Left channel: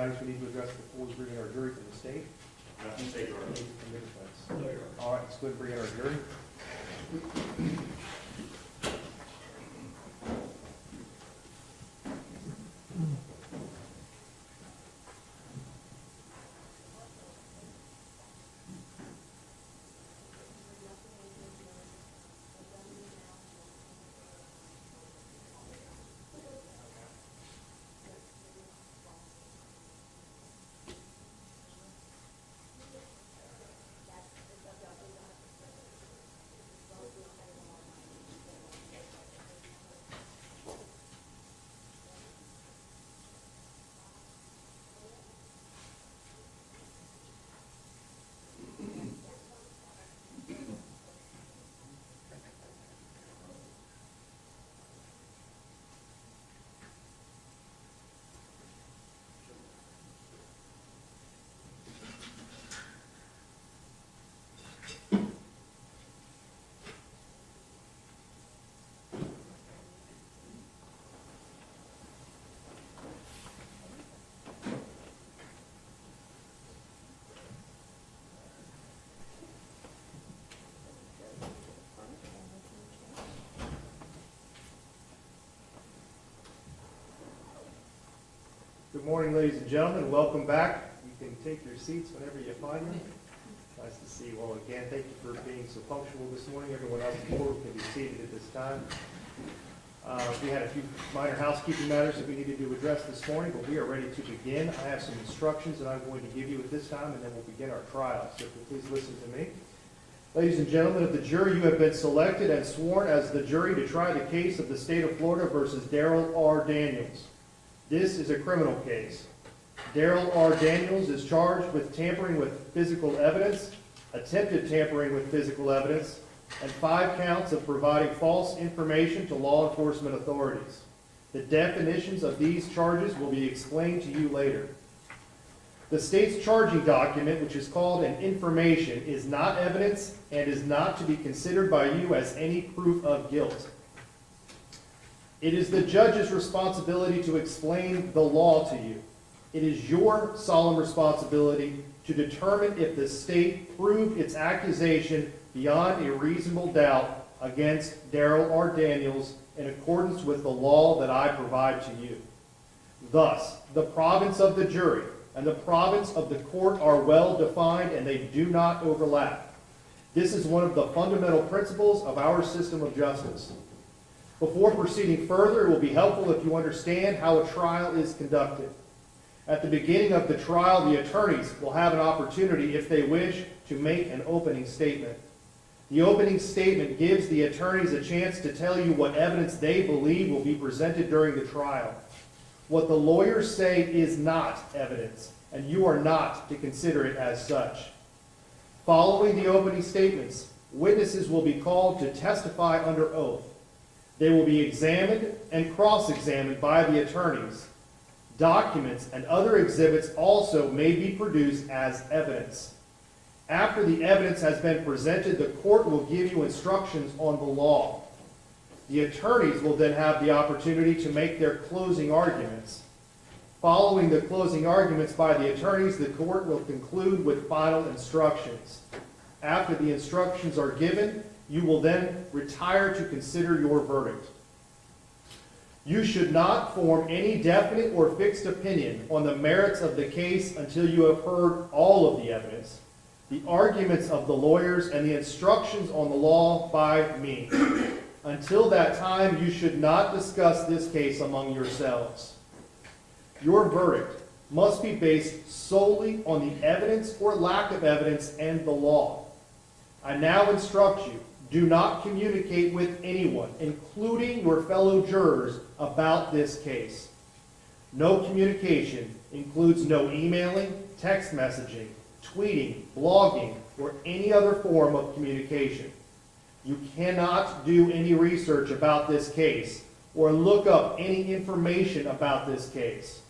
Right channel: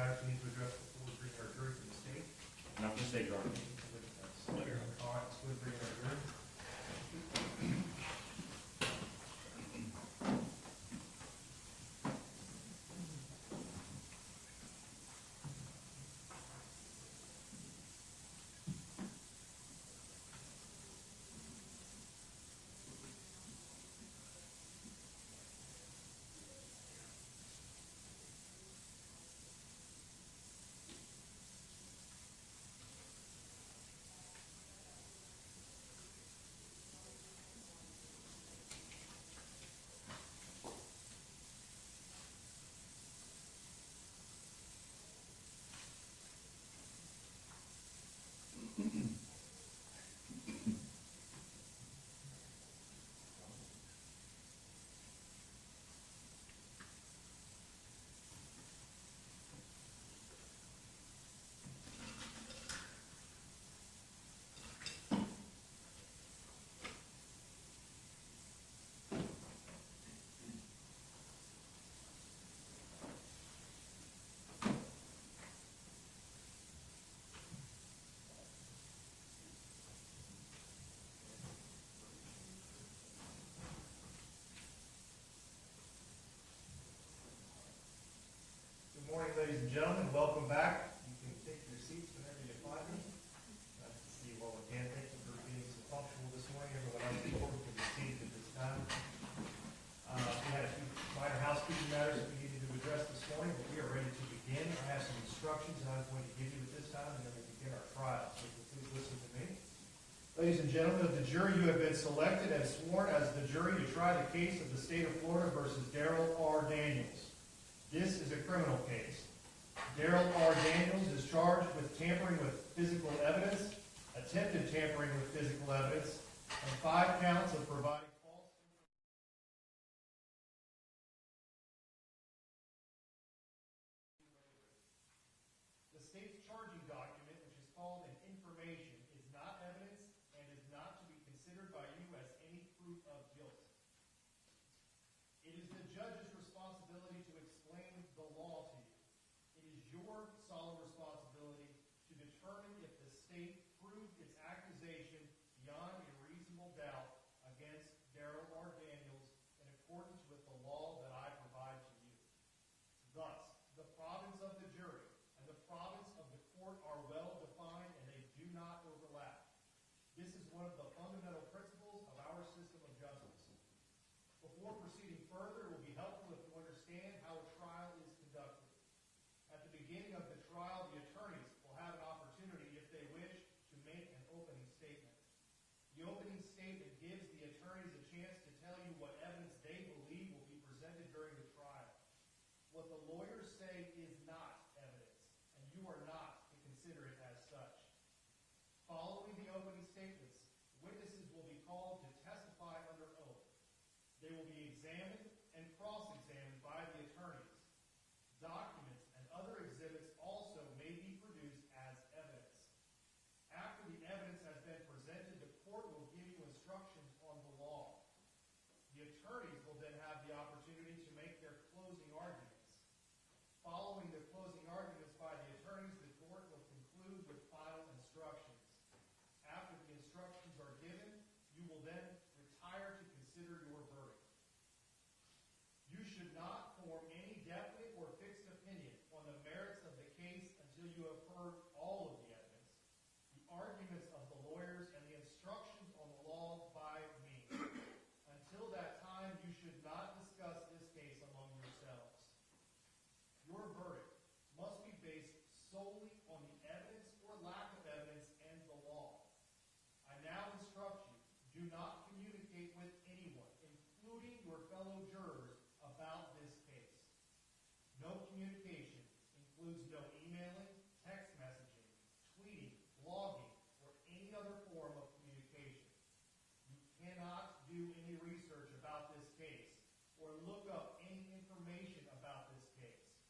matters we need to address before we bring in our jury from the state? Not from state, Your Honor. Anything from your place? All right, let's go ahead and bring in our jury. Good morning, ladies and gentlemen. Welcome back. You can take your seats whenever you find them. Nice to see you all again. Thank you for being so punctual this morning. Everyone else in the board can be seated at this time. We had a few minor housekeeping matters that we needed to address this morning, but we are ready to begin. I have some instructions that I'm going to give you at this time, and then we'll begin our trial. So if you please listen to me. Ladies and gentlemen of the jury, you have been selected and sworn as the jury to try the case of the state of Florida versus Darryl R. Daniels. This is a criminal case. Darryl R. Daniels is charged with tampering with physical evidence, attempted tampering with physical evidence, and 5 counts of providing false information to law enforcement authorities. The definitions of these charges will be explained to you later. The state's charging document, which is called an information, is not evidence and is not to be considered by you as any proof of guilt. It is the judge's responsibility to explain the law to you. It is your solemn responsibility to determine if the state proved its accusation beyond a reasonable doubt against Darryl R. Daniels in accordance with the law that I provide to you. Thus, the province of the jury and the province of the court are well defined and they do not overlap. This is one of the fundamental principles of our system of justice. Before proceeding further, it will be helpful if you understand how a trial is conducted. At the beginning of the trial, the attorneys will have an opportunity, if they wish, to make an opening statement. The opening statement gives the attorneys a chance to tell you what evidence they believe will be presented during the trial. What the lawyers say is not evidence, and you are not to consider it as such. Following the opening statements, witnesses will be called to testify under oath. They will be examined and cross-examined by the attorneys. Documents and other exhibits also may be produced as evidence. After the evidence has been presented, the court will give you instructions on the law. The attorneys will then have the opportunity to make their closing arguments. Following the closing arguments by the attorneys, the court will conclude with final instructions. After the instructions are given, you will then retire to consider your verdict. You should not form any definite or fixed opinion on the merits of the case until you have heard all of the evidence, the arguments of the lawyers, and the instructions on the law by me. Until that time, you should not discuss this case among yourselves. Your verdict must be based solely on the evidence or lack of evidence and the law. I now instruct you, do not communicate with anyone, including your fellow jurors, about this case. No communication includes no emailing, text messaging, tweeting, blogging, or any other form of communication. You cannot do any research about this case or look up any information about this case.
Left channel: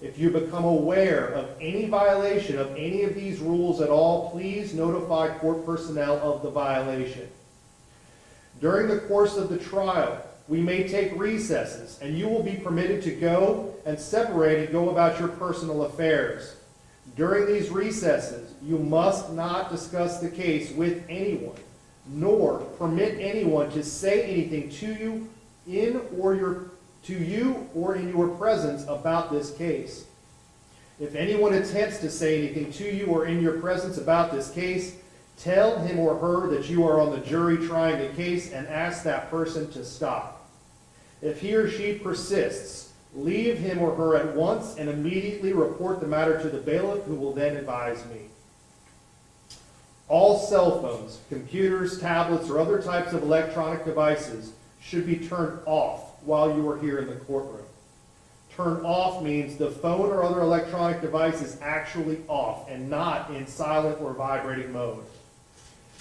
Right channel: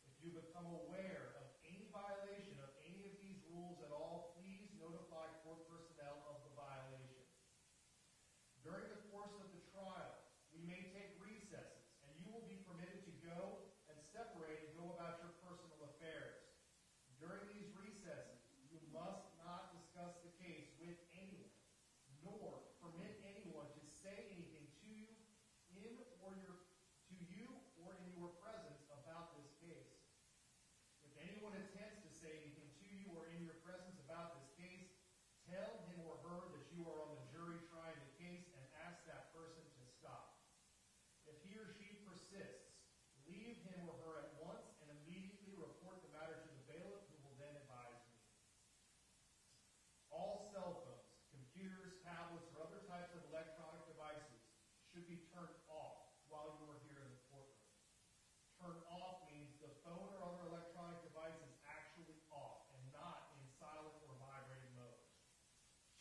If you become aware of any violation of any of these rules at all, please notify court personnel of the violation. During the course of the trial, we may take recesses, and you will be permitted to go and separate and go about your personal affairs. During these recesses, you must not discuss the case with anyone, nor permit anyone to say anything to you in your presence about this case. If anyone attempts to say anything to you or in your presence about this case, tell him or her that you are on the jury trying the case and ask that person to stop. If he or she persists, leave him or her at once and immediately report the matter to the bailiff, who will then advise me. All cell phones, computers, tablets, or other types of electronic devices should be turned off while you are here in the courtroom. Turn off means the phone or other electronic device is actually off and not in silent or vibrating mode.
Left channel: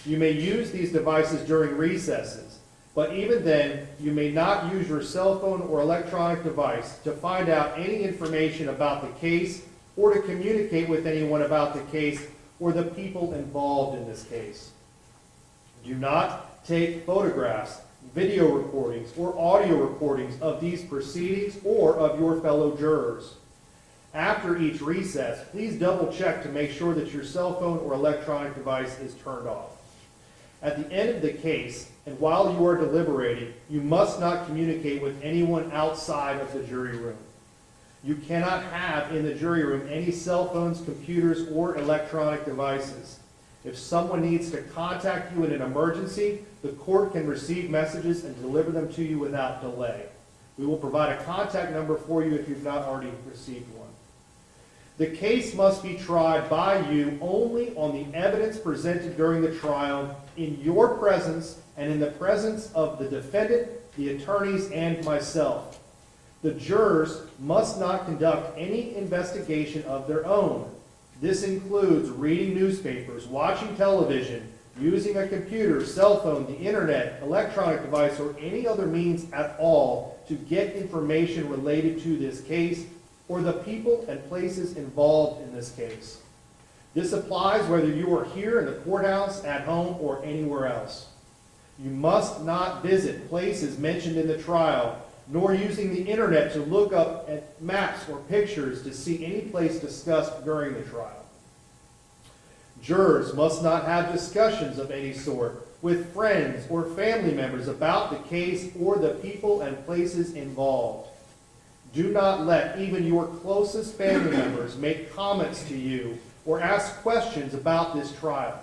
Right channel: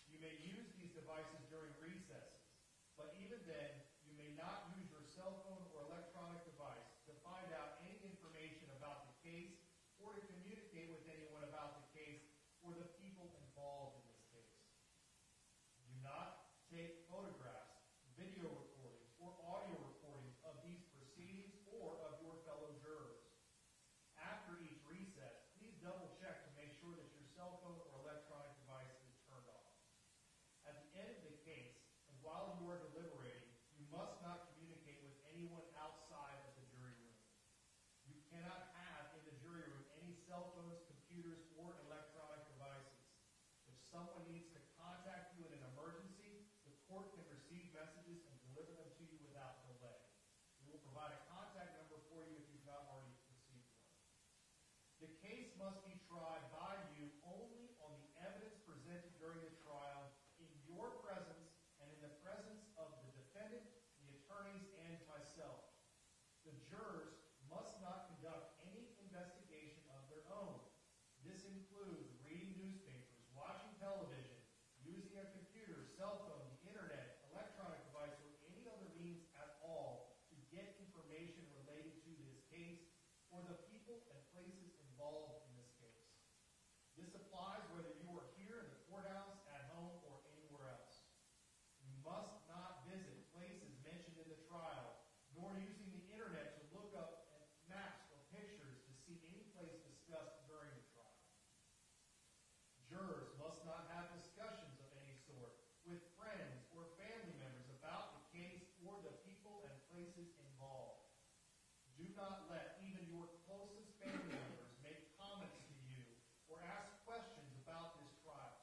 You may use these devices during recesses, but even then, you may not use your cell phone or electronic device to find out any information about the case or to communicate with anyone about the case or the people involved in this case. Do not take photographs, video recordings, or audio recordings of these proceedings or of your fellow jurors. After each recess, please double check to make sure that your cell phone or electronic device is turned off. At the end of the case, and while you are deliberating, you must not communicate with anyone outside of the jury room. You cannot have in the jury room any cell phones, computers, or electronic devices. If someone needs to contact you in an emergency, the court can receive messages and deliver them to you without delay. We will provide a contact number for you if you've not already received one. The case must be tried by you only on the evidence presented during the trial, in your presence and in the presence of the defendant, the attorneys, and myself. The jurors must not conduct any investigation of their own. This includes reading newspapers, watching television, using a computer, cell phone, the internet, electronic device, or any other means at all to get information related to this case or the people and places involved in this case. This applies whether you are here in the courthouse, at home, or anywhere else. You must not visit places mentioned in the trial, nor using the internet to look up at maps or pictures to see any place discussed during the trial. Jurors must not have discussions of any sort with friends or family members about the case or the people and places involved. Do not let even your closest family members make comments to you or ask questions about this trial.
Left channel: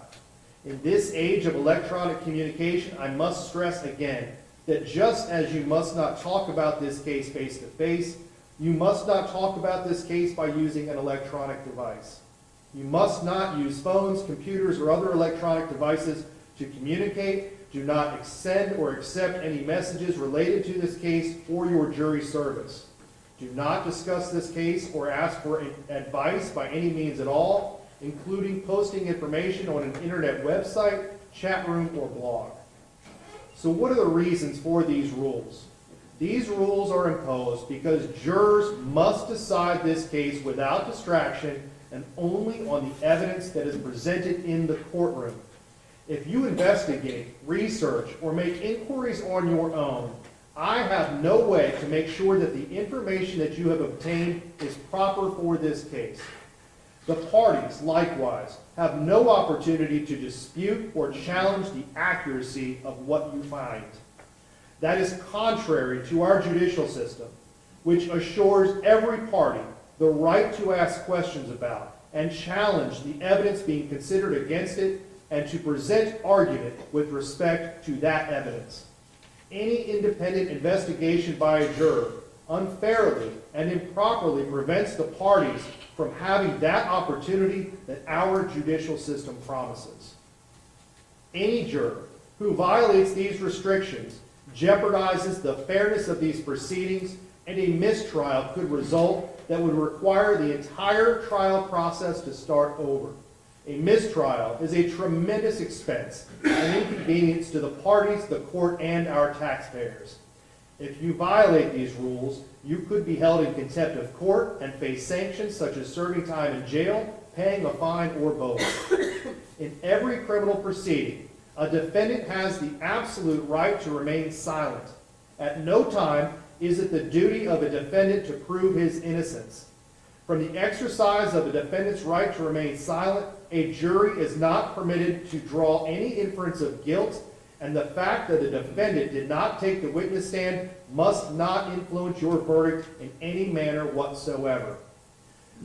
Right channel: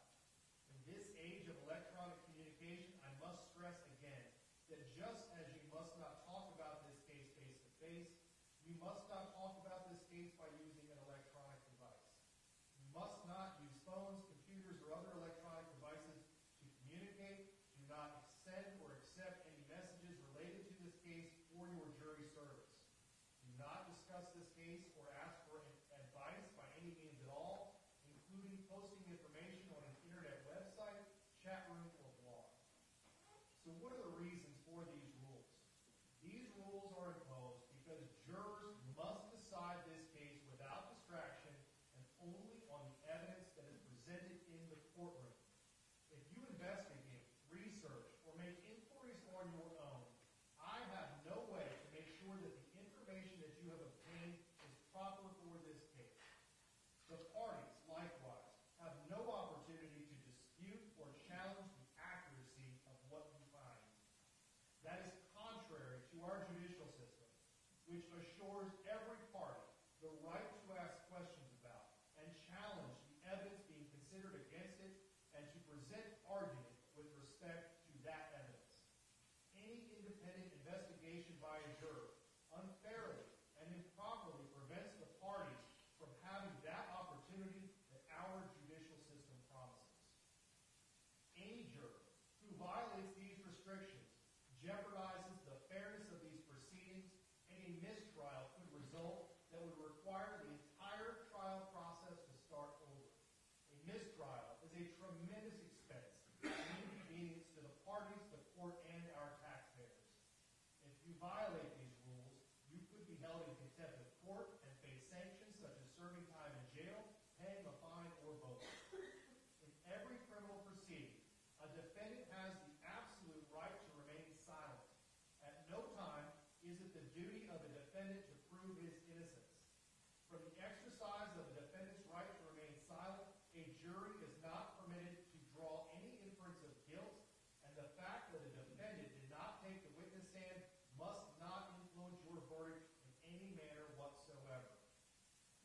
In this age of electronic communication, I must stress again that just as you must not talk about this case face-to-face, you must not talk about this case by using an electronic device. You must not use phones, computers, or other electronic devices to communicate. Do not send or accept any messages related to this case or your jury service. Do not discuss this case or ask for advice by any means at all, including posting information on an internet website, chat room, or blog. So what are the reasons for these rules? These rules are imposed because jurors must decide this case without distraction and only on the evidence that is presented in the courtroom. If you investigate, research, or make inquiries on your own, I have no way to make sure that the information that you have obtained is proper for this case. The parties, likewise, have no opportunity to dispute or challenge the accuracy of what you find. That is contrary to our judicial system, which assures every party the right to ask questions about and challenge the evidence being considered against it and to present argument with respect to that evidence. Any independent investigation by a juror unfairly and improperly prevents the parties from having that opportunity that our judicial system promises. Any juror who violates these restrictions jeopardizes the fairness of these proceedings, and a mistrial could result that would require the entire trial process to start over. A mistrial is a tremendous expense and inconvenience to the parties, the court, and our taxpayers. If you violate these rules, you could be held in contempt of court and face sanctions such as serving time in jail, paying a fine, or both. In every criminal proceeding, a defendant has the absolute right to remain silent. At no time is it the duty of a defendant to prove his innocence. From the exercise of a defendant's right to remain silent, a jury is not permitted to draw any inference of guilt, and the fact that the defendant did not take the witness stand must not influence your verdict in any manner whatsoever.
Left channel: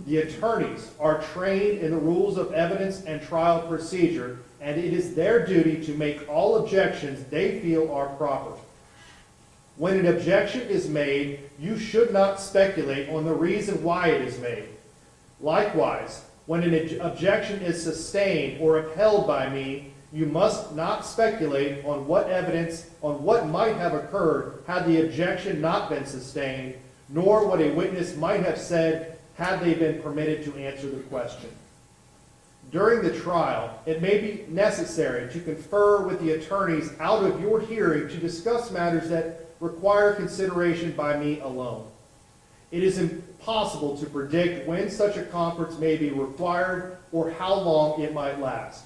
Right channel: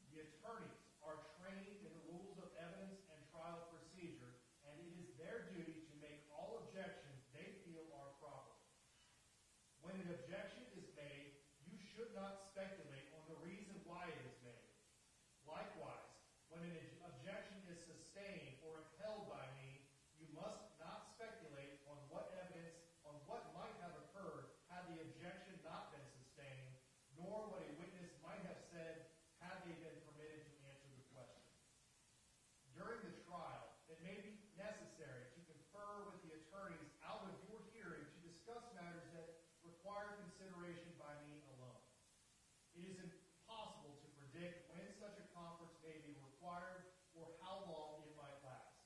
The attorneys are trained in the rules of evidence and trial procedure, and it is their duty to make all objections they feel are proper. When an objection is made, you should not speculate on the reason why it is made. Likewise, when an objection is sustained or upheld by me, you must not speculate on what might have occurred had the objection not been sustained, nor what a witness might have said had they been permitted to answer the question. During the trial, it may be necessary to confer with the attorneys out of your hearing to discuss matters that require consideration by me alone. It is impossible to predict when such a conference may be required or how long it might last.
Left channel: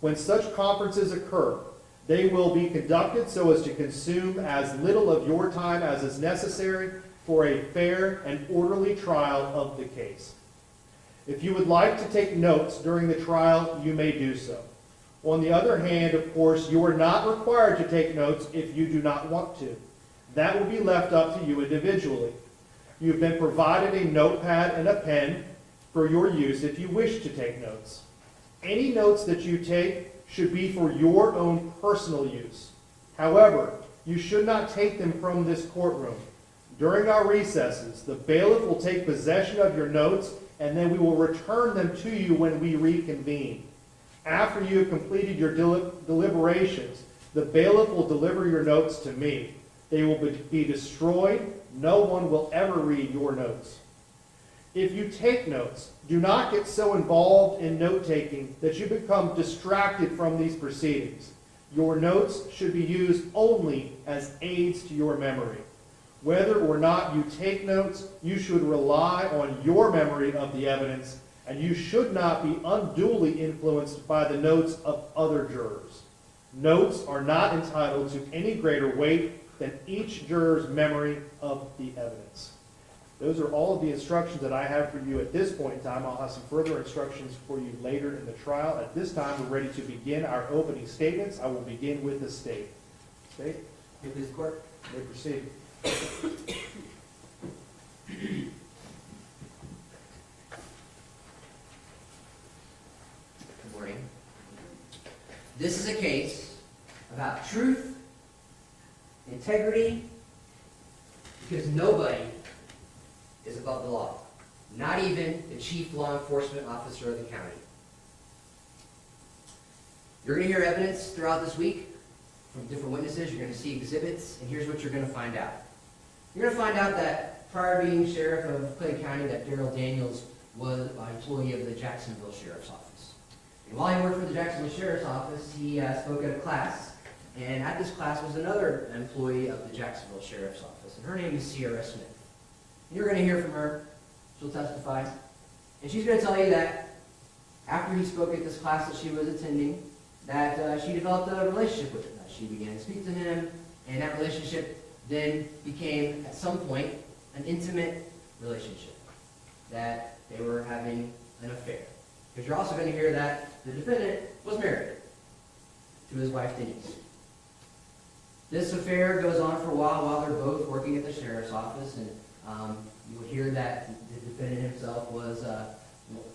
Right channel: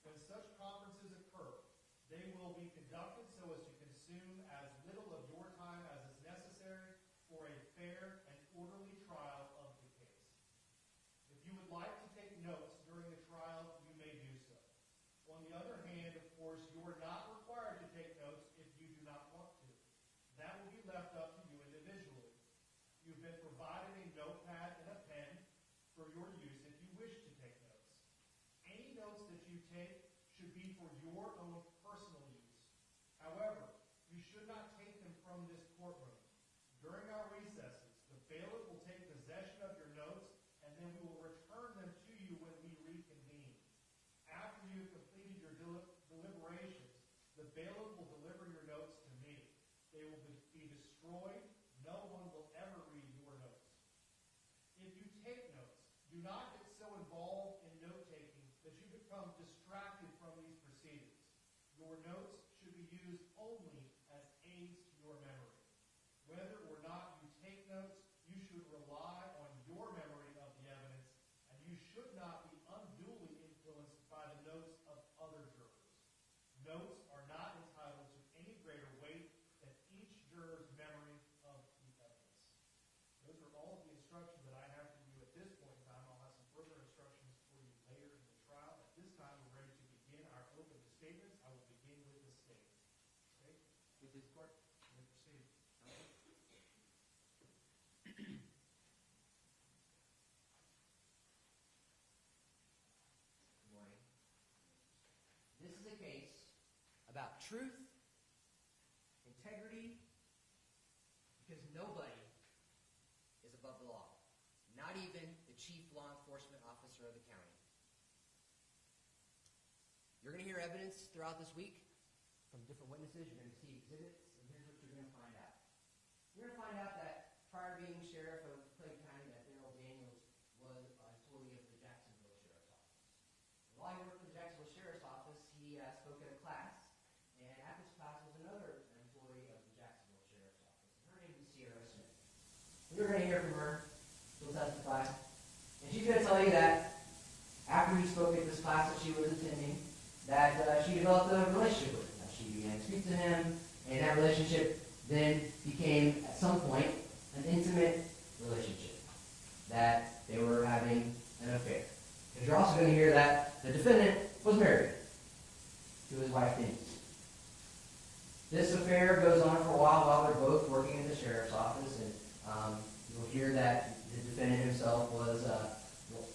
When such conferences occur, they will be conducted so as to consume as little of your time as is necessary for a fair and orderly trial of the case. If you would like to take notes during the trial, you may do so. On the other hand, of course, you are not required to take notes if you do not want to. That will be left up to you individually. You've been provided a notepad and a pen for your use if you wish to take notes. Any notes that you take should be for your own personal use. However, you should not take them from this courtroom. During our recesses, the bailiff will take possession of your notes, and then we will return them to you when we reconvene. After you have completed your deliberations, the bailiff will deliver your notes to me. They will be destroyed. No one will ever read your notes. If you take notes, do not get so involved in note-taking that you become distracted from these proceedings. Your notes should be used only as aids to your memory. Whether or not you take notes, you should rely on your memory of the evidence, and you should not be unduly influenced by the notes of other jurors. Notes are not entitled to any greater weight than each juror's memory of the evidence. Those are all of the instructions that I have for you at this point in time. I'll have some further instructions for you later in the trial. At this time, we're ready to begin our opening statements. I will begin with the state. State? May please, court. You may proceed. Good morning. This is a case about truth, integrity, because nobody is above the law, not even the chief law enforcement officer of the county. You're going to hear evidence throughout this week from different witnesses. You're going to see exhibits, and here's what you're going to find out. You're going to find out that prior to being sheriff of Clay County, that Darryl Daniels was an employee of the Jacksonville Sheriff's Office. And while he worked for the Jacksonville Sheriff's Office, he spoke at a class, and at this class was another employee of the Jacksonville Sheriff's Office, and her name is Cesia Cruz. You're going to hear from her. She'll testify. And she's going to tell you that after he spoke at this class that she was attending, that she developed a relationship with him. That she began to speak to him, and that relationship then became, at some point, an intimate relationship. That they were having an affair. Because you're also going to hear that the defendant was married to his wife, Denise. This affair goes on for a while they're both working at the sheriff's office, and you'll hear that the defendant himself was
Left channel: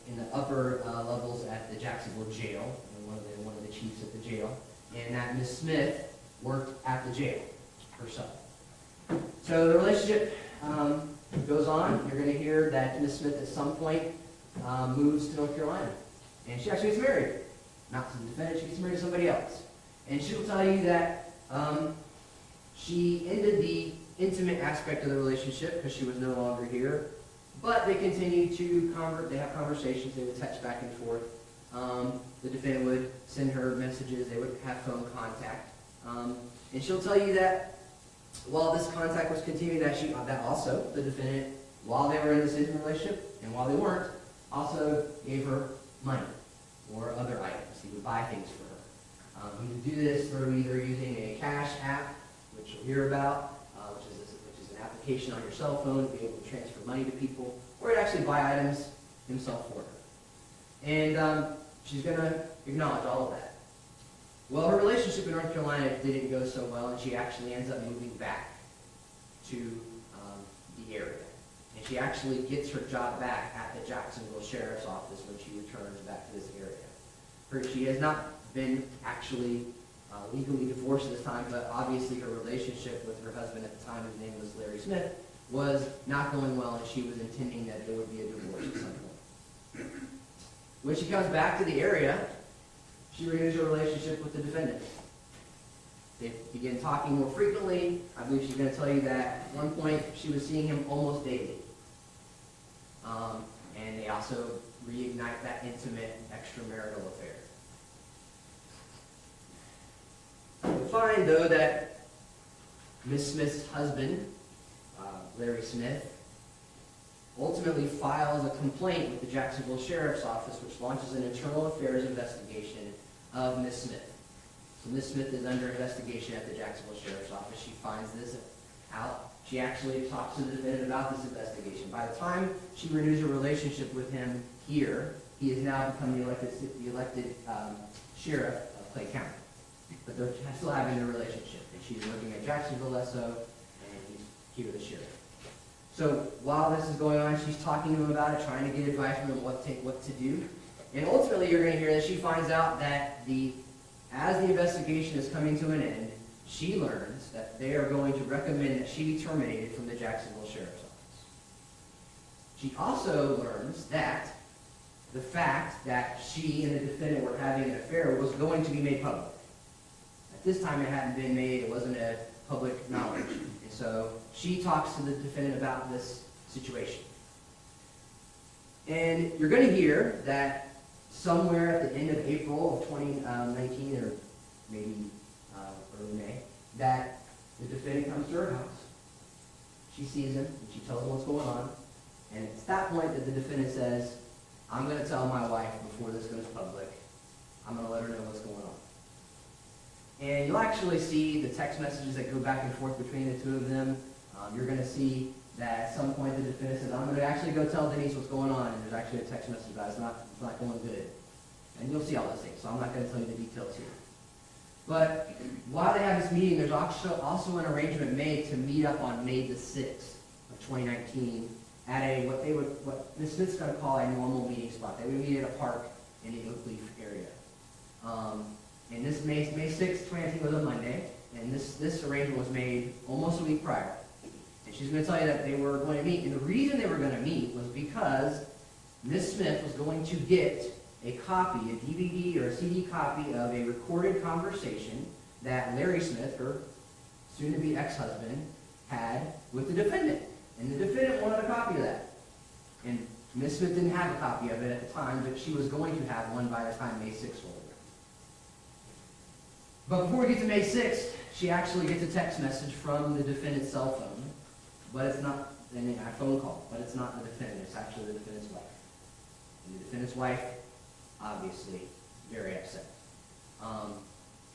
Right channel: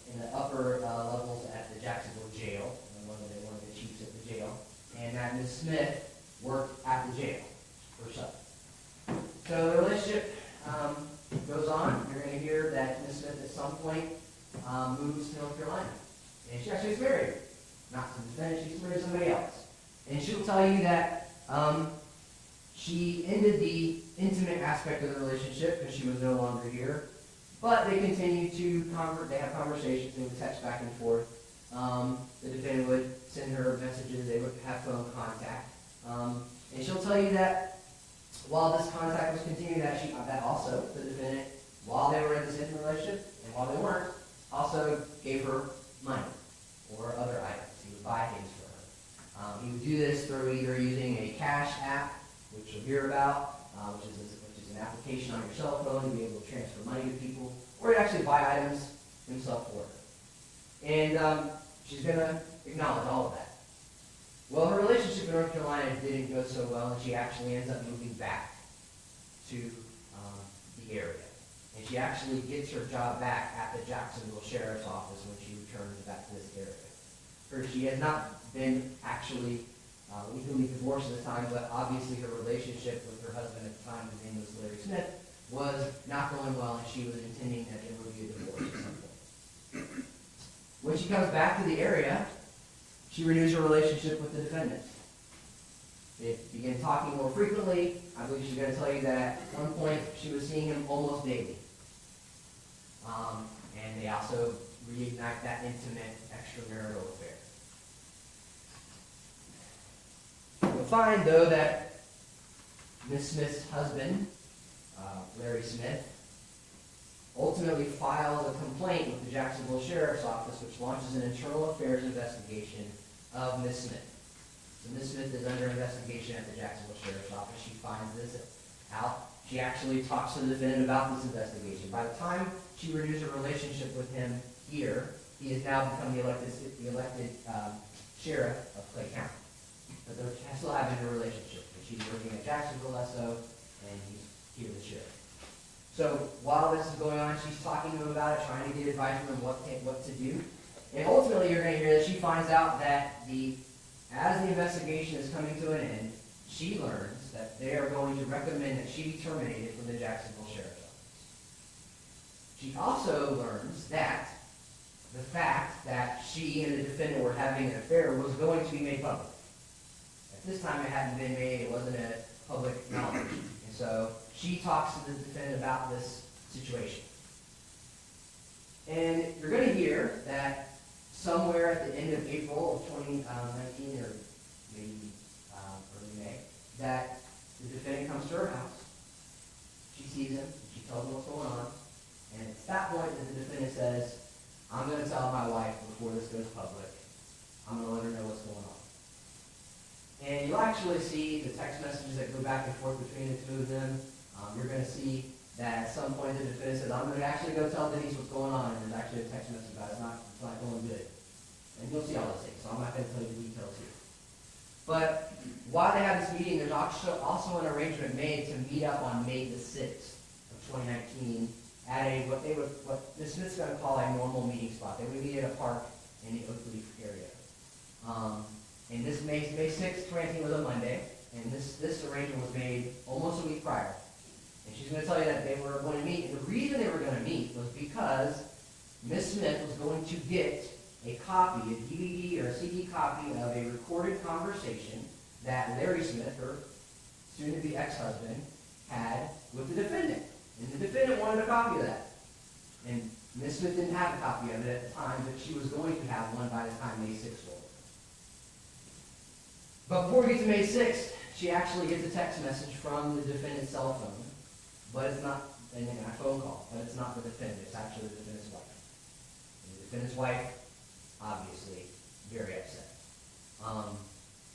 in the upper levels at the Jacksonville jail, one of the chiefs at the jail, and that Ms. Smith worked at the jail herself. So the relationship goes on. You're going to hear that Ms. Smith at some point moves to North Carolina, and she actually gets married. Not to the defendant, she gets married to somebody else. And she'll tell you that she ended the intimate aspect of the relationship because she was no longer here, but they continued to they have conversations, they would text back and forth. The defendant would send her messages, they would have phone contact. And she'll tell you that while this contact was continuing, that also the defendant, while they were in this intimate relationship and while they weren't, also gave her money or other items. He would buy things for her. He would do this through either using a cash app, which you'll hear about, location on your cell phone to be able to transfer money to people, or he'd actually buy items himself for her. And she's going to acknowledge all of that. Well, her relationship in North Carolina didn't go so well, and she actually ends up moving back to the area. And she actually gets her job back at the Jacksonville Sheriff's Office when she returns back to this area. She has not been actually legally divorced at this time, but obviously her relationship with her husband at the time, his name was Larry Smith, was not going well, and she was intending that there would be a divorce at some point. When she comes back to the area, she renews her relationship with the defendant. They begin talking more frequently. I believe she's going to tell you that at one point she was seeing him almost daily. And they also reignite that intimate extramarital affair. You'll find, though, that Miss Smith's husband, Larry Smith, ultimately files a complaint with the Jacksonville Sheriff's Office, which launches an internal affairs investigation of Miss Smith. So Miss Smith is under investigation at the Jacksonville Sheriff's Office. She finds this out. She actually talks to the defendant about this investigation. By the time she renews her relationship with him here, he has now become the elected sheriff of Clay County. But they're still having a relationship. And she's working at Jacksonville SO, and he's here the sheriff. So while this is going on, she's talking to him about it, trying to get advice from him what to do. And ultimately, you're going to hear that she finds out that as the investigation is coming to an end, she learns that they are going to recommend that she be terminated from the Jacksonville Sheriff's Office. She also learns that the fact that she and the defendant were having an affair was going to be made public. At this time, it hadn't been made. It wasn't a public knowledge. And so she talks to the defendant about this situation. And you're going to hear that somewhere at the end of April of 2019, or maybe early May, that the defendant comes to her house. She sees him, and she tells him what's going on. And it's that point that the defendant says, I'm going to tell my wife before this goes public. I'm going to let her know what's going on. And you'll actually see the text messages that go back and forth between the two of them. You're going to see that at some point the defendant says, I'm going to actually go tell Denise what's going on. And there's actually a text message about it. It's not going good. And you'll see all those things, so I'm not going to tell you the details here. But while they have this meeting, there's also an arrangement made to meet up on May the 6th of 2019 at what Ms. Smith's going to call a normal meeting spot. They would meet at a park in the Oakleaf area. And this May 6th, 2019 was a Monday, and this arrangement was made almost a week prior. And she's going to tell you that they were going to meet, and the reason they were going to meet was because Ms. Smith was going to get a copy, a DVD or a CD copy of a recorded conversation that Larry Smith, her soon-to-be ex-husband, had with the defendant. And the defendant wanted a copy of that. And Ms. Smith didn't have a copy of it at the time, but she was going to have one by the time May 6th rolled. But before we get to May 6th, she actually gets a text message from the defendant's cell phone, but it's not a phone call, but it's not the defendant, it's actually the defendant's wife. And the defendant's wife, obviously, very upset.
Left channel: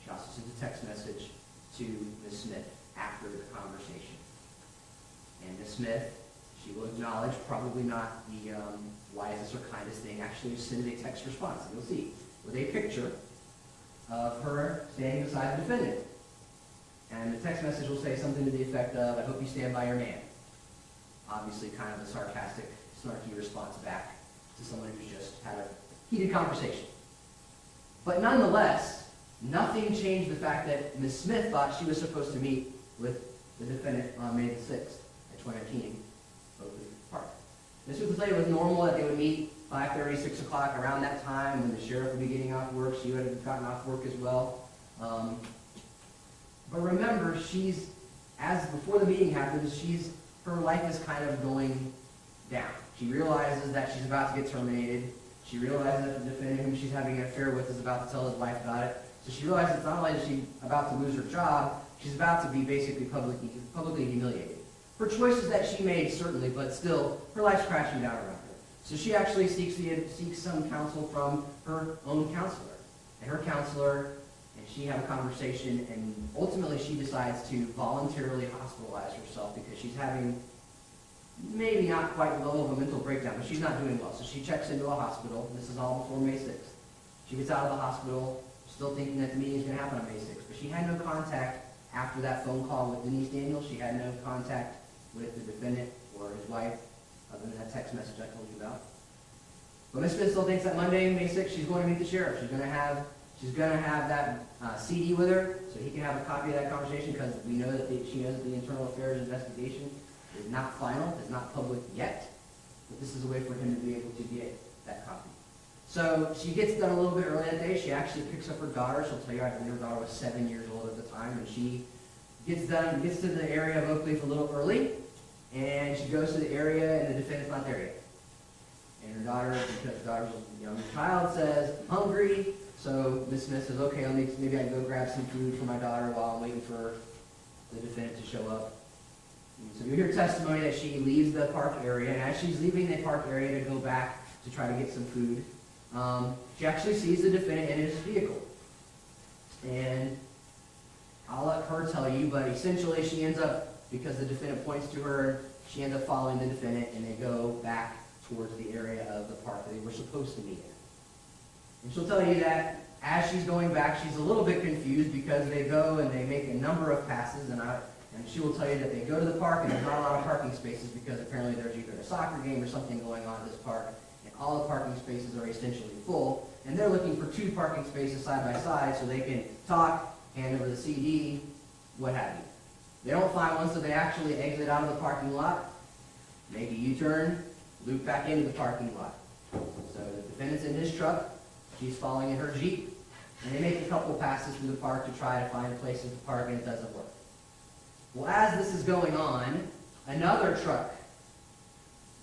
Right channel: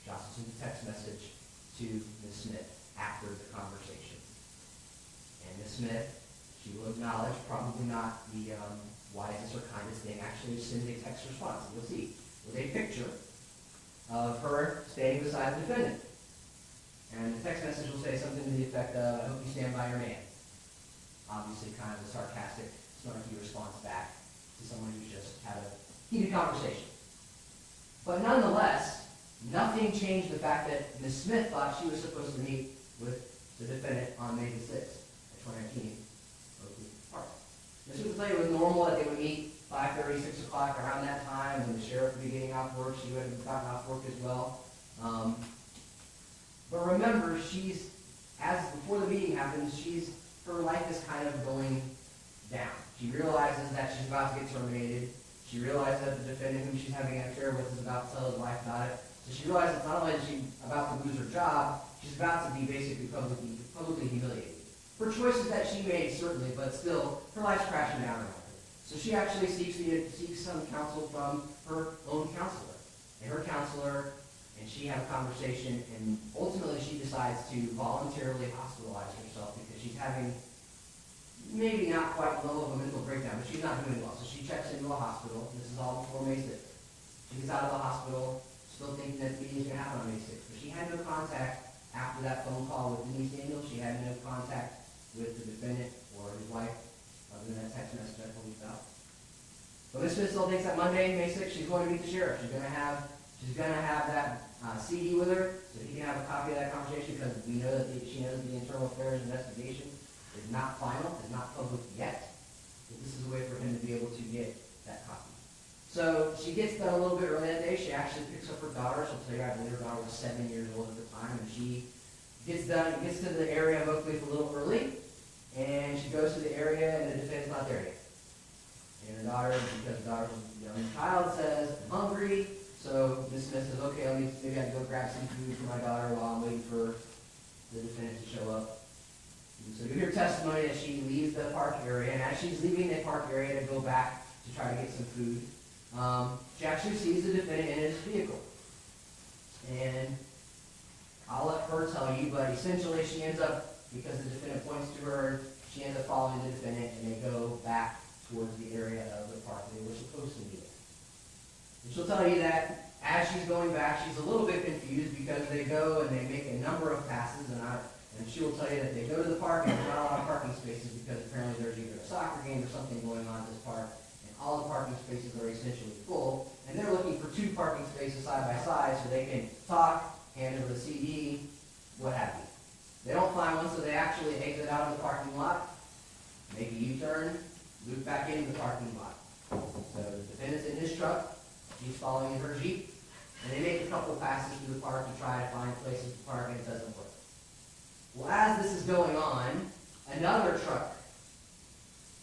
She also sent a text message to Ms. Smith after the conversation. And Ms. Smith, she will acknowledge, probably not the wisest or kindest thing, actually sends a text response, you'll see, with a picture of her standing beside the defendant. And the text message will say something to the effect of, I hope you stand by your man. Obviously kind of a sarcastic, snarky response back to someone who's just had a heated conversation. But nonetheless, nothing changed the fact that Ms. Smith thought she was supposed to meet with the defendant on May the 6th at 2019, Oakleaf Park. Ms. Smith would tell you it was normal that they would meet 5:30, 6 o'clock, around that time when the sheriff would be getting off work. She would have gotten off work as well. But remember, before the meeting happens, her life is kind of going down. She realizes that she's about to get terminated. She realizes that the defendant whom she's having an affair with is about to tell his wife about it. So she realizes it's not only that she's about to lose her job, she's about to be basically publicly humiliated. For choices that she made, certainly, but still, her life's crashing down around her. So she actually seeks some counsel from her own counselor. And her counselor and she have a conversation, and ultimately she decides to voluntarily hospitalize herself because she's having maybe not quite the level of a mental breakdown, but she's not doing well. So she checks into a hospital. This is all before May 6th. She gets out of the hospital, still thinking that the meeting is going to happen on May 6th, but she had no contact after that phone call with Denise Daniels. She had no contact with the defendant or his wife, other than that text message I told you about. But Ms. Smith still thinks that Monday, May 6th, she's going to meet the sheriff. She's going to have that CD with her, so he can have a copy of that conversation, because we know that she knows that the internal affairs investigation is not final, is not public yet. But this is a way for him to be able to get that copy. So she gets done a little bit early that day. She actually picks up her daughter. She'll tell you, I believe her daughter was 7 years old at the time, and she gets to the area of Oakleaf a little early, and she goes to the area, and the defendant's not there yet. And her daughter, because the daughter's a young child, says, "I'm hungry." So Miss Smith says, "Okay, maybe I can go grab some food for my daughter while I'm waiting for the defendant to show up." And so you hear testimony that she leaves the park area, and as she's leaving the park area to go back to try to get some food, she actually sees the defendant in his vehicle. And I'll let her tell you, but essentially she ends up, because the defendant points to her, she ends up following the defendant, and they go back towards the area of the park that they were supposed to meet in. And she'll tell you that as she's going back, she's a little bit confused, because they go and they make a number of passes, and she will tell you that they go to the park and there's not a lot of parking spaces, because apparently there's either a soccer game or something going on at this park, and all the parking spaces are essentially full, and they're looking for 2 parking spaces side by side so they can talk, hand over the CD, what have you. They don't find one, so they actually exit out of the parking lot, make a U-turn, loop back into the parking lot. So the defendant's in his truck, she's following in her Jeep, and they make a couple passes through the park to try to find places to park, and it doesn't work. Well, as this is going on, another truck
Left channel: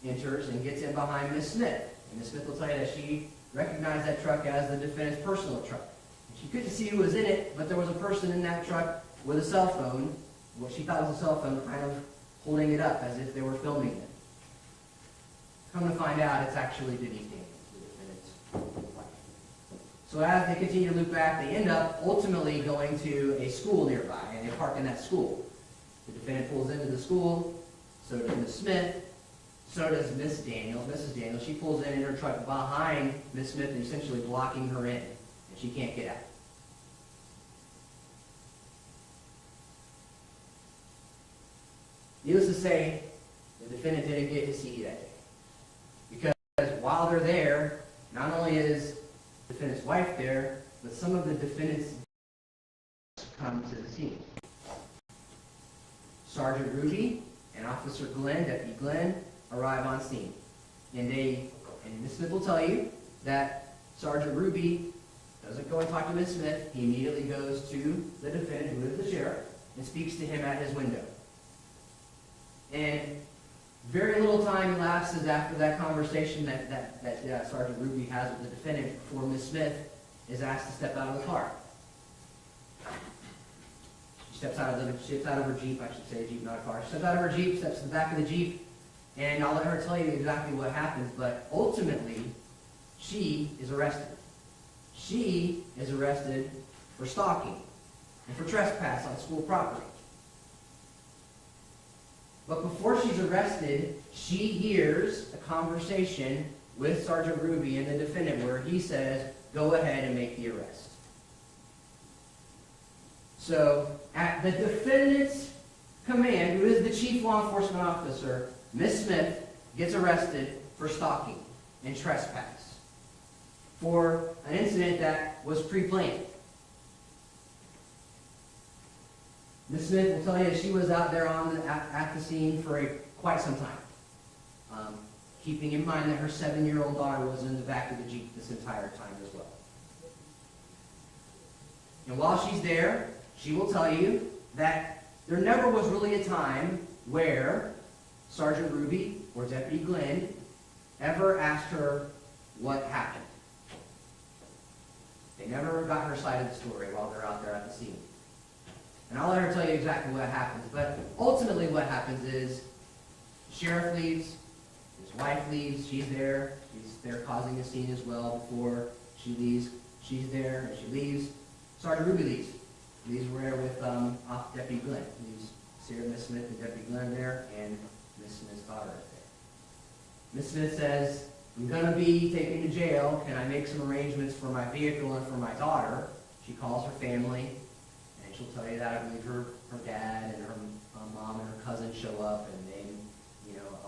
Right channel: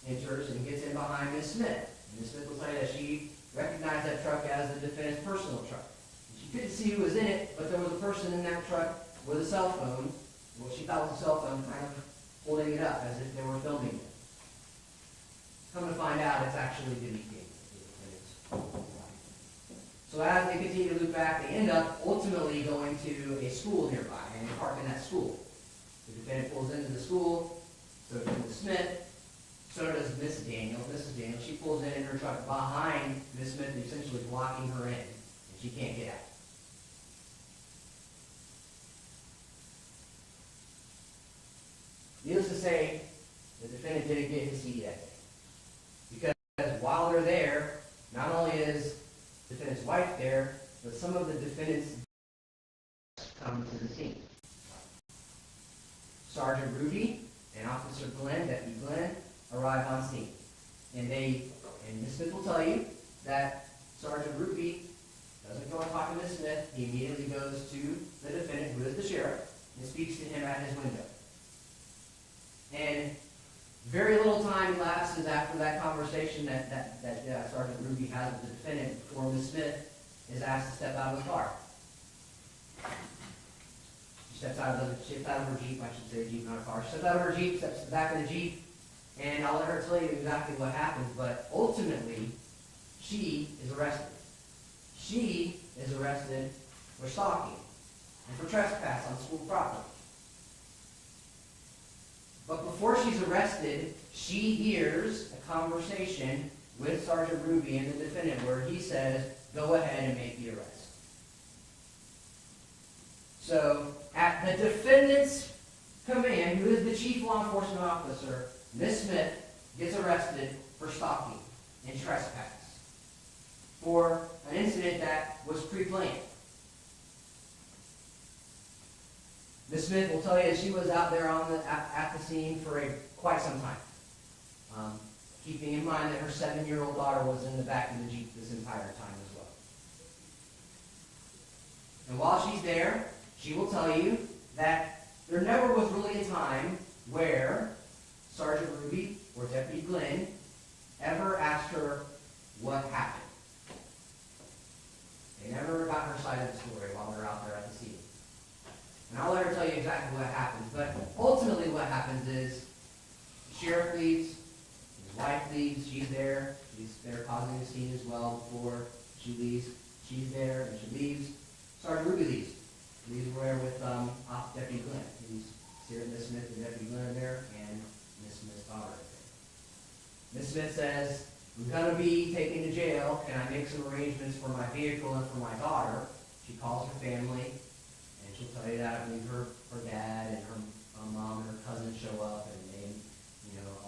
enters and gets in behind Miss Smith. And Miss Smith will tell you that she recognized that truck as the defendant's personal truck. And she couldn't see who was in it, but there was a person in that truck with a cell phone, what she thought was a cell phone, kind of holding it up as if they were filming it. Come to find out, it's actually Denise Daniels, the defendant's wife. So as they continue to loop back, they end up ultimately going to a school nearby, and they park in that school. The defendant pulls into the school, so does Miss Smith, so does Miss Daniels. Mrs. Daniels, she pulls in her truck behind Miss Smith, and essentially blocking her in, and she can't get out. Needless to say, the defendant didn't get his CD that day. Because while they're there, not only is the defendant's wife there, but some of the defendants come to the scene. Sergeant Ruby and Officer Glenn, Deputy Glenn, arrive on scene. And Ms. Smith will tell you that Sergeant Ruby doesn't go and talk to Ms. Smith. He immediately goes to the defendant, who is the sheriff, and speaks to him at his window. And very little time elapses after that conversation that Sergeant Ruby has with the defendant before Ms. Smith is asked to step out of the car. She steps out of her Jeep, I should say, Jeep, not a car. She steps out of her Jeep, steps to the back of the Jeep, and I'll let her tell you exactly what happens, but ultimately, she is arrested. She is arrested for stalking and for trespass on school property. But before she's arrested, she hears a conversation with Sergeant Ruby and the defendant where he says, "Go ahead and make the arrest." So, at the defendant's command, who is the chief law enforcement officer, Ms. Smith gets arrested for stalking and trespass for an incident that was pre-planned. Ms. Smith will tell you that she was out there at the scene for quite some time, keeping in mind that her 7-year-old daughter was in the back of the Jeep this entire time as well. And while she's there, she will tell you that there never was really a time where Sergeant Ruby or Deputy Glenn ever asked her what happened. They never got her side of the story while they're out there at the scene. And I'll let her tell you exactly what happens. But ultimately what happens is the sheriff leaves, his wife leaves, she's there causing a scene as well before she leaves. She's there and she leaves. Sergeant Ruby leaves. These were there with Deputy Glenn. These Sarah, Miss Smith, and Deputy Glenn there, and Miss Smith's daughter up there. Miss Smith says, I'm going to be taken to jail. Can I make some arrangements for my vehicle and for my daughter? She calls her family, and she'll tell you that I believe her dad and her mom and her cousin show up, and they,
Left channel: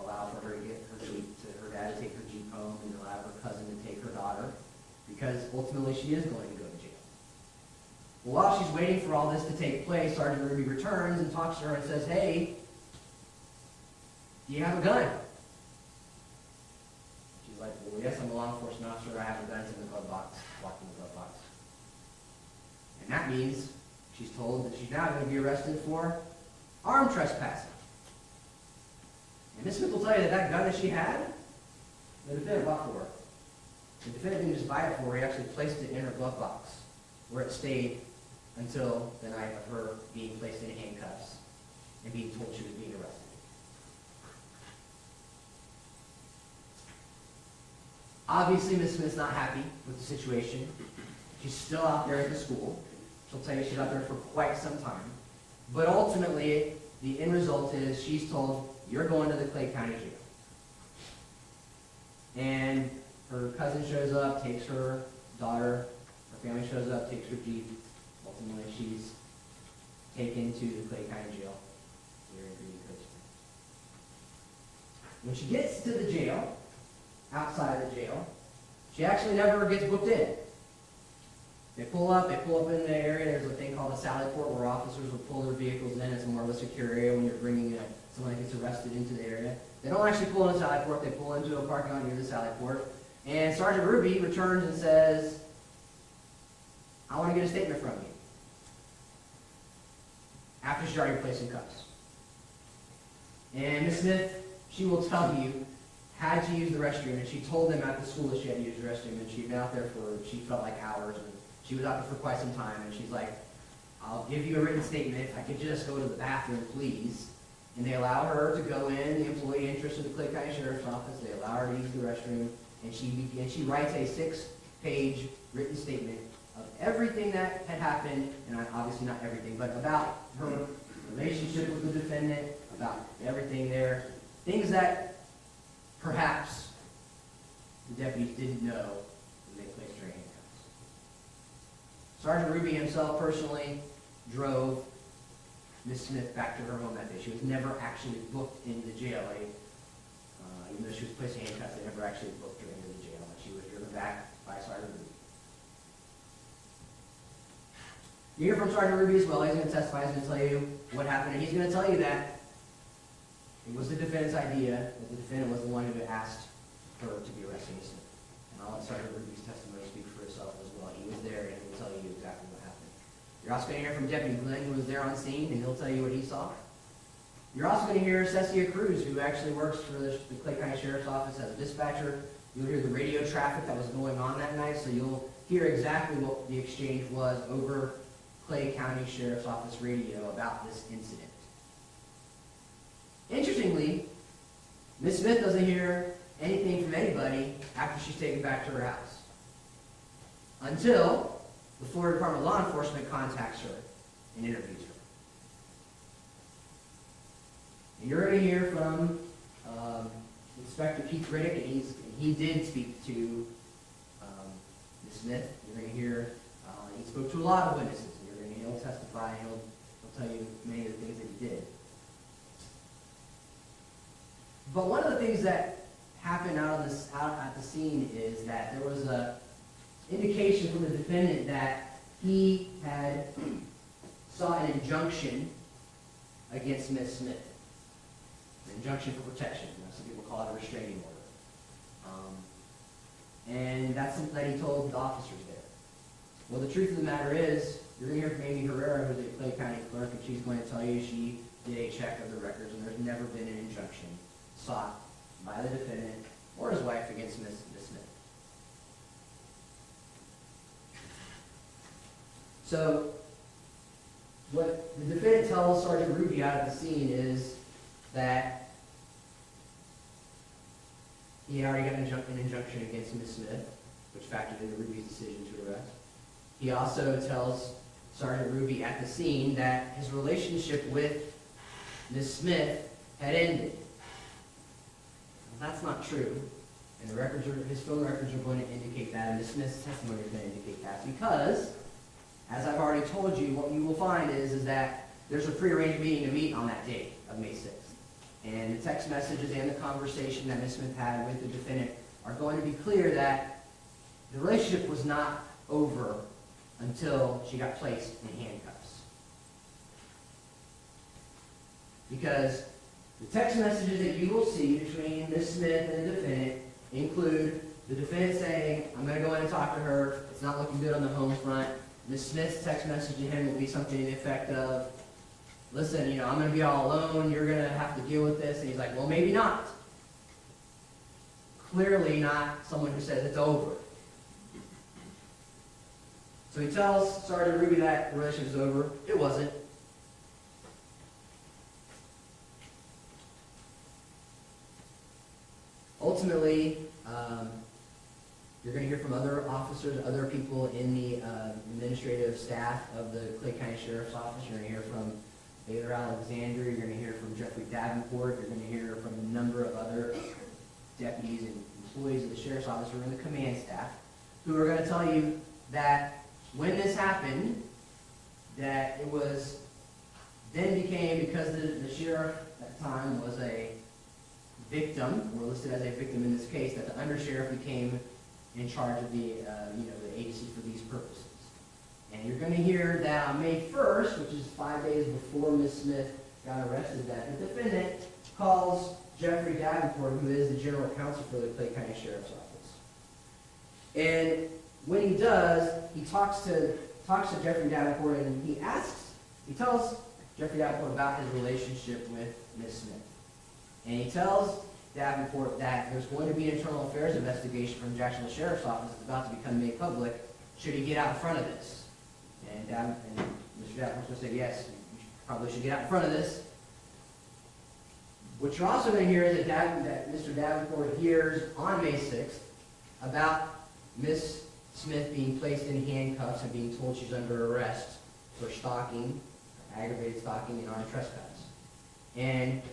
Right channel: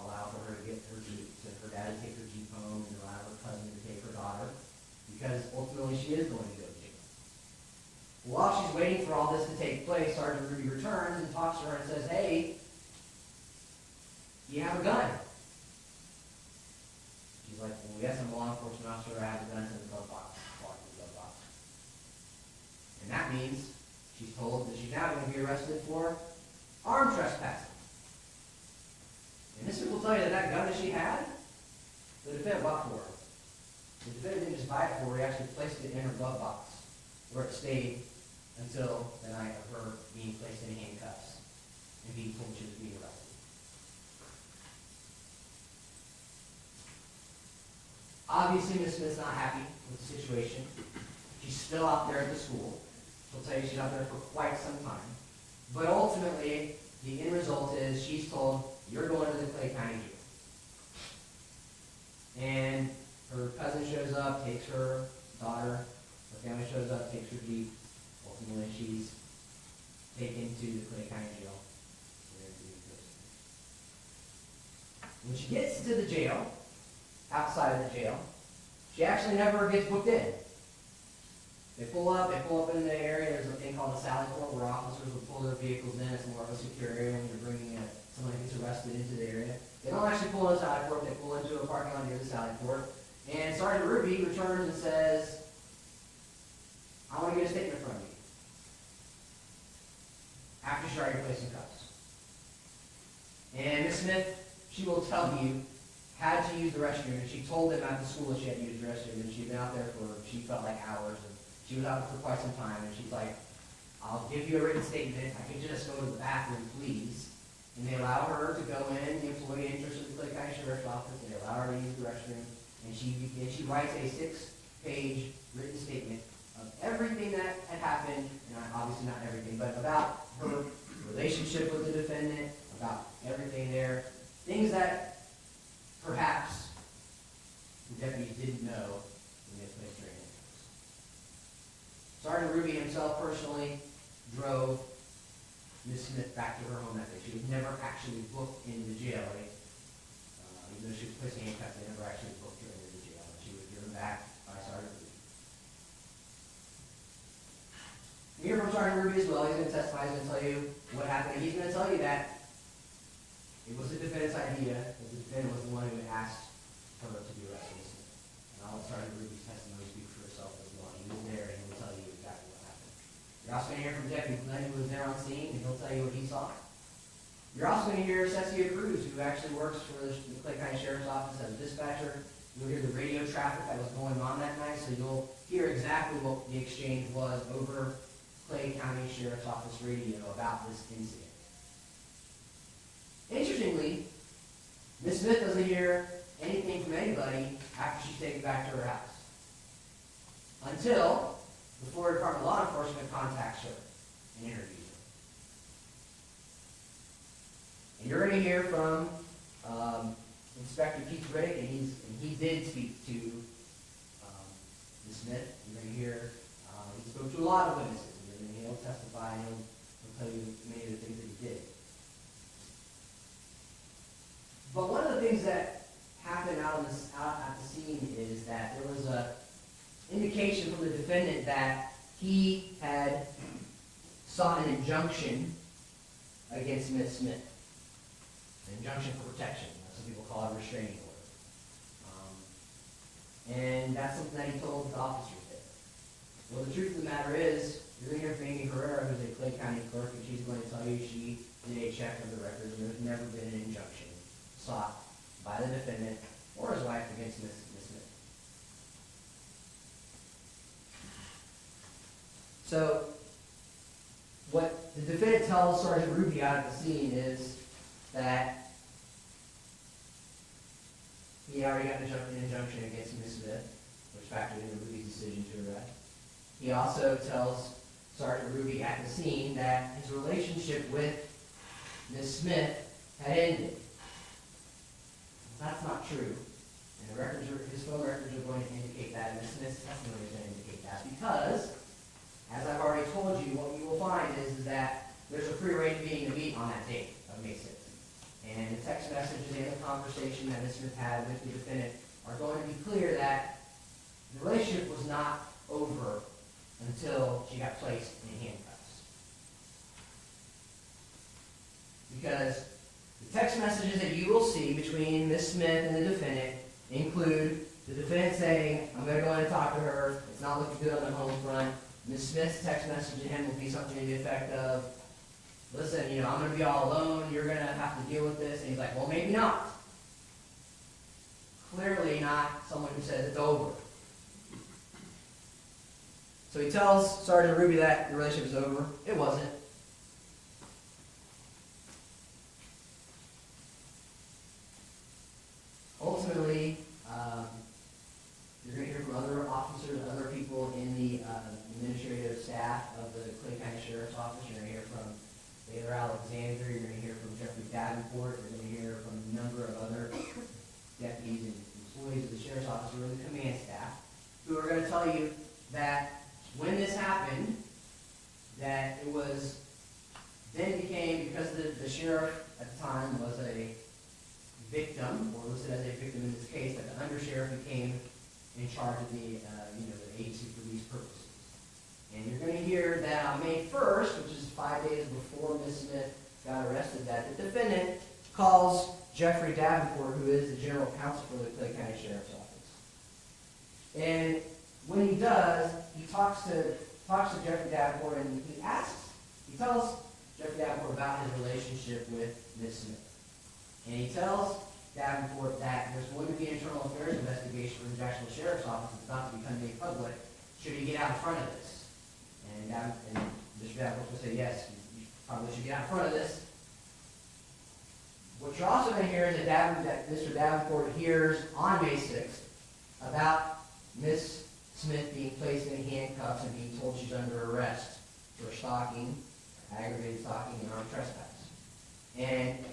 allow for her to get her Jeep, her dad to take her Jeep home, and allow her cousin to take her daughter, because ultimately she is going to go to jail. Well, while she's waiting for all this to take place, Sergeant Ruby returns and talks to her and says, hey, do you have a gun? She's like, well, yes, I'm a law enforcement officer. I have the guns in the glove box, locked in the glove box. And that means she's told that she's now going to be arrested for armed trespassing. And Miss Smith will tell you that that gun that she had, the defendant bought for her. The defendant didn't just buy it for her, he actually placed it in her glove box, where it stayed until the night of her being placed in handcuffs and being told she was being arrested. Obviously, Miss Smith's not happy with the situation. She's still out there at the school. She'll tell you she's out there for quite some time. But ultimately, the end result is she's told, you're going to the Clay County Jail. And her cousin shows up, takes her daughter, her family shows up, takes her Jeep. Ultimately, she's taken to the Clay County Jail. When she gets to the jail, outside of the jail, she actually never gets booked in. They pull up in the area. There's a thing called a sally port where officers will pull their vehicles in. It's more of a secure area when you're bringing someone that gets arrested into the area. They don't actually pull in a sally port. They pull into a parking lot near the sally port. And Sergeant Ruby returns and says, I want to get a statement from you. After she's already placed in cuffs. And Miss Smith, she will tell you, had to use the restroom. And she told them at the school that she had to use the restroom. And she'd been out there for, she felt like hours. And she was out there for quite some time. And she's like, I'll give you a written statement. If I could just go to the bathroom, please. And they allow her to go in, the employee interest in the Clay County Sheriff's Office. They allow her to use the restroom. And she writes a 6-page written statement of everything that had happened, and obviously not everything, but about her relationship with the defendant, about everything there, things that perhaps the deputies didn't know when they placed her in handcuffs. Sergeant Ruby himself personally drove Miss Smith back to her home that day. She was never actually booked into jail. Even though she was placed in handcuffs, they never actually booked her into the jail. She was driven back by Sergeant Ruby. You hear from Sergeant Ruby as well. He's going to testify. He's going to tell you what happened. And he's going to tell you that it was the defendant's idea, that the defendant was the one who asked her to be arrested. And I'll let Sergeant Ruby's testimony speak for itself as well. He was there, and he will tell you exactly what happened. You're also going to hear from Deputy Glenn, who was there on scene, and he'll tell you what he saw. You're also going to hear Cesia Cruz, who actually works for the Clay County Sheriff's Office as a dispatcher. You'll hear the radio traffic that was going on that night, so you'll hear exactly what the exchange was over Clay County Sheriff's Office radio about this incident. Interestingly, Miss Smith doesn't hear anything from anybody after she's taken back to her house, until the Florida Department of Law Enforcement contacts her and interviews her. And you're going to hear from Inspector Keith Riddick, and he did speak to Ms. Smith. You're going to hear he spoke to a lot of witnesses. And he'll testify, and he'll tell you many of the things that he did. But one of the things that happened out at the scene is that there was a indication from the defendant that he had sought an injunction against Ms. Smith. An injunction for protection. Some people call it a restraining order. And that's something that he told the officers there. Well, the truth of the matter is, you're going to hear from Amy Herrera, who's a Clay County clerk, and she's going to tell you she did a check of the records, and there's never been an injunction sought by the defendant or his wife against Ms. Smith. So, what the defendant tells Sergeant Ruby out at the scene is that he had already got an injunction against Ms. Smith, which factored into Ruby's decision to arrest. He also tells Sergeant Ruby at the scene that his relationship with Ms. Smith had ended. Well, that's not true. And the records are, his phone records are going to indicate that, and Ms. Smith's testimony is going to indicate that, because, as I've already told you, what you will find is that there's a prearranged meeting to meet on that date of May 6th. And the text messages and the conversation that Ms. Smith had with the defendant are going to be clear that the relationship was not over until she got placed in handcuffs. Because the text messages that you will see between Ms. Smith and the defendant include the defendant saying, I'm going to go in and talk to her, it's not looking good on the home front. Ms. Smith's text message to him will be something to the effect of, listen, I'm going to be all alone, you're going to have to deal with this. And he's like, well, maybe not. Clearly not someone who says it's over. So he tells Sergeant Ruby that the relationship is over. It wasn't. Ultimately, you're going to hear from other officers, other people in the administrative staff of the Clay County Sheriff's Office. You're going to hear from Baylor Alexander. You're going to hear from Jeffrey Davenport. You're going to hear from a number of other deputies and employees of the Sheriff's Office who are in the command staff, who are going to tell you that when this happened, that it was then became, because the sheriff at the time was a victim, or listed as a victim in this case, that the undersheriff became in charge of the the agency for these purposes. And you're going to hear that on May 1st, which is 5 days before Ms. Smith got arrested, that the defendant calls Jeffrey Davenport, who is the general counsel for the Clay County Sheriff's Office. And when he does, he talks to Jeffrey Davenport, and he tells Jeffrey Davenport about his relationship with Ms. Smith. And he tells Davenport that there's going to be an internal affairs investigation from the Jacksonville Sheriff's Office that's about to become made public should he get out in front of this. And Mr. Davenport's going to say, yes, you probably should get out in front of this. What you're also going to hear is that Mr. Davenport hears on May 6th about Ms. Smith being placed in handcuffs and being told she's under arrest for stalking, aggravated stalking, and armed trespass. And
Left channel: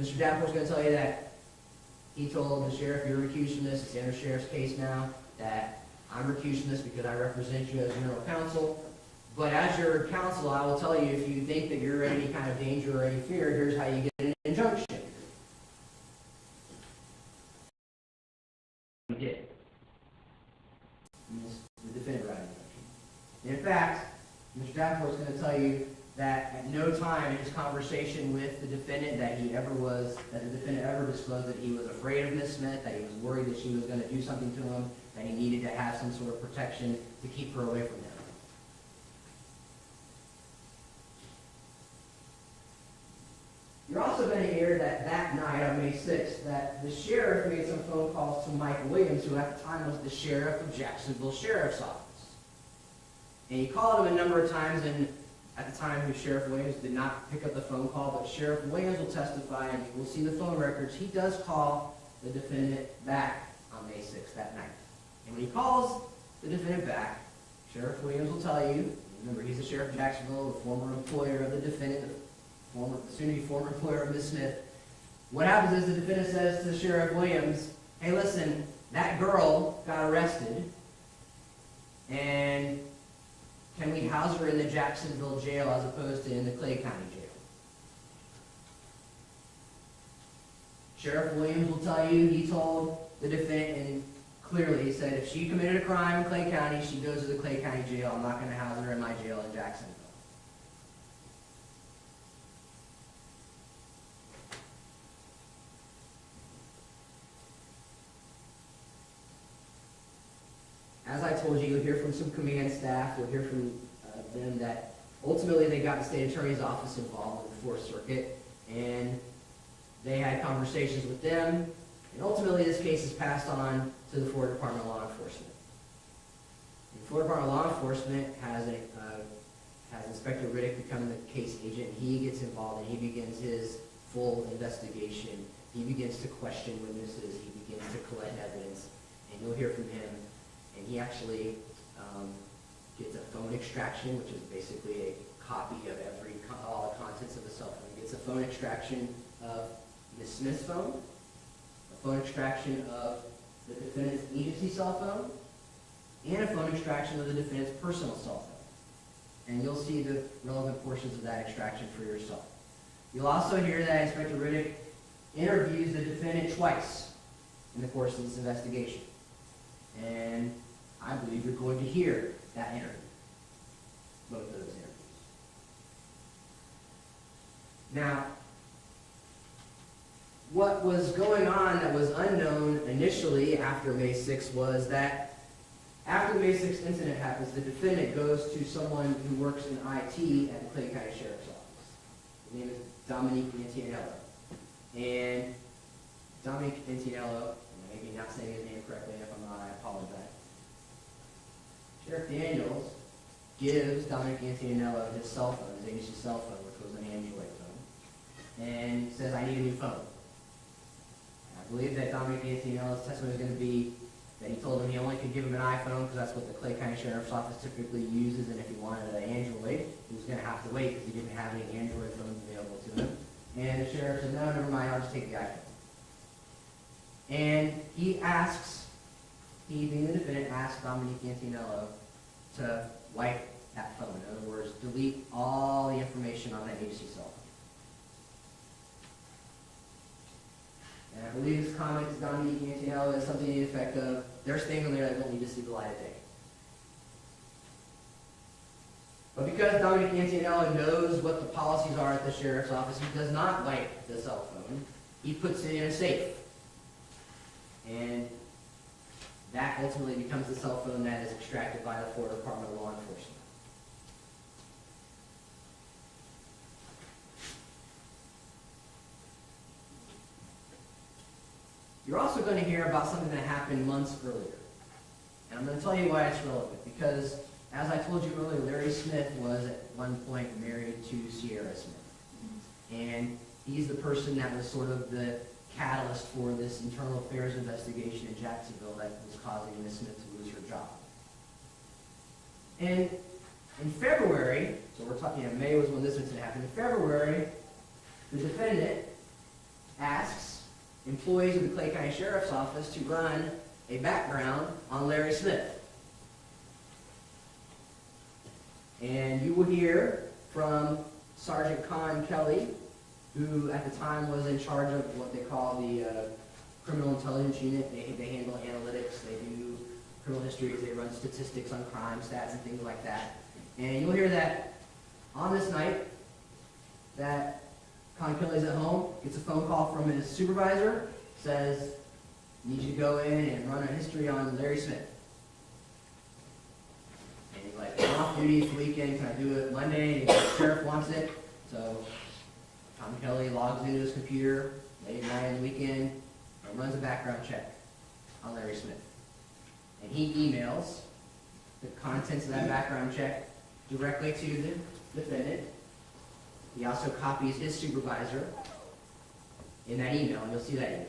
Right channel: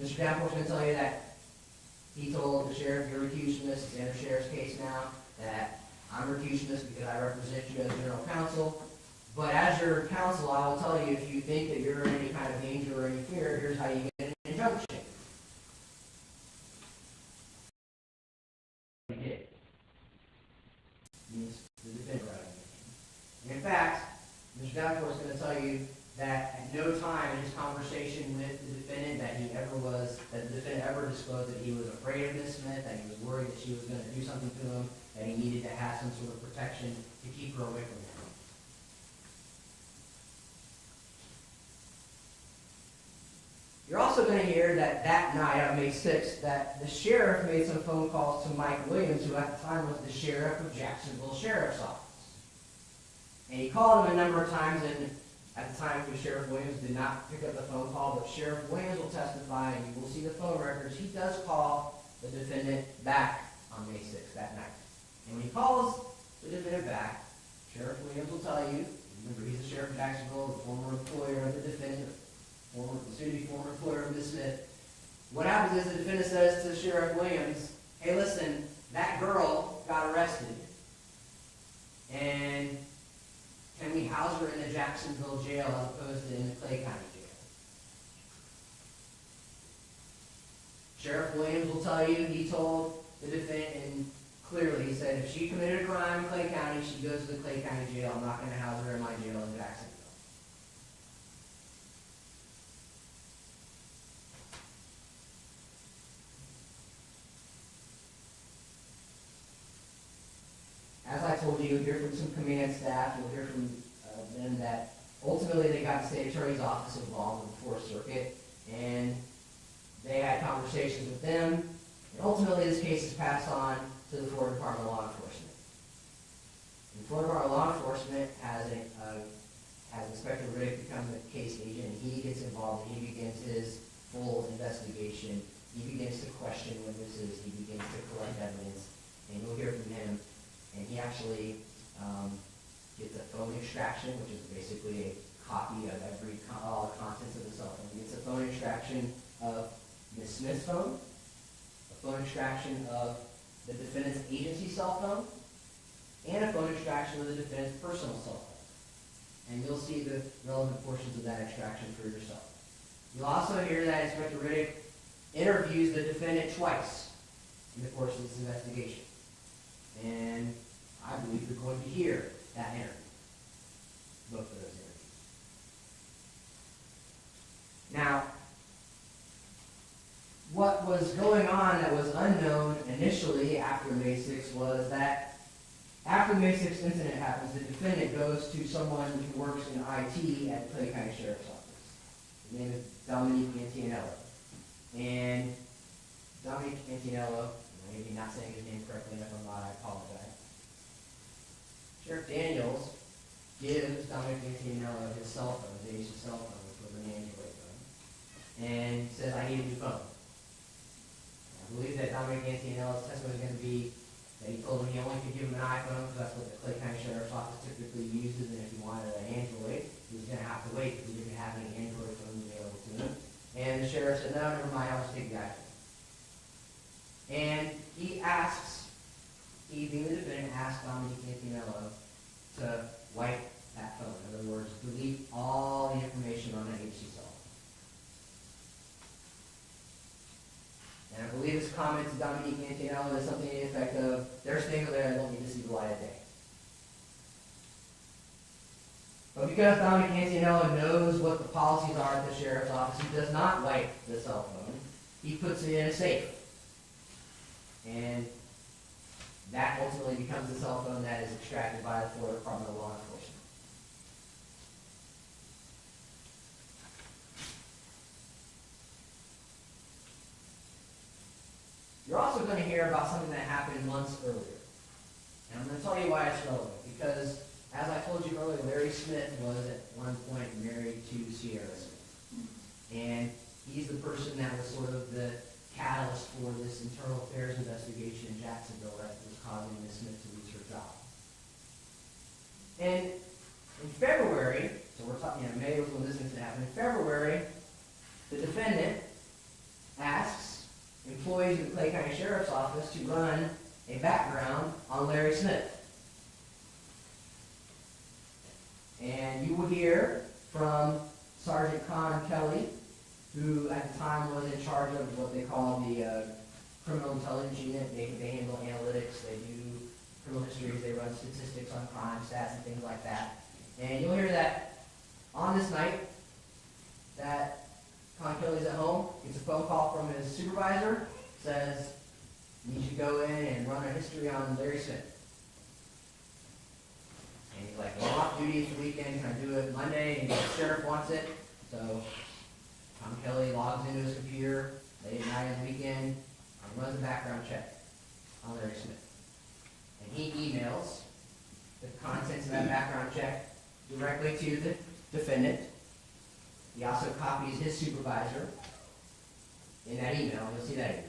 Mr. Davenport's going to tell you that he told the sheriff, you're recused from this, it's the undersheriff's case now, that I'm recused from this because I represent you as general counsel. But as your counsel, I will tell you, if you think that you're in any kind of danger or any fear, here's how you get an injunction. He did. The defendant got an injunction. In fact, Mr. Davenport is going to tell you that at no time in his conversation with the defendant that the defendant ever disclosed that he was afraid of Ms. Smith, that he was worried that she was going to do something to him, that he needed to have some sort of protection to keep her away from him. You're also going to hear that night on May 6th that the sheriff made some phone calls to Mike Williams, who at the time was the sheriff of Jacksonville Sheriff's Office. And he called him a number of times, and at the time, Sheriff Williams did not pick up the phone call, but Sheriff Williams will testify, and you will see the phone records. He does call the defendant back on May 6th that night. And when he calls the defendant back, Sheriff Williams will tell you, remember, he's the sheriff of Jacksonville, the former employer of the defendant, the soon-to-be former employer of Ms. Smith. What happens is the defendant says to Sheriff Williams, hey, listen, that girl got arrested, and can we house her in the Jacksonville jail as opposed to in the Clay County jail? Sheriff Williams will tell you he told the defendant, and clearly he said, if she committed a crime in Clay County, she goes to the Clay County jail. I'm not going to house her in my jail in Jacksonville. As I told you, you'll hear from some command staff, you'll hear from them that ultimately they got the state attorney's office involved in the 4th Circuit, and they had conversations with them, and ultimately this case is passed on to the Florida Department of Law Enforcement. And the Florida Department of Law Enforcement has Inspector Riddick become the case agent, and he gets involved, and he begins his full investigation. He begins to question witnesses, he begins to collect evidence, and you'll hear from him. And he actually gets a phone extraction, which is basically a copy of all the contents of the cell phone. He gets a phone extraction of Ms. Smith's phone, a phone extraction of the defendant's agency cell phone, and a phone extraction of the defendant's personal cell phone. And you'll see the relevant portions of that extraction for yourself. You'll also hear that Inspector Riddick interviews the defendant twice in the course of this investigation. And I believe you're going to hear that interview, both of those interviews. Now, what was going on that was unknown initially after May 6th was that after the May 6th incident happens, the defendant goes to someone who works in IT at the Clay County Sheriff's Office. His name is Dominique Antianello. And Dominique Antianello, maybe not saying his name correctly, and if I'm not, I apologize. Sheriff Daniels gives Dominique Antianello his cell phone, his agency cell phone, which was an Android phone, and says, I need a new phone. I believe that Dominique Antianello's testimony is going to be that he told him he only could give him an iPhone because that's what the Clay County Sheriff's Office typically uses, and if he wanted an Android, he was going to have to wait because he didn't have any Android phones available to him. And the sheriff said, no, never mind, I'll just take the iPhone. And he being the defendant, asks Dominique Antianello to wipe that phone. In other words, delete all the information on that agency cell phone. And I believe his comment to Dominique Antianello is something to the effect of, there's things in there that don't need to see the light of day. But because Dominique Antianello knows what the policies are at the sheriff's office, he does not wipe the cell phone. He puts it in a safe. And that ultimately becomes the cell phone that is extracted by the Florida Department of Law Enforcement. You're also going to hear about something that happened months earlier. And I'm going to tell you why it's relevant. Because, as I told you earlier, Larry Smith was at one point married to Sierra Smith. And he's the person that was sort of the catalyst for this internal affairs investigation in Jacksonville that was causing Ms. Smith to lose her job. And in February, so we're talking, May was when this incident happened. In February, the defendant asks employees of the Clay County Sheriff's Office to run a background on Larry Smith. And you will hear from Sergeant Con Kelly, who at the time was in charge of what they call the Criminal Intelligence Unit. They handle analytics, they do criminal histories, they run statistics on crime stats and things like that. And you'll hear that on this night, that Con Kelly's at home, gets a phone call from his supervisor, says, need you to go in and run a history on Larry Smith. And he's like, I'm off duty for the weekend, can I do it Monday? And the sheriff wants it. So Tom Kelly logs into his computer late at night on the weekend and runs a background check on Larry Smith. And he emails the contents of that background check directly to the defendant. He also copies his supervisor in that email. You'll see that email.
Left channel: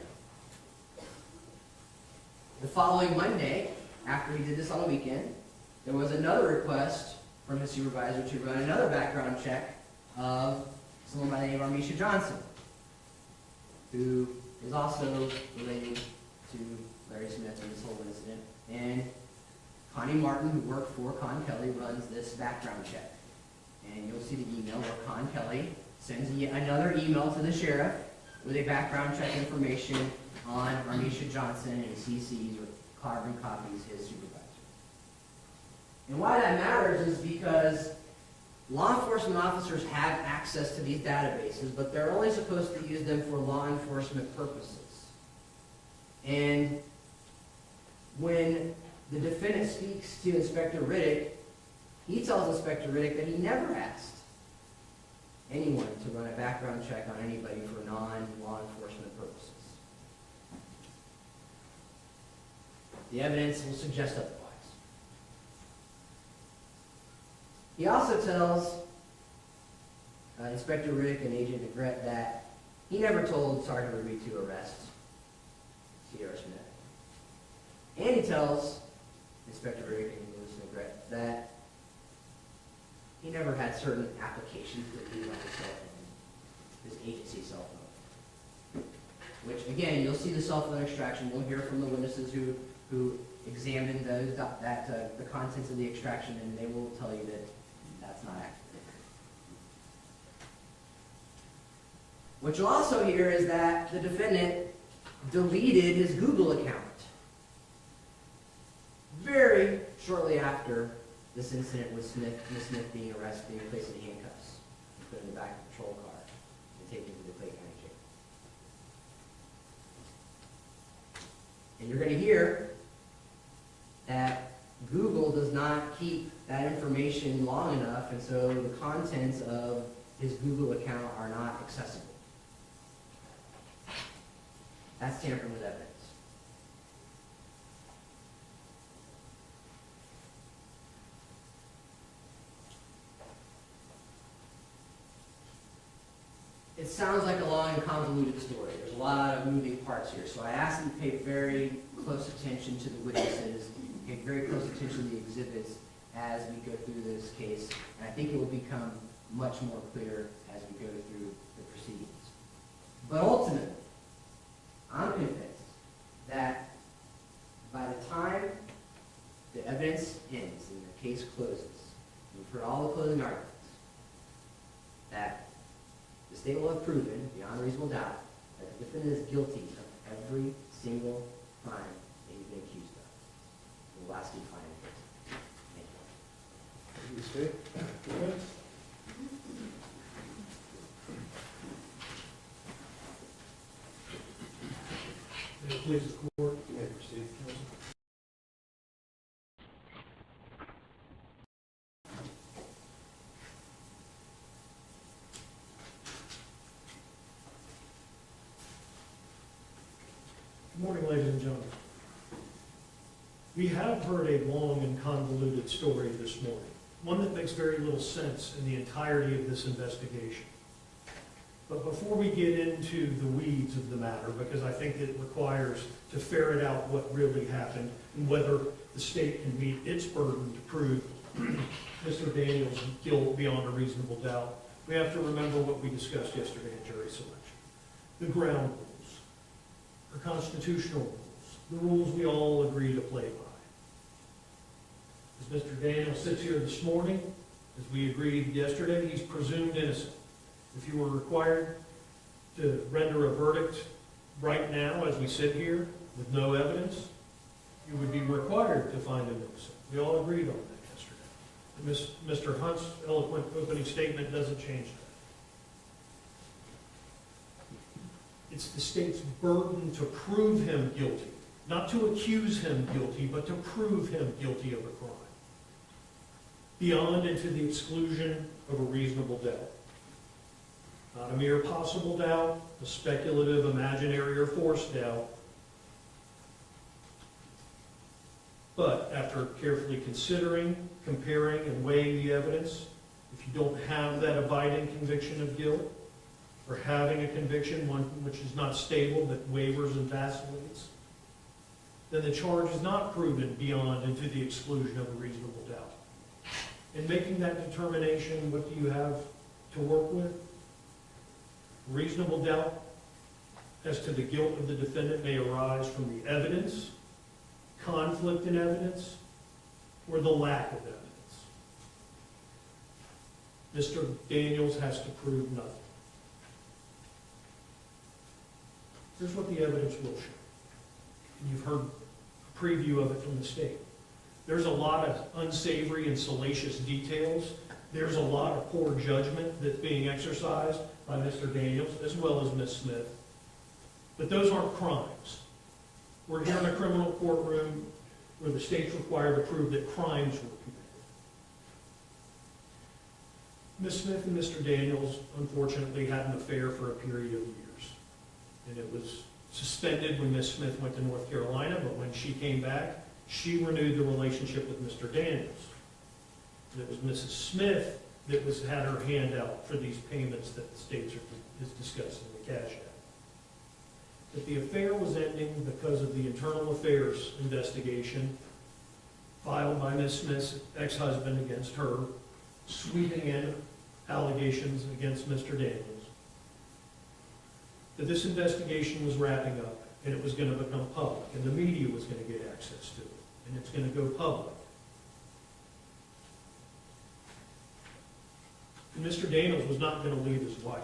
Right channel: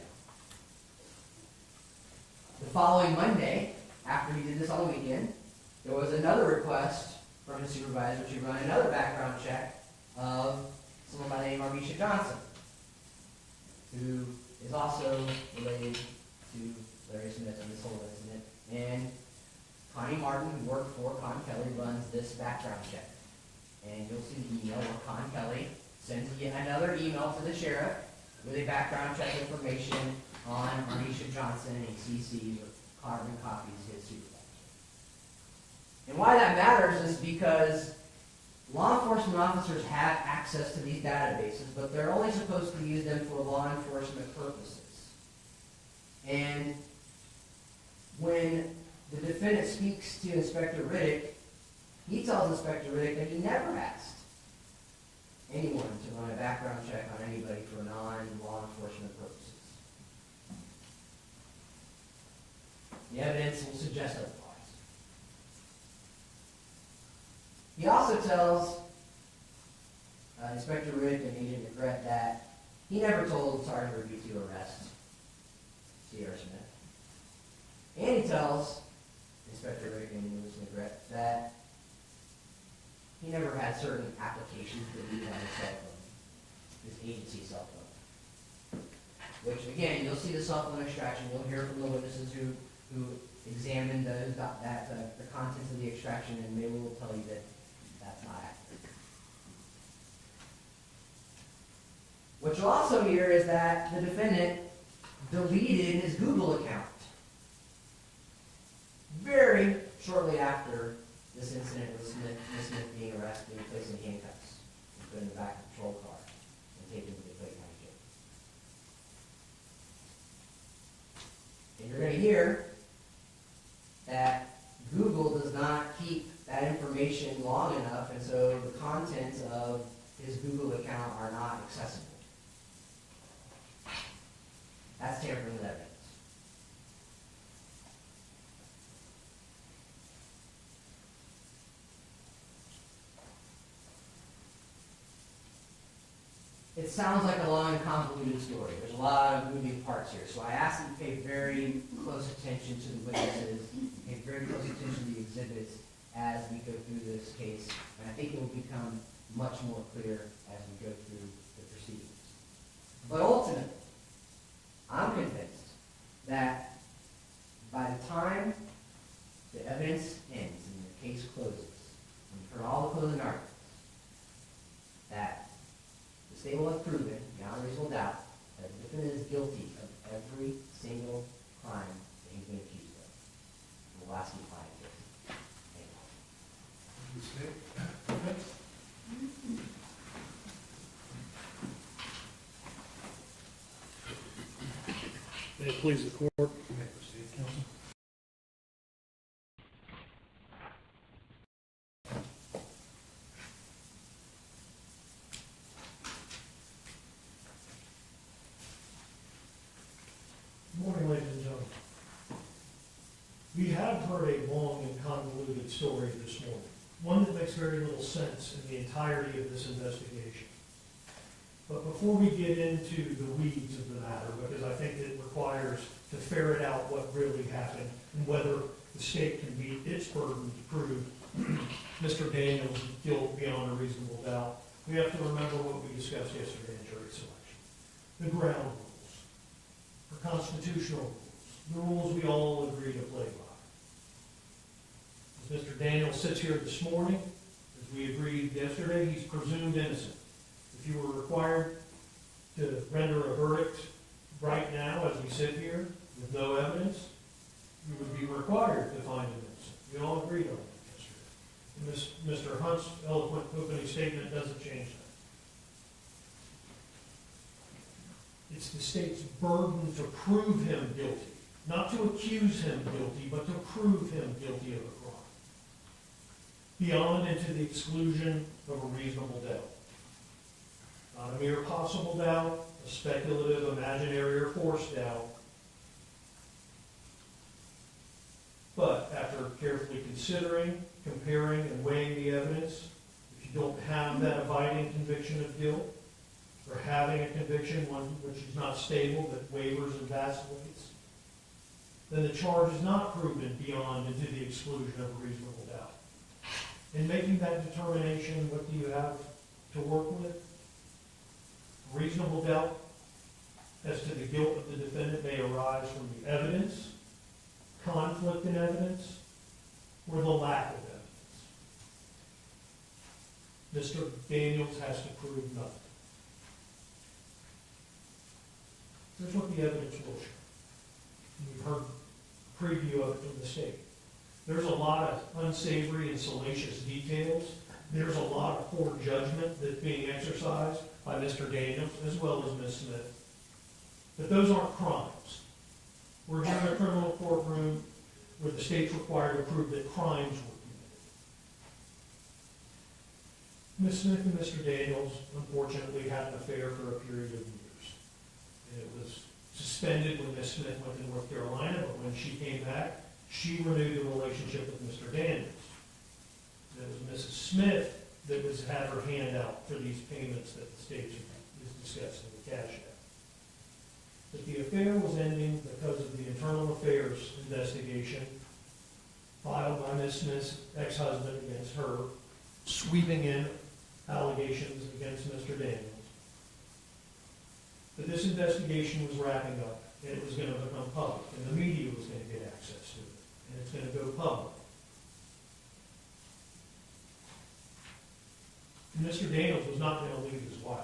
The following Monday, after he did this on the weekend, there was another request from his supervisor to run another background check of someone by the name of Armisha Johnson, who is also related to Larry Smith and this whole incident. And Connie Martin, who worked for Con Kelly, runs this background check. And you'll see the email where Con Kelly sends another email to the sheriff with a background check information on Armisha Johnson, and he CCs or carbon copies his supervisor. And why that matters is because law enforcement officers have access to these databases, but they're only supposed to use them for law enforcement purposes. And when the defendant speaks to Inspector Riddick, he tells Inspector Riddick that he never asked anyone to run a background check on anybody for non-law enforcement purposes. The evidence will suggest otherwise. He also tells Inspector Riddick and Agent McGrett that he never told Sergeant Ruby to arrest Sierra Smith. And he tells Inspector Riddick and Louis McGrett that he never had certain applications deleted on his cell phone, his agency cell phone. Which, again, you'll see the cell phone extraction, you'll hear from the witnesses who examined the contents of the extraction, and they will tell you that that's not accurate. What you'll also hear is that the defendant deleted his Google account very shortly after this incident with Ms. Smith being arrested, being placed in handcuffs, put in the back of the patrol car, and taken to the Clay County Jail. And you're going to hear that Google does not keep that information long enough, and so the contents of his Google account are not accessible. That's tampering with evidence. It sounds like a long and convoluted story. There's a lot of moving parts here. So I ask you to pay very close attention to the witnesses, pay very close attention to the exhibits as we go through this case. And I think it will become much more clear as we go through the proceedings. But ultimately, I'm convinced that by the time the evidence ends and the case closes, and you've heard all the closing arguments, that the state will have proven, beyond reasonable doubt, that the defendant is guilty of every single crime that he's been accused of. It will last you fine in the case. Thank you. Thank you, State. Defense? May it please the court. You may proceed, counsel. Good morning, ladies and gentlemen. We have heard a long and convoluted story this morning, one that makes very little sense in the entirety of this investigation. But before we get into the weeds of the matter, because I think it requires to ferret out what really happened and whether the state can meet its burden to prove Mr. Daniels' guilt beyond a reasonable doubt, we have to remember what we discussed yesterday in jury selection. The ground rules, the constitutional rules, the rules we all agree to play by. As Mr. Daniels sits here this morning, as we agreed yesterday, he's presumed innocent. If you were required to render a verdict right now as we sit here with no evidence, you would be required to find him innocent. We all agreed on that yesterday. And Mr. Hunt's eloquent opening statement doesn't change that. It's the state's burden to prove him guilty, not to accuse him guilty, but to prove him guilty of a crime, beyond and to the exclusion of a reasonable doubt. Not a mere possible doubt, a speculative, imaginary, or forced doubt, but after carefully considering, comparing, and weighing the evidence, if you don't have that abiding conviction of guilt, or having a conviction, one which is not stable, that wavers and vacillates, then the charge is not proven beyond and to the exclusion of a reasonable doubt. In making that determination, what do you have to work with? Reasonable doubt as to the guilt of the defendant may arise from the evidence, conflict in evidence, or the lack of evidence. Mr. Daniels has to prove nothing. Here's what the evidence will show. And you've heard a preview of it from the state. There's a lot of unsavory and salacious details. There's a lot of poor judgment that's being exercised by Mr. Daniels, as well as Ms. Smith. But those aren't crimes. We're here in a criminal courtroom where the state's required to prove that crimes were committed. Ms. Smith and Mr. Daniels, unfortunately, had an affair for a period of years. And it was suspended when Ms. Smith went to North Carolina, but when she came back, she renewed the relationship with Mr. Daniels. It was Mrs. Smith that had her hand out for these payments that the state is discussing, the Cash Act. But the affair was ending because of the internal affairs investigation filed by Ms. Smith's ex-husband against her sweeping in allegations against Mr. Daniels. But this investigation was wrapping up, and it was going to become public, and the media was going to get access to it, and it's going to go public. And Mr. Daniels was not going to leave his wife.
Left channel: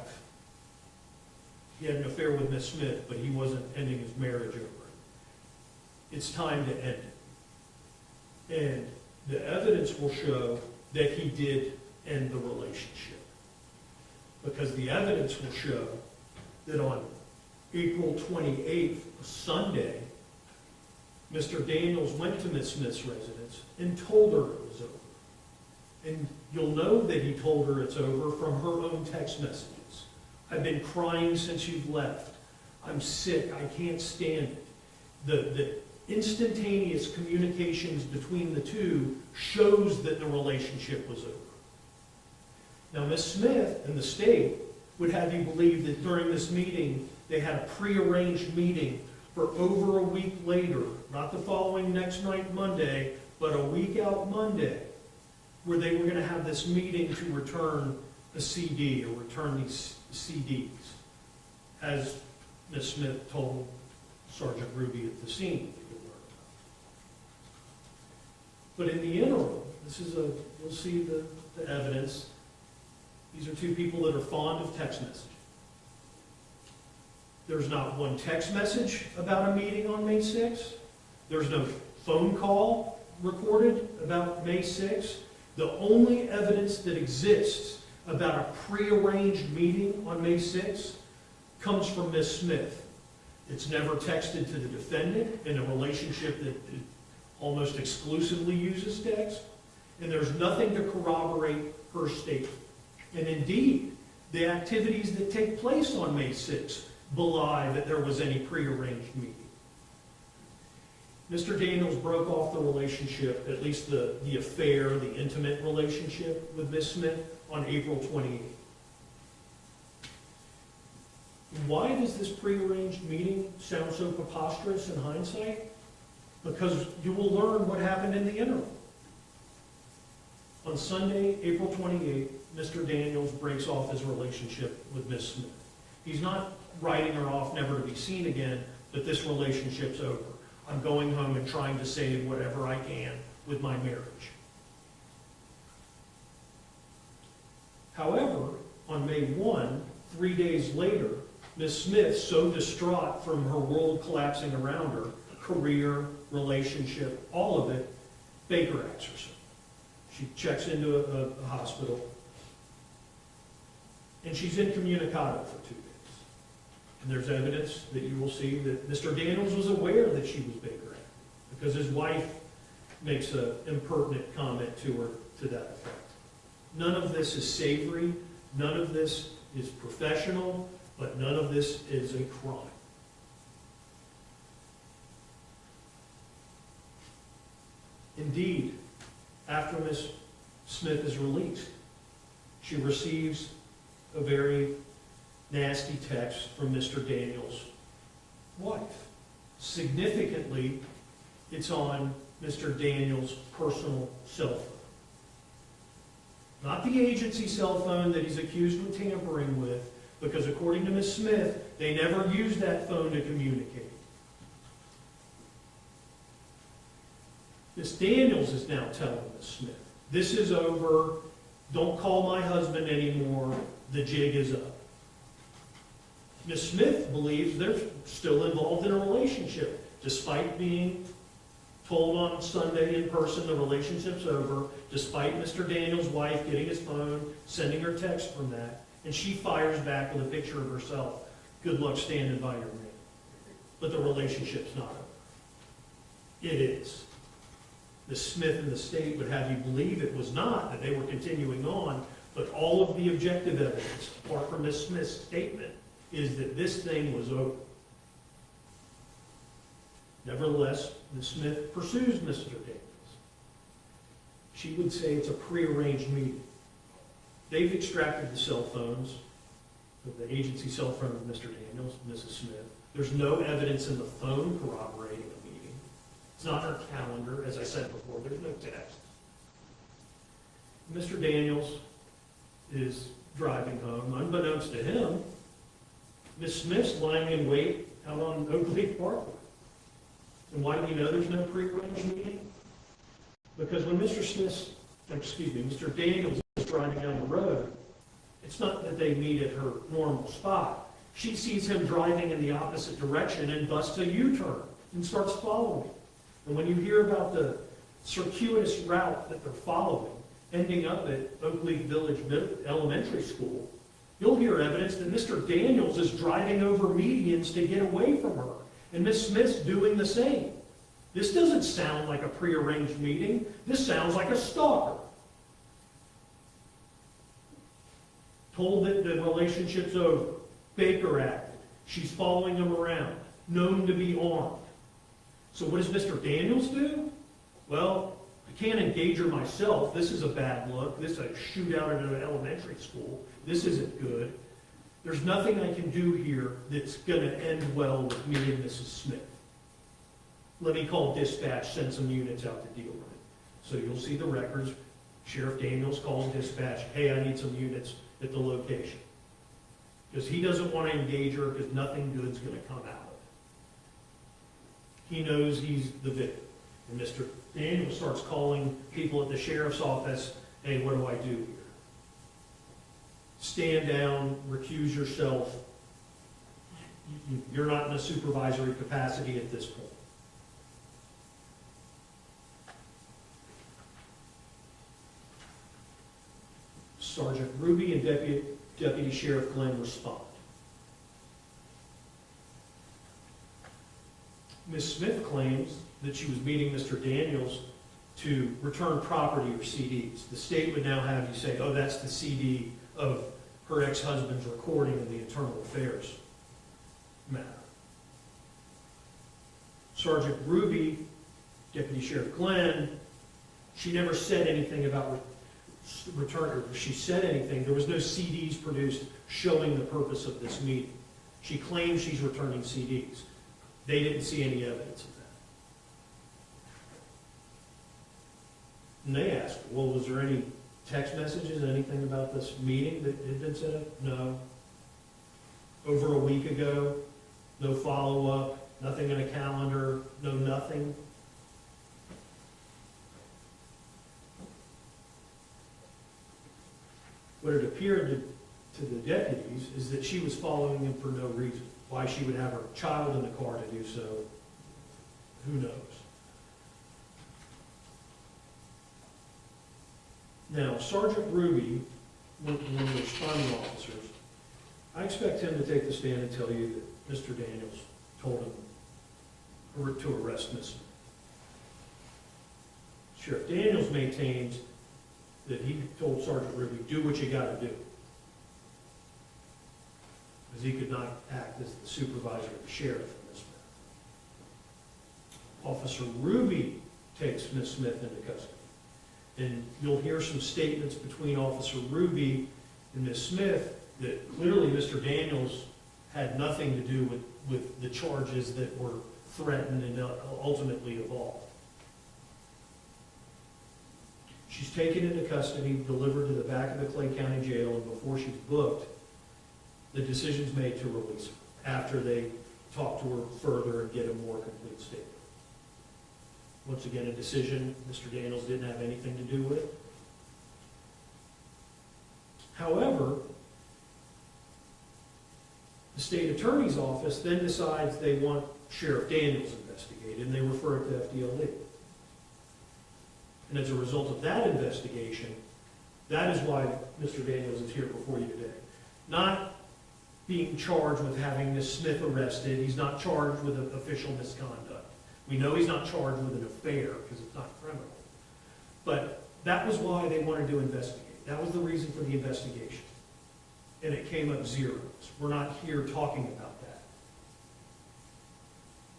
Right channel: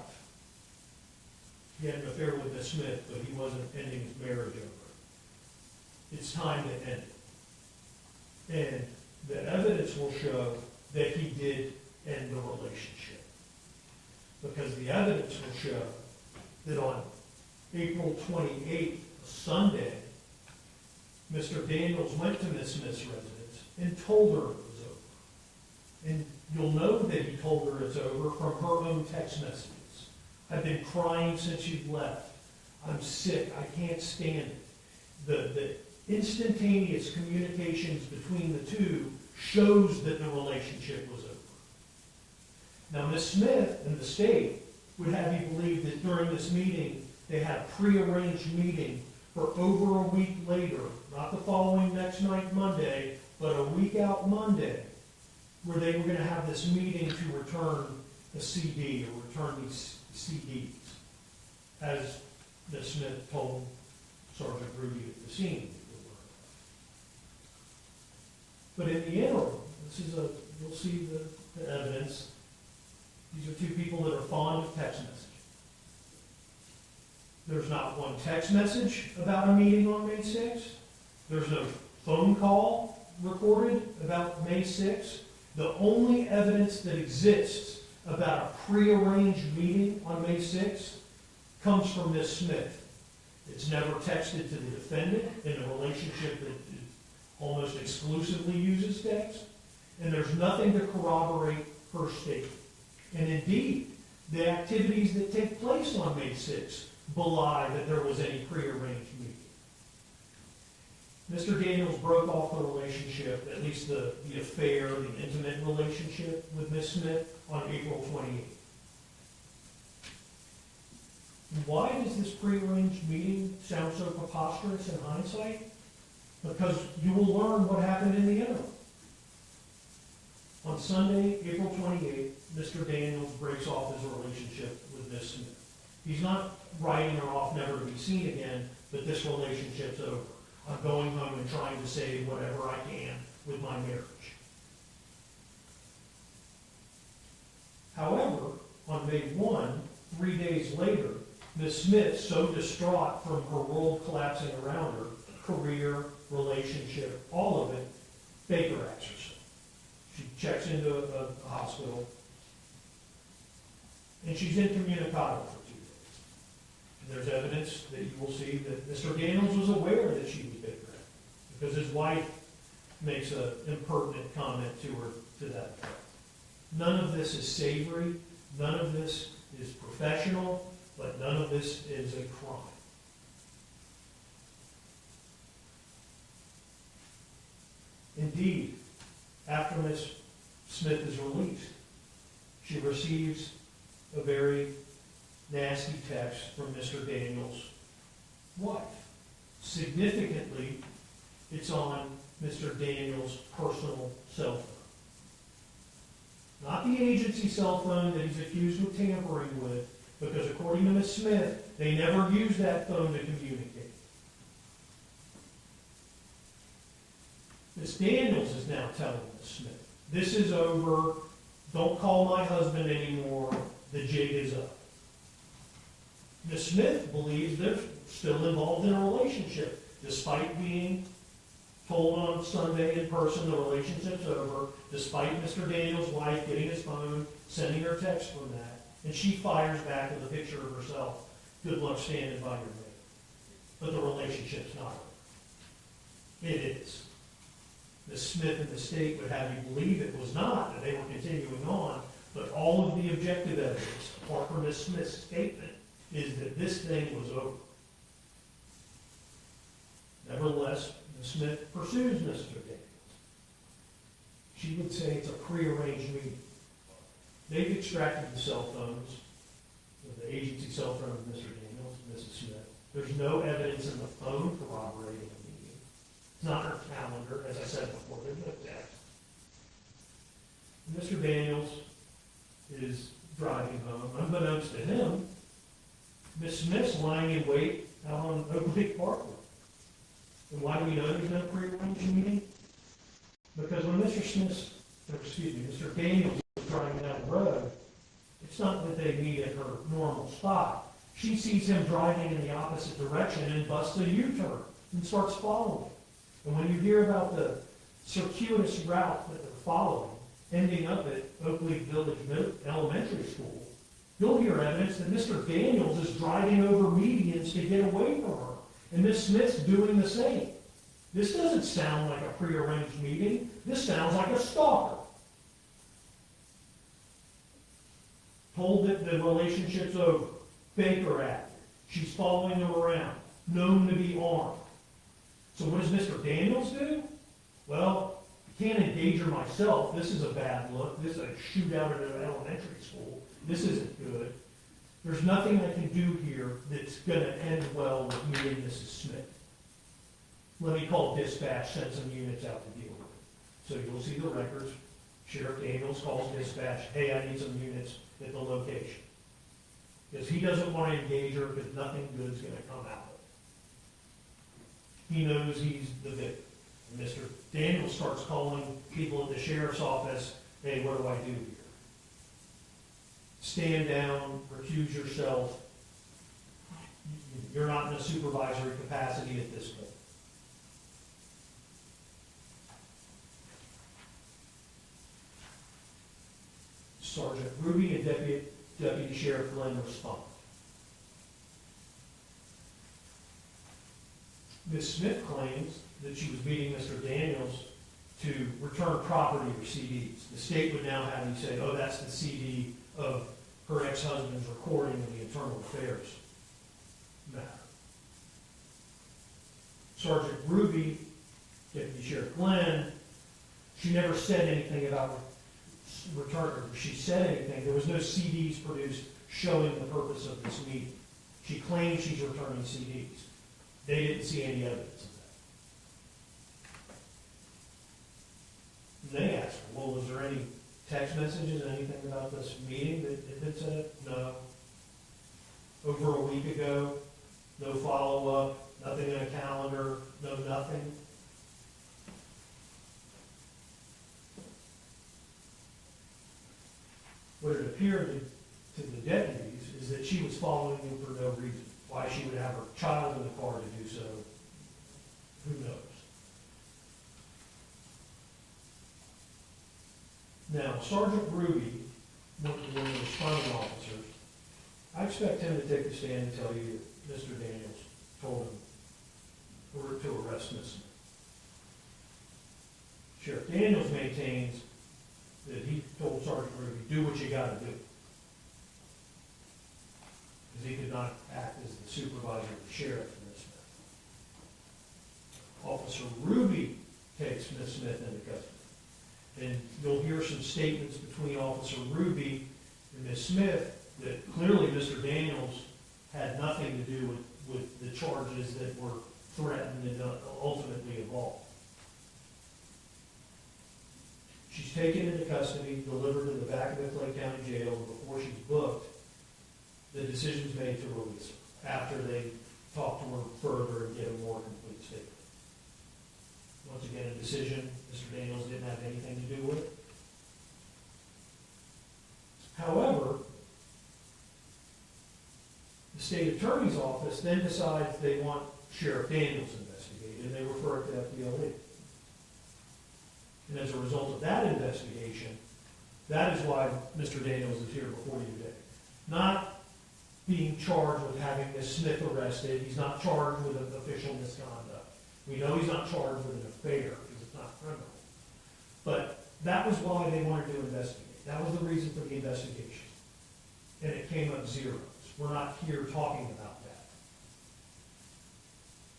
He had an affair with Miss Smith, but he wasn't ending his marriage over it. It's time to end it. And the evidence will show that he did end the relationship. Because the evidence will show that on April 28th, a Sunday, Mr. Daniels went to Miss Smith's residence and told her it was over. And you'll know that he told her it's over from her own text messages. I've been crying since you've left. I'm sick. I can't stand it. The instantaneous communications between the two shows that the relationship was over. Now, Miss Smith and the state would have you believe that during this meeting, they had a prearranged meeting for over a week later, not the following next night Monday, but a week out Monday, where they were going to have this meeting to return a CD or return these CDs, as Ms. Smith told Sergeant Ruby at the scene. But in the interim, you'll see the evidence. These are two people that are fond of text messaging. There's not one text message about a meeting on May 6th. There's no phone call recorded about May 6th. The only evidence that exists about a prearranged meeting on May 6th comes from Miss Smith. It's never texted to the defendant in a relationship that almost exclusively uses text, and there's nothing to corroborate her statement. And indeed, the activities that take place on May 6th belie that there was any prearranged meeting. Mr. Daniels broke off the relationship, at least the affair, the intimate relationship with Miss Smith on April 28th. Why does this prearranged meeting sound so preposterous in hindsight? Because you will learn what happened in the interim. On Sunday, April 28th, Mr. Daniels breaks off his relationship with Miss Smith. He's not writing her off never to be seen again, but this relationship's over. I'm going home and trying to save whatever I can with my marriage. However, on May 1, 3 days later, Miss Smith, so distraught from her world collapsing around her, career, relationship, all of it, Baker acts herself. She checks into a hospital, and she's incommunicado for 2 days. And there's evidence that you will see that Mr. Daniels was aware that she was Baker acting, because his wife makes an impertinent comment to her to that effect. None of this is savory, none of this is professional, but none of this is a crime. Indeed, after Miss Smith is released, she receives a very nasty text from Mr. Daniels' wife. Significantly, it's on Mr. Daniels' personal cell phone. Not the agency cell phone that he's accused of tampering with, because according to Ms. Smith, they never used that phone to communicate. Ms. Daniels is now telling Ms. Smith, this is over, don't call my husband anymore, the jig is up. Ms. Smith believes they're still involved in a relationship, despite being told on Sunday in person the relationship's over, despite Mr. Daniels' wife getting his phone, sending her text from that, and she fires back with a picture of herself. Good luck standing by your man. But the relationship's not over. It is. Ms. Smith and the state would have you believe it was not, that they were continuing on, but all of the objective evidence, apart from Ms. Smith's statement, is that this thing was over. Nevertheless, Ms. Smith pursues Mr. Daniels. She would say it's a prearranged meeting. They've extracted the cell phones, the agency cell phone of Mr. Daniels, Mrs. Smith. There's no evidence in the phone corroborating a meeting. It's not her calendar, as I said before, there's no text. Mr. Daniels is driving home. Unbeknownst to him, Miss Smith's lying in wait out on Oak Leaf Parkway. And why do you know there's no pre-arranged meeting? Because when Mr. Daniels is driving down the road, it's not that they meet at her normal spot. She sees him driving in the opposite direction and busts a U-turn and starts following. And when you hear about the circuitous route that they're following, ending up at Oak Leaf Village Elementary School, you'll hear evidence that Mr. Daniels is driving over medians to get away from her, and Miss Smith's doing the same. This doesn't sound like a prearranged meeting. This sounds like a stalker. Told that the relationship's over. Baker acted. She's following him around, known to be armed. So what does Mr. Daniels do? Well, I can't engage her myself. This is a bad look. This is a shootout at an elementary school. This isn't good. There's nothing I can do here that's going to end well with me and Mrs. Smith. Let me call dispatch, send some units out to deal with it. So you'll see the records. Sheriff Daniels calls dispatch, hey, I need some units at the location. Because he doesn't want to engage her because nothing good's going to come out of it. He knows he's the victim. And Mr. Daniels starts calling people at the sheriff's office, hey, what do I do here? Stand down, recuse yourself. You're not in a supervisory capacity at this point. Sergeant Ruby and Deputy Sheriff Glenn respond. Ms. Smith claims that she was meeting Mr. Daniels to return property or CDs. The state would now have you say, oh, that's the CD of her ex-husband's recording of the internal affairs matter. Sergeant Ruby, Deputy Sheriff Glenn, she never said anything about return, or if she said anything, there was no CDs produced showing the purpose of this meeting. She claims she's returning CDs. They didn't see any evidence of that. And they asked her, well, was there any text messages, anything about this meeting that had been set up? No. Over a week ago, no follow-up, nothing in a calendar, no nothing. What it appeared to the deputies is that she was following him for no reason. Why she would have her child in the car to do so, who knows? Now, Sergeant Ruby, one of the responding officers, I expect him to take the stand and tell you that Mr. Daniels told him to arrest Ms. Smith. Sheriff Daniels maintains that he told Sergeant Ruby, do what you got to do. Because he could not act as the supervisor of the sheriff for Ms. Smith. Officer Ruby takes Ms. Smith into custody. And you'll hear some statements between Officer Ruby and Ms. Smith that clearly Mr. Daniels had nothing to do with the charges that were threatened and ultimately evolved. She's taken into custody, delivered to the back of the Clay County Jail, and before she's booked, the decision's made to release her after they talk to her further and get a more complete statement. Once again, a decision Mr. Daniels didn't have anything to do with. However, the state attorney's office then decides they want Sheriff Daniels investigated, and they refer it to FDLE. And as a result of that investigation, that is why Mr. Daniels is here before you today. Not being charged with having Ms. Smith arrested. He's not charged with official misconduct. We know he's not charged with an affair because it's not criminal. But that was why they wanted to investigate. That was the reason for the investigation. And it came up zeros. We're not here talking about that.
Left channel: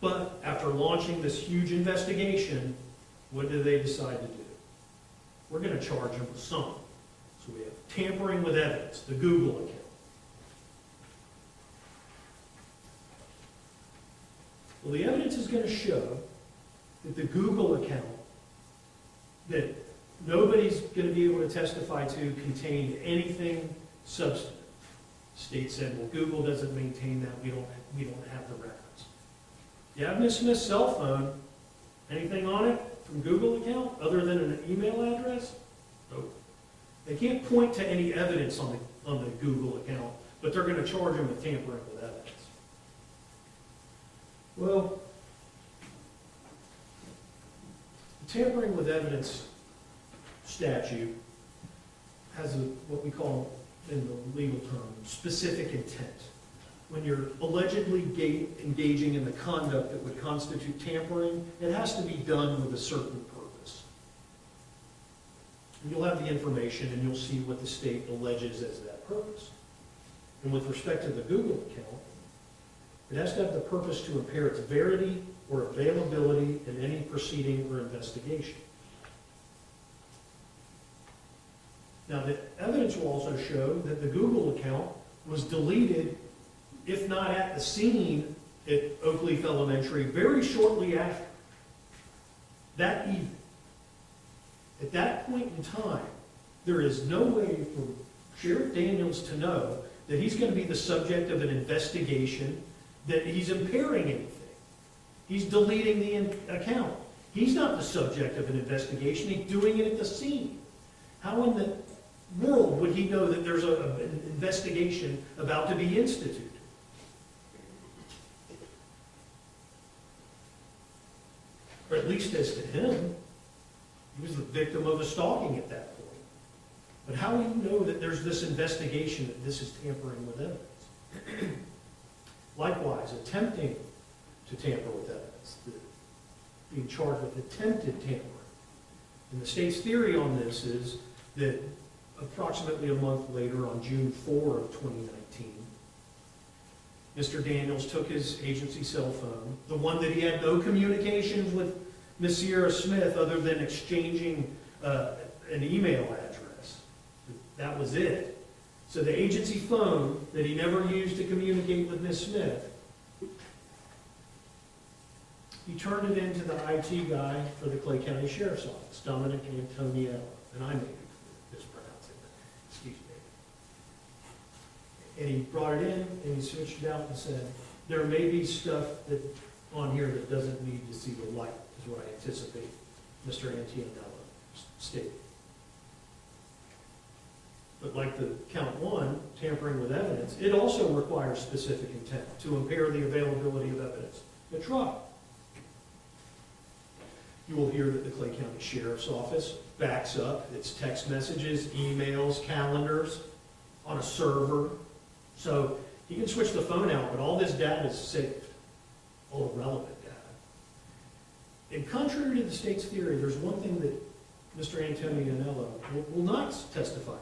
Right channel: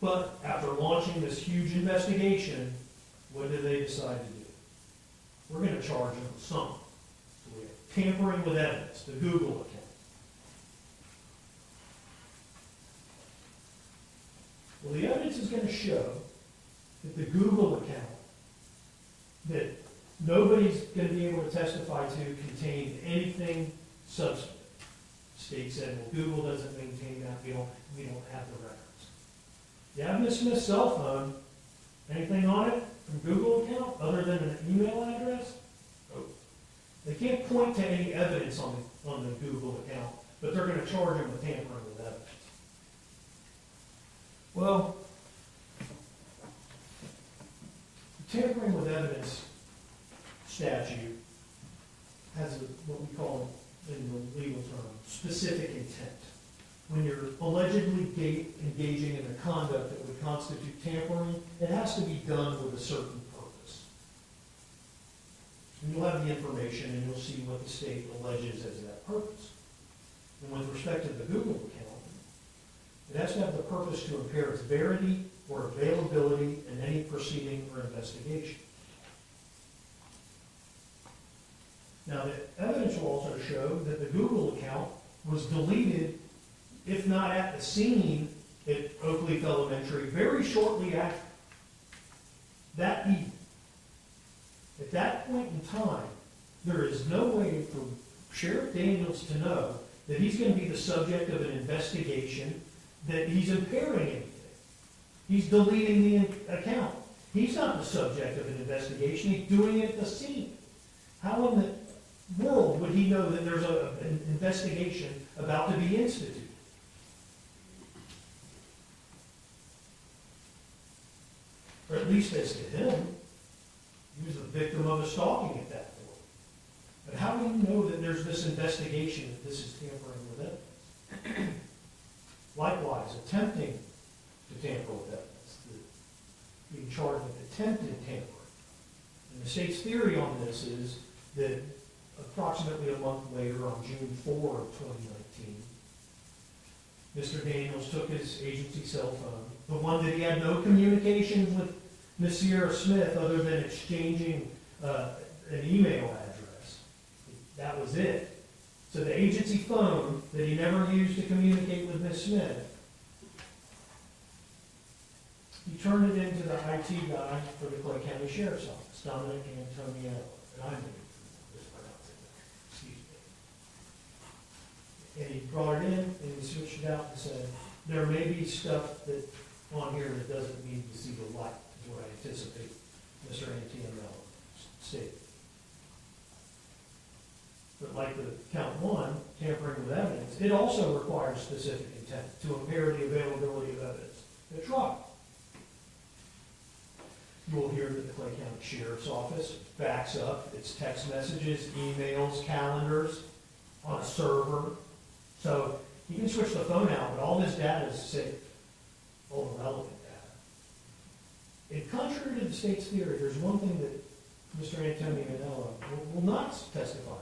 But after launching this huge investigation, what did they decide to do? We're going to charge him with something. So we have tampering with evidence, the Google account. Well, the evidence is going to show that the Google account that nobody's going to be able to testify to contained anything substantive. State said, well, Google doesn't maintain that, we don't have the records. You have Ms. Smith's cell phone, anything on it from Google account other than an email address? Nope. They can't point to any evidence on the Google account, but they're going to charge him with tampering with evidence. Well, the tampering with evidence statute has what we call, in the legal term, specific intent. When you're allegedly engaging in the conduct that would constitute tampering, it has to be done with a certain purpose. And you'll have the information and you'll see what the state alleges as that purpose. And with respect to the Google account, it has to have the purpose to impair its verity or availability in any proceeding or investigation. Now, the evidence will also show that the Google account was deleted, if not at the scene at Oakleaf Elementary, very shortly after that evening. At that point in time, there is no way for Sheriff Daniels to know that he's going to be the subject of an investigation, that he's impairing anything. He's deleting the account. He's not the subject of an investigation. He's doing it at the scene. How in the world would he know that there's an investigation about to be instituted? Or at least as to him, he was the victim of a stalking at that point. But how do you know that there's this investigation, that this is tampering with evidence? Likewise, attempting to tamper with evidence, being charged with attempted tampering. And the state's theory on this is that approximately a month later, on June 4 of 2019, Mr. Daniels took his agency cell phone, the one that he had no communications with Ms. Sierra Smith other than exchanging an email address. That was it. So the agency phone that he never used to communicate with Ms. Smith, he turned it into the IT guy for the Clay County Sheriff's Office, Dominic Antonio, and I may be mispronouncing that, excuse me. And he brought it in and he switched it out and said, there may be stuff that on here that doesn't need to see the light, is what I anticipate Mr. Antonio stated. But like the count one, tampering with evidence, it also requires specific intent to impair the availability of evidence at trial. You will hear that the Clay County Sheriff's Office backs up its text messages, emails, calendars on a server. So you can switch the phone out, but all this data is saved, all the relevant data. And contrary to the state's theory, there's one thing that Mr. Antonio will not testify to.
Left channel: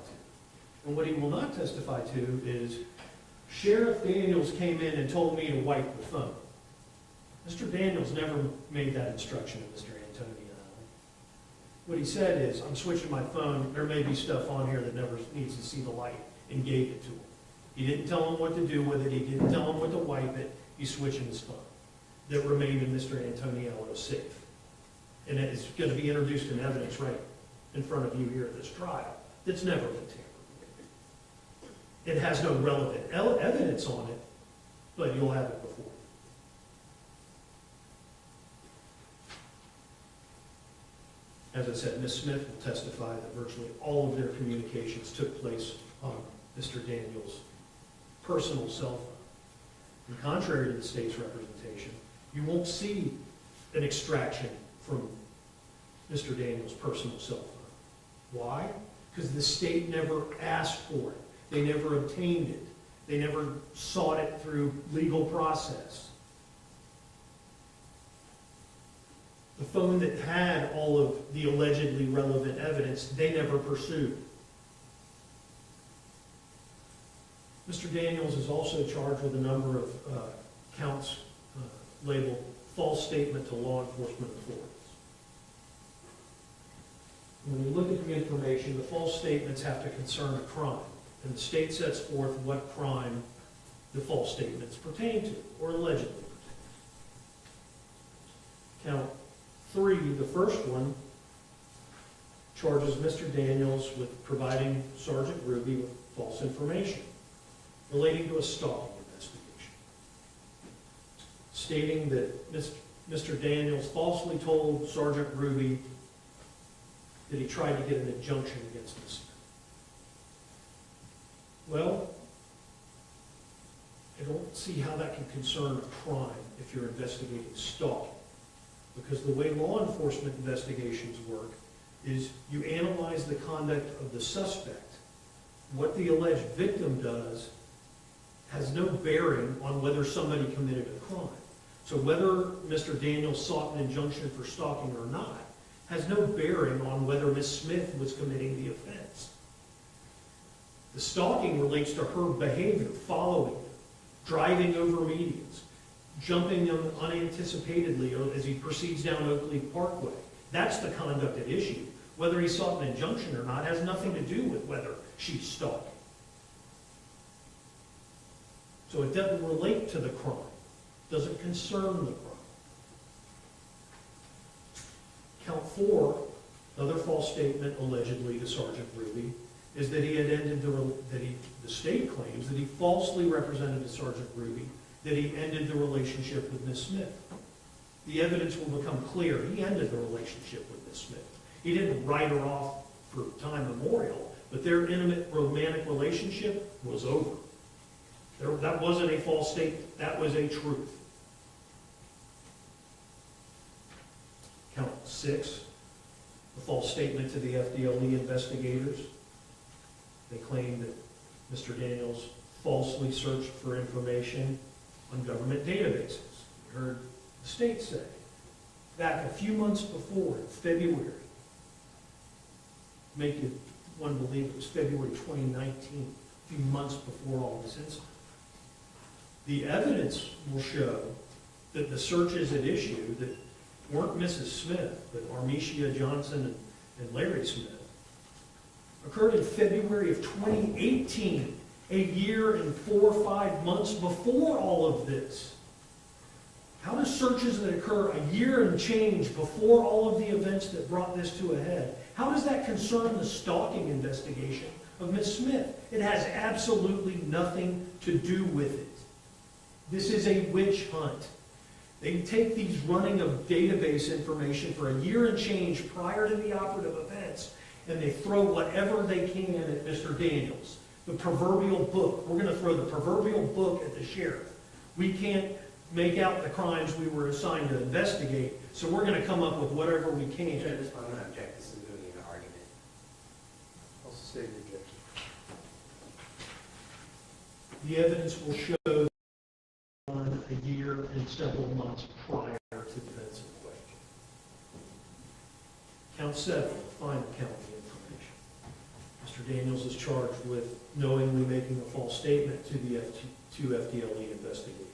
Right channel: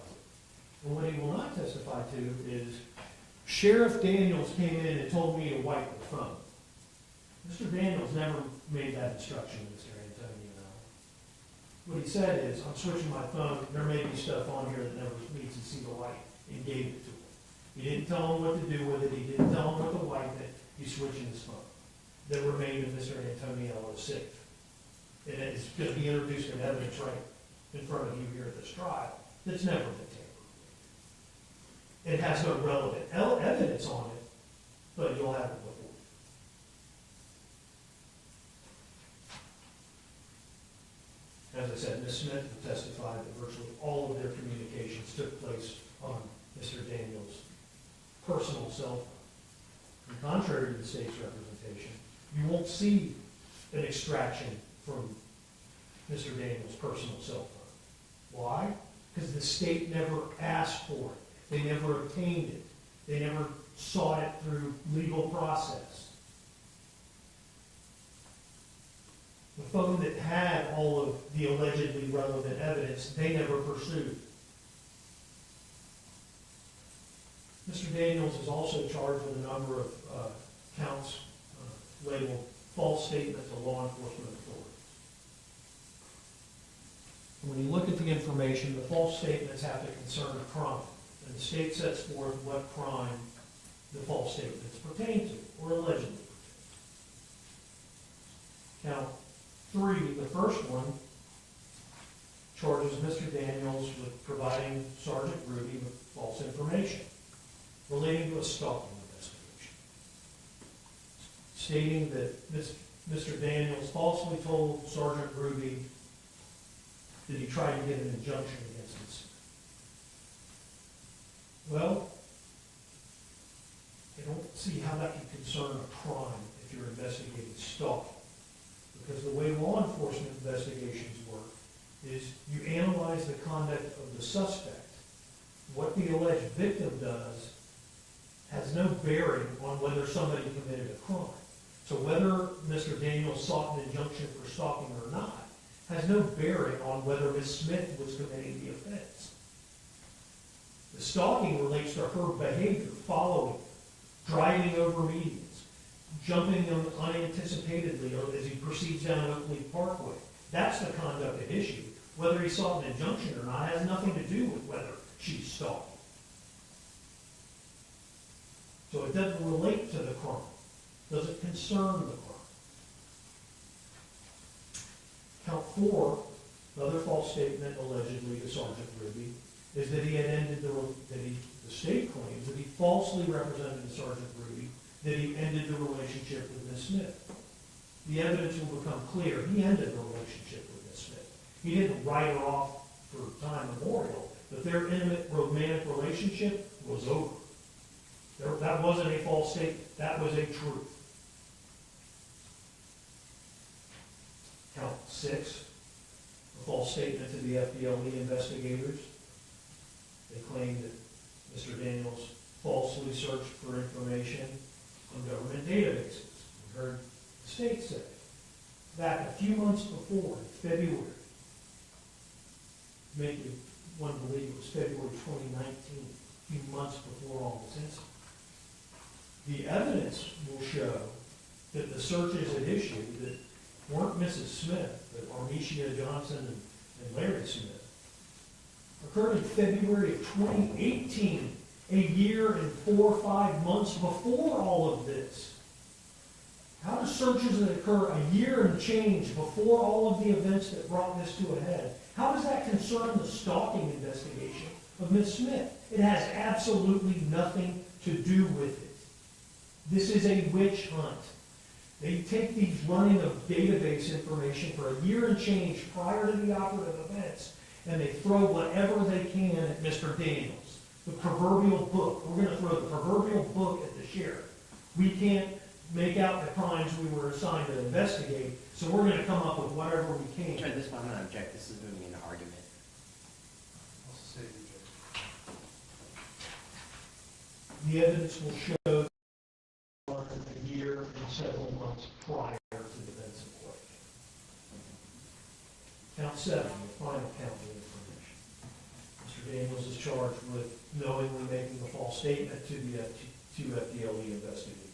And what he will not testify to is, Sheriff Daniels came in and told me to wipe the phone. Mr. Daniels never made that instruction to Mr. Antonio. What he said is, I'm switching my phone, there may be stuff on here that never needs to see the light, and gave it to him. He didn't tell him what to do with it, he didn't tell him what to wipe it, he's switching his phone. That remained in Mr. Antonio's safe. And it is going to be introduced in evidence right in front of you here at this trial, that's never been tampered. It has no relevant evidence on it, but you'll have it before. As I said, Ms. Smith will testify that virtually all of their communications took place on Mr. Daniels' personal cell phone. And contrary to the state's representation, you won't see an extraction from Mr. Daniels' personal cell phone. Why? Because the state never asked for it. They never obtained it. They never sought it through legal process. The phone that had all of the allegedly relevant evidence, they never pursued. Mr. Daniels is also charged with a number of counts labeled false statement to law enforcement authorities. When you look at the information, the false statements have to concern a crime, and the state sets forth what crime the false statements pertain to, or allegedly pertain to. Count 3, the first one, charges Mr. Daniels with providing Sergeant Ruby with false information relating to a stalking investigation, stating that Mr. Daniels falsely told Sergeant Ruby that he tried to get an injunction against Ms. Smith. Well, I don't see how that can concern a crime if you're investigating stalking. Because the way law enforcement investigations work is you analyze the conduct of the suspect. What the alleged victim does has no bearing on whether somebody committed a crime. So whether Mr. Daniels sought an injunction for stalking or not has no bearing on whether Ms. Smith was committing the offense. The stalking relates to her behavior, following, driving over medians, jumping him unanticipatedly as he proceeds down Oakley Parkway. That's the conduct at issue. Whether he sought an injunction or not has nothing to do with whether she's stalking. So it doesn't relate to the crime. Doesn't concern the crime. Count 4, another false statement allegedly to Sergeant Ruby, is that he had ended the state claims that he falsely represented to Sergeant Ruby that he ended the relationship with Ms. Smith. The evidence will become clear. He ended the relationship with Ms. Smith. He didn't write her off for time memorial, but their intimate romantic relationship was over. That wasn't a false statement. That was a truth. Count 6, a false statement to the FDLE investigators. They claimed that Mr. Daniels falsely searched for information on government databases. You heard the state say, back a few months before, in February, make it one believe it was February 2019, a few months before all this incident. The evidence will show that the searches at issue that weren't Mrs. Smith, but Armesia Johnson and Larry Smith, occurred in February of 2018, a year and 4 or 5 months before all of this. How do searches that occur a year and change before all of the events that brought this to a head, how does that concern the stalking investigation of Ms. Smith? It has absolutely nothing to do with it. This is a witch hunt. They take these running of database information for a year and change prior to the operative events, and they throw whatever they can at Mr. Daniels. The proverbial book. We're going to throw the proverbial book at the sheriff. We can't make out the crimes we were assigned to investigate, so we're going to come up with whatever we can. Turn this one, I'm going to object. This is moving into argument. I'll state the objection. The evidence will show a year and several months prior to the events in question. Count 7, the final count of the information. Mr. Daniels is charged with knowingly making a false statement to the two FDLE investigators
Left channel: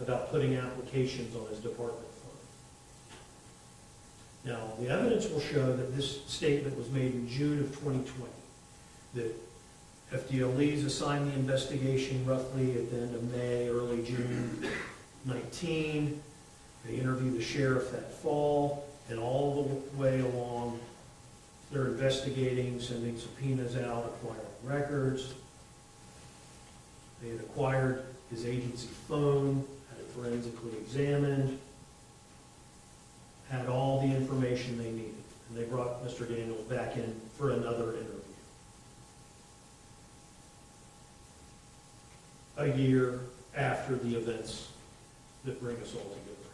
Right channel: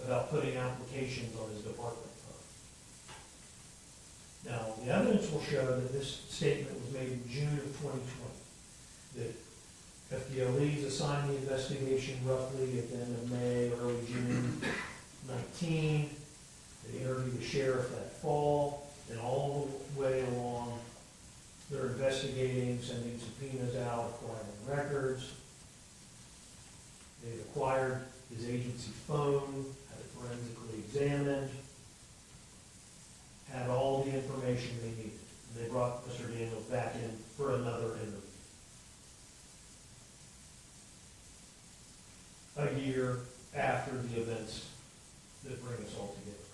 about putting applications on his department phone. Now, the evidence will show that this statement was made in June of 2020, that FDLEs assigned the investigation roughly at the end of May, early June 19. They interviewed the sheriff that fall, and all the way along, they're investigating, sending subpoenas out, acquiring records. They had acquired his agency phone, had it forensically examined, had all the information they needed. And they brought Mr. Daniels back in for another interview. A year after the events that bring us all together.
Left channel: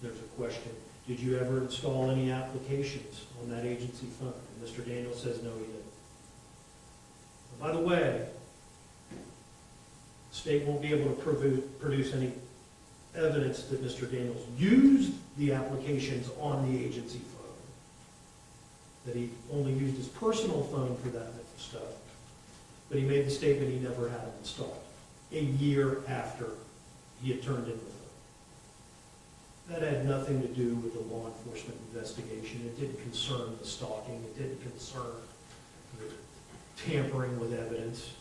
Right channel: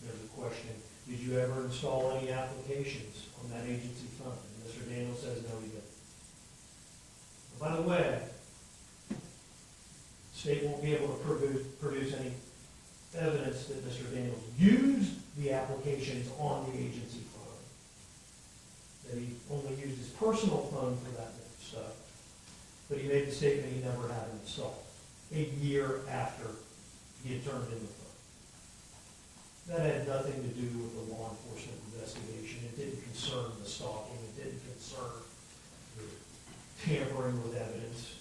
There's a question, did you ever install any applications on that agency phone? And Mr. Daniels says no, he didn't. And by the way, the state won't be able to produce any evidence that Mr. Daniels used the applications on the agency phone, that he only used his personal phone for that stuff. But he made the statement he never had them installed, a year after he had turned in the phone. That had nothing to do with the law enforcement investigation. It didn't concern the stalking. It didn't concern the tampering with evidence.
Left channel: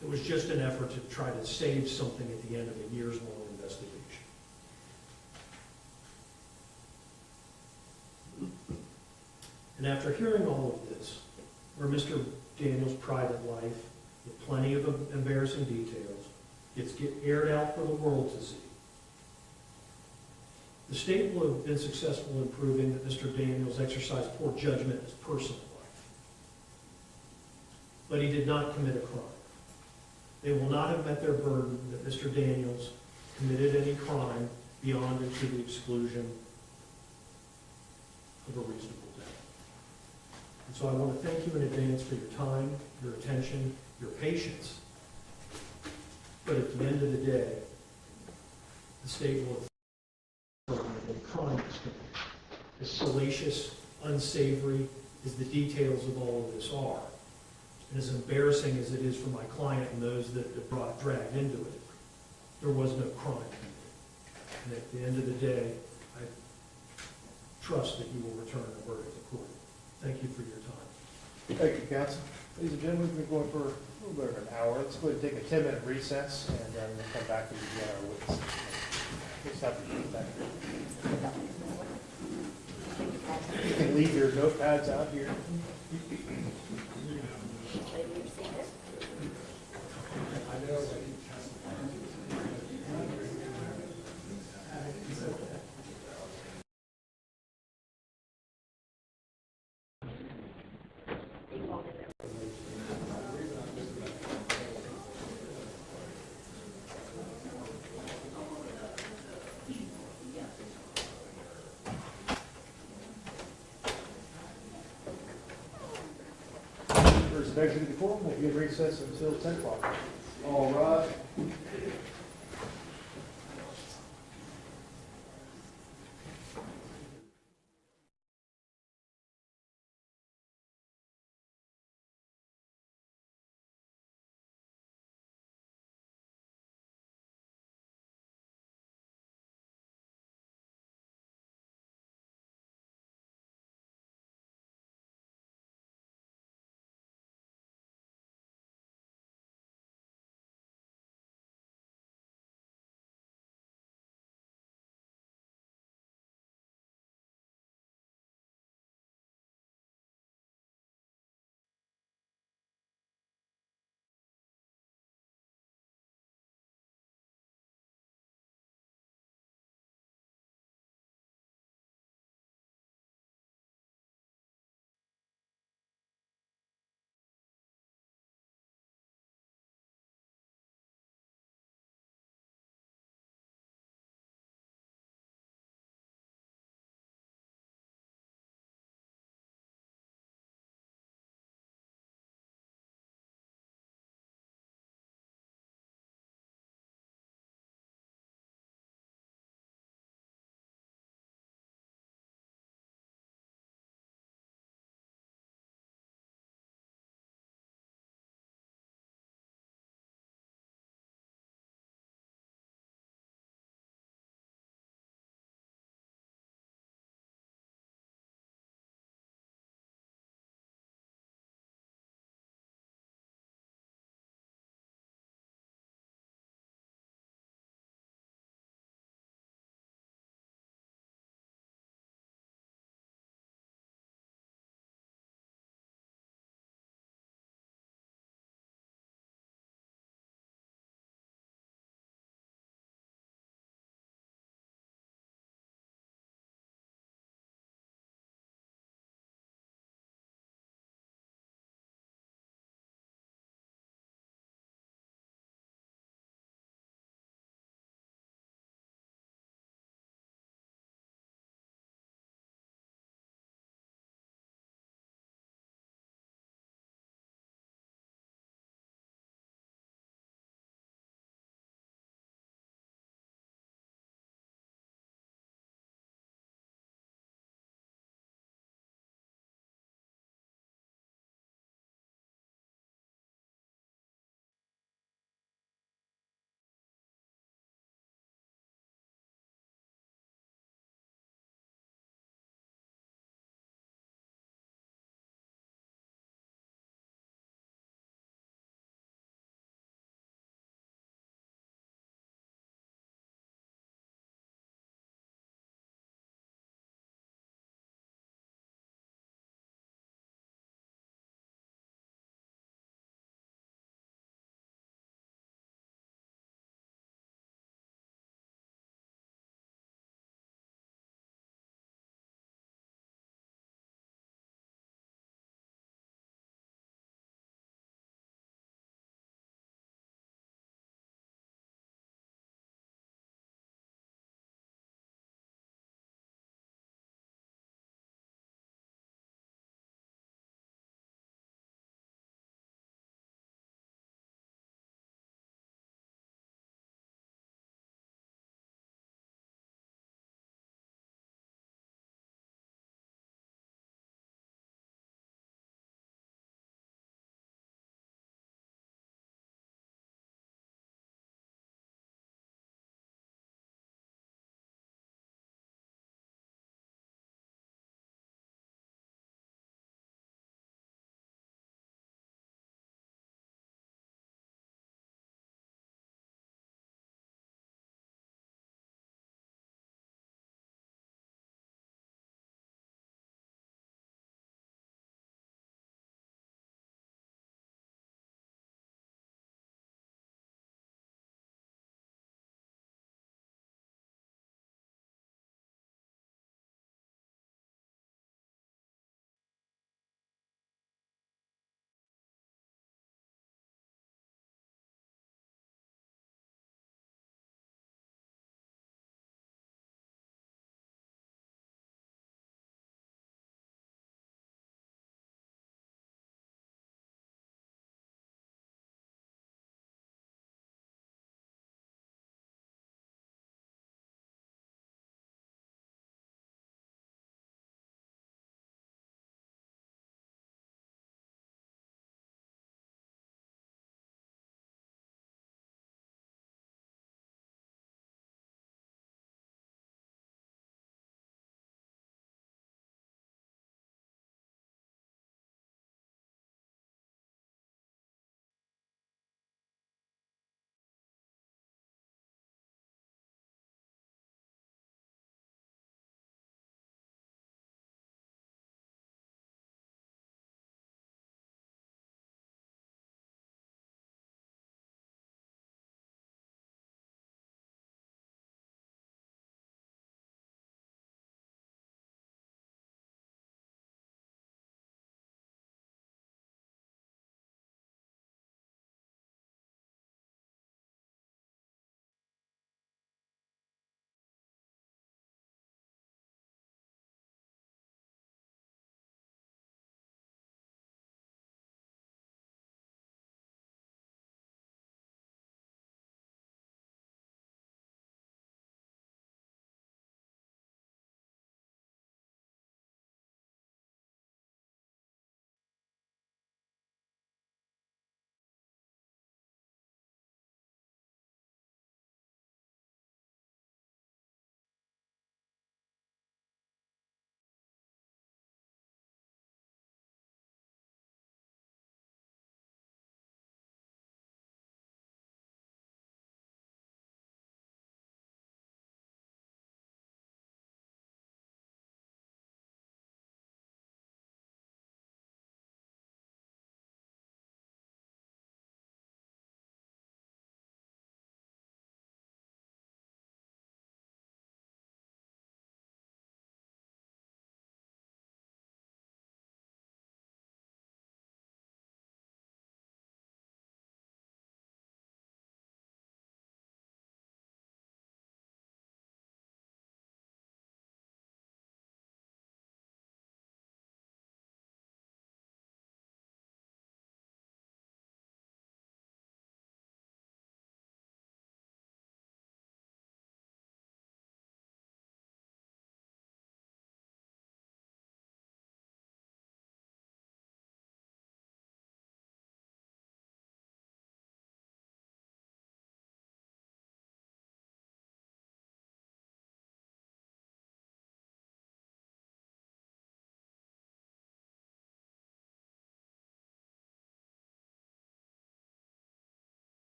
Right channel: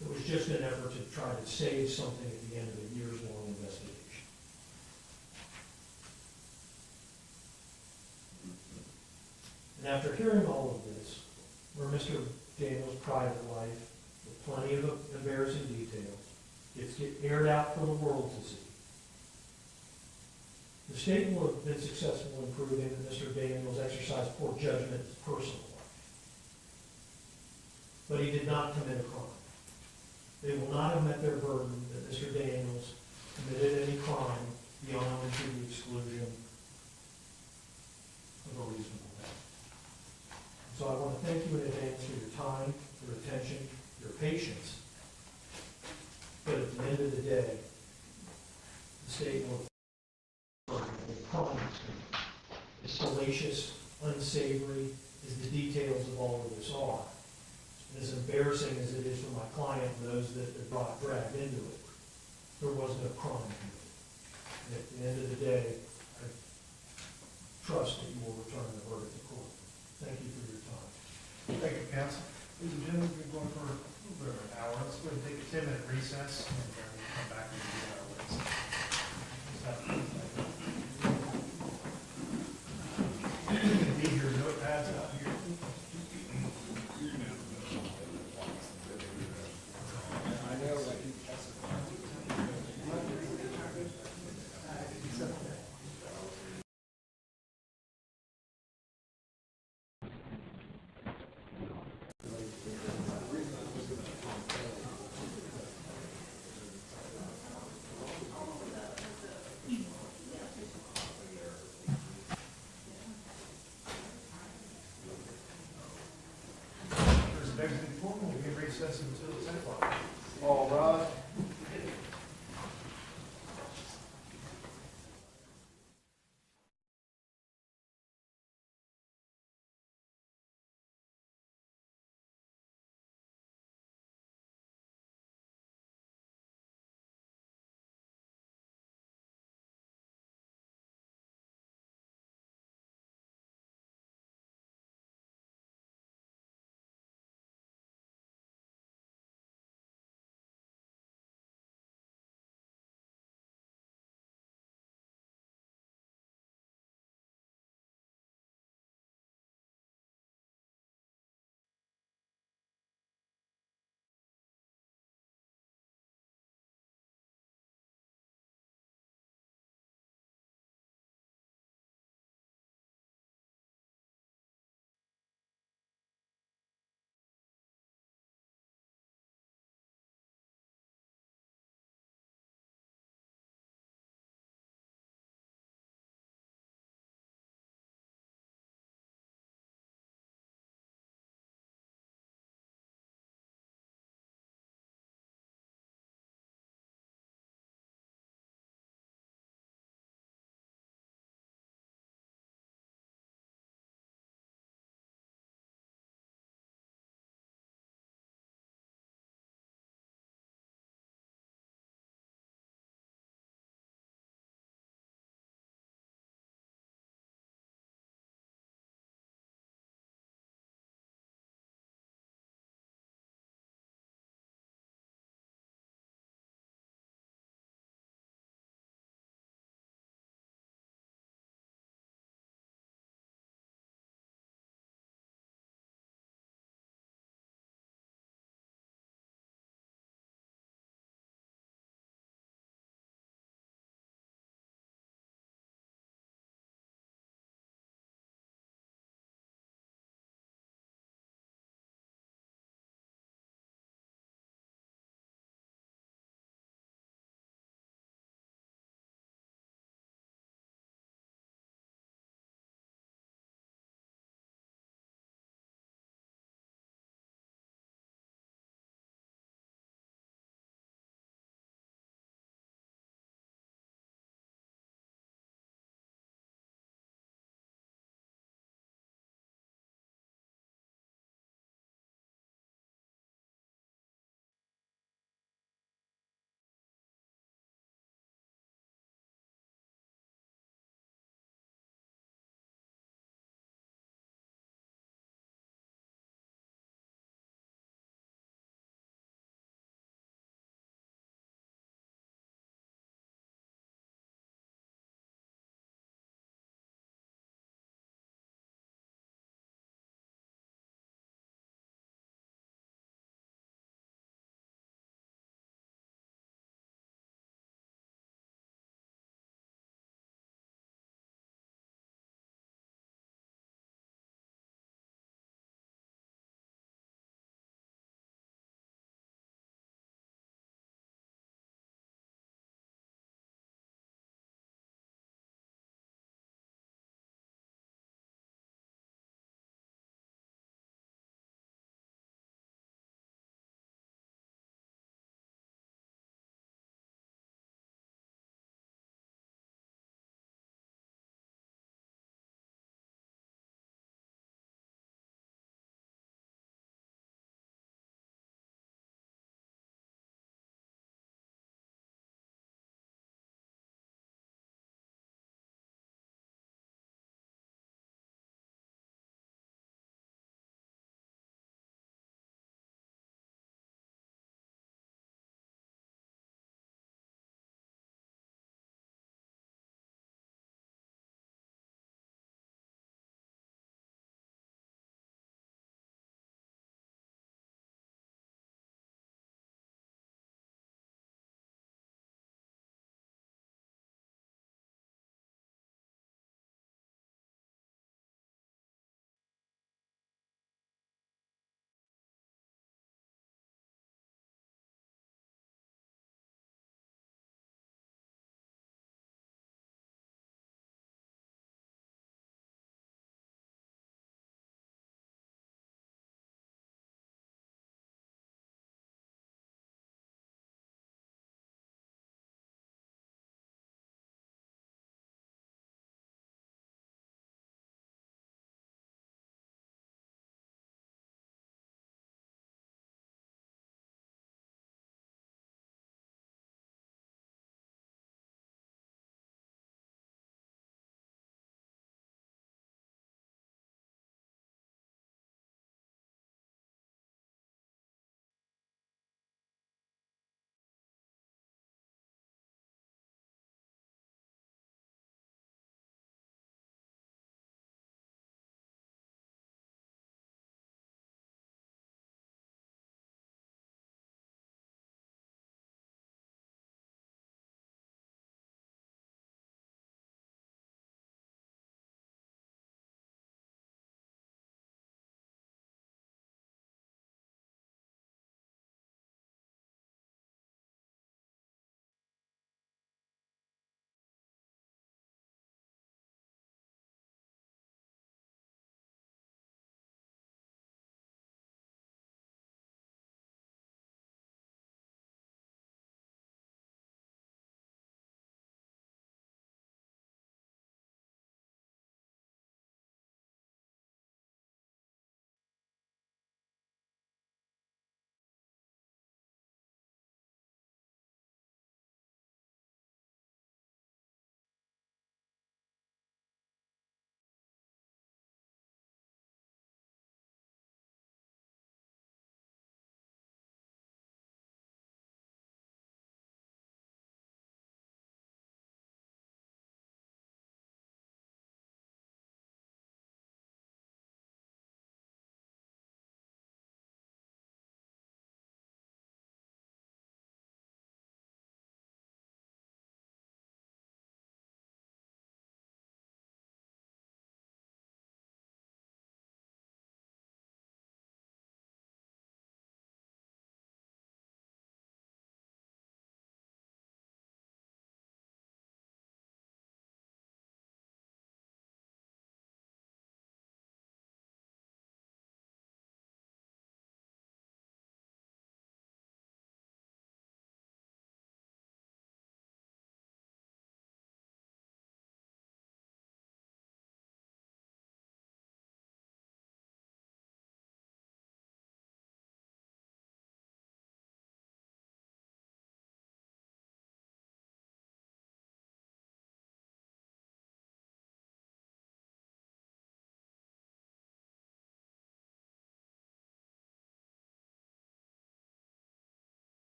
It was just an effort to try to save something at the end of a years-long investigation. And after hearing all of this, where Mr. Daniels' private life, with plenty of embarrassing details, gets aired out for the world to see, the state will have been successful in proving that Mr. Daniels exercised poor judgment in his personal life. But he did not commit a crime. They will not have met their burden that Mr. Daniels committed any crime beyond and to the exclusion of a reasonable doubt. And so I want to thank you in advance for your time, your attention, your patience. But at the end of the day, the state will have the crime is committed. As salacious, unsavory as the details of all of this are, and as embarrassing as it is for my client and those that are dragged into it, there was no crime committed. And at the end of the day, I trust that you will return the verdict to court. Thank you for your time. Thank you, counsel. Ladies and gentlemen, we've been going for a little bit over an hour. Let's go ahead and take a 10-minute recess, and then we'll come back to begin our witness. Please stop. You can leave your notepads out here. Next to the court, we'll be in recess until 10 o'clock. All rise.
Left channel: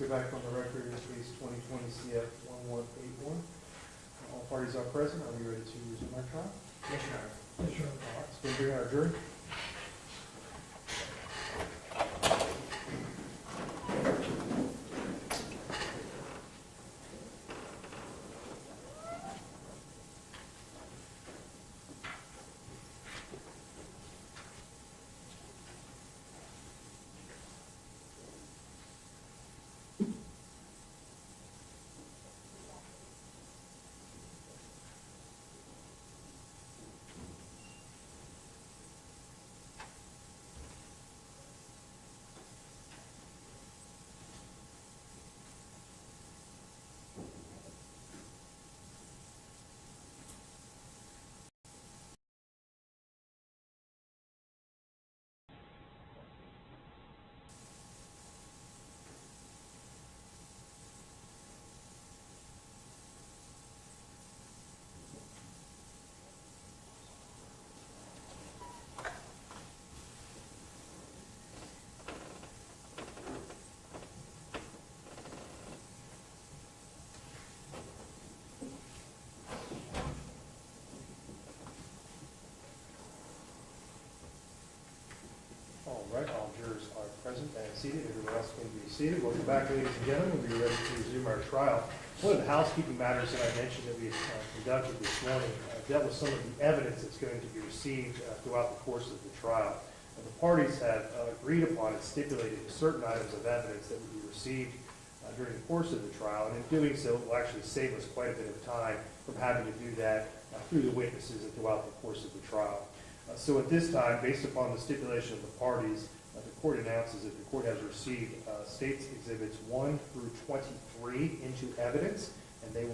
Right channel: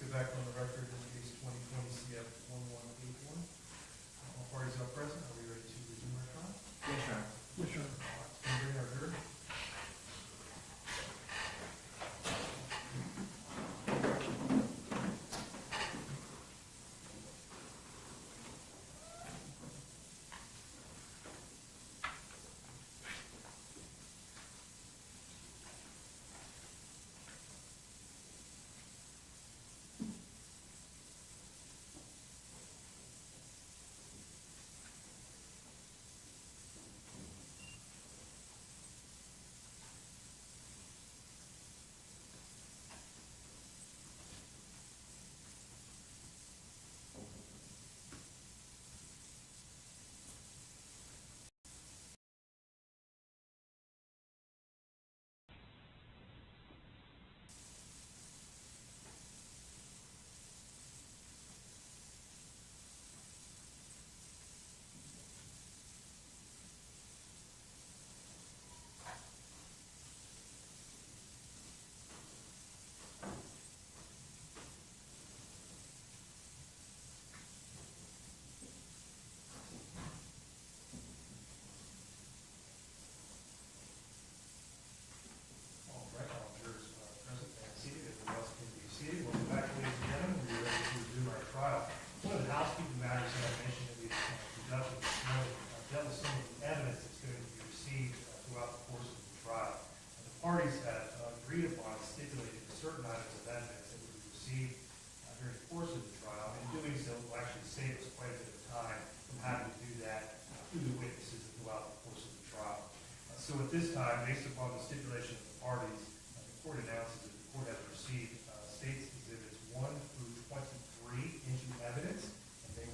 go back on the record in case 2020 CF 1181. All parties are present. Are we ready to resume our trial? Yes, Your Honor. Yes, sir. All right, let's go bring our jury. All right, all jurors are present and seated. Everyone else can be seated. Welcome back, ladies and gentlemen. We are ready to resume our trial. One of the housekeeping matters that I mentioned that we conducted this morning dealt with some of the evidence that's going to be received throughout the course of the trial. The parties have agreed upon and stipulated certain items of evidence that would be received during the course of the trial, and in doing so, it will actually save us quite a bit of time from having to do that through the witnesses and throughout the course of the trial. So at this time, based upon the stipulation of the parties, the court announces that the court has received States Exhibits 1 through 23 into evidence, and they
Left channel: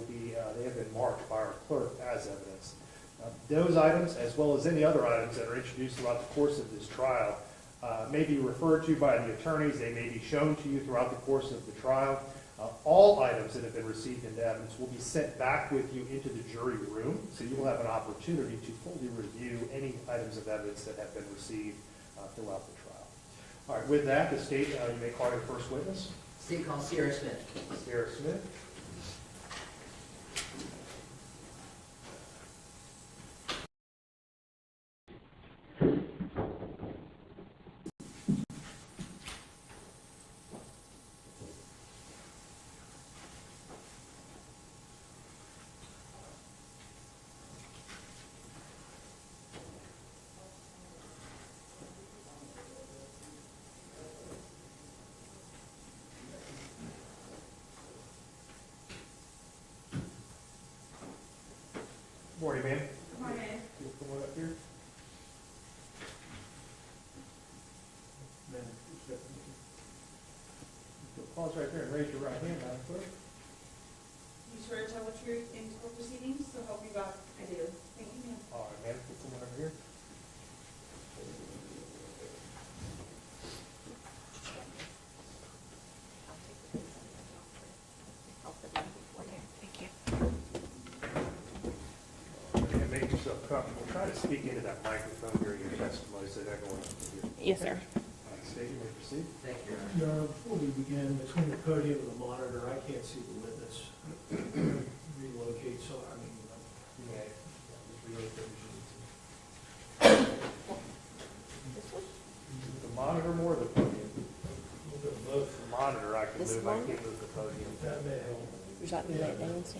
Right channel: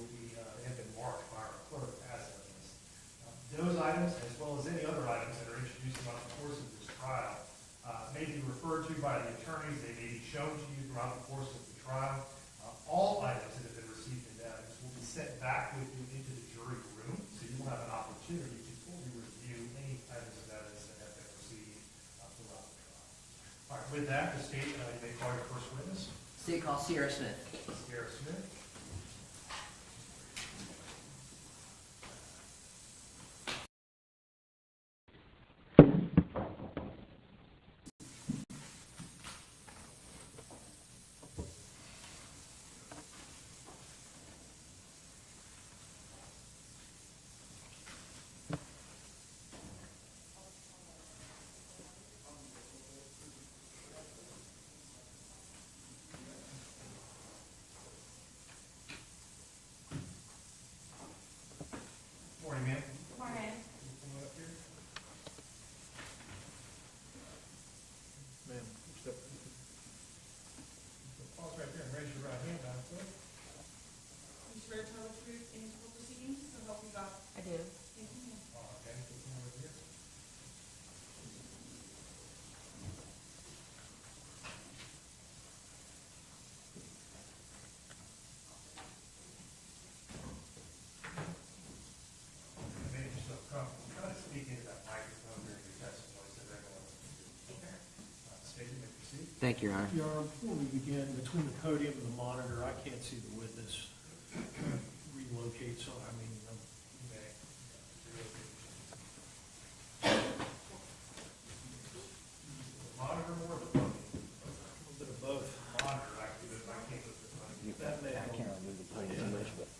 have been marked by our clerk as evidence. Those items, as well as any other items that are introduced throughout the course of this trial, may be referred to by the attorneys. They may be shown to you throughout the course of the trial. All items that have been received into evidence will be sent back with you into the jury room, so you will have an opportunity to fully review any items of evidence that have been received throughout the trial. All right, with that, the state, you may call your first witness. State call Sierra Smith. Sierra Smith. Morning, ma'am. Morning. You come on up here. Pause right there and raise your right hand, Madam Clerk. You swear to tell the truth in court proceedings, so help you God? I do. Thank you, ma'am. All right, ma'am, you come on over here. Thank you. And make yourself comfortable. Try to speak into that microphone during your testimony so that everyone else can hear. Yes, sir. All right, State, you may proceed. Thank you, Your Honor. Your Honor, before we begin, between the podium and the monitor, I can't see the witness. Relocate, so I mean, You may. The monitor more or the podium? we'll do both. The monitor I can This move, I one? can't move the podium. That may help. Would you like to take things?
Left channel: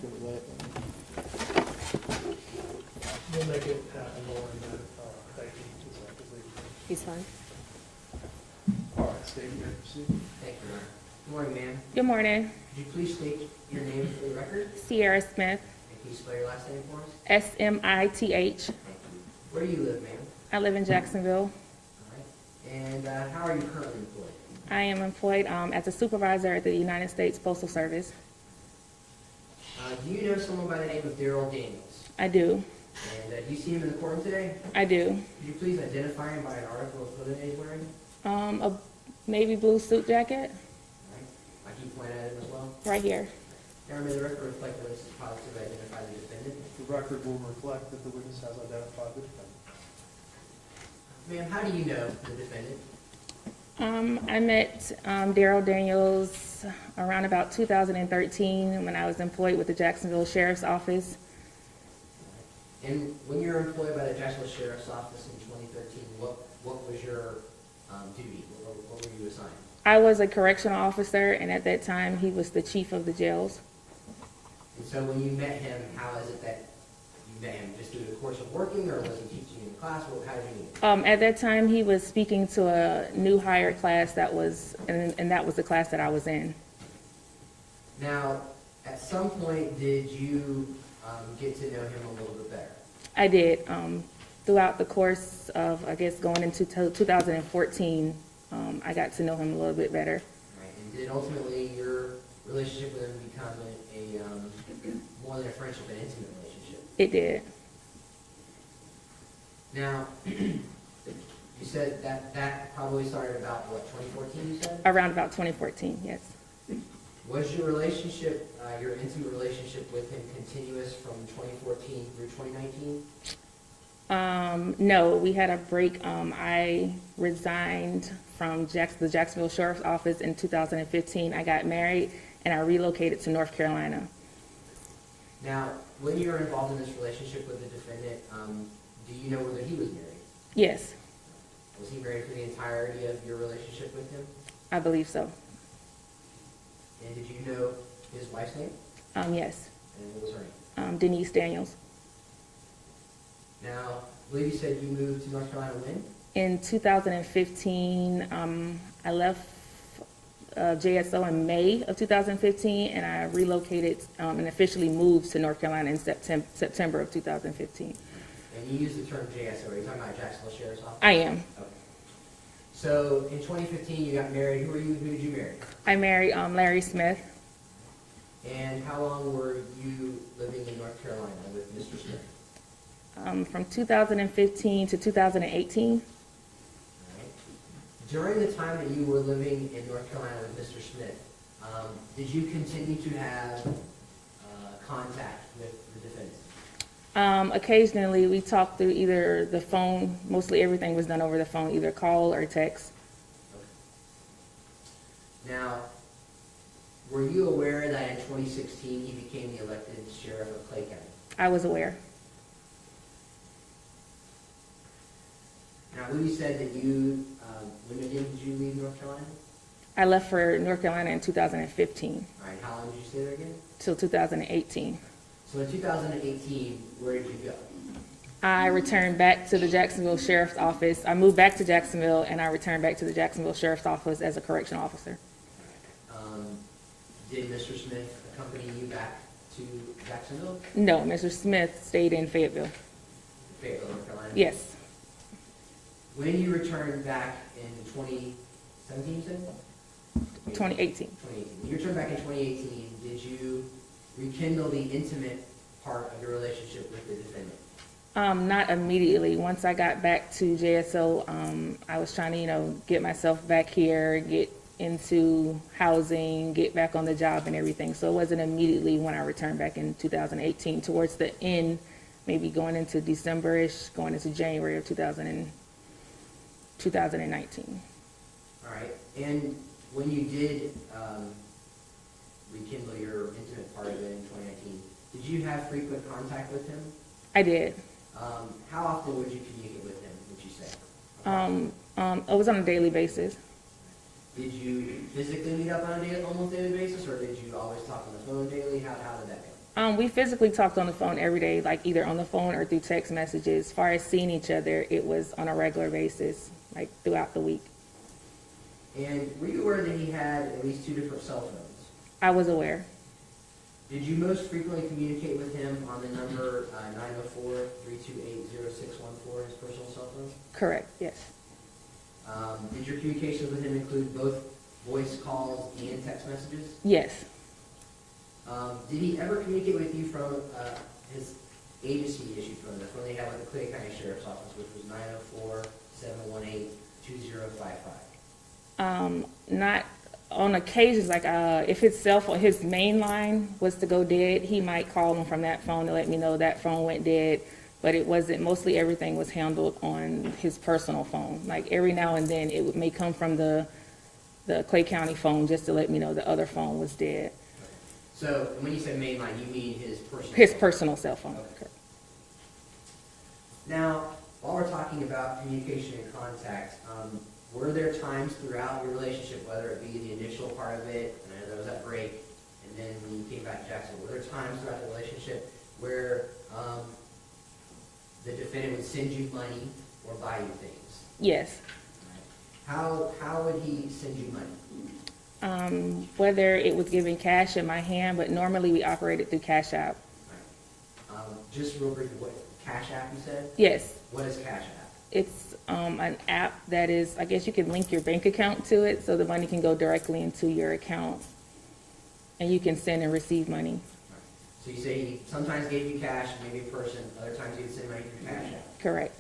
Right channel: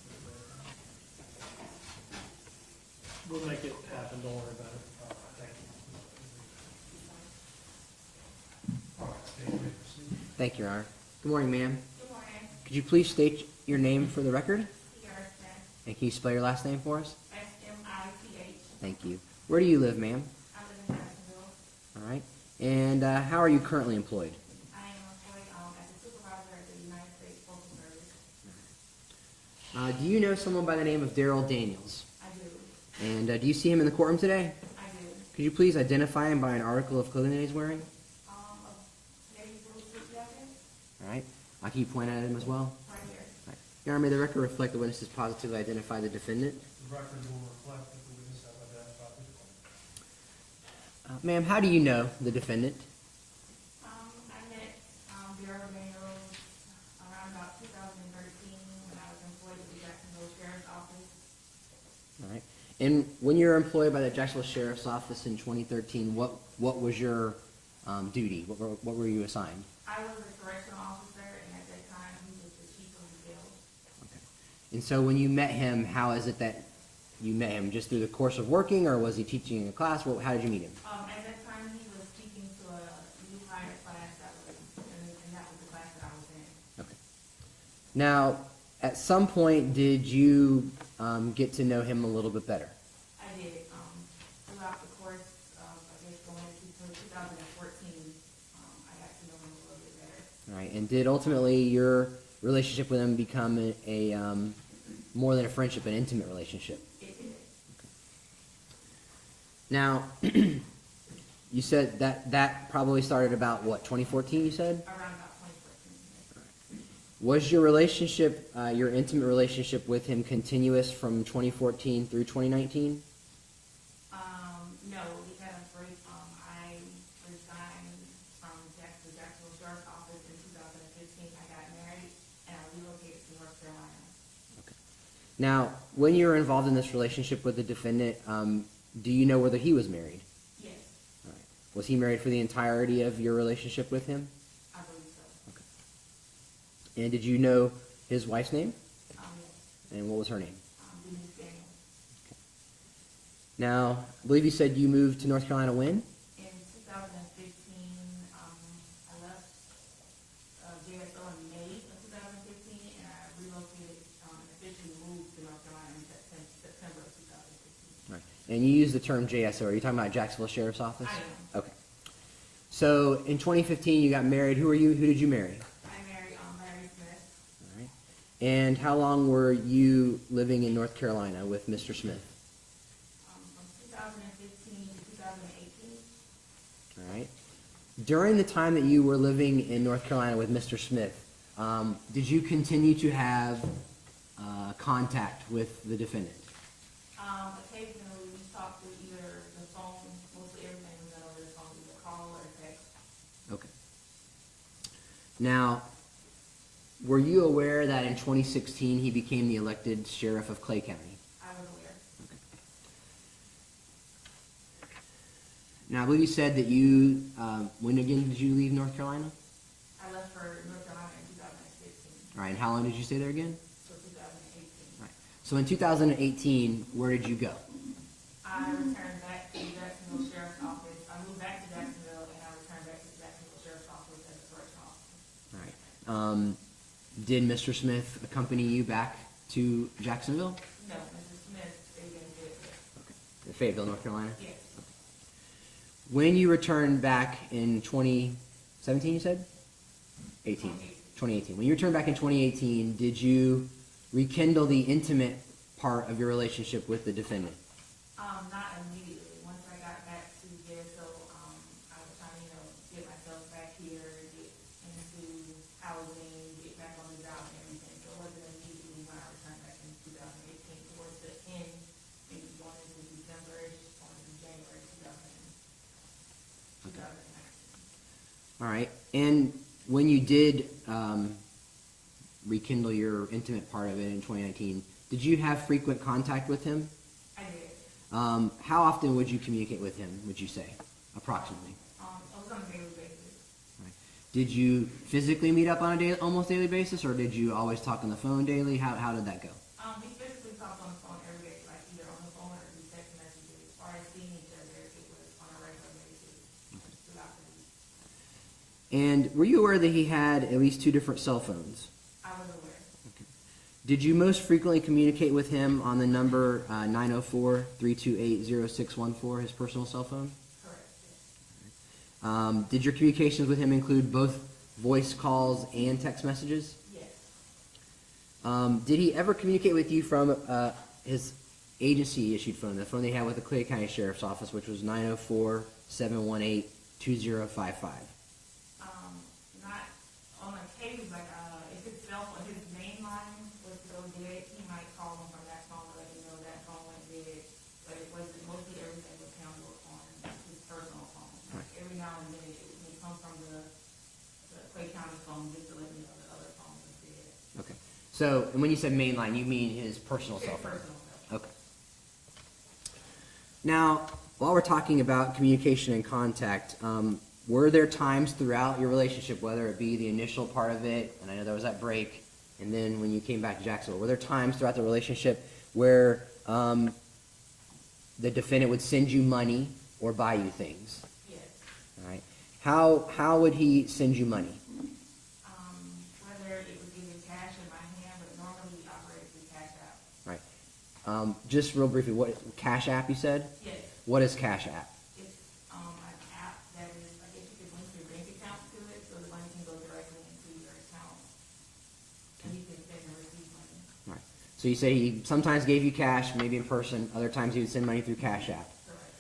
We'll make it happen over that. Thank you. He's fine. All right, State, you may proceed. Thank you, Your Honor. Good morning, ma'am. Good morning. Could you please state your name for the record? Sierra Smith, And can you spell your last name for us? Smith. Thank you. Where do you live, ma'am? I live in Jacksonville. All right. And how are you currently employed? I am employed as a supervisor at the United States Postal Service. Do you know someone by the name of Darryl Daniels? I do. And do you see him in the courtroom today? I do. Could you please identify him by an article of clothing that he's wearing? A navy blue suit jacket All right. Can you point at him as well? right here. Your Honor, may the record reflect the witness has positively identified the defendant? The record will reflect that the witness has identified the defendant. Ma'am, how do you know the defendant? I met Darryl Daniels around about 2013 when I was employed with the Jacksonville Sheriff's Office. All right. And when you were employed by the Jacksonville Sheriff's Office in 2013, what was your duty? What were you assigned? I was a correctional officer, and at that time, he was the chief of the jails. And so when you met him, how is it that you met him? Just through the course of working, or was he teaching in a class? How did you meet him? At that time, he was speaking to a new hire class that was, and that was the class that I was in. Now, at some point, did you get to know him a little bit better? I did. Throughout the course of, I guess, going into 2014, I got to know him a little bit better. All right. And did ultimately your relationship with him become a more than a friendship, an intimate relationship? It did. Now, you said that probably started about, what, 2014, you said? Around about 2014, yes. Was your relationship, your intimate relationship with him continuous from 2014 through 2019? No, we had a break. I resigned from the Jacksonville Sheriff's Office in 2015. I got married, and I relocated to North Carolina. Now, when you were involved in this relationship with the defendant, do you know whether he was married? Yes, Was he married for the entirety of your relationship with him? I believe so. And did you know his wife's name? Yes, And what was her name? Denise Daniels. Now, I believe you said you moved to North Carolina when? In 2015, I left JSO in May of 2015, and I relocated and officially moved to North Carolina in September of 2015. And you used the term JSO. Are you talking about Jacksonville Sheriff's Office? I am. Okay. So in 2015, you got married. Who did you marry? I married Larry Smith. All right. And how long were you living in North Carolina with Mr. Smith? From 2015 to 2018. All right. During the time that you were living in North Carolina with Mr. Smith, did you continue to have contact with the defendant? Occasionally, we talked through either the phone. Mostly everything was done over the phone, either call or text. Okay. Now, were you aware that in 2016 he became the elected sheriff of Clay County? I was aware. Now, I believe you said that you, when again did you leave North Carolina? I left for North Carolina in 2015 All right, and how long did you stay there again? till 2018. So in 2018, where did you go? I returned back to the Jacksonville Sheriff's Office. I moved back to Jacksonville, and I returned back to the Jacksonville Sheriff's Office as a correctional officer. All right. Did Mr. Smith accompany you back to Jacksonville? No, Mr. Smith stayed in Fayetteville. Fayetteville, North Carolina? Yes, When you returned back in 2017, you said? 2018. 2018. When you returned back in 2018, did you rekindle the intimate part of your relationship with the defendant? Not immediately. Once I got back to JSO, I was trying to, get myself back here, get into housing, get back on the job and everything. So it wasn't immediately when I returned back in 2018. Towards the end, maybe going into December-ish, going into January of 2019. All right. And when you did rekindle your intimate part of it in 2019, did you have frequent contact with him? I did. How often would you communicate with him, would you say, approximately? It was on a daily basis. Did you physically meet up on a almost daily basis, or did you always talk on the phone daily? How did that go? We physically talked on the phone every day, like either on the phone or through text messages. As far as seeing each other, it was on a regular basis, like throughout the week. And were you aware that he had at least 2 different cell phones? I was aware. Did you most frequently communicate with him on the number 904-328-0614, his personal cell phone? Correct, yes. Did your communications with him include both voice calls and text messages? Yes. Did he ever communicate with you from his agency-issued phone, the phone they had with the Clay County Sheriff's Office, which was 904-718-2055? Not on occasions, like if his cell phone, his main line was to go dead, he might call him from that phone to let me know that phone went dead. but it wasn't, mostly everything was handled on his personal phone. Like every now and then, may come from the Clay County phone just to let me know the other phone was dead. Okay. So when you said mainline, you mean his personal His cell phone? personal cell phone. Okay. Now, while we're talking about communication and contact, were there times throughout your relationship, whether it be the initial part of it, and I know there was that break, and then when you came back to Jacksonville, were there times throughout the relationship where the defendant would send you money or buy you things? Yes. All right. How would he send you money? Whether it was giving cash in my hand, but normally we operated through Cash App. Right. Just real briefly, what Cash App you said? Yes. What is Cash App? It's an app that is, I guess you can link your bank account to it so the money can go directly into your account and you can send and receive money. Right. So you say he sometimes gave you cash, maybe a person, other times he would send money through Cash App. Correct.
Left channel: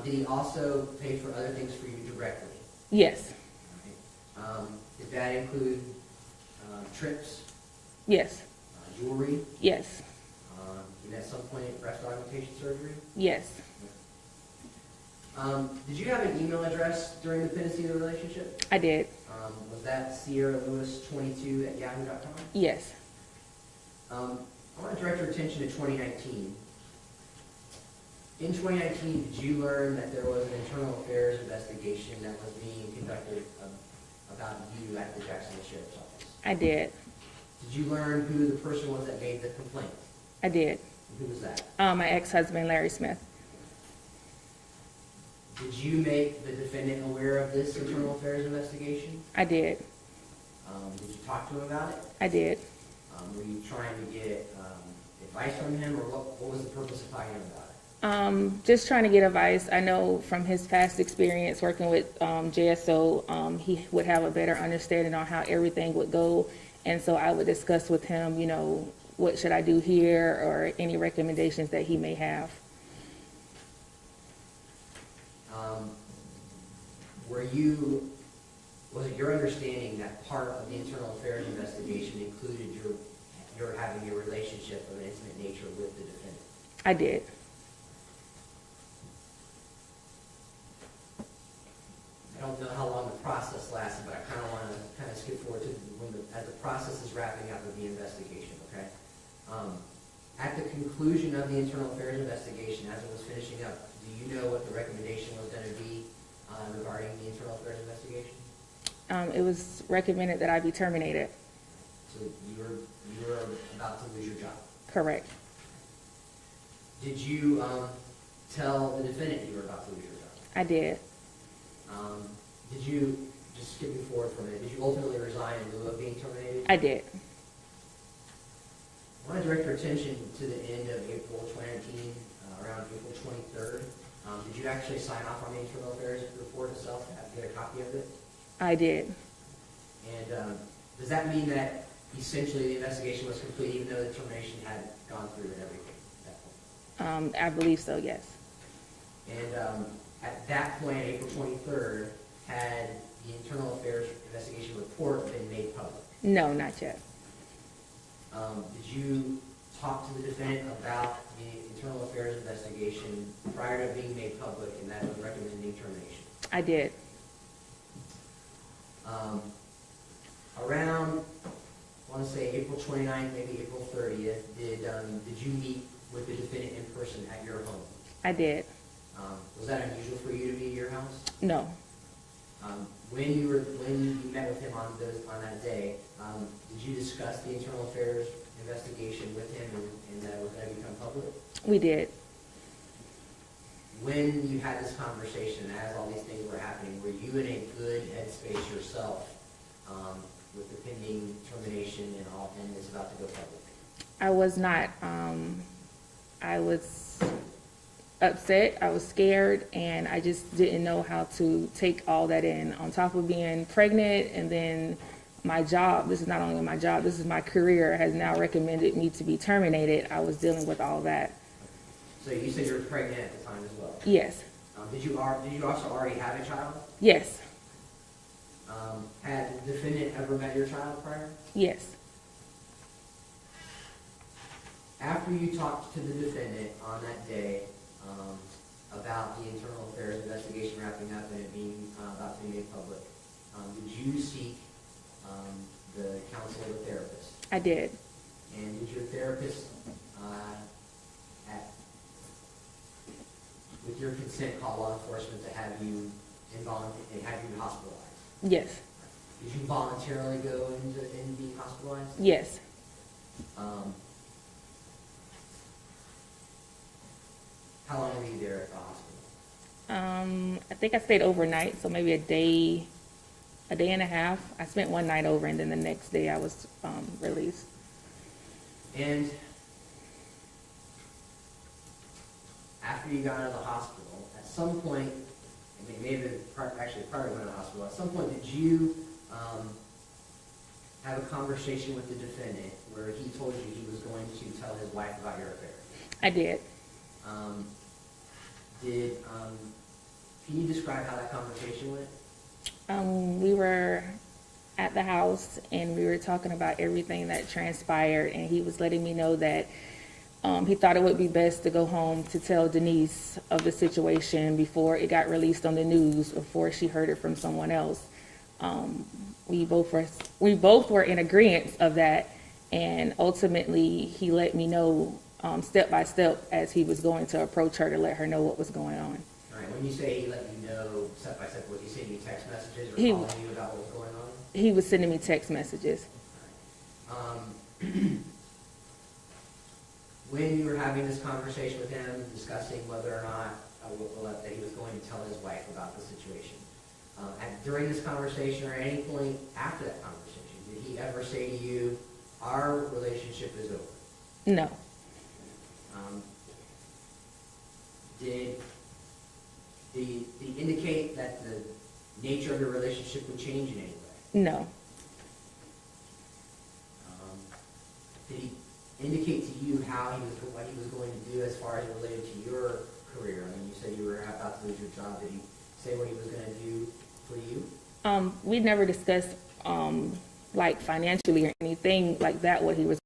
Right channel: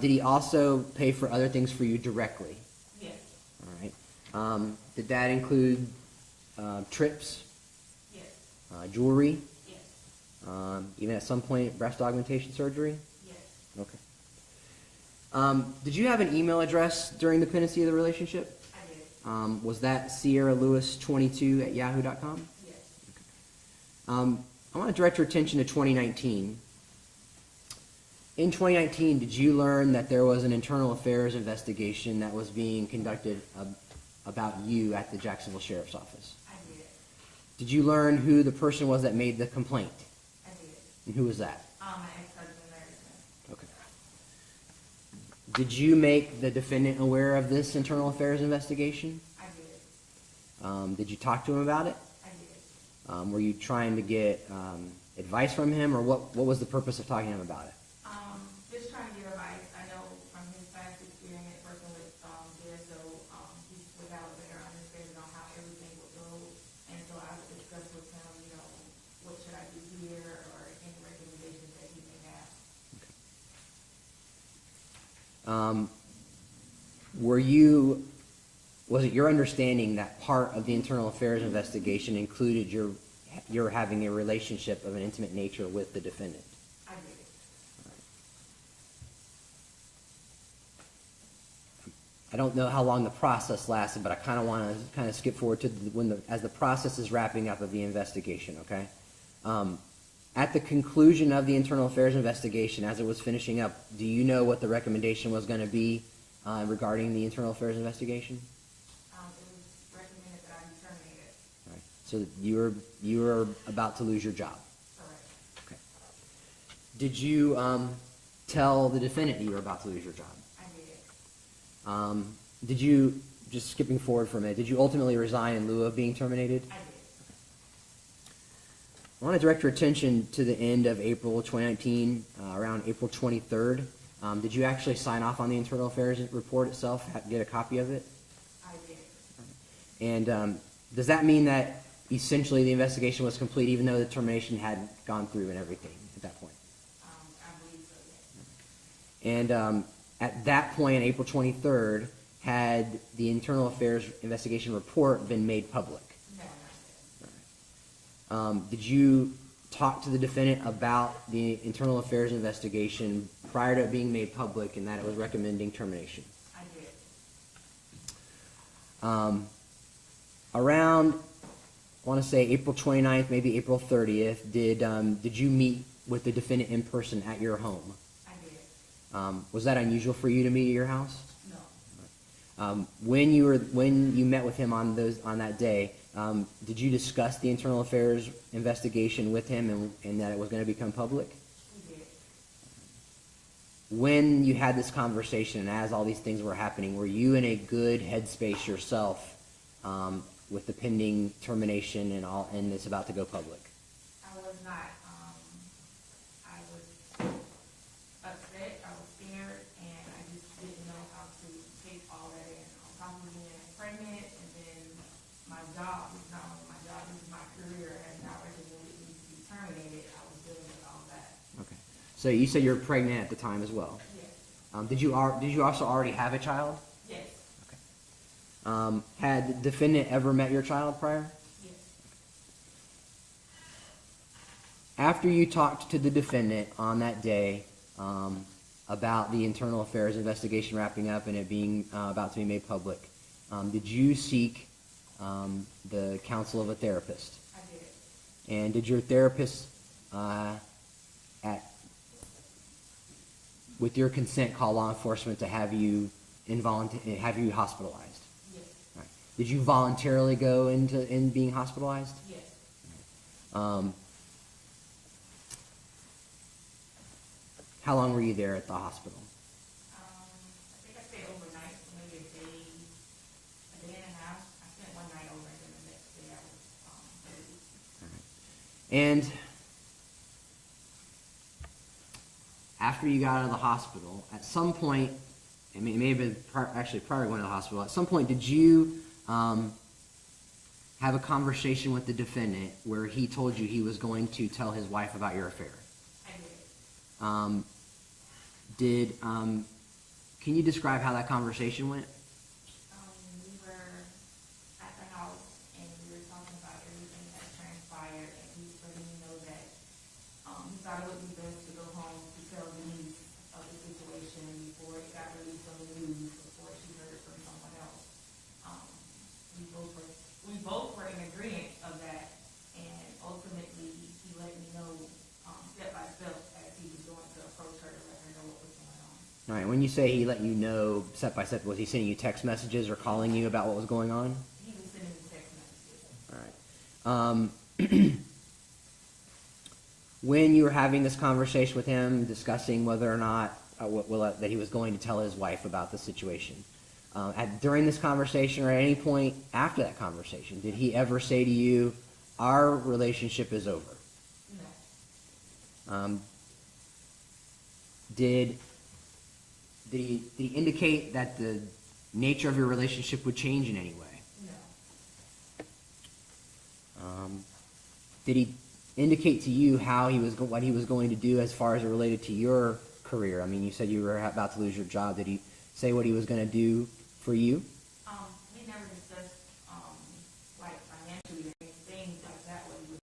Did he also pay for other things for you directly? Yes. All right. Did that include trips, Yes. jewelry, Yes. even at some point breast augmentation surgery? Yes. Okay. Did you have an email address during the pendency of the relationship? I did. Was that SierraLewis22@yahoo.com? Yes. I want to direct your attention to 2019. In 2019, did you learn that there was an internal affairs investigation that was being conducted about you at the Jacksonville Sheriff's Office? I did. Did you learn who the person was that made the complaint? I did. And who was that? My ex-husband, Larry Smith. Okay. Did you make the defendant aware of this internal affairs investigation? I did. Did you talk to him about it? I did. Were you trying to get advice from him, or what was the purpose of talking to him about it? Just trying to get advice. I know from his past experience working with JSO, he would have a better understanding on how everything would go. And so I would discuss with him, you know, what should I do here, or any recommendations that he may have. Was it your understanding that part of the internal affairs investigation included your having a relationship of an intimate nature with the defendant? I did. I don't know how long the process lasted, but I kind of want to skip forward to as the process is wrapping up of the investigation, okay? At the conclusion of the internal affairs investigation, as it was finishing up, do you know what the recommendation was going to be regarding the internal affairs investigation? It was recommended that I be terminated. Right. So you were about to lose your job. Correct. Okay. Did you tell the defendant you were about to lose your job? I did. Did you, just skipping forward for a minute, did you ultimately resign in lieu of being terminated? I did. I want to direct your attention to the end of April 2019, around April 23rd. Did you actually sign off on the internal affairs report itself, get a copy of it? I did. And does that mean that essentially the investigation was complete even though the termination had gone through and everything at that point? I believe so, yes. And at that point, April 23rd, had the internal affairs investigation report been made public? No, not yet. Did you talk to the defendant about the internal affairs investigation prior to it being made public and that it was recommending termination? I did. Around, I want to say April 29th, maybe April 30th, did you meet with the defendant in person at your home? I did. Was that unusual for you to meet at your house? No. When you met with him on that day, did you discuss the internal affairs investigation with him and that it was going to become public? We did. When you had this conversation and as all these things were happening, were you in a good headspace yourself with the pending termination and it's about to go public? I was not. I was upset, I was scared, and I just didn't know how to take all that in. On top of being pregnant, and then my job, this is not only my job, this is my career, has now recommended me to be terminated. I was dealing with all that. Okay. So you said you were pregnant at the time as well? Yes. Did you also already have a child? Yes. Had the defendant ever met your child prior? Yes. After you talked to the defendant on that day, about the internal affairs investigation wrapping up and it being about to be made public, did you seek the counsel of a therapist? I did. And did your therapist, with your consent, call law enforcement to have you hospitalized? Yes. Right. Did you voluntarily go in being hospitalized? Yes. How long were you there at the hospital? I think I stayed overnight, so maybe a day and a half. I spent one night over, and then the next day I was released. And after you got out of the hospital, at some point, I mean, maybe actually prior to going to the hospital, at some point did you have a conversation with the defendant where he told you he was going to tell his wife about your affair? I did. Can you describe how that conversation went? We were at the house and we were talking about everything that transpired, and he was letting me know that he thought it would be best to go home to tell Denise of the situation before it got released on the news, before she heard it from someone else. We both were in agreement of that, and ultimately he let me know step by step as he was going to approach her to let her know what was going on. All right. When you say he let you know step by step, was he sending you text messages or calling you about what was going on? He was sending me text messages. All right. When you were having this conversation with him, discussing whether or not that he was going to tell his wife about the situation, during this conversation or at any point after that conversation, did he ever say to you, "Our relationship is over"? No. Did he indicate that the nature of your relationship would change in any way? No. Did he indicate to you what he was going to do as far as it related to your career? I mean, you said you were about to lose your job. Did he say what he was going to do for you? We never discussed like financially or anything like that, what he was.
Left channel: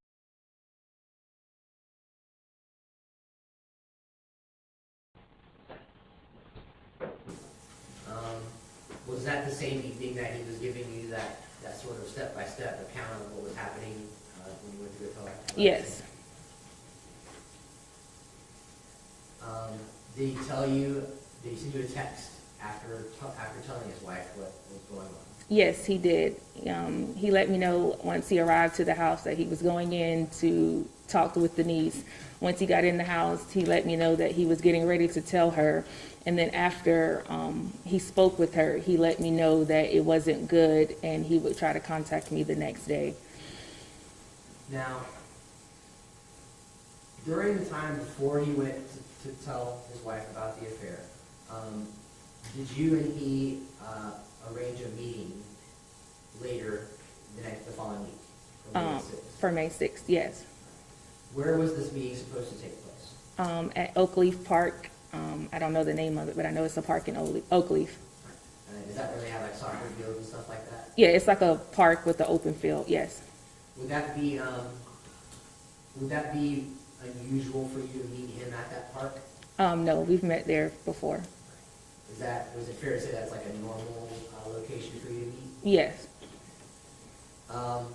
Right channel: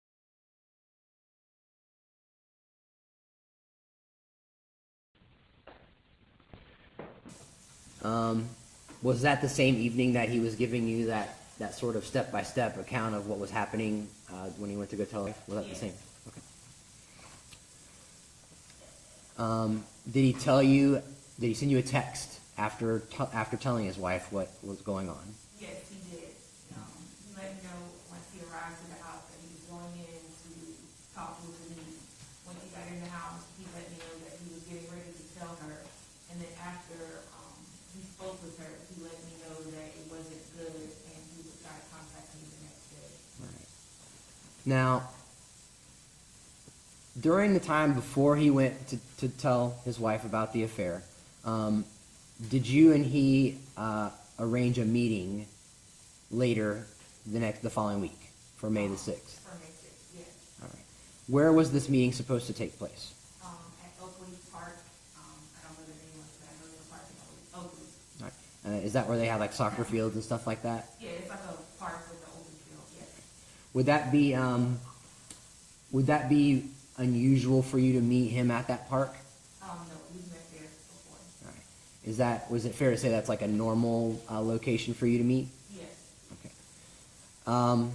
Was that the same evening that he was giving you that sort of step-by-step account of what was happening when he went to go tell her? Yes. Did he tell you? Did he send you a text after telling his wife what was going on? Yes, he did. He let me know once he arrived to the house that he was going in to talk with Denise. Once he got in the house, he let me know that he was getting ready to tell her. And then after he spoke with her, he let me know that it wasn't good and he would try to contact me the next day. Now, during the time before he went to tell his wife about the affair, did you and he arrange a meeting later the following week for May the 6th? For May 6th, yes. All right. Where was this meeting supposed to take place? At Oakleaf Park. I don't know the name of it, but I know it's a park in Oakleaf. All right. Is that where they have like soccer fields and stuff like that? Yeah, it's like a park with an open field, yes. Would that be unusual for you to meet him at that park? No, we've met there before. All right. Was it fair to say that's like a normal location for you to meet? Yes. Okay.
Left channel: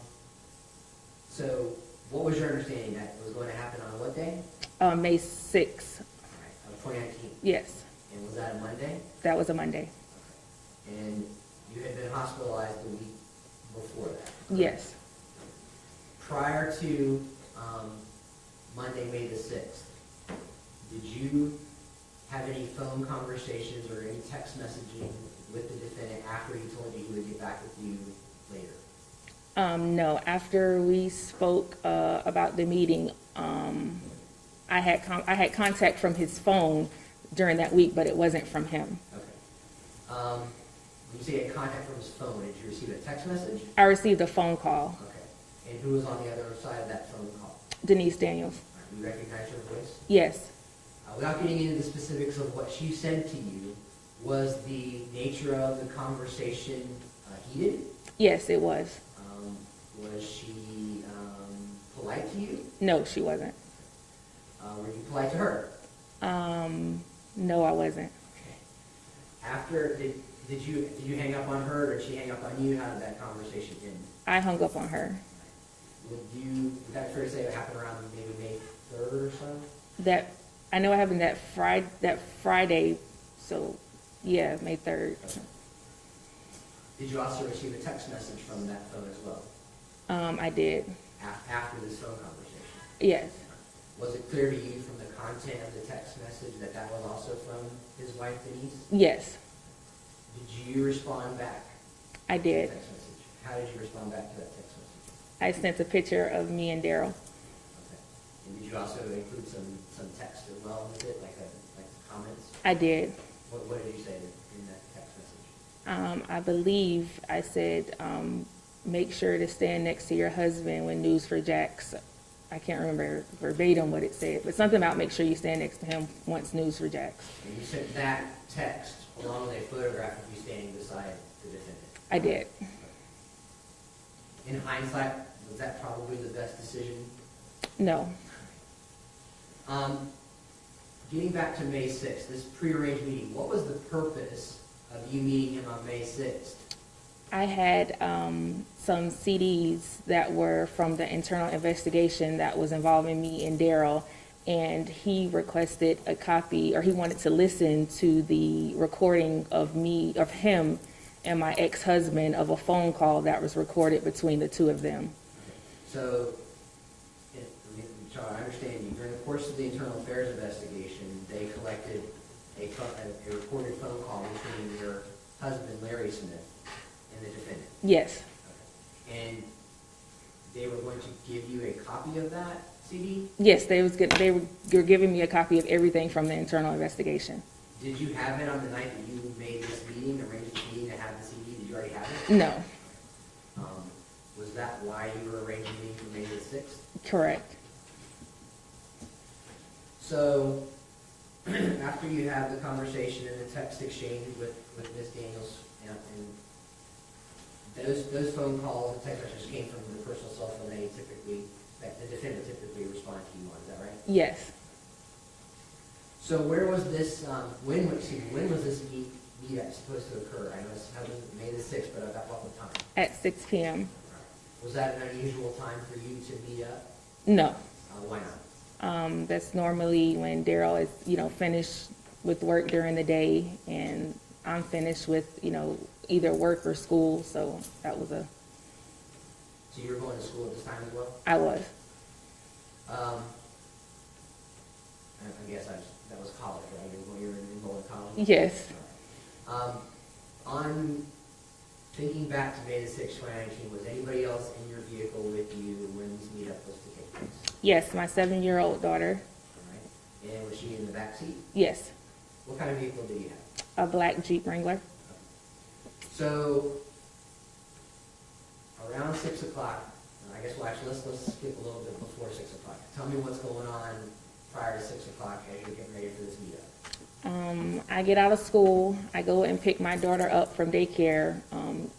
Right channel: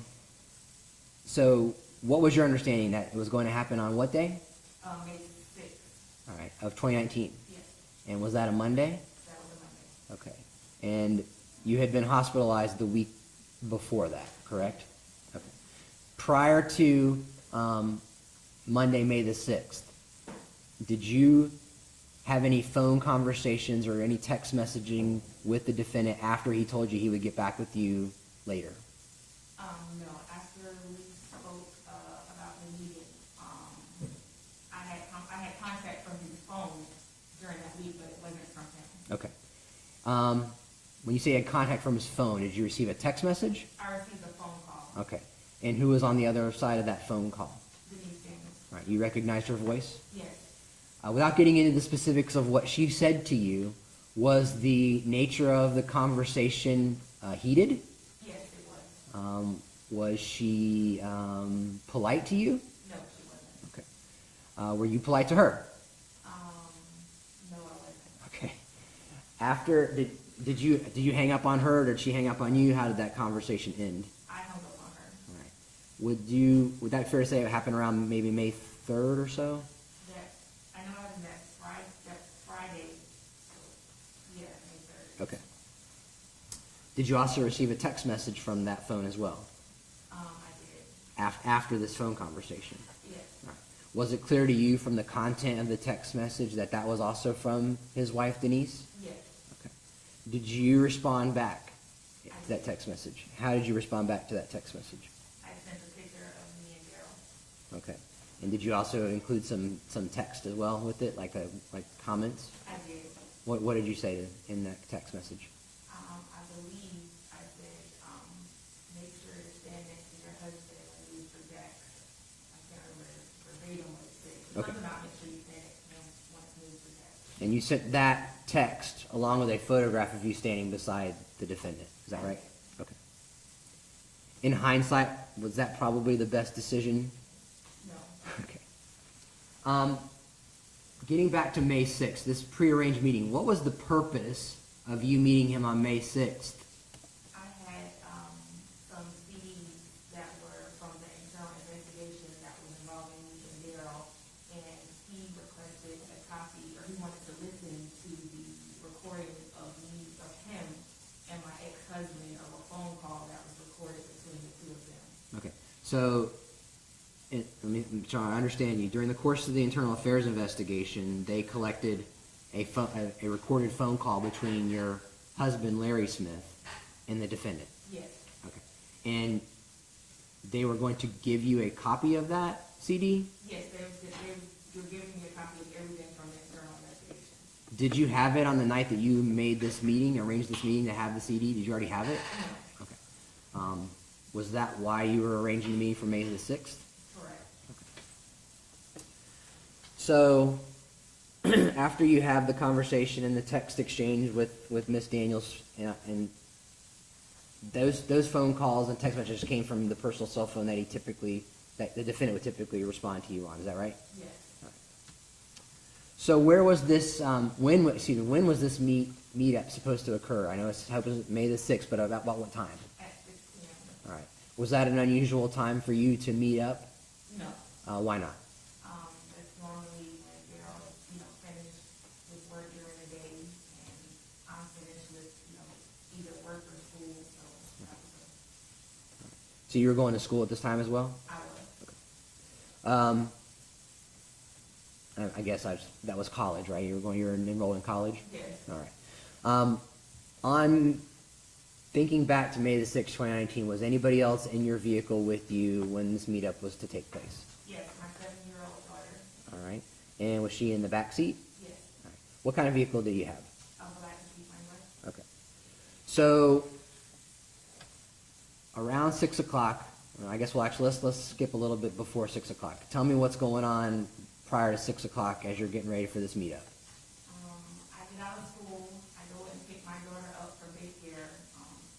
So what was your understanding that it was going to happen on what day? May 6th. All right, of 2019. Yes, And was that a Monday? that was a Monday. Okay. And you had been hospitalized the week before that, correct? Yes. Okay. Prior to Monday, May the 6th, did you have any phone conversations or any text messaging with the defendant after he told you he would get back with you later? No, after we spoke about the meeting, I had contact from his phone during that week, but it wasn't from him. Okay. When you say you had contact from his phone, did you receive a text message? I received a phone call. Okay. And who was on the other side of that phone call? Denise Daniels. Right. You recognized her voice? Yes. Without getting into the specifics of what she said to you, was the nature of the conversation heated? Yes, it was. Was she polite to you? No, she wasn't. Okay. Were you polite to her? No, I wasn't. Okay. After, did you hang up on her, or did she hang up on you? How did that conversation end? I hung up on her. Would that be fair to say it happened around maybe May 3rd or so? I know it happened that Friday, so yeah, May 3rd. Okay. Did you also receive a text message from that phone as well? I did. After this phone conversation? Yes. Was it clear to you from the content of the text message that that was also from his wife, Denise? Yes, Did you respond back? I to did. the text message? How did you respond back to that text message? I sent a picture of me and Darryl. Okay. And did you also include some text as well with it, like comments? I did. What did you say in that text message? I believe I said, make sure to stand next to your husband when news for Jack's. I can't remember verbatim what it said, but something about make sure you stand next to him once news for Jack's. And you sent that text along with a photograph of you standing beside the defendant? Is that I right? did. Okay. In hindsight, was that probably the best decision? No. Okay. Getting back to May 6th, this prearranged meeting, what was the purpose of you meeting him on May 6th? I had some CDs that were from the internal investigation that was involving me and Darryl, and he requested a copy, or he wanted to listen to the recording of him and my ex-husband of a phone call that was recorded between the two of them. Okay. So, Charlie, I understand you. During the course of the internal affairs investigation, they collected a recorded phone call between your husband, Larry Smith, and the defendant. Yes, Okay. And they were going to give you a copy of that CD? yes, they were giving me a copy of everything from the internal investigation. Did you have it on the night that you made this meeting, arranged this meeting to have the CD? Did you already have it? No, Was that why you were arranging the meeting for May the 6th? correct. So, after you have the conversation and the text exchange with Ms. Daniels, and those phone calls and text messages came from the personal cell phone that the defendant would typically respond to you on, is that right? Yes. So where was this, when was this meetup supposed to occur? I know it's May the 6th, but about what time? At 6 p.m. All right. Was that an unusual time for you to meet up? No. Why not? That's normally when Darryl is, finished with work during the day, and I'm finished with, either work or school, so that was So you were going to school at this time as well? I was. I guess that was college, right? You're enrolled in college? Yes. All right. I'm thinking back to May the 6th, 2019, was anybody else in your vehicle with you when this meetup was to take place? Yes, my 7-year-old daughter. All right. And was she in the back seat? Yes. What kind of vehicle did you have? A black Jeep Wrangler. Okay. So, around 6 o'clock, I guess let's skip a little bit before 6 o'clock. Tell me what's going on prior to 6 o'clock as you're getting ready for this meetup. I get out of school, I go and pick my daughter up from daycare.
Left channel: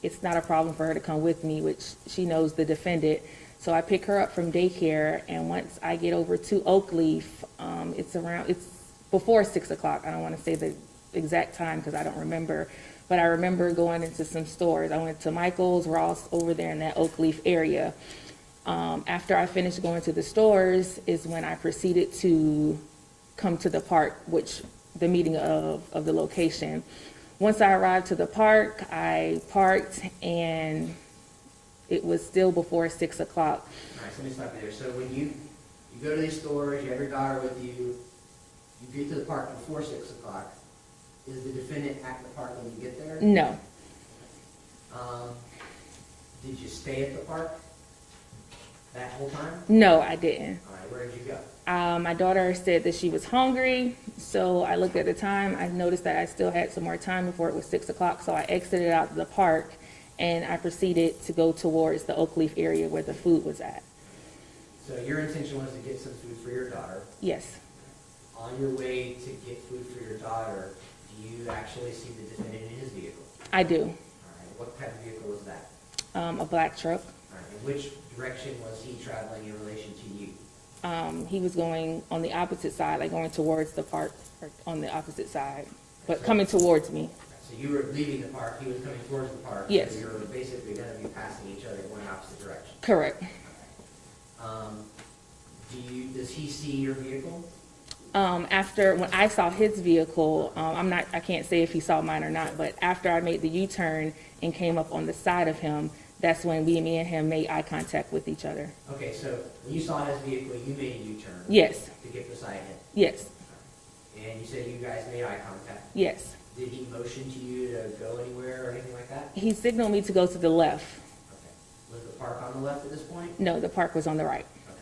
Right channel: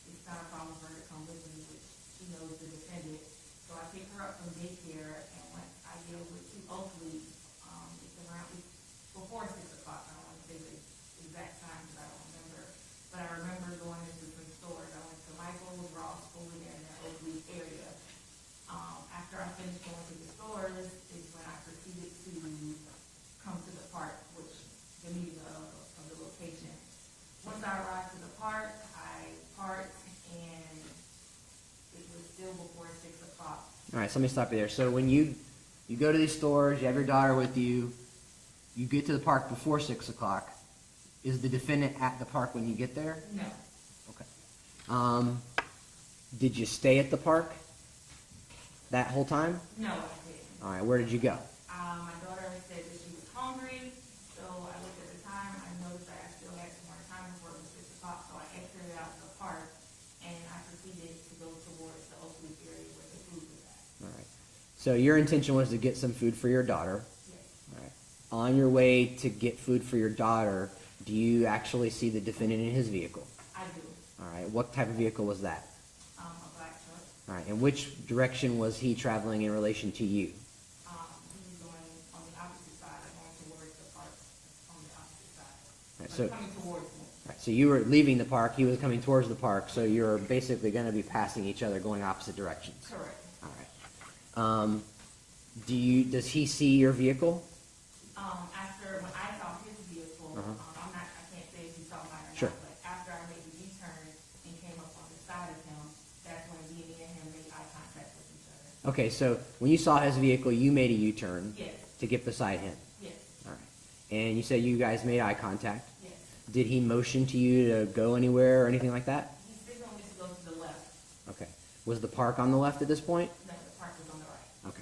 It's not a problem for her to come with me, which she knows the defendant. So I pick her up from daycare, and once I get over to Oakleaf, it's before 6 o'clock. I don't want to say the exact time because I don't remember, but I remember going into some stores. I went to Michael's, Ross, over there in that Oakleaf area. After I finished going to the stores is when I proceeded to come to the park, which the meeting of the location. Once I arrived to the park, I parked, and it was still before 6 o'clock. All right, so let me stop you there. So when you go to these stores, you have your daughter with you, you get to the park before 6 o'clock. Is the defendant at the park when you get there? No, Did you stay at the park that whole time? no, I didn't. All right, where did you go? My daughter said that she was hungry, so I looked at the time. I noticed that I still had some more time before it was 6 o'clock, so I exited out of the park, and I proceeded to go towards the Oakleaf area where the food was at. So your intention was to get some food for your daughter. Yes, On your way to get food for your daughter, do you actually see the defendant in his vehicle? I do. All right, what type of vehicle was that? A black truck. All right, and which direction was he traveling in relation to you? He was going on the opposite side, like going towards the park, or on the opposite side, but So- coming towards me. So you were leaving the park, he was coming towards the park, so Yes. you're basically gonna be passing each other, going opposite directions. Correct. Does he see your vehicle? After, when I saw his vehicle, I can't say if he saw mine or not, Sure. but after I made the U-turn and came up on the side of him, that's when me and him made eye contact with each other. Okay, so when you saw his vehicle, you made a U-turn. Yes, To get beside him. yes, All right. And you said you guys made eye contact. yes. Did he motion to you to go anywhere or anything like that? He signaled me to go to the left. Okay. Was the park on the left at this point? No, the park was on the right. Okay.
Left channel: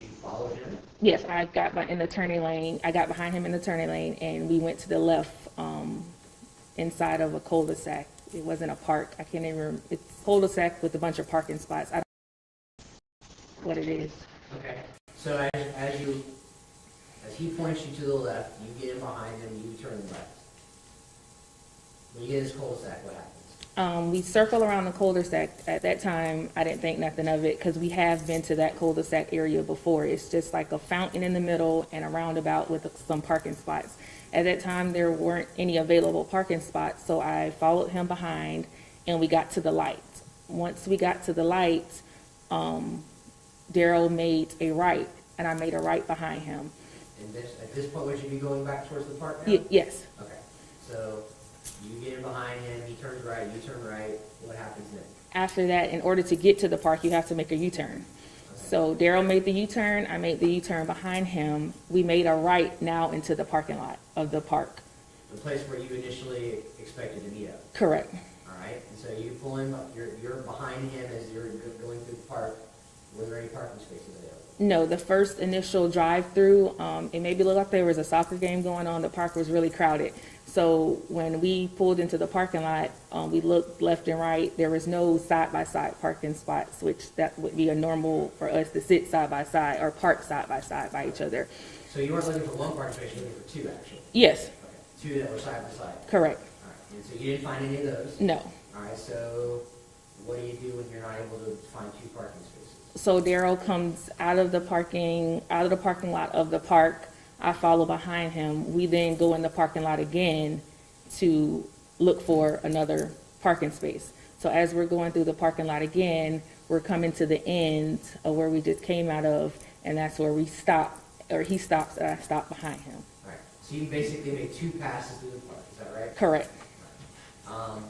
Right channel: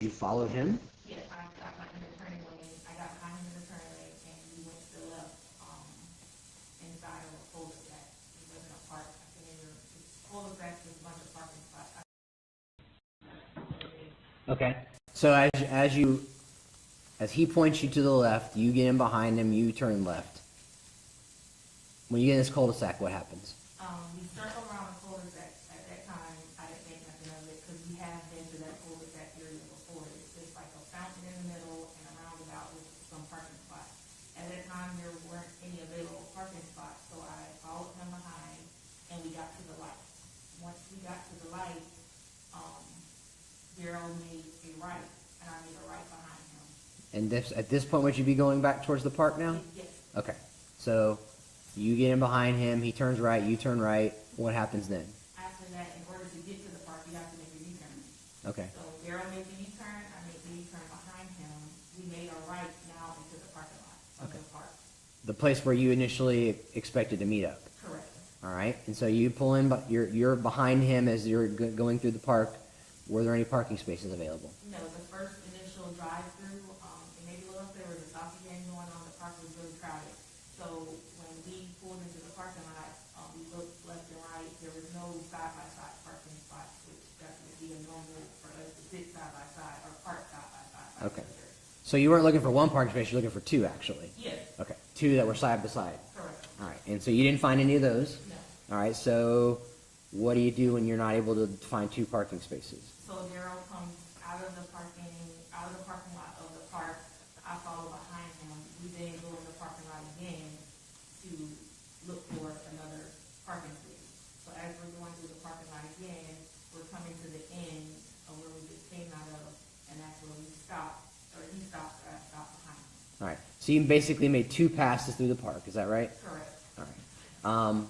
You followed him? Yes, I got in the turning lane. I got behind him in the turning lane, and we went to the left, inside of a cul-de-sac. It wasn't a park. I can't even. It's cul-de-sac with a bunch of parking spots. I don't know what it is. Okay. So as he points you to the left, you get in behind him, you turn left. When you get in this cul-de-sac, what happens? We circle around the cul-de-sac. At that time, I didn't think nothing of it because we have been to that cul-de-sac area before. It's just like a fountain in the middle and a roundabout with some parking spots. At that time, there weren't any available parking spots, so I followed him behind and we got to the light. Once we got to the light, Darryl made a right and I made a right behind him. And at this point, would you be going back towards the park now? Yes. Okay. So you get in behind him, he turns right, you turn right. What happens then? After that, in order to get to the park, you have to make a U-turn. Okay. So Darryl made the U-turn, I made the U-turn behind him. We made a right now into the parking lot of the park. The place where you initially expected to meet up. Correct. All right. And so you pull in, but you're behind him as you're going through the park. Were there any parking spaces available? No, the first initial drive-through, it maybe looked like there was a soccer game going on. The park was really crowded. So when we pulled into the parking lot, we looked left and right. There was no side-by-side parking spots, which that would be a normal for us to sit side-by-side or park side-by-side by each other. So you weren't looking for one parking space, you're looking for two, actually. Yes, Okay. Two that were side by side. correct. All right. And so you didn't find any of those? No. All right. So what do you do when you're not able to find two parking spaces? So Darryl comes out of the parking lot of the park. I follow behind him. We then go in the parking lot again to look for another parking space. So as we're going through the parking lot again, we're coming to the end of where we just came out of, and that's where we stop, or he stops and I stop behind him. All right. So you basically made two passes through the park. Is that right? Correct. All right.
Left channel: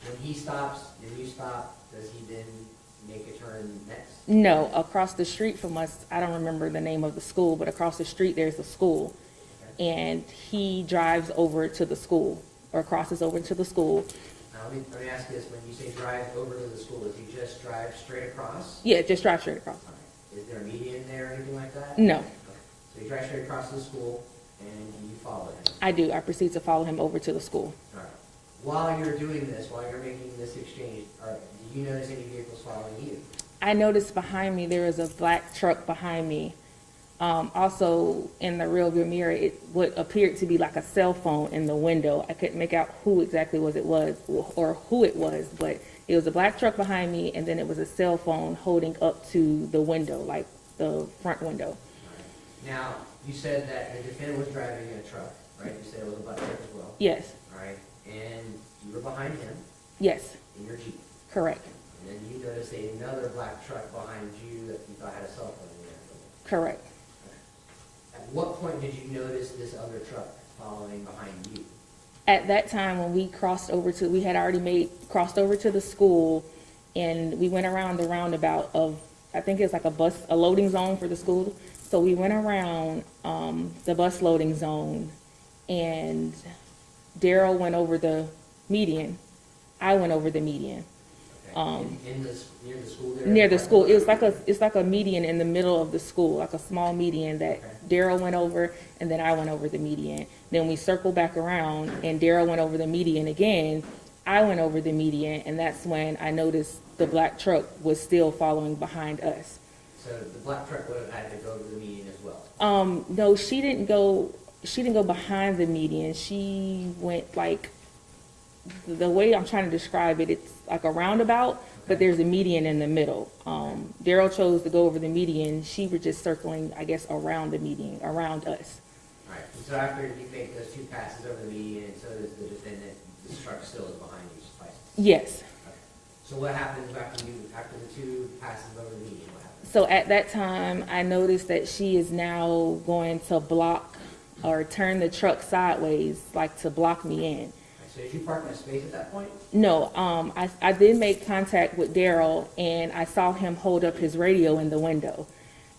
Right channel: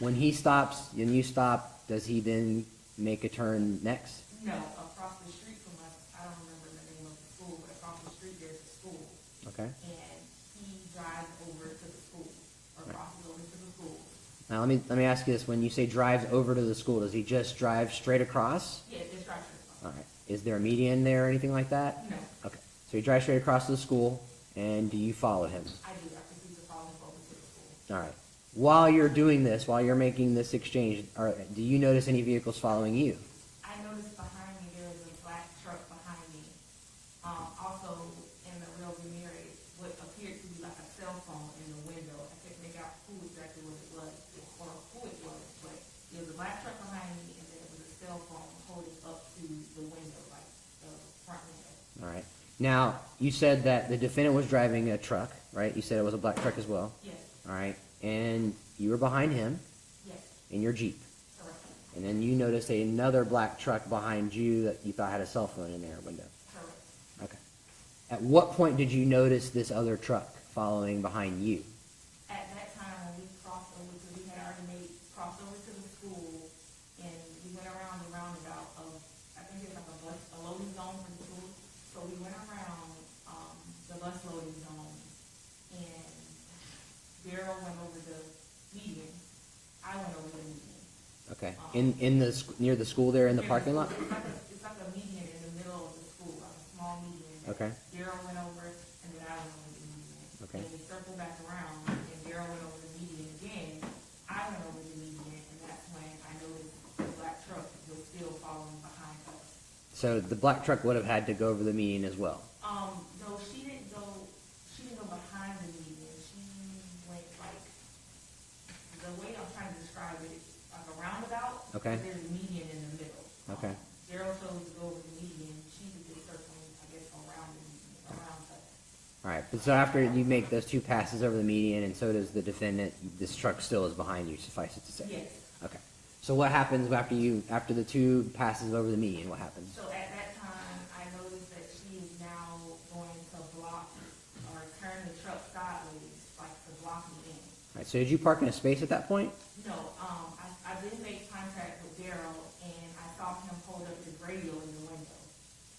When he stops and you stop, does he then make a turn next? No, across the street from us, I don't remember the name of the school, but across the street there's a school. Okay. And he drives over to the school, or crosses over to the school. Now let me ask you this: when you say drives over to the school, does he just drive straight across? Yeah, just drive straight across. All right. Is there a median there or anything like that? No, Okay. So he drives straight across to the school, and do you follow him? I do. I proceed to follow him over to the school. All right. While you're doing this, while you're making this exchange, do you notice any vehicles following you? I noticed behind me there was a black truck behind me. Also, in the rearview mirror, what appeared to be like a cell phone in the window. I couldn't make out who exactly it was, or who it was, but it was a black truck behind me, and then it was a cell phone holding up to the window, like the front window. All right. Now, you said that the defendant was driving a truck, right? You said it was a black truck as well. Yes, All right. And you were behind him yes, in your Jeep. correct, And then you noticed another black truck behind you that you thought had a cell phone in their window. correct. Okay. At what point did you notice this other truck following behind you? At that time, when we we had already crossed over to the school, and we went around the roundabout of, I think it's like a loading zone for the school. So we went around the bus loading zone, and Darryl went over the median. I went over the median. Okay. Um, Near the school there? in Near the parking school, lot? it's like a median in the middle of the school, like a small median that Okay. Darryl went over, and then I went over the median. Then we circled back around, and Darryl went over the median again. I went over the median, and that's when I noticed the black truck was still following behind us. So the black truck would have had to go over the median as well. No, she didn't go behind the median. She went like the way I'm trying to describe it, it's like a roundabout, Okay. but there's a median in the middle. Darryl chose to go over the median. She was just circling, I guess, around the median, around us. All right, so after you make those 2 passes over the median, and so does the defendant, this truck still is behind you, suffice it to say? Yes. Okay. So what happens after the 2 passes over the median, what happens? So at that time, I noticed that she is now going to block or turn the truck sideways, like to block me in. All right, so did you park in a space at that point? No, I did make contact with Darryl, and I saw him hold up his radio in the window.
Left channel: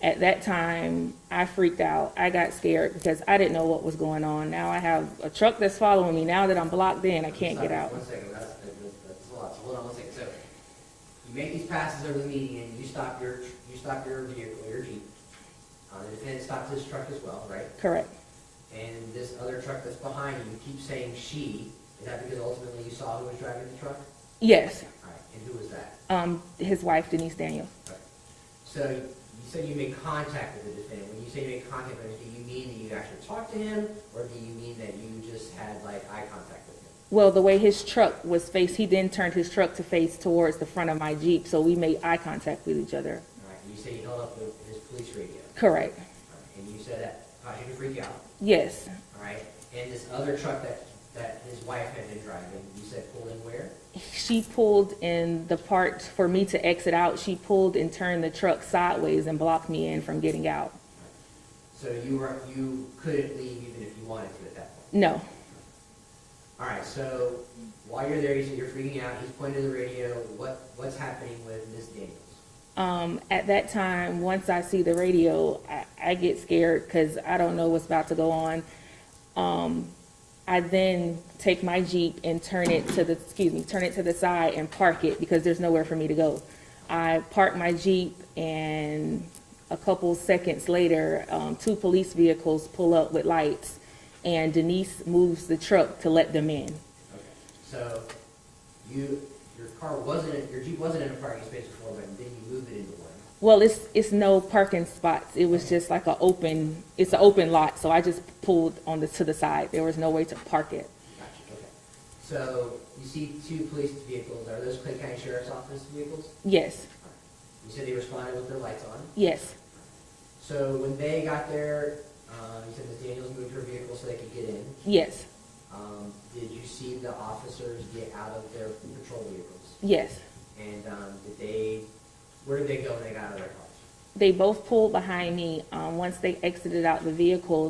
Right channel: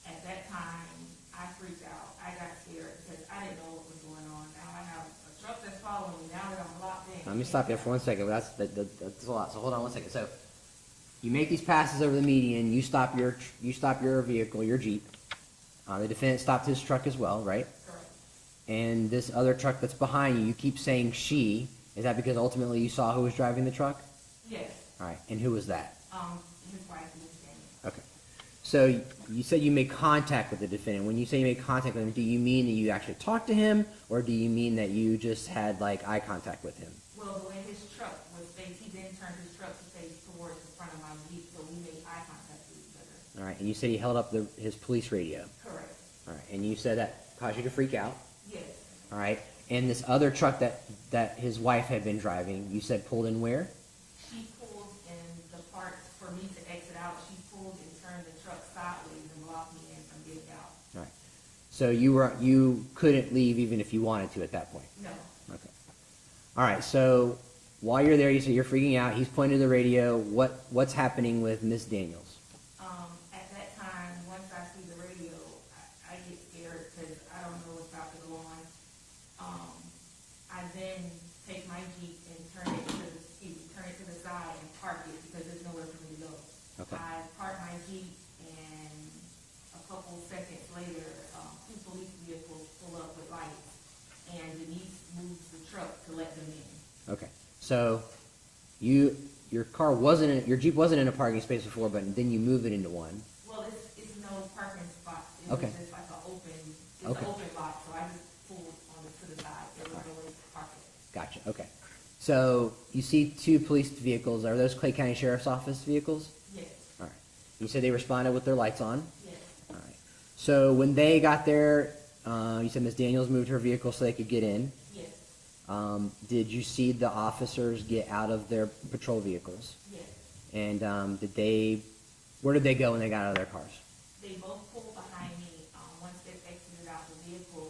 At that time, I freaked out. I got scared because I didn't know what was going on. Now I have a truck that's following me. Now that I'm blocked in, I Let me can't stop get you for out. 1 second. That's a lot. So hold on 1 second. So you make these passes over the median. You stop your vehicle, your Jeep. The defendant stopped his truck as well, right? Correct. And this other truck that's behind you, you keep saying she. Is that because ultimately you saw who was driving the truck? Yes. All right. And who was that? His wife, Denise Daniels. Okay. So you said you made contact with the defendant. When you say you made contact with him, do you mean that you actually talked to him, or do you mean that you just had like eye contact with him? Well, the way his truck was faced, he then turned his truck to face towards the front of my Jeep, so we made eye contact with each other. All right. And you said he held up his police radio. Correct. All right. And you said that caused you to freak out. Yes. All right. And this other truck that his wife had been driving, you said pulled in where? She pulled in the part for me to exit out. She pulled and turned the truck sideways and blocked me in from getting out. All right. So you couldn't leave even if you wanted to at that point. No. Okay. All right. So while you're there, you say you're freaking out. He's pointing to the radio. What's happening with Miss Daniels? At that time, once I see the radio, I get scared because I don't know what's about to go on. I then take my Jeep and turn it to the side and park it because there's nowhere for me to go. Okay. I park my Jeep, and a couple seconds later, 2 police vehicles pull up with lights, and Denise moves the truck to let them in. Okay. So your Jeep wasn't in a parking space before, but then you move it into one. Well, it's no parking spots. It was Okay. just like an open lot, so I just pulled to the side. There was no way to park it. Gotcha. Okay. So you see 2 police vehicles. Are those Clay County Sheriff's Office vehicles? Yes, All right. You said they responded with their lights on. yes, All right. So when they got there, you said Ms. Daniels moved her vehicle so they could get in. yes, Did you see the officers get out of their patrol vehicles? yes. And where did they go when they got out of their cars? They both pulled behind me. Once they exited out the vehicle,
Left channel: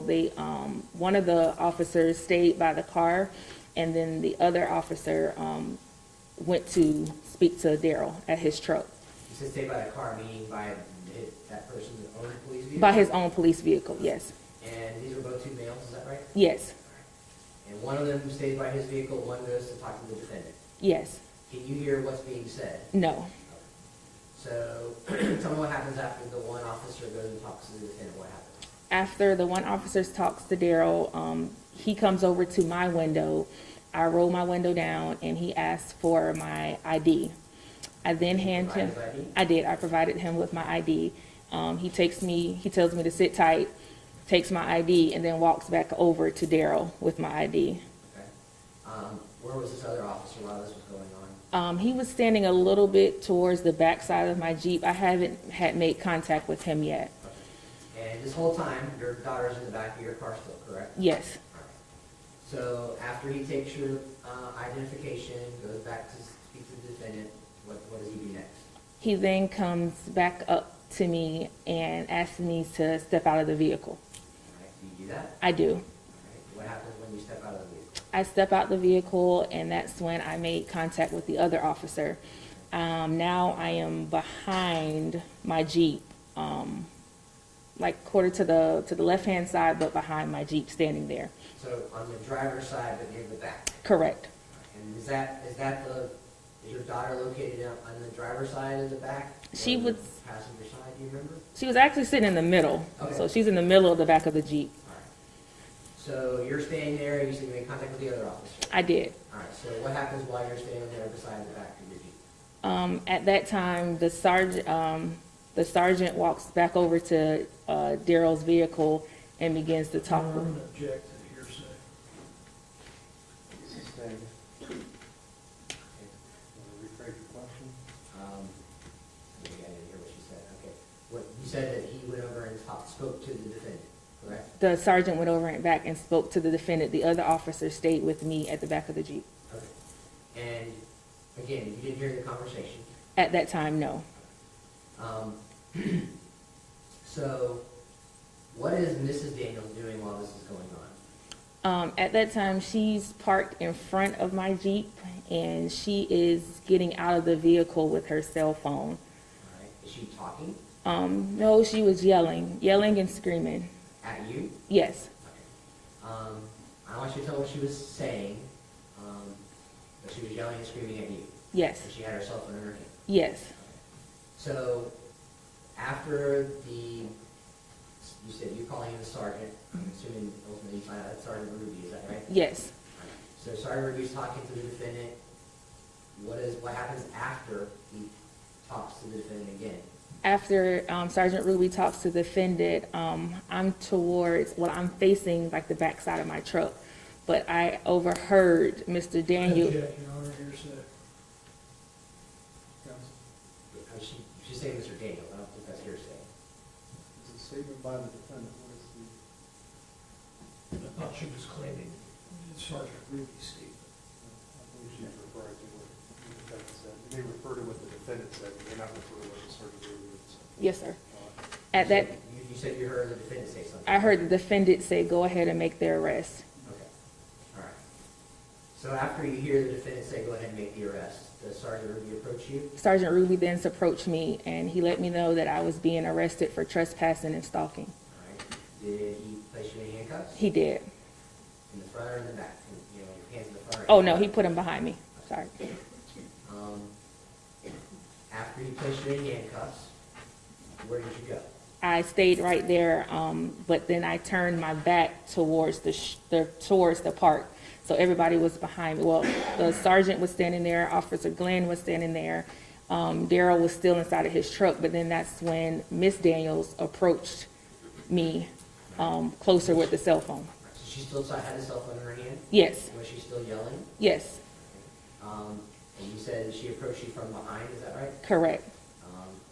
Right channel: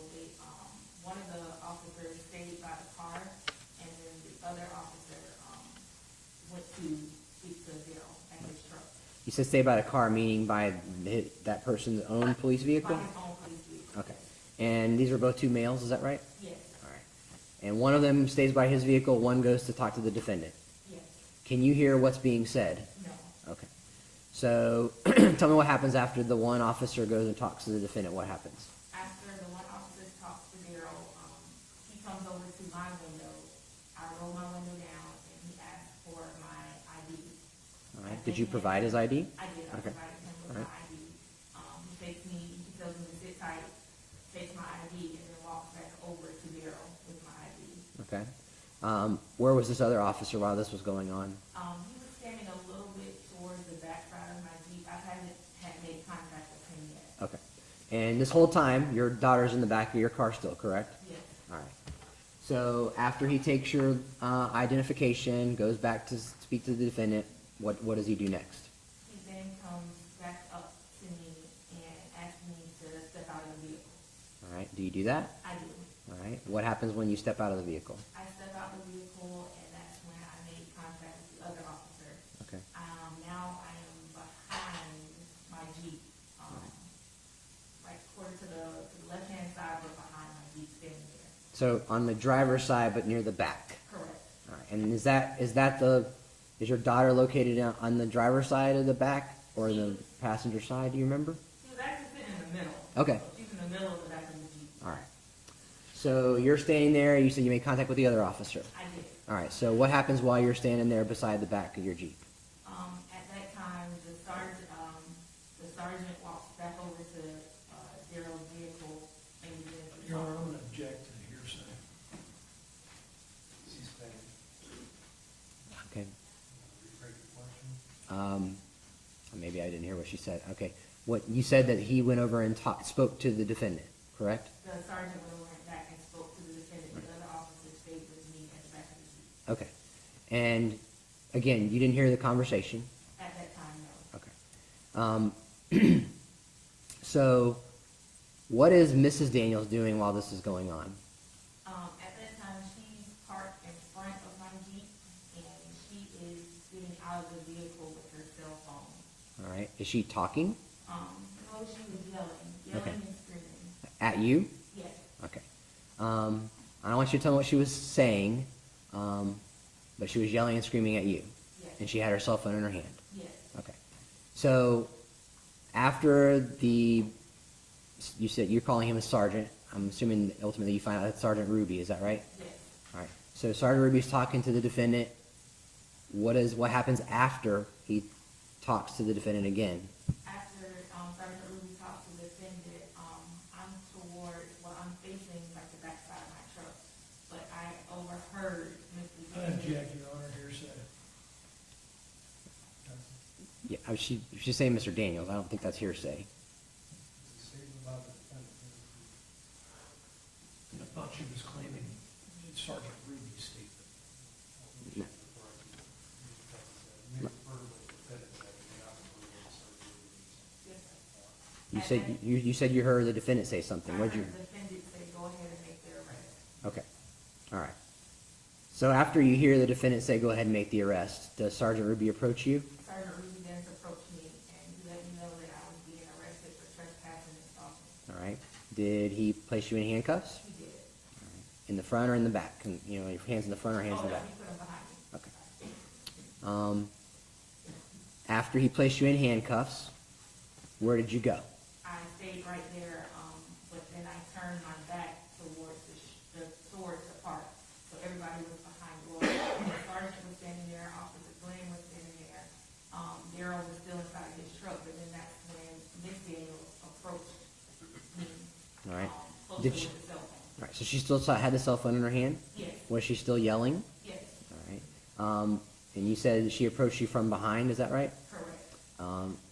one of the officers stayed by the car, and then the other officer went to speak to Darryl at his truck. You said stay by the car, meaning by that person's own police vehicle? By his own police vehicle, Okay. yes. And these are both 2 males, is that right? Yes, All right. And one of them stays by his vehicle, one goes to talk to the defendant. yes, Can you hear what's being said? no. Okay. So tell me what happens after the one officer goes and talks to the defendant. What happens? After the one officer talks to Darryl, he comes over to my window. I roll my window down, and he asks for my ID. I then Did you hand provide him. his ID? I did. I provided him with my ID. He tells me to sit tight, takes my ID, and then walks back over to Darryl with my ID. Okay. Where was this other officer while this was going on? He was standing a little bit towards the back side of my Jeep. I haven't had made contact with him yet. Okay. And this whole time, your daughter's in the back of your car still, correct? Yes, All right. So after he takes your identification, goes back to speak to the defendant, what does he do next? he then comes back up to me and asks me to step out of the vehicle. All right. Do you do that? I do. All right. What happens when you step out of the vehicle? I step out the vehicle, and that's when I made contact with the other officer. Now I am behind my Jeep, like quarter to the left-hand side, but behind my Jeep, standing there. So on the driver's side, but near the back. Correct. All right. And is your daughter located on the driver's side of the back or She the was- passenger side? Do you remember? She was actually sitting in the middle. Okay. So she's in the middle of the back of the Jeep. All right. So you're standing there. You said you made contact with the other officer. I did. All right. So what happens while you're standing there beside the back of your Jeep? At that time, the sergeant walks back over to Darryl's vehicle and begins to talk. I'm going to object to the hearsay. maybe I didn't hear what she said. Okay. What, you said that he went over and spoke to the defendant, correct? The sergeant went over and back and spoke to the defendant. The other officer stayed with me at the back of the Jeep. Okay. And again, you didn't hear the conversation? At that time, no. Okay. So, what is Mrs. Daniels doing while this is going on? At that time, she's parked in front of my Jeep, and she is getting out of the vehicle with her cell phone. All right. Is she talking? No, she was yelling and screaming. At you? Yes, Okay. I don't want you to tell me what she was saying, but she was yelling and screaming at you. yes, And she had her cell phone in her hand. yes, Okay. So, after you said you're calling him a sergeant. I'm assuming ultimately you find out that's Sergeant Ruby. Is that right? yes. All right. So Sergeant Ruby's talking to the defendant. What happens after he talks to the defendant again? After Sergeant Ruby talks to the defendant, I'm facing like the backside of my truck, but I overheard Mr. Daniel. Objection, Your Honor, hearsay. Counsel. Yeah, she's saying Mr. Daniels. I don't think that's hearsay. It's a statement by the defendant. What is the, I thought she was claiming Sergeant Ruby's statement. I believe she's referring to what the defendant said. They may refer to what the defendant said, but they're not referring to what the sergeant really said. Yes, sir. You At said, that, you said you heard the defendant say something. I heard didn't the defendant say, "Go ahead and make the arrest." you? Okay. All right. So after you hear the defendant say, "Go ahead and make the arrest," does Sergeant Ruby approach you? Sergeant Ruby then approached me, and he let me know that I was being arrested for trespassing and stalking. All right. Did he place you in handcuffs? He did. In the front or in the back? Your hands in the front or hands Oh, in the no, back? he put him behind me. Sorry. After he placed you in handcuffs, where did you go? I stayed right there, but then I turned my back towards towards the park. So everybody was behind me. Well, the sergeant was standing there, Officer Glenn was standing there. Darryl was still inside of his truck, but then that's when Miss Daniels approached me All right. closer Did with she- the cell phone. All right. So she still had the cell phone in her hand? Yes, Was she still yelling? yes, All right. And you said she approached you from behind, is that right? correct.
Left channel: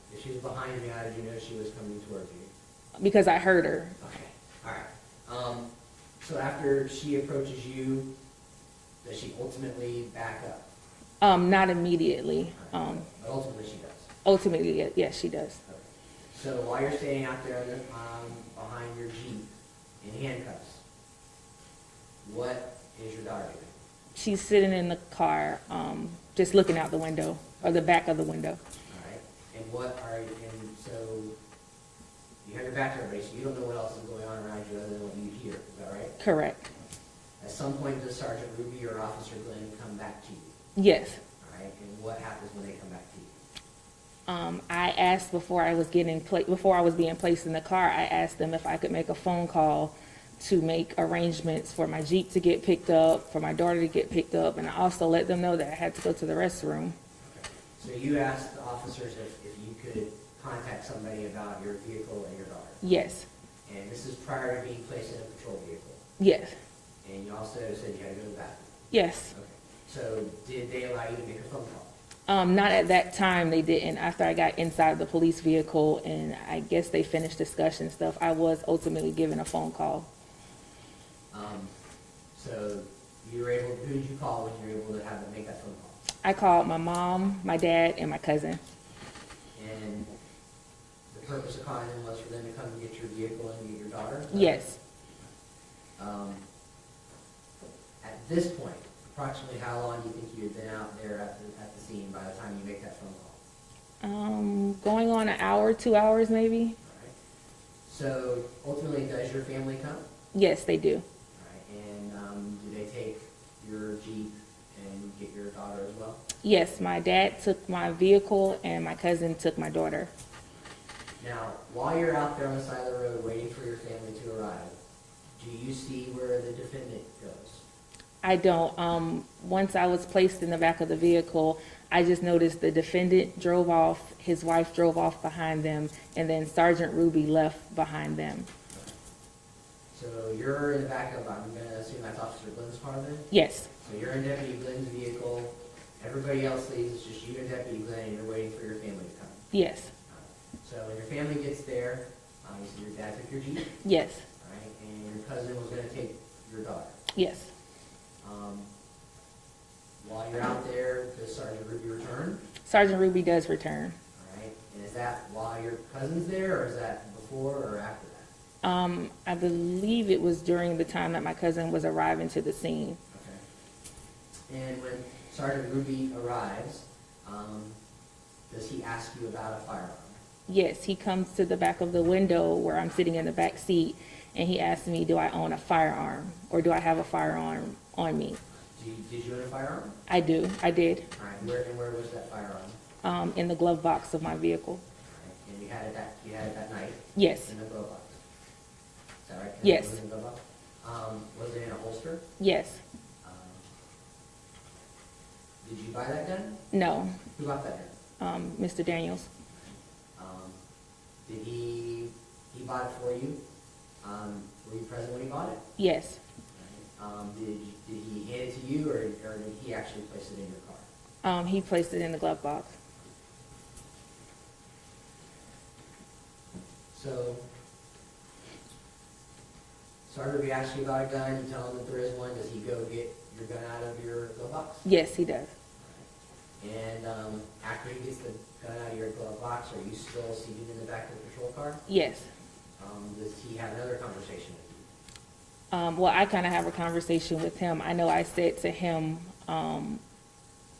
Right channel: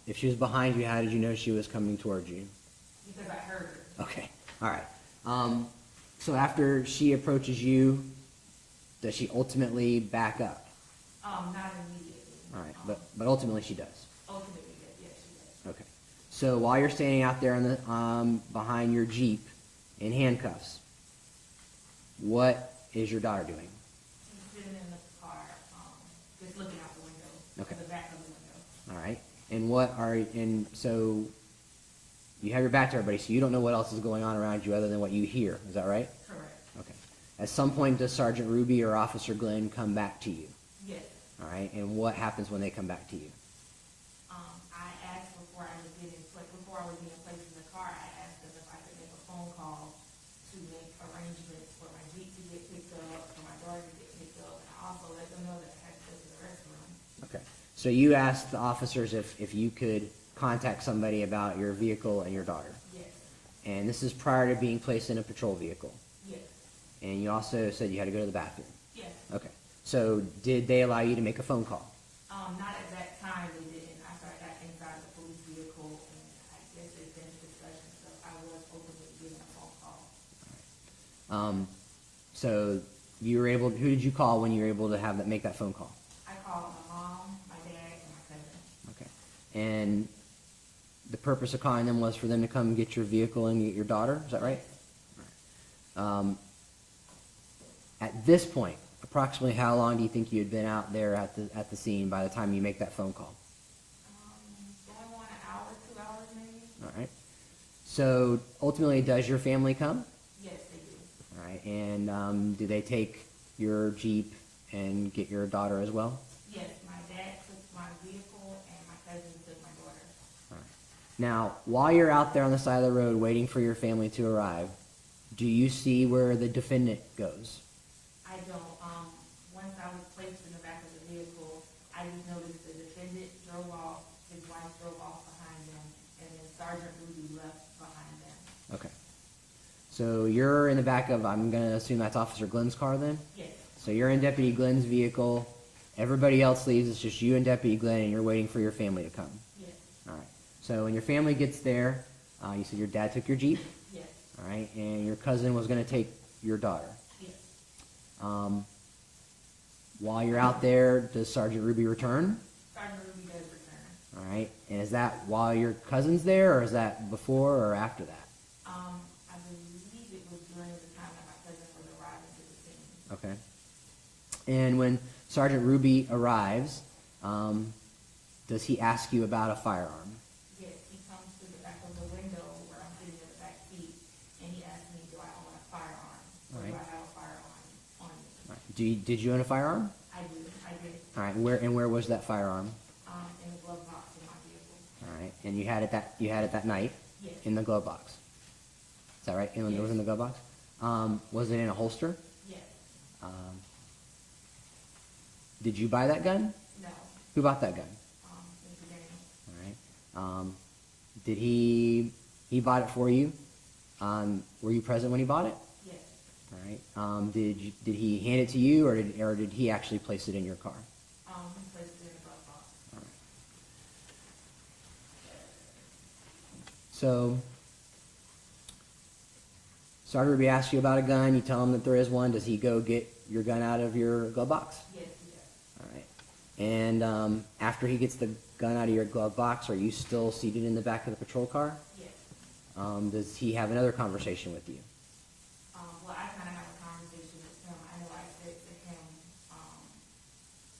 If she was behind you, how did you know she was coming towards you? Because I heard her. Okay, all right. So after she approaches you, does she ultimately back up? Not immediately. All right, but ultimately she does. Ultimately, yes, she does. Okay. So while you're standing out there in the, behind your Jeep in handcuffs, what is your daughter doing? She's sitting in the car, just looking out the window, or the back of the window. All right. And so you have your back to everybody, so you don't know what else is going on around you other than what you hear. Is that right? Correct. Okay. At some point, does Sergeant Ruby or Officer Glenn come back to you? Yes. All right. And what happens when they come back to you? I asked before I was being placed in the car, I asked them if I could make a phone call to make arrangements for my Jeep to get picked up, for my daughter to get picked up, and I also let them know that I had to go to the restroom. Okay. So you asked the officers if you could contact somebody about your vehicle and your daughter. Yes, And this is prior to being placed in a patrol vehicle. yes, And you also said you had to go to the bathroom. yes. Okay. So did they allow you to make a phone call? Not at that time, they didn't. After I got inside of the police vehicle and I guess they finished discussion stuff, I was ultimately given a phone call. So you were able, who did you call when you were able to make that phone call? I called my mom, my dad, and my cousin. And the purpose of calling them was for them to come get your vehicle and get your daughter? Is that right? Yes. At this point, approximately how long do you think you had been out there at the scene by the time you make that phone call? Going on an hour, 2 hours maybe? All right. So ultimately, does your family come? Yes, they do. All right. And do they take your Jeep and get your daughter as well? Yes, my dad took my vehicle and my cousin took my daughter. Now, while you're out there on the side of the road waiting for your family to arrive, do you see where the defendant goes? I don't. Once I was placed in the back of the vehicle, I just noticed the defendant drove off, his wife drove off behind them, and then Sergeant Ruby left behind them. Okay. So you're in the back of, I'm going to assume that's Officer Glenn's car then? Yes, So you're in Deputy Glenn's vehicle, Everybody else leaves, it's just you and Deputy Glenn, and you're waiting for your family to come. Yes, All right. So when your family gets there, you said your dad took your Jeep, yes, all right, and your cousin was going to take your daughter. yes. While you're out there, does Sergeant Ruby return? Sergeant Ruby does return. All right. And is that while your cousin's there, or is that before or after that? I believe it was during the time that my cousin was arriving to the scene. Okay. And when Sergeant Ruby arrives, does he ask you about a firearm? Yes, he comes to the back of the window where I'm sitting in the back seat, and he asks me, do I own a firearm, or do I have a firearm on me? Did you own a firearm? I do, I did, All right. Where was that firearm? in the glove box of my vehicle. All right. And you had it that night Yes, in the glove box. Is that right? Yes. It was in the glove box. Was it in a holster? yes, Did you buy that gun? no, Who bought that gun? Mr. Daniels. All right. Did he bought it for you? Were you present when he bought it? Yes, All right. Did he hand it to you, or did he actually place it in your car? he placed it in the glove box. So, Sergeant Ruby asks you about a gun. You tell him that there is one. Does he go get your gun out of your glove box? Yes, he does. All right. And after he gets the gun out of your glove box, are you still seated in the back of the patrol car? Yes. Does he have another conversation with you? Well, I kind of have a conversation with him. I know I said to him,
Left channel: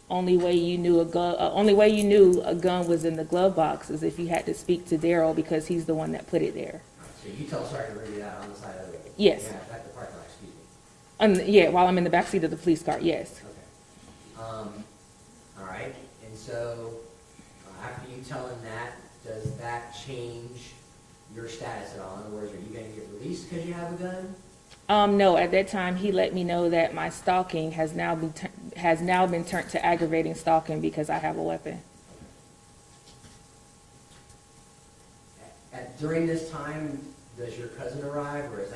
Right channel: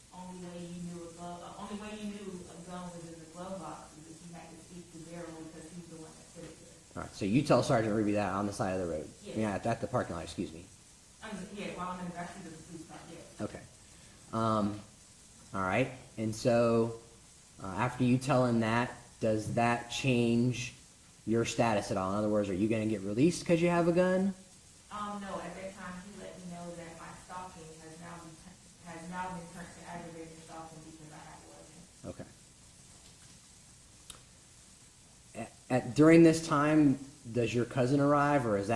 only way you knew a gun was in the glove box is if you had to speak to Darryl because he's the one that put it there. All right. So you tell Sergeant Ruby that on the side of the road? Yes. Yeah, at the parking lot, excuse me. Yeah, while I'm in the backseat of the police car, yes. Okay. All right. And so after you tell him that, does that change your status at all? In other words, are you going to get released because you have a gun? No, at that time, he let me know that my stalking has now been turned to aggravating stalking because I have a weapon. Okay. During this time, does your cousin arrive, or does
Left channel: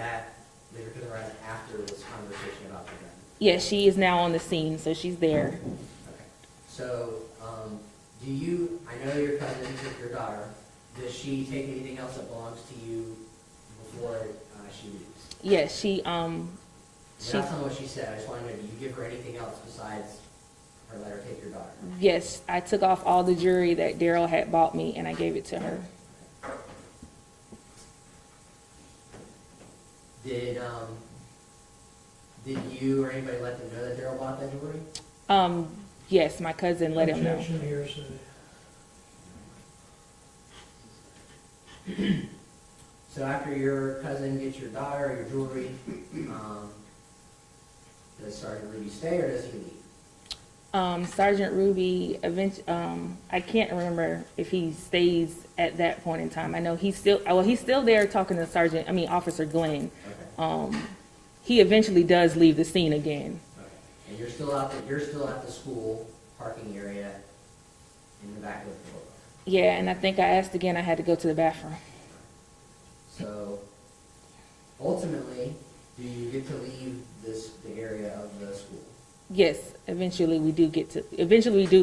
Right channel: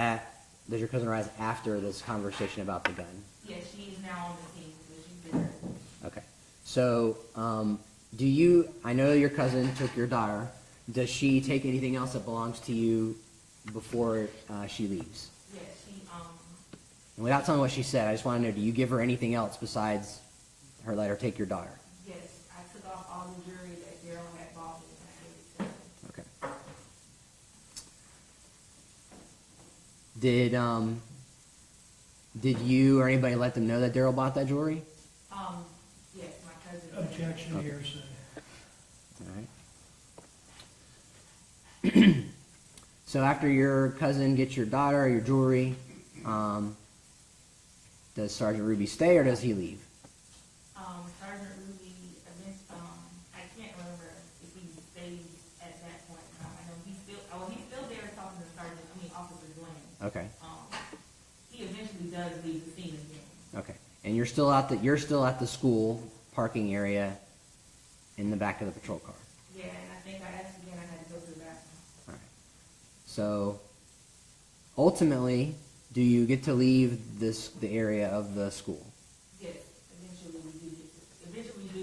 your cousin arrive after this conversation about the gun? Yes, she is now on the scene, so she's there. Okay. So, I know your cousin took your daughter. Does she take anything else that belongs to you before she leaves? Yes, she, Without telling what she said, I just want to know, do you give her anything else besides her let her take your daughter? yes, I took off all the jewelry that Darryl had bought me and I gave it to her. Okay. Did you or anybody let them know that Darryl bought that jewelry? Yes, my cousin let him know. Objection here, City. All right. So after your cousin gets your daughter or your jewelry, does Sergeant Ruby stay or does he leave? Sergeant Ruby, I can't remember if he stays at that point in time. I know he's still there talking to Officer Glenn. Okay. He eventually does leave the scene again. Okay. And you're still at the school parking area in the back of the patrol car. Yeah, and I think I asked again, I had to go to the bathroom. So ultimately, do you get to leave the area of the school? Yes, eventually we do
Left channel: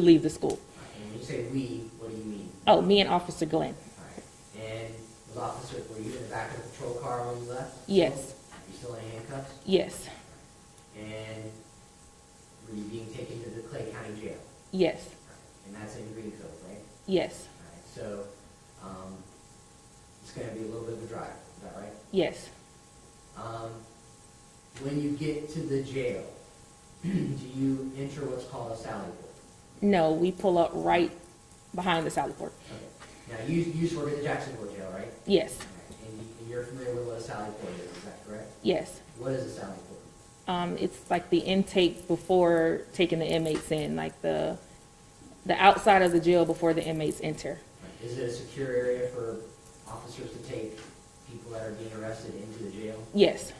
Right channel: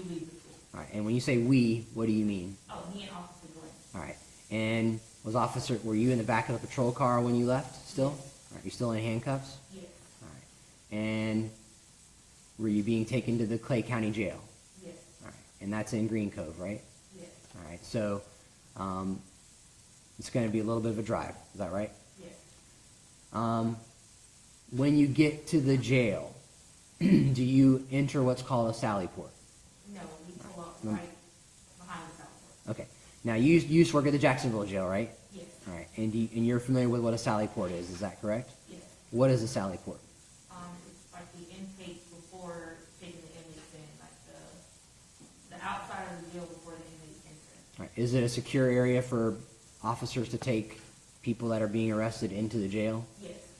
leave the school. All right. And when you say we, what do you mean? Oh, me and Officer Glenn. All right. And were you in the back of the patrol car when you left? Still? Yes. Are you still in handcuffs? Yes, And were you being taken to the Clay County Jail? yes, All right. And that's in Green Cove, right? yes, All right. So it's going to be a little bit of a drive. Is that right? yes. When you get to the jail, do you enter what's called a sally port? No, we pull up right behind the sally port. Okay. Now, you used to work at the Jacksonville jail, right? Yes, All right. And you're familiar with what a sally port is that correct? yes. What is a sally port? It's like the intake before taking the inmates in, like the outside of the jail before the inmates enter. All right. Is it a secure area for officers to take people that are being arrested into the jail? Yes,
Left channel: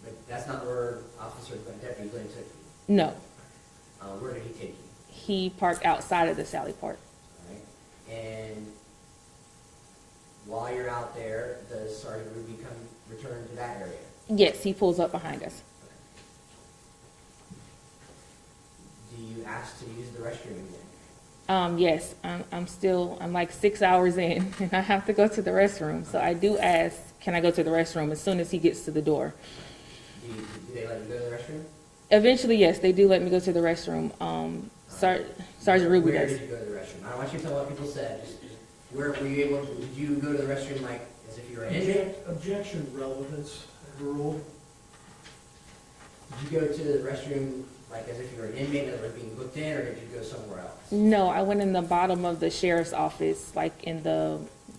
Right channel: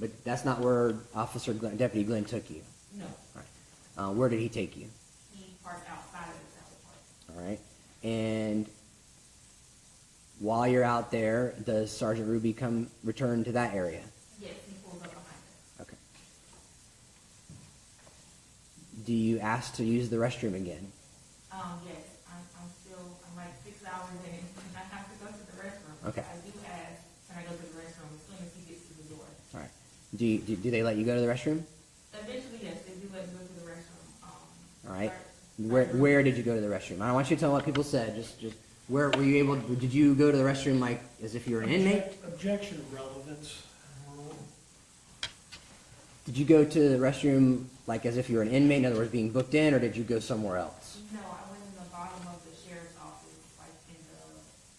But that's not where Deputy Glenn took you. no. Where did he take you? He parked outside of the sally port. All right. And while you're out there, does Sergeant Ruby return to that area? Yes, he pulls up behind us. Okay. Do you ask to use the restroom again? Yes, I'm like 6 hours in, and I have to go to the restroom. So I do ask, can I go to the restroom as soon as he gets to the door? Do they let you go to the restroom? Eventually, yes, they do let me go to the restroom. right. Sergeant Ruby Where does. did you go to the restroom? I don't want you to tell what people said. Just where were you able? Did you go to the restroom like as if you were an inmate? Objection, relevance, rule. Did you go to the restroom like as if you were an inmate, in other words, being booked in, or did you go somewhere else? No, I went in the bottom of the sheriff's office, like in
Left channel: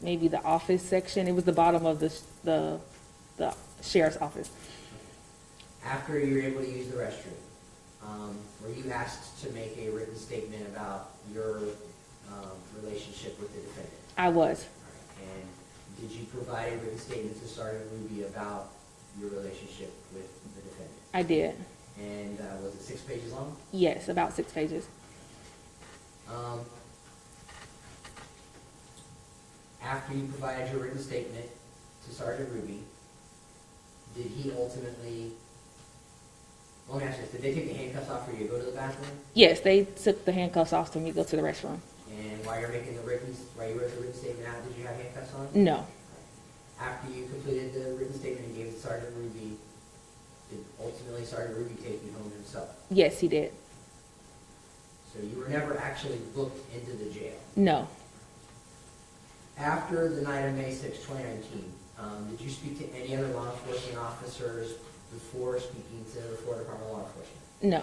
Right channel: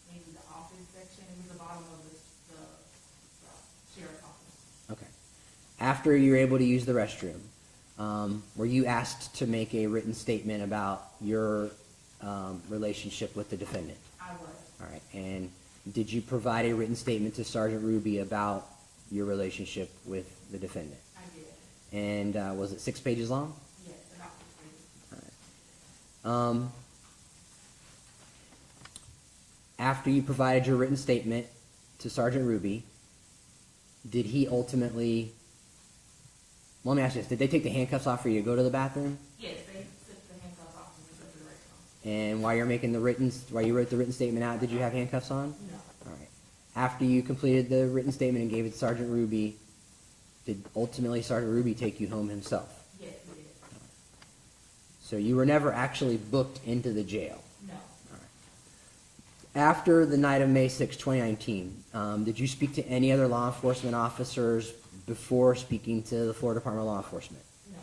maybe the office section. It was the bottom of the sheriff's office. Okay. After you were able to use the restroom, were you asked to make a written statement about your relationship with the defendant? I was. All right. And did you provide a written statement to Sergeant Ruby about your relationship with the defendant? I did. And was it 6 pages long? Yes, about 6 pages. After you provided your written statement to Sergeant Ruby, did he ultimately... Well, let me ask you this. Did they take the handcuffs off for you to go to the bathroom? Yes, they took the handcuffs off for me to go to the restroom. And while you wrote the written statement out, did you have handcuffs on? No. All right. After you completed the written statement and gave it to Sergeant Ruby, did ultimately Sergeant Ruby take you home himself? Yes, he did. So you were never actually booked into the jail. No. After the night of May 6, 2019, did you speak to any other law enforcement officers before speaking to the Florida Department of Law Enforcement? No.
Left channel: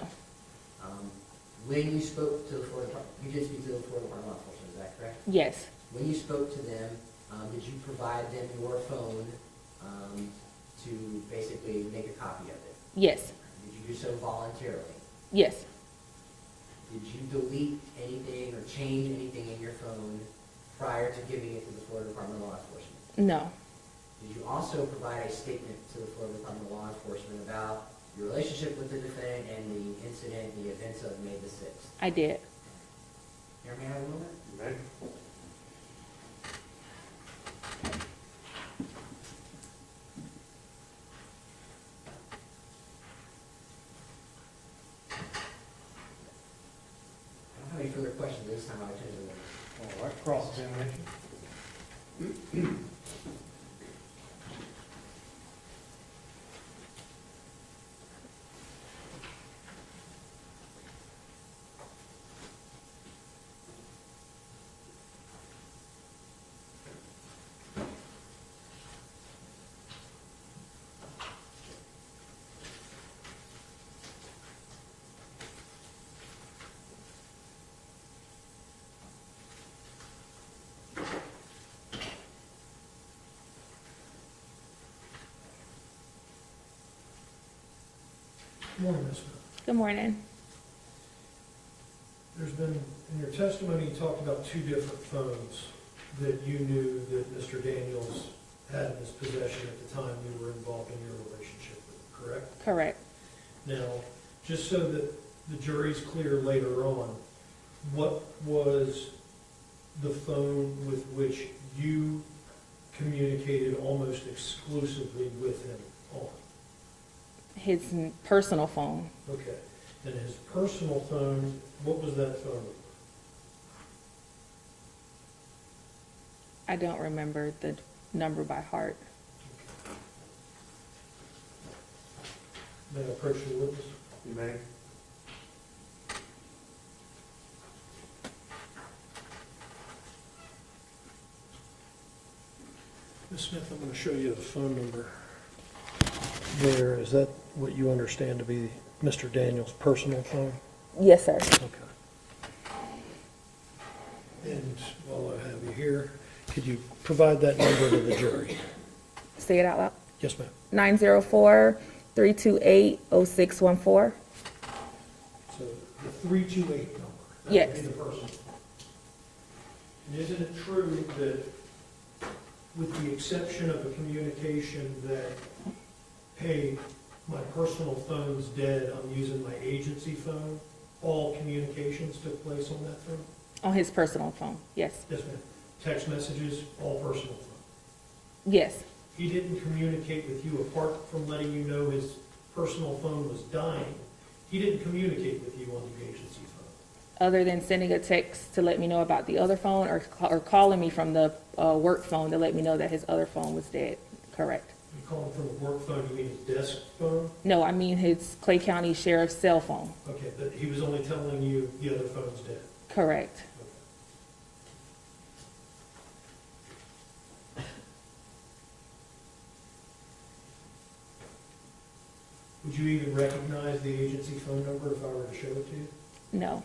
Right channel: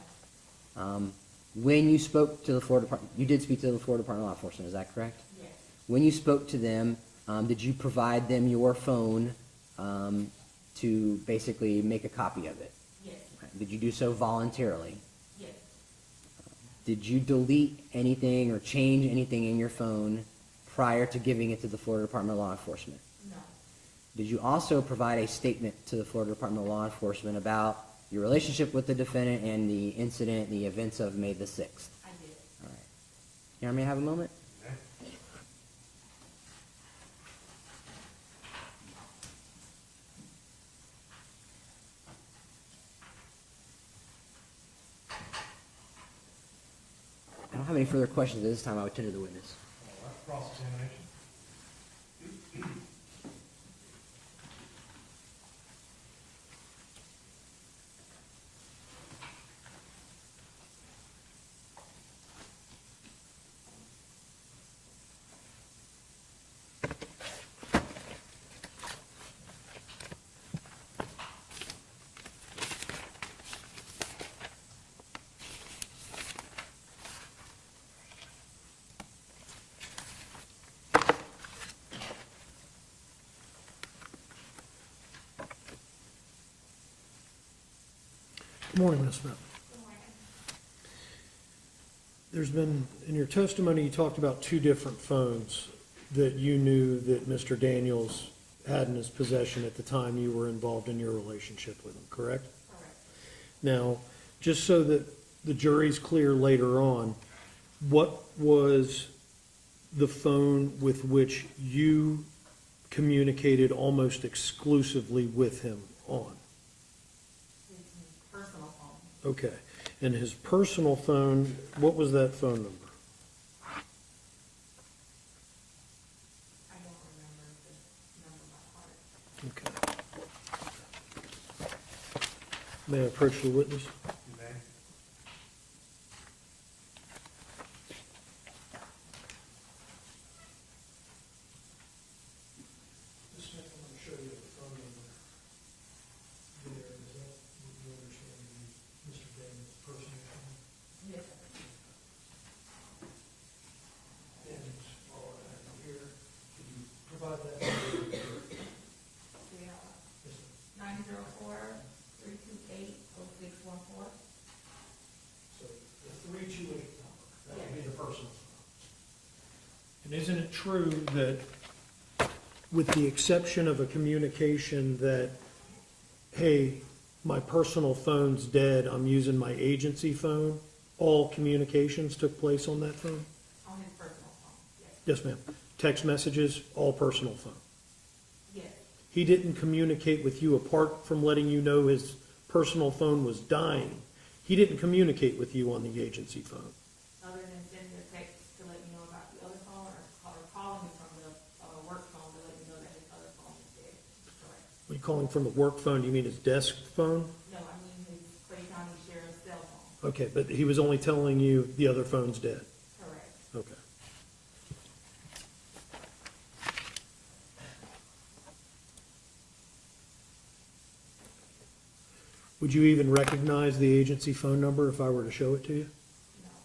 When you spoke to the Florida Department, you did speak to the Florida Department of Law Enforcement, is that correct? Yes. When you spoke to them, did you provide them your phone to basically make a copy of it? Yes. Did you do so voluntarily? Yes. Did you delete anything or change anything in your phone prior to giving it to the Florida Department of Law Enforcement? No. Did you also provide a statement to the Florida Department of Law Enforcement about your relationship with the defendant and the incident, the events of May the 6th? I did. Here, may I have a moment? Okay. I don't have any further questions at this time. I would tend to the witness. All right, cross-examination. Good morning, Ms. Smith. Good morning. There's been, in your testimony, you talked about 2 different phones that you knew that Mr. Daniels had in his possession at the time you were involved in your relationship with him, correct? Correct. Now, just so that the jury's clear later on, what was the phone with which you communicated almost exclusively with him on? His personal phone. Okay. And his personal phone, what was that phone number? I don't remember the number by heart. Okay. May I approach the witness? You may. Ms. Smith, I'm going to show you the phone number there. Is that what you understand to be Mr. Daniels' personal phone? Yes, sir. Okay. And while I have you here, could you provide that number to the jury? Say it out loud. Yes, ma'am. 904-328-0614. So the 328 number. That Yes. would be the personal phone. And isn't it true that, with the exception of a communication that, hey, my personal phone's dead, I'm using my agency phone, all communications took place on that phone? On his personal phone. Yes. Yes, ma'am. Text messages, all personal phone. Yes. He didn't communicate with you apart from letting you know his personal phone was dying. He didn't communicate with you on the agency phone. Other than sending a text to let me know about the other phone, or calling me from the work phone to let me know that his other phone was dead. Correct. When you call him from the work phone, you mean his desk phone? No, I mean his Clay County Sheriff's cell phone. Okay, but he was only telling you the other phone's dead. Correct. Okay. Would you even recognize the agency phone number if I were to show it to you? No.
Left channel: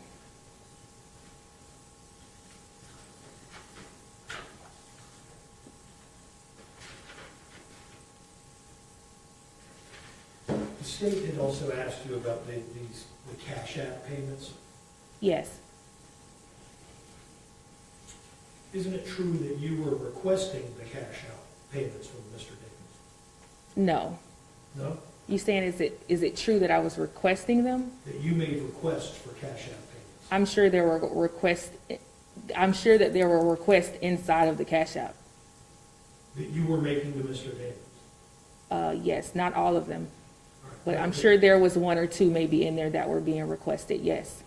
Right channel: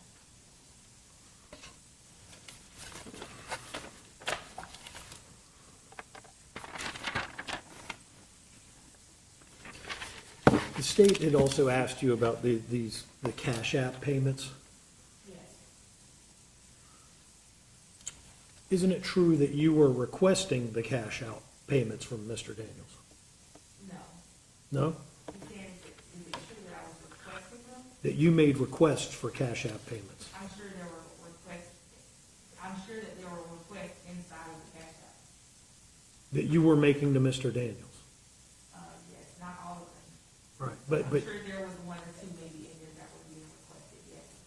The state had also asked you about the Cash App payments. Yes. Isn't it true that you were requesting the cash out payments from Mr. Daniels? No. No? You saying is it true that I was requesting them? That you made requests for Cash App payments? I'm sure there were requests. I'm sure that there were requests inside of the Cash App. That you were making to Mr. Daniels? Yes, not all of them, Right. but I'm sure there was one or two maybe in there that were being requested. Yes.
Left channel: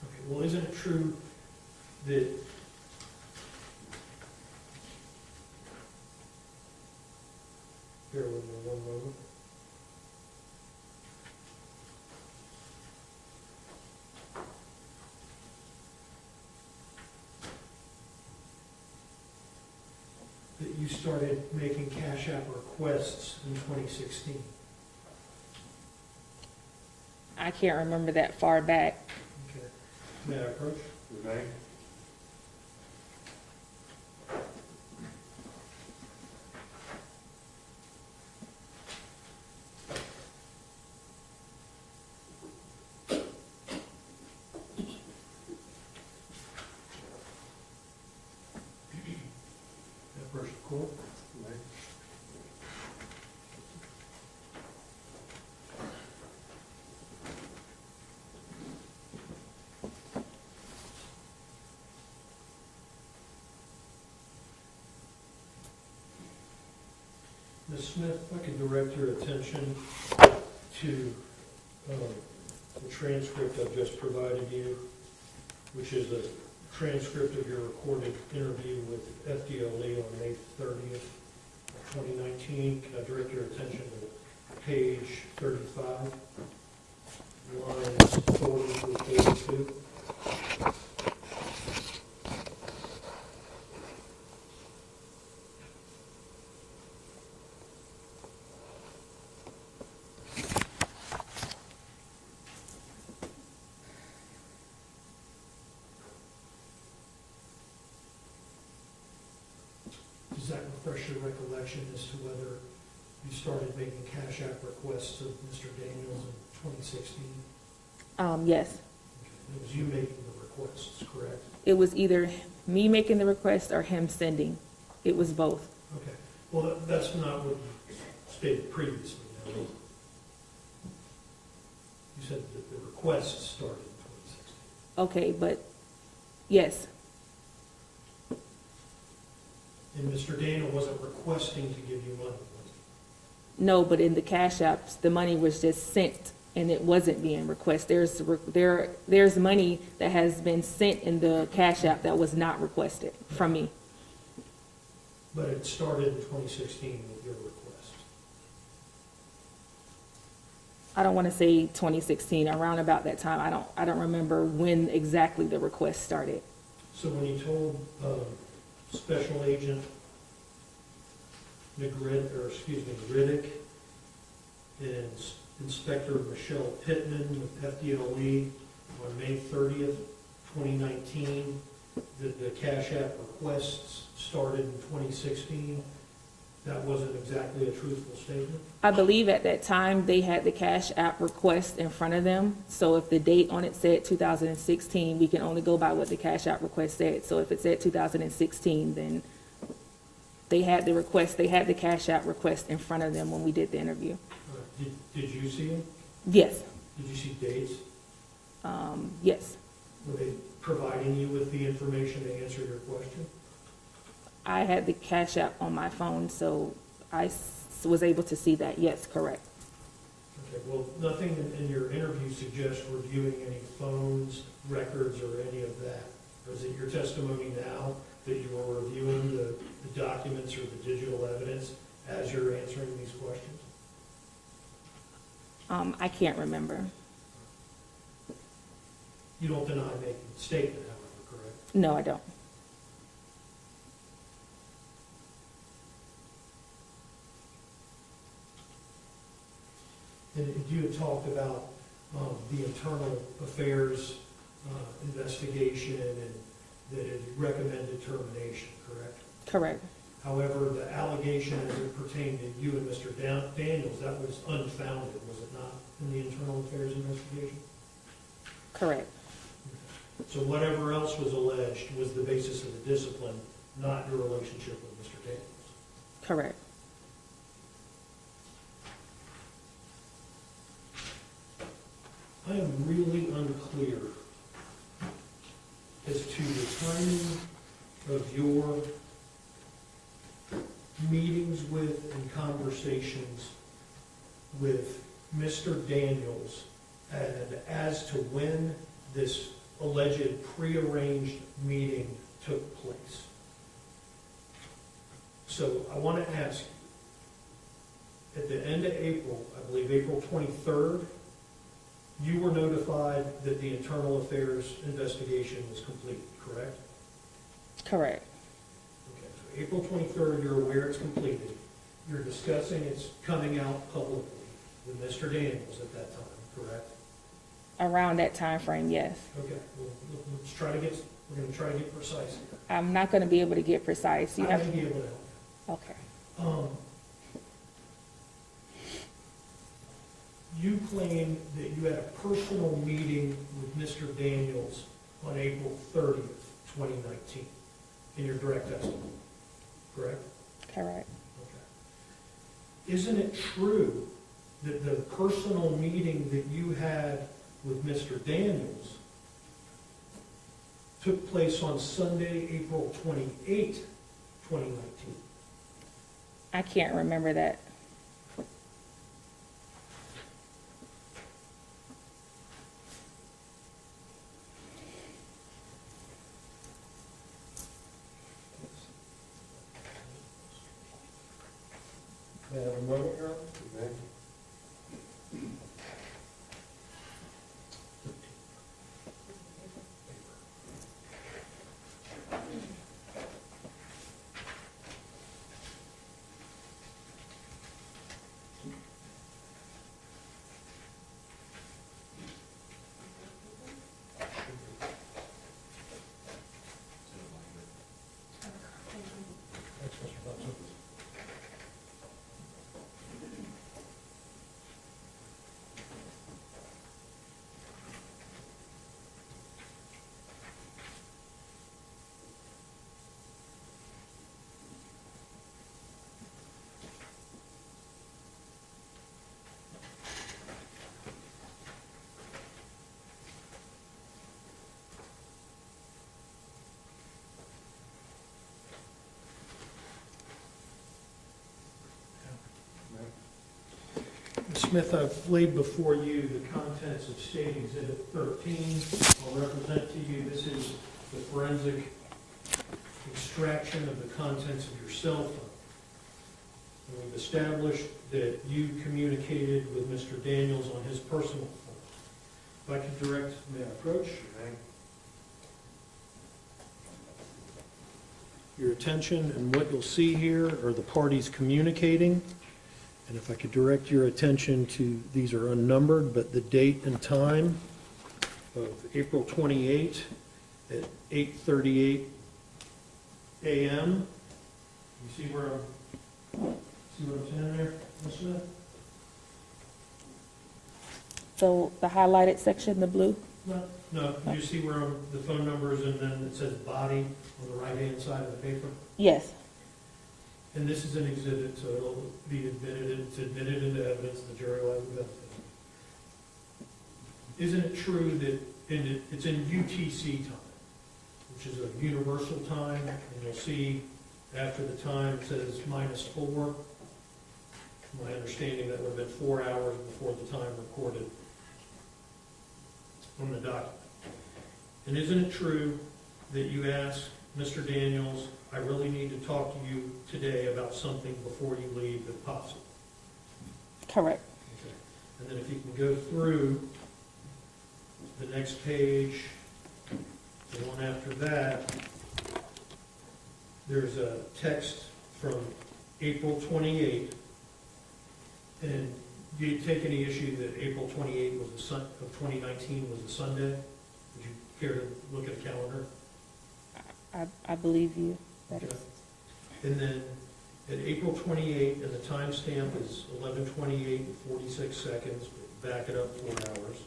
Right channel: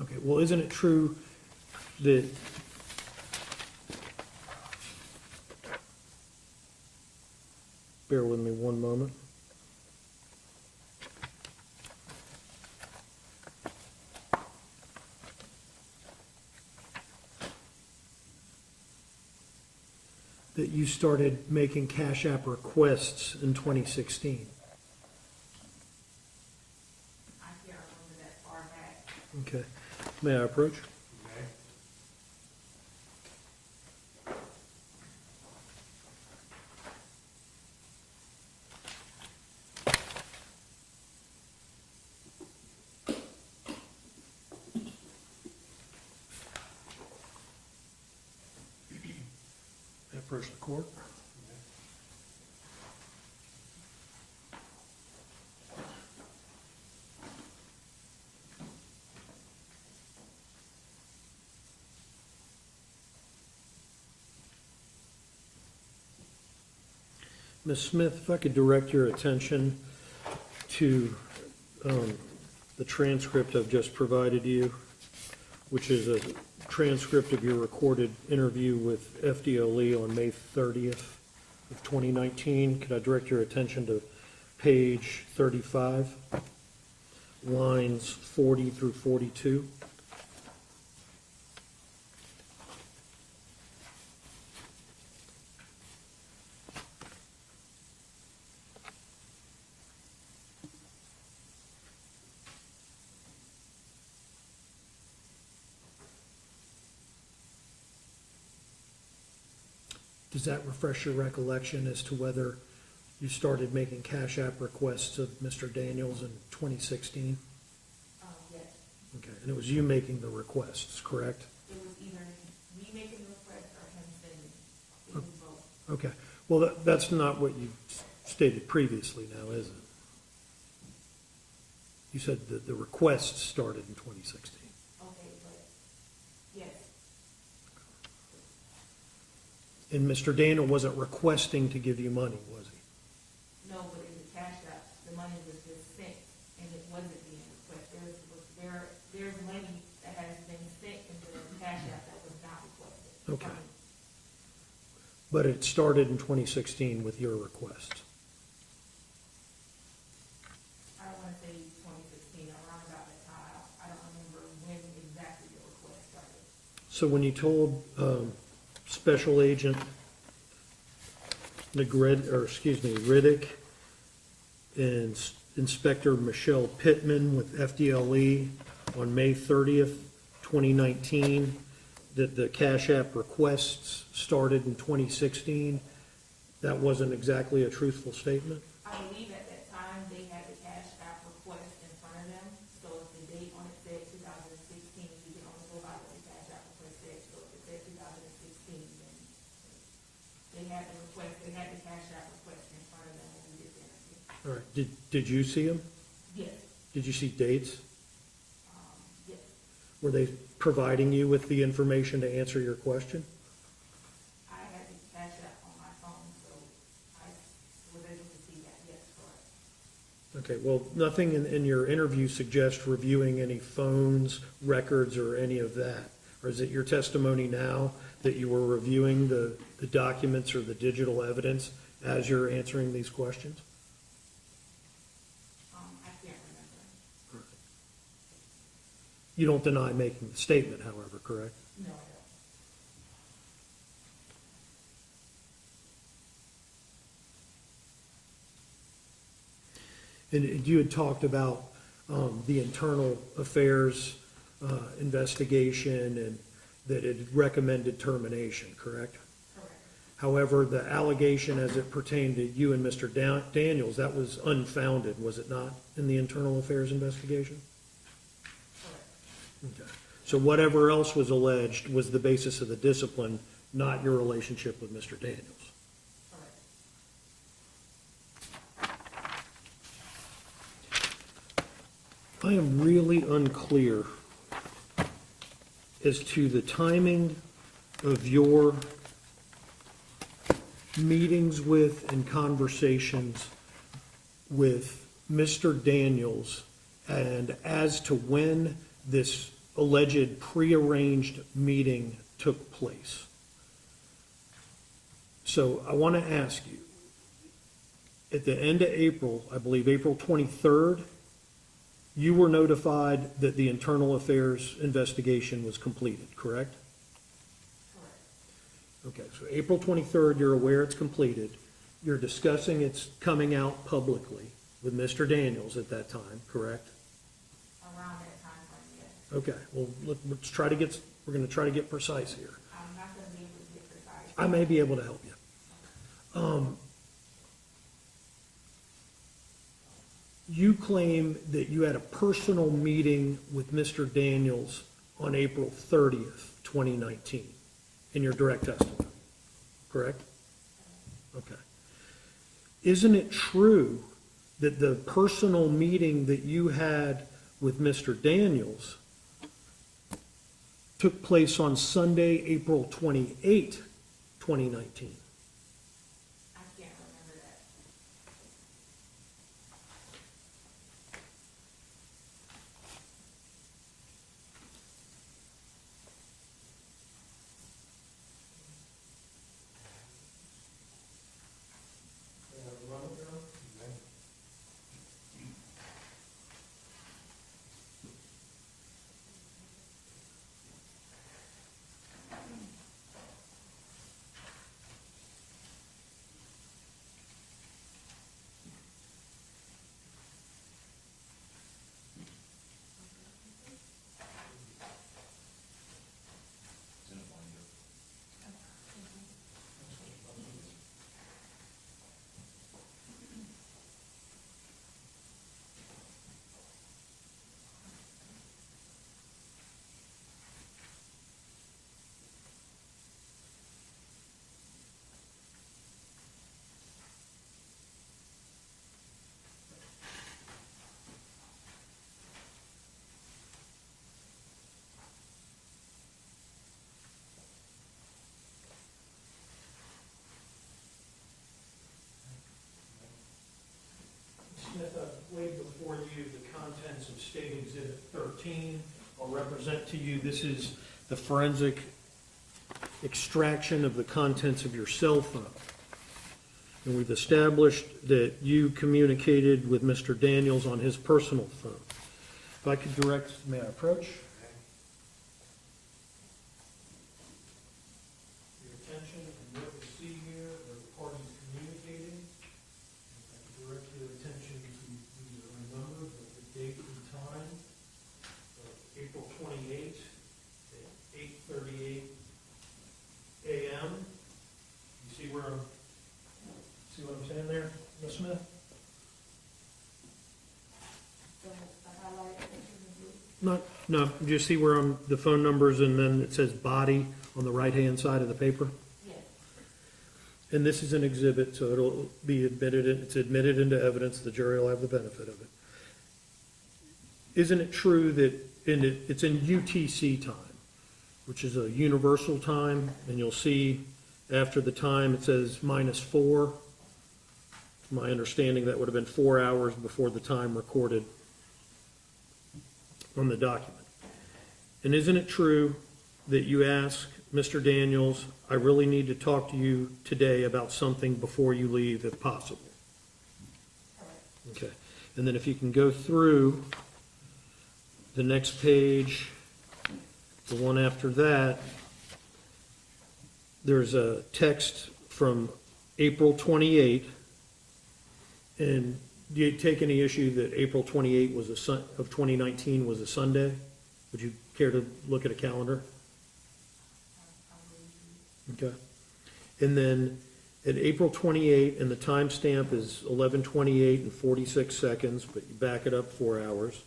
Okay, well, isn't it true that bear with me one moment. That you started making Cash App requests in 2016? I can't remember that far back. Okay. May I approach? You may. Approach the court. You may. Ms. Smith, if I could direct your attention to the transcript I've just provided you, which is a transcript of your recorded interview with FDLE on May 30th of 2019. Could I direct your attention to page 35, lines 40 through 42? Does that refresh your recollection as to whether you started making Cash App requests of Mr. Daniels in 2016? Yes. Okay, and it was you making the requests, correct? It was either me making the request or him sending. It was both. Okay, well, that's not what you stated previously now, is it? You said that the requests started in 2016. Okay, but yes. And Mr. Daniel wasn't requesting to give you money, was he? No, but in the Cash Apps, the money was just sent and it wasn't being requested. There's money that has been sent in the Cash App that was not requested from me. But it started in 2016 with your request. I don't want to say 2016, around about that time. I don't remember when exactly the request started. So when you told Special Agent Riddick and Inspector Michelle Pittman with FDLE on May 30th, 2019, that the Cash App requests started in 2016, that wasn't exactly a truthful statement? I believe at that time they had the Cash App request in front of them. So if the date on it said 2016, we can only go by what the Cash App request said. So if it said 2016, then they had the request, they had the Cash App request in front of them when we did the interview. All right. Did you see them? Yes. Did you see dates? Yes. Were they providing you with the information to answer your question? I had the Cash App on my phone, so I was able to see that. Yes, correct. Okay, well, nothing in your interview suggests reviewing any phones, records, or any of that. Or is it your testimony now that you were reviewing the documents or the digital evidence as you're answering these questions? I can't remember. You don't deny making the statement, however, correct? No, I don't. And you had talked about the internal affairs investigation and that it recommended termination, correct? Correct. However, the allegation as it pertained to you and Mr. Daniels, that was unfounded, was it not, in the internal affairs investigation? Correct. Okay. So whatever else was alleged was the basis of the discipline, not your relationship with Mr. Daniels? Correct. I am really unclear as to the timing of your meetings with and conversations with Mr. Daniels and as to when this alleged prearranged meeting took place. So I want to ask you, at the end of April, I believe April 23rd, you were notified that the internal affairs investigation was completed, correct? Correct. Okay, so April 23rd, you're aware it's completed. You're discussing it's coming out publicly with Mr. Daniels at that time, correct? Around that time frame, yes. Okay, well, look, we're going to try to get precise here. I'm not going to be able to get precise. I may be able to help you. Okay. You claim that you had a personal meeting with Mr. Daniels on April 30th, 2019, in your direct testimony, correct? Correct. Okay. Isn't it true that the personal meeting that you had with Mr. Daniels took place on Sunday, April 28, 2019? I can't remember that. May I have a moment, Your Honor? Smith, I've laid before you the contents of State Exhibit 13. I'll represent to you, this is the forensic extraction of the contents of your cell phone. And we've established that you communicated with Mr. Daniels on his personal phone. If I could direct, may I approach? Your attention, and what you'll see here are the parties communicating. And if I could direct your attention to, these are unnumbered, but the date and time of April 28 at 8:38 a.m. You see where I'm saying there, Ms. Smith? So the highlighted section, the blue? No, you see where the phone numbers and then it says body on the right-hand side of the paper? Yes. And this is an exhibit, so it'll be admitted, it's admitted into evidence, the jury will have the benefit of it. Isn't it true that it's in UTC time, which is a universal time, and you'll see after the time it says -4? My understanding, that would have been 4 hours before the time recorded on the document. And isn't it true that you asked Mr. Daniels, I really need to talk to you today about something before you leave if possible? Correct. Okay. And then if you can go through the next page, the one after that, there's a text from April 28, and do you take any issue that April 28 was of 2019 was a Sunday? Would you care to look at a calendar? I believe you. Okay. And then at April 28, and the timestamp is 11:28 and 46 seconds, but you back it up 4 hours.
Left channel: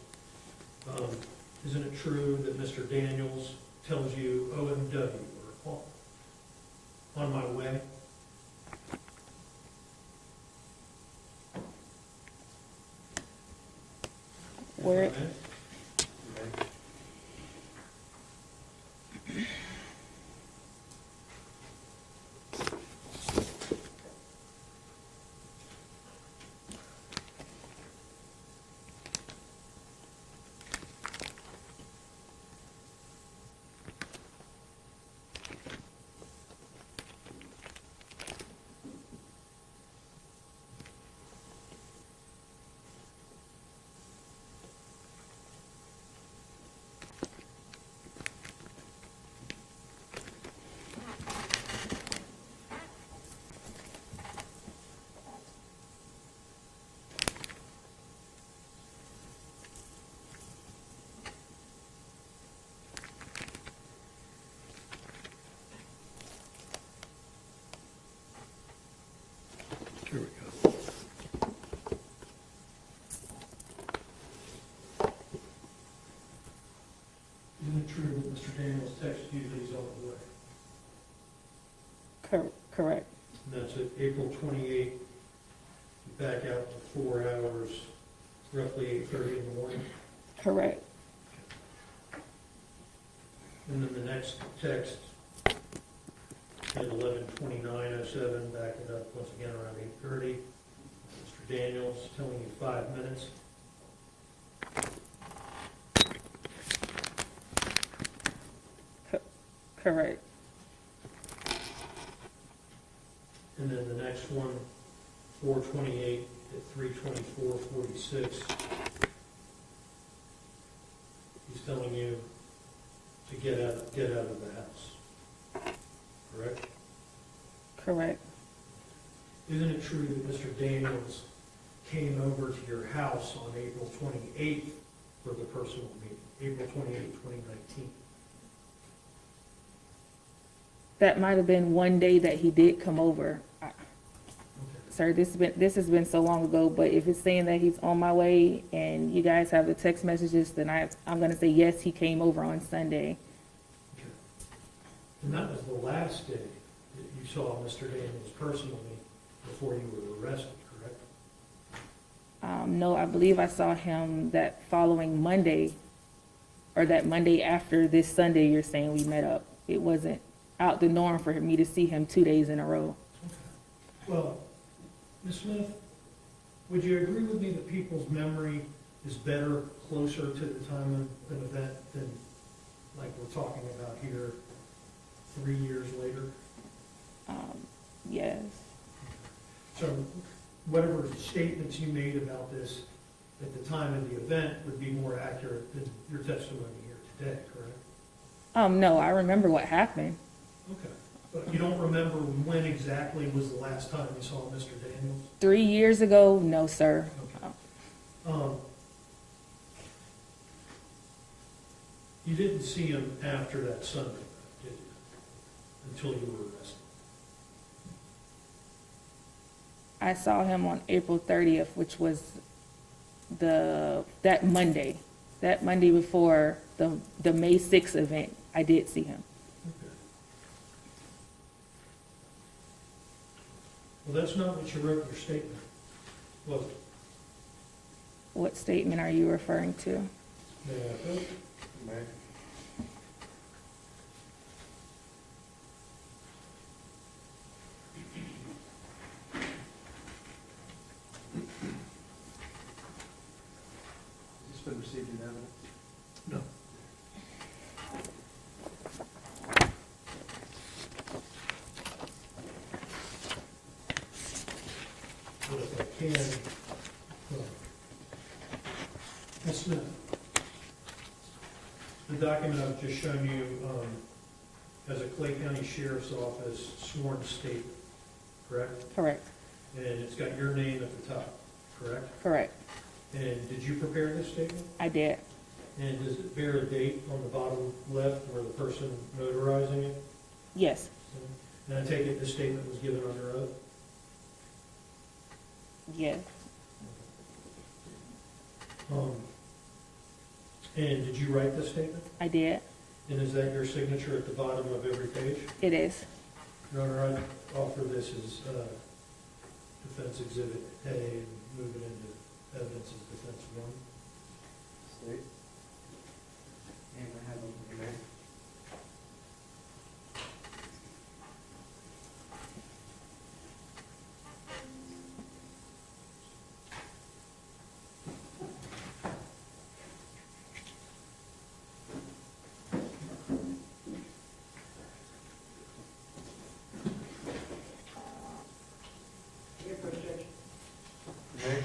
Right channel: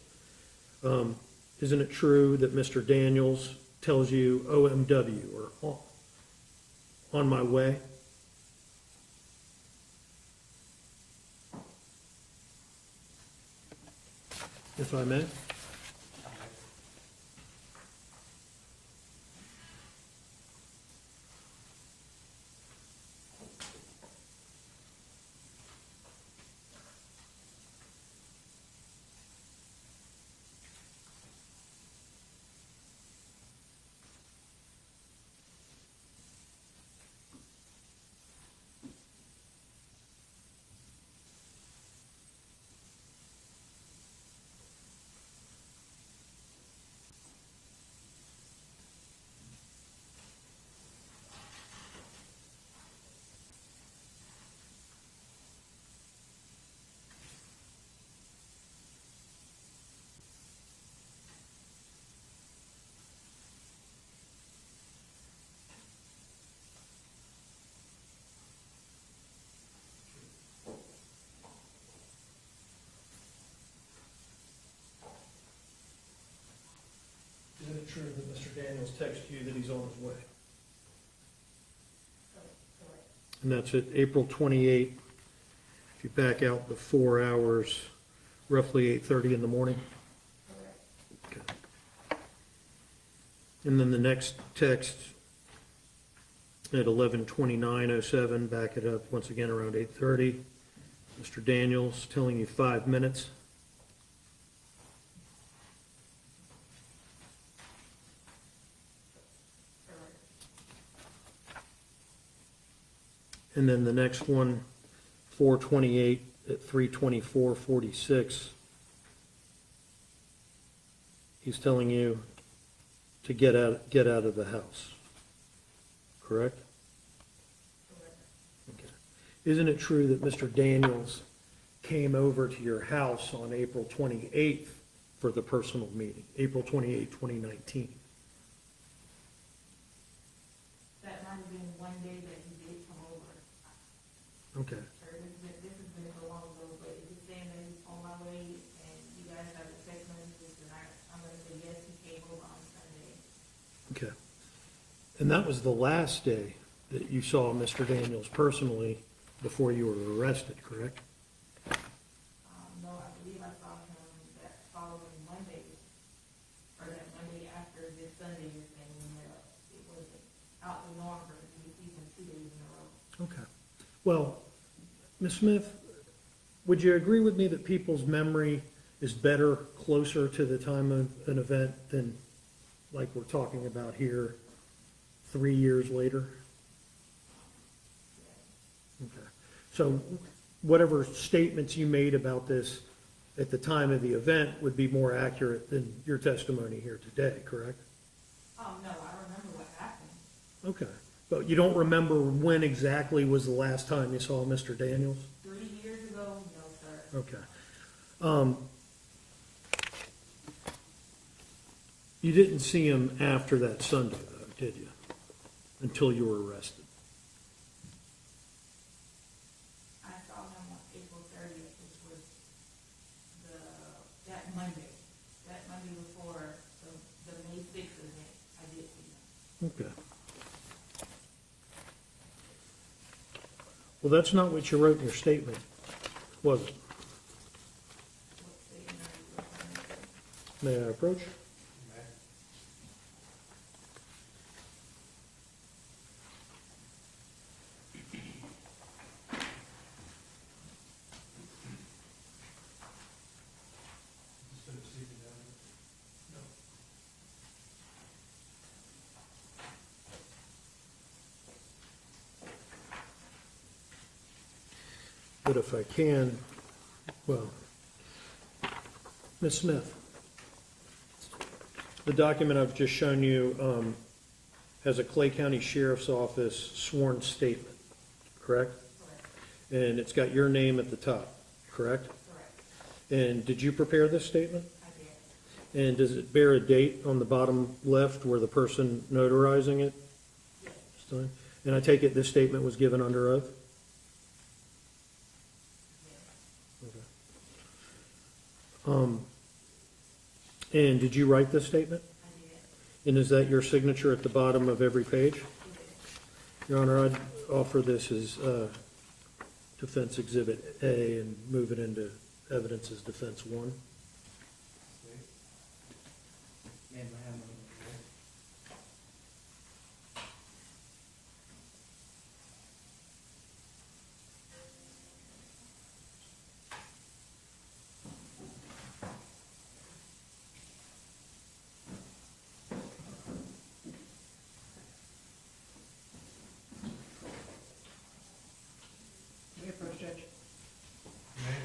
Isn't it true that Mr. Daniels tells you OMW, or on my way? If I may? Here we go. Isn't it true that Mr. Daniels texted you that he's on his way? Correct. And that's at April 28. If you back out the 4 hours, roughly 8:30 in the morning. Correct. And then the next text at 11:29:07, back it up once again around 8:30. Mr. Daniels telling you 5 minutes. Correct. And then the next one, 4:28 at 3:24:46. He's telling you to get out of the house. Correct? Correct. Isn't it true that Mr. Daniels came over to your house on April 28th for the personal meeting, April 28, 2019? That might have been one day that he did come over. Okay. Sir, this has been so long ago, but if it's saying that he's on my way and you guys have the text messages, then I'm gonna say, yes, he came over on Sunday. Okay. And that was the last day that you saw Mr. Daniels personally before you were arrested, correct? No, I believe I saw him that following Monday, or that Monday after this Sunday you're saying we met up. It wasn't out the norm for me to see him 2 days in a row. Okay. Well, Ms. Smith, would you agree with me that people's memory is better closer to the time of an event than like we're talking about here 3 years later? Yes. Okay. So whatever statements you made about this at the time of the event would be more accurate than your testimony here today, correct? No, I remember what happened. Okay. But you don't remember when exactly was the last time you saw Mr. Daniels? 3 years ago, no, sir. Okay. You didn't see him after that Sunday, though, did you? Until you were arrested? I saw him on April 30th, which was that Monday before the May 6th event. I did see him. Okay. Well, that's not what you wrote in your statement, was it? What statement are you referring to? May I approach? received in evidence? No. But if I can, well, Ms. Smith, the document I've just shown you has a Clay County Sheriff's Office sworn statement, correct? Correct, And it's got your name at the top, correct? correct. And did you prepare this statement? I did. And does it bear a date on the bottom left where the person notarizing it? Yes, And I take it this statement was given under oath? yes, And did you write this statement? I did. And is that your signature at the bottom of every page? It is. Your Honor, I'd offer this as Defense Exhibit A and move it into evidence as Defense 1. State. And I have a- Okay, First Judge. May.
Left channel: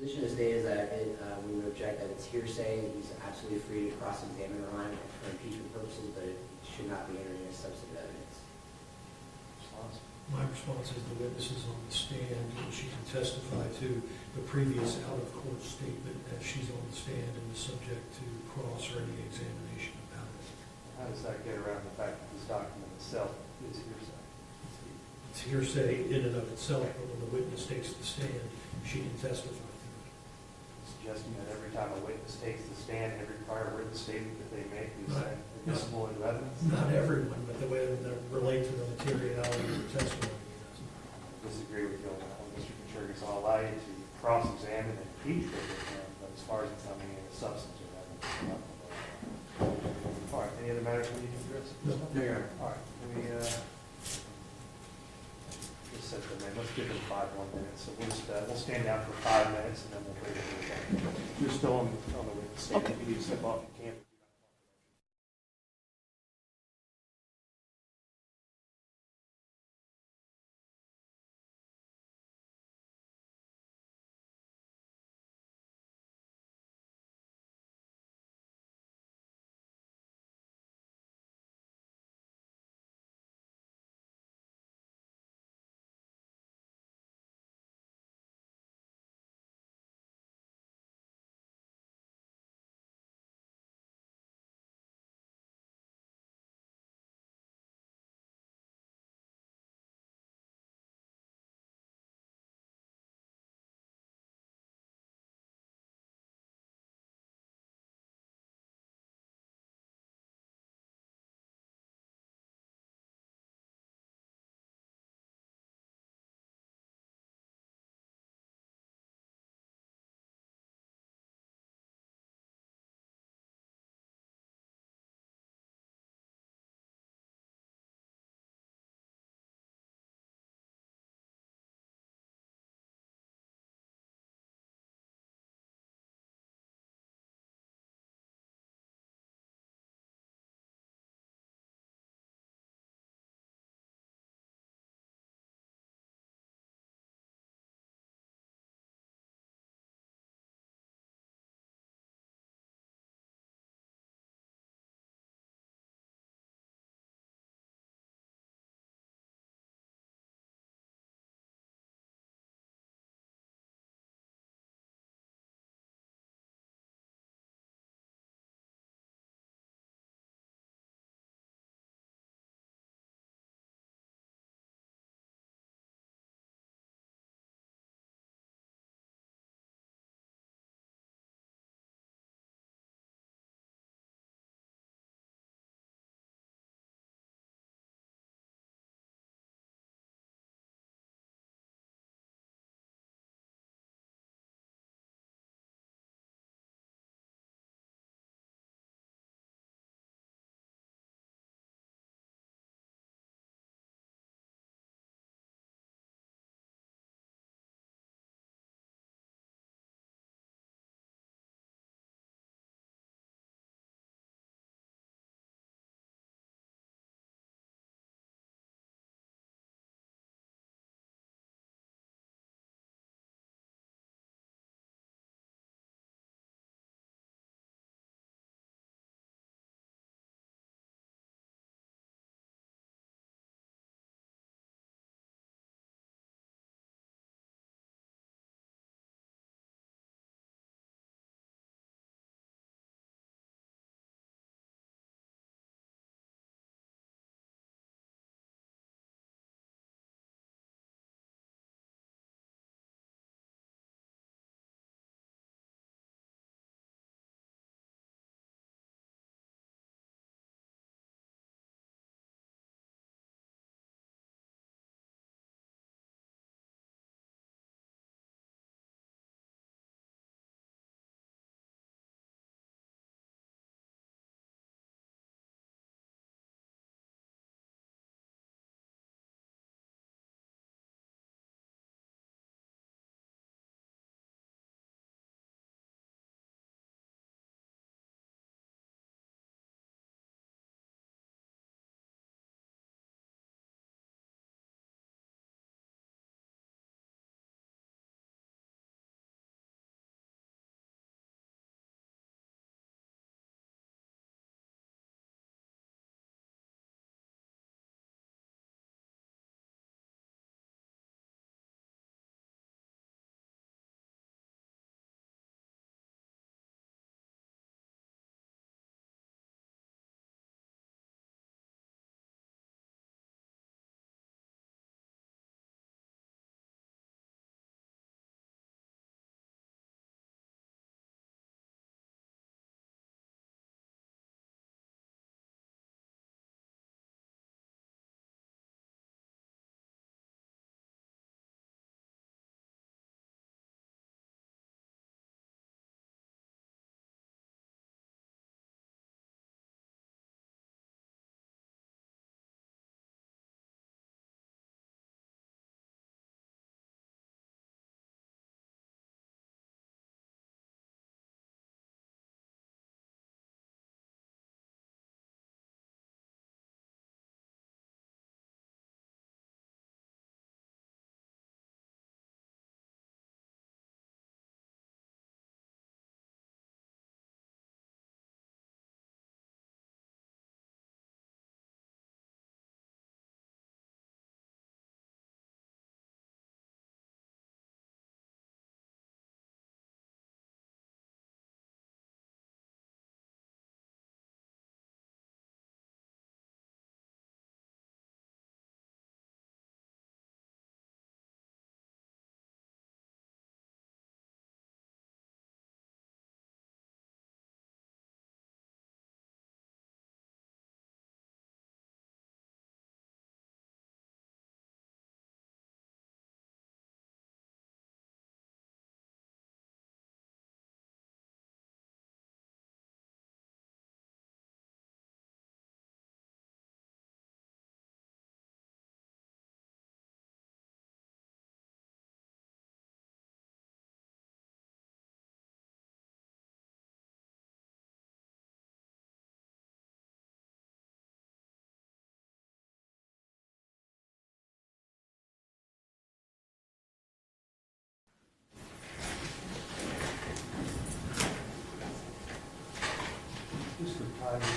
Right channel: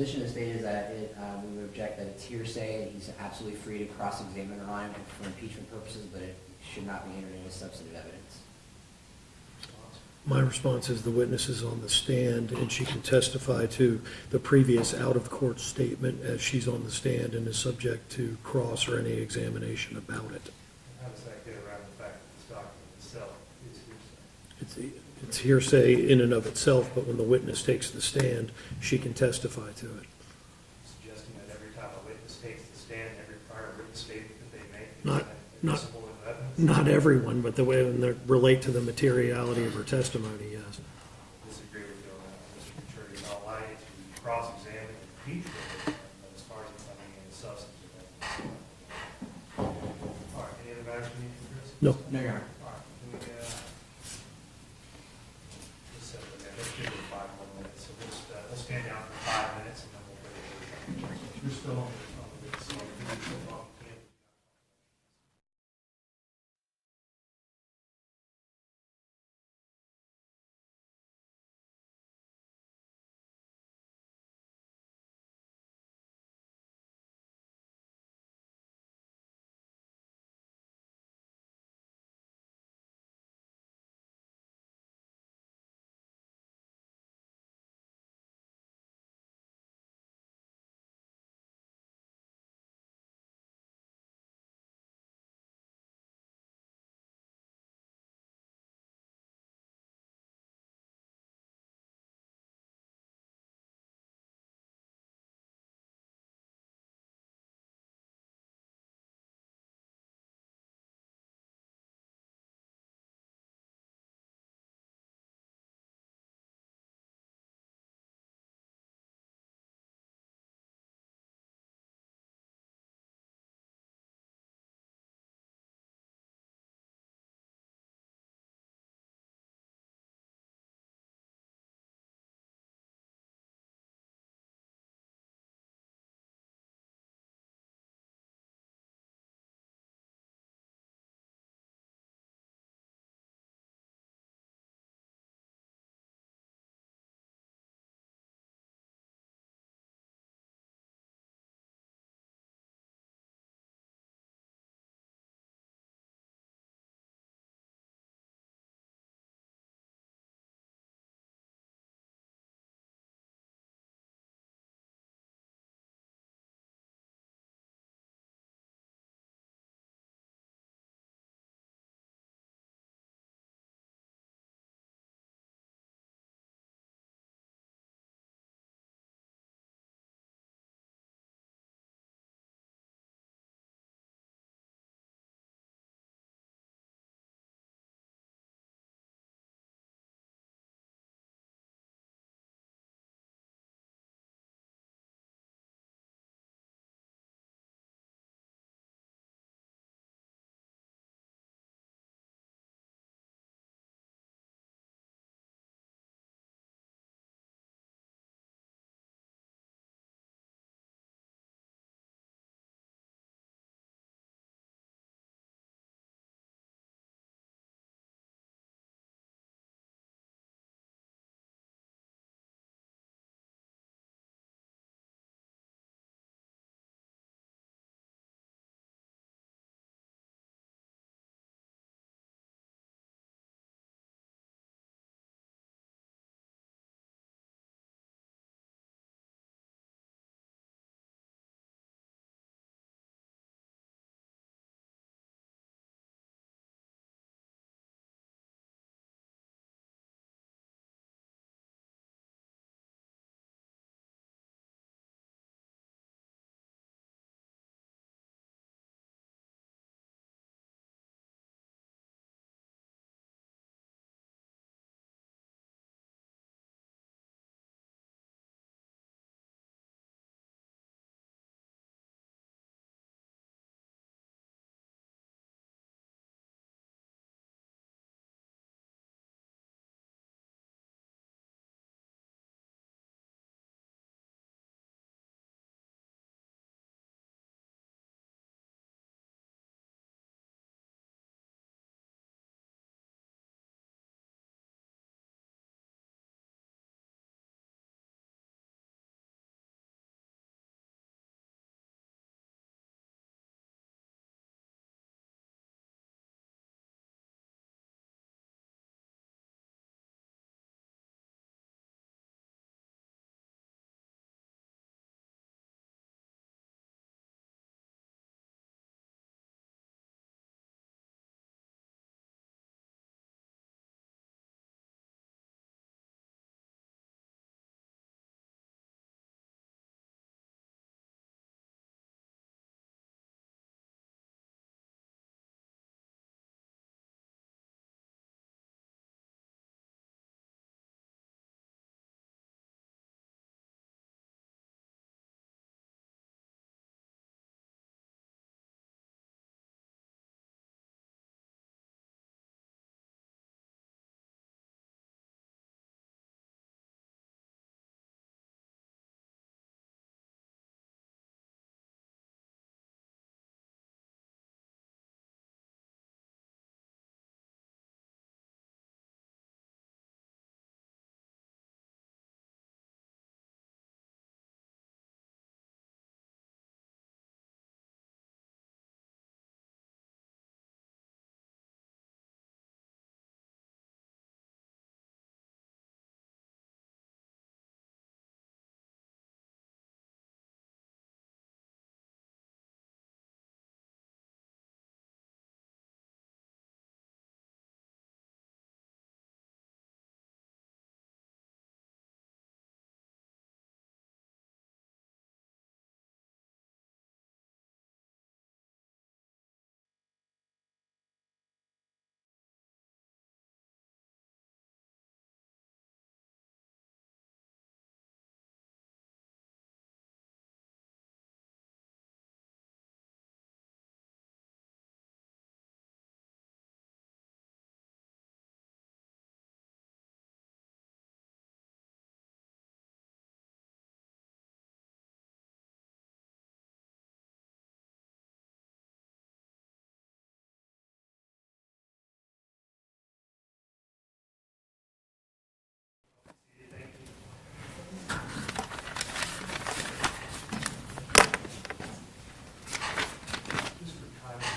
position of the state is that we would object that it's hearsay, and he's absolutely free to cross-examine Ryan for impeachment purposes, but it should not be entering as substantive evidence. My response is the witness is on the stand and she can testify to the previous out-of-court statement as she's on the stand and is subject to cross or any examination about it. How does that get around the fact that this document itself is hearsay? It's hearsay in and of itself, but when the witness takes the stand, she can testify to it. Suggesting that every time a witness takes the stand, every prior witness statement that they make is Not- admissible into evidence? Not everyone, but the way they relate to the materiality of her testimony, yes. Disagree with you on that. Mr. Kachurgas, I'll allow you to cross-examine and impeach her, but as far as becoming into substantive evidence. All right, any other matters we need to address? No. No, Your Honor. All right, can we, just set the man, let's give them 5 more minutes. So we'll stand down for 5 minutes and then we'll bring it to the. You're still on the witness stand. Okay. You can step up. You can't.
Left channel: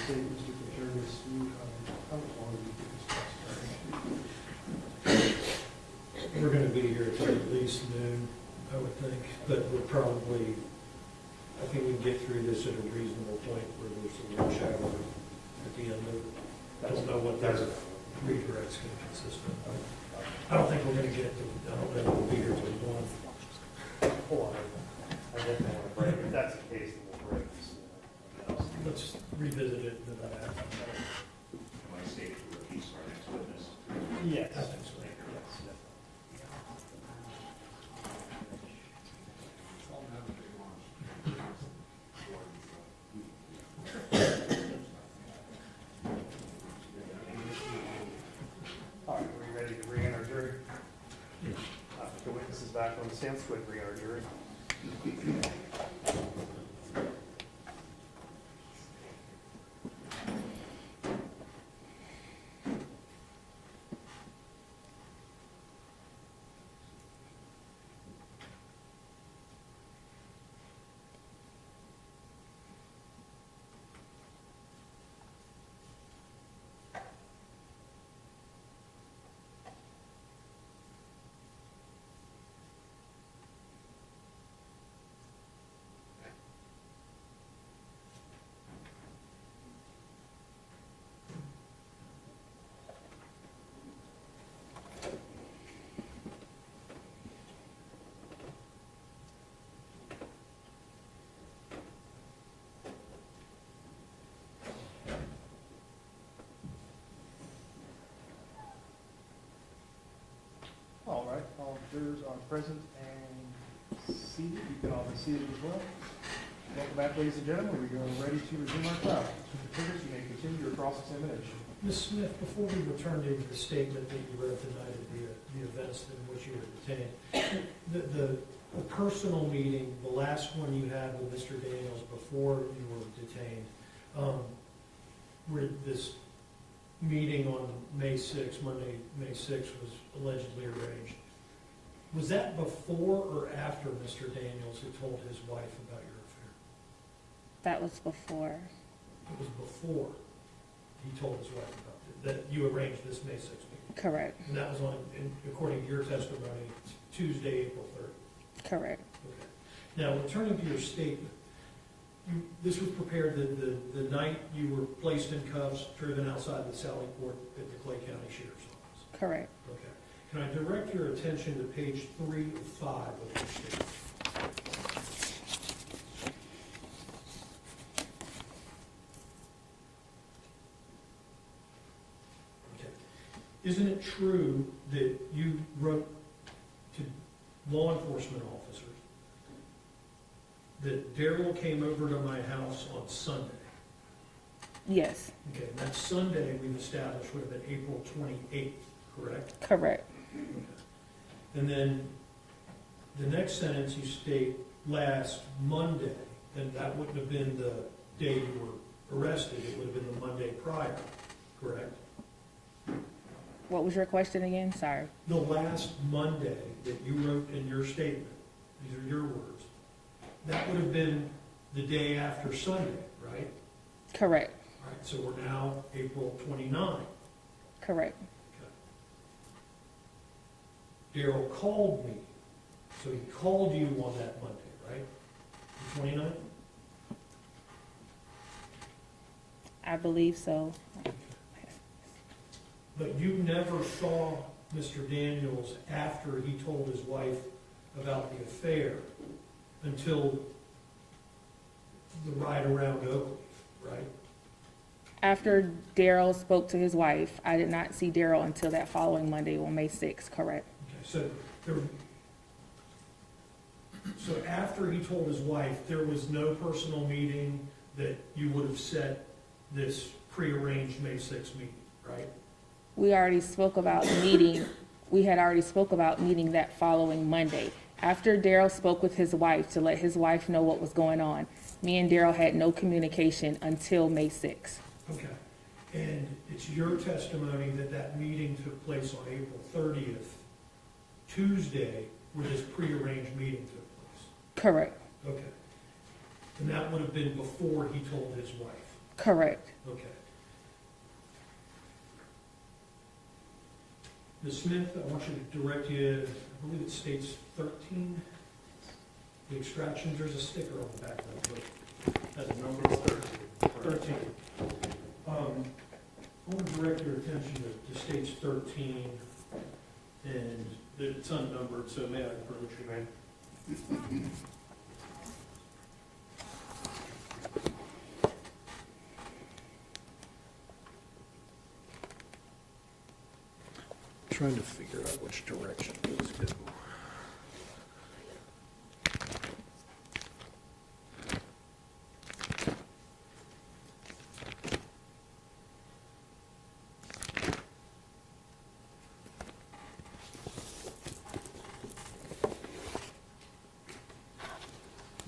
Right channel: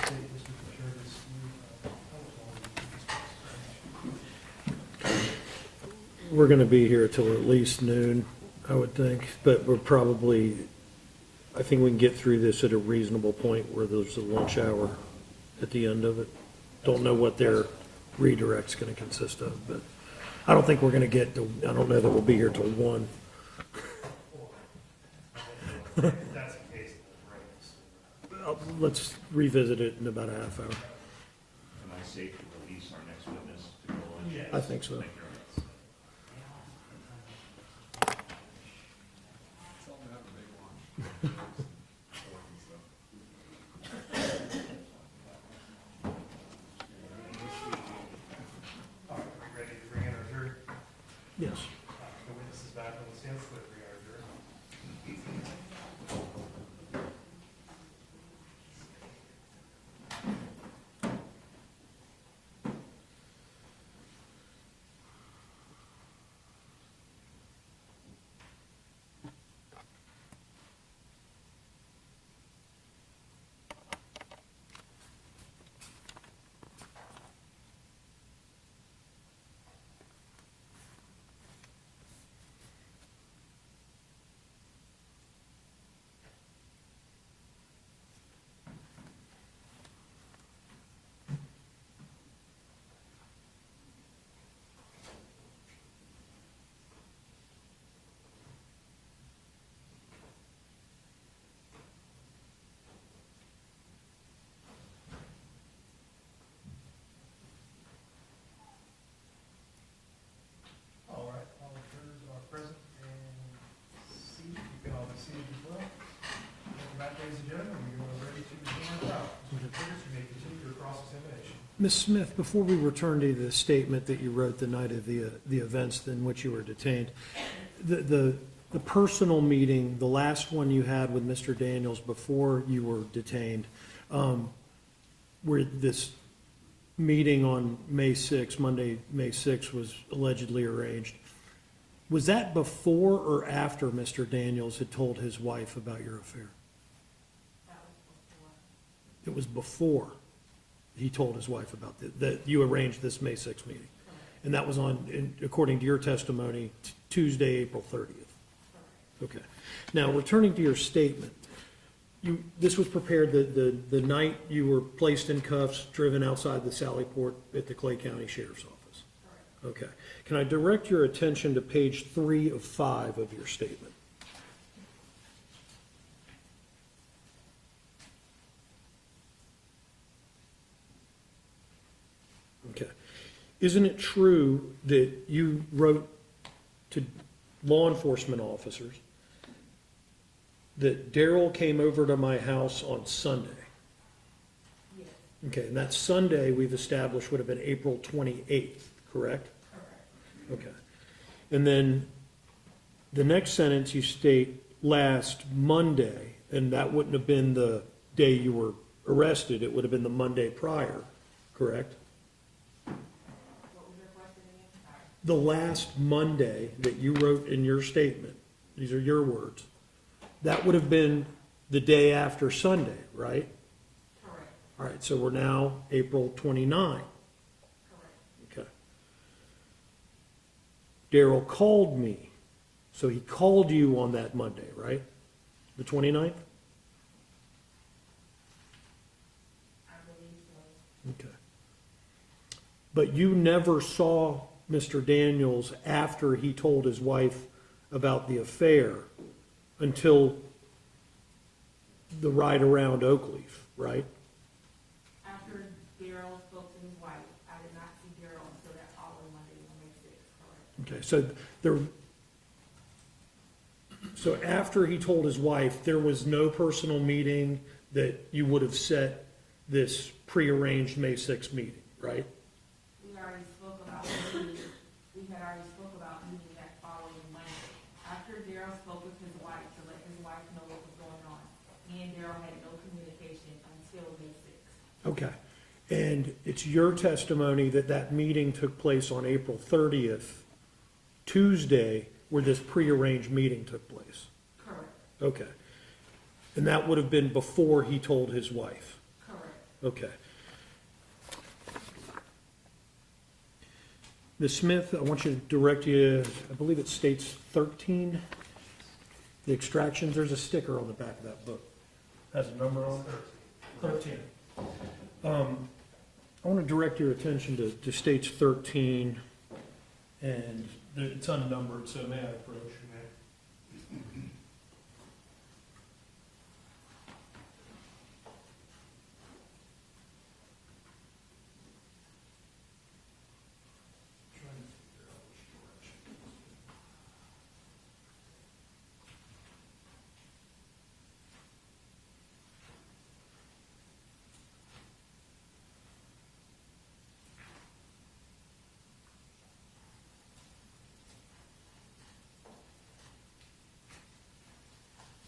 state, Mr. Jervis, how much longer do you think it's We're gonna be here till at least noon, I would think, but we're probably, I think we can get through this at a reasonable point where there's a lunch hour at the end of it. Don't know what their redirect's gonna consist of, but I don't think we're gonna get to, I don't know that we'll be here till 1. Hold on. I get that. If that's the case, we'll break this. Let's revisit it in about a half hour. Am I safe to release our next witness? Yes. I think so. Yes. All right, are we ready to re-enter jury? Yes. The witness is back on the stand, so we re-enter jury. All right, all jurors are present and seated. You can all be seated as well. Welcome back, ladies and gentlemen. We are ready to resume our trial. Mr. Curtis, you may continue your cross-examination. Ms. Smith, before we return to the statement that you wrote the night of the events in which you were detained, the personal meeting, the last one you had with Mr. Daniels before you were detained, where this meeting on May 6th, Monday, May 6th, was allegedly arranged, was that before or after Mr. Daniels had told his wife about your affair? That was before. It was before he told his wife about that you arranged this May 6th meeting? Correct. And that was according to your testimony, Tuesday, April 30th? Correct. Okay. Now, returning to your statement, this was prepared the night you were placed in cuffs, driven outside the Sally Port at the Clay County Sheriff's Office? Correct. Okay. Can I direct your attention to page 3 of 5 of your statement? Okay. Isn't it true that you wrote to law enforcement officers that Darryl came over to my house on Sunday? Yes. Okay, and that Sunday, we've established, would have been April 28th, correct? Correct. Okay. And then the next sentence, you state last Monday, and that wouldn't have been the day you were arrested, it would have been the Monday prior, correct? What was your question again? Sorry. The last Monday that you wrote in your statement, these are your words, that would have been the day after Sunday, right? Correct. All right, so we're now April 29. Correct. Okay. Darryl called me, so he called you on that Monday, right? The 29th? I believe so. Okay. But you never saw Mr. Daniels after he told his wife about the affair until the ride around Oakleaf, right? After Darryl spoke to his wife, I did not see Darryl until that following Monday on May 6th, correct? Okay, so after he told his wife, there was no personal meeting that you would have set this prearranged May 6th meeting, right? We already spoke about meeting, we had already spoke about meeting that following Monday. After Darryl spoke with his wife to let his wife know what was going on, me and Darryl had no communication until May 6th. Okay. And it's your testimony that that meeting took place on April 30th, Tuesday, where this prearranged meeting took place? Correct. Okay. And that would have been before he told his wife? Correct. Okay. Ms. Smith, I want you to direct you, I believe it states 13. The extractions, there's a sticker on the back of that book. Has a number on it. 13. I want to direct your attention to stage 13, and it's unnumbered, so may I approach you, man? Trying to figure out which direction these go.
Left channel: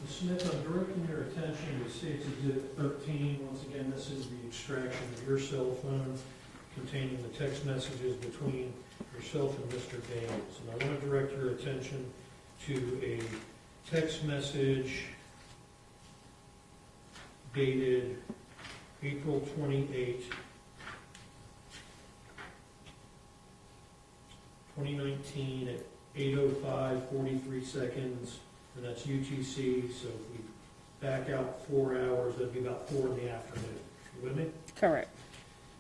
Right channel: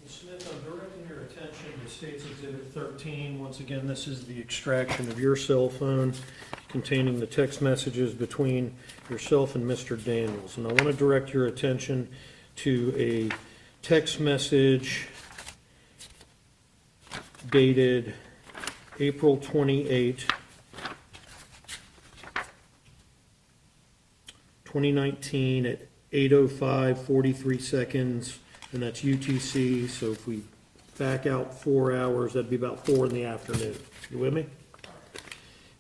Ms. Smith, I'm directing your attention to State's Exhibit 13. Once again, this is the extraction of your cell phone containing the text messages between yourself and Mr. Daniels. And I want to direct your attention to a text message dated April 28, 2019 at 8:05:43 seconds, and that's UTC. So if we back out 4 hours, that'd be about 4 in the afternoon. You with me? Correct.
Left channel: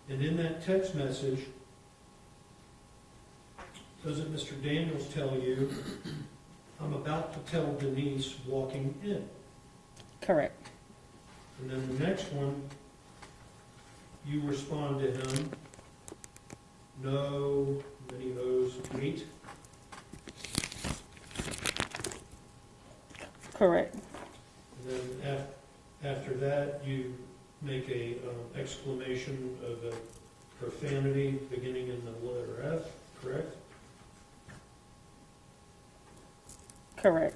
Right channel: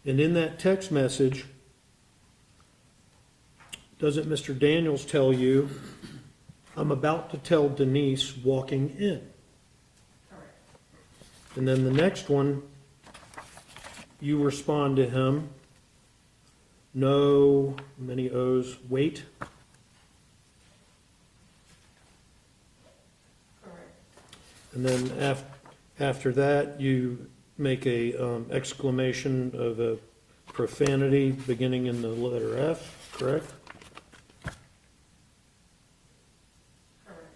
And in that text message, doesn't Mr. Daniels tell you, I'm about to tell Denise walking in? Correct. And then the next one, you respond to him, no, many O's, wait. Correct. And then after that, you make a exclamation of a profanity beginning in the letter F, correct? Correct.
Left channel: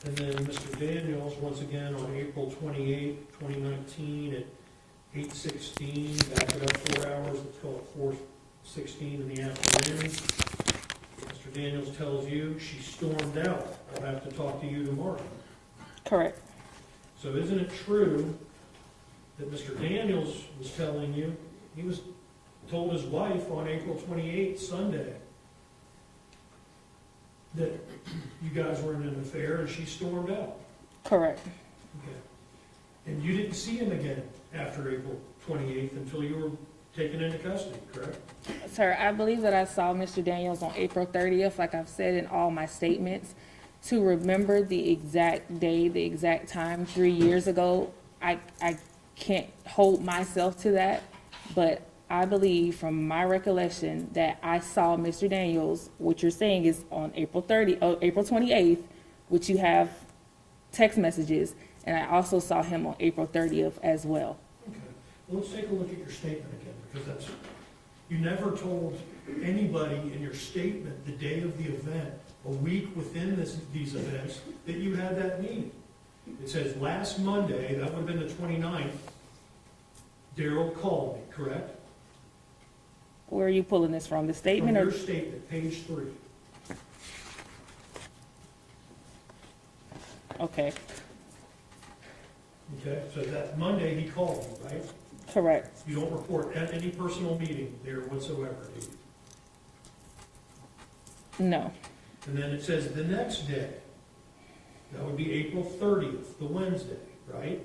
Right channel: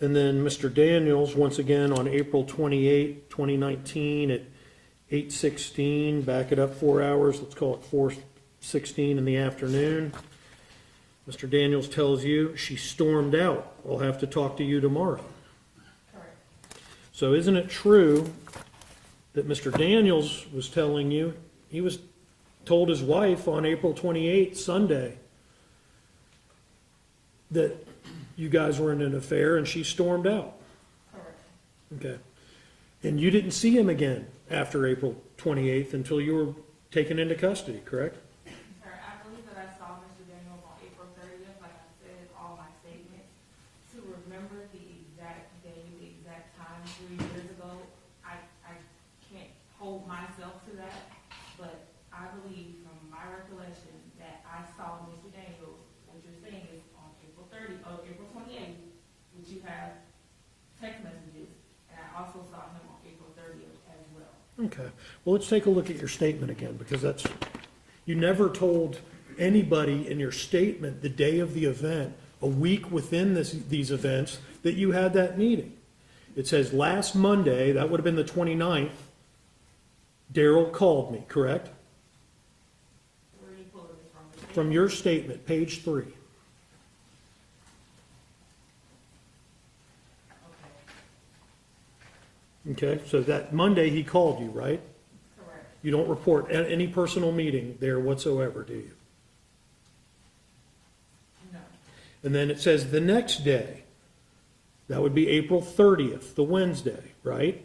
And then Mr. Daniels, once again, on April 28, 2019 at 8:16, back it up 4 hours, let's call it 4:16 in the afternoon. Mr. Daniels tells you, she stormed out. I'll have to talk to you tomorrow. Correct. So isn't it true that Mr. Daniels was telling you, he was told his wife on April 28th, Sunday, that you guys were in an affair and she stormed out? Correct. Okay. And you didn't see him again after April 28th until you were taken into custody, correct? Sir, I believe that I saw Mr. Daniels on April 30th, like I've said in all my statements. To remember the exact day, the exact time, 3 years ago, I can't hold myself to that, but I believe from my recollection that I saw Mr. Daniels, what you're saying is on April 28th, which you have text messages, and I also saw him on April 30th as well. Okay. Well, let's take a look at your statement again, because you never told anybody in your statement the day of the event, a week within these events, that you had that meeting. It says last Monday, that would have been the 29th, Darryl called me, correct? Where are you pulling this from? The statement? From your or- statement, page 3. Okay, Okay, so that Monday he called you, right? correct. You don't report any personal meeting there whatsoever, do you? No, And then it says the next day, that would be April 30th, the Wednesday, right?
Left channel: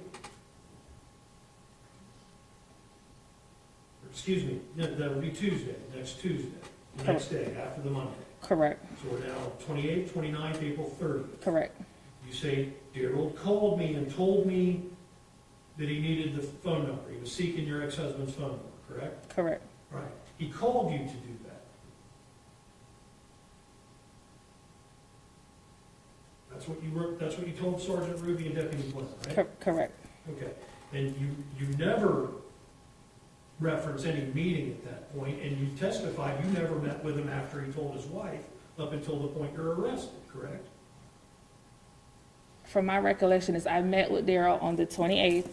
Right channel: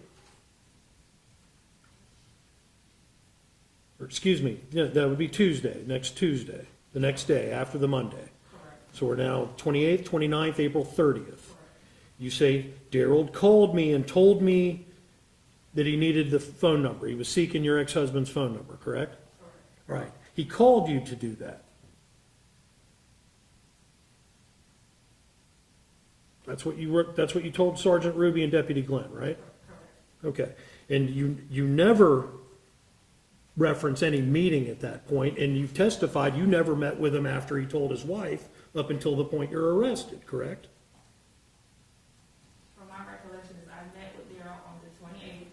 Or excuse me, yeah, that would be Tuesday, next Tuesday, the next day after the Monday. correct, So we're now 28th, 29th, April 30th. correct, You say, Darryl called me and told me that he needed the phone number. He was seeking your ex-husband's phone number, correct? correct, Right. He called you to do that. That's what you told Sergeant Ruby and Deputy Glenn, right? correct, Okay. And you never reference any meeting at that point, and you testified you never met with him after he told his wife up until the point you're arrested, correct? From my recollection is I met with Darryl on the 28th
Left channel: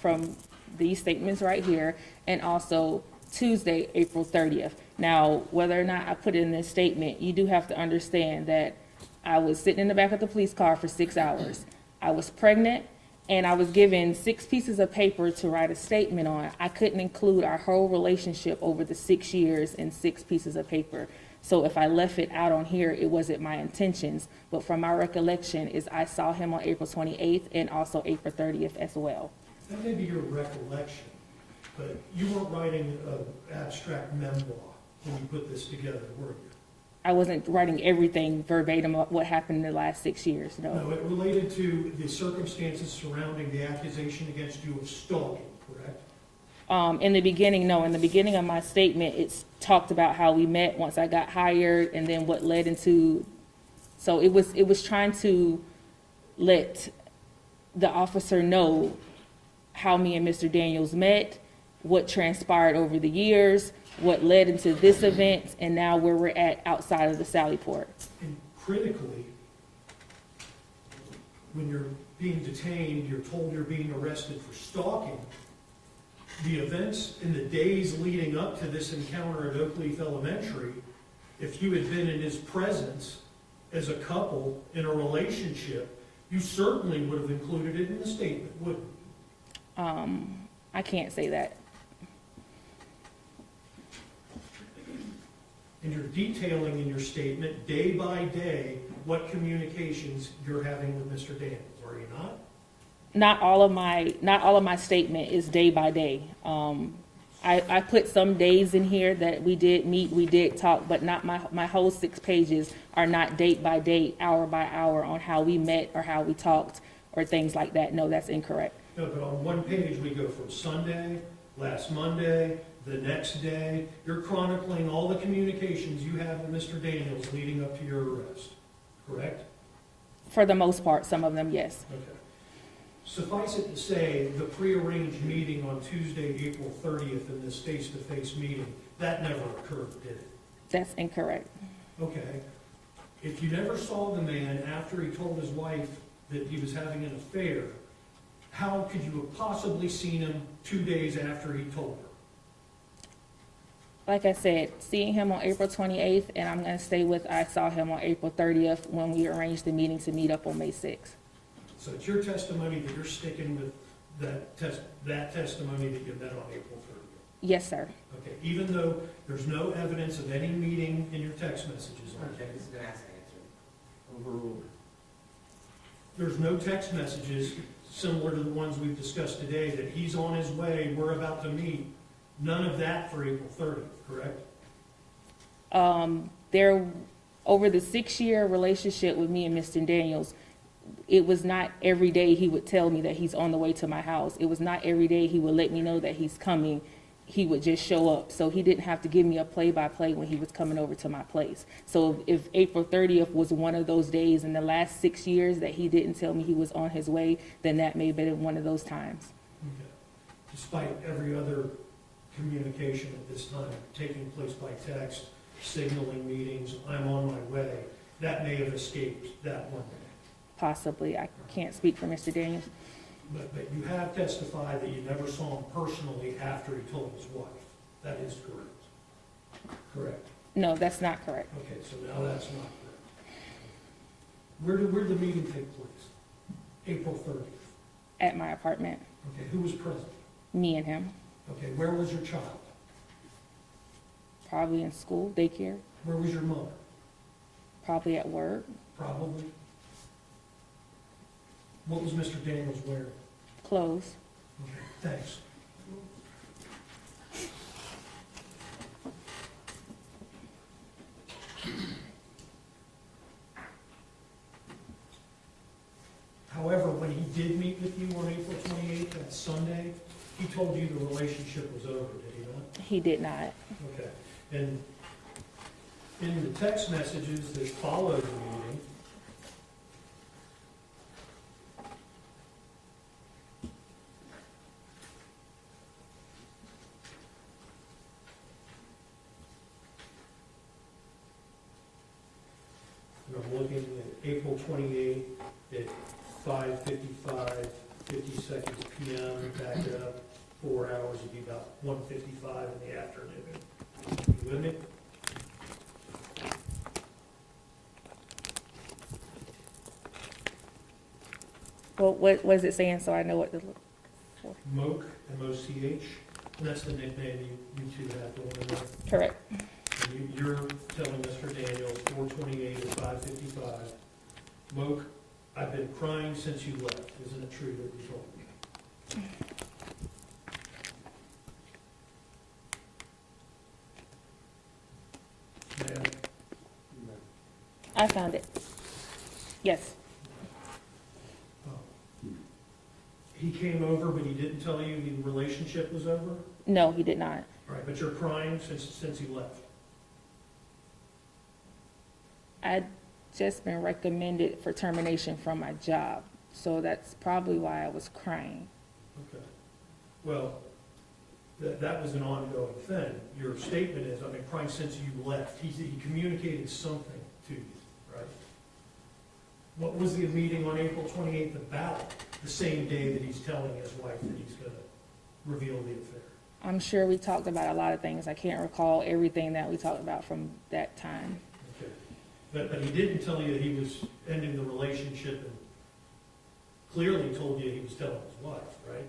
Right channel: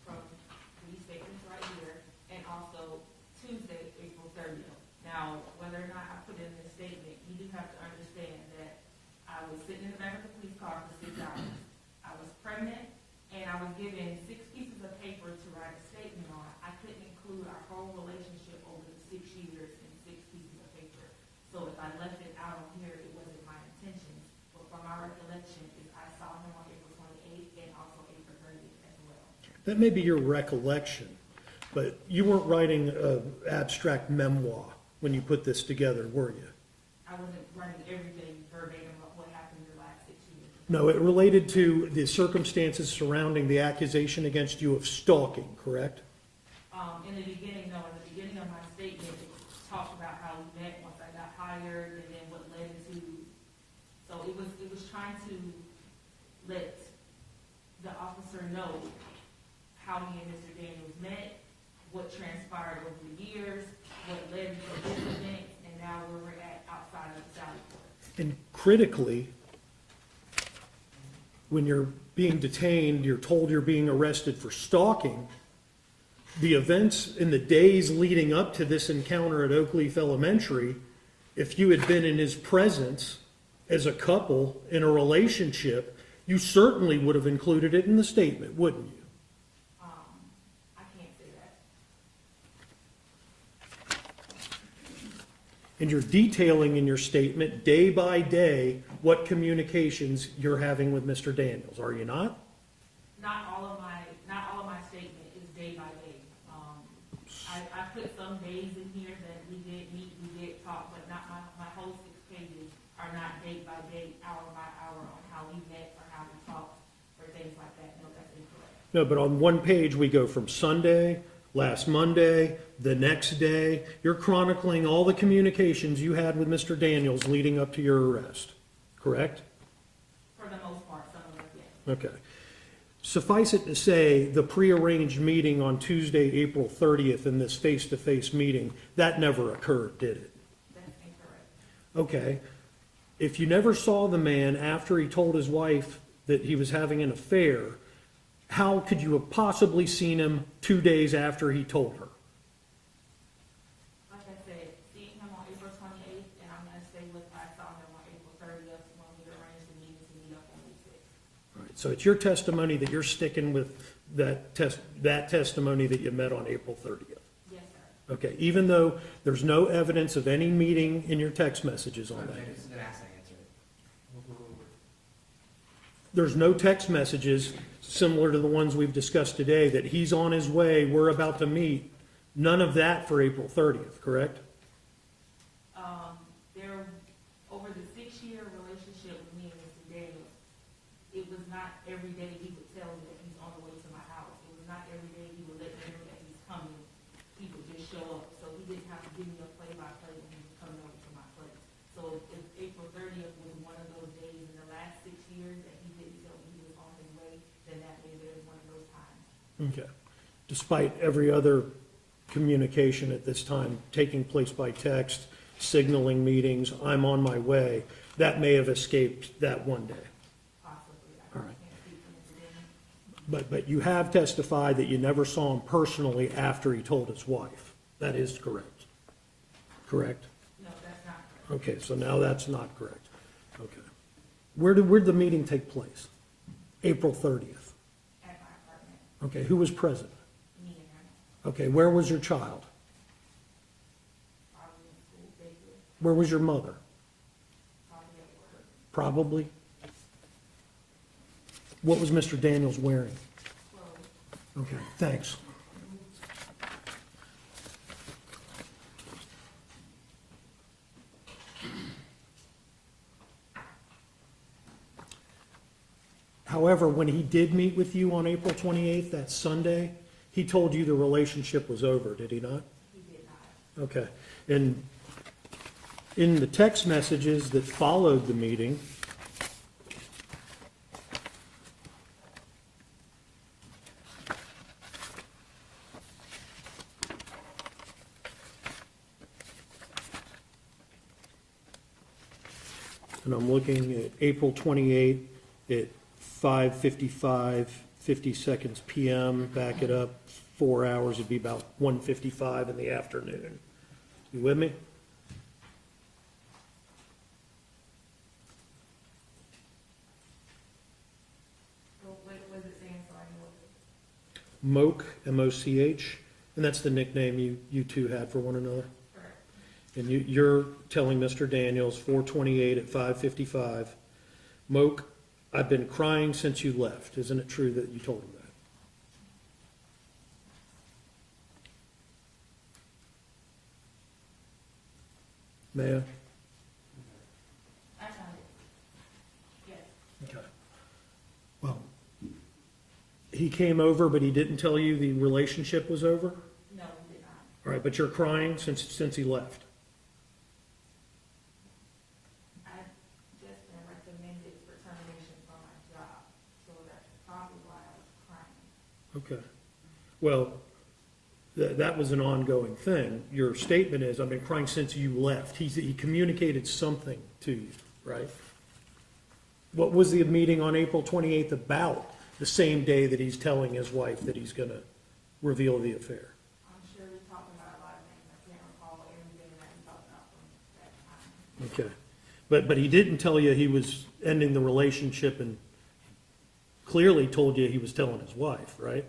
from these statements right here, and also Tuesday, April 30th. Now, whether or not I put it in this statement, you do have to understand that I was sitting in the back of the police car for 6 hours. I was pregnant, and I was given 6 pieces of paper to write a statement on. I couldn't include our whole relationship over the 6 years in 6 pieces of paper. So if I left it out on here, it wasn't my intentions. But from my recollection is I saw him on April 28th and also April 30th as well. That may be your recollection, but you weren't writing an abstract memoir when you put this together, were you? I wasn't writing everything verbatim of what happened in the last 6 years, no. No, it related to the circumstances surrounding the accusation against you of stalking, correct? In the beginning, no. In the beginning of my statement, it's talked about how we met once I got hired and then what led into, so it was trying to let the officer know how me and Mr. Daniels met, what transpired over the years, what led into this event, and now where we're at outside of the Sally Port. And critically, when you're being detained, you're told you're being arrested for stalking. The events in the days leading up to this encounter at Oakleaf Elementary, if you had been in his presence as a couple in a relationship, you certainly would have included it in the statement, wouldn't you? I can't say that. And you're detailing in your statement, day by day, what communications you're having with Mr. Daniels, are you not? Not all of my statement is day by day. I put some days in here that we did meet, we did talk, but not my whole 6 pages are not date by date, hour by hour on how we met or how we talked or things like that. No, that's incorrect. No, but on one page, we go from Sunday, last Monday, the next day. You're chronicling all the communications you had with Mr. Daniels leading up to your arrest, correct? For the most part, some of them, yes. Okay. Suffice it to say, the prearranged meeting on Tuesday, April 30th, in this face-to-face meeting, that never occurred, did it? That's incorrect. Okay. If you never saw the man after he told his wife that he was having an affair, how could you have possibly seen him 2 days after he told her? Like I said, seeing him on April 28th, and I'm going to stay with I saw him on April 30th when we arranged the meeting to meet up on May 6th. So it's your testimony that you're sticking with that testimony that you met on April 30th? Yes, sir. Okay, even though there's no evidence of any meeting in your text messages on that? It's been asked and answered. Overruled. There's no text messages similar to the ones we've discussed today, that he's on his way, we're about to meet. None of that for April 30th, correct? There, over the 6-year relationship with me and Mr. Daniels, it was not every day he would tell me that he's on the way to my house. It was not every day he would let me know that he's coming. He would just show up. So he didn't have to give me a play-by-play when he was coming over to my place. So if April 30th was one of those days in the last 6 years that he didn't tell me he was on his way, then that may have been one of those times. Okay. Despite every other communication at this time taking place by text, signaling meetings, I'm on my way, that may have escaped that one day. Possibly. I can't speak for Mr. Daniels. But you have testified that you never saw him personally after he told his wife. That is correct. Correct? No, that's not correct. Okay, so now that's not correct. Okay. Where did the meeting take place? April 30th. At my apartment, Okay, who was present? me and him, Okay, where was your child? probably in school, daycare, Where was your mother? probably at work, Probably. What was Mr. Daniels wearing? clothes. Okay, thanks. However, when he did meet with you on April 28th, that Sunday, he told you the relationship was over, did he not? He did not. Okay. And in the text messages that followed the meeting, and I'm looking at April 28th at 5:55, 50 seconds PM, back it up 4 hours, it'd be about 1:55 in the afternoon. You with me? Well, what is it saying, so I know what to look? Moch, M-O-C-H, and that's the nickname you two had for one another. Correct. And you're telling Mr. Daniels, 428 at 555, Moch, I've been crying since you left. Isn't it true that you told him that? Ma'am? I found it. Yes, Okay. Well, he came over, but he didn't tell you the relationship was over? no, he did not. All right, but you're crying since he left? I'd just been recommended for termination from my job, so that's probably why I was crying. Okay. Well, that was an ongoing thing. Your statement is, I've been crying since you left. He communicated something to you, right? What was the meeting on April 28th about, the same day that he's telling his wife that he's going to reveal the affair? I'm sure we talked about a lot of things. I can't recall everything that we talked about from that time. Okay. But he didn't tell you he was ending the relationship, and clearly told you he was telling his wife, right?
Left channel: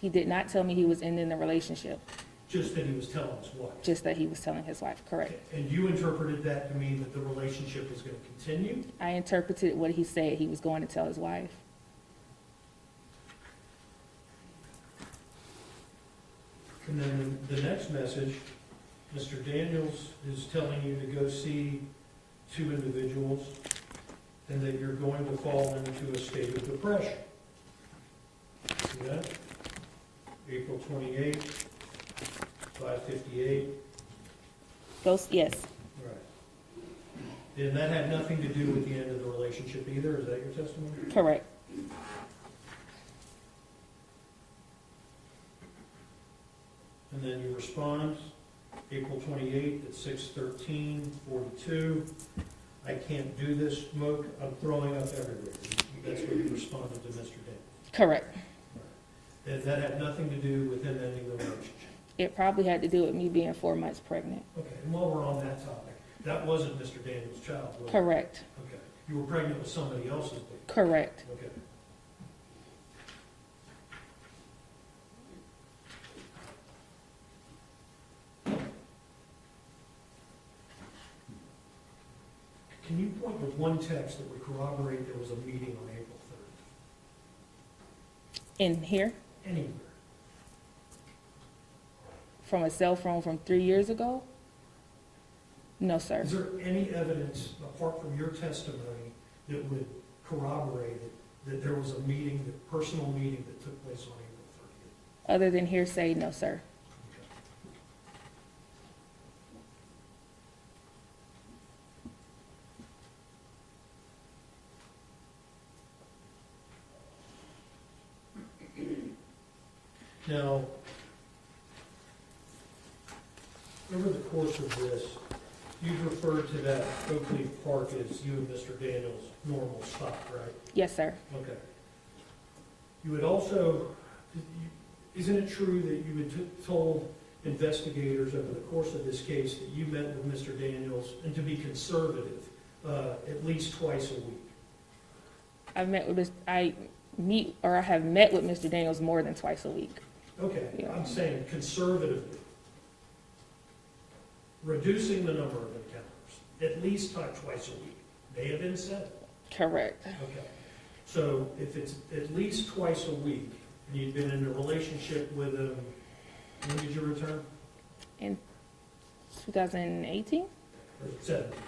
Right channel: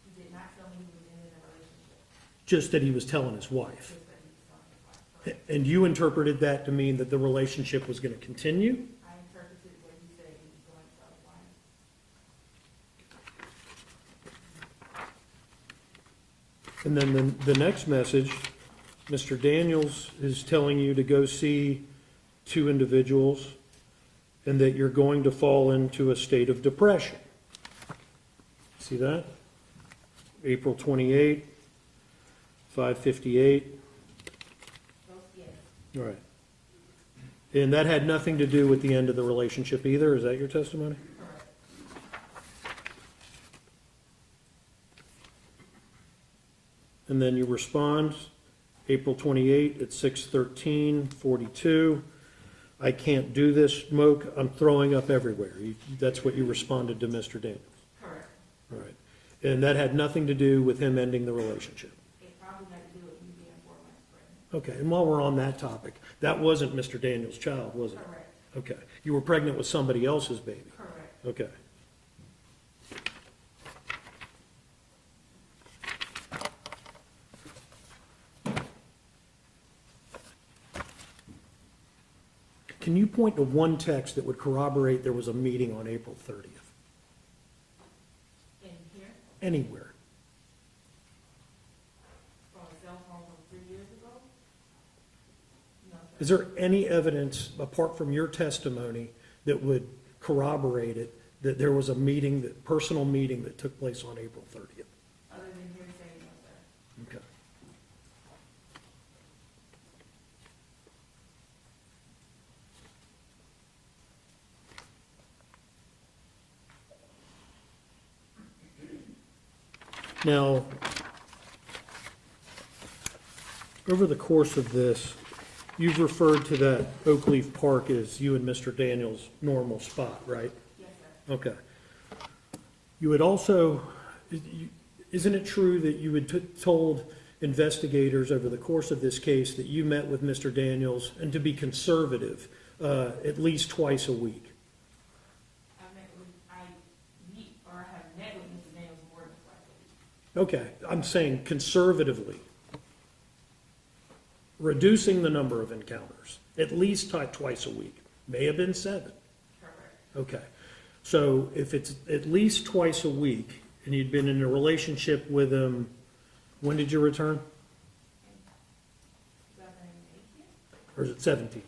He did not tell me he was ending the relationship, Just that he was telling his wife. just that he was telling his wife, correct? And you interpreted that to mean that the relationship was going to continue? I interpreted what he said he was going to tell his wife. And then the next message, Mr. Daniels is telling you to go see two individuals and that you're going to fall into a state of depression. See that? April 28th, 5:58. Yes, All right. And that had nothing to do with the end of the relationship either, is that your testimony? correct. And then you respond, April 28th at 6:13:42. I can't do this, Moch, I'm throwing up everywhere. That's what you responded to Mr. Daniels. Correct. All right. And that had nothing to do with him ending the relationship. It probably had to do with me being 4 months pregnant. Okay, and while we're on that topic, that wasn't Mr. Daniels' child, was it? Correct, Okay. You were pregnant with somebody else's baby? correct. Okay. Can you point to one text that would corroborate there was a meeting on April 30th? In here, Anywhere? from a cell phone from 3 years ago? No, sir. Is there any evidence, apart from your testimony, that would corroborate it, that there was a meeting, that personal meeting that took place on April 30th? Other than hearsay, no, sir. Okay. Now, over the course of this, you've referred to that Oak Leaf Park as you and Mr. Daniels' normal spot, right? Yes, sir. Okay. You had also, isn't it true that you had told investigators over the course of this case that you met with Mr. Daniels, and to be conservative, at least twice a week? I have met with Mr. Daniels more than twice a week. Okay, I'm saying conservatively, reducing the number of encounters, at least twice a week. May have been 7. Correct. Okay. So if it's at least twice a week, and you'd been in a relationship with him, when did you return? In 2018? Or is it 17?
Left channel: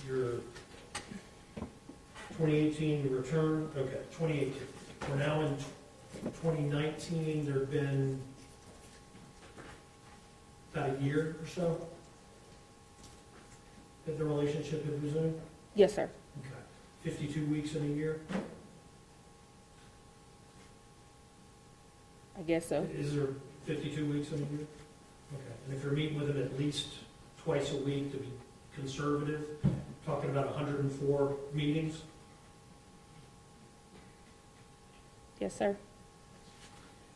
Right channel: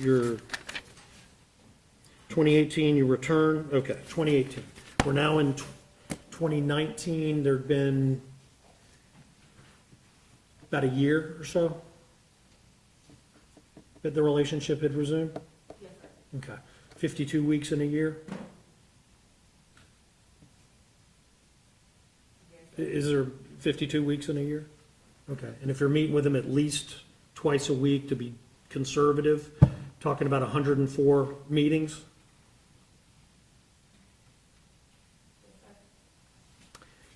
Your 2018, you return, okay, 2018. We're now in 2019, there'd been about a year or so that the relationship had resumed? Yes, sir. Okay. 52 weeks in a year? I guess so. Is there 52 weeks in a year? Okay. And if you're meeting with them at least twice a week, to be conservative, talking about 104 meetings? Yes, sir.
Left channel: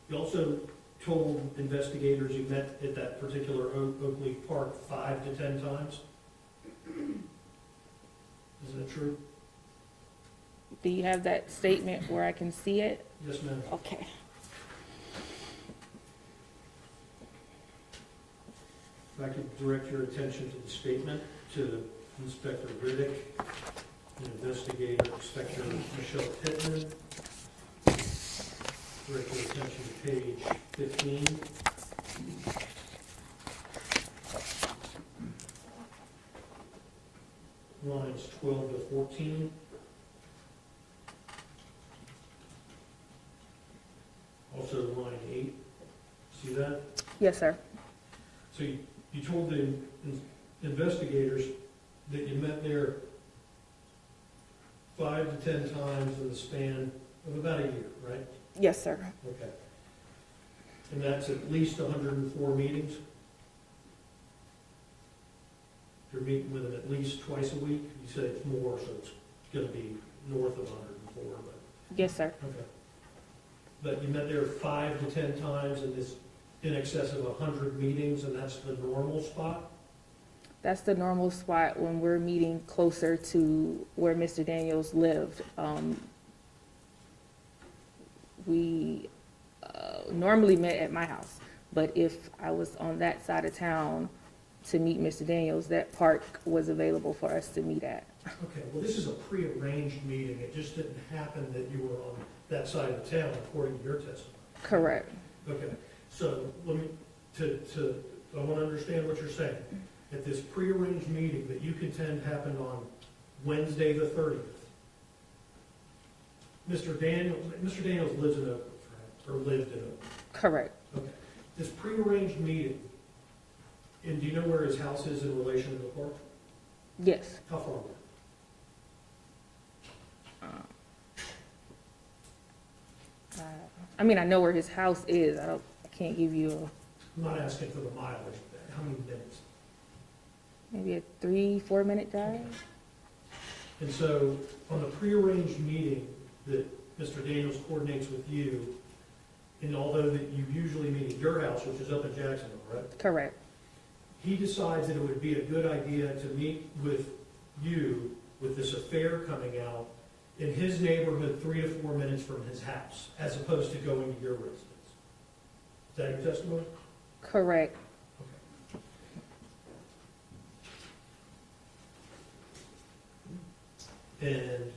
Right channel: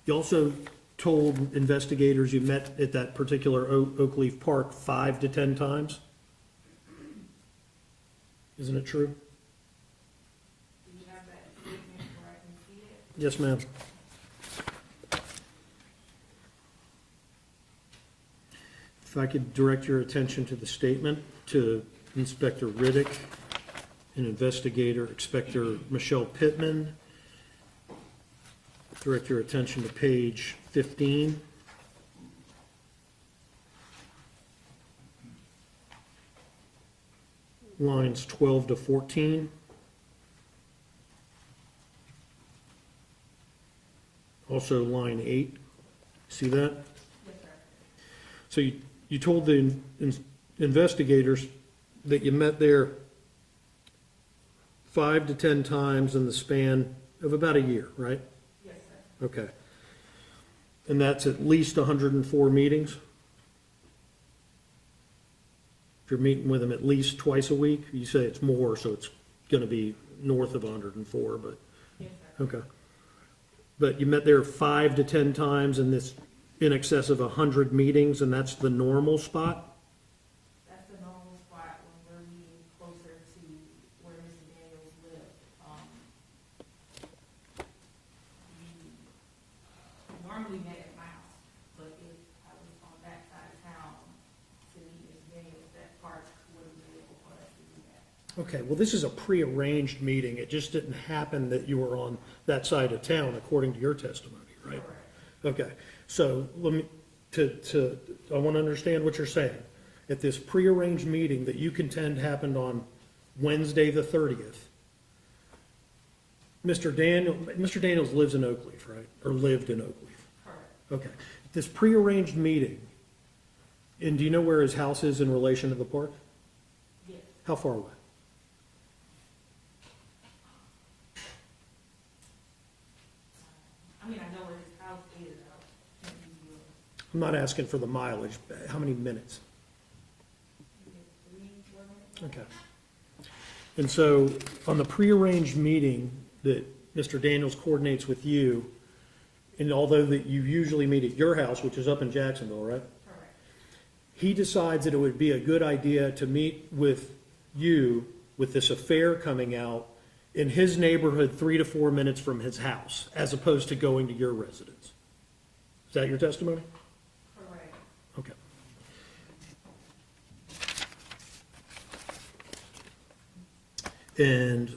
You also told investigators you met at that particular Oak Leaf Park 5 to 10 times? Isn't it true? Do you have that statement where I can see it? Yes, ma'am. Okay. If I could direct your attention to the statement to Inspector Riddick and Investigator Inspector Michelle Pittman. Direct your attention to page 15. Lines 12 to 14. Also line 8. See that? Yes, sir. So you told the investigators that you met there 5 to 10 times in the span of about a year, right? Yes, sir. Okay. And that's at least 104 meetings? If you're meeting with them at least twice a week, you say it's more, so it's going to be north of 104, but, Yes, sir. okay. But you met there 5 to 10 times in this, in excess of 100 meetings, and that's the normal spot? That's the normal spot when we're meeting closer to where Mr. Daniels lived. We normally met at my house, but if I was on that side of town to meet Mr. Daniels, that park was available for us to meet at. Okay, well, this is a prearranged meeting. It just didn't happen that you were on that side of town, according to your testimony. Correct. Okay, so let me, I want to understand what you're saying. At this prearranged meeting that you contend happened on Wednesday, the 30th, Mr. Daniels lives in Oak Leaf, right? Or lived in Oak Leaf? Correct. Okay. This prearranged meeting, and do you know where his house is in relation to the park? Yes. How far away? I mean, I know where his house is. I can't give you I'm not asking for the mileage, but how many minutes? maybe a 3-4 minute drive. Okay. And so, on the prearranged meeting that Mr. Daniels coordinates with you, and although that you usually meet at your house, which is up in Jacksonville, right? Correct. He decides that it would be a good idea to meet with you with this affair coming out in his neighborhood 3 to 4 minutes from his house, as opposed to going to your residence. Is that your testimony? Correct. Okay. And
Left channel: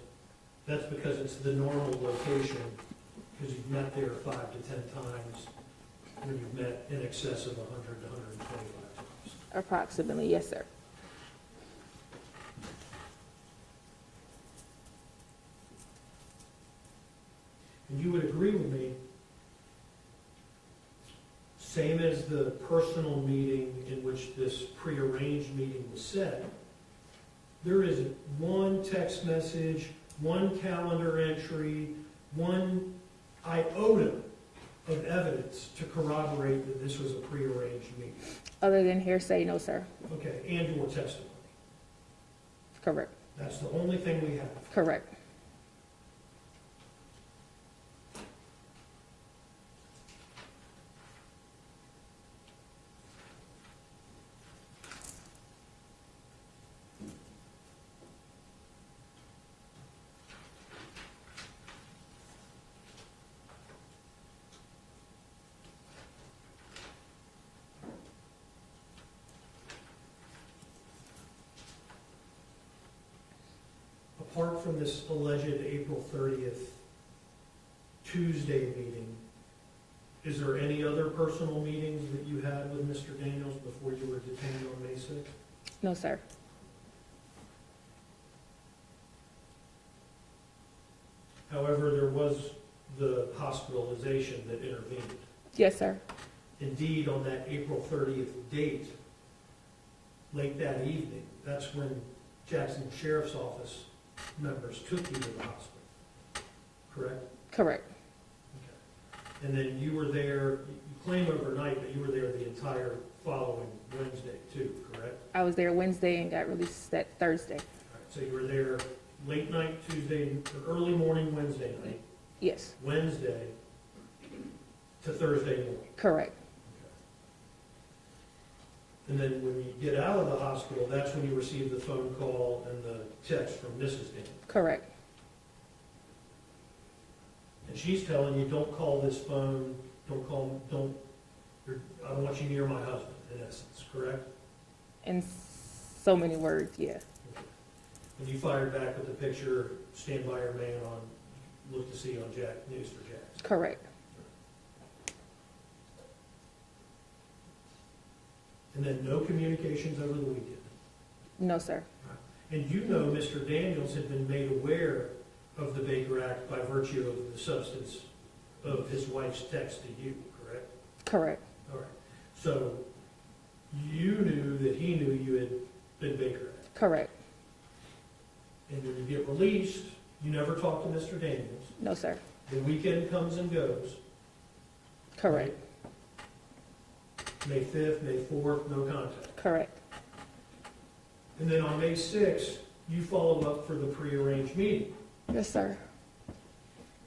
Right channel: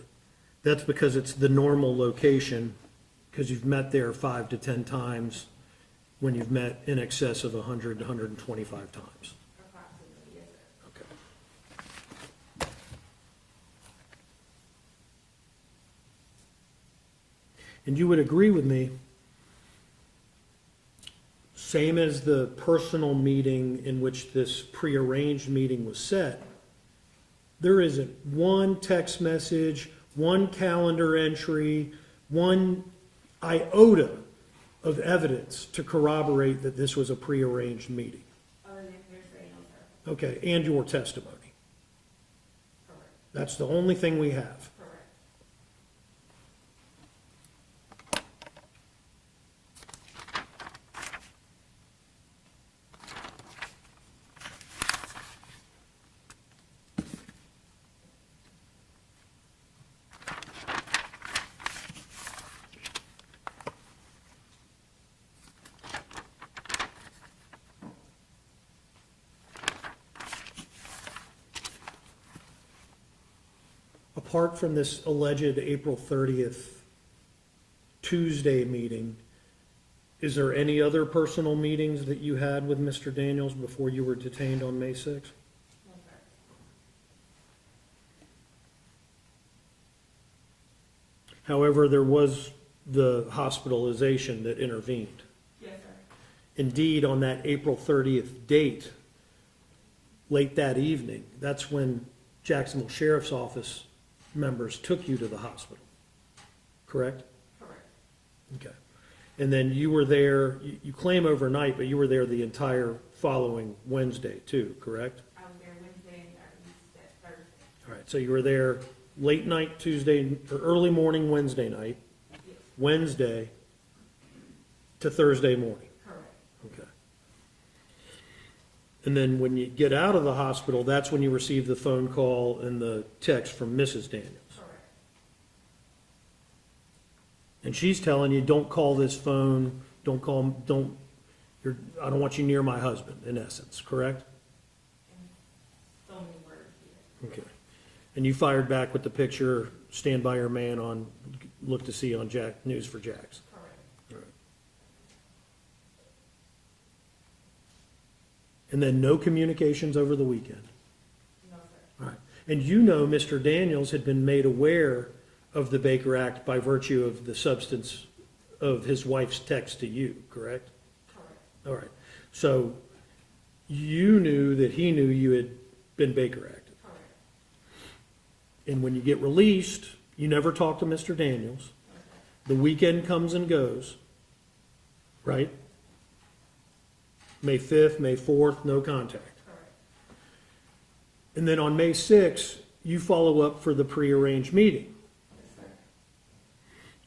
that's because it's the normal location, because you've met there 5 to 10 times when you've met in excess of 100 to 125 times. Approximately, yes, sir. And you would agree with me, same as the personal meeting in which this prearranged meeting was set, there isn't one text message, one calendar entry, one iota of evidence to corroborate that this was a prearranged meeting. Other than hearsay, no, sir. Okay, and your testimony. Correct. That's the only thing we have. Correct. Apart from this alleged April 30th Tuesday meeting, is there any other personal meetings that you had with Mr. Daniels before you were detained on May 6th? No, sir. However, there was the hospitalization that intervened. Yes, sir. Indeed, on that April 30th date, late that evening, that's when Jacksonville Sheriff's Office members took you to the hospital, correct? Correct. Okay. And then you were there, you claim overnight, but you were there the entire following Wednesday too, correct? I was there Wednesday and got released that Thursday. All right, so you were there late night Tuesday, or early morning Wednesday night, Yes. Wednesday, to Thursday morning. Correct. Okay. And then when you get out of the hospital, that's when you receive the phone call and the text from Mrs. Daniels. Correct. And she's telling you, don't call this phone, I don't want you near my husband, in essence, correct? In so many words, yes. Okay. And you fired back with the picture, stand by your man on, look to see on News for Jacks. Correct. And then no communications over the weekend. No, sir. Right. And you know Mr. Daniels had been made aware of the Baker Act by virtue of the substance of his wife's text to you, correct? Correct. All right. So you knew that he knew you had been Baker Act. Correct. And when you get released, you never talk to Mr. Daniels. No, sir. The weekend comes and goes. Correct. Right? May 5th, May 4th, no contact. Correct. And then on May 6th, you follow up for the prearranged meeting Yes, sir.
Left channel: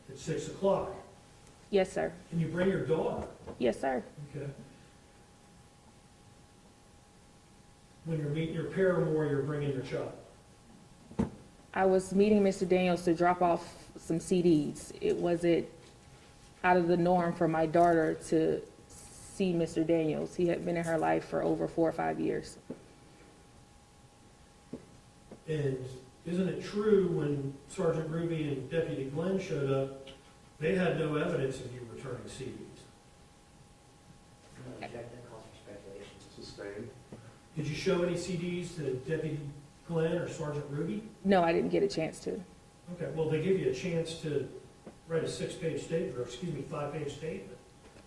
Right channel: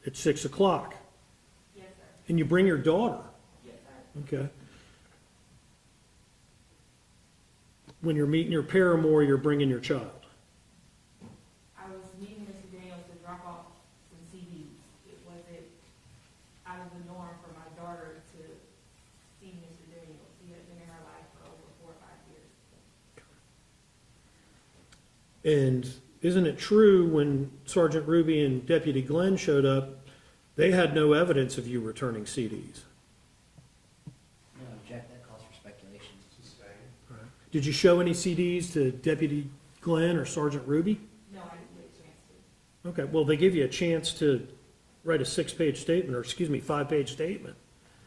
at 6 o'clock. Yes, sir. And you bring your daughter. Yes, sir. Okay. When you're meeting your paramour, you're bringing your child. I was meeting Mr. Daniels to drop off some CDs. It wasn't out of the norm for my daughter to see Mr. Daniels. He had been in her life for over 4 or 5 years. And isn't it true when Sergeant Ruby and Deputy Glenn showed up, they had no evidence of you returning CDs? Object, that calls for speculation. Sustained. Did you show any CDs to Deputy Glenn or Sergeant Ruby? No, I didn't get a chance to. Okay, well, they give you a chance to write a 6-page statement, or excuse me, 5-page statement.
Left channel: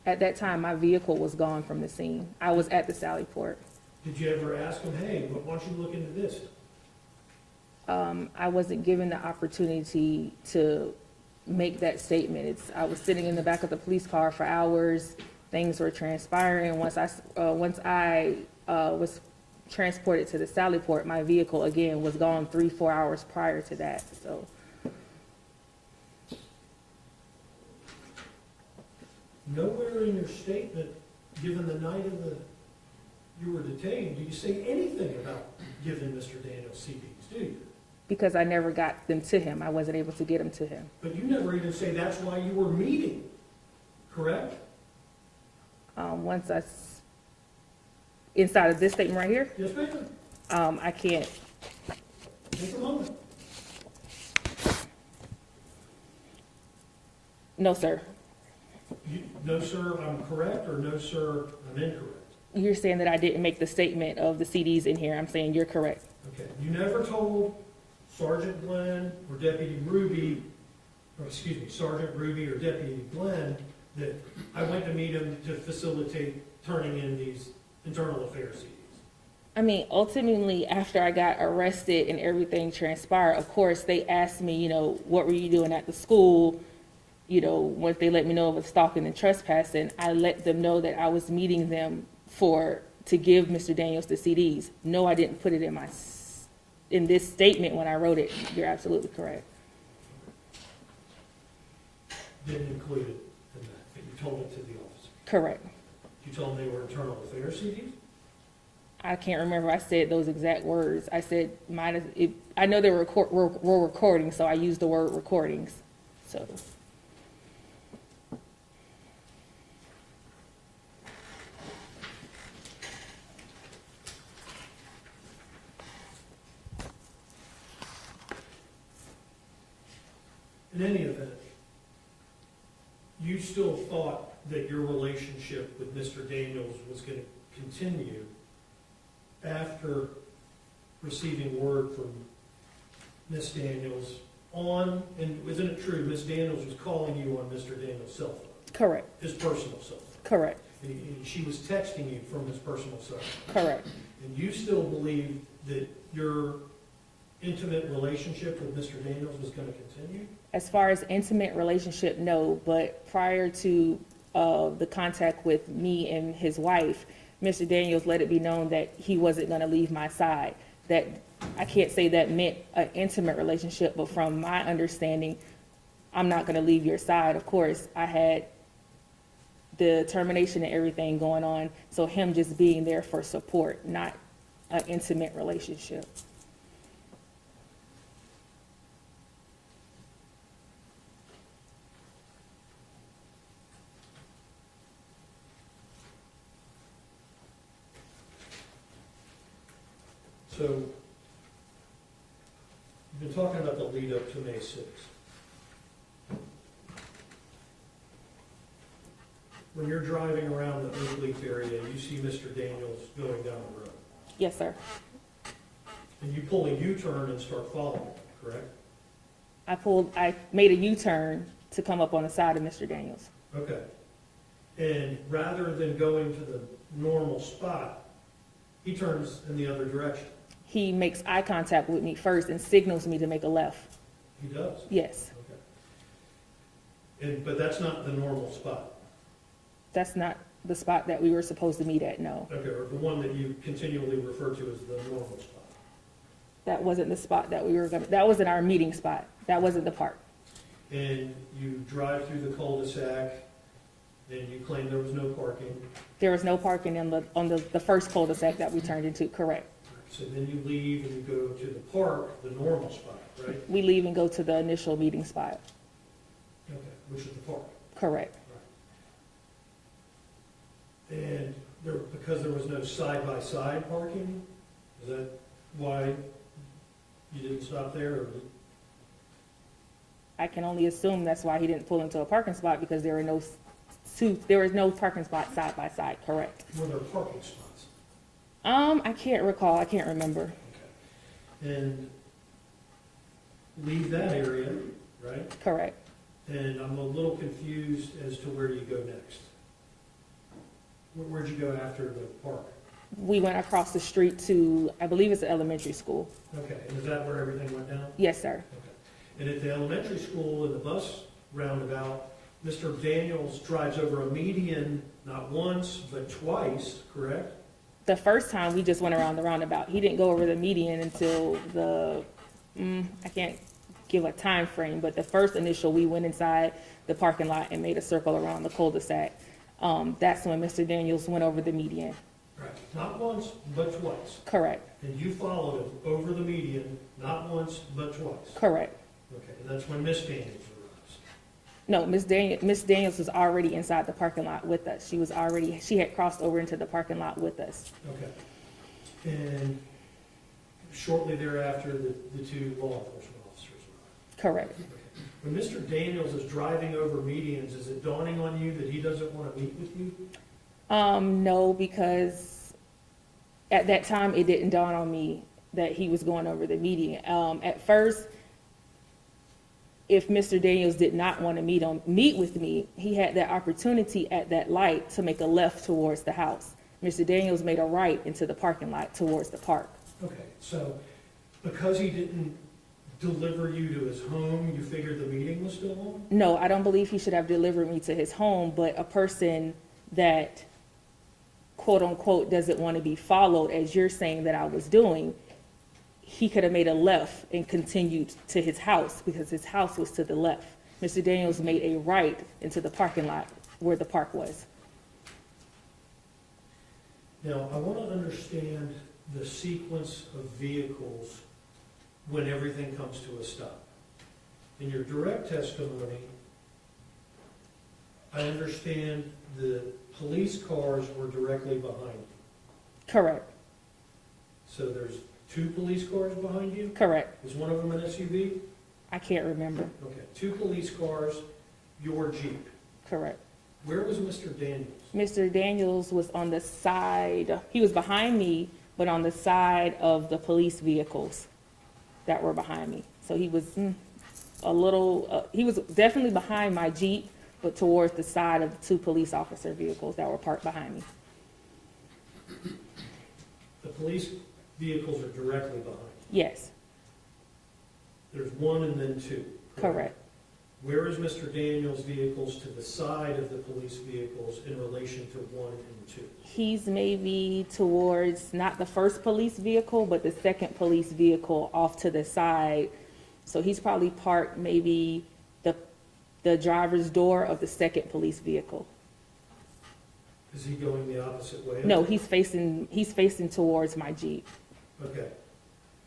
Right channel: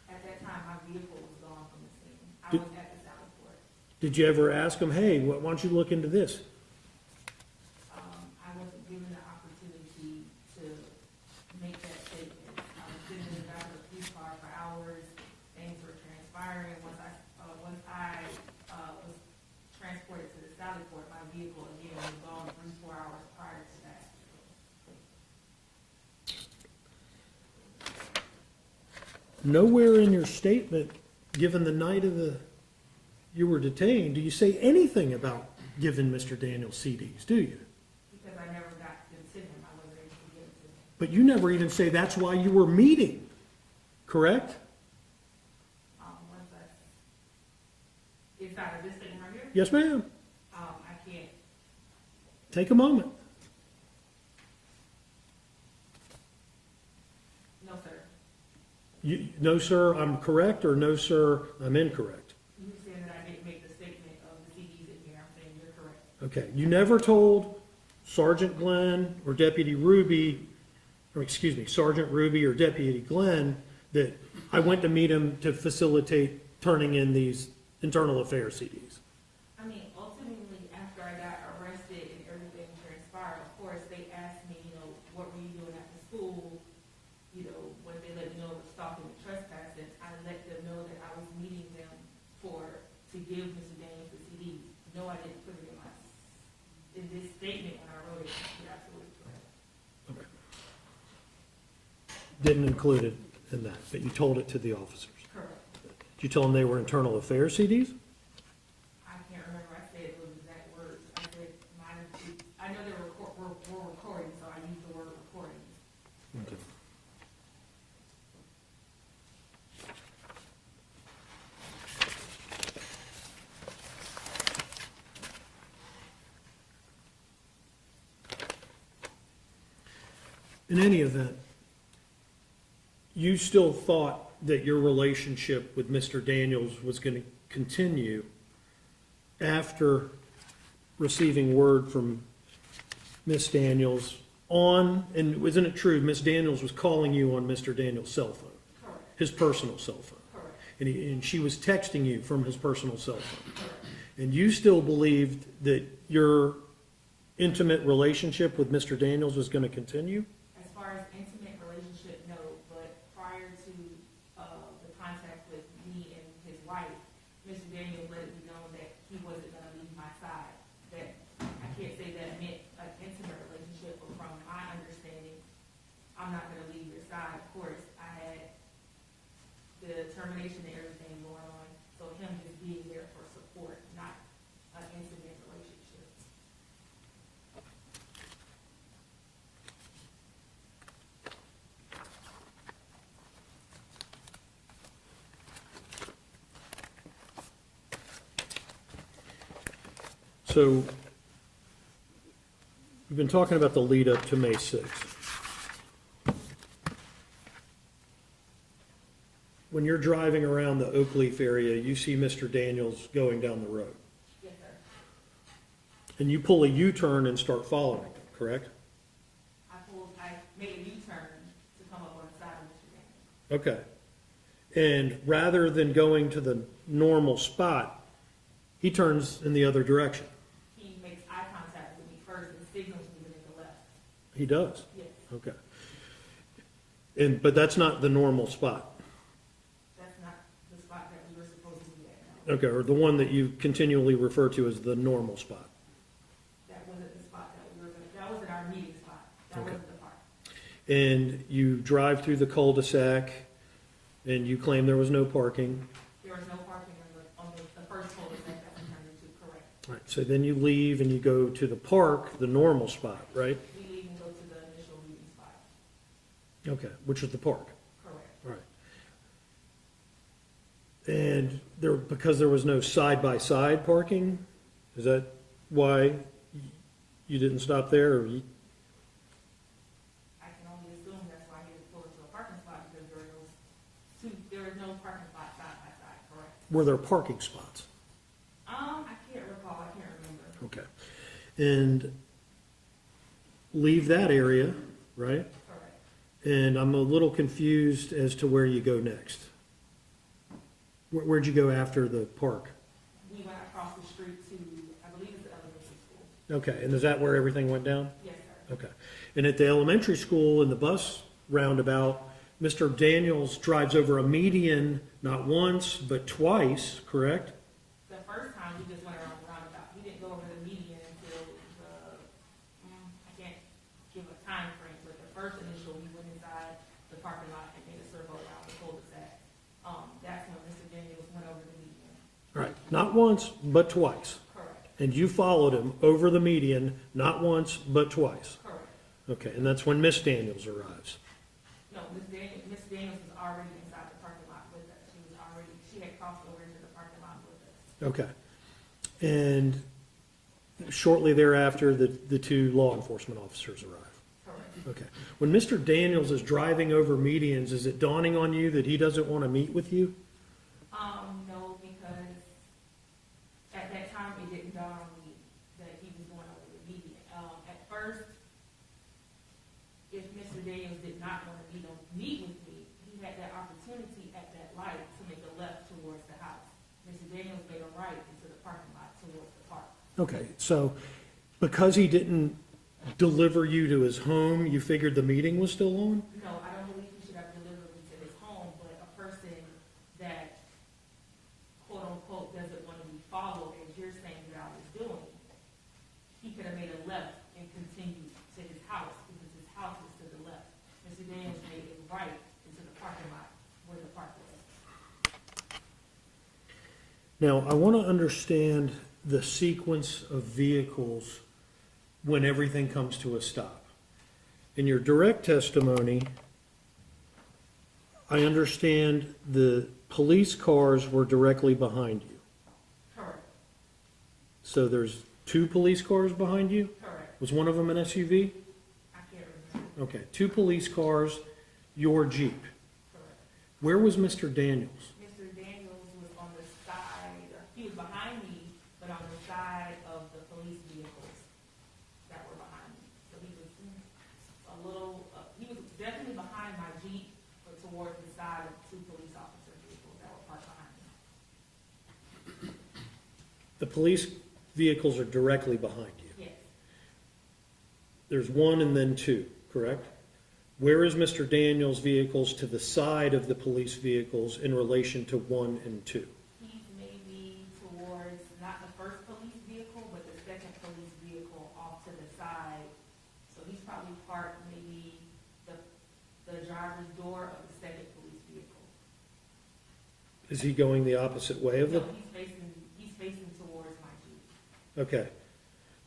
At that time, my vehicle was gone from the scene. I was at the Sally Port. Did you ever ask them, hey, why don't you look into this? I wasn't given the opportunity to make that statement. I was sitting in the back of the police car for hours. Things were transpiring. Once I was transported to the Sally Port, my vehicle again was gone 3-4 hours prior to that. So Nowhere in your statement, given the night of you were detained, do you say anything about giving Mr. Daniels CDs, do you? because I never got them to him, I wasn't able to get them to him. But you never even say that's why you were meeting, correct? Inside of this statement right here, Yes, ma'am. I can't. Take a moment. No, sir. No, sir, I'm correct, or no, sir, I'm incorrect? You're saying that I didn't make the statement of the CDs in here. I'm saying you're correct. Okay, you never told Sergeant Glenn or Deputy Ruby, or excuse me, Sergeant Ruby or Deputy Glenn, that I went to meet him to facilitate turning in these internal affairs CDs. I mean, ultimately, after I got arrested and everything transpired, of course, they asked me, what were you doing at the school? Once they let me know of stalking and trespassing, I let them know that I was meeting them to give Mr. Daniels the CDs. No, I didn't put it in this statement when I wrote it. You're absolutely correct. Didn't include it in that, but you told it to the officers. Correct. Did you tell them they were internal affairs CDs? I can't remember I said those exact words. I said I know they were recording, so I used the word recordings. So. In any event, you still thought that your relationship with Mr. Daniels was going to continue after receiving word from Miss Daniels and wasn't it true, Miss Daniels was calling you on Mr. Daniels' cell phone? Correct. His personal cell phone? Correct. And she was texting you from his personal cell phone? Correct. And you still believed that your intimate relationship with Mr. Daniels was going to continue? As far as intimate relationship, no, but prior to the contact with me and his wife, Mr. Daniels let it be known that he wasn't going to leave my side. That I can't say that meant an intimate relationship, but from my understanding, I'm not going to leave your side. Of course, I had the termination and everything going on. So him just being there for support, not an intimate relationship. So, we've been talking about the lead up to May 6th. When you're driving around the Oak Leaf area, you see Mr. Daniels going down the road. Yes, sir. And you pull a U-turn and start following, correct? I made a U-turn to come up on the side of Mr. Daniels. Okay. And rather than going to the normal spot, he turns in the other direction. He makes eye contact with me first and signals me to make a left. He does? Yes, Okay. But that's not the normal spot? that's not the spot that we were supposed to meet at, no. Okay, or the one that you continually refer to as the normal spot? That wasn't the spot that we were gonna, that wasn't our meeting spot. That wasn't the park. And you drive through the cul-de-sac, and you claim there was no parking. There was no parking on the first cul-de-sac that we turned into, correct. Right, so then you leave and you go to the park, the normal spot, right? We leave and go to the initial meeting spot, Okay, which is the park. correct. Right. And there, because there was no side-by-side parking, is that why you didn't stop there, or you? I can only assume that's why he didn't pull into a parking spot, because there was no parking spot side by side, correct. Were there parking spots? I can't recall, I can't remember. Okay. And leave that area, right? Correct. And I'm a little confused as to where you go next. Where'd you go after the park? We went across the street to, I believe it's an elementary school. Okay, and is that where everything went down? Yes, sir. Okay. And at the elementary school, in the bus roundabout, Mr. Daniels drives over a median not once, but twice, correct? The first time, we just went around the roundabout. He didn't go over the median until I can't give a time frame, but the first initial, we went inside the parking lot and made a circle around the cul-de-sac. That's when Mr. Daniels went over the median. Right. Not once, but twice. Correct, And you followed him over the median, not once, but twice. correct. Okay, and that's when Miss Daniels arrives. No, Miss Daniels was already inside the parking lot with us. She had crossed over into the parking lot with us. Okay. And shortly thereafter, the two law enforcement officers arrive. Correct. Okay. When Mr. Daniels is driving over medians, is it dawning on you that he doesn't want to meet with you? No, because at that time, it didn't dawn on me that he was going over the median. At first, if Mr. Daniels did not want to meet with me, he had that opportunity at that light to make a left towards the house. Mr. Daniels made a right into the parking lot towards the park. Okay, so because he didn't deliver you to his home, you figured the meeting was still on? No, I don't believe he should have delivered me to his home, but a person that quote unquote doesn't want to be followed, as you're saying that I was doing, he could have made a left and continued to his house because his house was to the left. Mr. Daniels made a right into the parking lot where the park was. Now, I want to understand the sequence of vehicles when everything comes to a stop. In your direct testimony, I understand the police cars were directly behind you. Correct, So there's two police cars behind you? correct. Was one of them an SUV? I can't remember. Okay, two police cars, your Jeep. Correct. Where was Mr. Daniels? Mr. Daniels was on the side, he was behind me, but on the side of the police vehicles that were behind me. So he was he was definitely behind my Jeep, but towards the side of the two police officer vehicles that were parked behind me. The police vehicles are directly behind you. Yes, There's one and then two, correct? correct. Where is Mr. Daniels' vehicles to the side of the police vehicles in relation to one and two? He's maybe towards, not the first police vehicle, but the second police vehicle off to the side. So he's probably parked maybe the driver's door of the second police vehicle. Is he going the opposite way? of No, it? he's facing towards my Jeep. Okay.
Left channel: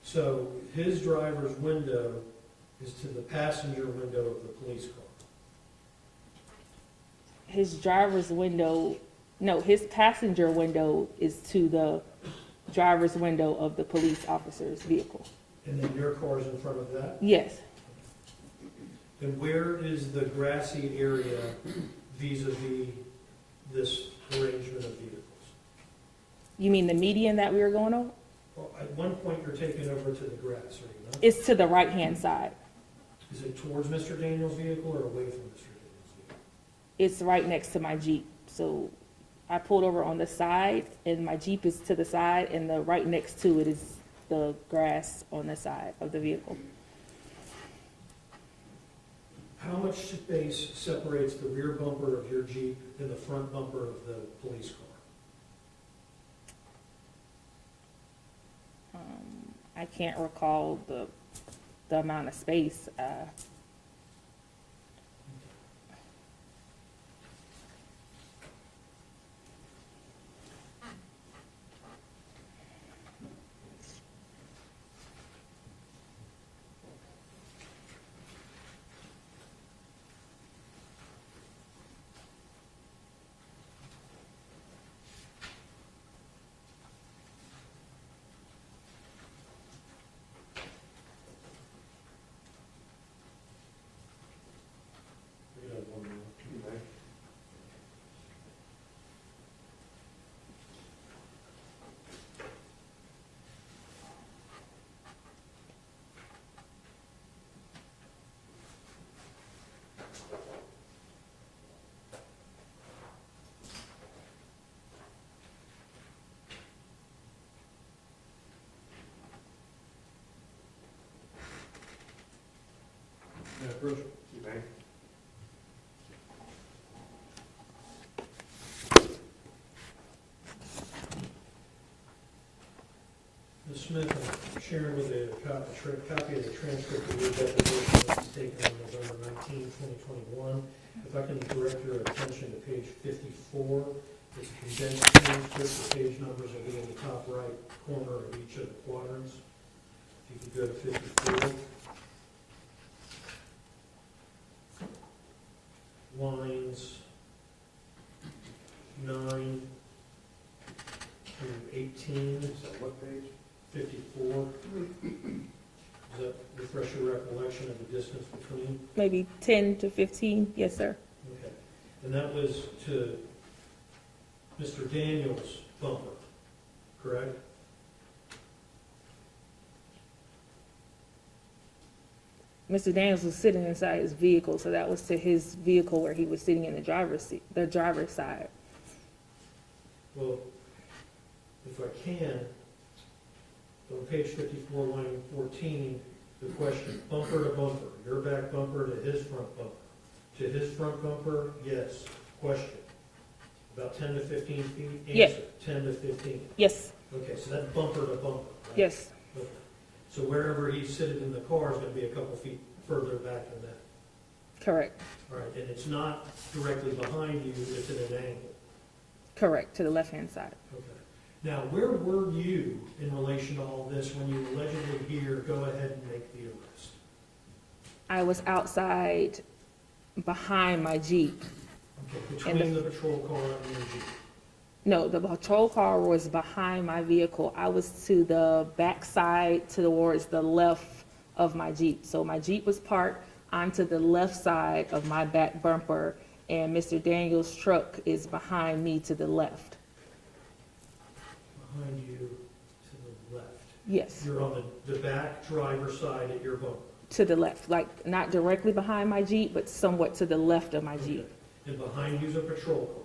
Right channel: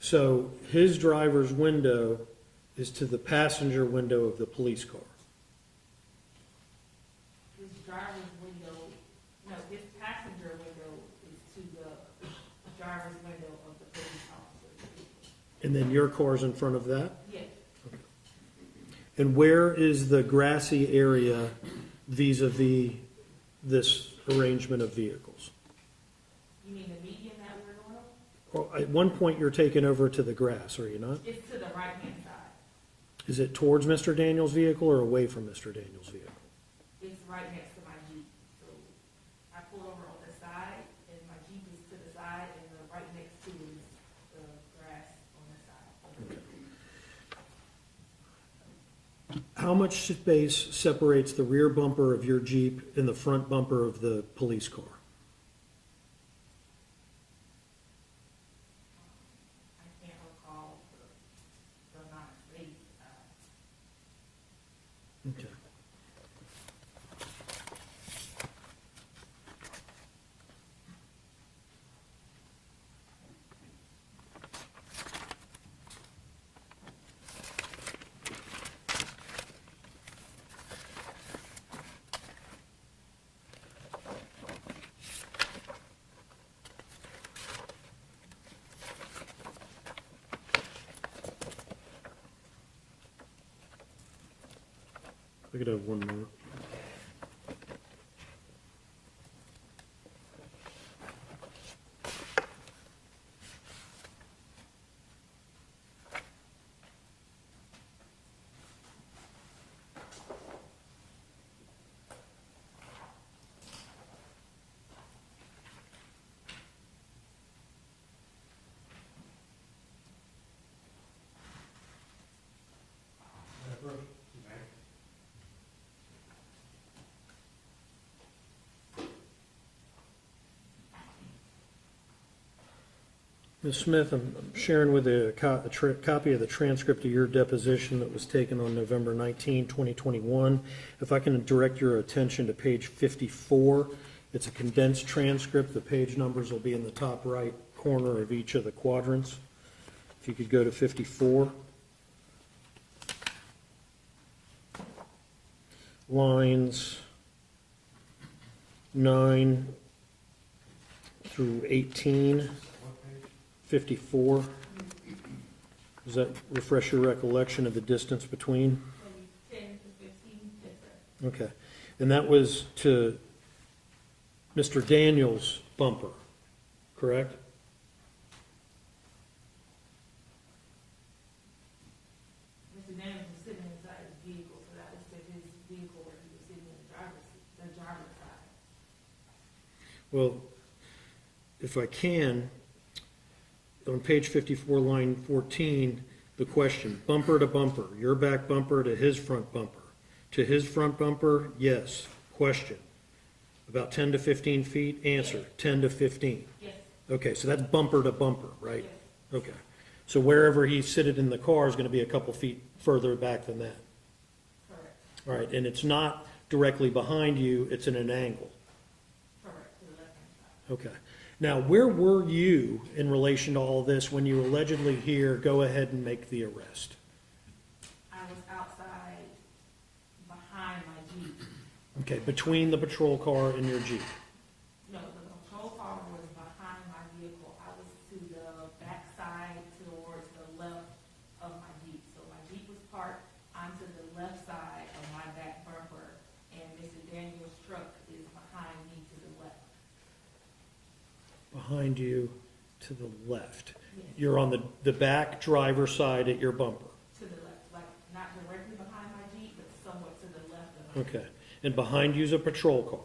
So his driver's window is to the passenger window of the police car. His driver's window, no, his passenger window is to the driver's window of the police officer's vehicle. And then your car's in front of that? Yes, And where is the grassy area vis-a-vis this arrangement of vehicles? you mean the median that we were going over? Well, at one point, you're taking over to the grass, are you not? It's to the right-hand side. Is it towards Mr. Daniels' vehicle or away from Mr. Daniels' vehicle? It's right next to my Jeep. So I pulled over on the side, and my Jeep is to the side, and the right next to it is the grass on the side of the vehicle. How much space separates the rear bumper of your Jeep and the front bumper of the police car? I can't recall the amount of space. Okay. We could have one more. You may. Ms. Smith, I'm sharing with you a copy of the transcript of your deposition that was taken on November 19, 2021. If I can direct your attention to page 54, it's a condensed transcript. The page numbers will be in the top right corner of each of the quadrants. If you could go to 54. Lines 9 through 18. What page? 54. Does that refresh your recollection of the distance between? Maybe 10 to 15, yes, sir. Okay. And that was to Mr. Daniels' bumper, correct? Mr. Daniels was sitting inside his vehicle, so that was to his vehicle where he was sitting in the driver's seat, the driver's side. Well, if I can, on page 54, line 14, the question, bumper to bumper, your back bumper to his front bumper. To his front bumper, yes. Question, about 10 to 15 feet? Answer, 10 to 15. Yes, Okay, so that's bumper to bumper, right? yes, Okay. So wherever he seated in the car is going to be a couple feet further back than that. correct, All right, and it's not directly behind you, it's in an angle. correct, to the left-hand side. Okay. Now, where were you in relation to all this when you allegedly hear, go ahead and make the arrest? I was outside behind my Jeep. Okay, between the patrol car and your Jeep. No, the patrol car was behind my vehicle. I was to the back side towards the left of my Jeep. So my Jeep was parked onto the left side of my back bumper, and Mr. Daniels' truck is behind me to the left. Behind you to the left. Yes, You're on the back driver's side at your bumper. to the left, like not directly behind my Jeep, but somewhat to the left of my Okay. Jeep. And behind you's a patrol car.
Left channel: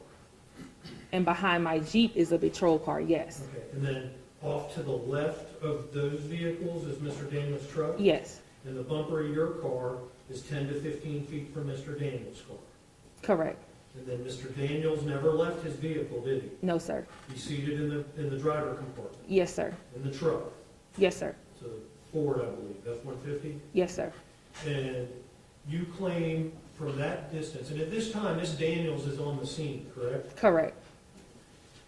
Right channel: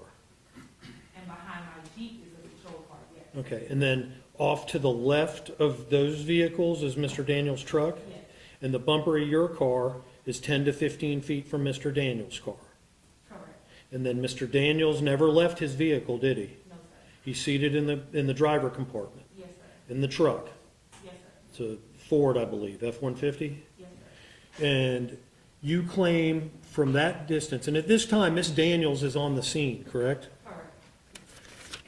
And behind my Jeep is a patrol car, yes. Okay, and then off to the left of those vehicles is Mr. Daniels' truck? Yes, And the bumper of your car is 10 to 15 feet from Mr. Daniels' car. correct. And then Mr. Daniels never left his vehicle, did he? No, sir. He's seated in the driver compartment, Yes, sir. in the truck. Yes, sir. It's a Ford, I believe, F-150. Yes, sir. And you claim from that distance, and at this time, Miss Daniels is on the scene, correct? Correct.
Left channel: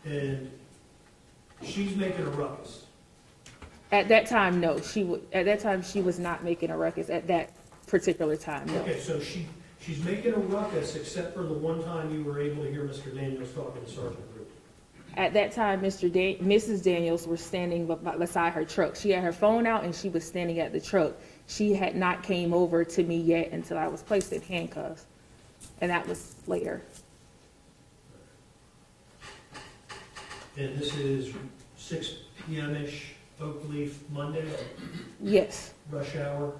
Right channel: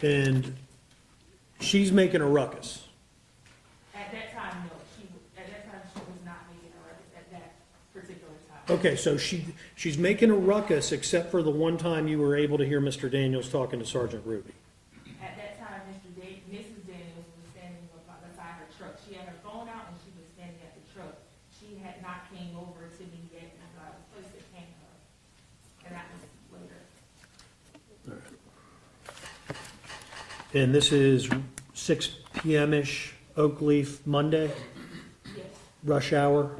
and she's making a ruckus. At that time, no, at that time, she was not making a ruckus at that particular time. Okay, so she's making a ruckus except for the one time you were able to hear Mr. Daniels talking to Sergeant Ruby. At that time, Mrs. Daniels was standing beside her truck. She had her phone out and she was standing at the truck. She had not came over to me yet until I was placed in handcuffs, and that was later. And this is 6 p.m.-ish, Oakleaf, Monday, Yes, rush hour?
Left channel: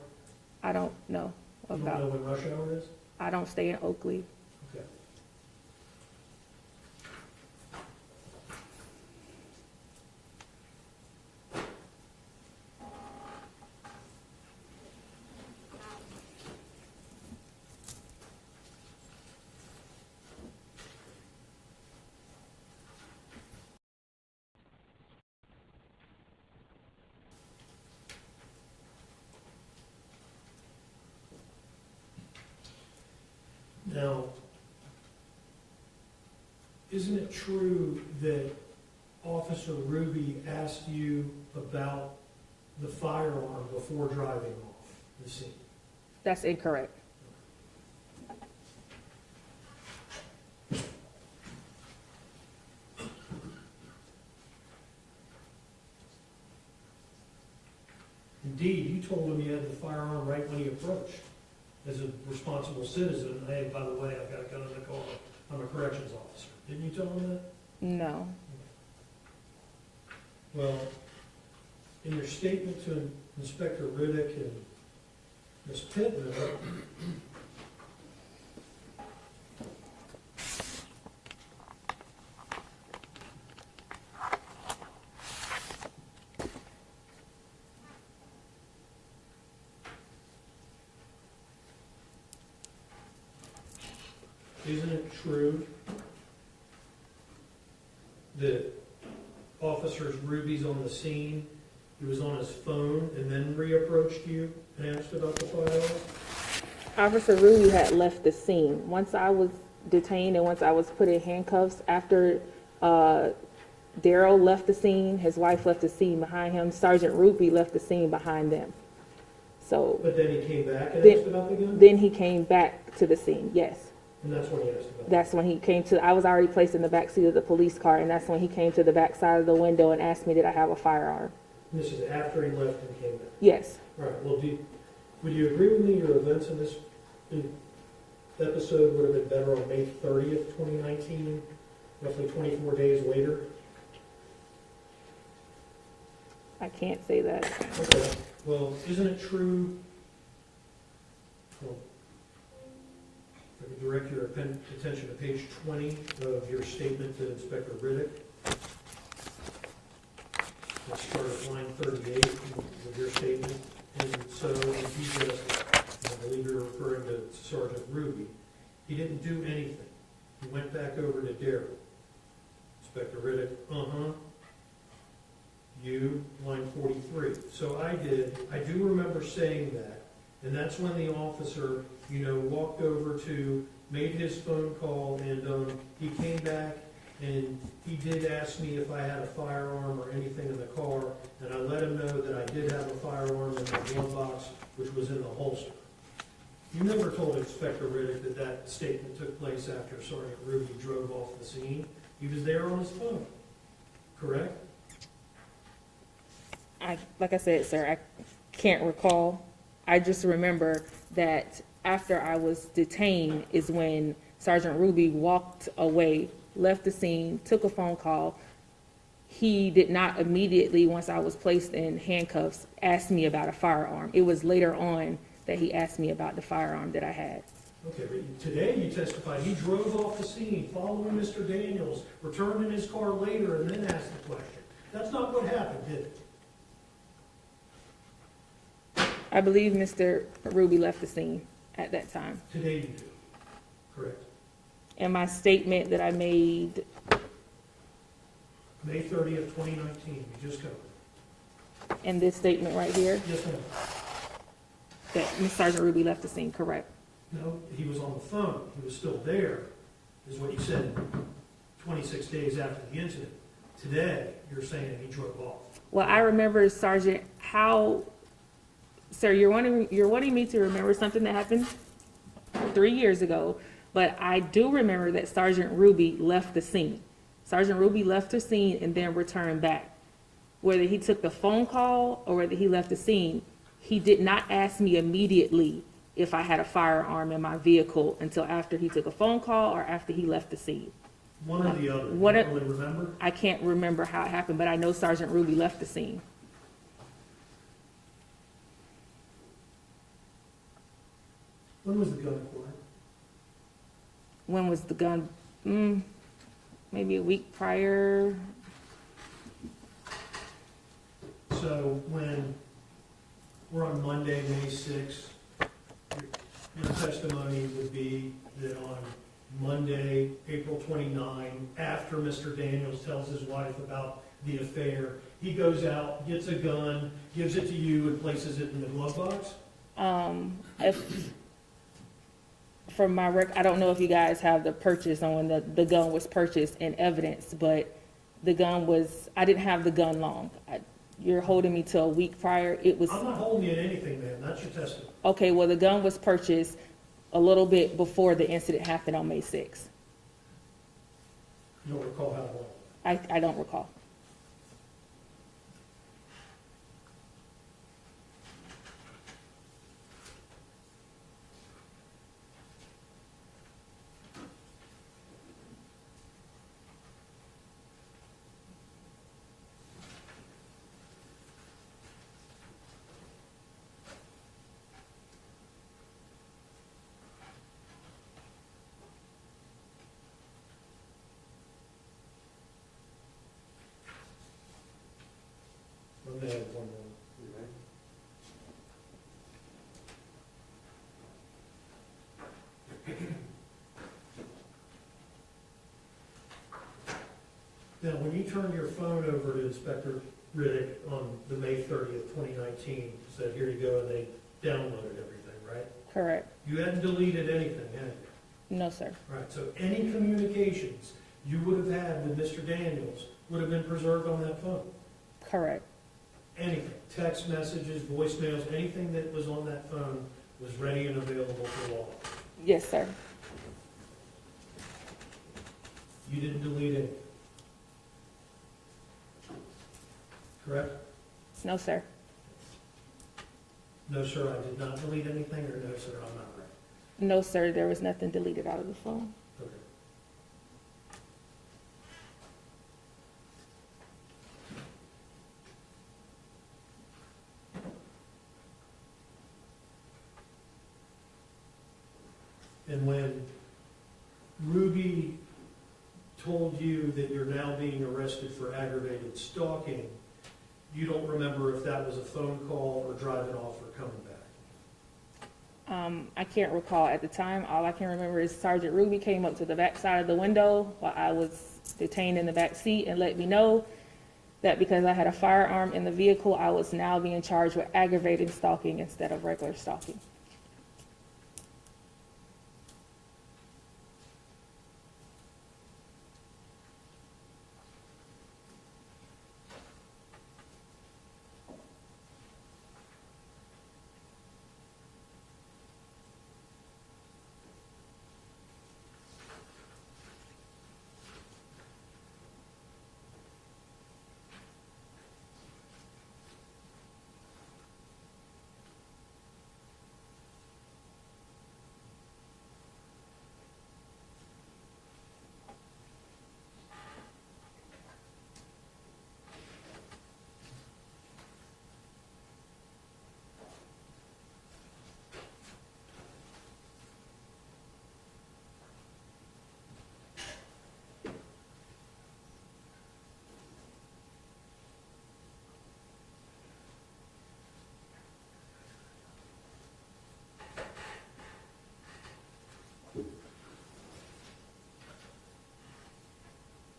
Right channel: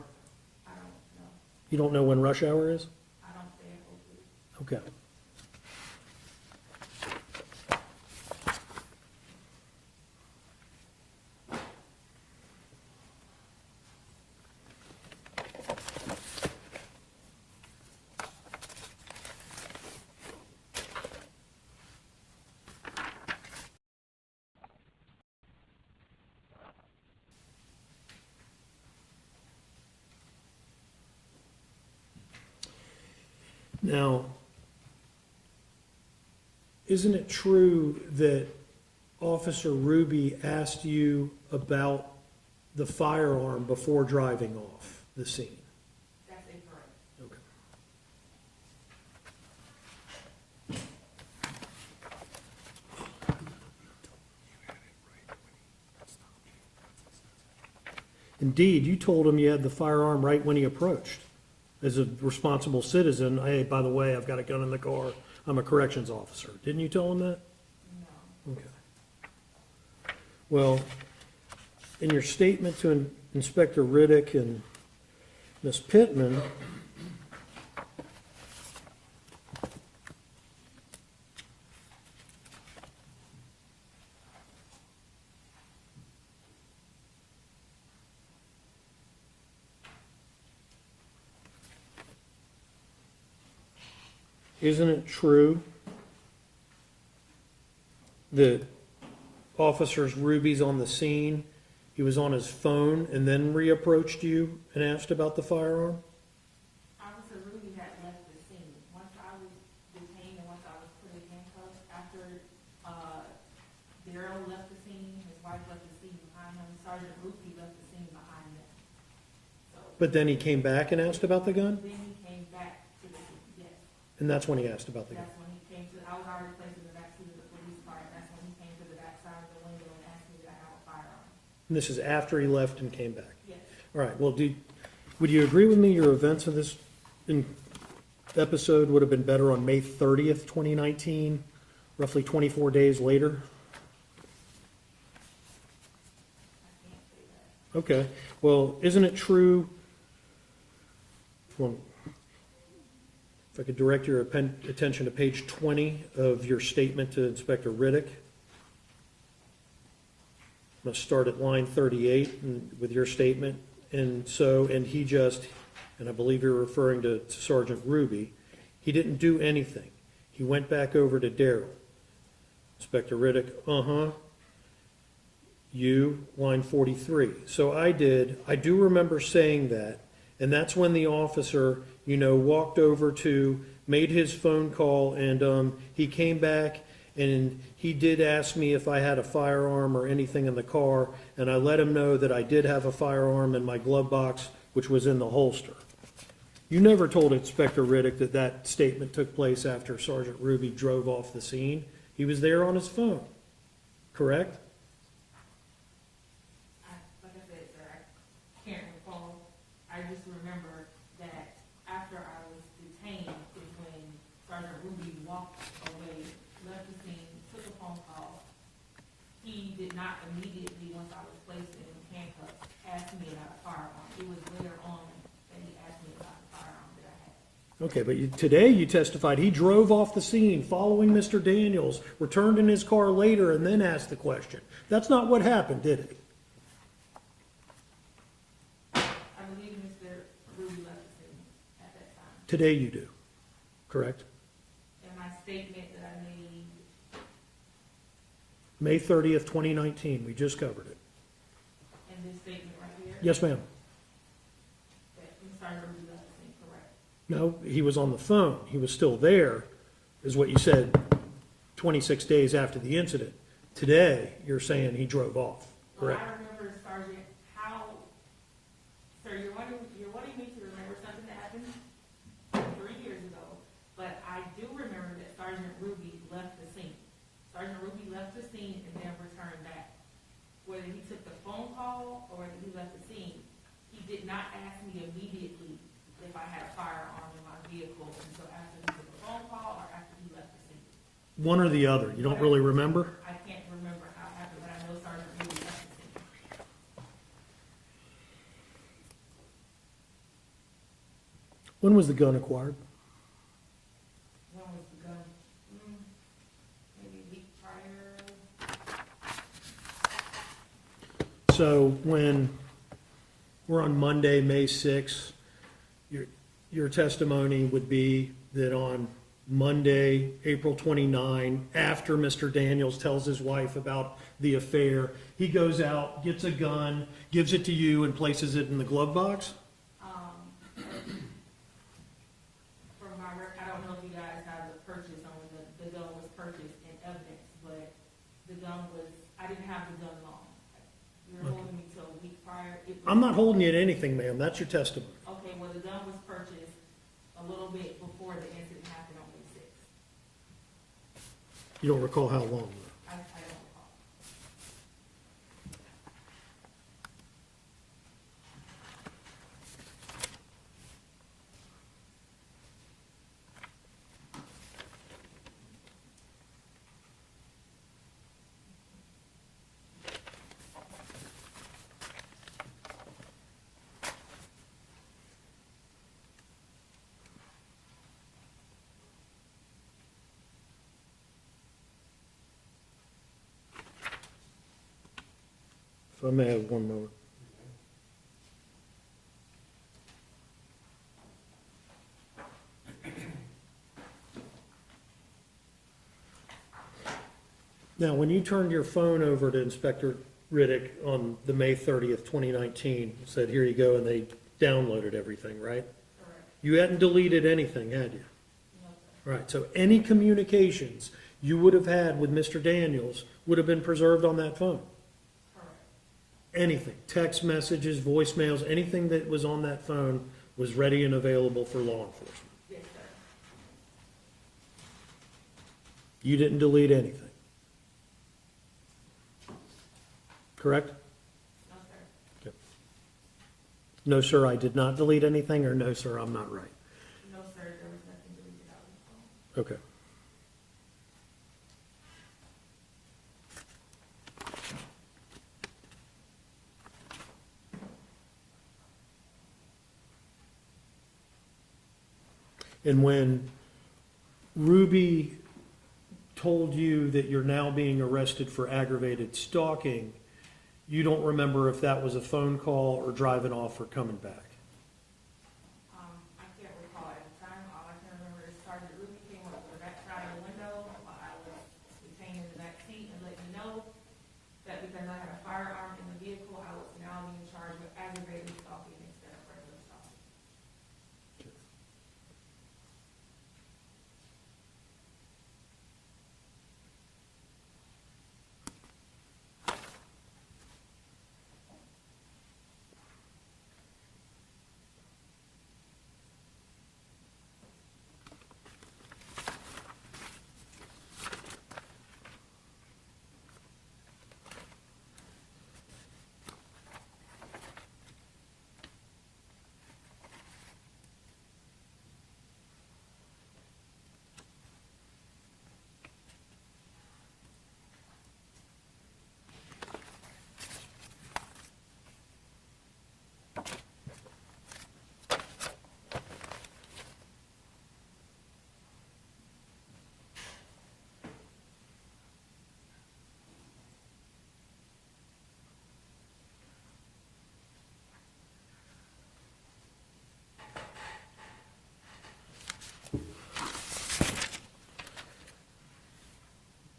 I don't know. You don't know when rush hour is? I don't stay in Oakley. Okay. Now, isn't it true that Officer Ruby asked you about the firearm before driving off the scene? That's incorrect. Indeed, you told him you had the firearm right when he approached. As a responsible citizen, hey, by the way, I've got a gun in the car. I'm a corrections officer. Didn't you tell him that? No. Okay. Well, in your statement to Inspector Riddick and Ms. Pittman, isn't it true that Officer Ruby's on the scene, he was on his phone and then reapproached you and asked about the firearm? Officer Ruby had left the scene. Once I was detained and once I was put in handcuffs, after Darryl left the scene, his wife left the scene behind him, Sergeant Ruby left the scene behind them. So But then he came back and Then- asked about the gun? then he came back to the scene, yes. And that's when he asked about the gun? That's when he came to, I was already placed in the back seat of the police car, and that's when he came to the back side of the window and asked me, did I have a firearm? And this is after he left and came back? Yes. All right, well, would you agree with me your events of this episode would have been better on May 30th, 2019, roughly 24 days later? I can't say that. Okay, well, isn't it true, well, if I could direct your attention to page 20 of your statement to Inspector Riddick. Let's start at line 38 with your statement. And he just, and I believe you're referring to Sergeant Ruby, he didn't do anything. He went back over to Darryl. Inspector Riddick, You, line 43. So I do remember saying that, and that's when the officer, walked over made his phone call, and he came back, and he did ask me if I had a firearm or anything in the car, and I let him know that I did have a firearm in my glove box, which was in the holster. You never told Inspector Riddick that that statement took place after Sergeant Ruby drove off the scene. He was there on his phone, correct? Like I said, sir, I can't recall. I just remember that after I was detained is when Sergeant Ruby walked away, left the scene, took a phone call. He did not immediately, once I was placed in handcuffs, ask me about a firearm. It was later on that he asked me about the firearm that I had. Okay, but today you testified he drove off the scene following Mr. Daniels, returned in his car later, and then asked the question. That's not what happened, did it? I believe Mr. Ruby left the scene at that time. Today you do, correct? And my statement that I made, May 30th, 2019, we just covered it. in this statement right here, Yes, ma'am. that Ms. Sergeant Ruby left the scene, correct? No, he was on the phone. He was still there, is what you said 26 days after the incident. Today, you're saying he drove off. Well, I remember, Sergeant, how, sir, you're wanting me to remember something that happened 3 years ago, but I do remember that Sergeant Ruby left the scene. Sergeant Ruby left the scene and then returned back. Whether he took the phone call or whether he left the scene, he did not ask me immediately if I had a firearm in my vehicle until after he took a phone call or after he left the scene. One or the other, you don't What- really remember? I can't remember how it happened, but I know Sergeant Ruby left the scene. When was the gun acquired? When was the gun? Maybe a week prior. So when we're on Monday, May 6th, your testimony would be that on Monday, April 29, after Mr. Daniels tells his wife about the affair, he goes out, gets a gun, gives it to you and places it in the glove box? If, from my I don't know if you guys have the purchase on when the gun was purchased in evidence, but the gun was, I didn't have the gun long. You're holding me to a week prior. It was, I'm not holding you to anything, ma'am. That's your testimony. okay, well, the gun was purchased a little bit before the incident happened on May 6th. You don't recall how long? I don't recall. If I may have one more. Now, when you turned your phone over to Inspector Riddick on the May 30th, 2019, said, here you go, and they downloaded everything, right? Correct. You hadn't deleted anything, had you? No, sir. Right, so any communications you would have had with Mr. Daniels would have been preserved on that phone? Correct. Anything, text messages, voicemails, anything that was on that phone was ready and available for law enforcement? Yes, sir. You didn't delete anything? Correct? No, sir. No, sir, I did not delete anything, or no, sir, I'm not right? No, sir, there was nothing deleted out of the phone. Okay. And when Ruby told you that you're now being arrested for aggravated stalking, you don't remember if that was a phone call or driving off or coming back? I can't recall at the time. All I can remember is Sergeant Ruby came up to the back side of the window while I was detained in the back seat and let me know that because I had a firearm in the vehicle, I was now being charged with aggravated stalking instead of regular stalking.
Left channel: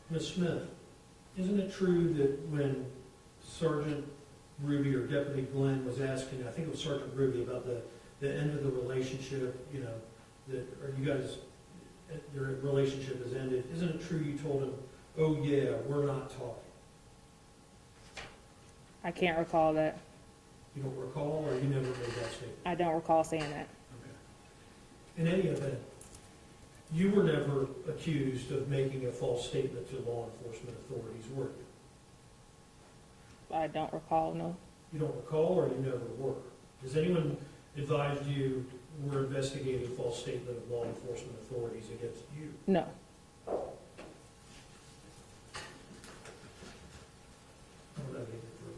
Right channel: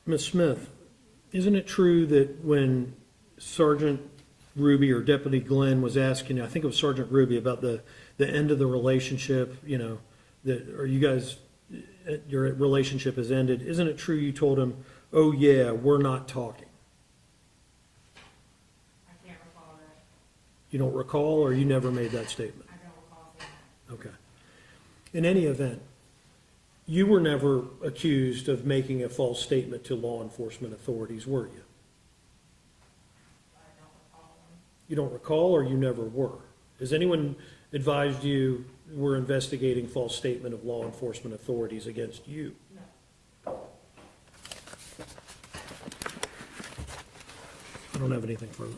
Ms. Smith, isn't it true that when Sergeant Ruby or Deputy Glenn was asking, I think it was Sergeant Ruby, about the end of the relationship, you know, that, are you guys, your relationship has ended, isn't it true you told him, oh yeah, we're not talking? I can't recall that. You don't recall, or you never made that statement? I don't recall saying that. Okay. In any event, you were never accused of making a false statement to law enforcement authorities, were you? I don't recall, no. You don't recall, or you never were? Has anyone advised you we're investigating false statement of law enforcement authorities against you? No. I don't have anything further.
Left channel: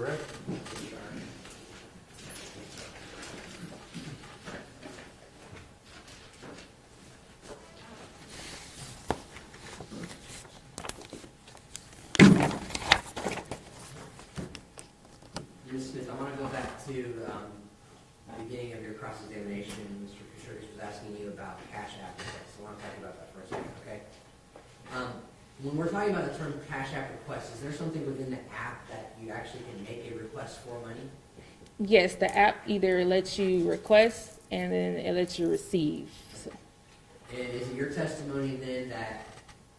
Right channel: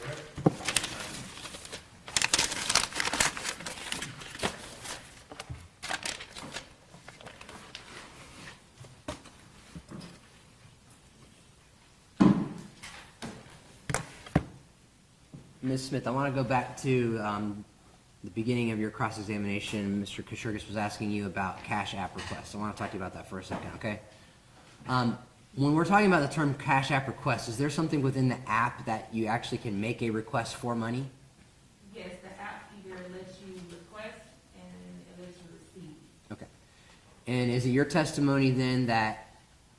Correct. Ms. Smith, I want to go back to the beginning of your cross-examination. Mr. Kashurgis was asking you about Cash App requests. I want to talk to you about that for a second, okay? When we're talking about the term Cash App request, is there something within the app that you actually can make a request for money? Yes, the app either lets you request and then it lets you receive. Okay. And is it your testimony then that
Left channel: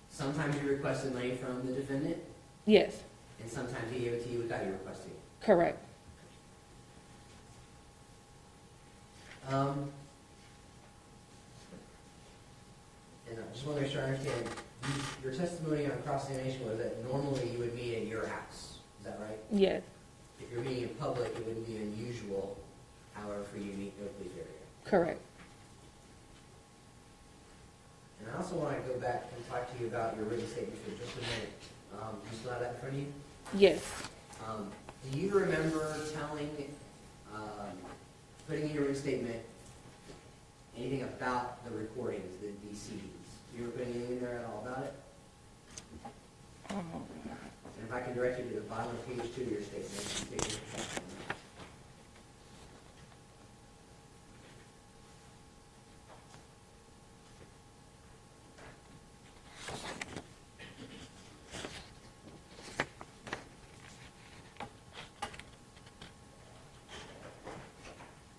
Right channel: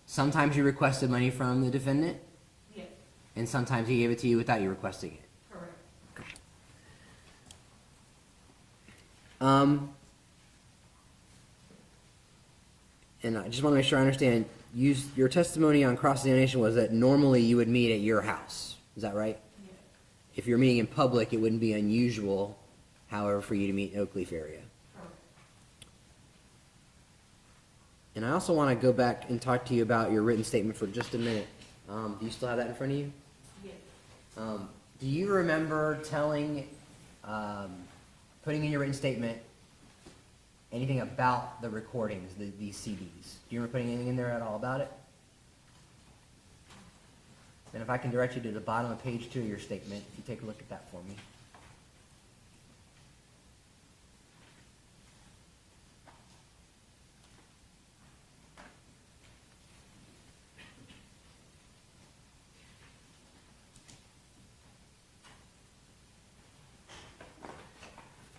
sometimes you requested money from the defendant Yes, and sometimes he gave it to you without you requesting it? correct. And I just want to make sure I understand, your testimony on cross-examination was that normally you would meet at your house. Is that right? Yes, If you're meeting in public, it wouldn't be unusual, however, for you to meet in Oak Leaf area. correct. And I also want to go back and talk to you about your written statement for just a minute. Do you still have that in front of you? Yes, Do you remember telling, putting in your written statement, anything about the recordings, these CDs? Do you remember putting anything in there at all about it? And if I can direct you to the bottom of page 2 of your statement, you take a look at that for me.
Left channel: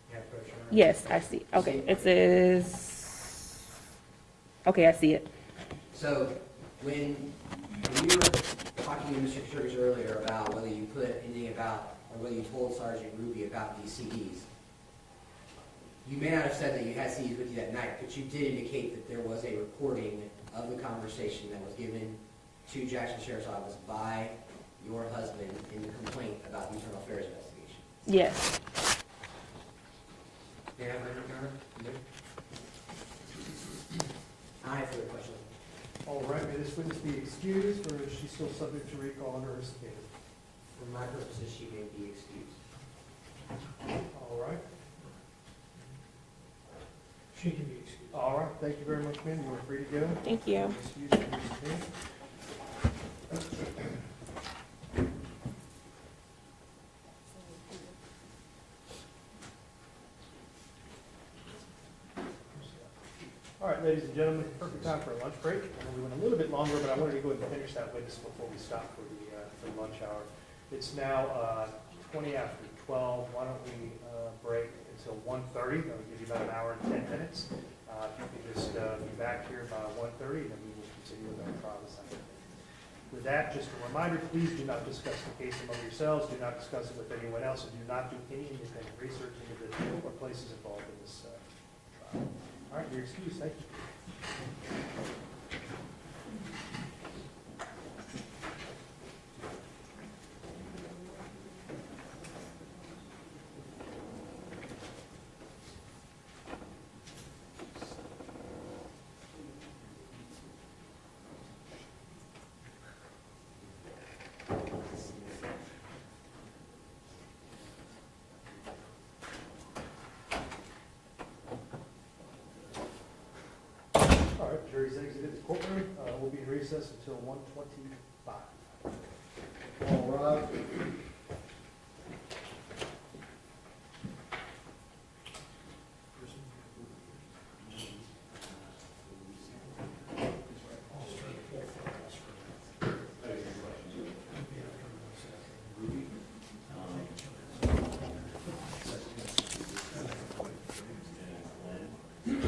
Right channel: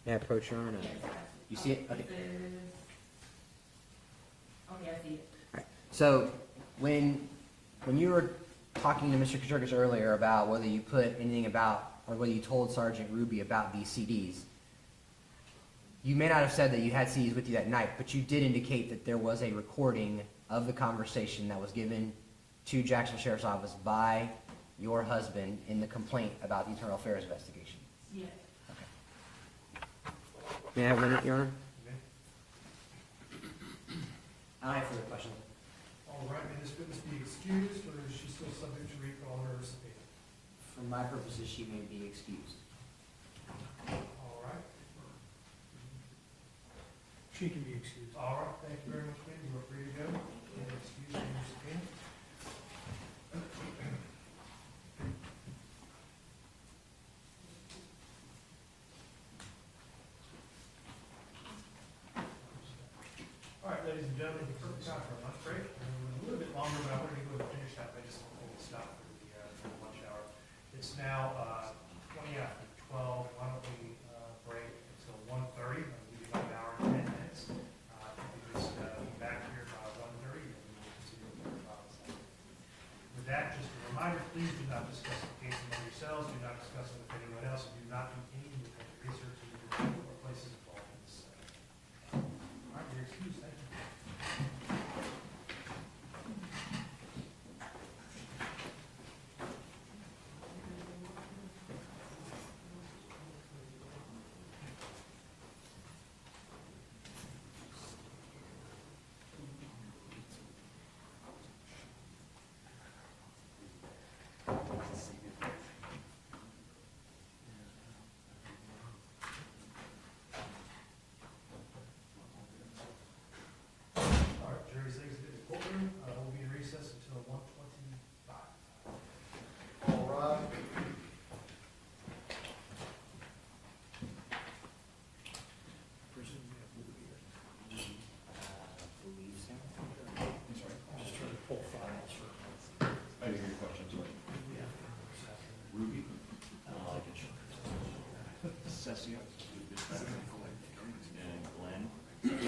May I approach, Your Honor? yes, I see. You Okay, see it says, okay, I see it. So, when you were talking to Mr. Kashurgis earlier about whether you put anything about, or whether you told Sergeant Ruby about these CDs, you may not have said that you had CDs with you that night, but you did indicate that there was a recording of the conversation that was given to Jackson Sheriff's Office by your husband in the complaint about the internal affairs investigation. Yes, May I have one, Your Honor? I have further question. All right, may this witness be excused, or is she still subject to recall under her subpoena? For my purposes, she may be excused. All right. She can be excused. All right, thank you very much, ma'am. You are free to go. thank you. Excuse me, Mr. King. All right, ladies and gentlemen, perfect time for a lunch break. I know we went a little bit longer, but I wanted to go ahead and finish that witness before we stop for the lunch hour. It's now 20 after 12. Why don't we break until 1:30? That'll give you about an hour and 10 minutes. If you could just be back here by 1:30, then we will continue with our trial this afternoon. With that, just a reminder, please do not discuss the case among yourselves, do not discuss it with anyone else, and do not do any independent research into the people or places involved in this trial. All right, you're excused. Thank you. All right, jury's exited the courtroom. We'll be in recess until 1:25. All right. Ruby? Cecia? And Glenn?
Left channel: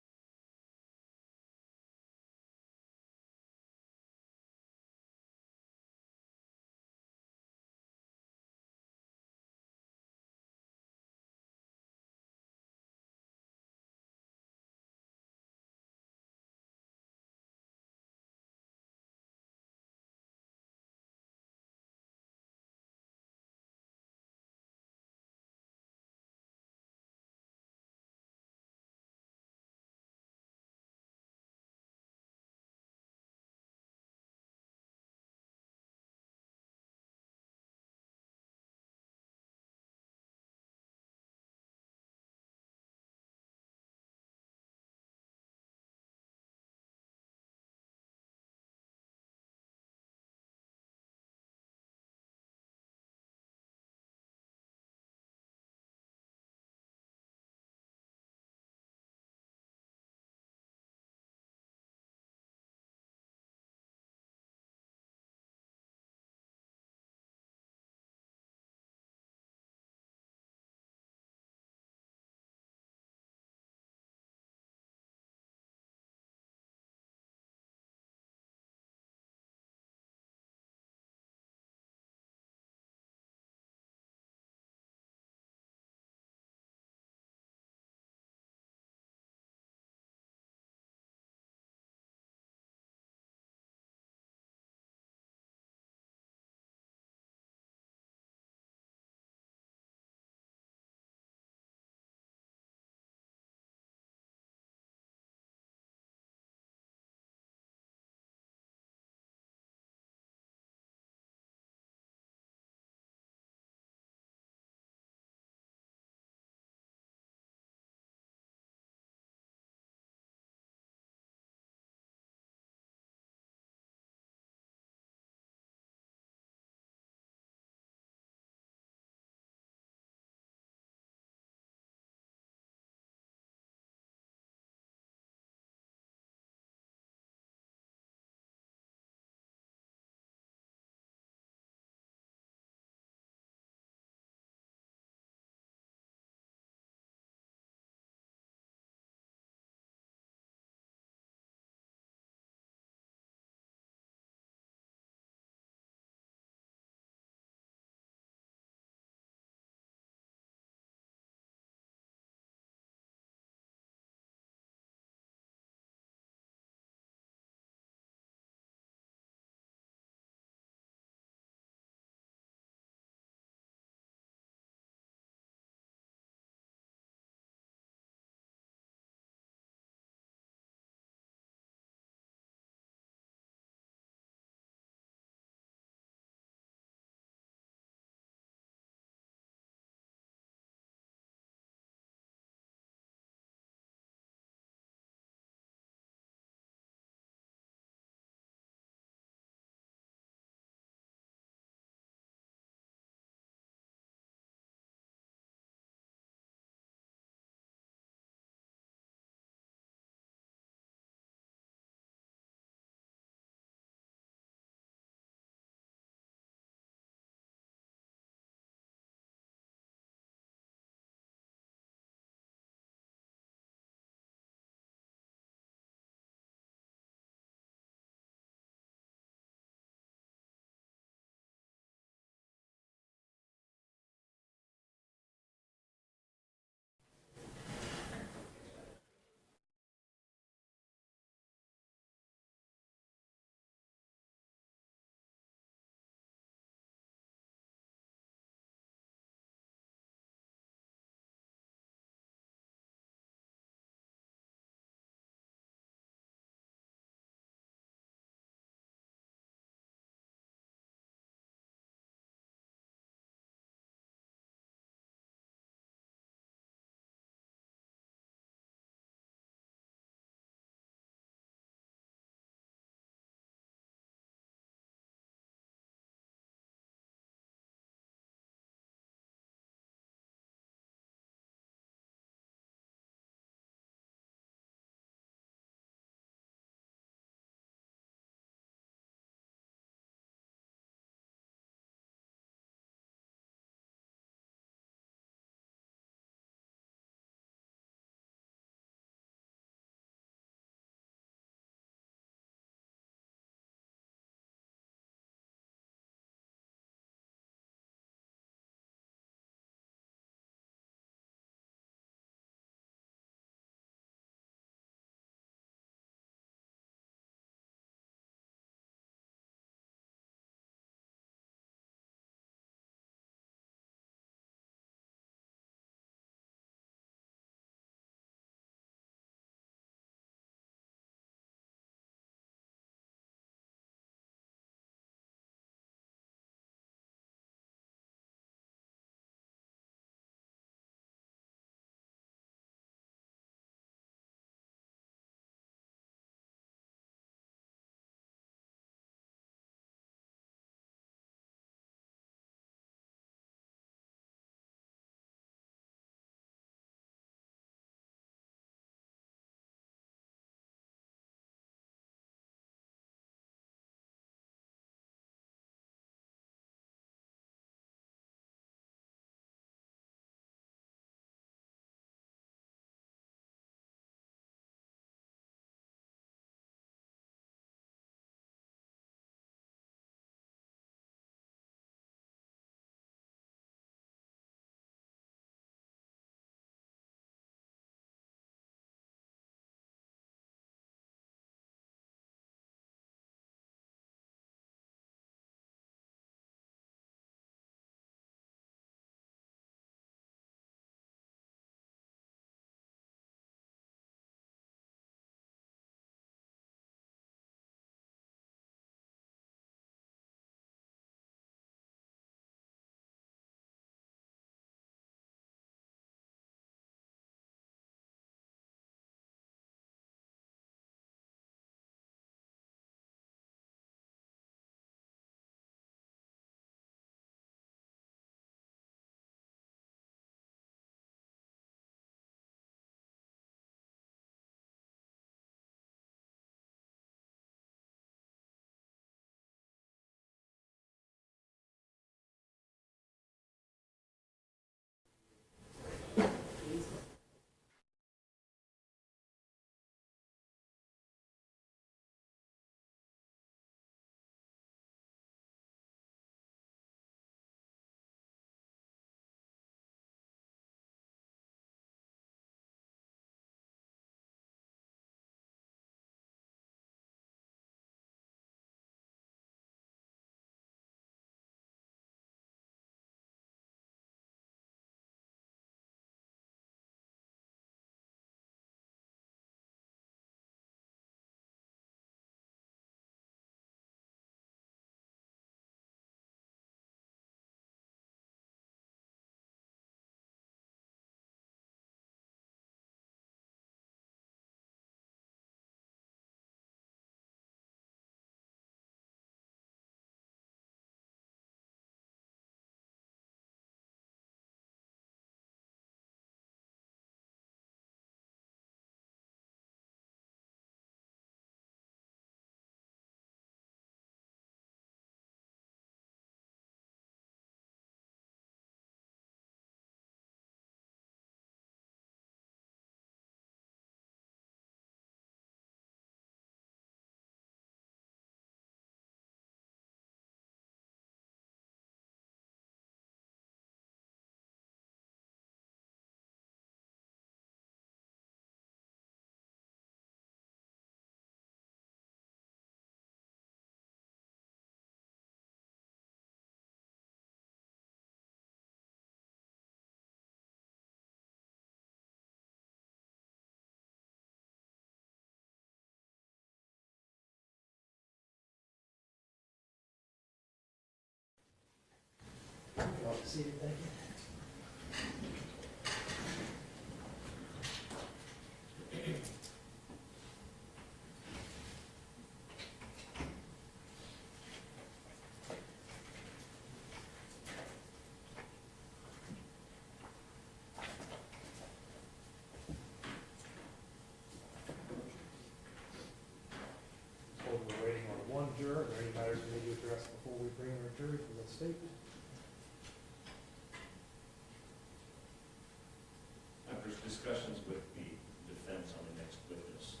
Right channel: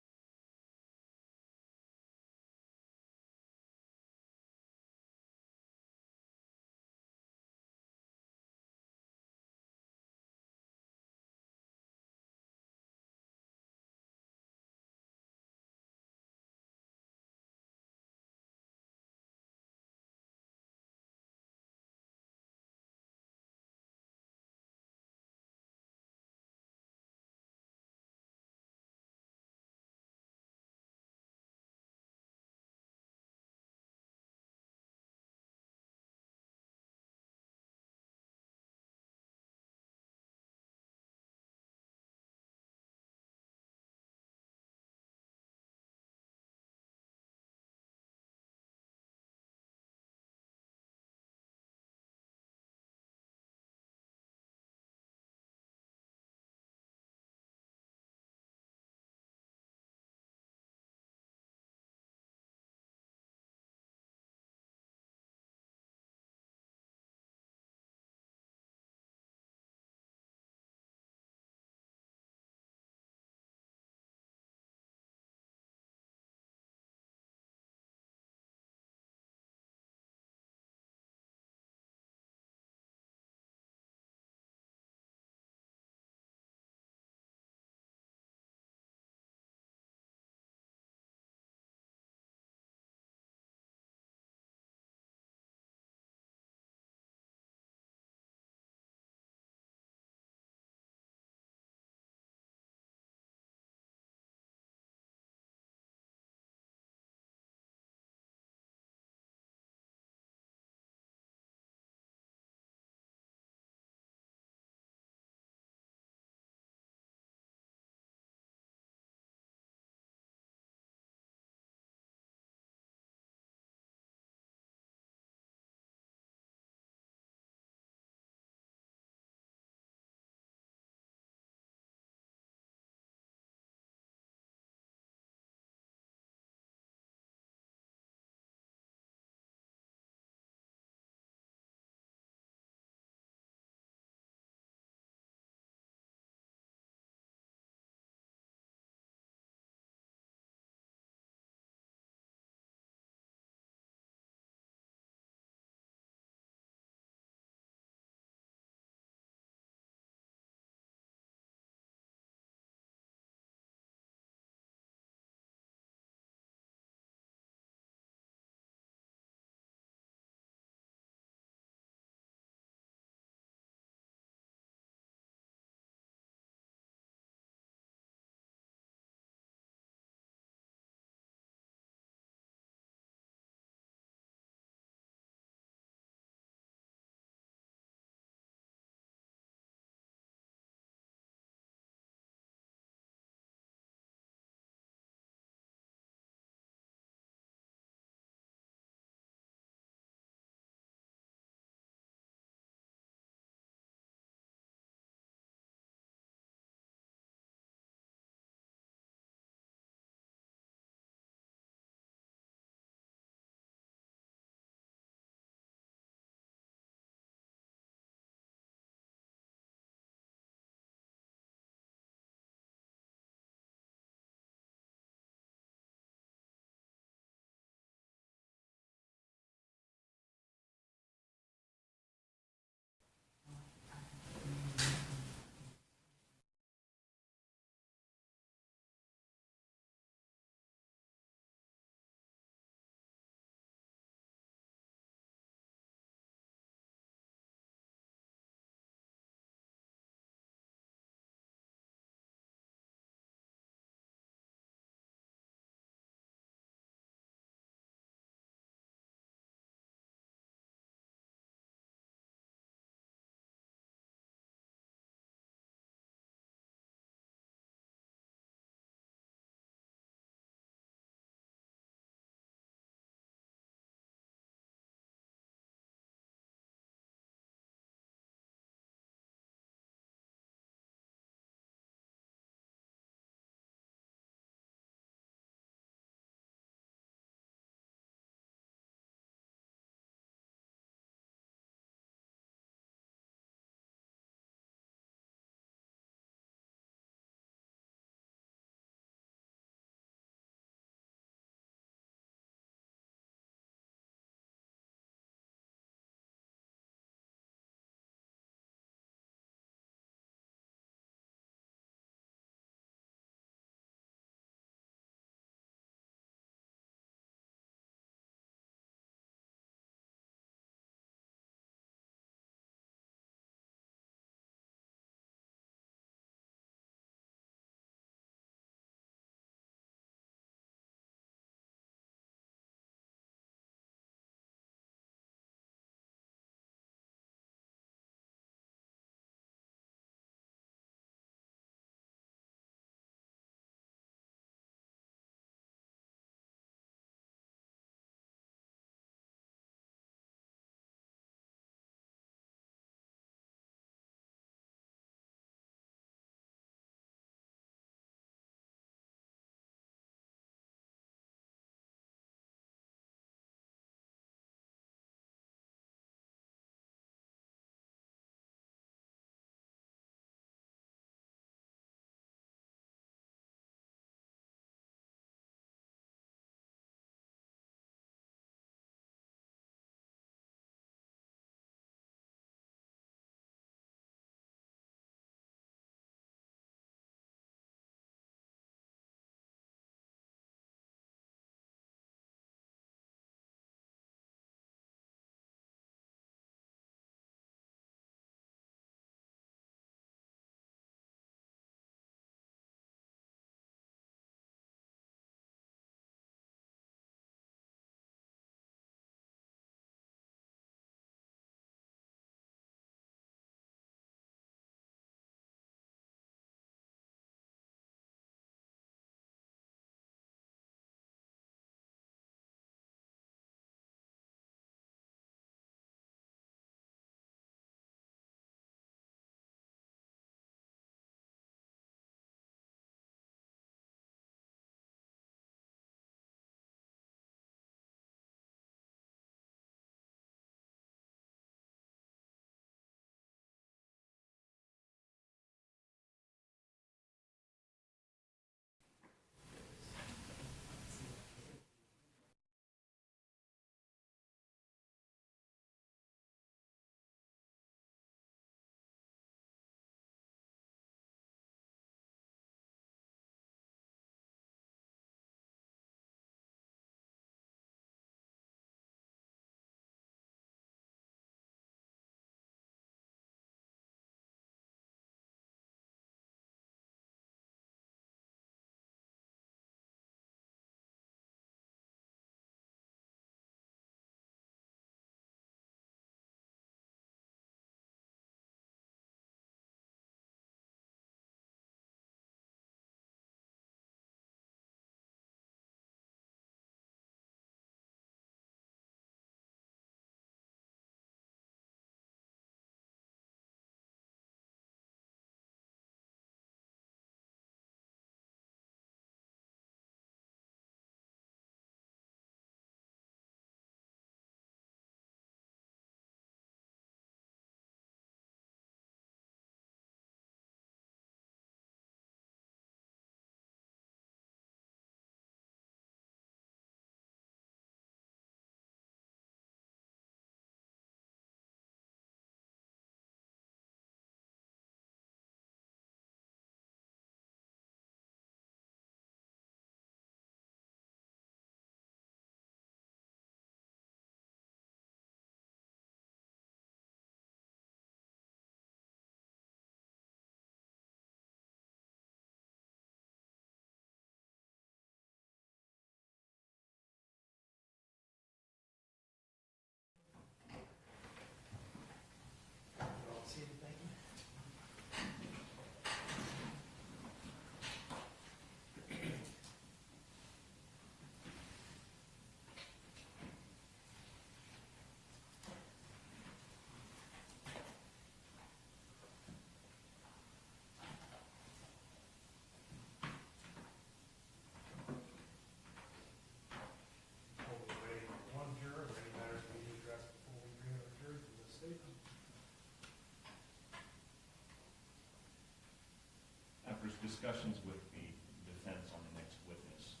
discussions with the defense on the next witness,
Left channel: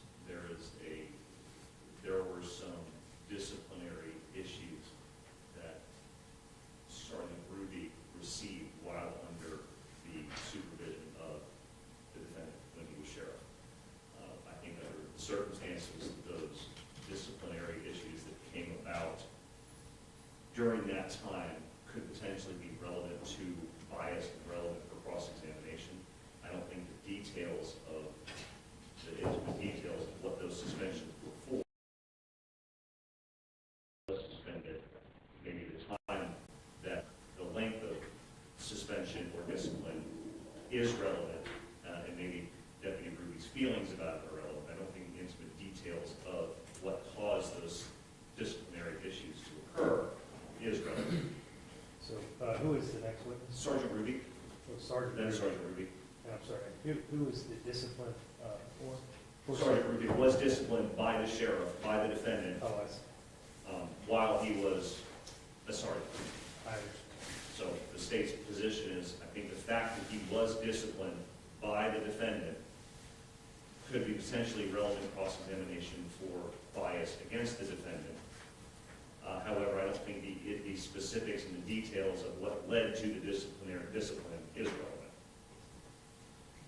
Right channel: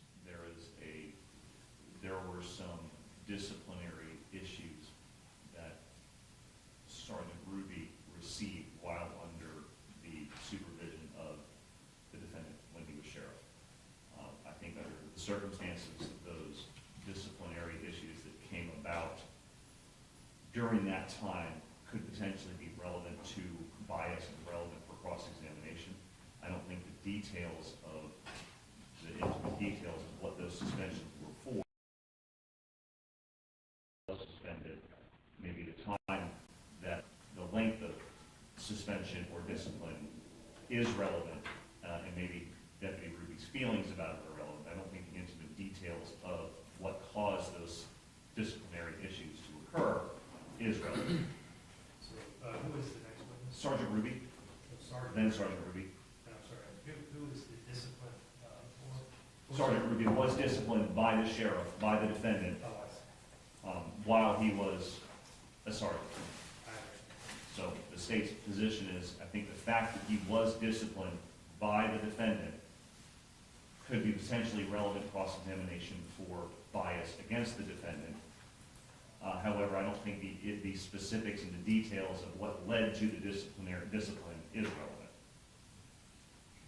there were some disciplinary issues that Sergeant Ruby received while under the supervision of the defendant when he was sheriff. I think under the circumstances, those disciplinary issues that came about during that time could potentially be relevant to bias and relevant for cross-examination. I don't think the details of what those suspensions were for, suspended, maybe the time that the length of suspension or discipline is relevant, and maybe Deputy Ruby's feelings about it are relevant. I don't think the intimate details of what caused those disciplinary issues to occur is relevant. So, who is the next witness? Sergeant Ruby, Oh, Sergeant. then Sergeant Ruby. I'm sorry, who is the discipline, for? Sergeant Ruby was disciplined by the sheriff, by the defendant, Oh, I see. while he was a sergeant. I understand. So the state's position is, I think the fact that he was disciplined by the defendant could be potentially relevant cross-examination for bias against the defendant. However, I don't think the specifics and the details of what led to the discipline is relevant.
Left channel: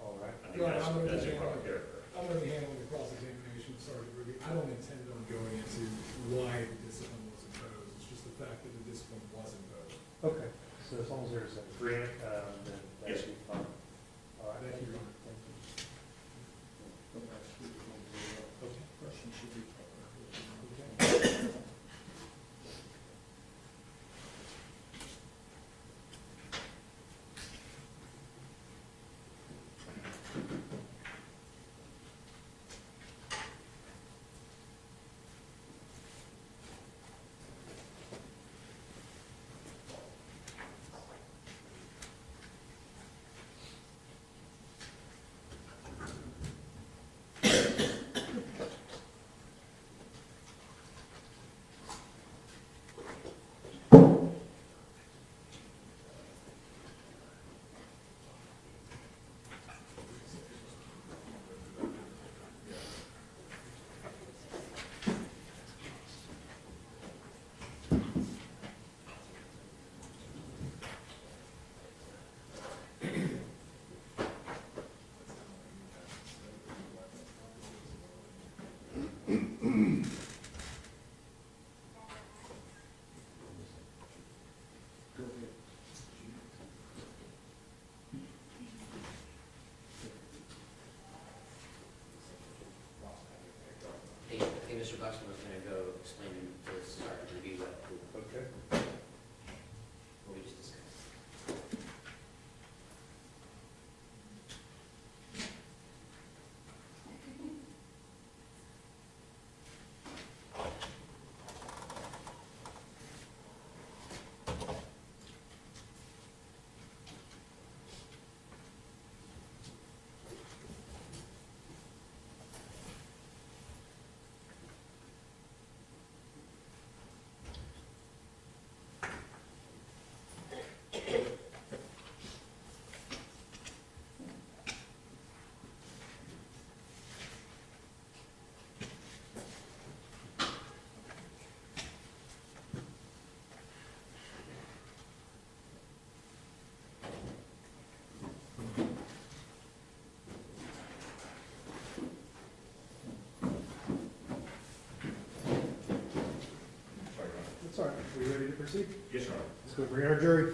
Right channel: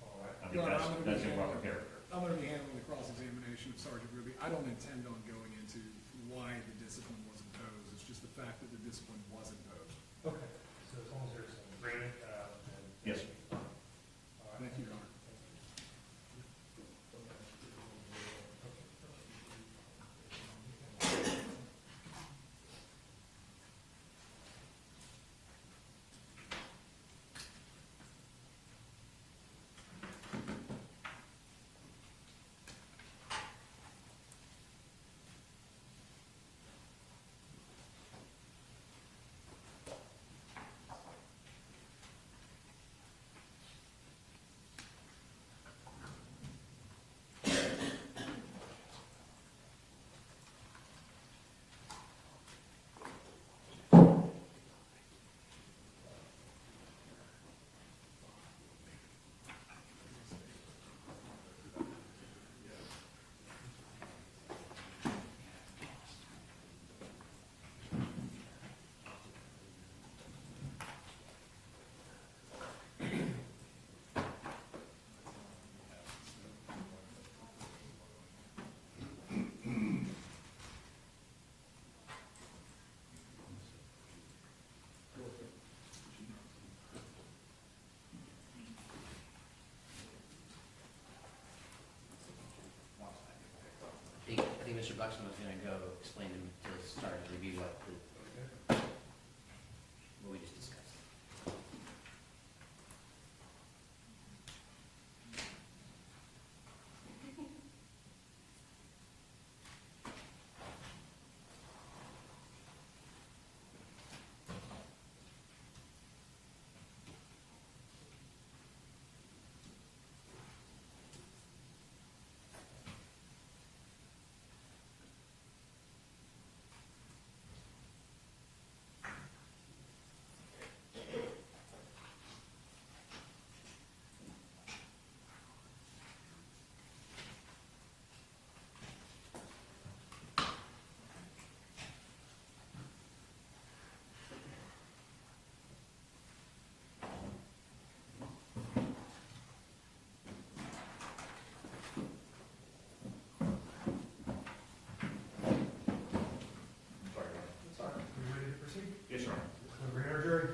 All right. I think that's improper character. I'm going to be handling the cross-examination of Sergeant Ruby. I don't intend on going into why the discipline was imposed. It's just the fact that the discipline was imposed. Okay, so as long as there's an agreement, then that Yes. should be fine. All right, Thank you, Your Honor. Thank you. I think Mr. Buxton was gonna go explain to Sergeant Ruby what Okay. we just discussed. Sorry, Your Honor. That's all right. We ready to proceed? Yes, Your Honor. Let's go bring our jury.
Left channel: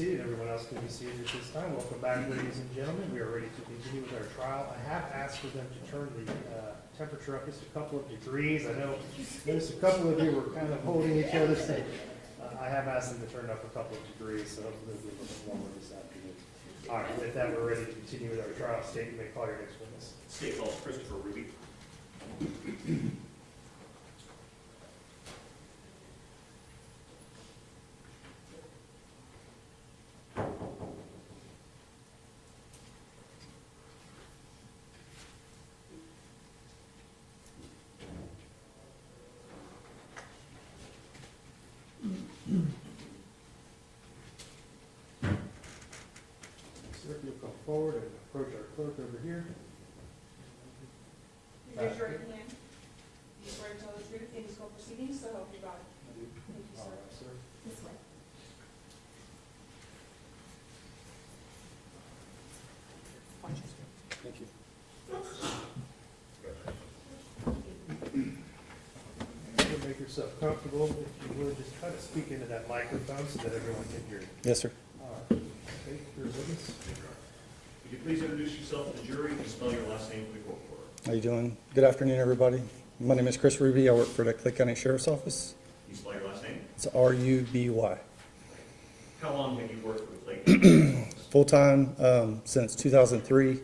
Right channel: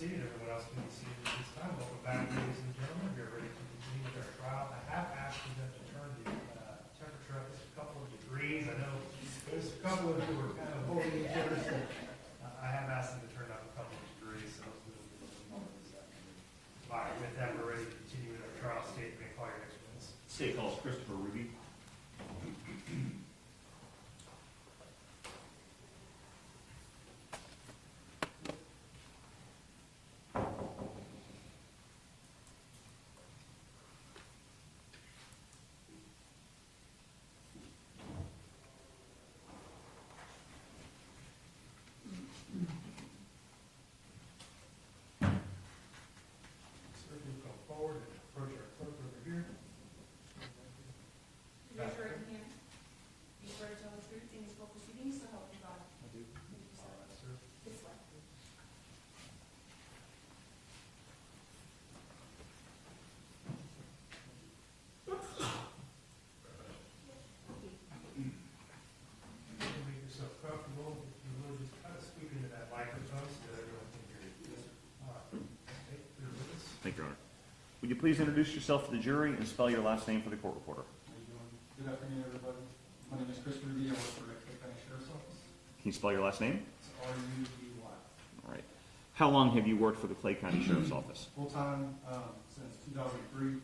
seated. Everyone else can be seated at this time. Welcome back, ladies and gentlemen. We are ready to continue with our trial. I have asked for them to turn the temperature up just a couple of degrees. I know there's a couple of you were kind of holding each other, so I have asked them to turn it up a couple of degrees, so hopefully it'll be a little bit warmer this afternoon. All right, with that, we're ready to continue with our trial. State, you may call your next witness. State calls Christopher Ruby. Sir, if you'll come forward and approach our clerk over here. Raise your right hand. You swear to tell the truth in these court proceedings, so help you God. Thank you, All sir. right, sir. This way. Thank you. Make yourself comfortable, if you would, just try to speak into that microphone so that everyone can hear you. Yes, sir. Okay, your witness. Thank you, Your Honor. Would you please introduce yourself to the jury and spell your last name for the court reporter? How you doing? Good afternoon, everybody. My name is Chris Ruby. I work for the Clay County Sheriff's Office. Can you spell your last name? It's R-U-B-Y. All right. How long have you worked for the Clay County Sheriff's Office? Full-time since 2003.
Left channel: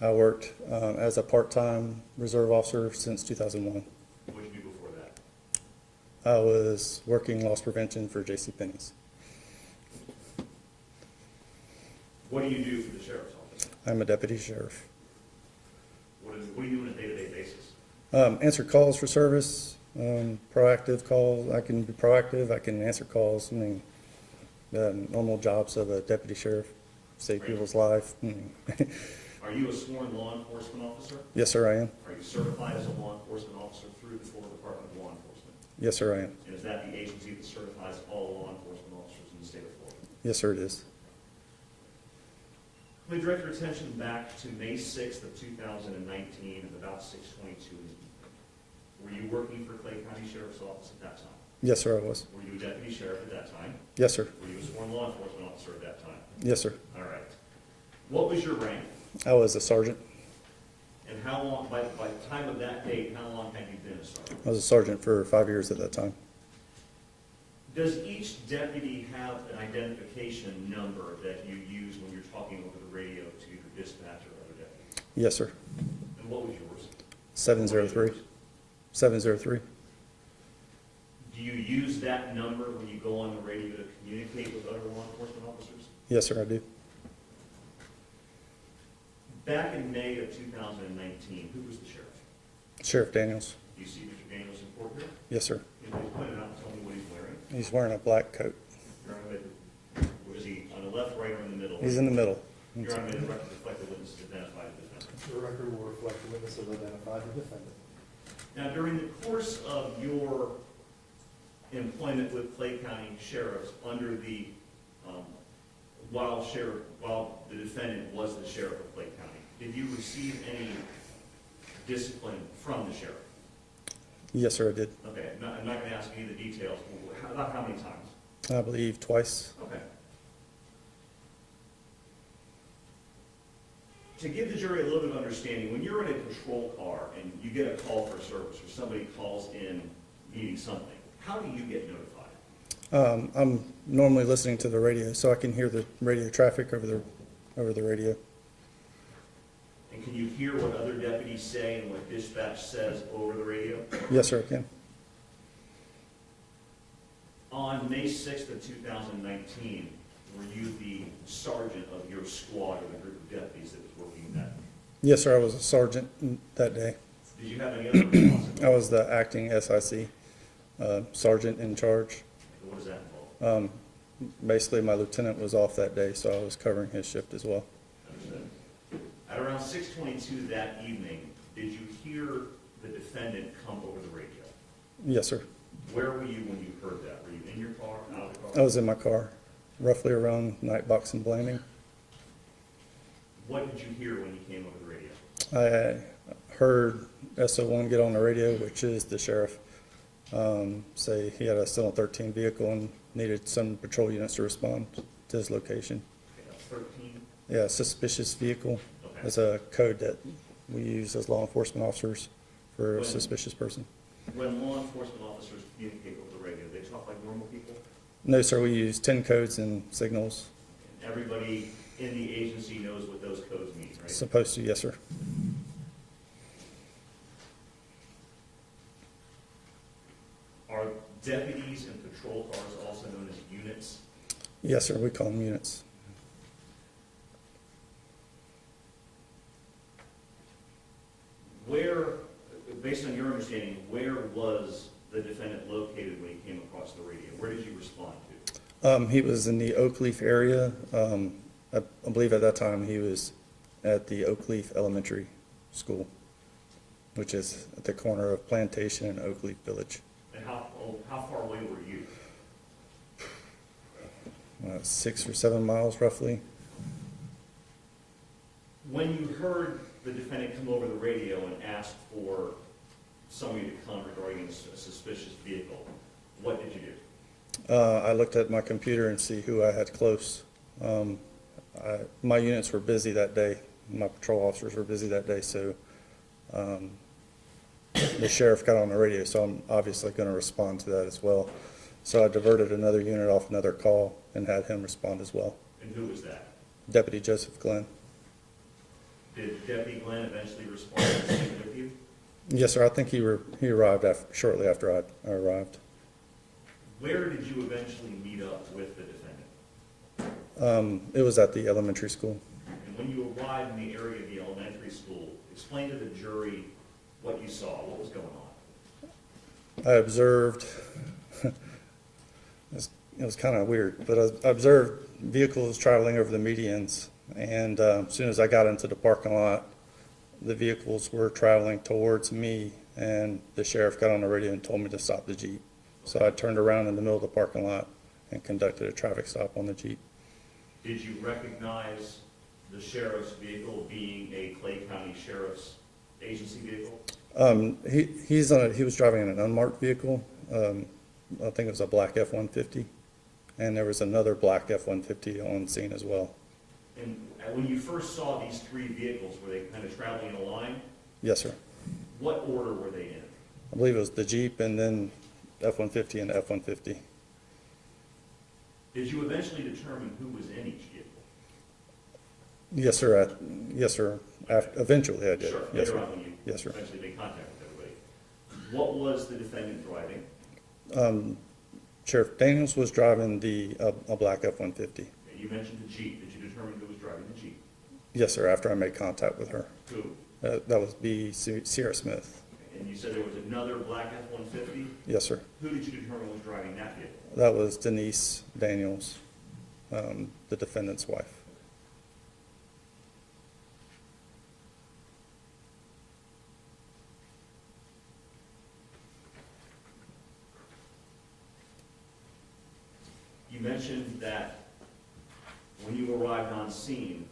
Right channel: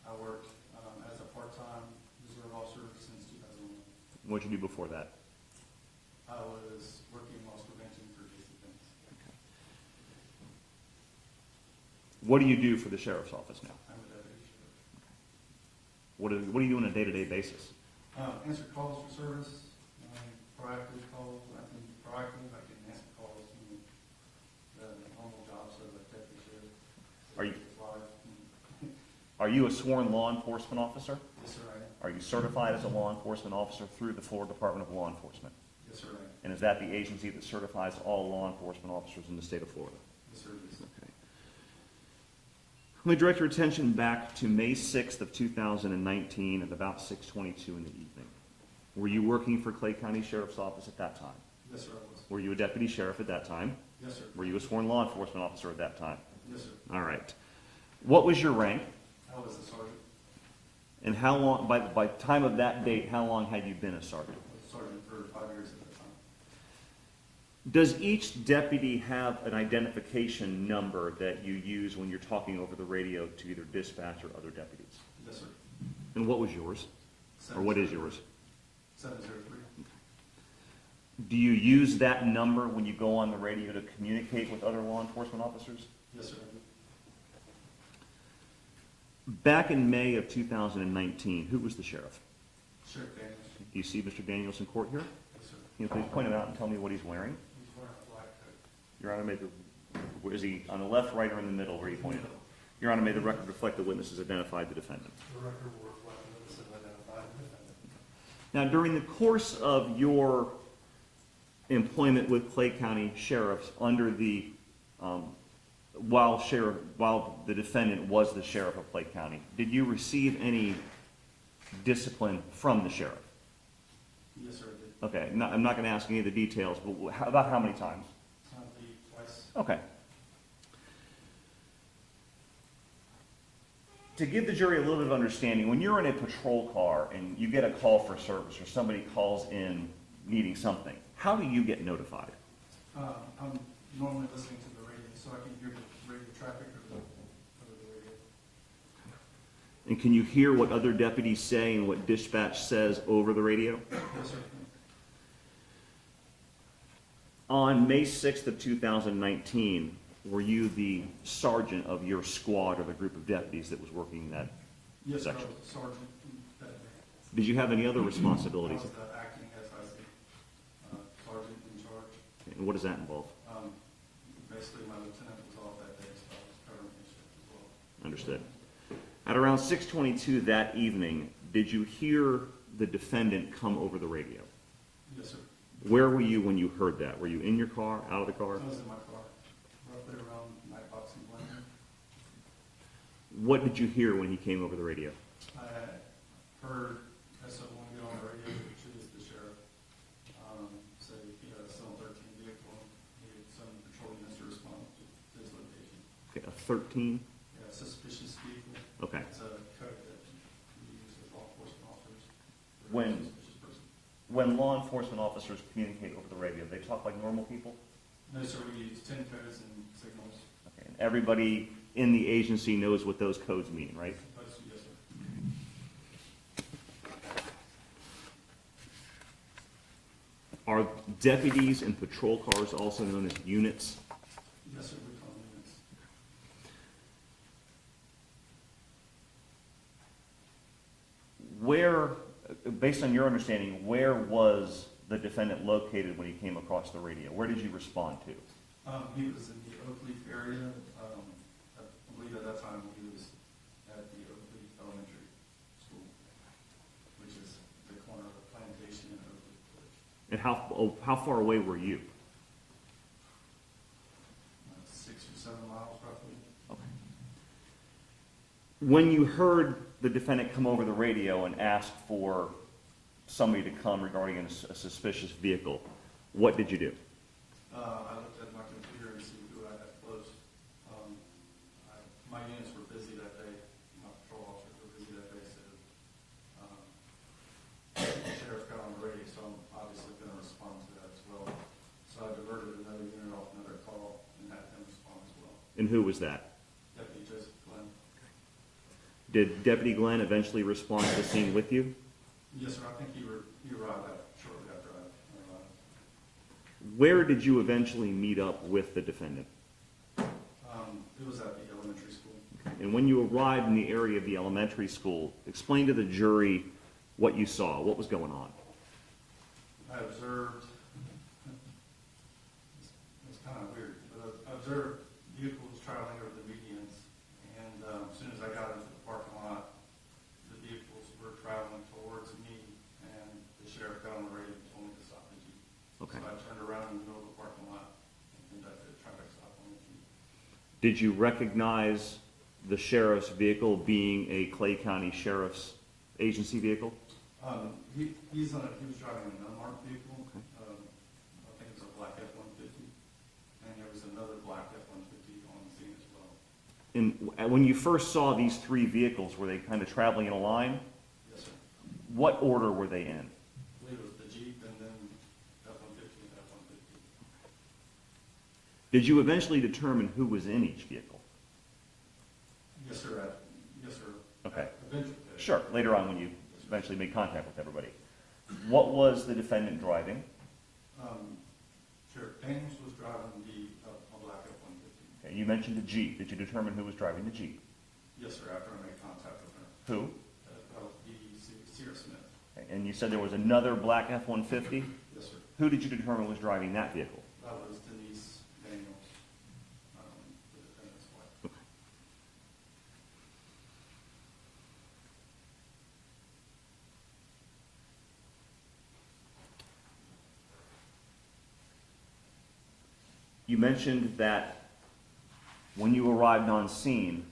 I worked as a part-time reserve officer since 2001. What did you do before that? I was working loss prevention for JCPenney's. What do you do for the sheriff's office? I'm a deputy sheriff. What do you do on a day-to-day basis? Answer calls for service, proactive calls. I can be proactive. I can answer calls. I mean, normal jobs of a deputy sheriff, save Are you- people's life. Are you a sworn law enforcement officer? Yes, sir, I am. Are you certified as a law enforcement officer through the Florida Department of Law Enforcement? Yes, sir, I am. And is that the agency that certifies all law enforcement officers in the state of Florida? Yes, sir, it is. Let me direct your attention back to May 6th of 2019 at about 6:22 in the evening. Were you working for Clay County Sheriff's Office at that time? Yes, sir, I was. Were you a deputy sheriff at that time? Yes, sir. Were you a sworn law enforcement officer at that time? Yes, sir. All right. What was your rank? I was a sergeant. And how long, by the time of that date, how long had you been a sergeant? I was a sergeant for 5 years at that time. Does each deputy have an identification number that you use when you're talking over the radio to either dispatch or other deputies? Yes, sir. And what was yours? Or what is 703. yours? 703. Do you use that number when you go on the radio to communicate with other law enforcement officers? Yes, sir, I do. Back in May of 2019, who was the sheriff? Sheriff Daniels. Do you see Mr. Daniels in court here? Yes, sir. Can you please point it out and tell me what he's wearing? He's wearing a black coat. Your Honor, where is he, on the left, right, or in the middle? He's in the middle. Your Honor, may the record reflect the witnesses identified the defendant. The record will reflect the witness have identified the defendant. Now, during the course of your employment with Clay County Sheriffs under the, while the defendant was the sheriff of Clay County, did you receive any discipline from the sheriff? Yes, sir, I did. Okay, I'm not gonna ask any of the details, but about how many times? I believe twice. Okay. To give the jury a little bit of understanding, when you're in a patrol car and you get a call for service or somebody calls in needing something, how do you get notified? I'm normally listening to the radio, so I can hear the radio traffic over the radio. And can you hear what other deputies say and what dispatch says over the radio? Yes, sir, I can. On May 6th of 2019, were you the sergeant of your squad or the group of deputies that was working that? Yes, sir, I was a sergeant that day. Did you have any other responsibilities? I was the acting SIC sergeant in charge. And what does that involve? Basically, my lieutenant was off that day, so I was covering his shift as well. Understood. At around 6:22 that evening, did you hear the defendant come over the radio? Yes, sir. Where were you when you heard that? Were you in your car, out of the car? I was in my car, roughly around Nightbox and Blanding. What did you hear when he came over the radio? I heard SO1 get on the radio, which is the sheriff, say he had a 713 vehicle and needed some patrol units to respond. to his location. Okay, a 13? Yeah, suspicious vehicle Okay. is a code that we use as law enforcement officers for a When- suspicious person. When law enforcement officers communicate over the radio, they talk like normal people? No, sir, we use 10 codes and signals. And everybody in the agency knows what those codes mean, right? Supposed to, yes, sir. Are deputies and patrol cars also known as units? Yes, sir, we call them units. Where, based on your understanding, where was the defendant located when he came across the radio? Where did you respond to? He was in the Oak Leaf area. I believe at that time he was at the Oak Leaf Elementary School, which is at the corner of Plantation and Oak Leaf Village. And how far away were you? 6 or 7 miles roughly. When you heard the defendant come over the radio and ask for somebody to come regarding a suspicious vehicle, what did you do? I looked at my computer and see who I had close. My units were busy that day. My patrol officers were busy that day, so the sheriff got on the radio, so I'm obviously going to respond to that as well. So I diverted another unit off another call and had him respond as well. And who was that? Deputy Joseph Glenn. Did Deputy Glenn eventually respond to the scene with you? Yes, sir. I think he arrived shortly after I arrived. Where did you eventually meet up with the defendant? It was at the elementary school. And when you arrived in the area of the elementary school, explain to the jury what you saw, what was going on. I observed, it was kind of weird, but I observed vehicles traveling over the medians, and as soon as I got into the parking lot, the vehicles were traveling towards me, and the sheriff got on the radio and told me to stop the Jeep. So I turned around in the middle of the parking lot and conducted a traffic stop on the Jeep. Did you recognize the sheriff's vehicle being a Clay County Sheriff's agency vehicle? He was driving in an unmarked vehicle. I think it was a black F-150, and there was another black F-150 on scene as well. And when you first saw these three vehicles, were they kind of traveling in a line? Yes, sir. What order were they in? I believe it was the Jeep and then F-150 and F-150. Did you eventually determine who was in each vehicle? Yes, sir. Yes, sir. Okay. Eventually, I did. Sure, Yes, later sir. on when you Yes, sir. eventually made contact with everybody. What was the defendant driving? Sheriff Daniels was driving a black F-150. Okay, you mentioned the Jeep. Did you determine who was driving the Jeep? Yes, sir, after I made contact with her. Who? That was Cesia Smith. Okay, and you said there was another black F-150? Yes, sir. Who did you determine was driving that vehicle? That was Denise Daniels, the defendant's wife. You mentioned that when you arrived on scene,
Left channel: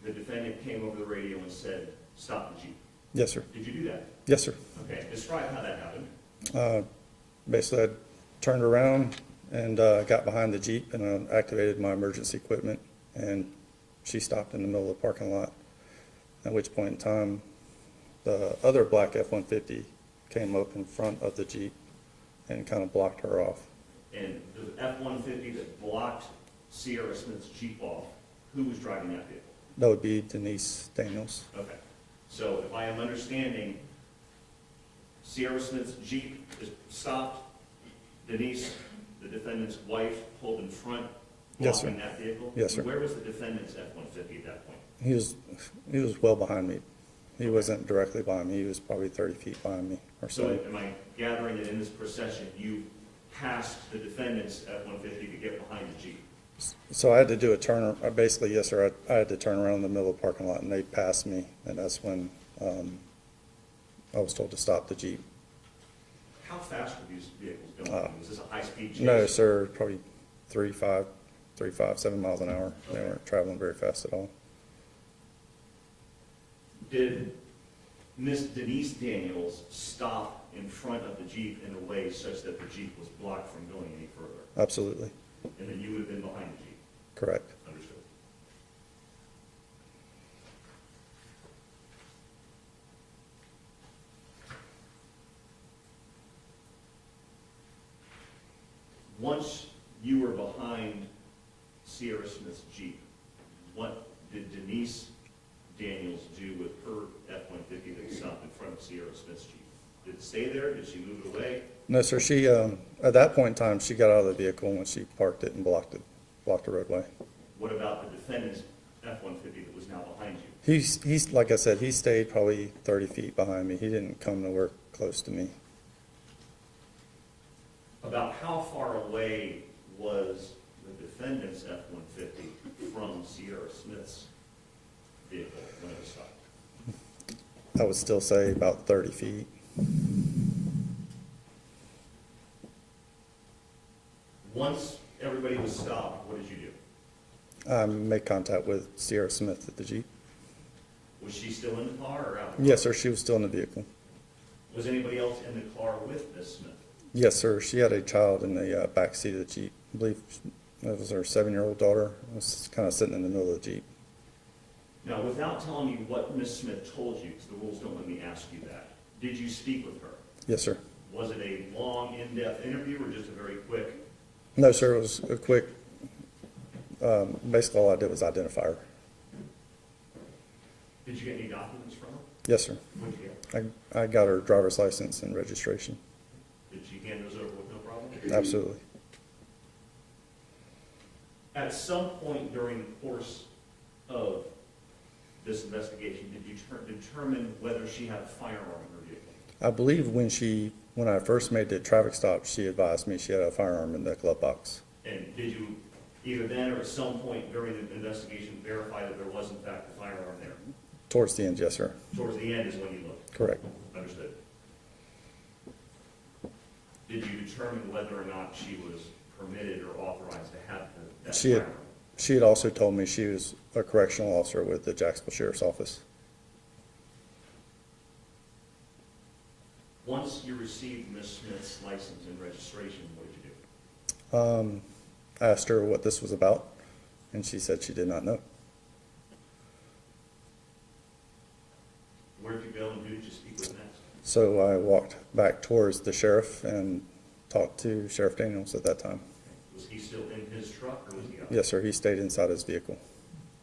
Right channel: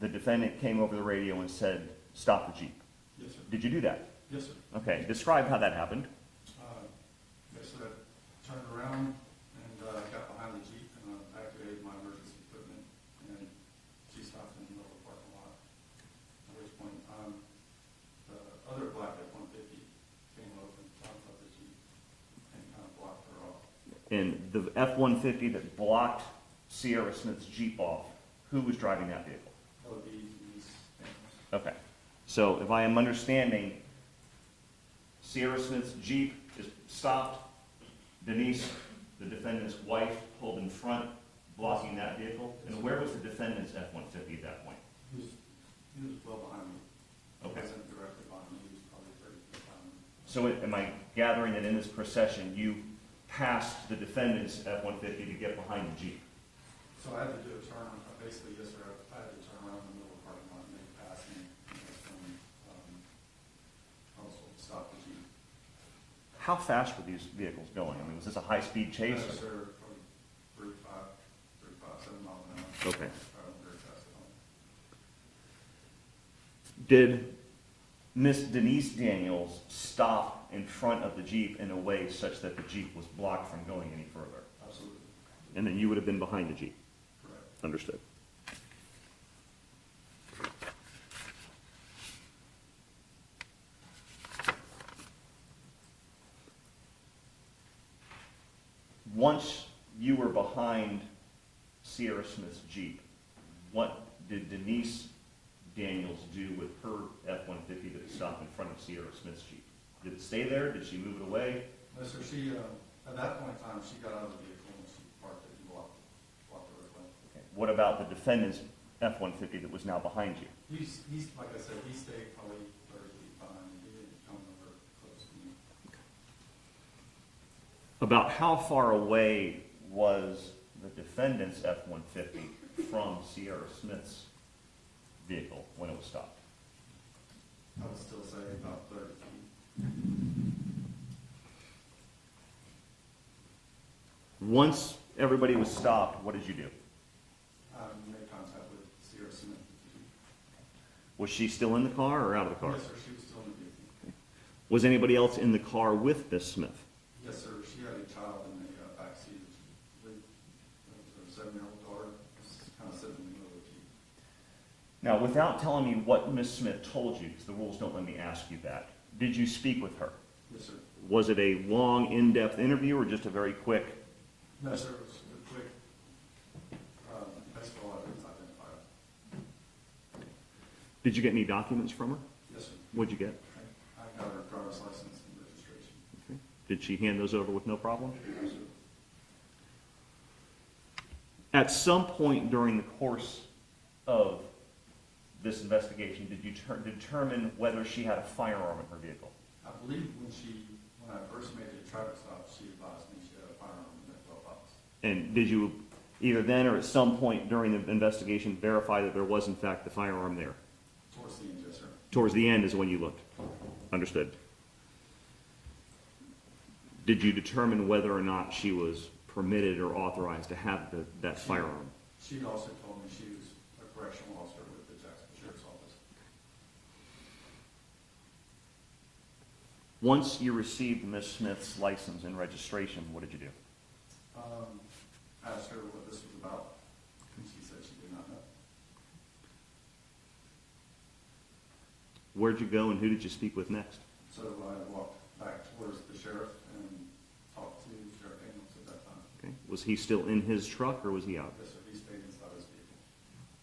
the defendant came over the radio and said, "Stop the Jeep." Yes, sir. Did you do that? Yes, sir. Okay, describe how that happened. Basically, I turned around and got behind the Jeep and activated my emergency equipment, and she stopped in the middle of the parking lot, at which point in time, the other black F-150 came up in front of the Jeep and kind of blocked her off. And the F-150 that blocked Sierra Smith's Jeep off, who was driving that vehicle? That would be Denise Daniels. Okay, so if I am understanding, Sierra Smith's Jeep is stopped, Denise, the defendant's wife, pulled in front, Yes, blocking that vehicle? Yes, sir. Where was the defendant's F-150 at that point? He was well behind me. He wasn't directly behind me. He was probably 30 feet behind me or So so. am I gathering that in this procession, you passed the defendant's F-150 to get behind the Jeep? So I had to do a turn, basically, yes, sir, I had to turn around in the middle of the parking lot, and they passed me, and that's when I was told to stop the Jeep. How fast were these vehicles going? Was this a high-speed chase? No, sir, probably 7 miles an hour. They Okay. weren't traveling very fast at all. Did Miss Denise Daniels stop in front of the Jeep in a way such that the Jeep was blocked from going any further? Absolutely. And then you would have been behind the Jeep? Correct. Understood. Once you were behind Sierra Smith's Jeep, what did Denise Daniels do with her F-150 that stopped in front of Sierra Smith's Jeep? Did it stay there? Did she move it away? No, sir, she, at that point in time, she got out of the vehicle when she parked it and blocked the roadway. What about the defendant's F-150 that was now behind you? He's, like I said, he stayed probably 30 feet behind me. He didn't come nowhere close to me. About how far away was the defendant's F-150 from Sierra Smith's vehicle when it was stopped? I would still say about 30 feet. Once everybody was stopped, what did you do? I made contact with Sierra Smith at the Jeep. Was she still in the car or out of the car? Yes, sir, she was still in the vehicle. Was anybody else in the car with Miss Smith? Yes, sir, she had a child in the back seat of the Jeep. I believe that was her 7-year-old daughter. Was kind of sitting in the middle of the Jeep. Now, without telling me what Miss Smith told you, because the rules don't let me ask you that, did you speak with her? Yes, sir. Was it a long, in-depth interview or just a very quick? No, sir, it was a quick, basically all I did was identify her. Did you get any documents from her? Yes, sir. What'd you get? I got her driver's license and registration. Did she hand those over with no problem? Absolutely. At some point during the course of this investigation, did you determine whether she had a firearm in her vehicle? I believe when I first made the traffic stop, she advised me she had a firearm in the glove box. And did you either then or at some point during the investigation verify that there was in fact the firearm there? Towards the end, yes, sir. Towards the end is when you looked? Correct. Understood. Did you determine whether or not she was permitted or authorized to have that firearm? She had also told me she was a correctional officer with the Jacksonville Sheriff's Office. Once you received Ms. Smith's license and registration, what did you do? I asked her what this was about, and she said she did not know. Where'd you go and who did you speak with next? So I walked back towards the sheriff and talked to Sheriff Daniels at that time. Okay. Was he still in his truck or was he out? Yes, sir. He stayed inside his vehicle.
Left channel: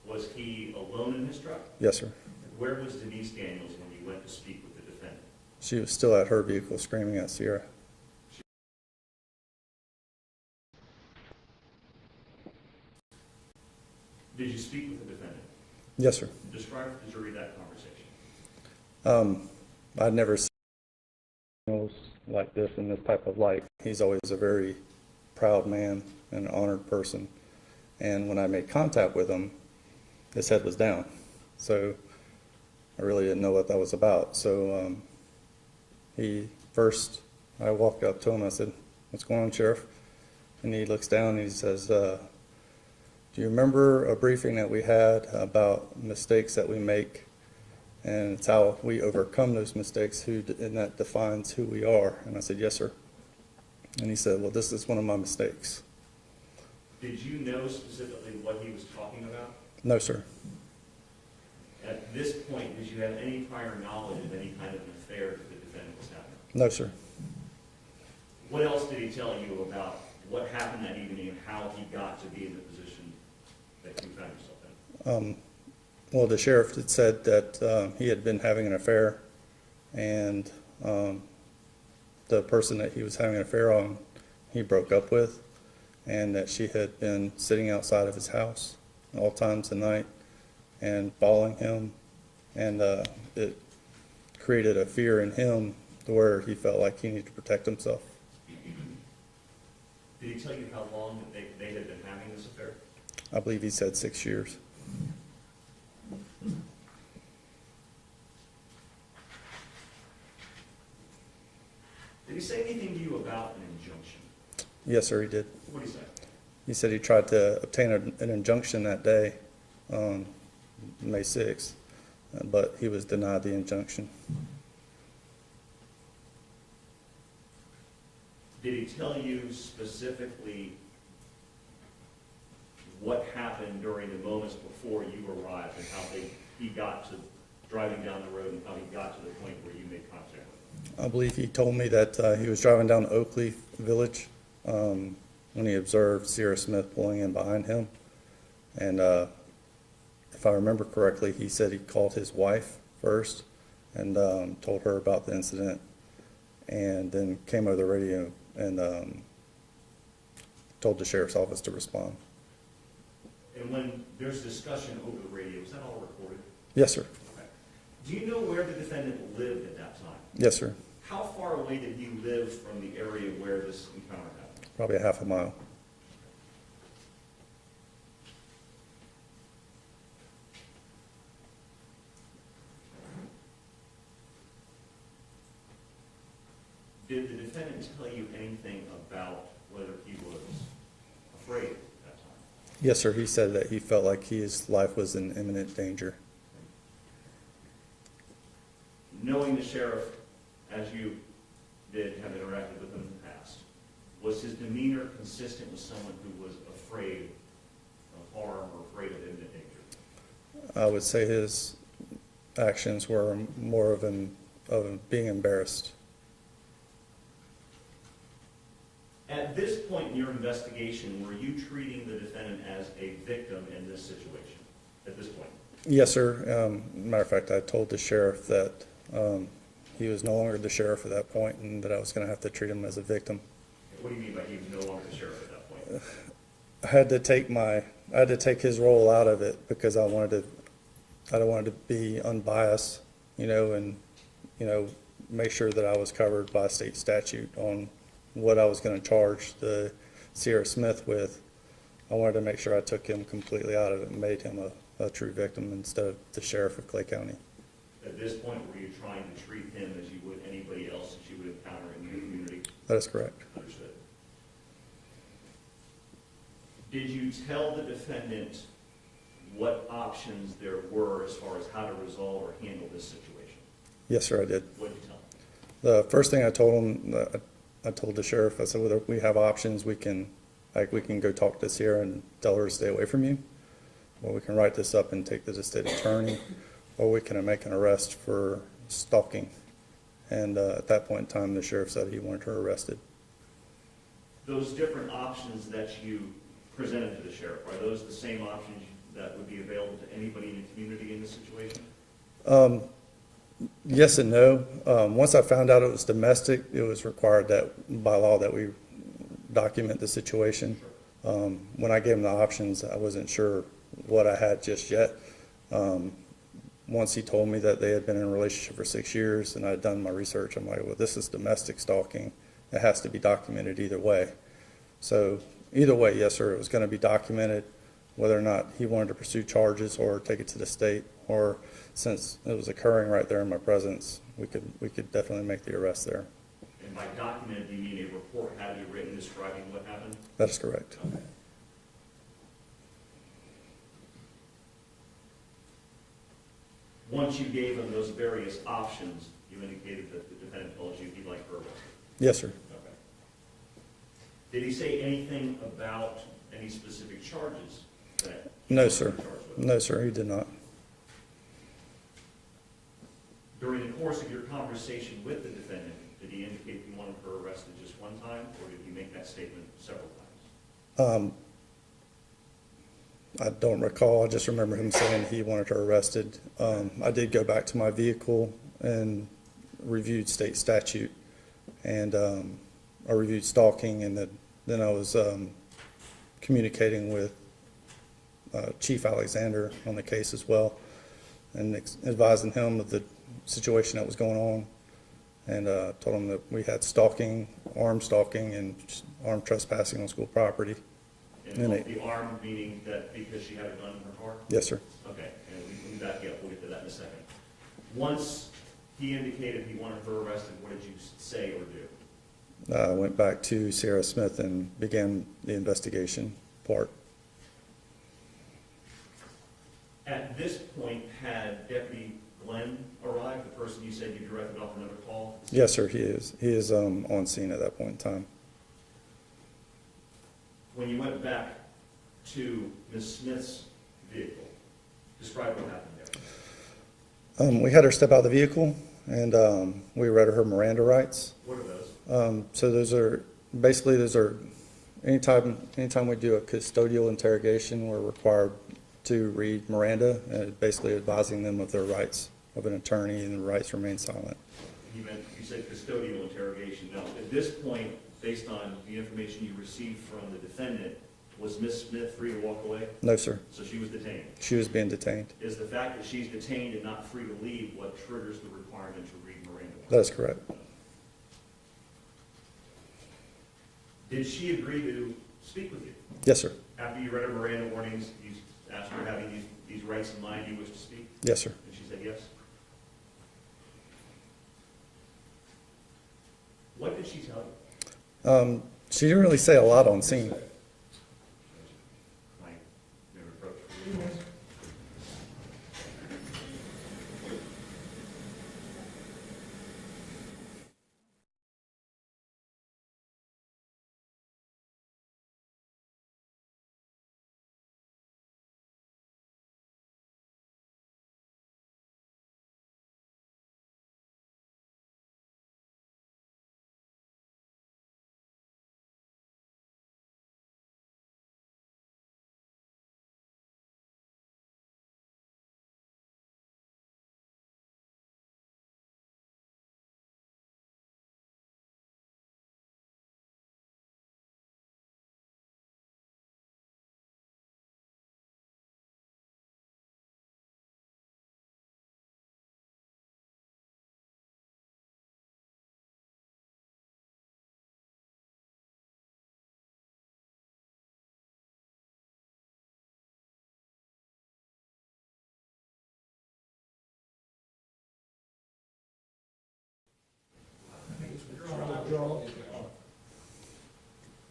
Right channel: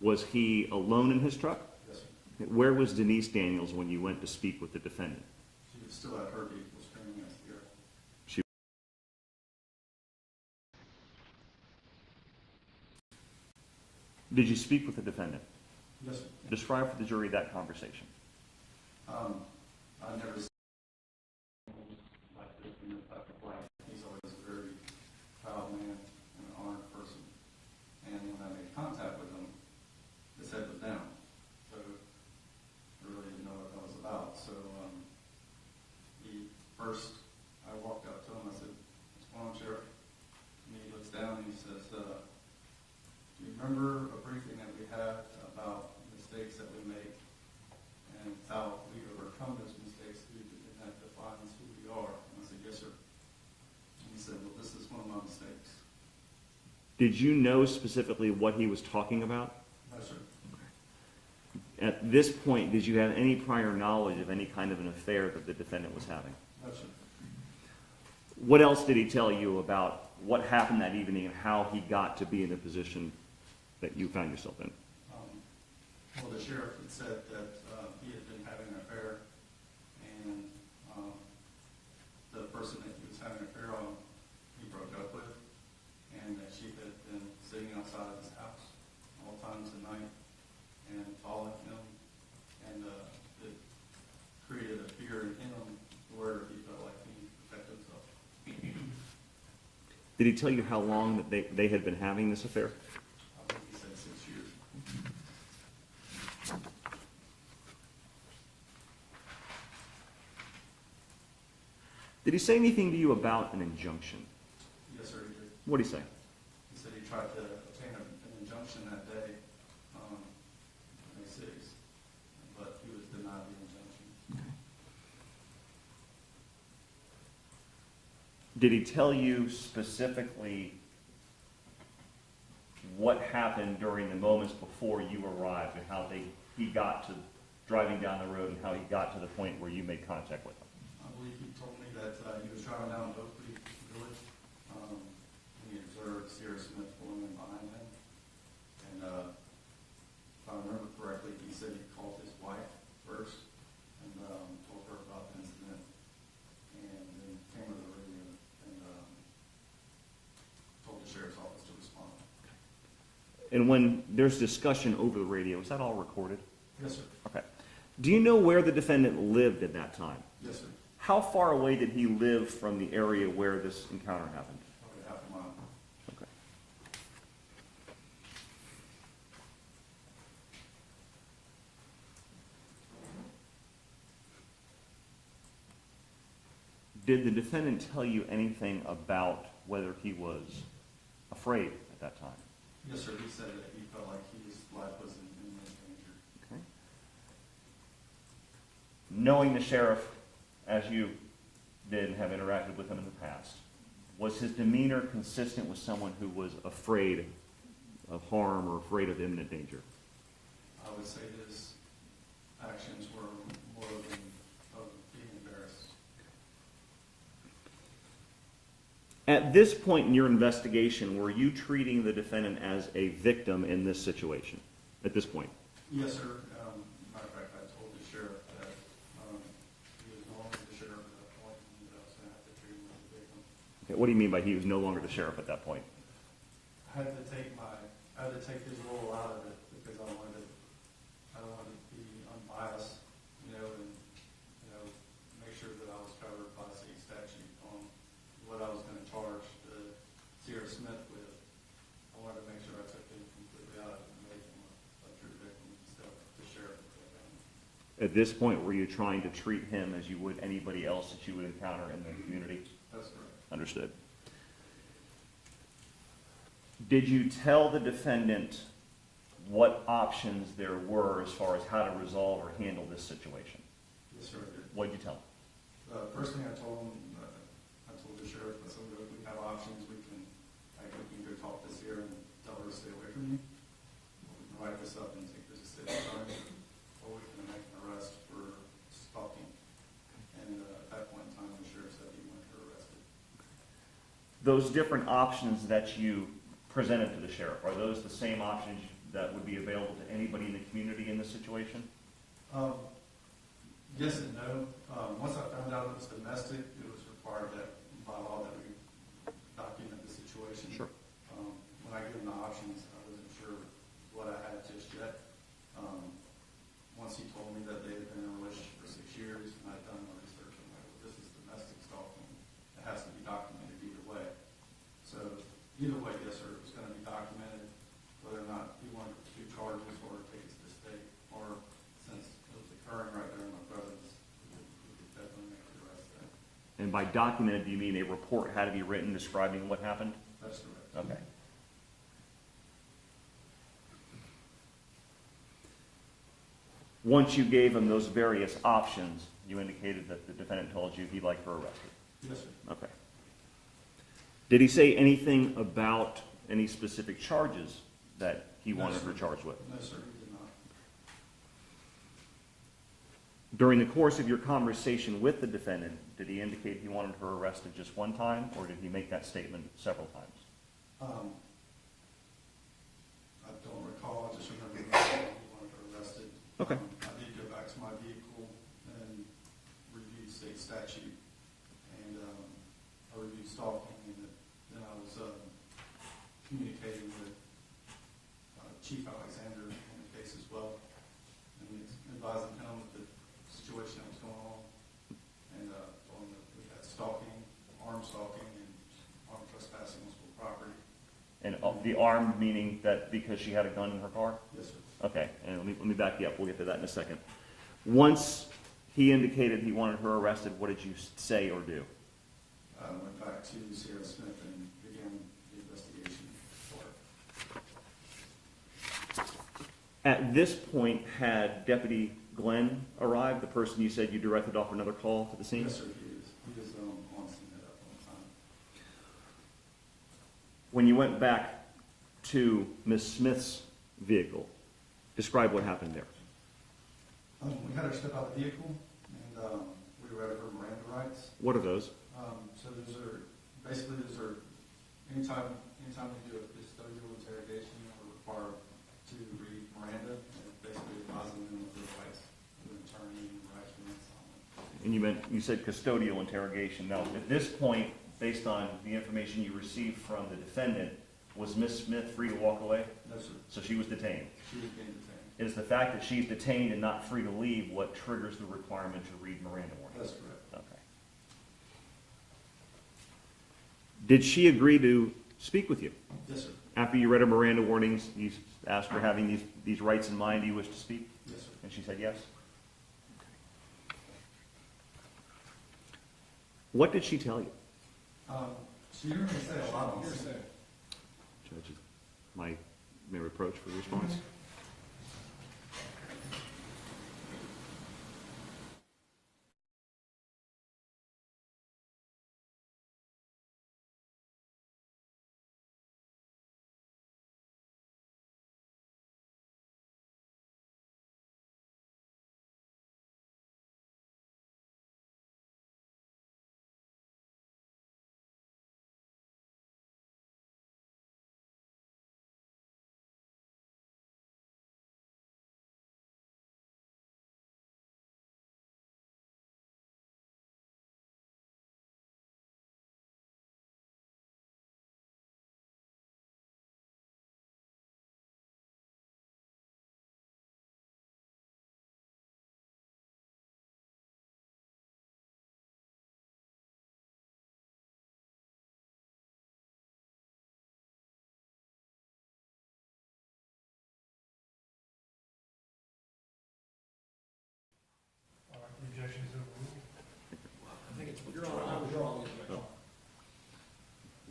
Was he alone in his truck? Yes, sir. Where was Denise Daniels when you went to speak with the defendant? She was still at her vehicle screaming at Sierra. Did you speak with the defendant? Yes, sir. Describe for the jury that conversation. I'd never seen Daniels like this in this type of light. He's always a very proud man and an honored person. And when I made contact with him, his head was down. So I really didn't know what that was about. So I walked up to him, I said, "What's going on, Sheriff?" And he looks down and he says, "Do you remember a briefing that we had about mistakes that we make? And it's how we overcome those mistakes, and that defines who we are." And I said, "Yes, sir." And he said, "Well, this is one of my mistakes." Did you know specifically what he was talking about? No, sir. At this point, did you have any prior knowledge of any kind of an affair that the defendant was having? No, sir. What else did he tell you about what happened that evening and how he got to be in the position that you found yourself in? Well, the sheriff had said that he had been having an affair, and the person that he was having an affair on, he broke up with, and that she had been sitting outside of his house all times of night and following him, and it created a fear in him where he felt like he needed to protect himself. Did he tell you how long that they had been having this affair? I believe he said 6 years. Did he say anything to you about an injunction? Yes, sir, he did. What did he say? He said he tried to obtain an injunction that day, May 6th, but he was denied the injunction. Did he tell you specifically what happened during the moments before you arrived and how he got to driving down the road and how he got to the point where you made contact with him. I believe he told me that he was driving down Oakley Village when he observed Sierra Smith pulling in behind him. And if I remember correctly, he said he called his wife first and told her about the incident, and then came over the radio and told the sheriff's office to respond. And when there's discussion over the radio, is that all recorded? Yes, sir. Okay. Do you know where the defendant lived at that time? Yes, sir. How far away did he live from the area where this encounter happened? Probably a half a mile. Okay. Did the defendant tell you anything about whether he was afraid at that time? Yes, sir. He said that he felt like his life was in imminent danger. Okay. Knowing the sheriff, as you did have interacted with him in the past, was his demeanor consistent with someone who was afraid of harm or afraid of imminent danger? I would say his actions were more of being embarrassed. At this point in your investigation, were you treating the defendant as a victim in this situation at this point? Yes, sir. Matter of fact, I told the sheriff that he was no longer the sheriff at that point and that I was going to have to treat him as a victim. What do you mean by he was no longer the sheriff at that point? I had to take his role out of it because I wanted to be unbiased, and, make sure that I was covered by state statute on what I was going to charge the Sierra Smith with. I wanted to make sure I took him completely out of it and made him a true victim instead of the sheriff of Clay County. At this point, were you trying to treat him as you would anybody else that you would encounter in the community? That is correct. Understood. Did you tell the defendant what options there were as far as how to resolve or handle this situation? Yes, sir, I did. What did you tell him? The first thing I told him, I told the sheriff, I said, whether we have options, we can go talk to Sierra and tell her to stay away from you, or we can write this up and take this to the state attorney, or we can make an arrest for stalking. And at that point in time, the sheriff said he wanted her arrested. Those different options that you presented to the sheriff, are those the same options that would be available to anybody in the community in this situation? Yes and no. Once I found out it was domestic, it was required that by law that we document the situation. Sure. When I gave him the options, I wasn't sure what I had just yet. Once he told me that they had been in a relationship for 6 years and I had done my research, I'm like, well, this is domestic stalking. It has to be documented either way. So either way, yes, sir, it was going to be documented, whether or not he wanted to pursue charges or take it to the state, or since it was occurring right there in my presence, we could definitely make the arrest there. And by documented, do you mean a report had to be written describing what happened? That's correct. Okay. Once you gave him those various options, you indicated that the defendant told you he'd like her arrested. Yes, sir. Okay. Did he say anything about any specific charges that he No, wanted sir. her charged with? No, sir, he did not. During the course of your conversation with the defendant, did he indicate he wanted her arrested just one time, or did he make that statement several times? I don't recall. I just remember him saying he wanted her arrested. I did go back to my vehicle and reviewed state statute, and I reviewed stalking, and then I was communicating with Chief Alexander on the case as well, and advising him of the situation that was going on, and told him that we had stalking, armed stalking, and armed trespassing on school property. And And the armed meaning that because she had a gun in her car? Yes, sir. Okay, and let me back you up. We'll get to that in a second. Once he indicated he wanted her arrested, what did you say or do? I went back to Sierra Smith and began the investigation part. At this point, had Deputy Glenn arrived, the person you said you directed off another call to the scene? Yes, sir, he is. He is on scene at that point in time. When you went back to Ms. Smith's vehicle. Describe what happened there. We had her step out of the vehicle, and we read her Miranda rights. What are those? So those are, basically, anytime we do a custodial interrogation, we're required to read Miranda, basically advising them of their rights of an attorney and the rights to remain silent. And you said custodial interrogation. Now, at this point, based on the information you received from the defendant, was Ms. Smith free to walk away? No, sir. So she was detained. She was being detained. Is the fact that she's detained and not free to leave what triggers the requirement to read Miranda warnings? That is correct. Okay. Did she agree to speak with you? Yes, sir. After you read her Miranda warnings, you asked her having these rights in mind, do you wish to speak? Yes, sir. And she said yes? What did she tell you? She didn't really say a lot on scene. Judge, may reproach for this response.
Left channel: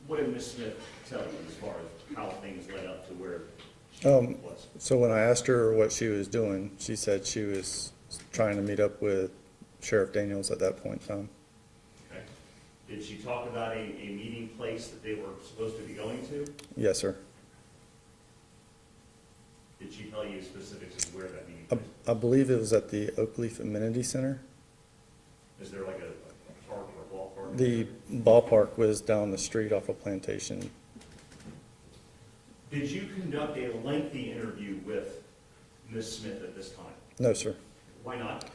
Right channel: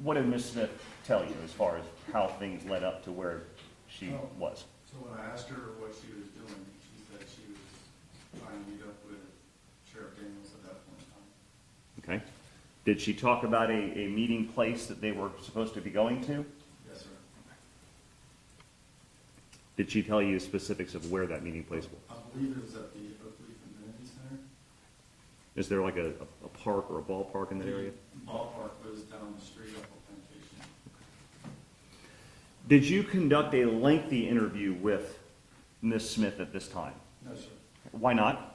What did Ms. Smith tell you as far as how things led up to where she was? So when I asked her what she was doing, she said she was trying to meet up with Sheriff Daniels at that point in time. Okay. Did she talk about a meeting place that they were supposed to be going to? Yes, sir. Did she tell you specifics of where that meeting place was? I believe it was at the Oakleaf Amenity Center. Is there like a park or a ballpark in the The area? ballpark was down the street off of Plantation. Did you conduct a lengthy interview with Ms. Smith at this time? No, sir. Why not?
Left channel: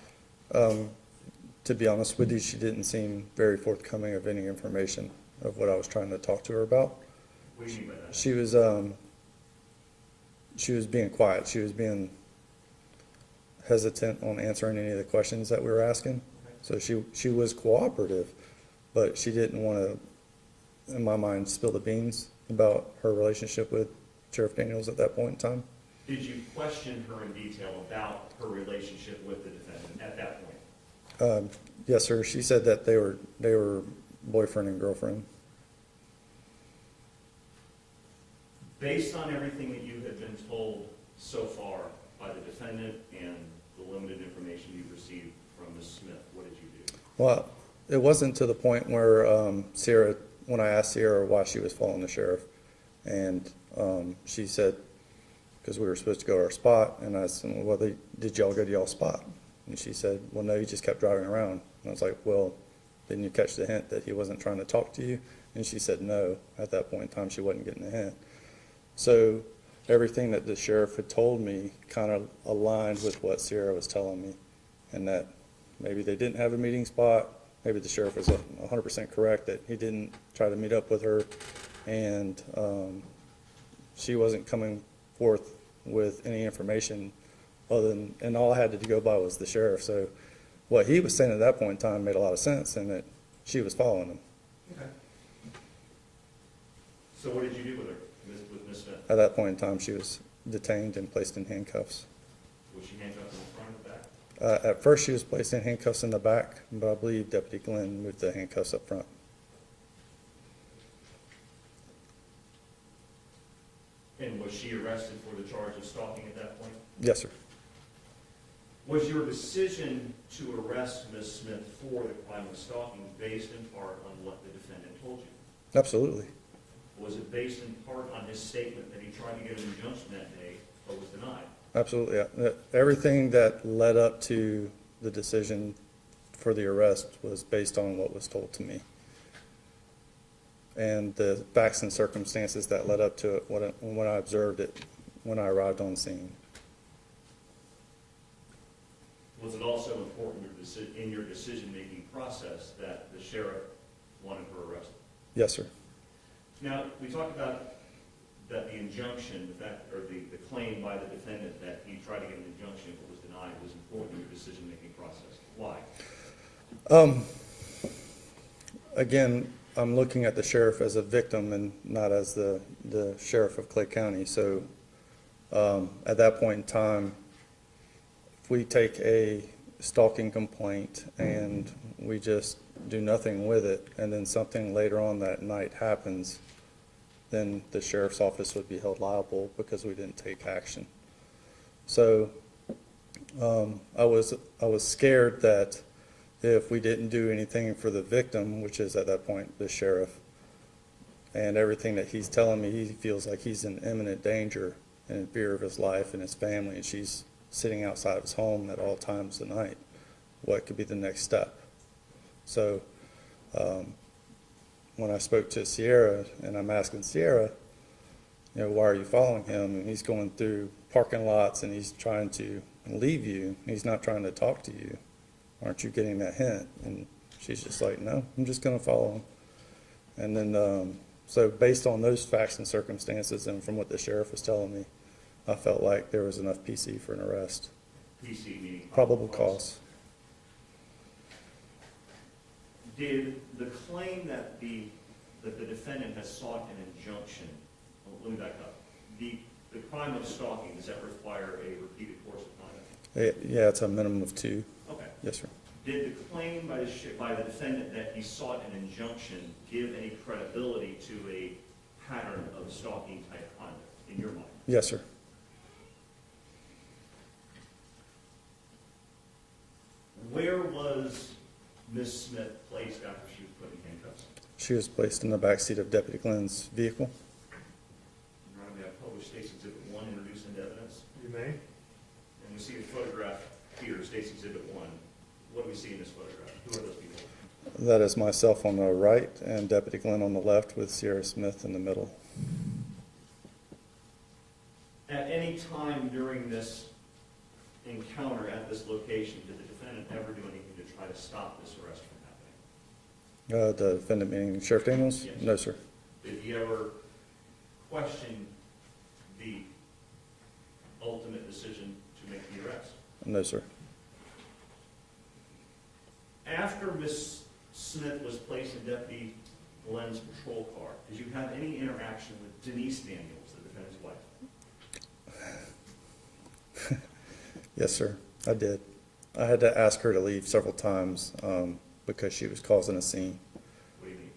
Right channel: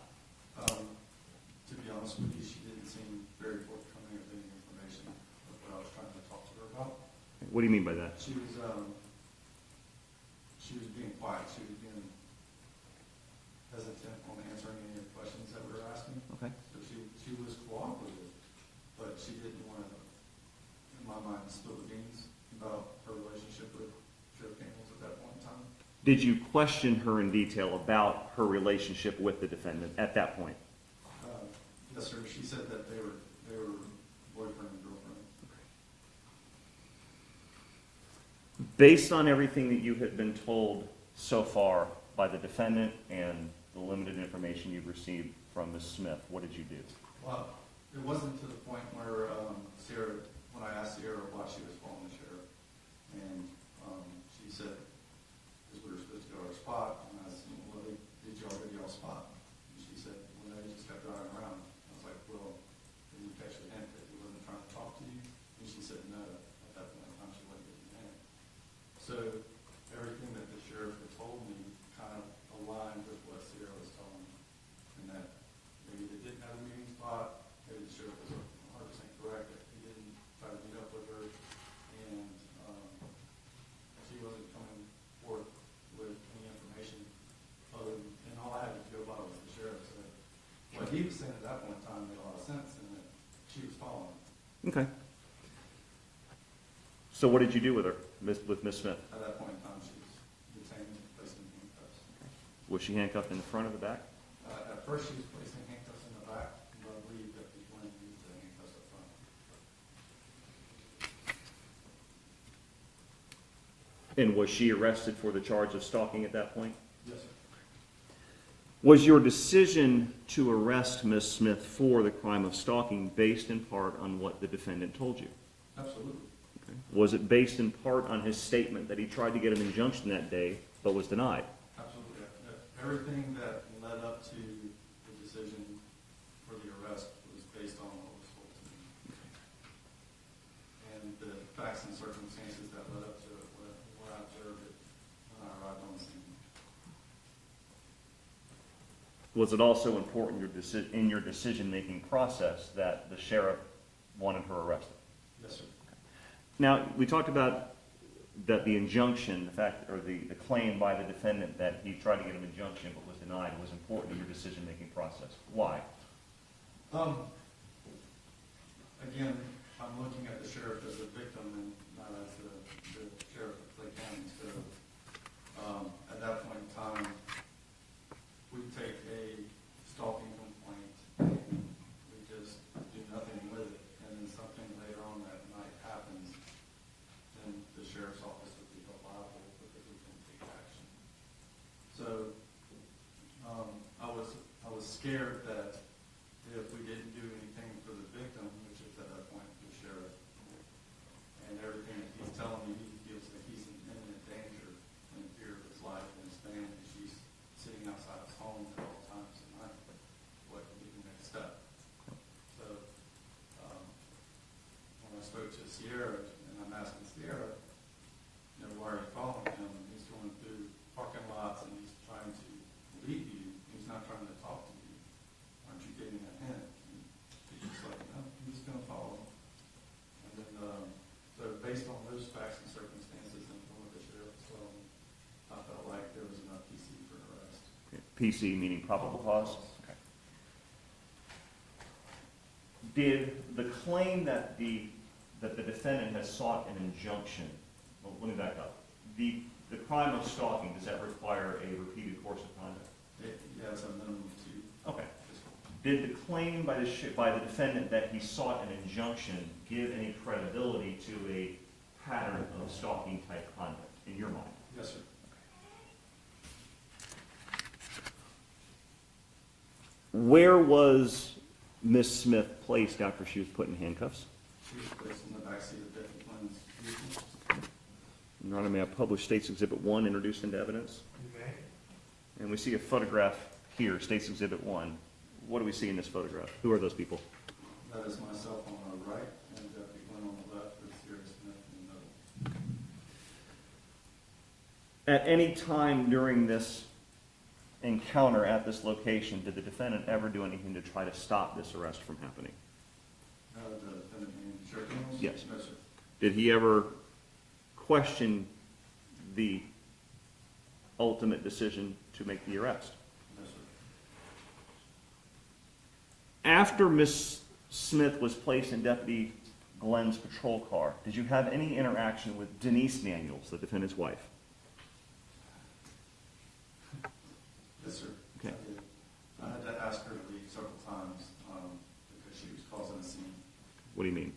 To be honest with you, she didn't seem very forthcoming of any information of what I was trying to talk to her about. What do you mean by that? She was being quiet. She was being hesitant on answering any of the questions that we were asking. Okay. So she was cooperative, but she didn't want to, in my mind, spill the beans about her relationship with Sheriff Daniels at that point in time. Did you question her in detail about her relationship with the defendant at that point? Yes, sir. She said that they were boyfriend and girlfriend. Based on everything that you have been told so far by the defendant and the limited information you've received from Ms. Smith, what did you do? Well, it wasn't to the point where Sierra, when I asked Sierra why she was following the sheriff, and she said, because we were supposed to go to our spot, and I said, well, did y'all go to y'all's spot? And she said, well, no, you just kept driving around. And I was like, well, didn't you catch the hint that he wasn't trying to talk to you? And she said, no. At that point in time, she wasn't getting the hint. So everything that the sheriff had told me kind of aligned with what Sierra was telling me, and that maybe they didn't have a meeting spot. Maybe the sheriff was 100% correct that he didn't try to meet up with her, and she wasn't coming forth with any information other than, and all I had to go by was the sheriff. So what he was saying at that point in time made a lot of sense, and that she was following him. Okay. So what did you do with her, with Ms. Smith? At that point in time, she was detained and placed in handcuffs. Was she handcuffed in the front or the back? At first, she was placed in handcuffs in the back, but I believe Deputy Glenn moved the handcuffs up front. And was she arrested for the charge of stalking at that point? Yes, sir. Was your decision to arrest Ms. Smith for the crime of stalking based in part on what the defendant told you? Absolutely. Was it based in part on his statement that he tried to get an injunction that day, but was denied? Absolutely, yeah. Everything that led up to the decision for the arrest was based on what was told to me. And the facts and circumstances that led up to it when I observed it, when I arrived on scene. Was it also important in your decision-making process that the sheriff wanted her arrested? Yes, sir. Now, we talked about that the injunction, the fact, or the claim by the defendant that he tried to get an injunction but was denied was important in your decision-making process. Why? Again, I'm looking at the sheriff as a victim and not as the sheriff of Clay County. So at that point in time, if we take a stalking complaint and we just do nothing with it, and then something later on that night happens, then the sheriff's office would be held liable because we didn't take action. So I was scared that if we didn't do anything for the victim, which is at that point the sheriff, and everything that he's telling me, he feels like he's in imminent danger and in fear of his life and his family, and she's sitting outside of his home at all times of the night. What could be the next step? So when I spoke to Sierra, and I'm asking Sierra, you know, why are you following him? And he's going through parking lots and he's trying to leave you. He's not trying to talk to you. Aren't you getting that hint? And she's just like, no, I'm just going to follow him. And then, so based on those facts and circumstances and from what the sheriff was telling me, I felt like there was enough PC for an arrest. PC meaning probable cause. Did the claim that the defendant has sought an injunction, well, let me back up, the crime of stalking, does that require a repeated course of conduct? Yeah, it's a minimum of 2. Okay. Yes, sir. Did the claim by the defendant that he sought an injunction give any credibility to a pattern of stalking type conduct in your mind? Yes, sir. Where was Miss Smith placed after she was put in handcuffs? She was placed in the back seat of Deputy Glenn's vehicle. Your Honor, may I publish State's Exhibit 1 introduced into evidence? You may. And we see a photograph here, State's Exhibit 1. What do we see in this photograph? Who are those people? That is myself on the right and Deputy Glenn on the left with Sierra Smith in the middle. At any time during this encounter at this location, did the defendant ever do anything to try to stop this arrest from happening? The defendant meaning Sheriff Daniels? Yes. No, sir. Did he ever question the ultimate decision to make the arrest? No, sir. After Miss Smith was placed in Deputy Glenn's patrol car, did you have any interaction with Denise Daniels, the defendant's wife? Yes, sir. I did. I had to ask her to leave several times because she was causing a scene. What do you mean?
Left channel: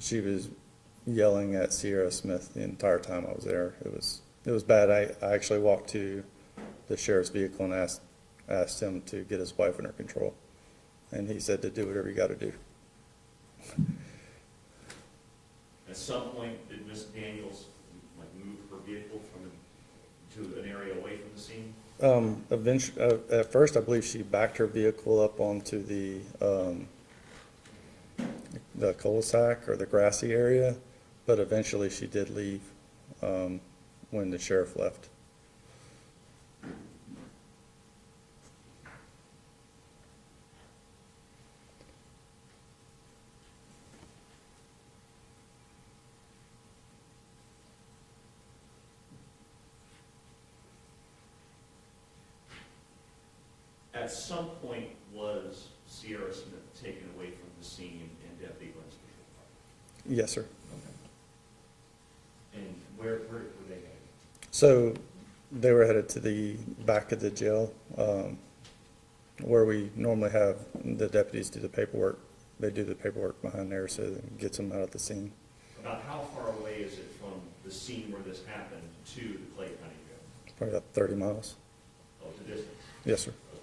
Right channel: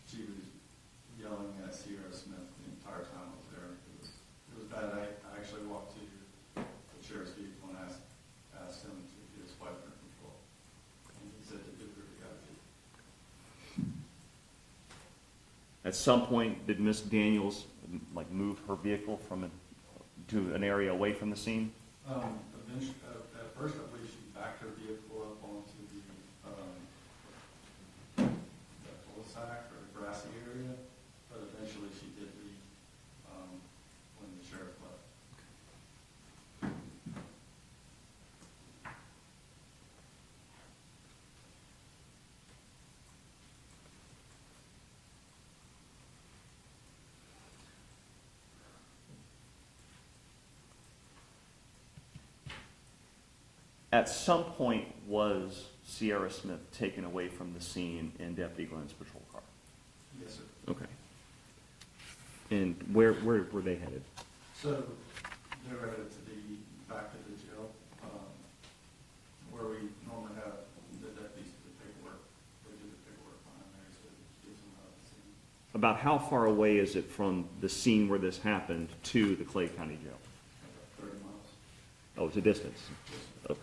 She was yelling at Sierra Smith the entire time I was there. It was bad. I actually walked to the sheriff's vehicle and asked him to get his wife under control. And he said to do whatever you got to do. At some point, did Miss Daniels move her vehicle to an area away from the scene? Eventually, at first, I believe she backed her vehicle up onto the cul-de-sac or the grassy area, but eventually she did leave when the sheriff left. At some point, was Sierra Smith taken away from the scene in Deputy Glenn's patrol car? Yes, sir. Okay. And where were they headed? So they were headed to the back of the jail where we normally have the deputies do the paperwork. They do the paperwork behind there, so it gets them out of the scene. About how far away is it from the scene where this happened to the Clay County Jail? Probably about 30 miles. Oh, it's a distance. Yes, sir. Okay.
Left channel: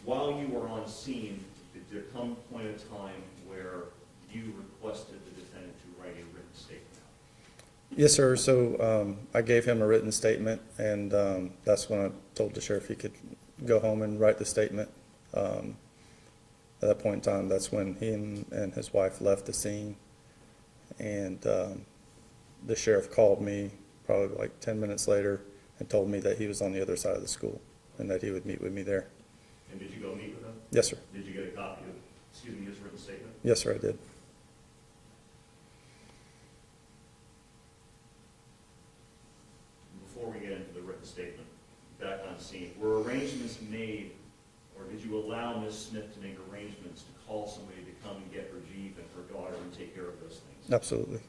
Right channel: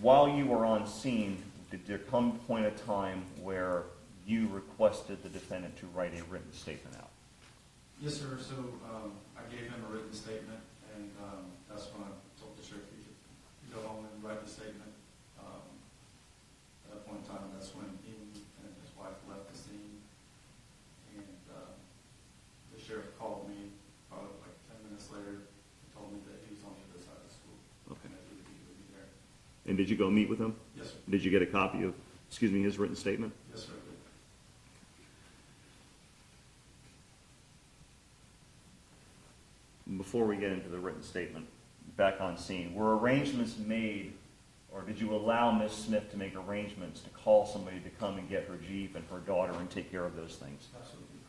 while you were on scene, did there come a point of time where you requested the defendant to write a written statement out? Yes, sir. So I gave him a written statement, and that's when I told the sheriff he could go home and write the statement. At that point in time, that's when he and his wife left the scene, and the sheriff called me probably like 10 minutes later and told me that he was on the other side of the school and that he would meet with me there. And did you go meet with him? Yes, sir. Did you get a copy of, his written statement? Yes, sir, I did. Before we get into the written statement, back on scene, were arrangements made, or did you allow Ms. Smith to make arrangements to call somebody to come and get her Jeep and her daughter and take care of those things? Absolutely.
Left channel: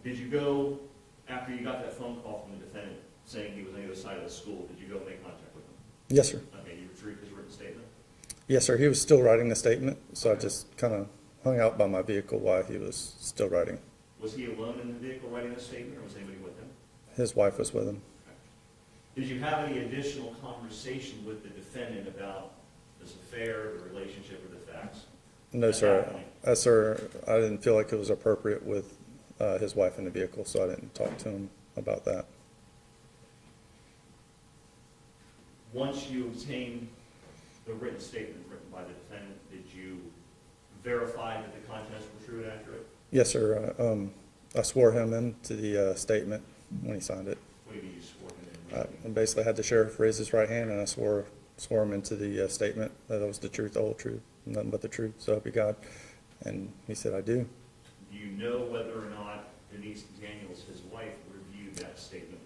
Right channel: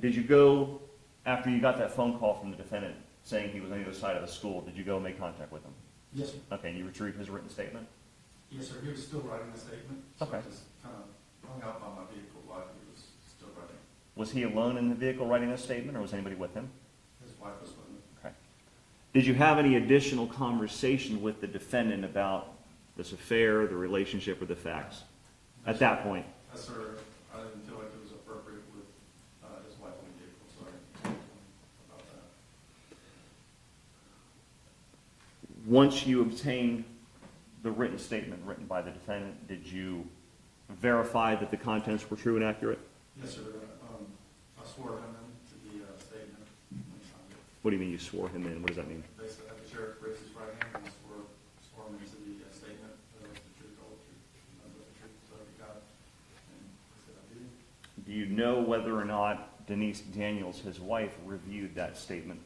Did you go, after you got that phone call from the defendant saying he was on the other side of the school, did you go make contact with him? Yes, sir. Okay, you retrieved his written statement? Yes, sir. He was still writing the statement, so I Okay. just kind of hung out by my vehicle while he was still writing. Was he alone in the vehicle writing this statement, or was anybody with him? His wife was with him. Okay. Did you have any additional conversation with the defendant about this affair, the relationship, or the facts? No, At sir. that point? Sir, I didn't feel like it was appropriate with his wife in the vehicle, so I didn't talk to him about that. Once you obtained the written statement written by the defendant, did you verify that the contents were true and accurate? Yes, sir. I swore him into the statement when he signed it. What do you mean you swore him in? What does that mean? And basically had the sheriff raise his right hand, and I swore him into the statement that it was the truth, the whole truth, nothing but the truth, so help you God. And he said, I do. Do you know whether or not Denise Daniels, his wife, reviewed that statement?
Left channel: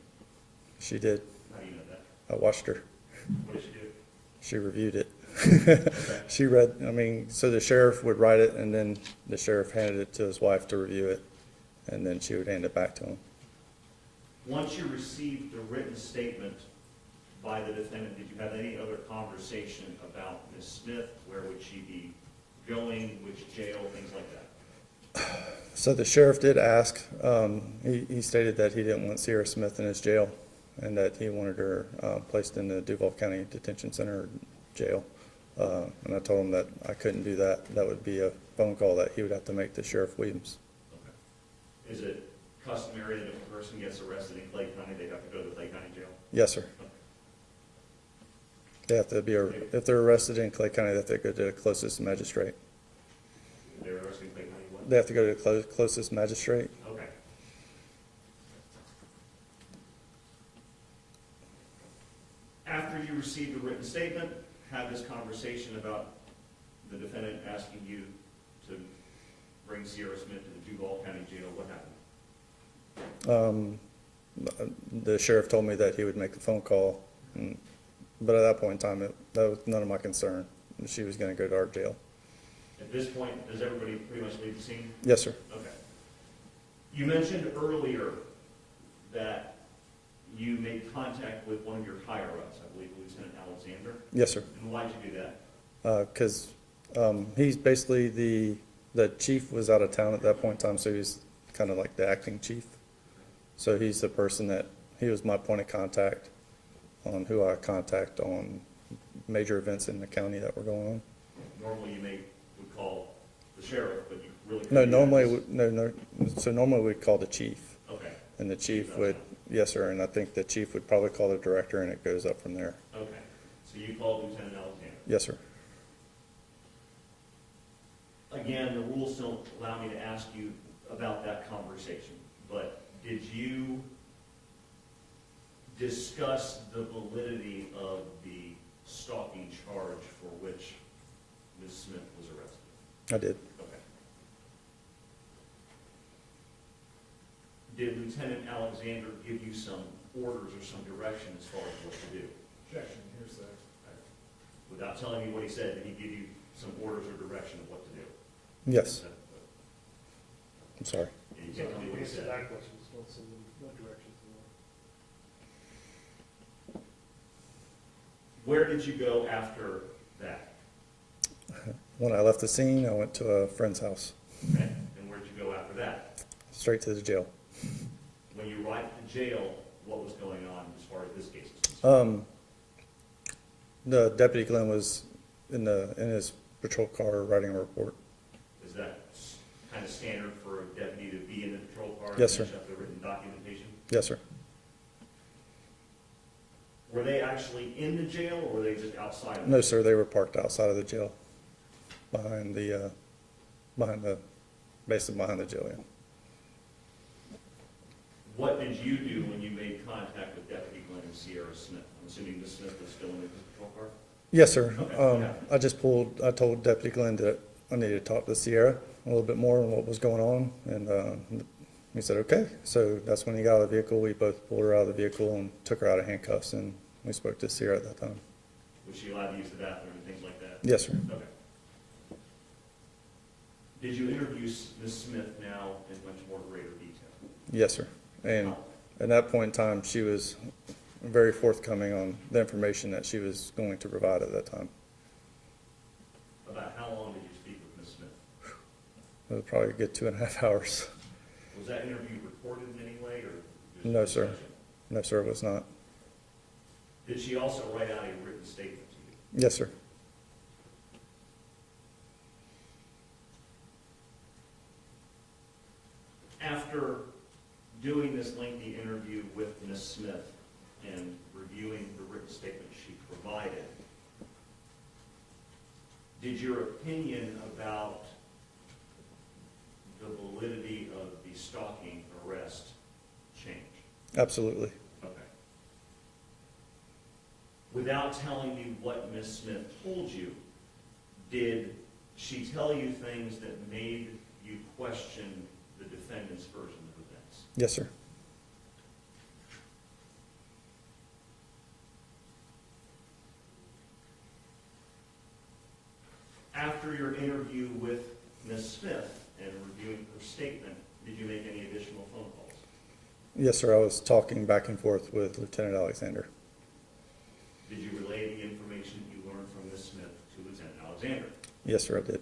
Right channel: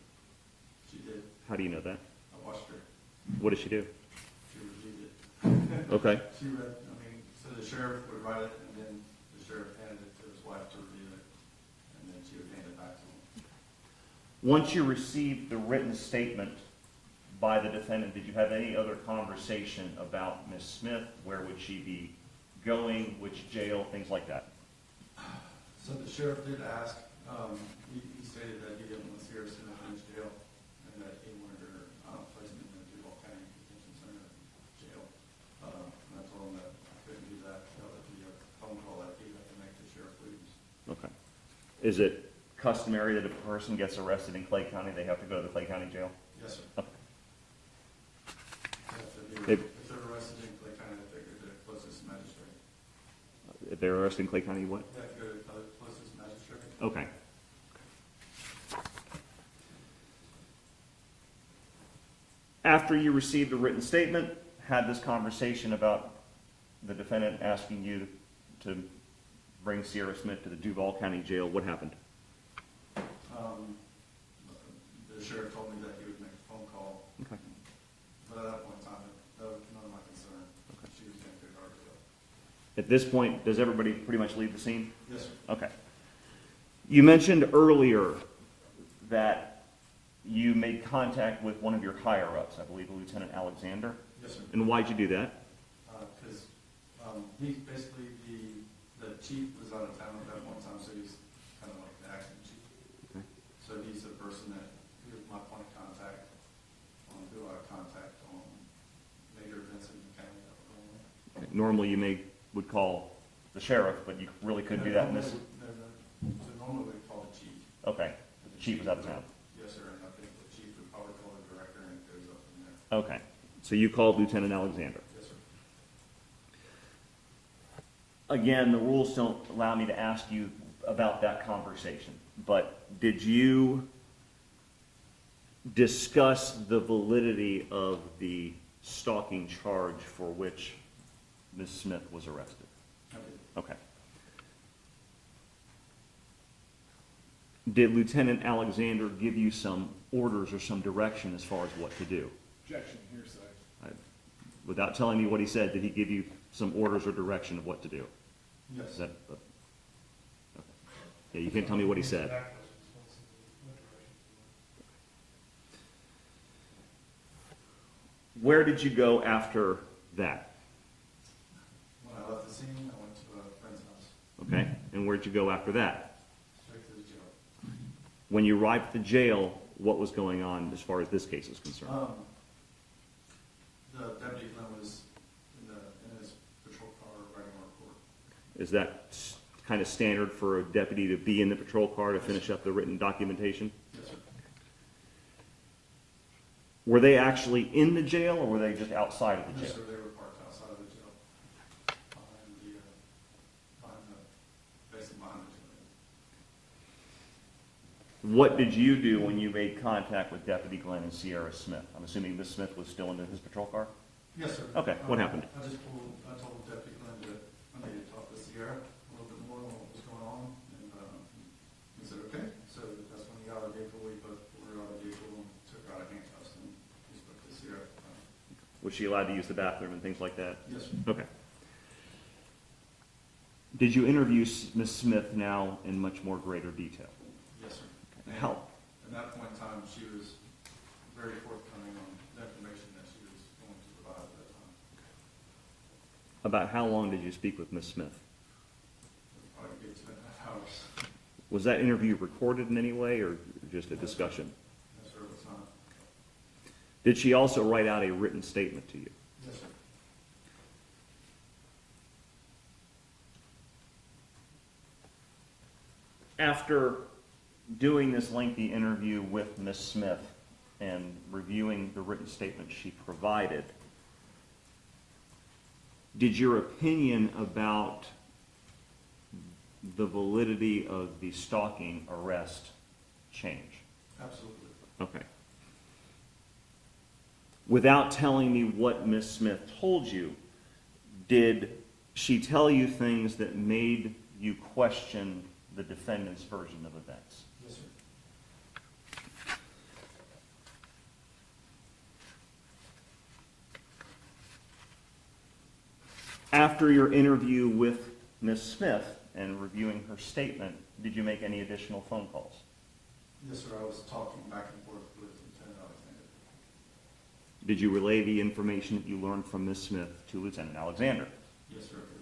She did. How do you know that? I watched her. What did she do? She reviewed it. Okay. She read, so the sheriff would write it, and then the sheriff handed it to his wife to review it, and then she would hand it back to him. Once you received the written statement by the defendant, did you have any other conversation about Ms. Smith? Where would she be going? Which jail? Things like that? So the sheriff did ask, he stated that he didn't want Cesia Smith in his jail, and that he wanted her placed in the Duval County Detention Center jail. And I told him that I couldn't do that. That would be a phone call that he would have to make to Sheriff Williams. Okay. Is it customary that if a person gets arrested in Clay County, they have to go to the Clay County jail? Yes, sir. They have to be, if they're arrested in Clay County, they have to go to the closest magistrate. If they're arrested in Clay County, what? They have to go to the closest magistrate. Okay. After you received a written statement, had this conversation about the defendant asking you to bring Cesia Smith to the Duval County Jail, what happened? The sheriff told me that he would make the phone call, but at that point in time, that was none of my concern. She was going to go to our jail. At this point, does everybody pretty much leave the scene? Yes, sir. Okay. You mentioned earlier that you made contact with one of your higher-ups, I believe Lieutenant Alexander. Yes, sir. And why'd you do that? Because he's basically the chief was out of town at that point in time, so he's kind of like the acting chief. So he's the person he was my point of contact on who I contact on major events in the county that were going on. Normally you would call the sheriff, but you really No, couldn't do that. so normally we'd call the chief, Okay, and the Chief chief out of would, town. yes, sir, and I think the chief would probably call the director, and it goes up from there. okay. So you called Lieutenant Alexander. Yes, sir. Again, the rules don't allow me to ask you about that conversation, but did you discuss the validity of the stalking charge for which Ms. Smith was arrested? I did. Okay. Did Lieutenant Alexander give you some orders or some direction as far as what to do? Objection, hearsay. Without telling me what he said, did he give you some orders or direction of what to do? Yes. Is that, I'm sorry. yeah, you can't tell me what he said. That question is what directions were. Where did you go after that? When I left the scene, I went to a friend's house, Okay, and where'd you go after that? straight to the jail. When you arrived at the jail, what was going on as far as this case is concerned? The deputy Glenn was in his patrol car writing a report. Is that kind of standard for a deputy to be in the patrol car to Yes, finish sir. up the written documentation? Yes, sir. Were they actually in the jail, or were they just outside of the No, jail? sir, they were parked outside of the jail, basically behind the jail, yeah. What did you do when you made contact with Deputy Glenn and Sierra Smith? I'm assuming Miss Smith was still in his patrol car? Yes, sir. Okay, what happened? I told Deputy Glenn that I needed to talk to Sierra a little bit more on what was going on, and he said, okay. So that's when he got out of the vehicle. We both pulled her out of the vehicle and took her out of handcuffs, and we spoke to Sierra at that time. Was she allowed to use the bathroom and things like that? Yes, sir. Okay. Did you interview Miss Smith now in much more greater detail? Yes, sir. And How? at that point in time, she was very forthcoming on the information that she was going to provide at that time. About how long did you speak with Miss Smith? It was probably a good 2.5 hours. Was that interview recorded in any way, or just a No, sir. discussion? No, sir, it was not. Did she also write out a written statement to you? Yes, sir. After doing this lengthy interview with Miss Smith and reviewing the written statement she provided, did your opinion about the validity of the stalking arrest change? Absolutely. Okay. Without telling me what Miss Smith told you, did she tell you things that made you question the defendant's version of events? Yes, sir. After your interview with Miss Smith and reviewing her statement, did you make any additional phone calls? Yes, sir. I was talking back and forth with Lieutenant Alexander. Did you relay the information that you learned from Miss Smith to Lieutenant Alexander? Yes, sir, I did.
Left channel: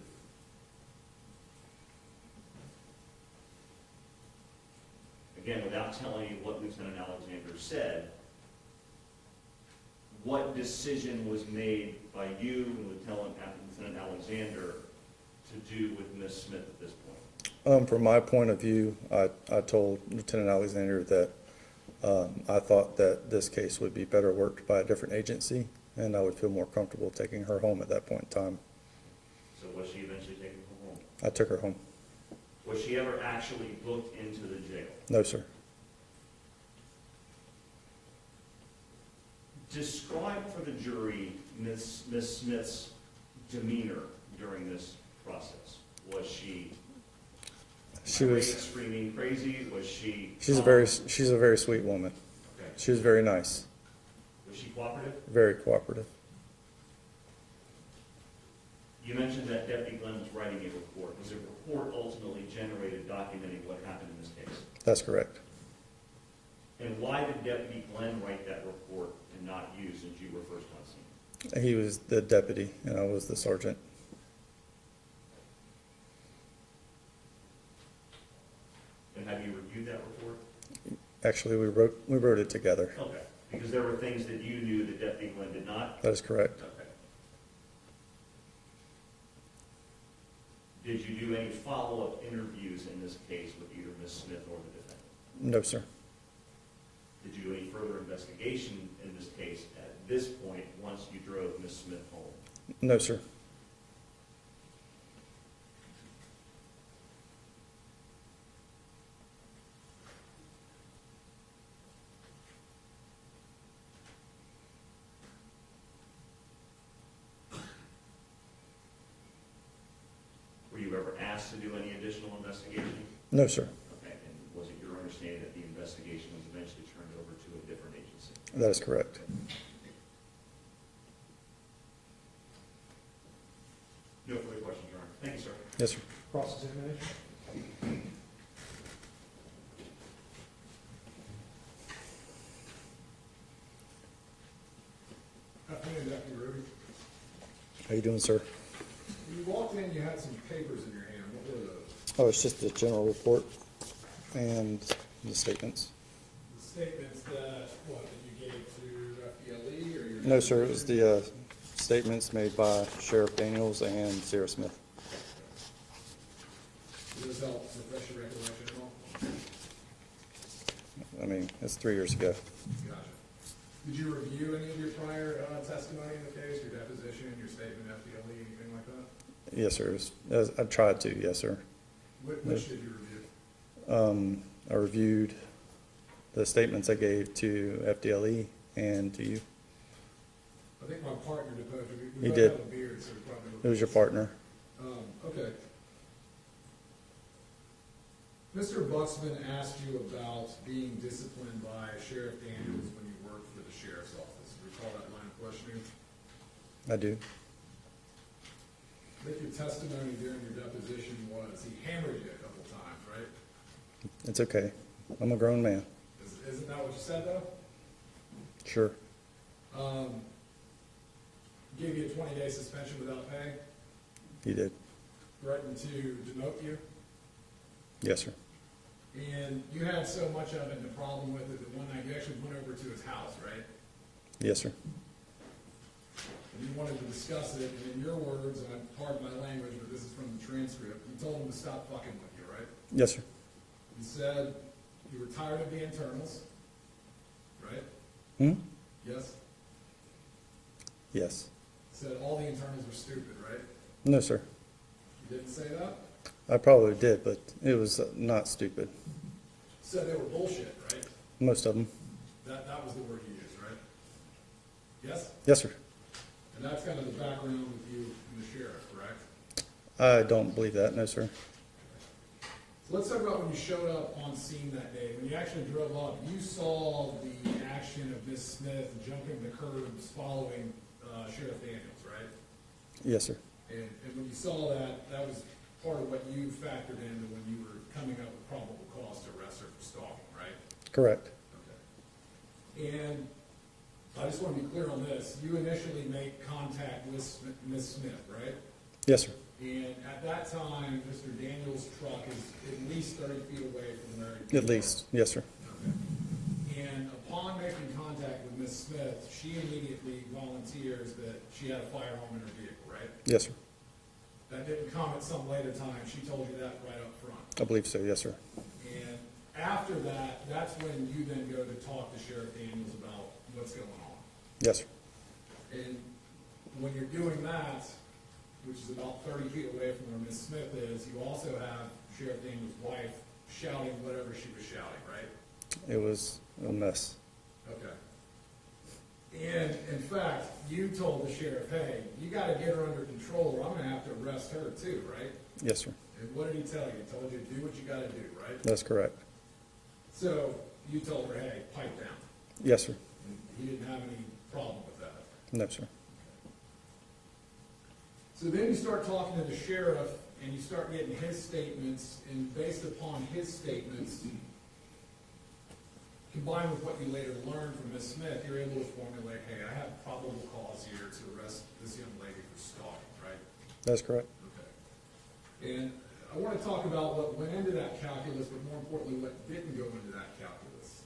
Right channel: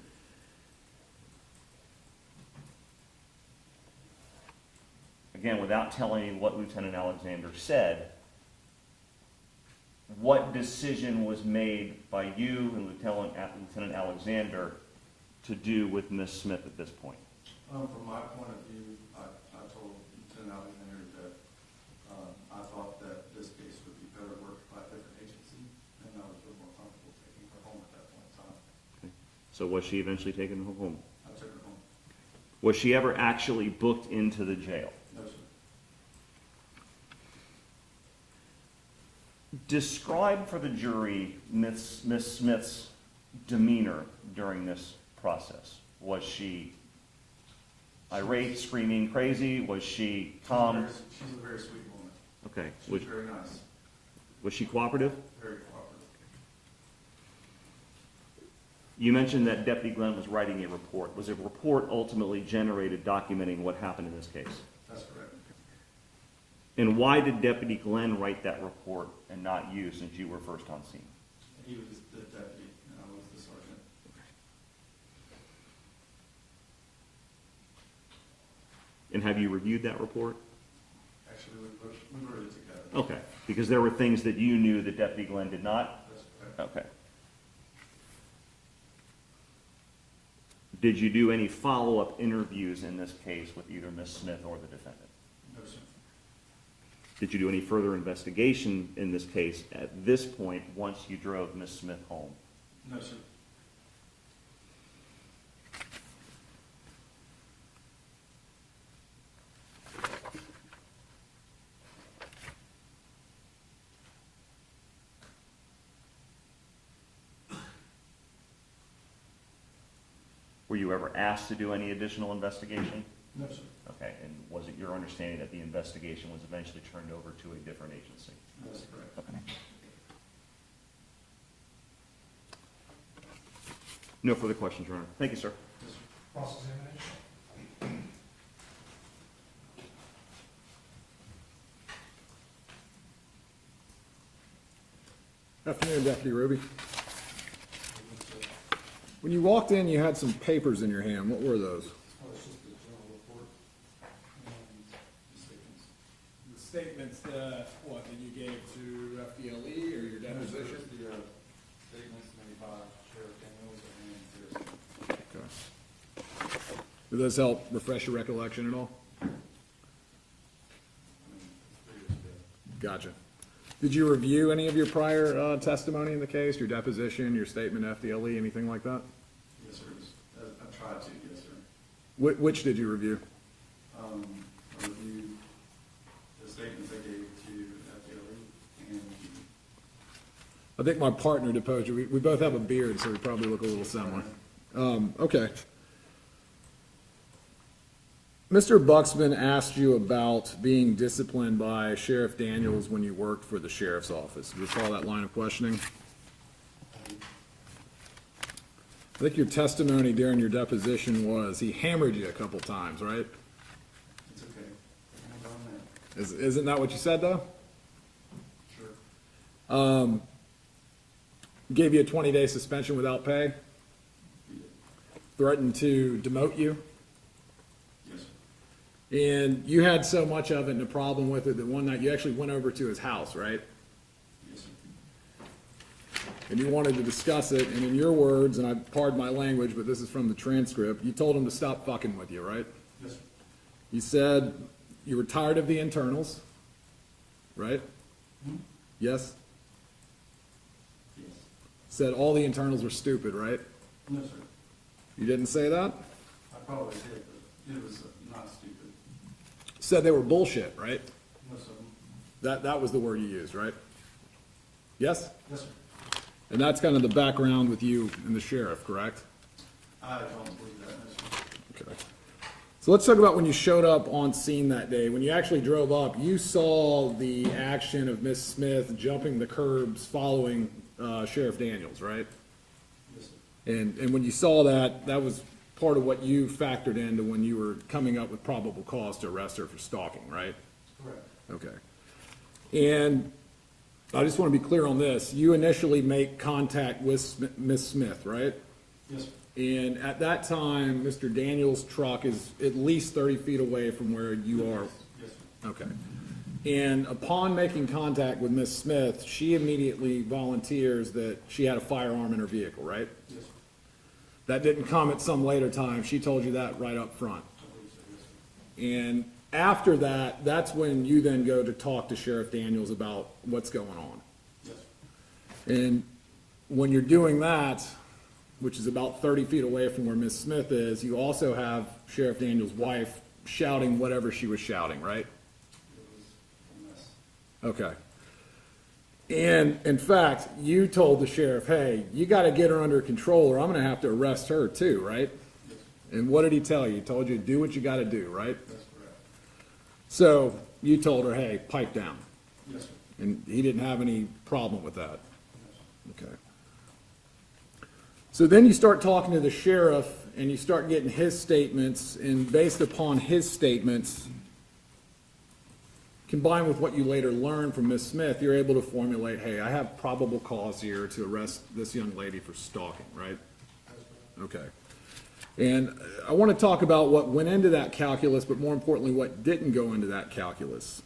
Again, without telling me what Lieutenant Alexander said, what decision was made by you and Lieutenant Alexander to do with Miss Smith at this point? From my point of view, I told Lieutenant Alexander that I thought that this case would be better worked by a different agency, and I would feel more comfortable taking her home at that point in time. So was she eventually taken home? I took her home. Was she ever actually booked into the jail? No, sir. Describe for the jury Miss Smith's demeanor during this process. Was she irate, screaming, crazy? Was she calm? She's a very sweet woman. Okay. She was very nice, Was she cooperative? very cooperative. You mentioned that Deputy Glenn was writing a report. Was a report ultimately generated documenting what happened in this case? That's correct. And why did Deputy Glenn write that report and not you, since you were first on scene? He was the deputy, and I was the sergeant. And have you reviewed that report? Actually, we wrote it together. Okay, because there were things that you knew that Deputy Glenn did not? That is correct. Okay. Did you do any follow-up interviews in this case with either Ms. Smith or the defendant? No, sir. Did you do any further investigation in this case at this point once you drove Ms. Smith home? No, sir. Were you ever asked to do any additional investigation? No, sir. Okay, and was it your understanding that the investigation was eventually turned over to a different agency? That is correct. No further questions, Your Honor. Thank you, sir. Yes, sir. Cross-examination? Afternoon, Deputy Ruby. How you doing, sir? When you walked in, you had some papers in your hand. What were those? Oh, it's just the general report and the statements. The statements that, what, that you gave to FDLE or your? No, sir, it was the statements made by Sheriff Daniels and Sarah Smith. Okay. Do those help refresh your recollection at all? I mean, that's 3 years ago. Gotcha. Did you review any of your prior testimony in the case, your deposition, your statement, FDLE, anything like that? Yes, sir. I've tried to, yes, sir. Which did you review? I reviewed the statements I gave to FDLE and to you. I think my partner deposed you. We both did. have a beard, so we probably look a Who's little your similar. partner? Okay. Mr. Buxman asked you about being disciplined by Sheriff Daniels when you worked for the sheriff's office. Do you recall that line of questioning? I do. I think your testimony during your deposition was he hammered you a couple times, right? It's okay. I'm a grown man. Isn't that what you said, though? Sure. Gave you a 20-day suspension without pay, He did. threatened to demote you, Yes, sir. and you had so much of it and a problem with it that one night you actually went over to his house, right? Yes, sir. And you wanted to discuss it, and in your words, and I pardon my language, but this is from the transcript, you told him to stop fucking with you, right? Yes, sir. You said you were tired of the internals, right? Hmm? Yes? Yes. Said all the internals were stupid, right? No, sir. You didn't say that? I probably did, but it was not stupid. Said they were bullshit, right? Most of them. That was the word you used, right? Yes? Yes, sir. And that's kind of the background with you and the sheriff, correct? I don't believe that. No, sir. Okay. So let's talk about when you showed up on scene that day. When you actually drove up, you saw the action of Miss Smith jumping the curbs following Sheriff Daniels, right? Yes, sir. And when you saw that, that was part of what you factored into when you were coming up with probable cause to arrest her for stalking, right? Correct. Okay. And I just want to be clear on this. You initially make contact with Miss Smith, right? Yes, sir. And at that time, Mr. Daniels' truck is at least 30 feet away from where you are. At least. Yes, sir. Okay. And upon making contact with Miss Smith, she immediately volunteers that she had a firearm in her vehicle, right? Yes, sir. That didn't come at some later time. She told you that right up front. I believe so. Yes, sir. And after that, that's when you then go to talk to Sheriff Daniels about what's going on. Yes, sir. And when you're doing that, which is about 30 feet away from where Miss Smith is, you also have Sheriff Daniels' wife shouting whatever she was shouting, right? It was a mess. Okay. And in fact, you told the sheriff, hey, you gotta get her under control or I'm gonna have to arrest her too, right? Yes, sir. And what did he tell you? He told you to do what you gotta do, right? That's correct. So you told her, hey, pipe down. Yes, sir. And he didn't have any problem with that. No, sir. Okay. So then you start talking to the sheriff and you start getting his statements, and based upon his statements, combined with what you later learned from Miss Smith, you're able to formulate, hey, I have probable cause here to arrest this young lady for stalking, right? That's correct. Okay. And I want to talk about what went into that calculus, but more importantly, what didn't go into that calculus.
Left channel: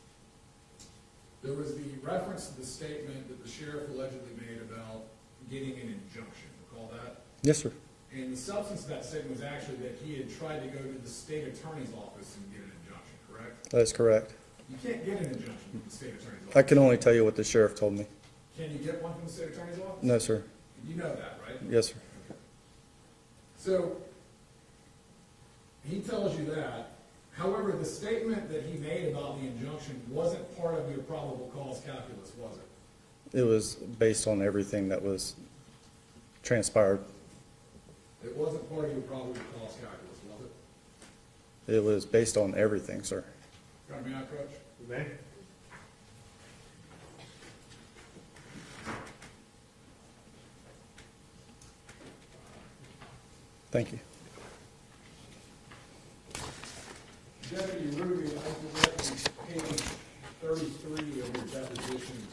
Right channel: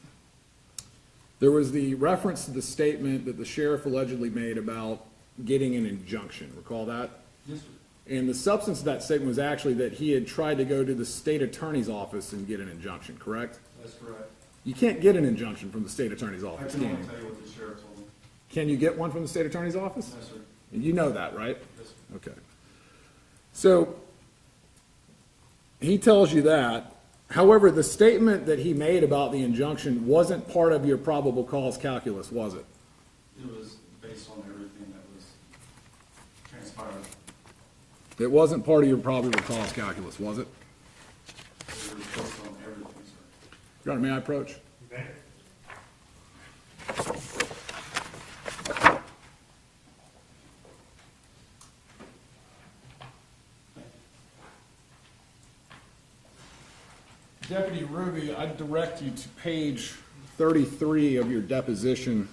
There was the reference to the statement that the sheriff allegedly made about getting an injunction. Recall that? Yes, sir. And the substance of that statement was actually that he had tried to go to the state attorney's office and get an injunction, correct? That's correct. You can't get an injunction from the state attorney's office. I can only tell you what the sheriff told me. Can you get one from the state attorney's office? No, sir. You know that, right? Yes, sir. Okay. So, he tells you that. However, the statement that he made about the injunction wasn't part of your probable cause calculus, was it? It was based on everything that was transpired. It wasn't part of your probable cause calculus, was it? It was based on everything, sir. Your Honor, may I approach? You may. Thank you. Deputy Ruby, I direct you to page 33 of your deposition.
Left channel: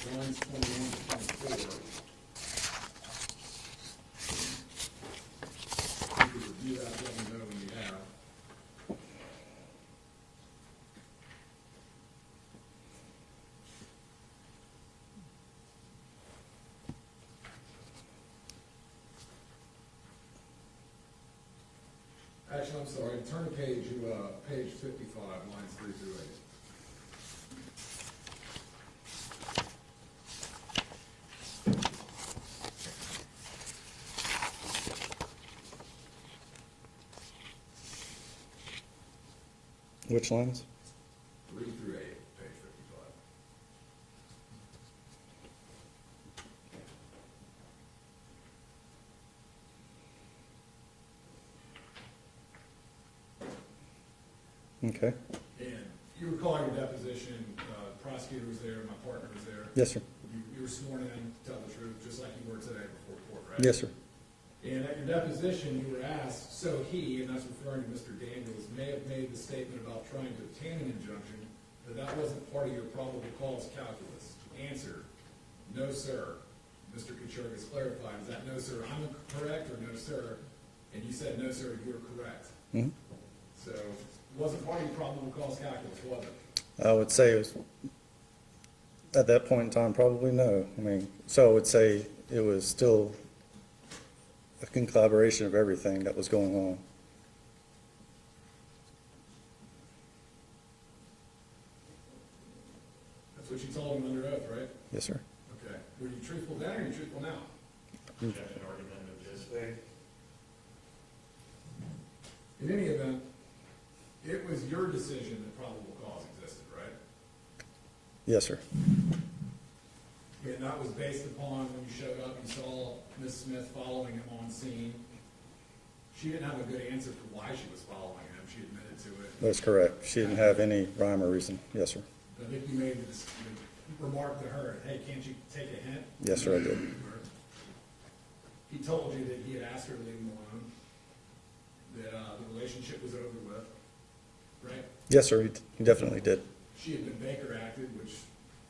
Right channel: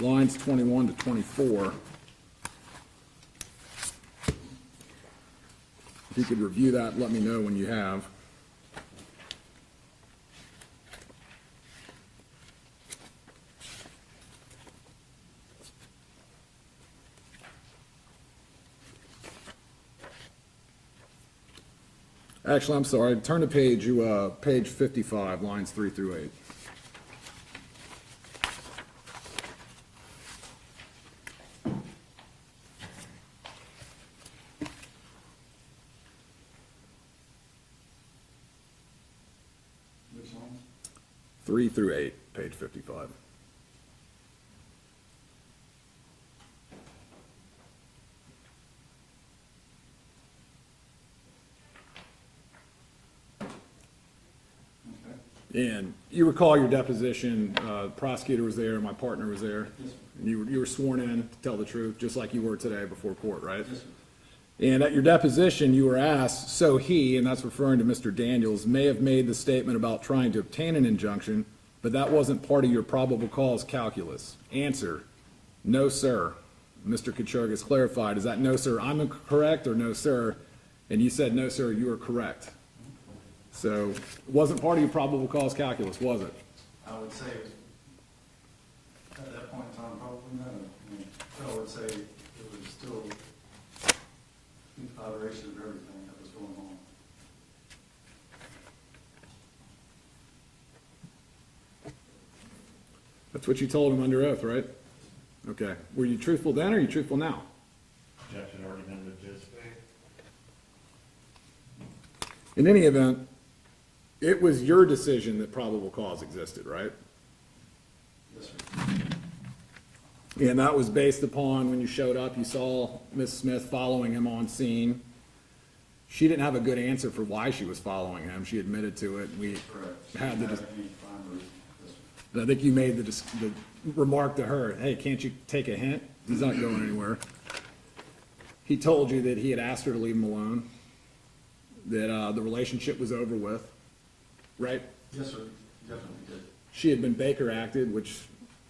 lines 21 to 24. If you could review that, let me know when you have. Actually, I'm sorry, turn to page 55, lines 3 through 8. Which lines? 3 through 8, page 55. Okay. And you recall your deposition, prosecutor was there, my partner was there. Yes, sir. You were sworn in to tell the truth, just like you were today before court, right? Yes, sir. And at your deposition, you were asked, so he, and that's referring to Mr. Daniels, may have made the statement about trying to obtain an injunction, but that wasn't part of your probable cause calculus. Answer, no, sir. Mr. Kachurgas clarified, is that no, sir, I'm correct, or no, sir? And you said, no, sir, you are correct. Mhm. So it wasn't part of your probable cause calculus, was it? I would say it was, at that point in time, probably no. I mean, so I would say it was still a collaboration of everything that was going on. That's what you told him under oath, right? Yes, sir. Okay. Were you truthful then, or are you truthful now? Objection, argument, just. In any event, it was your decision that probable cause existed, right? Yes, sir. And that was based upon when you showed up, you saw Ms. Smith following him on scene. She didn't have a good answer for why she was following him. She admitted to it. That's correct. She didn't have any rhyme or reason. Yes, sir. I think you made the remark to her, hey, can't you take a hint? Yes, He's not sir. going anywhere. He told you that he had asked her to leave him alone, that the relationship was over with, right? Yes, sir. He definitely did. She had been Baker acted, which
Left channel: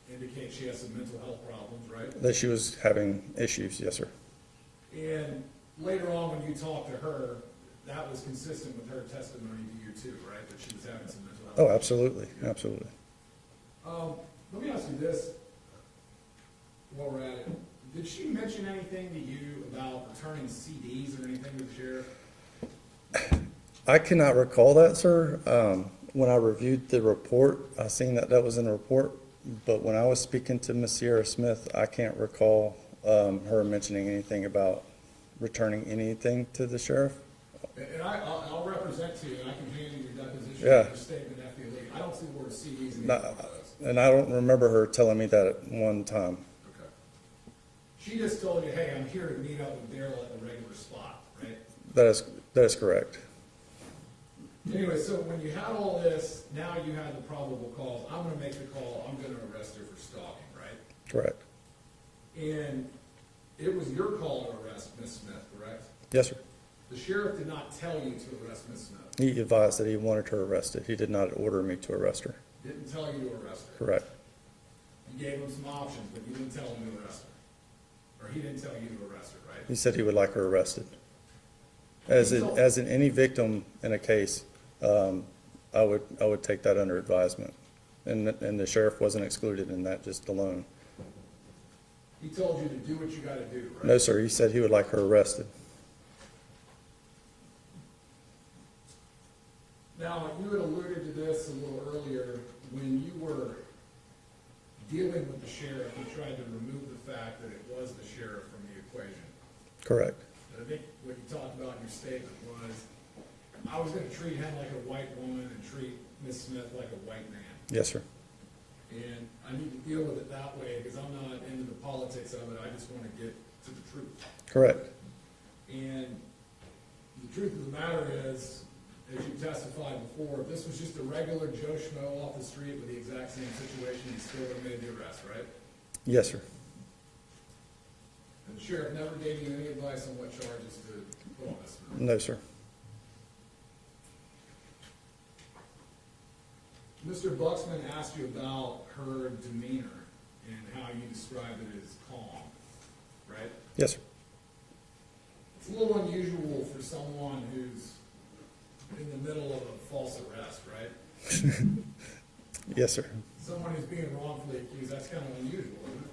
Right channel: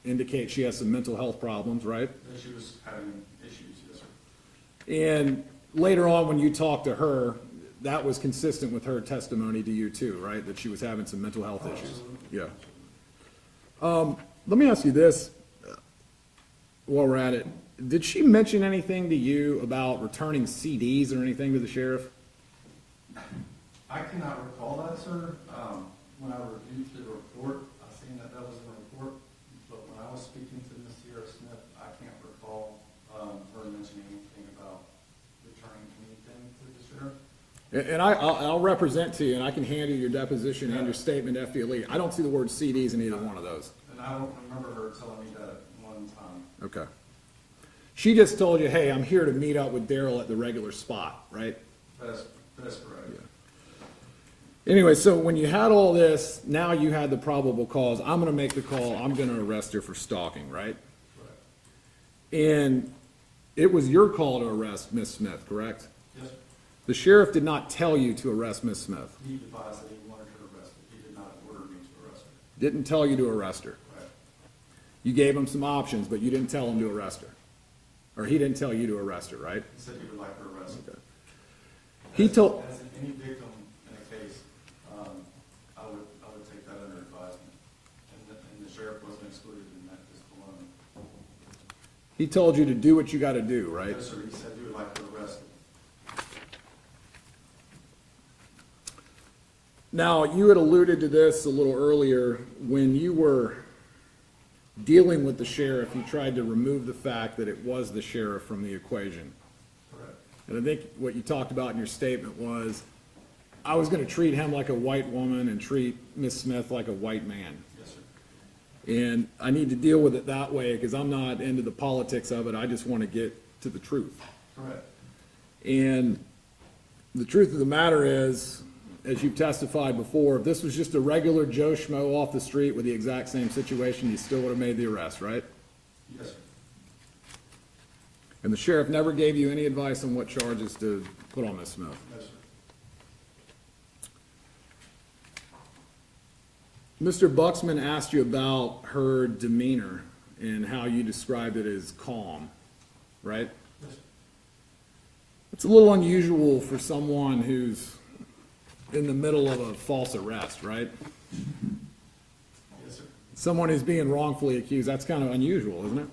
indicates she has some mental health problems, right? That she was having issues. Yes, sir. And later on, when you talked to her, that was consistent with her testimony to you too, right? That she was having some mental health Oh, issues. absolutely. Yeah. Absolutely. Let me ask you this, while we're at it. Did she mention anything to you about returning CDs or anything to the sheriff? I cannot recall that, sir. When I reviewed the report, I seen that that was in the report, but when I was speaking to Ms. Sierra Smith, I can't recall her mentioning anything about returning anything to the sheriff. And I'll represent to you, and I can hand you your deposition Yeah. and your statement to FDLE. I don't see the word CDs in either one of those. And I don't remember her telling me that at one time. Okay. She just told you, hey, I'm here to meet up with Darryl at the regular spot, right? That is correct. Anyway, so when you had all this, now you had the probable cause. I'm gonna make the call, I'm gonna arrest her for stalking, right? Correct. And it was your call to arrest Miss Smith, correct? Yes, sir. The sheriff did not tell you to arrest Miss Smith. He advised that he wanted her arrested. He did not order me to arrest her. Didn't tell you to arrest her. Correct. You gave him some options, but you didn't tell him to arrest her. Or he didn't tell you to arrest her, right? He said he would like her arrested. He told- As in any victim in a case, I would take that under advisement. And the sheriff wasn't excluded in that just alone. He told you to do what you gotta do, right? No, sir, he said he would like her arrested. Now, you had alluded to this a little earlier. When you were dealing with the sheriff, you tried to remove the fact that it was the sheriff from the equation. Correct. And I think what you talked about in your statement was, I was gonna treat him like a white woman and treat Miss Smith like a white man. Yes, sir. And I need to deal with it that way, because I'm not into the politics of it, I just wanna get to the truth. Correct. And the truth of the matter is, as you've testified before, if this was just a regular Joe Schmo off the street with the exact same situation, you still would have made the arrest, right? Yes, sir. And the sheriff never gave you any advice on what charges to put on Miss Smith? No, sir. Mr. Buxman asked you about her demeanor, and how you described it as calm, right? Yes, sir. It's a little unusual for someone who's in the middle of a false arrest, right? Yes, sir. Someone who's being wrongfully accused, that's kind of unusual, isn't it?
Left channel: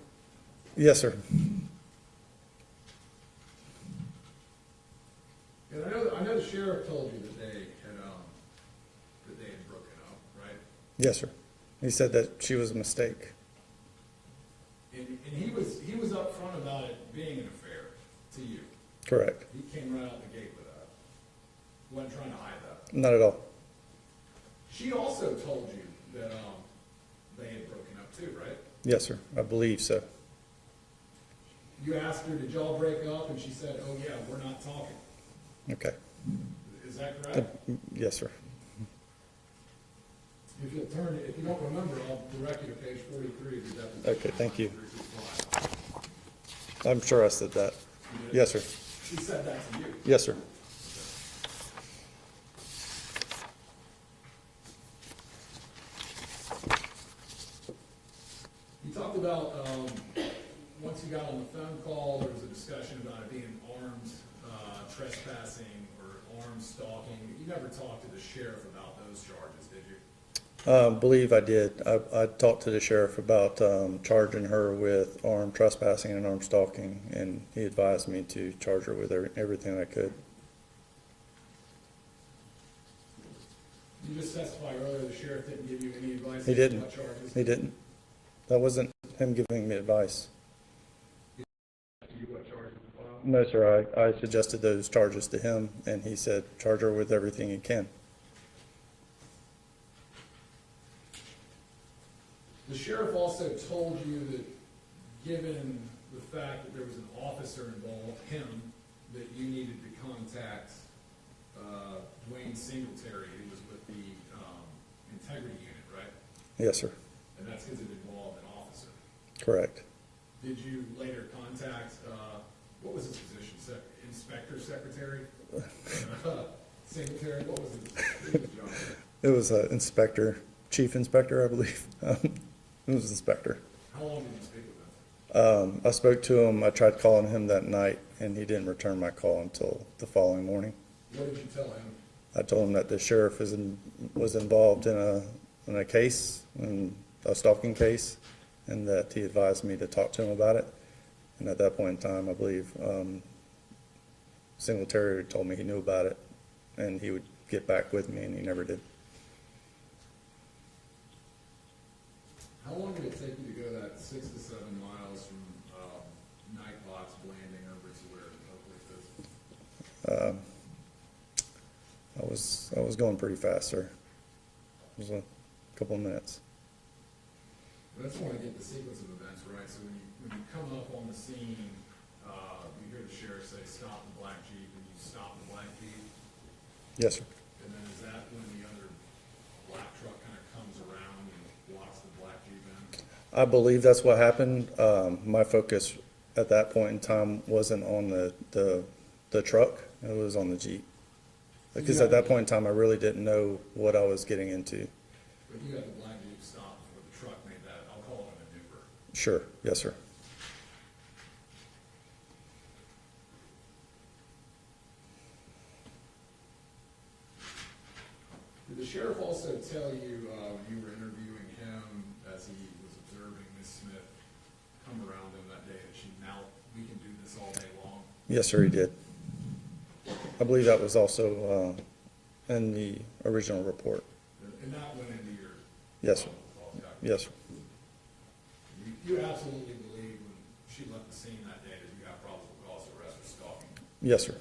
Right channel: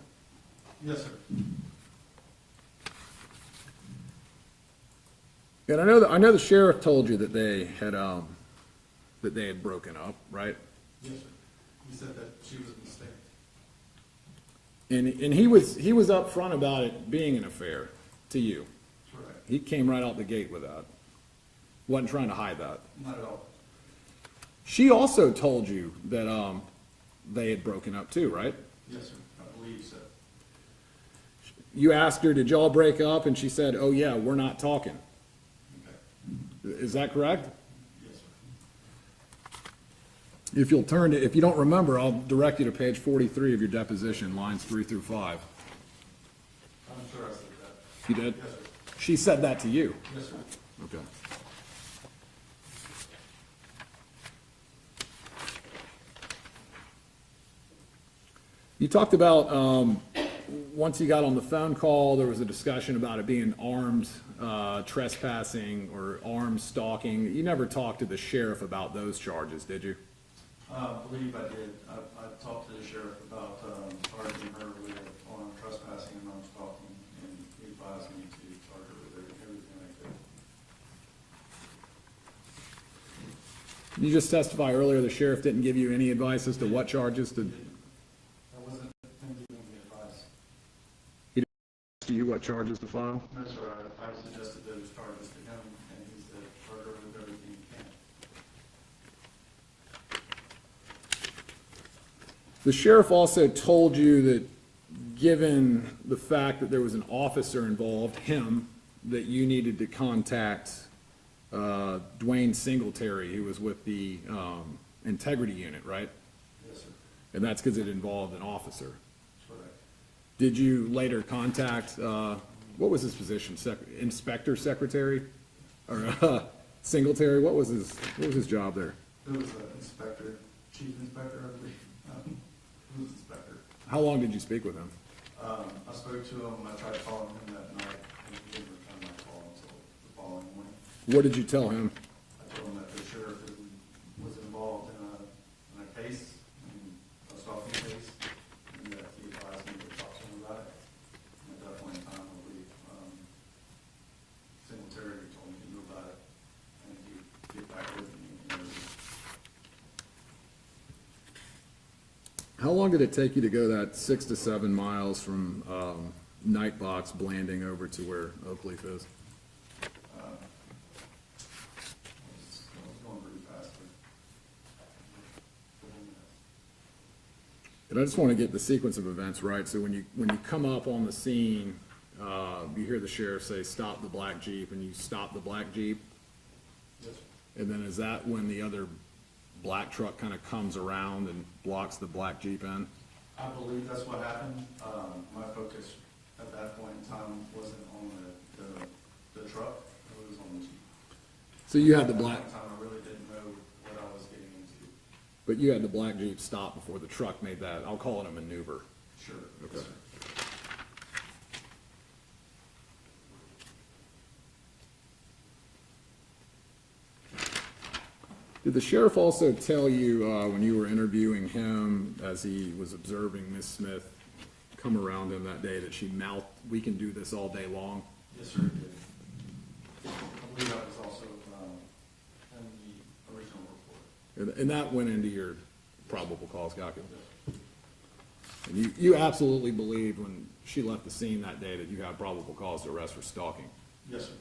Yes, sir. And I know the sheriff told you that they had broken up, right? Yes, sir. He said that she was a mistake. And he was upfront about it being an affair to you. Correct. He came right out the gate with that. Wasn't trying to hide that. Not at all. She also told you that they had broken up too, right? Yes, sir. I believe so. You asked her, did y'all break up? And she said, oh yeah, we're not talking. Okay. Is that correct? Yes, sir. If you'll turn to, if you don't remember, I'll direct you to page 43 of your deposition, Okay, thank lines you. 3 through 5. I'm sure I said that. You did? Yes, sir. She said that to you? Yes, sir. Okay. You talked about, once you got on the phone call, there was a discussion about it being armed trespassing or armed stalking. You never talked to the sheriff about those charges, did you? Believe I did. I talked to the sheriff about charging her with armed trespassing and armed stalking, and he advised me to charge her with everything I could. You just testified earlier the sheriff didn't give you any advice He as to didn't. what charges? He didn't. That wasn't him giving me advice. To you what charges to file? No, sir. I suggested those charges to him, and he said, charge her with everything he can. The sheriff also told you that, given the fact that there was an officer involved, him, that you needed to contact Dwayne Singletary, who was with the integrity unit, right? Yes, sir. And that's because it involved an officer. Correct. Did you later contact, what was his position, inspector, secretary? Or, Singletary, what was his job there? It was inspector, chief inspector, I believe. It was inspector. How long did you speak with him? I spoke to him. I tried calling him that night, and he didn't return my call until the following morning. What did you tell him? I told him that the sheriff was involved in a case, in a stalking case, and that he advised me to talk to him about it. And at that point in time, I believe Singletary told me he knew about it, and he would get back with me, and he never did. How long did it take you to go that 6 to 7 miles from Nightbox Blanding over to where Oakleaf is? I was going pretty fast, sir. It was a couple of minutes. And I just want to get the sequence of events right. So when you come up on the scene, you hear the sheriff say, "Stop the black Jeep," and you stop the black Jeep. Yes, sir. And then is that when the other black truck kind of comes around and blocks the black Jeep in? I believe that's what happened. My focus at that point in time wasn't on the truck, it was on the Jeep. So you Because had at the that point in black, time, I really didn't know what I was getting into. but you had the black Jeep stop before the truck made that, I'll call it a maneuver. Sure, yes, sir. Did the sheriff also tell you, when you were interviewing him, as he was observing Miss Smith come around him that day, that she mouthed, "We can do this all day long"? Yes, sir, he did. I believe that was also in the original report. And that went into your Yes, sir. probable cause calculus? Yes, sir. And you absolutely believe when she left the scene that day that you have probable cause to arrest for stalking? Yes, sir.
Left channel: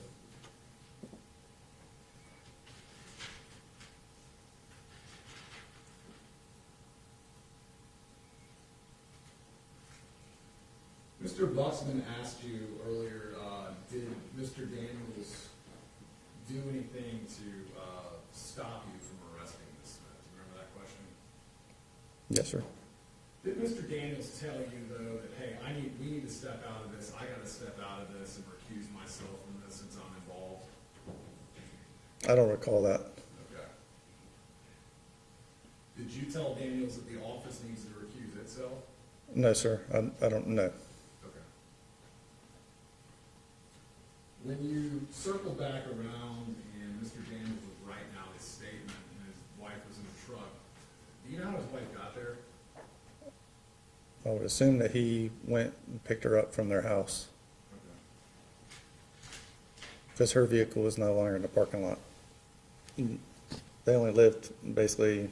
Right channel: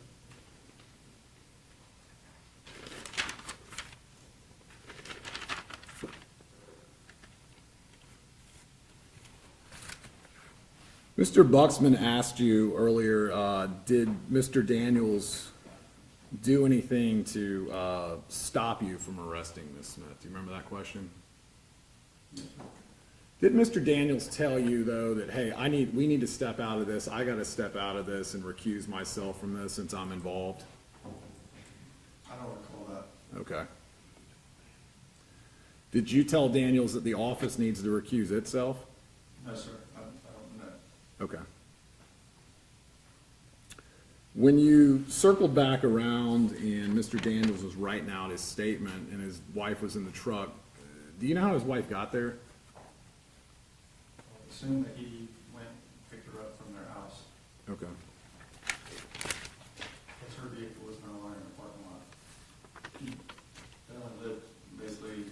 Mr. Buxman asked you earlier, did Mr. Daniels do anything to stop you from arresting Ms. Smith? Do you remember that question? Yes, sir. Did Mr. Daniels tell you, though, that, hey, we need to step out of this, I gotta step out of this and recuse myself from this since I'm involved? I don't recall that. Okay. Did you tell Daniels that the office needs to recuse itself? No, sir, I don't know. Okay. When you circled back around and Mr. Daniels was writing out his statement and his wife was in the truck, do you know how his wife got there? I would assume that he went and picked her up from their house, Okay. because her vehicle was no longer in the parking lot. They only lived basically,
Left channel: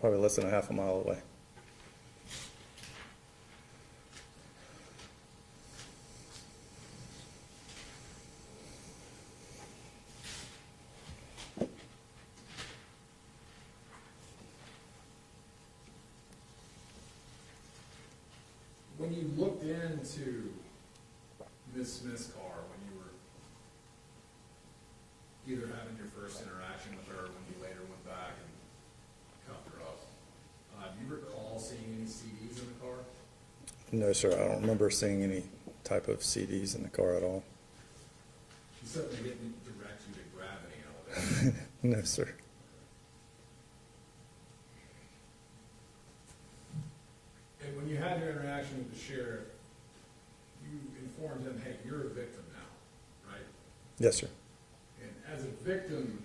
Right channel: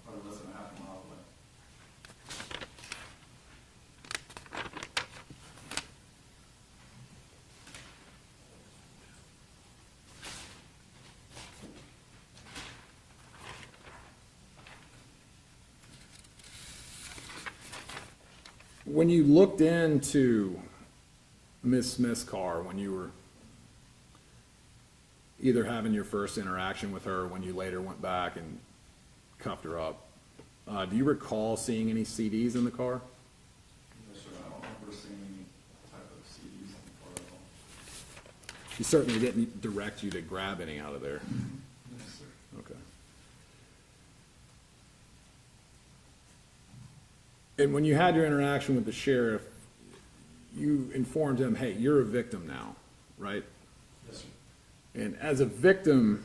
probably less than a half a mile away. When you looked into Miss Smith's car, when you were either having your first interaction with her, when you later went back and cuffed her up, do you recall seeing any CDs in the car? No, sir, I don't remember seeing any type of CDs in the car at all. She certainly didn't direct you to grab any out of there. No, sir. Okay. And when you had your interaction with the sheriff, you informed him, hey, you're a victim now, right? Yes, sir. And as a victim,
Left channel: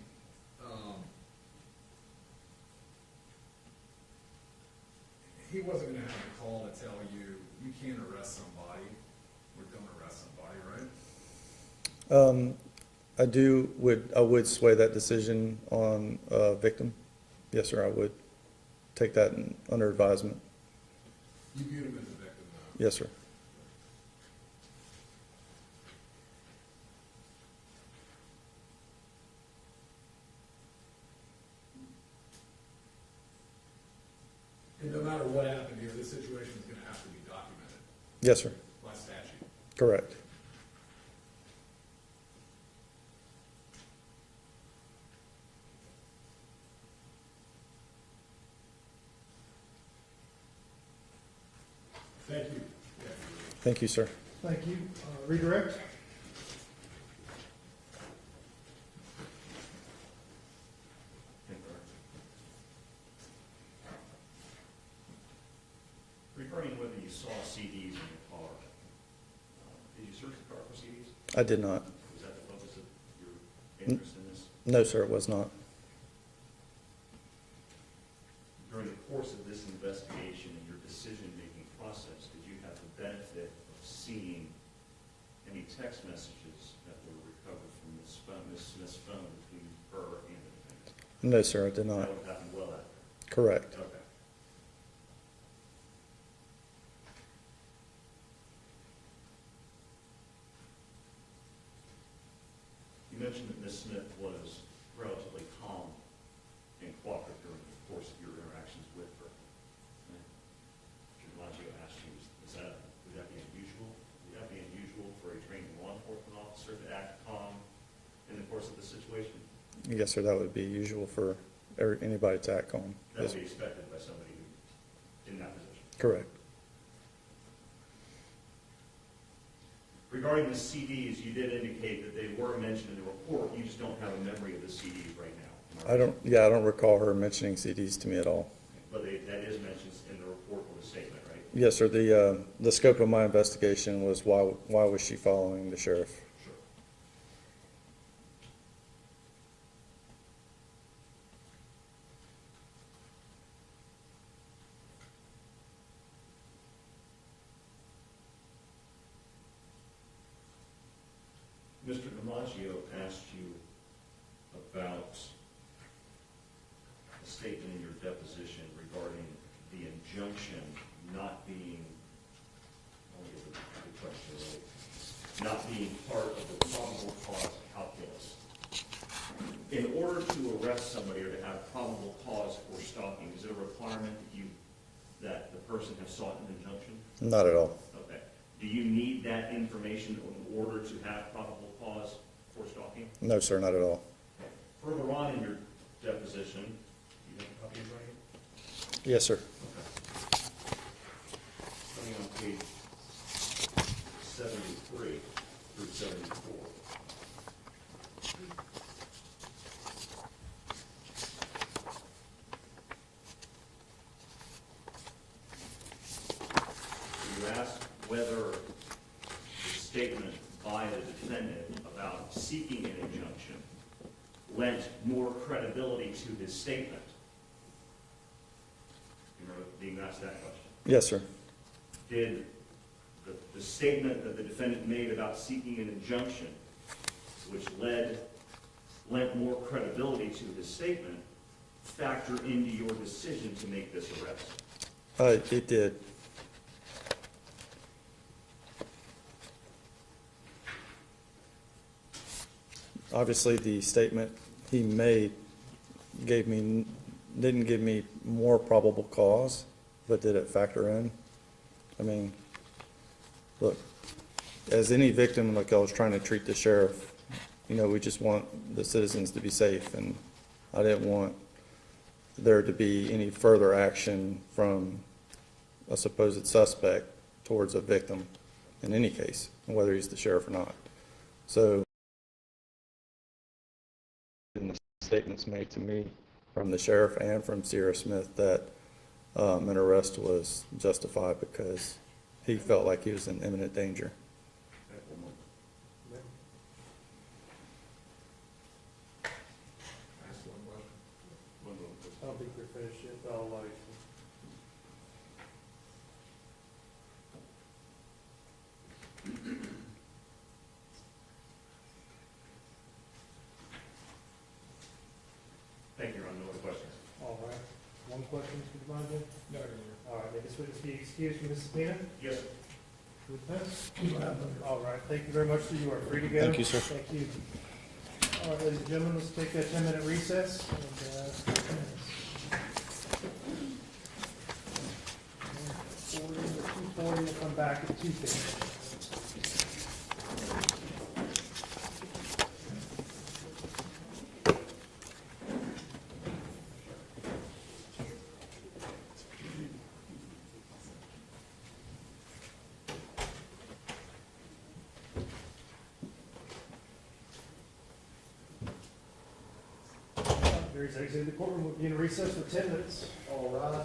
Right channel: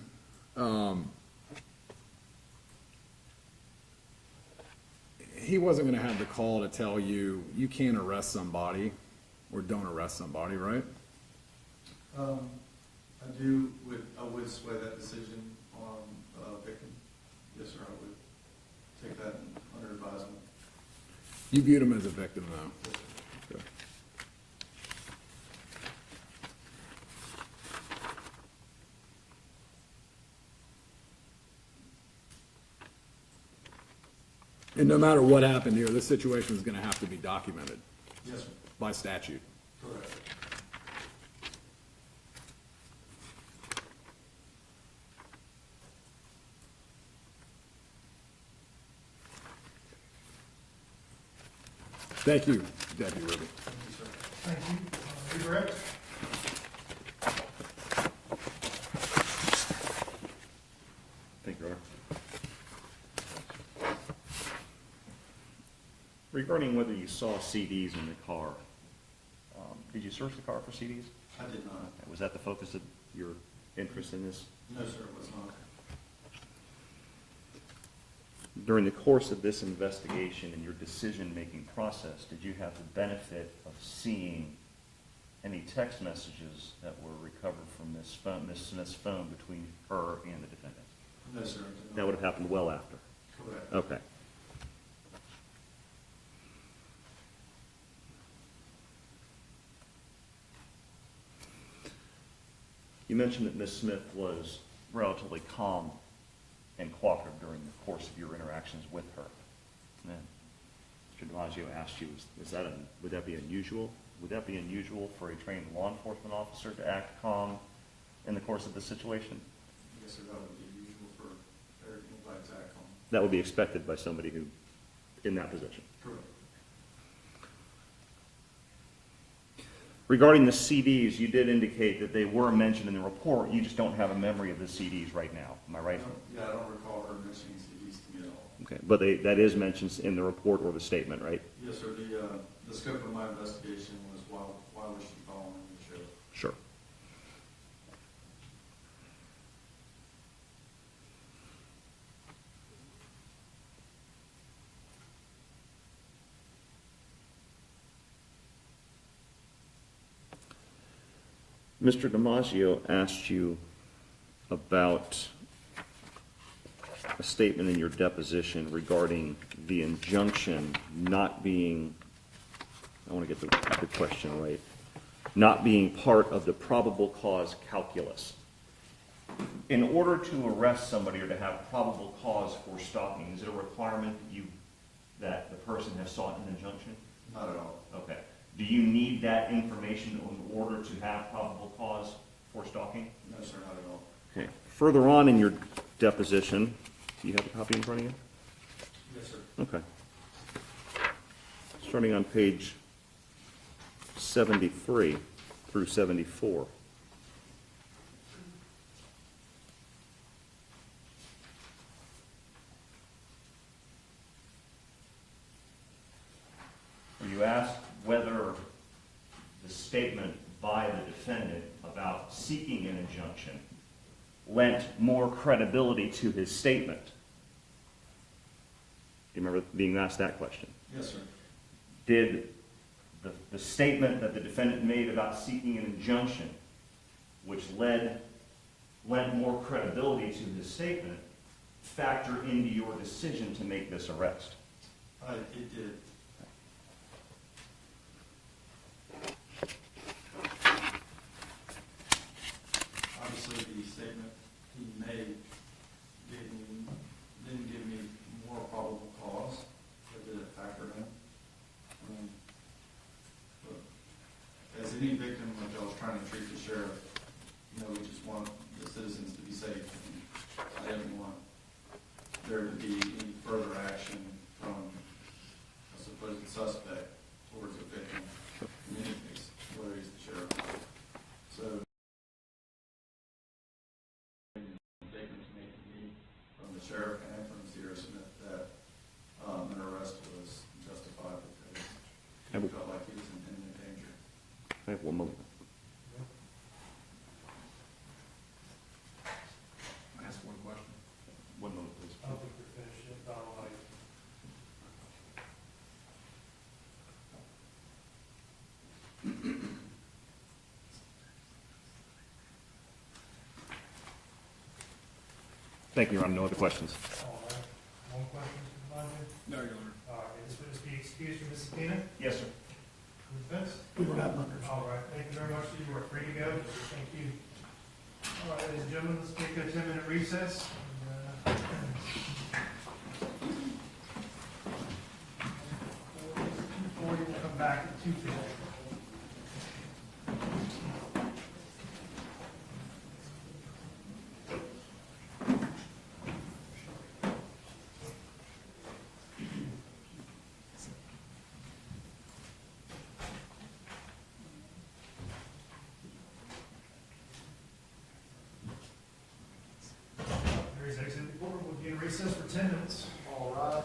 he wasn't gonna have the call to tell you, you can't arrest somebody or don't arrest somebody, right? I would sway that decision on a victim. Yes, sir, I would take that under advisement. You viewed him as a victim, though? Yes, sir. Okay. And no matter what happened here, this situation is gonna have to be documented Yes, sir. by statute. Correct. Thank you, Deputy Ruby. Thank you, sir. Thank you. Redirect? Thank you, Your Honor. Regarding whether you saw CDs in the car, did you search the car for CDs? I did not. Was that the focus of your interest in this? No, sir, it was not. During the course of this investigation and your decision-making process, did you have the benefit of seeing any text messages that were recovered from Ms. Smith's phone between her and the defendant? No, sir, I did not. That would have happened well after. Correct. Okay. You mentioned that Ms. Smith was relatively calm and cooperative during the course of your interactions with her. And Mr. DiMaggio asked you, would that be unusual? Would that be unusual for a trained law enforcement officer to act calm in the course of the situation? Yes, sir, that would be usual for anybody to act calm. That would be expected by somebody who, in that position. Correct. Regarding the CDs, you did indicate that they were mentioned in the report, you just don't have a memory of the CDs right now, am I right? I don't recall her mentioning CDs to me at all. Okay, but that is mentioned in the report or the statement, right? Yes, sir, the scope of my investigation was why was she following the sheriff? Sure. Mr. DiMaggio asked you about a statement in your deposition regarding the injunction not being, I want to get the question right, not being part of the probable cause calculus. In order to arrest somebody or to have probable cause for stopping, is it a requirement that the person has sought an injunction? Not at all. Okay. Do you need that information in order to have probable cause for stalking? No, sir, not at all. Okay. Further on in your deposition, do you have a copy in front of you? Yes, sir. Okay. Starting on page 73 through 74. statement by the defendant about seeking an injunction lent more credibility to his statement? Do you remember being asked that question? Yes, sir. Did the statement that the defendant made about seeking an injunction, which lent more credibility to his statement, factor into your decision to make this arrest? It did. Obviously, the statement he made didn't give me more probable cause, but did it factor in? I mean, look, as any victim, like I was trying to treat the sheriff, you know, we just want the citizens to be safe, and I didn't want there to be any further action from a supposed suspect towards a victim in any case, whether he's the sheriff or not. So, in the statements made to me from the sheriff and from Sierra Smith that an arrest was justified because he felt like he was in imminent danger. I have one moment. Ask one question. One moment, please. I don't think we're finished yet, but I'll like. Thank you, Your Honor. No other questions. All right. One question, Mr. Devaney? No, Your Honor. All right, may this witness be excused from this subpoena? Yes, sir. Witness? All right, thank you very much, sir. You are free to go. Thank you, sir. Thank you. All right, ladies and gentlemen, let's take a 10-minute recess. And, 2:40, and come back at 2:10. Here's exit the courtroom. We'll be in recess for 10 minutes. All right.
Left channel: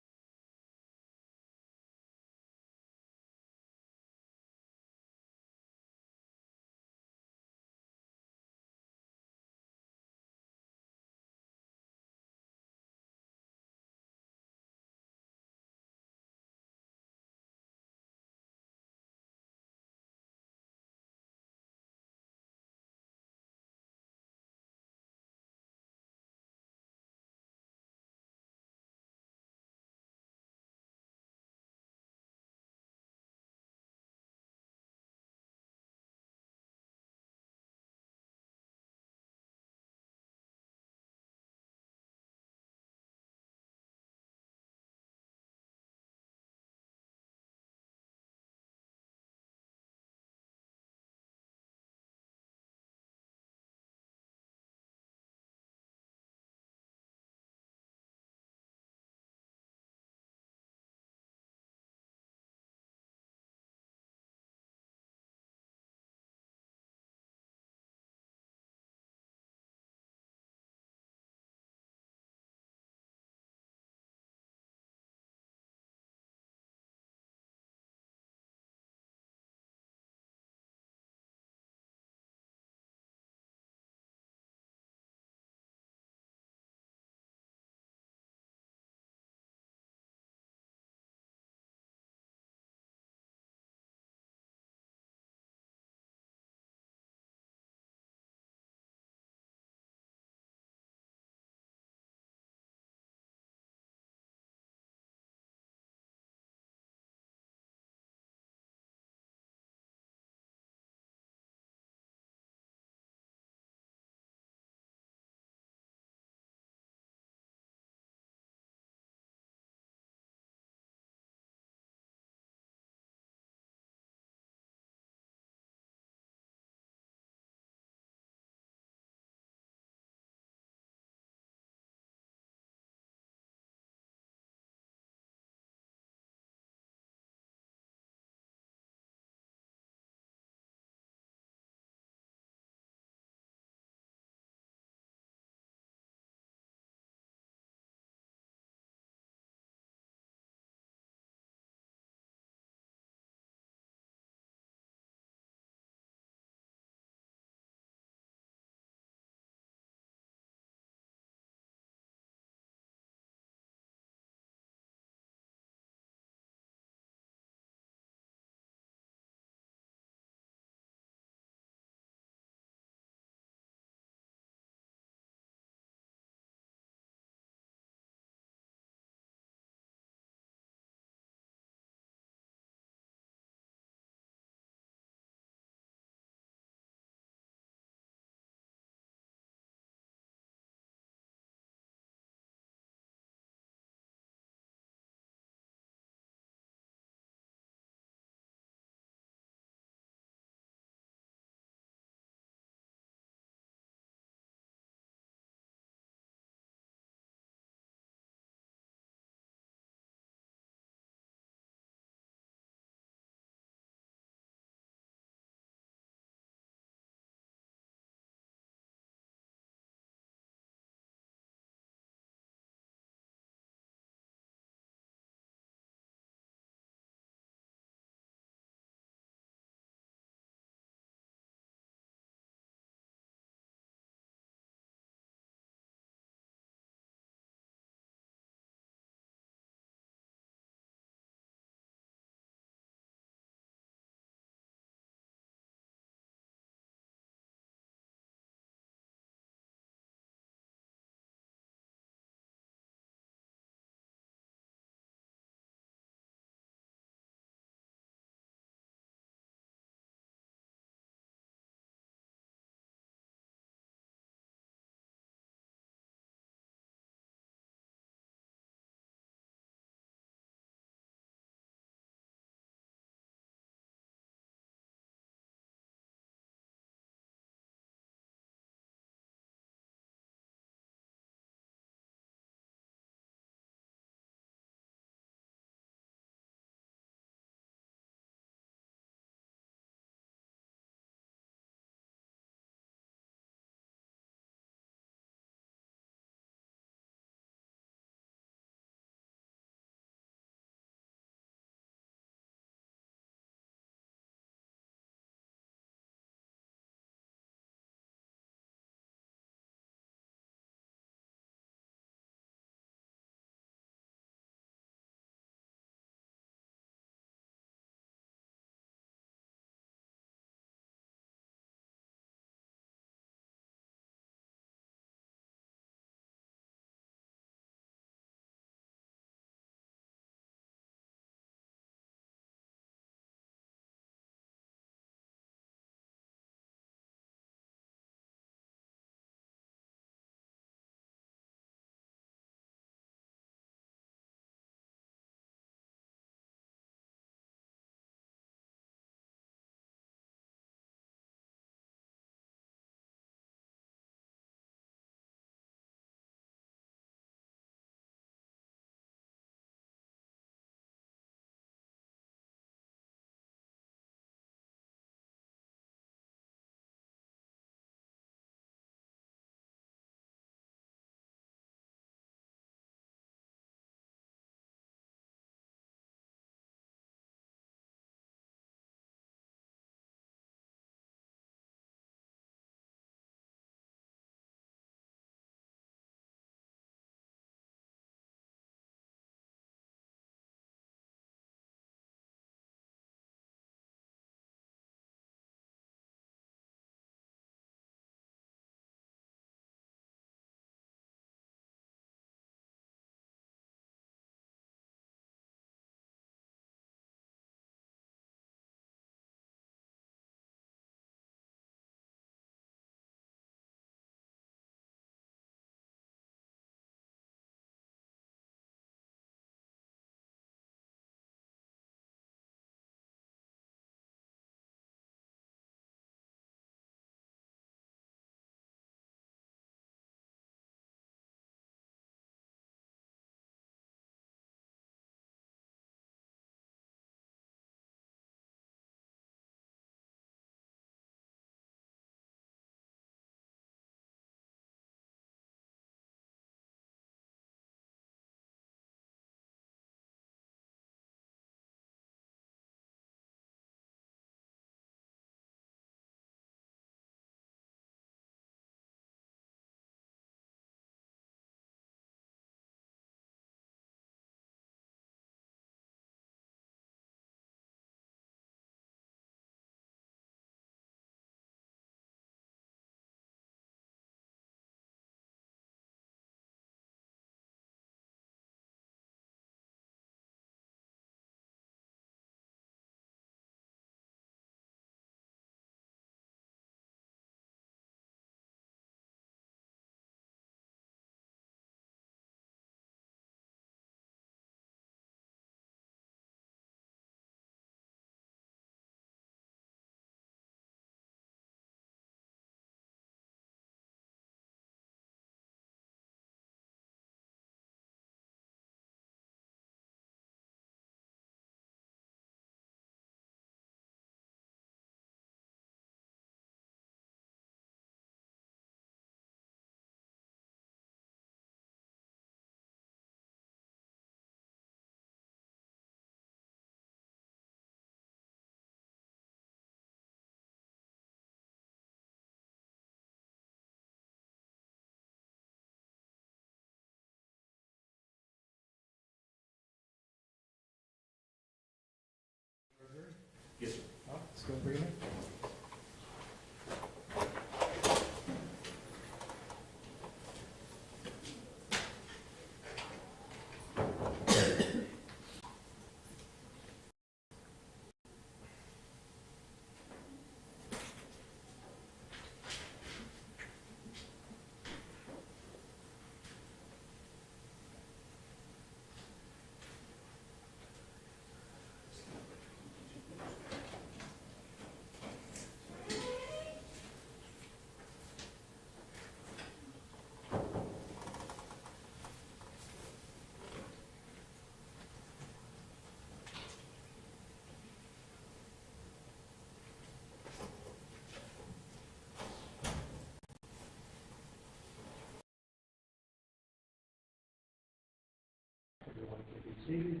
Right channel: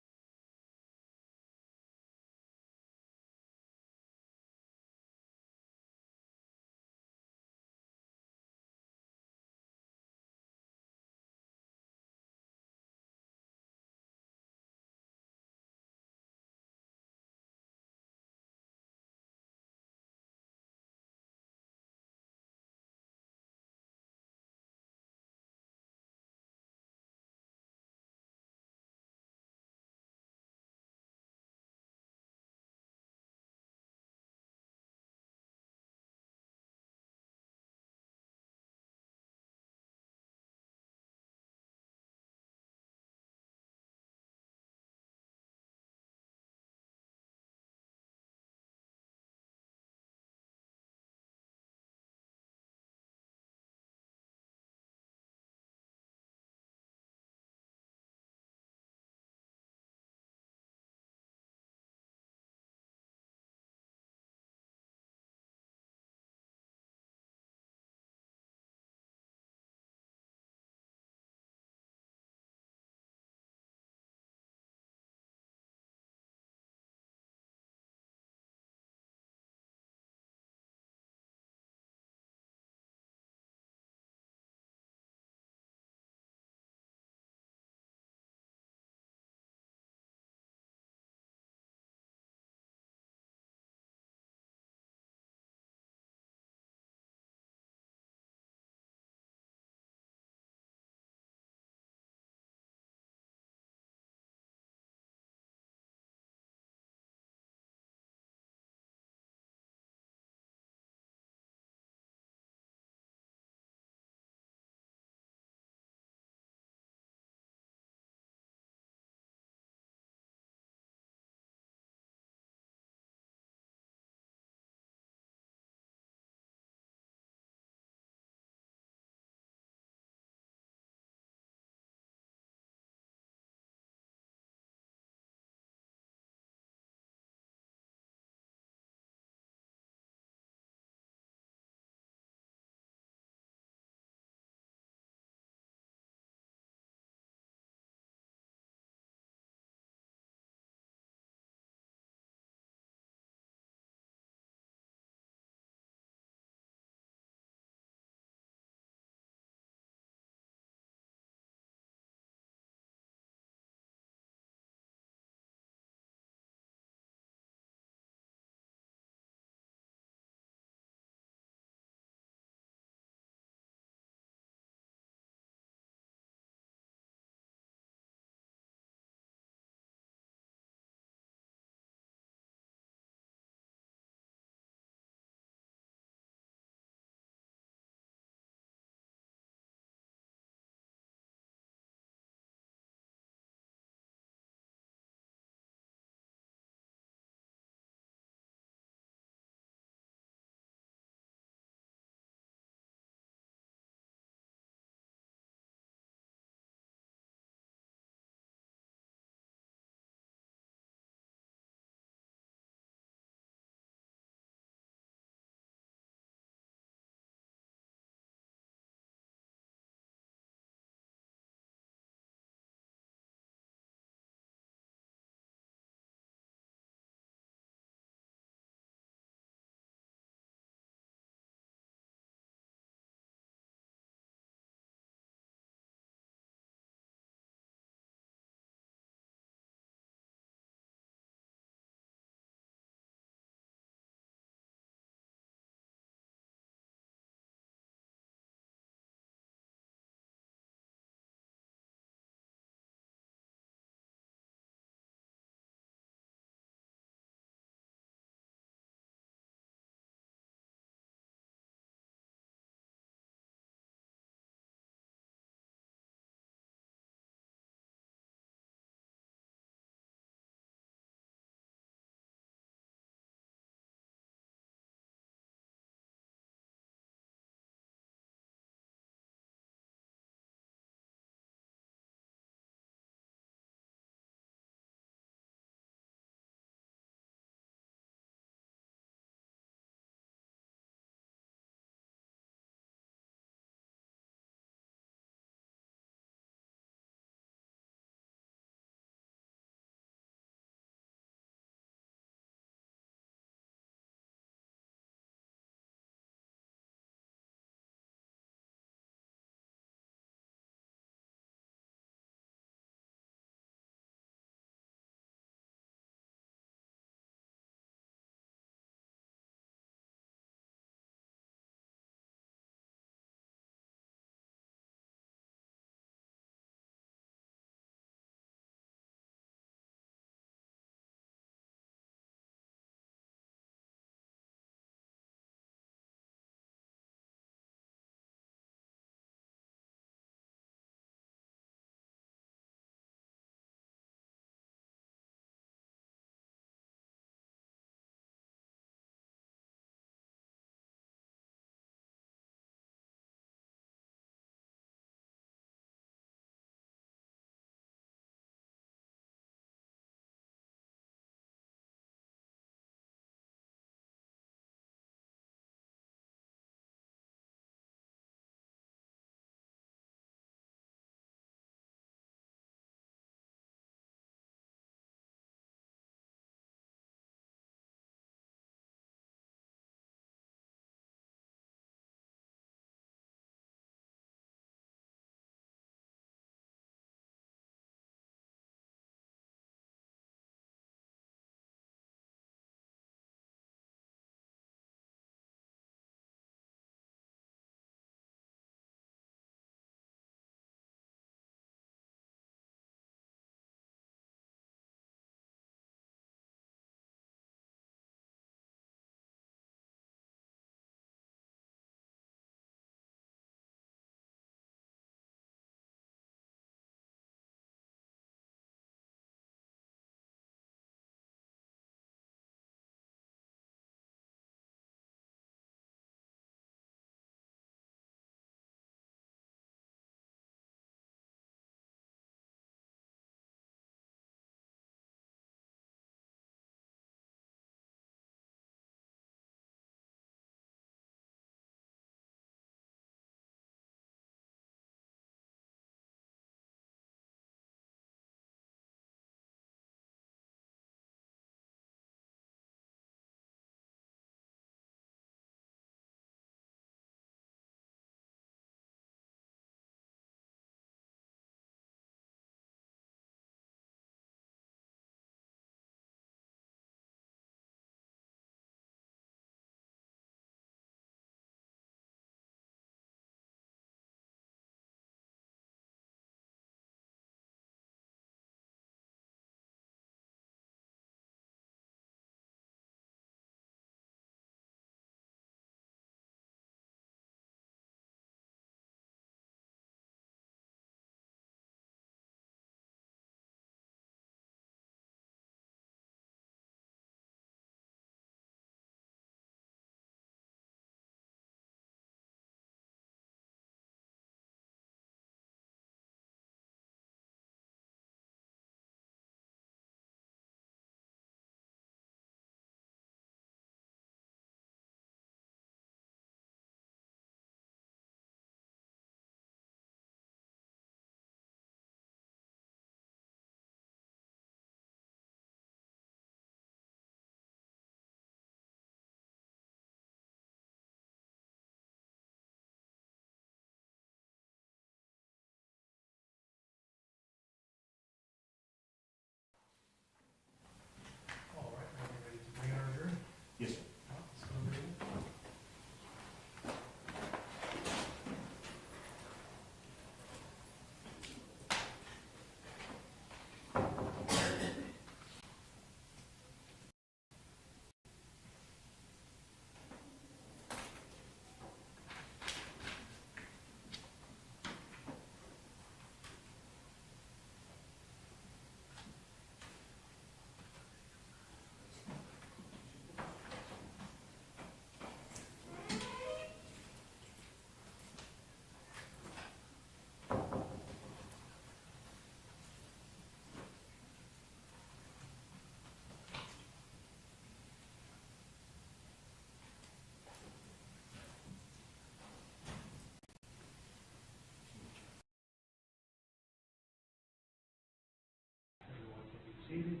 seated.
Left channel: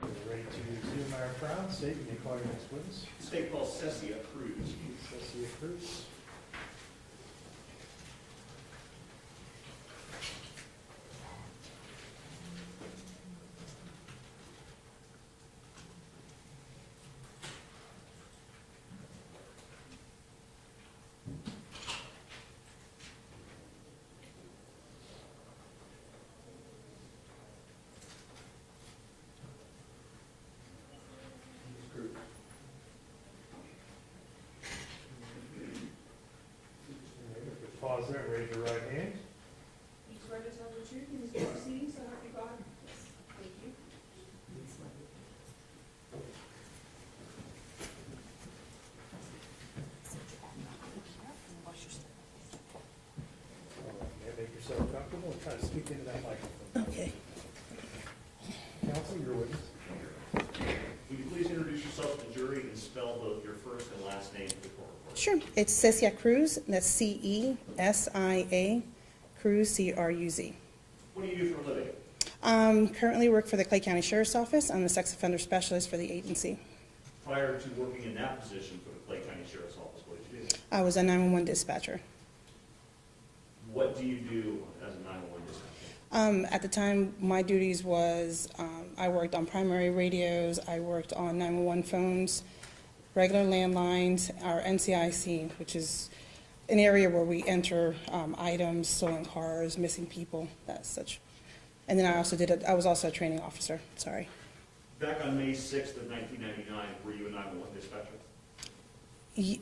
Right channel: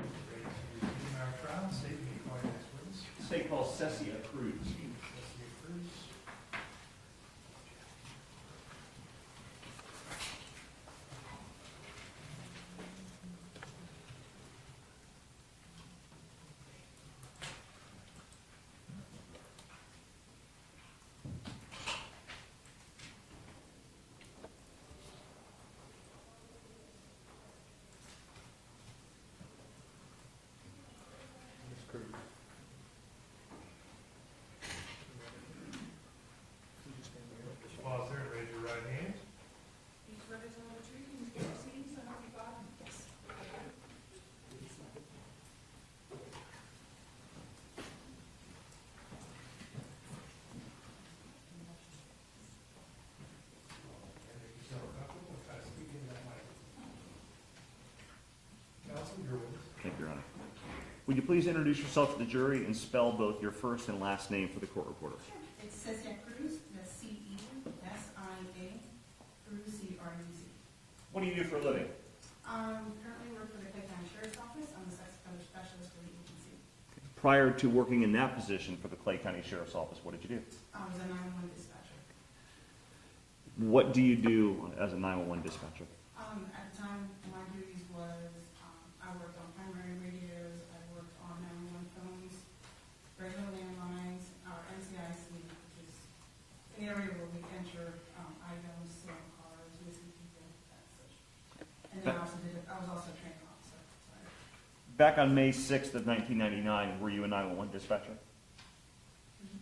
We're ready to resume our trial. State and call your next witness. State call Cesia Cruz. Cesia Cruz. Ms. Cruz. Just pause there and raise your right hand. You swear to tell the truth in these proceedings, so help you God? Yes. And make yourself comfortable and try to speak into that microphone. Okay, Counsel, your witness. Thank you, Your Honor. Would you please introduce yourself to the jury and spell both your first and last name for the court reporter? sure. It's Cesia Cruz, and that's Cesia, Cruz, C-R-U-Z. What do you do for a living? Currently work for the Clay County Sheriff's Office. I'm a sex offender specialist for the agency. Prior to working in that position for the Clay County Sheriff's Office, what did you do? I was a 911 dispatcher. What do you do as a 911 dispatcher? At the time, my duties was, I worked on primary radios, I worked on 911 phones, regular landlines, our NCIC, which is an area where we enter items, stolen cars, missing people, that such. And then I was also a training officer, sorry. Back on May 6th of 1999, were you a 911 dispatcher?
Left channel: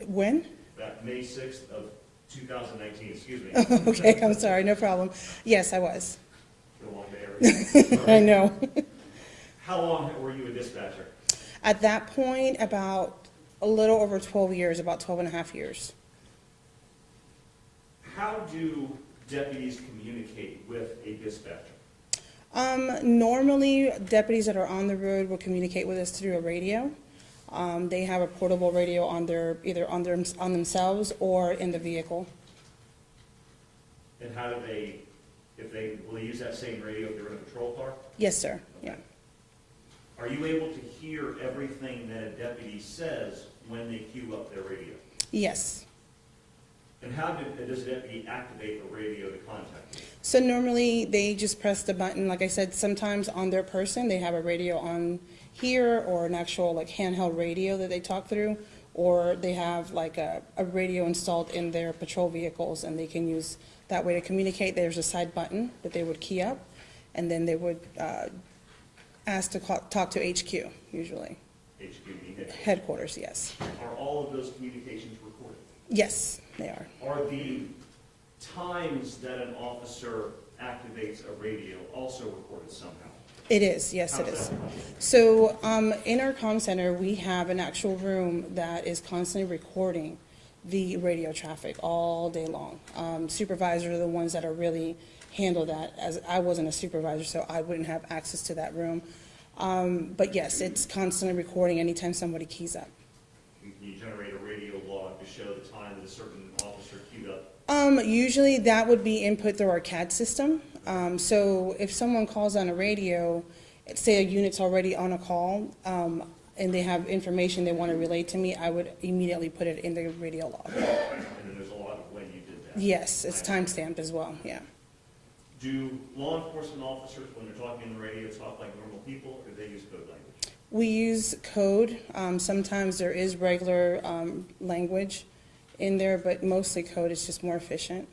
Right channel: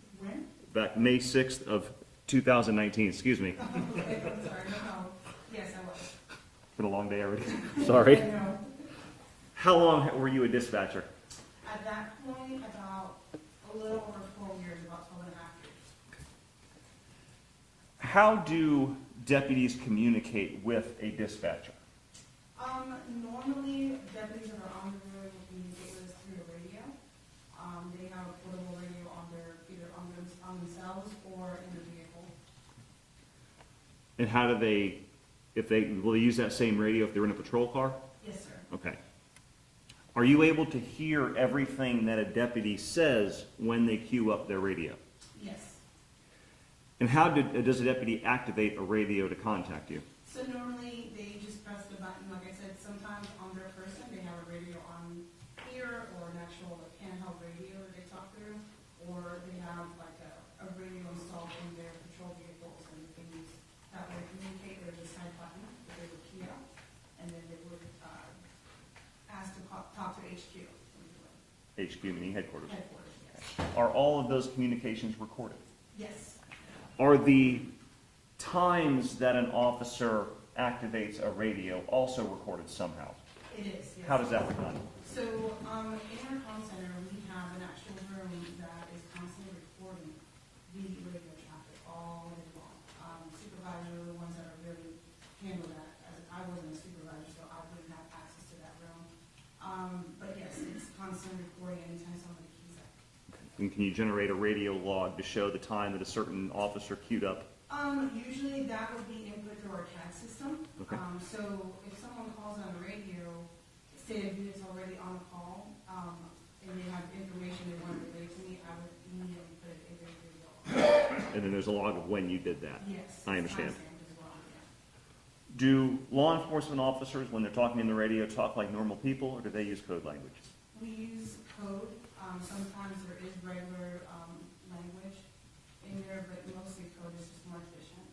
When? Back May 6th of 2019, excuse me. Okay, I'm sorry, no problem. Yes, I was. Been a long day already. I Sorry. know. How long were you a dispatcher? At that point, about a little over 12 years, about 12 and a half years. How do deputies communicate with a dispatcher? Normally, deputies that are on the road will communicate with us through a radio. They have a portable radio on either on themselves or in the vehicle. And how do they, will they use that same radio if they're in a patrol car? Yes, sir. Okay. Are you able to hear everything that a deputy says when they queue up their radio? Yes. And how does a deputy activate a radio to contact you? So normally, they just press the button. Like I said, sometimes on their person, they have a radio on here or an actual like handheld radio that they talk through, or they have like a radio installed in their patrol vehicles and they can use that way to communicate. There's a side button that they would key up, and then they would ask to talk to HQ, usually. HQ meaning headquarters. Headquarters, yes. Are all of those communications recorded? Yes, they are. Are the times that an officer activates a radio also recorded somehow? It is, yes, How it does is. that work? So, in our comm center, we have an actual room that is constantly recording the radio traffic all day long. Supervisors are the ones that are really handle that, as I wasn't a supervisor, so I wouldn't have access to that room. But yes, it's constantly recording anytime somebody keys up. And can you generate a radio log to show the time that a certain officer queued up? Usually that would be input through our CAD system. So if someone calls on a radio, say a unit's already on a call, and they have information they want to relay to me, I would immediately put it in the radio log. And then there's a log of when you did that? Yes, I it's understand. timestamped as well, yeah. Do law enforcement officers, when they're talking in the radio, talk like normal people, or do they use code language? We use code. Sometimes there is regular language in there, but mostly code is just more efficient.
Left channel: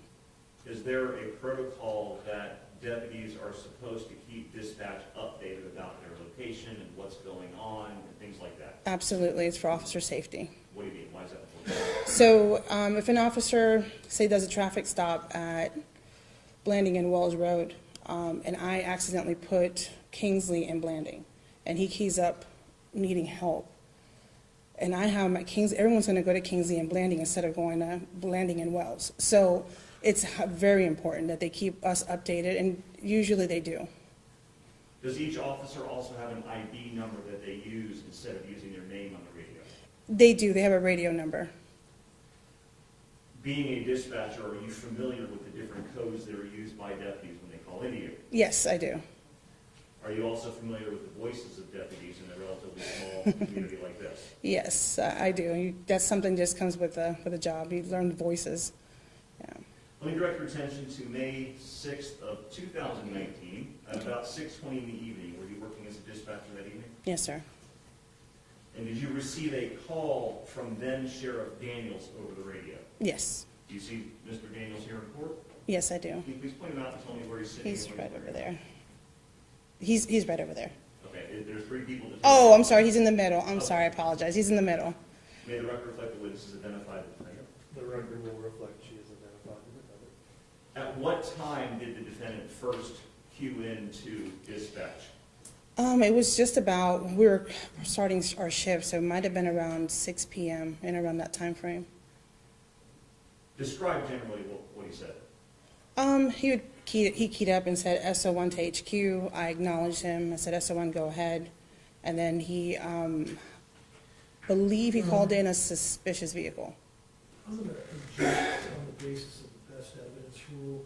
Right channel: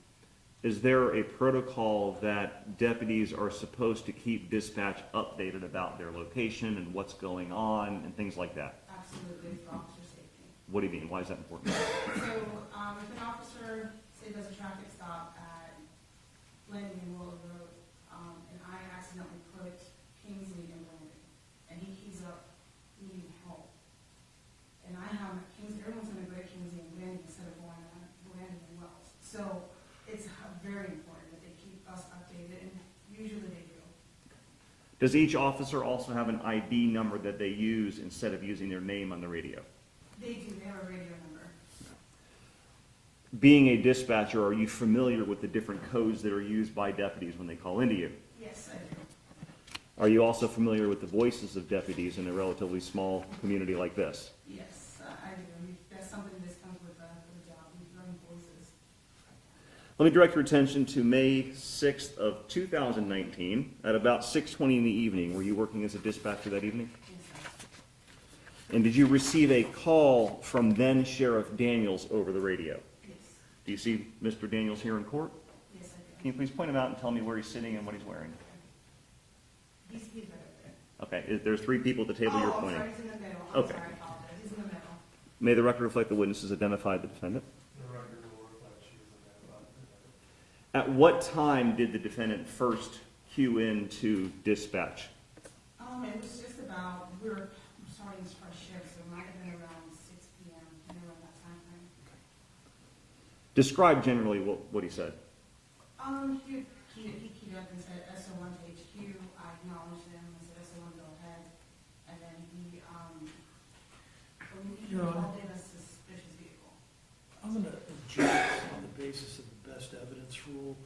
Is there a protocol that deputies are supposed to keep dispatch updated about their location and what's going on and things like that? Absolutely, it's for officer safety. What do you mean? Why is that important? So if an officer, say, does a traffic stop at Blanding and Wells Road, and I accidentally put Kingsley in Blanding, and he keys up needing help, and I have my everyone's gonna go to Kingsley and Blanding instead of going to Blanding and Wells. So it's very important that they keep us updated, and usually they do. Does each officer also have an ID number that they use instead of using their name on the radio? They do, they have a radio number. Being a dispatcher, are you familiar with the different codes that are used by deputies when they call into you? Yes, I do. Are you also familiar with the voices of deputies in a relatively small community like this? Yes, I do. That's something just comes with a job. You learn voices. Yeah. Let me direct your attention to May 6th of 2019 at about 6:20 in the evening. Were you working as a dispatcher that evening? Yes, sir. And did you receive a call from then Sheriff Daniels over the radio? Yes. Do you see Mr. Daniels here in court? Yes, I do. Can you please point him out and tell me where he's sitting He's and what right he's over wearing? there. He's right over there. Okay, there's 3 people to take. Oh, I'm sorry. He's in the middle. I'm Okay. sorry. I apologize. He's in the middle. May the record reflect the witnesses identified the defendant. The record will reflect she is identified. At what time did the defendant first cue in to dispatch? It was just about, we were starting our shift, so it might have been around 6 p.m. and around that time frame. Describe generally what he said. He keyed up and said SO1 to HQ. I acknowledged him. I said SO1, go ahead. And then he, believe he called in a suspicious vehicle. I'm going to object on the basis of the best evidence rule.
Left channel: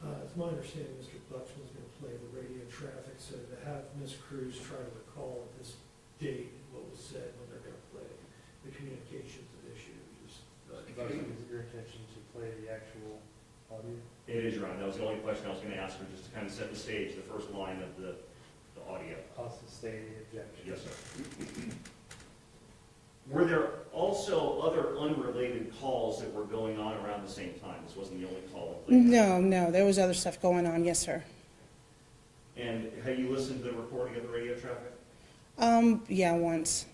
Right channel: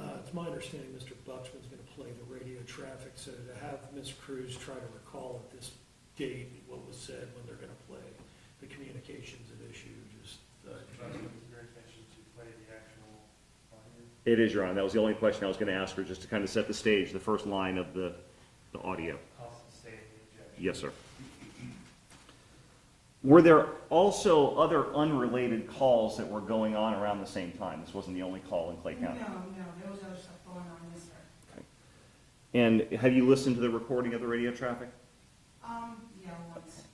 It's my understanding Mr. Butchman's going to play the radio traffic, so to have Ms. Cruz try to recall at this date what was said when they're going to play the communications at issue, just. Is your intention to play the actual audio? It is, Your Honor. That was the only question I was going to ask her, just to kind of set the stage, the first line of the audio. Also state the objection. Yes, sir. Were there also other unrelated calls that were going on around the same time? This wasn't the only call in Clay County? No, there was other stuff going on. Yes, sir. And have you listened to the recording of the radio traffic? Yeah, once.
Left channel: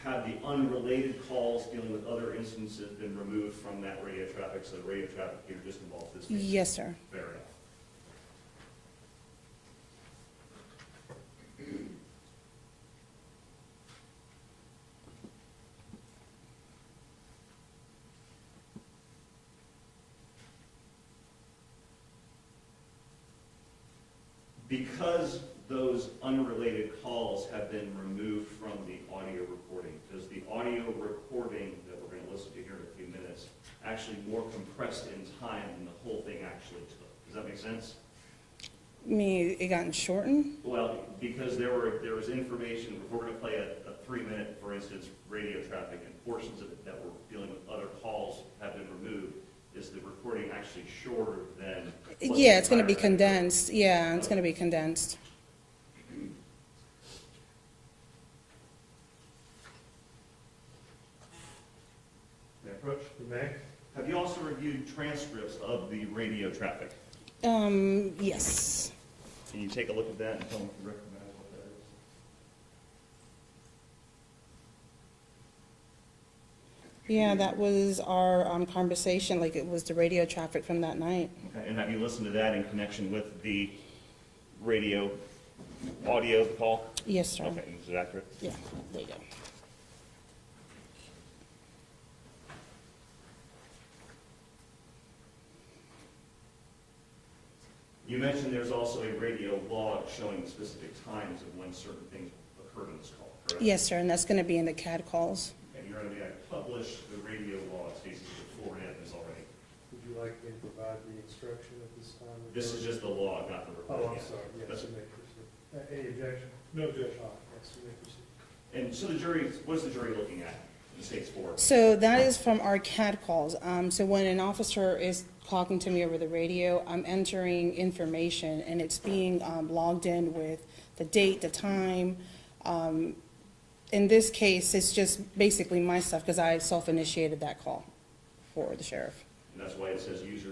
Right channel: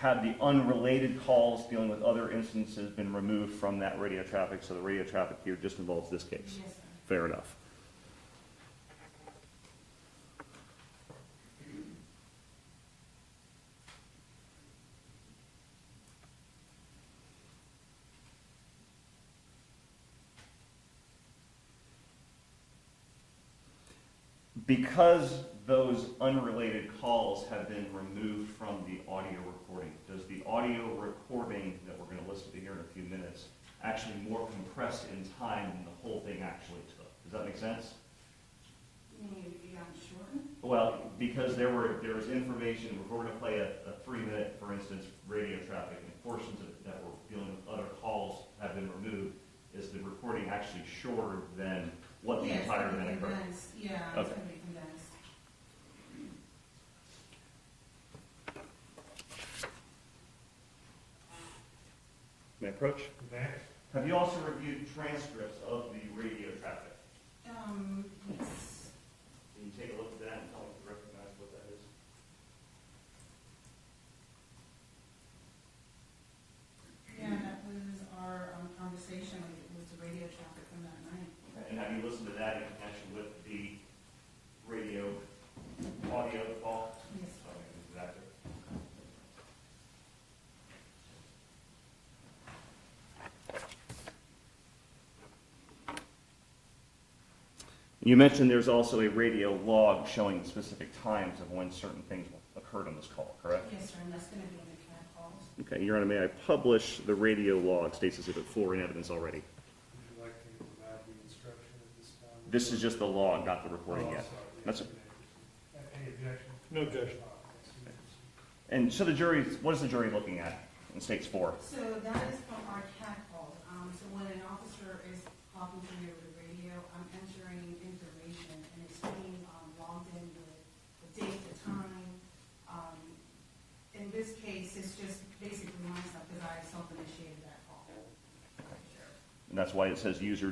Have the unrelated calls dealing with other instances been removed from that radio traffic, so the radio traffic here just involves this case? Yes, sir. Fair enough. Because those unrelated calls have been removed from the audio recording, does the audio recording that we're going to listen to here in a few minutes actually more compressed in time than the whole thing actually took? Does that make sense? It gotten shortened? Well, because there was information, if we're going to play a 3-minute, for instance, radio traffic, and portions of it that were dealing with other calls have been removed, is the recording actually shorter than? Yeah, it's going to be condensed. Yeah, it's going to be condensed. May I approach? You may. Have you also reviewed transcripts of the radio traffic? Yes. Can you take a look at that and tell me if you recognize what that is? Yeah, that was our conversation, like it was the radio traffic from that night. Okay, and have you listened to that in connection with the radio audio call? Yes, sir. Okay, is it accurate? Yeah, there you go. You mentioned there's also a radio log showing specific times of when certain things occurred on this call, correct? Yes, sir, and that's going to be in the CAD calls. Okay, Your Honor, may I publish the radio log, states Exhibit 4 in evidence already? Would you like me to provide the instruction at this time? This is just the log, not the Oh, recording I'm yet. sorry. That's Yes, you may proceed. Any objection? No objection. Yes, you may proceed. And so the jury, what is the jury looking at in States 4? So that is from our CAD calls. So when an officer is talking to me over the radio, I'm entering information and it's being logged in with the date, the time. In this case, it's just basically my stuff because I self-initiated that call for the sheriff. And that's why it says user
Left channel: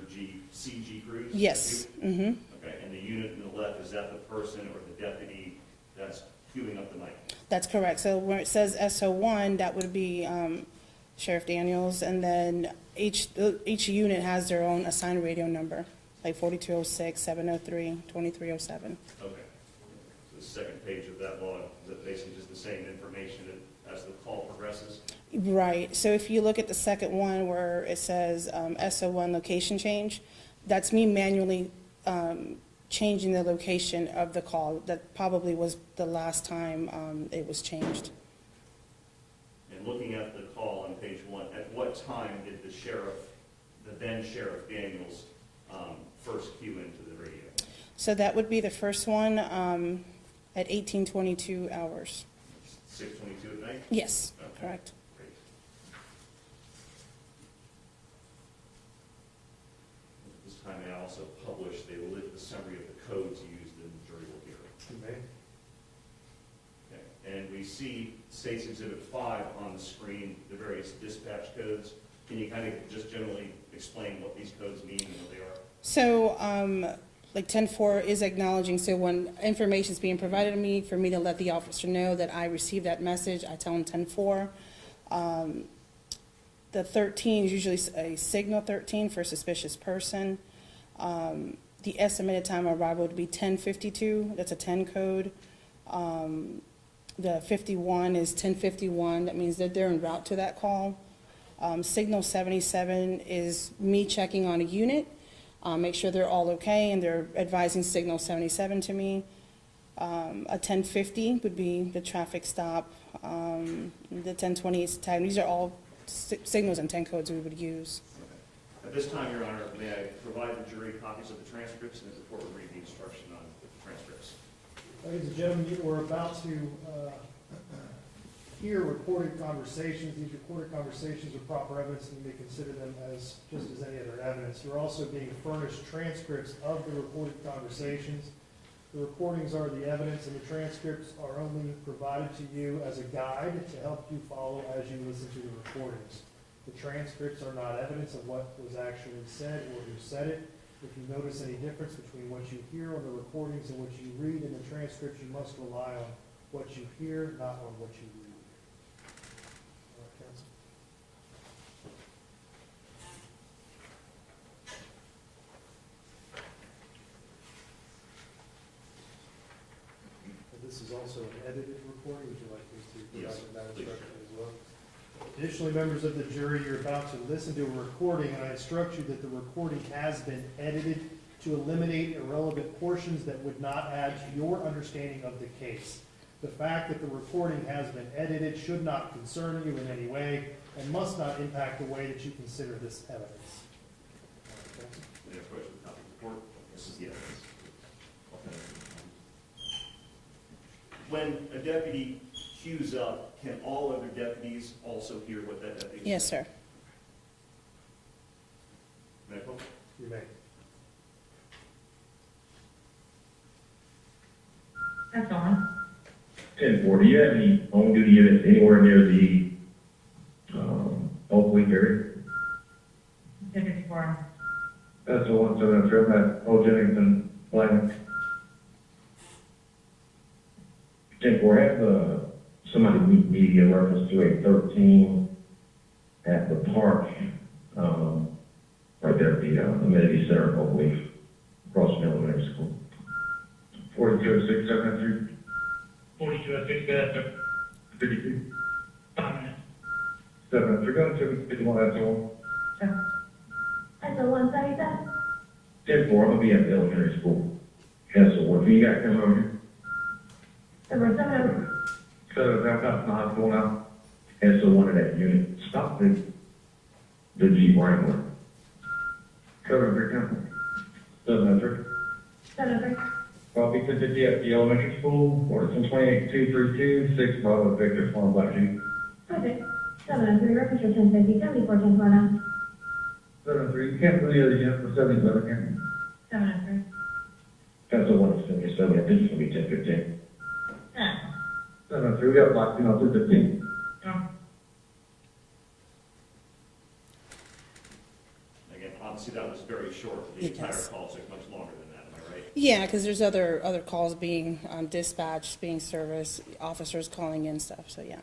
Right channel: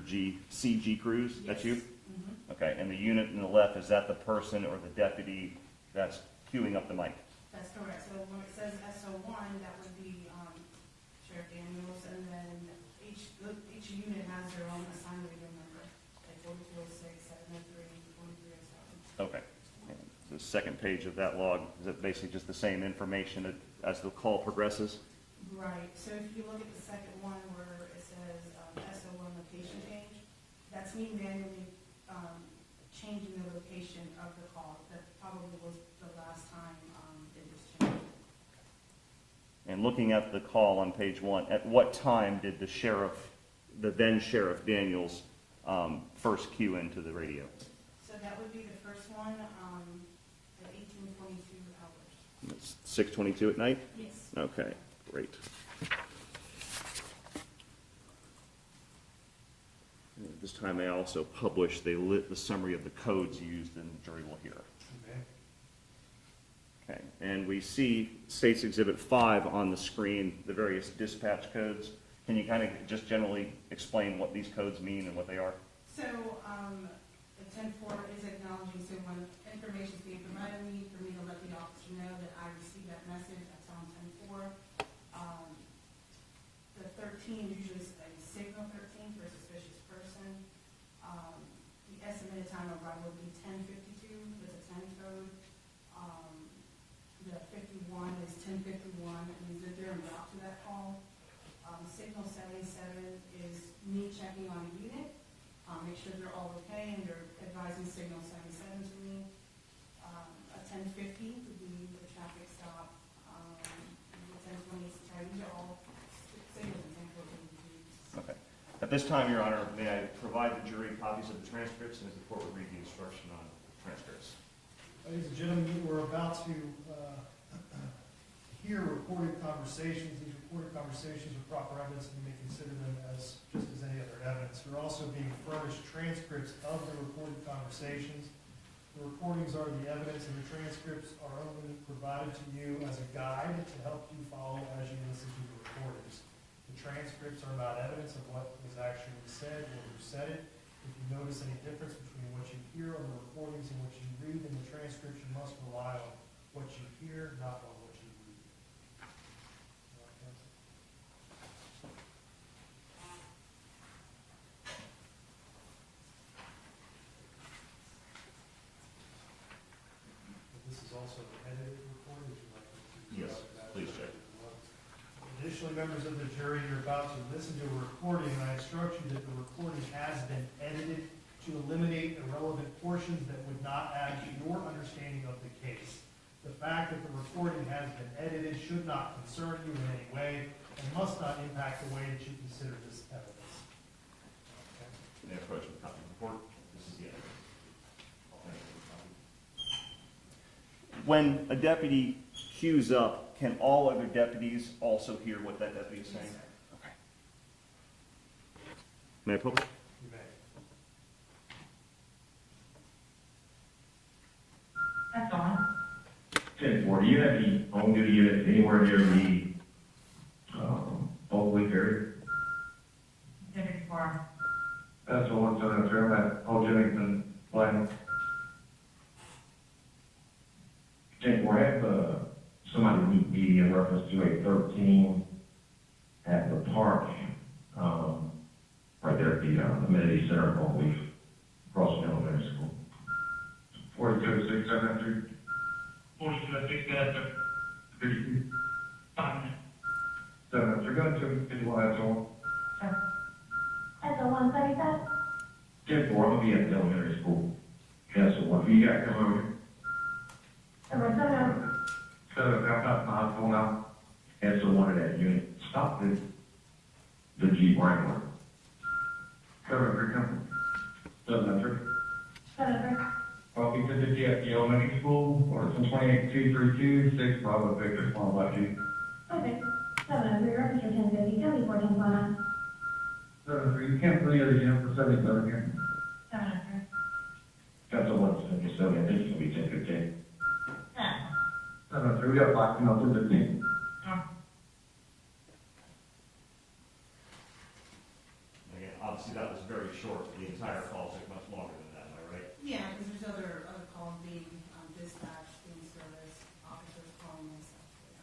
CG Cruz? Yes. Mm-hmm. Okay, and the unit in the left, is that the person or the deputy that's queuing up the mic? That's correct. So where it says SO1, that would be Sheriff Daniels, and then each unit has their own assigned radio number, like 4206, 703, 2307. Okay. The second page of that log, is it basically just the same information as the call progresses? Right. So if you look at the second one where it says SO1 location change, that's me manually changing the location of the call. That probably was the last time it was changed. And looking at the call on page 1, at what time did the then Sheriff Daniels, first cue into the radio? So that would be the first one, at 18:22 hours. 6:22 at night? Yes, Okay, correct. great. At this time, they also publish, they lit the summary of the codes used, and the jury will hear it. You may. Okay, and we see State's Exhibit 5 on the screen, the various dispatch codes. Can you kind of just generally explain what these codes mean and what they are? So, like 10-4 is acknowledging, so when information is being provided to me, for me to let the officer know that I received that message, I tell him 10-4. The 13 is usually a signal 13 for a suspicious person. The estimated time of arrival would be 10:52, that's a 10 code. The 51 is 10:51, that means that they're en route to that call. Signal 77 is me checking on a unit, make sure they're all okay, and they're advising signal 77 to me. A 10:50 would be the traffic stop. The 10:20 is time. These are all signals and 10 codes we would use. Okay. At this time, Your Honor, may I provide the jury copies of the transcripts, and as the court will read the instruction on the transcripts. Ladies and gentlemen, you are about to hear recorded conversations. These recorded conversations are proper evidence, and you may consider them as just as any other evidence. You're also being furnished transcripts of the recorded conversations. The recordings are the evidence, and the transcripts are only provided to you as a guide to help you follow as you listen to the recordings. The transcripts are not evidence of what was actually said or who said it. If you notice any difference between what you hear on the recordings and what you read in the transcripts, you must rely on what you hear, not on what you read. All right, counsel. This is also an edited recording. Would you like us to Yes, that please. instruction as well? Additionally, members of the jury, you're about to listen to a recording, and I instruct you that the recording has been edited to eliminate irrelevant portions that would not add to your understanding of the case. The fact that the recording has been edited should not concern you in any way and must not impact the way that you consider this evidence. May I approach with a copy of the report? This is the evidence. When a deputy queues up, can all other deputies also hear what that deputy is saying? Yes, sir. Okay. May I publish? You may. That's on. 10-4, do you have any home duty units anywhere near the Oak Leaf area? 10-4. That's the one, so that's from that Old Jennington line. 10-4, have somebody meet me in reference to a 13 at the park, right there at the amenity center, Oak Leaf, across from elementary school. 4206 703. 4206, sir. 52. Dominant. 703, go to 51, that's all. That's the one thirty seven. 10-4, I'll be at the elementary school. Yes, so what do you got coming over here? Number 7. 7, I'm not going out. And so one of that unit, stop the Jeep Wrangler. 703, come. 703. 7. Copy 250 at the elementary school, Order 28232, 6 Bravo Victor, Farm Black Jeep. Okay. 703, reference for 1050, 74, 1049. 703, you can't really other unit for 77 again. 703. That's the one that's going to be 70, I think it's going to be 1015. Yeah. 703, we got blocked, 215. Again, obviously that was very short. The It entire is. call took much longer than that, am I right? Yeah, because there's other calls being dispatched, being serviced, officers calling in stuff, so yeah.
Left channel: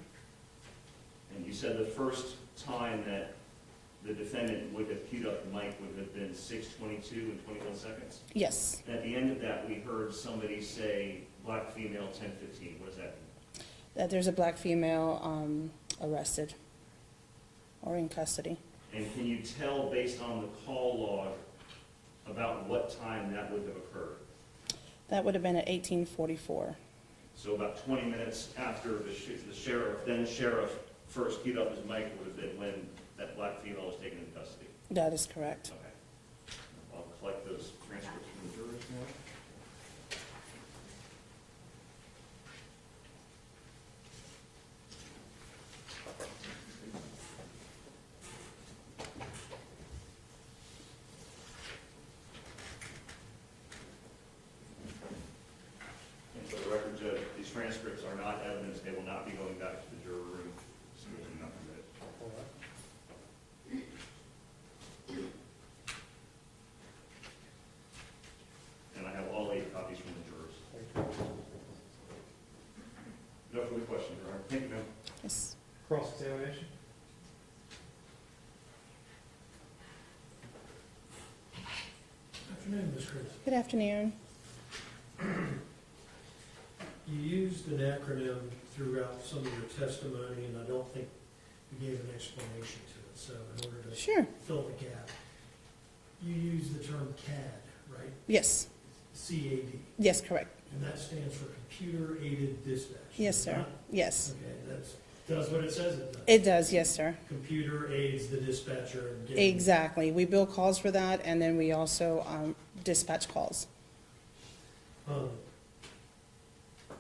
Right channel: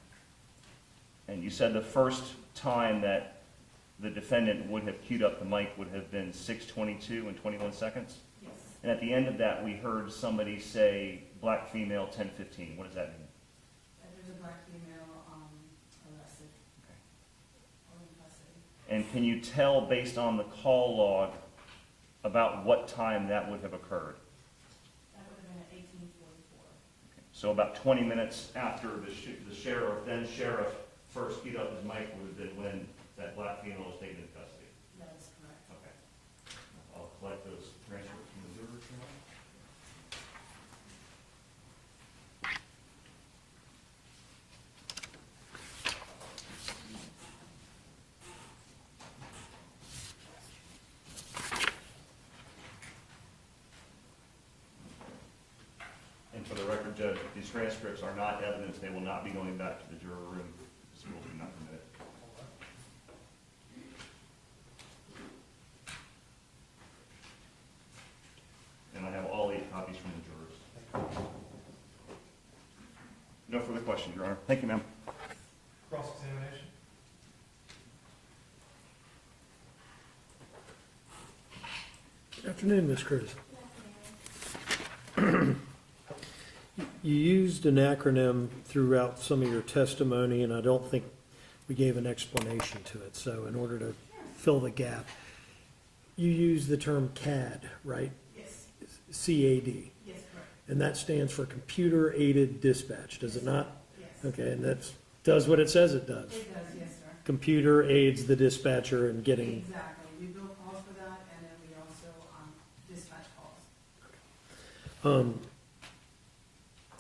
And you said the first time that the defendant would have queued up the mic would have been 6:22 and 21 seconds? Yes, And at the end of that, we heard somebody say, black female, 10:15. What does that mean? that there's a black female arrested or in custody. And can you tell, based on the call log, about what time that would have occurred? That would have been at 1844. So about 20 minutes after the sheriff, then sheriff, first queued up his mic would have been when that black female was taken into custody. That is correct. Okay. I'll collect those transcripts from the jurors now. transcripts are not evidence. They will not be going back to the juror room. So will be not permitted. And I have all 8 copies from the jurors. No further questions, Your Honor. Thank you, ma'am. Yes. Cross-examination? Good afternoon, Ms. Cruz. Good afternoon. You used an acronym throughout some of your testimony, and I don't think we gave an explanation to it. So in order to Sure. fill the gap, you used the term CAD, right? Yes. CAD. Yes, correct. And that stands for Computer Aided Dispatch, Yes, does it sir. not? Yes. Okay, and that does what it says it does. It does, yes, sir. Computer aids the dispatcher in getting. Exactly. We bill calls for that, and then we also dispatch calls.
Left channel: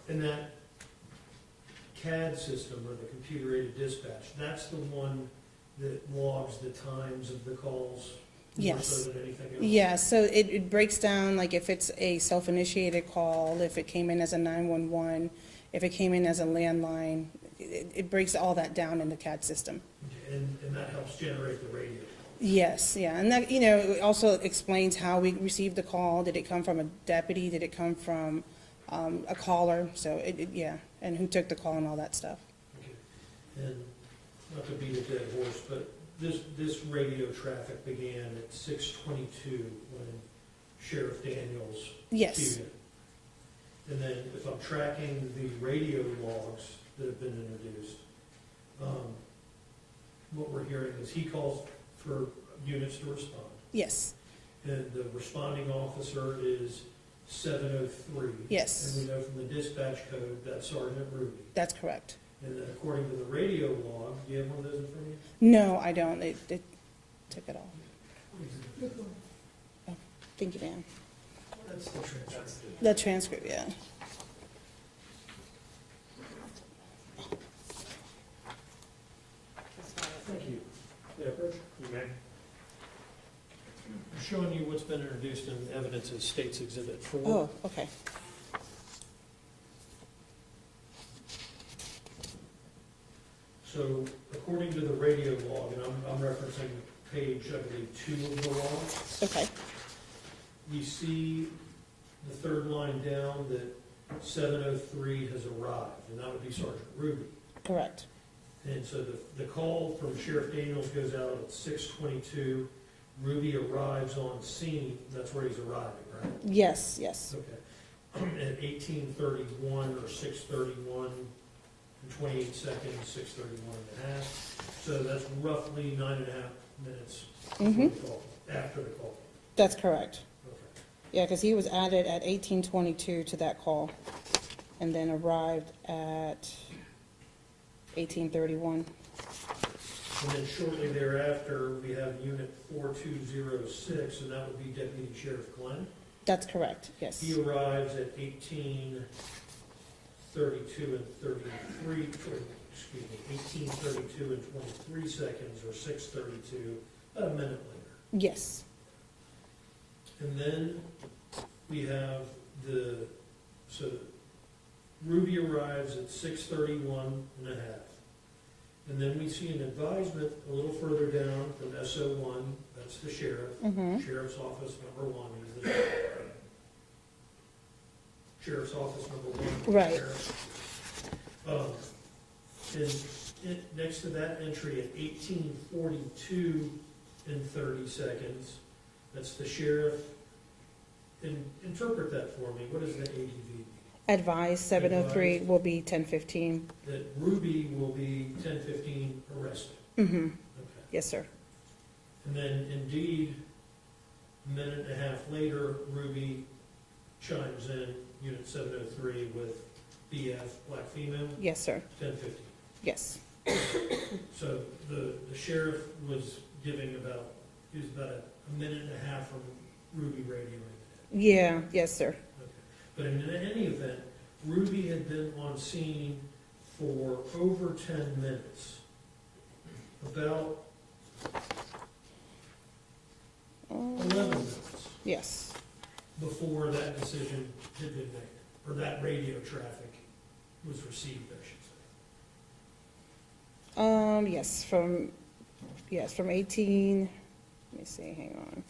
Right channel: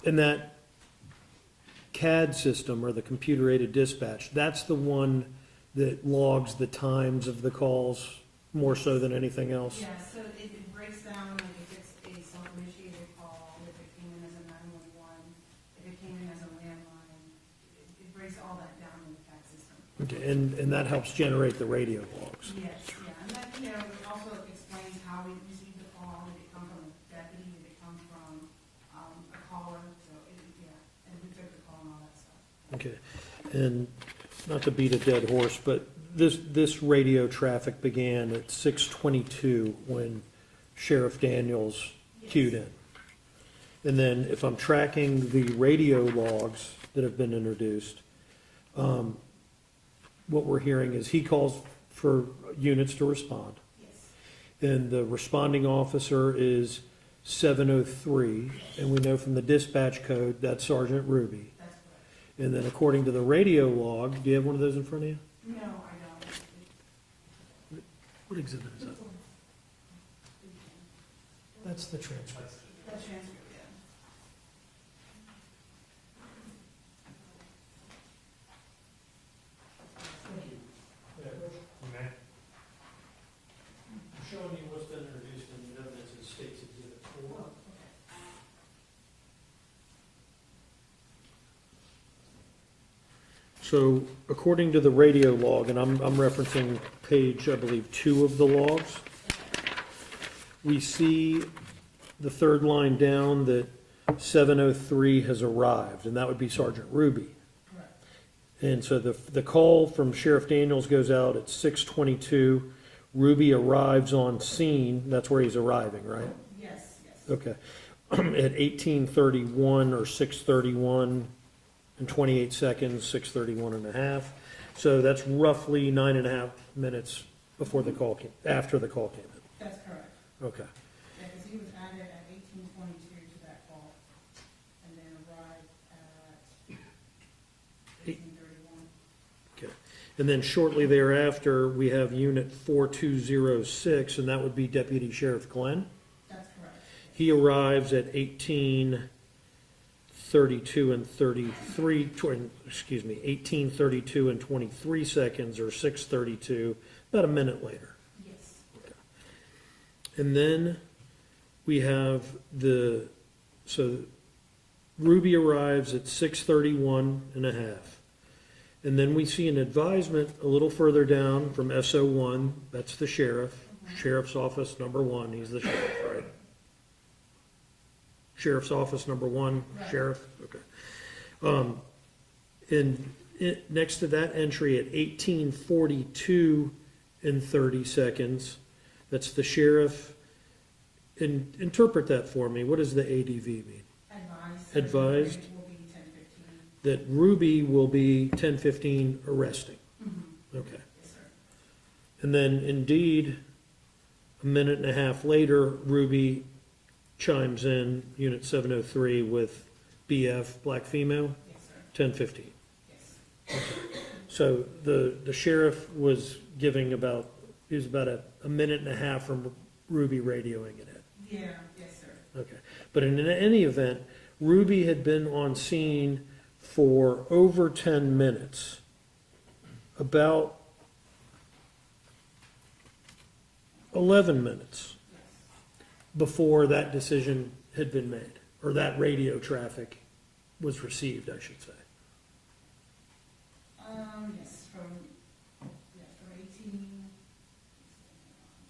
And that CAD system, or the computer aided dispatch, that's the one that logs the times of the calls more so Yes. than anything else? Yeah, so it breaks down, like if it's a self-initiated call, if it came in as a 911, if it came in as a landline, it breaks all that down in the CAD system. Okay, and that helps generate the radio logs? Yes, yeah, and that, it also explains how we received the call. Did it come from a deputy? Did it come from a caller? So, yeah, and who took the call and all that stuff. Okay, and not to beat a dead horse, but this radio traffic began at 6:22 when Sheriff Daniels Yes. queued in. And then if I'm tracking the radio logs that have been introduced, what we're hearing is he calls for units to respond. Yes, Then the responding officer is 703. Yes. And we know from the dispatch code, that's Sergeant Ruby. that's correct. And then according to the radio log, do you have one of those in front of you? No, I don't. They took it off. What exhibit is that? Thank you, Dan. That's the transcript. The transcript, yeah. Thank you. Yeah, Bruce? You may. Showing you what's been introduced in evidence as State's Exhibit 4. Oh, okay. So according to the radio log, and I'm referencing page, I believe, 2 of the logs, Okay. we see the third line down that 703 has arrived, and that would be Sergeant Ruby. Correct. And so the call from Sheriff Daniels goes out at 6:22. Ruby arrives on scene, that's where he's arriving, right? Yes, yes. Okay. At 18:31 or 6:31 and 28 seconds, 6:31 and a half. So that's roughly 9.5 minutes before the call came, after the call came That's correct. in. Okay. Yeah, because he was added at 18:22 to that call, and then arrived at 18:31. And then shortly thereafter, we have Unit 4206, and that would be Deputy Sheriff Glenn. That's correct, yes. He arrives at 18:32 and 33, 18:32 and 23 seconds, or 6:32, about a minute later. Yes, And then we have so Ruby arrives at 6:31 and a half. And then we see an advisement a little further down from SO1, that's the sheriff, Sheriff's Office number 1, he's the sheriff, right? Sheriff's Office number 1, Right. sheriff. Next to that entry at 18:42 and 30 seconds, that's the sheriff. And interpret that for me, what does the ADV mean? advised 703 Advised. will be 10:15. That Ruby will be 10:15 arresting. Mm-hmm. Okay. Yes, sir. And then indeed, a minute and a half later, Ruby chimes in, Unit 703, with BF, black female, Yes, sir. 10:15. Yes. So the sheriff was giving about a minute and a half from Ruby radioing it in. Yeah, yes, sir. Okay. But in any event, Ruby had been on scene for over 10 minutes, about 11 minutes Yes. before that decision had been made, or that radio traffic was received, I should say. Yes, from 18, let me see, hang on.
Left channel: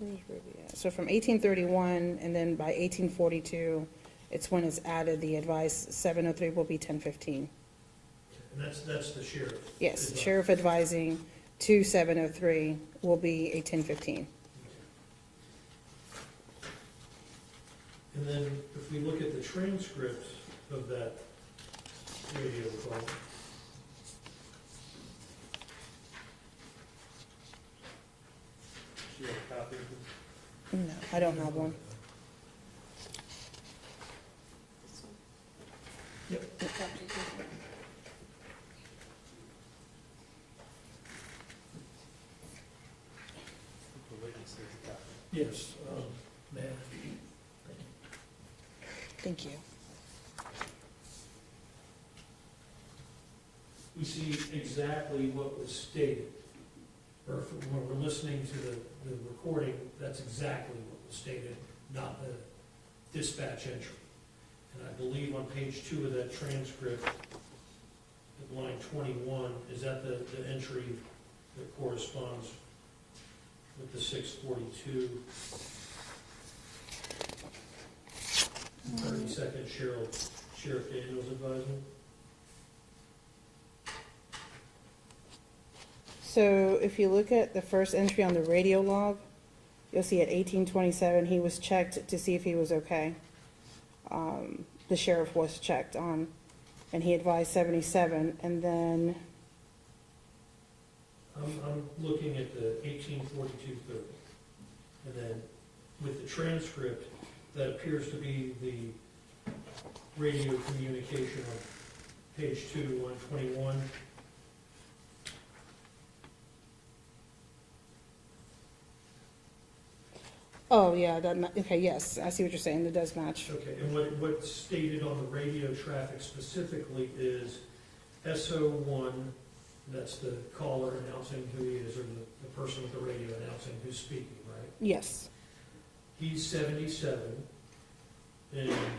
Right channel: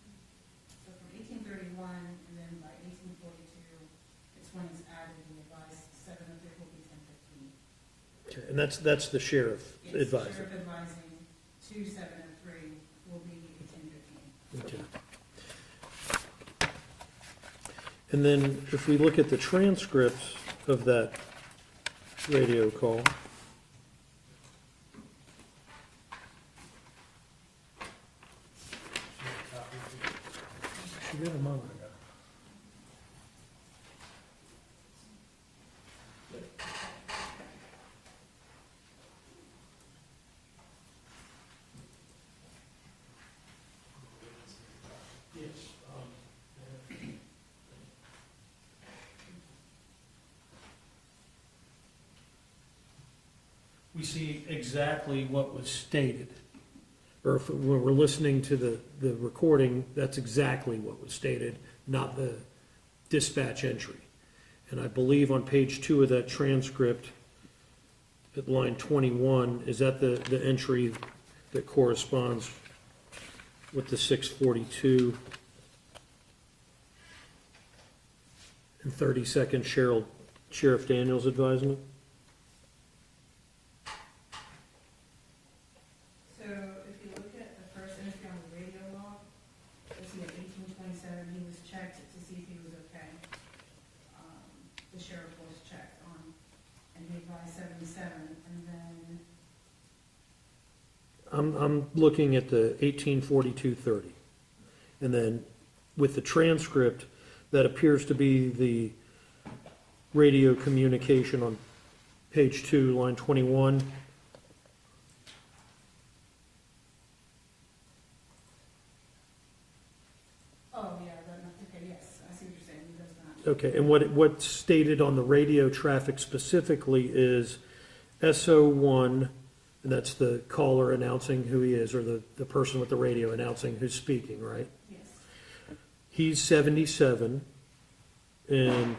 Where's Ruby at? So from 1831, and then by 1842, it's when it's added, the advice 703 will be 1015. Okay, and that's the sheriff Yes, advising. sheriff advising to 703 will be a 1015. Okay. And then if we look at the transcripts of that radio call, Do you have a copy? I don't have one. The witness has a copy. yes, man. Thank you. We see exactly what was stated. Or if when we're listening to the recording, that's exactly what was stated, not the dispatch entry. And I believe on page 2 of that transcript, at line 21, is that the entry that corresponds with the 642 and 32nd Sheriff Daniels advisement? So if you look at the first entry on the radio log, you'll see at 1827, he was checked to see if he was okay. The sheriff was checked on, and he advised 77, and then, I'm looking at the 1842-30. And then with the transcript, that appears to be the radio communication on page 2, line 21. oh, yeah, okay, yes, I see what you're saying, it does match. Okay, and what's stated on the radio traffic specifically is SO1, and that's the caller announcing who he is, or the person with the radio announcing who's speaking, right? Yes, He's 77, and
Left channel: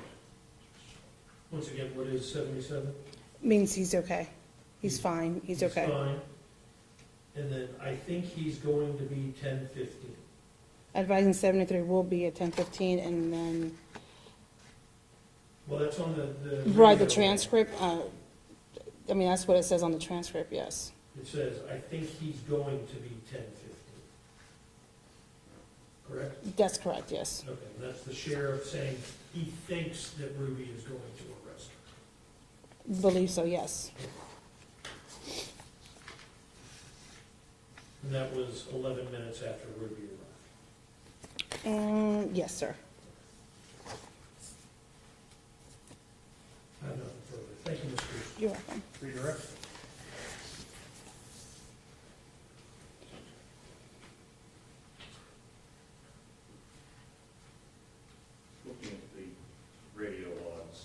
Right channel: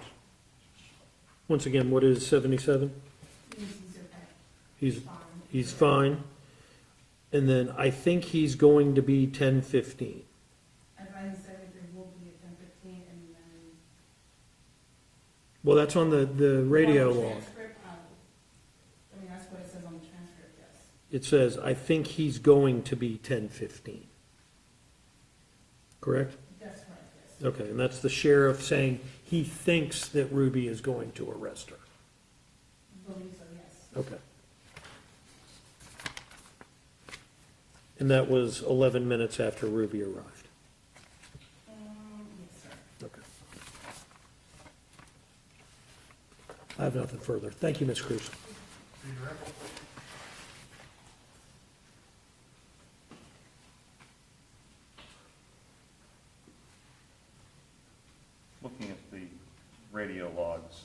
once again, what is 77? means he's okay. He's fine, he's okay. He's fine. And then I think he's going to be 1015. Advising 73 will be at 10:15, and then, Well, that's on the radio. right, the transcript, I mean, that's what it says on the transcript, yes. It says, I think he's going to be 1015. Correct? That's correct, yes. Okay, and that's the sheriff saying he thinks that Ruby is going to arrest her. Believe so, yes. Okay. And that was 11 minutes after Ruby arrived. Yes, sir. Okay. I have nothing further. Thank you, Ms. Cruz. You're welcome. For your record. Looking at the radio logs,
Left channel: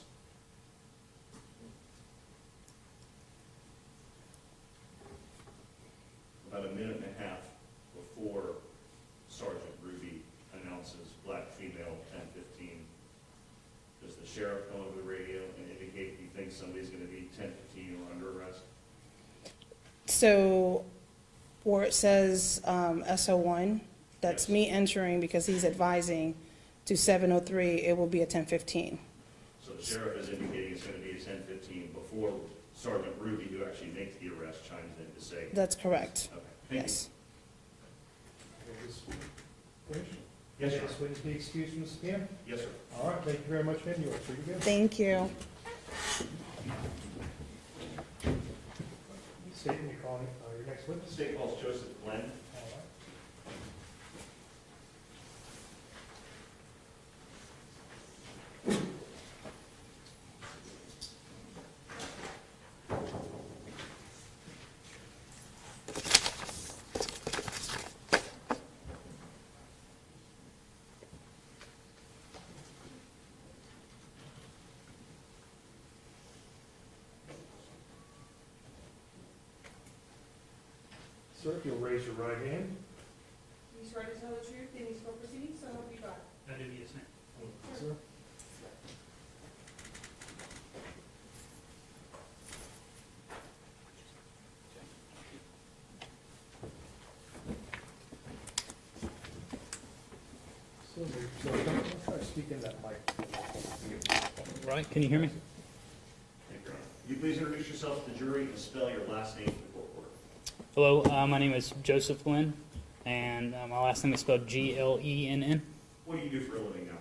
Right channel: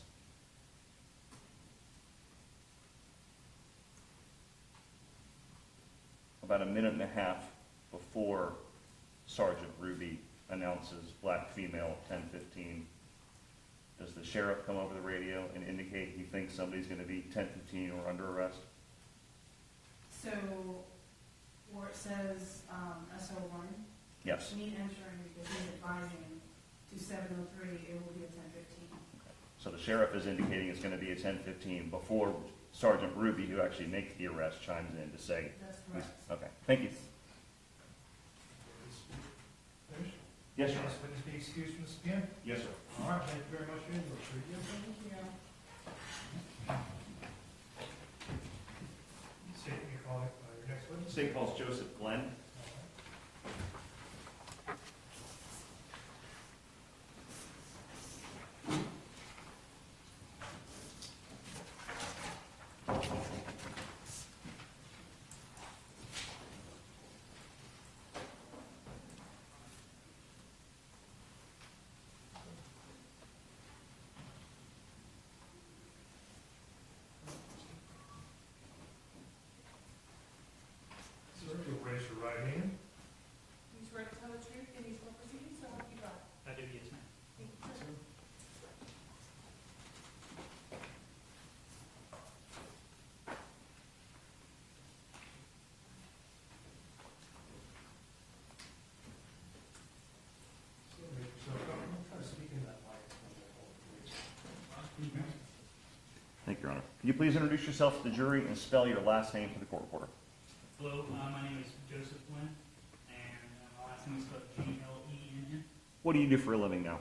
about a minute and a half before Sergeant Ruby announces black female 1015, does the sheriff come over the radio and indicate he thinks somebody's going to be 1015 or under arrest? So, where it says SO1, that's Yes. me entering because he's advising to 703, it will be a 1015. So the sheriff is indicating it's going to be a 1015 before Sergeant Ruby, who actually makes the arrest, chimes in to say, That's correct. okay, thank you. Yes. Okay, this finish? Yes, sir. This witness be excused from the stand? Yes, sir. All right, thank you very much, man, you are pretty good. Thank you. State and you call your next witness. St. Paul's Joseph Glenn. All right. Sir, if you'll raise your right hand. You swear to tell the truth in these court proceedings, so help you God? I do, yes, ma'am. Sir. Right, can you hear me? Thank you, Your Honor. Can you please introduce yourself to the jury and spell your last name for the court reporter? Hello, my name is Joseph Flynn, and my last name is spelled Glenn. What do you do for a living now?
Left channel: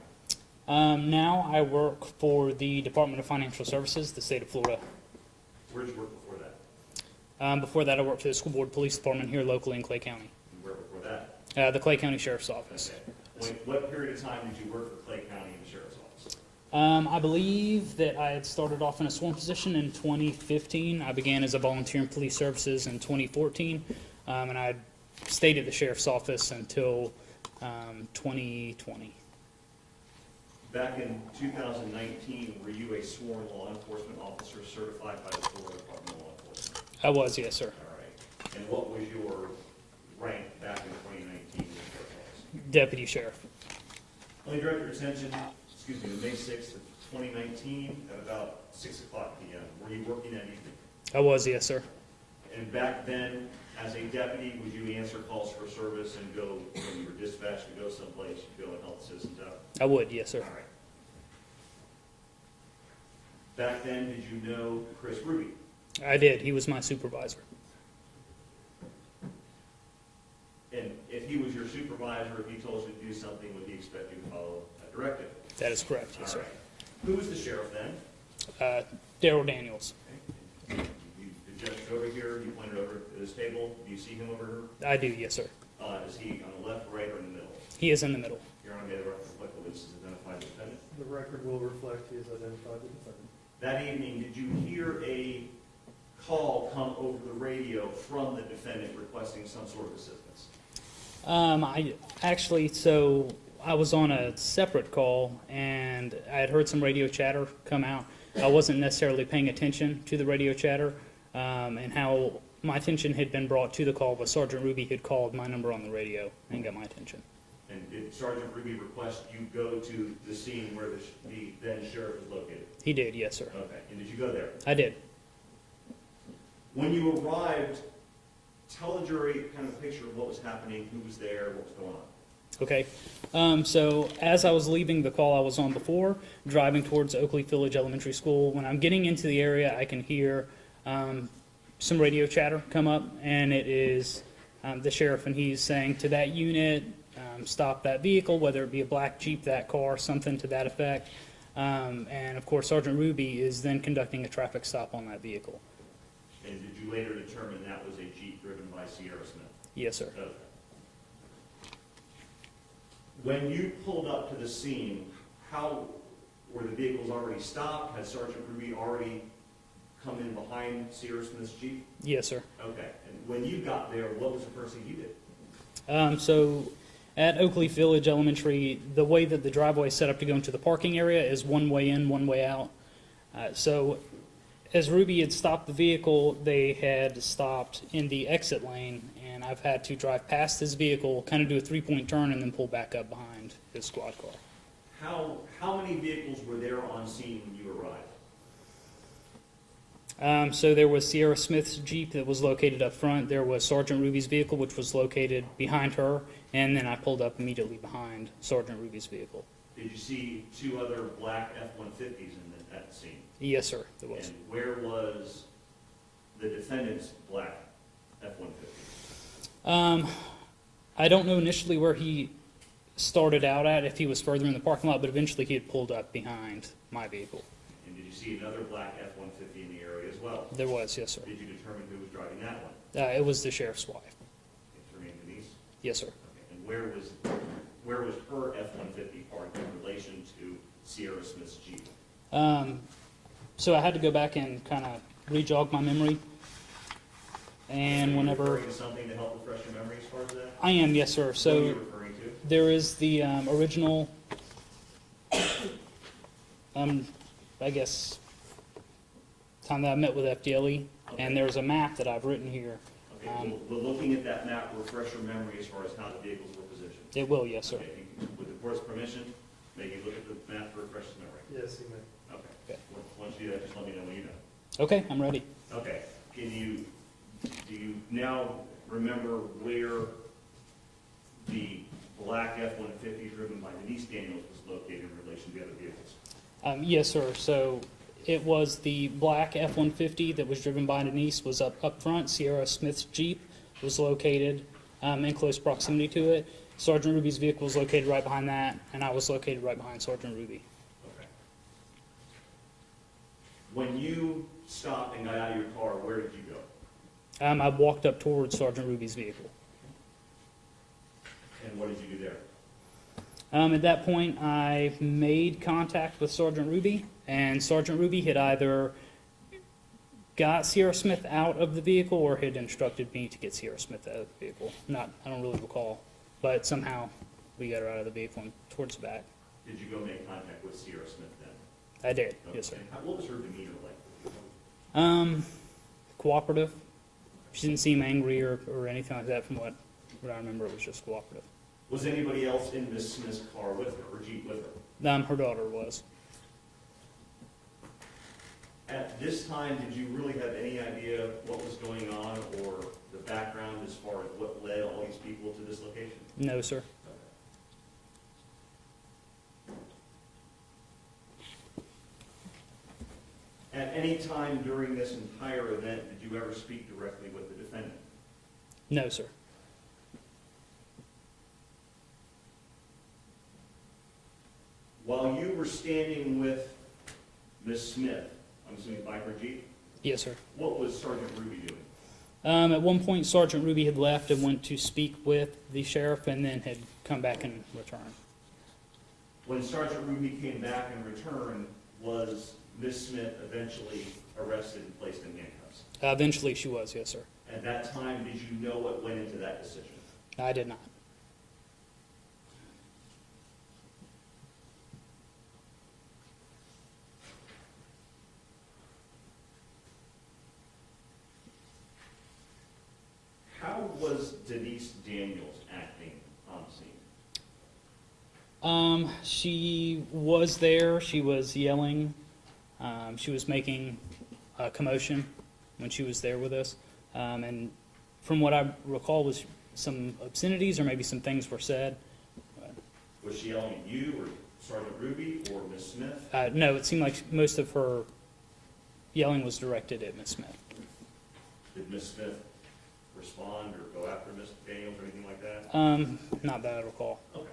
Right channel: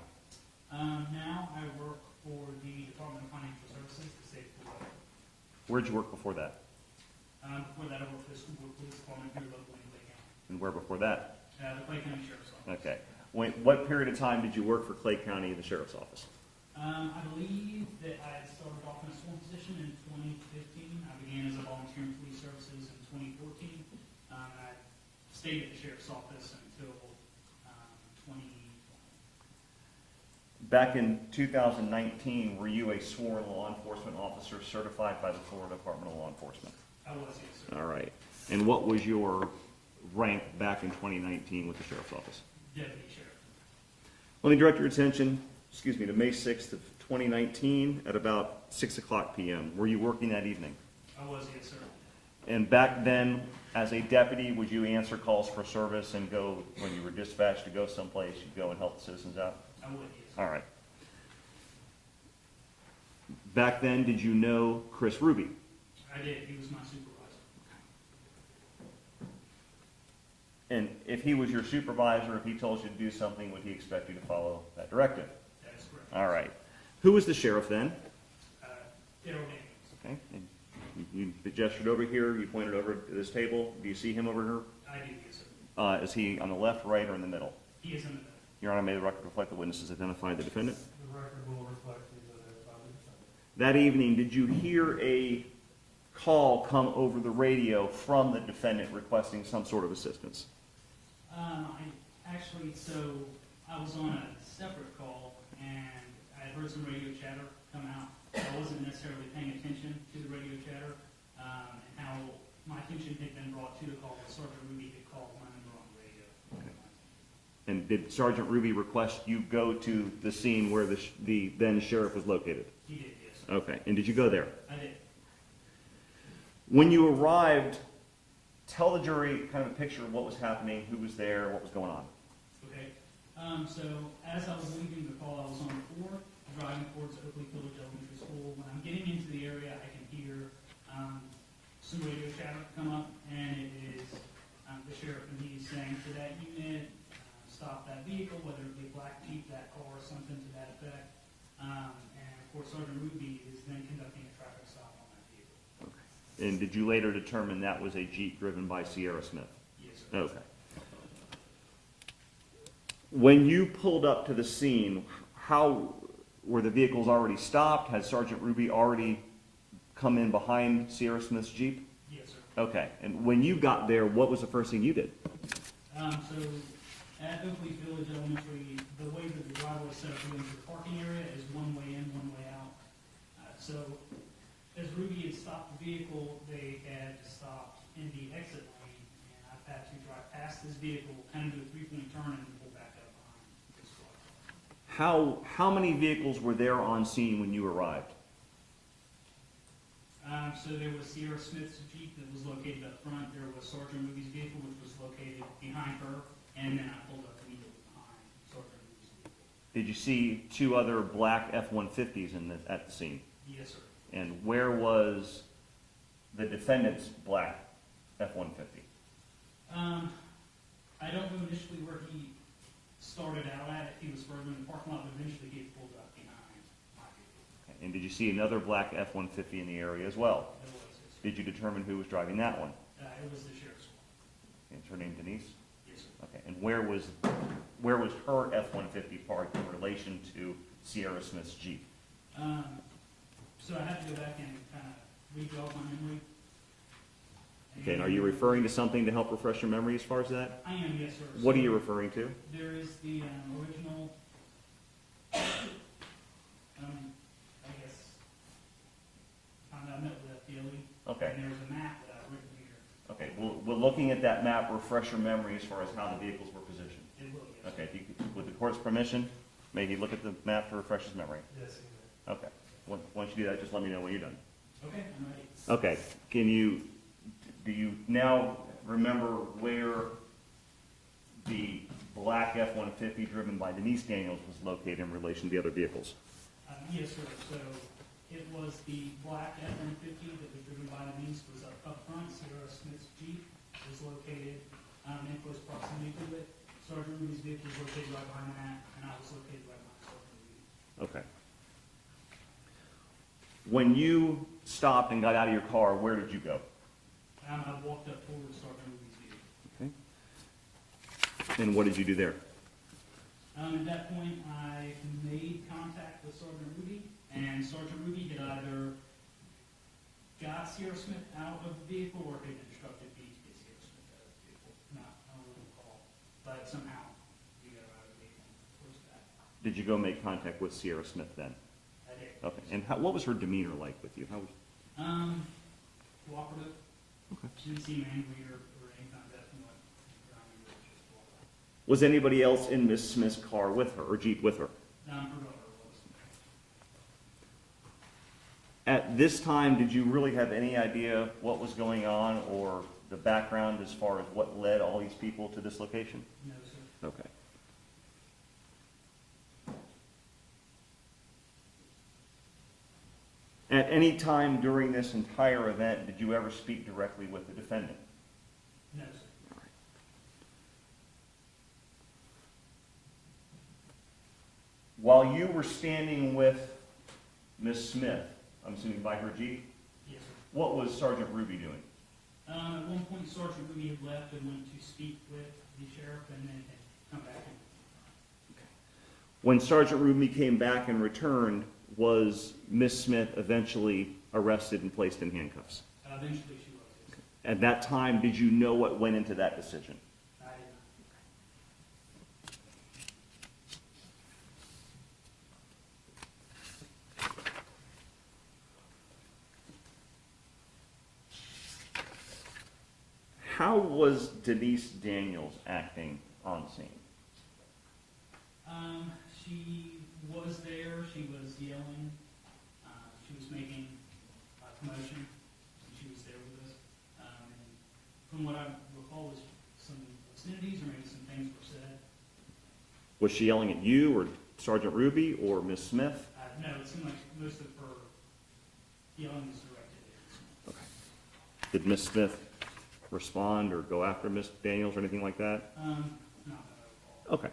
Now I work for the Department of Financial Services, the state of Florida. Where'd you work before that? Before that, I worked for the School Board Police Department here locally in Clay County, And where before that? the Clay County Sheriff's Office. Okay. What period of time did you work for Clay County, the sheriff's office? I believe that I had started off in a sworn position in 2015. I began as a volunteer in police services in 2014, and I stayed at the sheriff's office until 2020. Back in 2019, were you a sworn law enforcement officer certified by the Florida Department of Law Enforcement? I was, yes, sir. All right. And what was your rank back in 2019 with the sheriff's office? Deputy sheriff. Let me direct your attention, to May 6th of 2019 at about 6 o'clock p.m. Were you working that evening? I was, yes, sir. And back then, as a deputy, would you answer calls for service and go, when you were dispatched to go someplace, you'd go and help the citizens out? I would, yes, sir. All right. Back then, did you know Chris Ruby? I did. He was my supervisor. And if he was your supervisor, if he told you to do something, would he expect you to follow that directive? That is correct. All yes, sir. right. Who was the sheriff then? Darryl Daniels. Okay. And you gestured over here, you pointed over to this table. Do you see him over here? I do, yes, sir. Is he on the left, right, or in the middle? He is in the middle. Your Honor, may the record reflect the witnesses identify the defendant? The record will reflect he has identified the defendant. That evening, did you hear a call come over the radio from the defendant requesting some sort of assistance? I actually, so I was on a separate call, and I had heard some radio chatter come out. I wasn't necessarily paying attention to the radio chatter, and how my attention had been brought to the call was Sergeant Ruby had called my number on the radio and got my attention. And did Sergeant Ruby request you go to the scene where the then sheriff was located? He did, yes, sir. Okay, and did you go there? I did. When you arrived, tell the jury kind of a picture of what was happening, who was there, what was going on. Okay. So as I was leaving the call I was on before, driving towards Oakley Village Elementary School, when I'm getting into the area, I can hear some radio chatter come up, and it is the sheriff, and he's saying to that unit, stop that vehicle, whether it be a black Jeep, that car, something to that effect. And of course, Sergeant Ruby is then conducting a traffic stop on that vehicle. And did you later determine that was a Jeep driven by Sierra Smith? Yes, sir. Okay. When you pulled up to the scene, how were the vehicles already stopped? Had Sergeant Ruby already come in behind Sierra Smith's Jeep? Yes, sir. Okay. And when you got there, what was the first thing you did? So at Oakley Village Elementary, the way that the driveway is set up to go into the parking area is one way in, one way out. So as Ruby had stopped the vehicle, they had stopped in the exit lane, and I've had to drive past his vehicle, kind of do a three-point turn, and then pull back up behind his squad car. How many vehicles were there on scene when you arrived? So there was Sierra Smith's Jeep that was located up front. There was Sergeant Ruby's vehicle, which was located behind her, and then I pulled up immediately behind Sergeant Ruby's vehicle. Did you see two other black F-150s at the scene? Yes, sir. There was. And where was the defendant's black F-150? I don't know initially where he started out at, if he was further in the parking lot, but eventually he had pulled up behind my vehicle. And did you see another black F-150 in the area as well? There was, yes, sir. Did you determine who was driving that one? It was the sheriff's wife. Is her name Denise? Yes, sir. Okay. And where was her F-150 parked in relation to Sierra Smith's Jeep? So I had to go back and kind of re-jog my memory. And are you whenever referring to something to help refresh your memory as far as that? I am, yes, sir. So what are you referring to? There is the original, I guess, time that I met with FDLE, Okay. and there's a map that I've written here. Okay. Will looking at that map refresh your memory as far as how the vehicles were positioned? It will, yes, sir. Okay. With the court's permission, may he look at the map to refresh his memory? Yes, he may. Okay. Okay. Once you do that, just let me know when you're done. Okay, I'm ready. Okay. Do you now remember where the black F-150 driven by Denise Daniels was located in relation to the other vehicles? Yes, sir. So it was the black F-150 that was driven by Denise was up front. Sierra Smith's Jeep was located in close proximity to it. Sergeant Ruby's vehicle was located right behind that, and I was located right behind Sergeant Ruby. Okay. When you stopped and got out of your car, where did you go? I walked up towards Sergeant Ruby's vehicle. And what did you do there? At that point, I made contact with Sergeant Ruby, and Sergeant Ruby had either got Sierra Smith out of the vehicle or had instructed me to get Sierra Smith out of the vehicle. I don't really recall, but somehow we got her out of the vehicle and towards the back. Did you go make contact with Sierra Smith then? I did, Okay. yes, sir. And what was her demeanor like with you? How was... Cooperative. She didn't seem angry or anything like that from what I remember. It was just cooperative. Was anybody else in Miss Smith's car with her, or Jeep with her? Her daughter was. At this time, did you really have any idea what was going on or the background as far as what led all these people to this location? No, sir. Okay. At any time during this entire event, did you ever speak directly with the defendant? No, sir. While you were standing with Miss Smith, I'm assuming by her Jeep, Yes, sir. what was Sergeant Ruby doing? At one point, Sergeant Ruby had left and went to speak with the sheriff and then had come back and returned. When Sergeant Ruby came back and returned, was Miss Smith eventually arrested and placed in handcuffs? Eventually, she was, yes, sir. At that time, did you know what went into that decision? I did not. How was Denise Daniels acting on scene? She was there. She was yelling. She was making a commotion when she was there with us. And from what I recall was some obscenities or maybe some things were said. Was she yelling at you or Sergeant Ruby or Miss Smith? No, it seemed like most of her yelling was directed at Miss Smith. Did Miss Smith respond or go after Miss Daniels or anything like that? Not that I recall. Okay.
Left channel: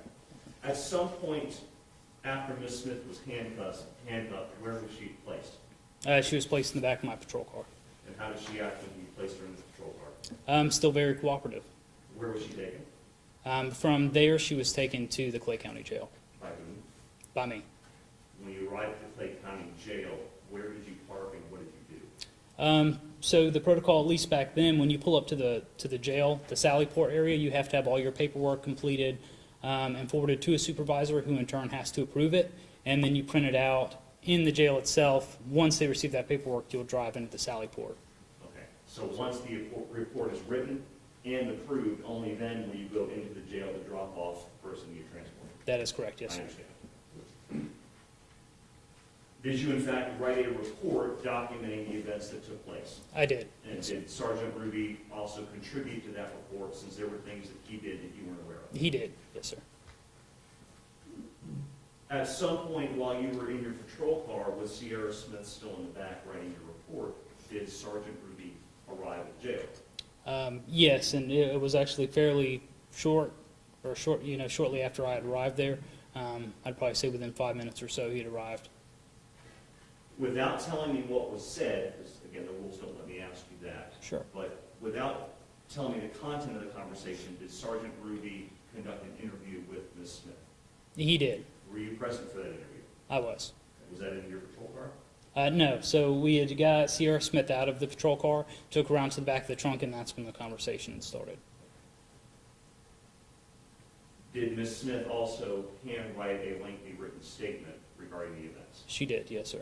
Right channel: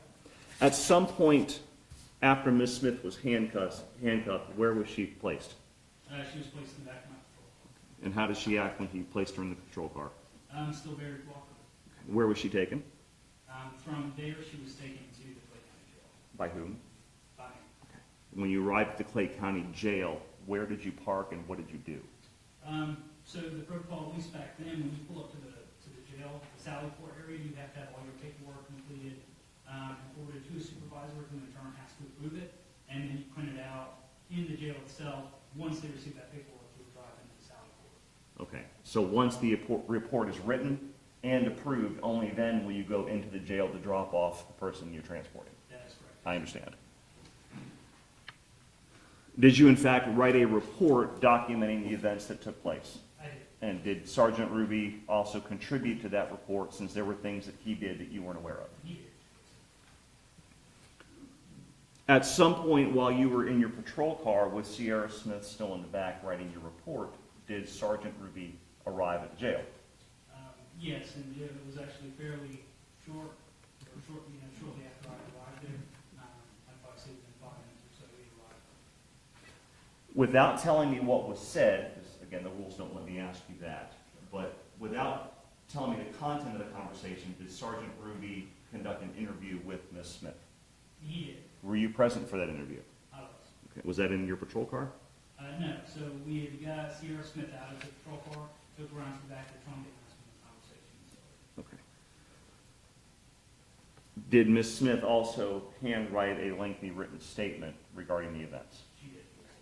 At some point after Miss Smith was handcuffed, where was she placed? She was placed in the back of my patrol car. And how did she act when he placed her in the patrol car? Still very cooperative. Where was she taken? From there, she was taken to the Clay County Jail By whom? by me. When you arrived at the Clay County Jail, where did you park and what did you do? So the protocol, at least back then, when you pull up to the jail, the Sally Port area, you have to have all your paperwork completed and forwarded to a supervisor who in turn has to approve it. And then you print it out in the jail itself. Once they receive that paperwork, you'll drive into the Sally Port. Okay. So once the report is written and approved, only then will you go into the jail to drop off the person you're transporting? That is correct, yes, I sir. understand. Did you in fact write a report documenting the events that took place? I did. And did Sergeant Ruby also contribute to that report since there were things that he did that you weren't aware of? He did, yes, sir. At some point while you were in your patrol car with Sierra Smith still in the back writing your report, did Sergeant Ruby arrive at the jail? Yes, and it was actually fairly shortly after I had arrived there. I'd probably say within 5 minutes or so he had arrived. Without telling me what was said, because again, the rules don't let me ask you that. Sure. But without telling me the content of the conversation, did Sergeant Ruby conduct an interview with Ms. Smith? He did. Were you present for that interview? I was. Okay. Was that in your patrol car? No, so we had got Sierra Smith out of the patrol car, took her around to the back of the trunk, and that's when the conversation started. Okay. Did Ms. Smith also handwrite a lengthy written statement regarding the events? She did, yes, sir.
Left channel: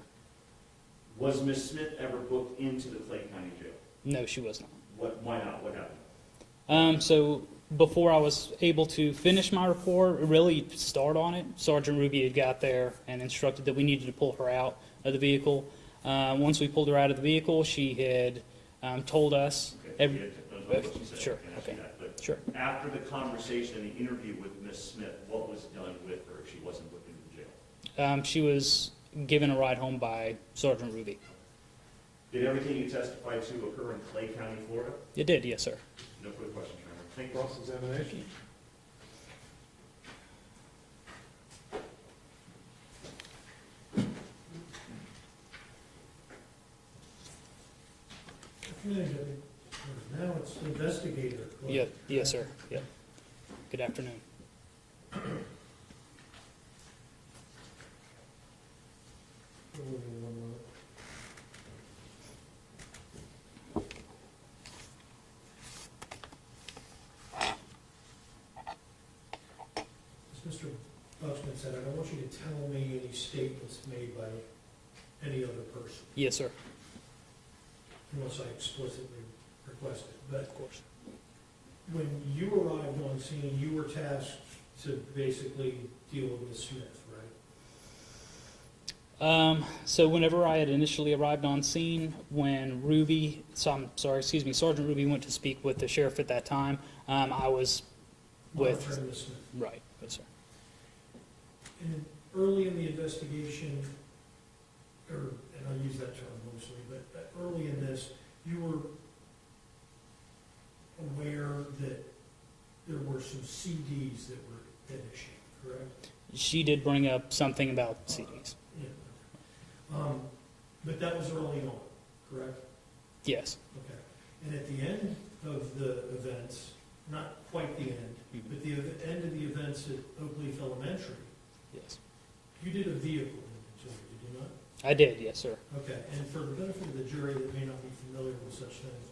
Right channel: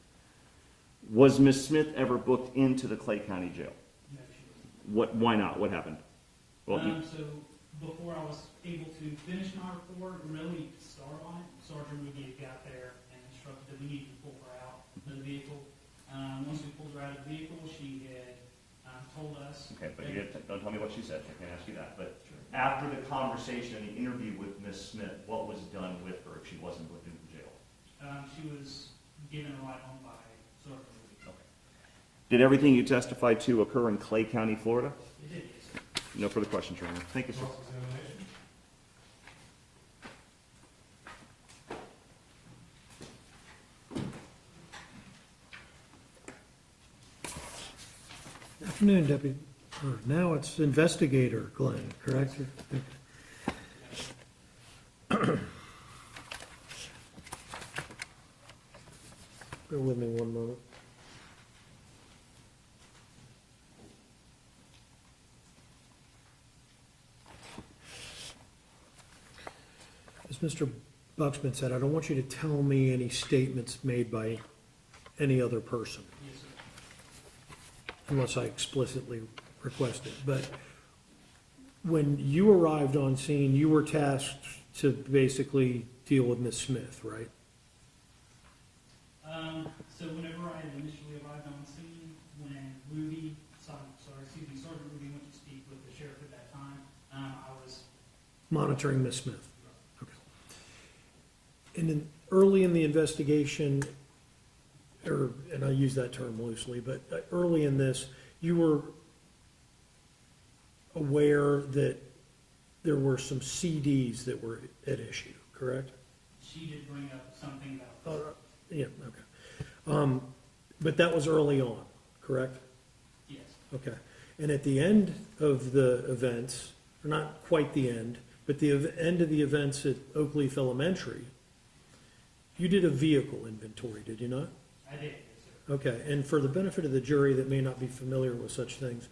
Was Ms. Smith ever booked into the Clay County Jail? No, she was not. Why not? What happened? So before I was able to finish my report, really start on it, Sergeant Ruby had got there and instructed that we needed to pull her out of the vehicle. Once we pulled her out of the vehicle, she had told us. Okay, don't tell me what she said. Sure. I can ask you that. But Sure. after the conversation and the interview with Ms. Smith, what was done with her if she wasn't booked into the jail? She was given a ride home by Sergeant Ruby. Did everything you testified to occur in Clay County, Florida? It did, yes, sir. No further questions, Your Honor. Thank you, sir. Cross-examination. Afternoon, Deputy, or now it's Investigator Glenn, Yeah, correct? yes, sir. Yeah. Good afternoon. Bear with me one moment. As Mr. Bucksman said, I don't want you to tell me any statements made by any other person, Yes, sir. unless I explicitly request it. But when you arrived on scene, you were tasked to basically deal with Ms. Smith, right? So whenever I had initially arrived on scene, when Sergeant Ruby went to speak with the sheriff at that time, I was Monitoring Ms. Smith. right. Yes, sir. And then early in the investigation, and I use that term loosely, but early in this, you were aware that there were some CDs that were at issue, correct? She did bring up something about CDs. Yeah, okay. But that was early on, correct? Yes. Okay. And at the end of the events, or not quite the end, but the end of the events at Oak Leaf Elementary, Yes. you did a vehicle inventory, did you not? I did, yes, sir. Okay, and for the benefit of the jury that may not be familiar with such things,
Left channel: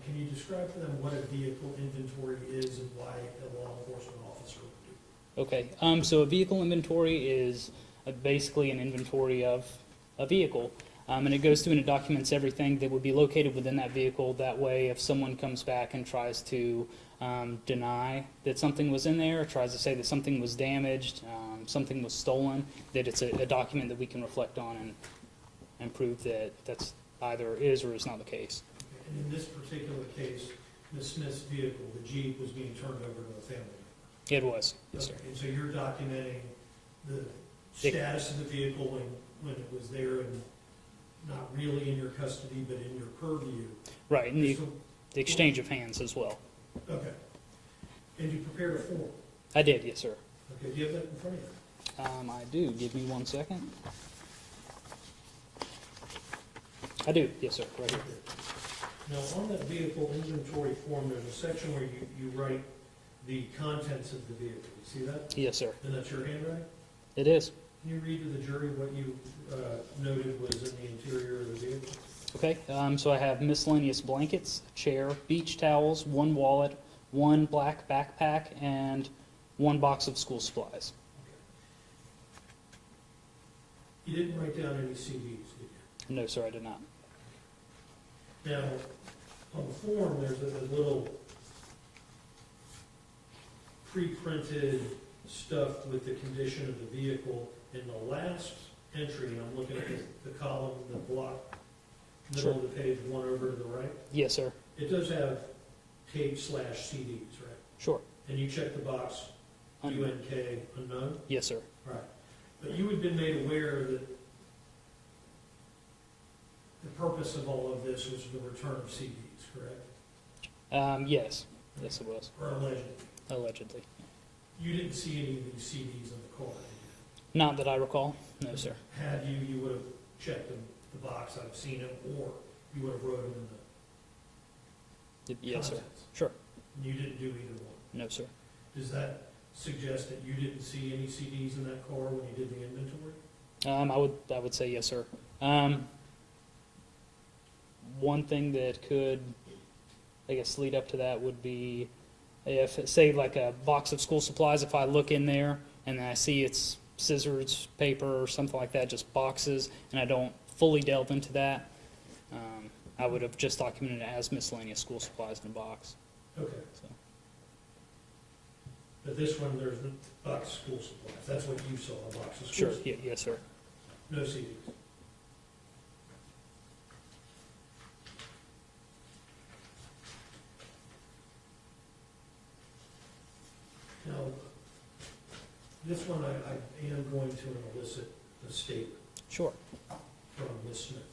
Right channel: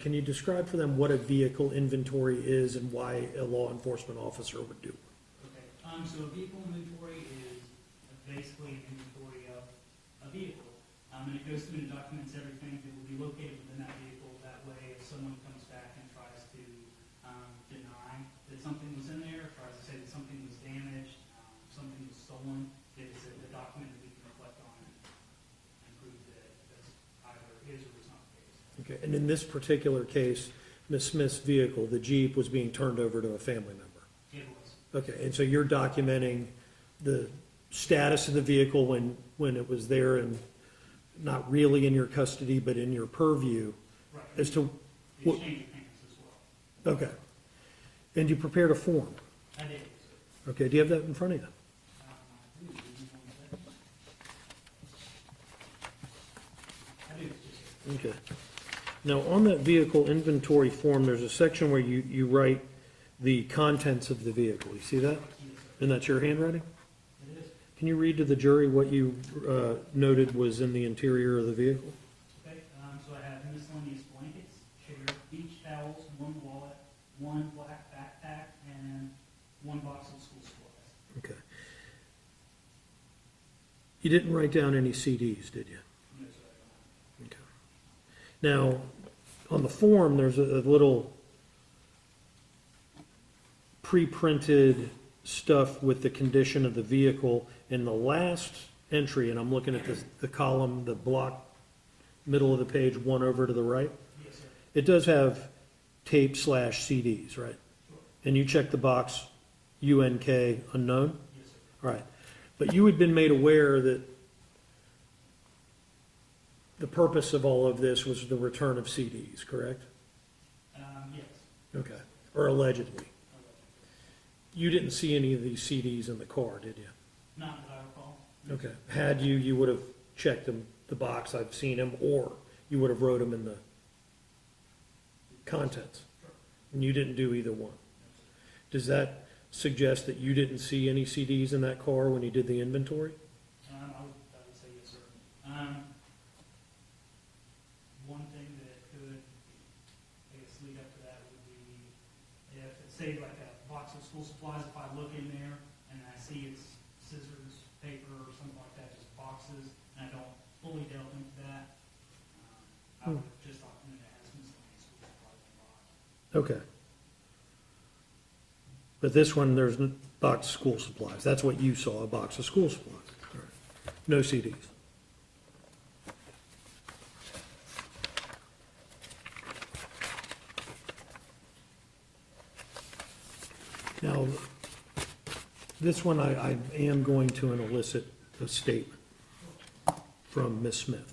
can you describe for them what a vehicle inventory is and why a law enforcement officer would do? Okay, so a vehicle inventory is basically an inventory of a vehicle. And it goes through and it documents everything that would be located within that vehicle. That way, if someone comes back and tries to deny that something was in there, or tries to say that something was damaged, something was stolen, that it's a document that we can reflect on and prove that that's either is or is not the case. Okay, and in this particular case, Ms. Smith's vehicle, the Jeep, was being turned over to a family member? It was. Okay, and so you're documenting the status of the vehicle when it was there and not really in your custody, but in your purview? Right, and As the to- exchange of hands as well. Okay. And you prepared a form? I did, yes, sir. Okay, do you have that in front of you? I do. Give me 1 second. I do, yes, sir. Right here. Okay. Now, on that vehicle inventory form, there's a section where you write the contents of the vehicle. You see that? Yes, sir. And that's your handwriting? It is. Can you read to the jury what you noted was in the interior of the vehicle? Okay, so I have miscellaneous blankets, chair, beach towels, 1 wallet, 1 black backpack, and 1 box of school supplies. Okay. You didn't write down any CDs, did you? No, sir, I did not. Now, on the form, there's a little pre-printed stuff with the condition of the vehicle. In the last entry, and I'm looking at the column, the block, middle of the page, one over to the right, Yes, sir. it does have tape/CDs, right? Sure. And you check the box UNK unknown? Yes, sir. All right. But you had been made aware that the purpose of all of this was the return of CDs, correct? Yes. Okay. Yes, it was. Or allegedly. Allegedly. You didn't see any of these CDs in the car, did you? Not that I recall. No, sir. Had you, you would have checked the box, I've seen them, or you would have wrote them in the Yes, sir. contents. Sure. And you didn't do either one. No, sir. Does that suggest that you didn't see any CDs in that car when you did the inventory? I would say yes, sir. One thing that could, I guess, lead up to that would be if, say, like a box of school supplies, if I look in there and I see it's scissors, paper, or something like that, just boxes, and I don't fully delve into that, I would have just documented it as miscellaneous school supplies in a box. Okay. So, But this one, there's a box of school supplies. That's what you saw, a box of school sure. supplies. Yes, sir. No CDs. Now, this one I am going to elicit a statement. Sure. from Ms. Smith.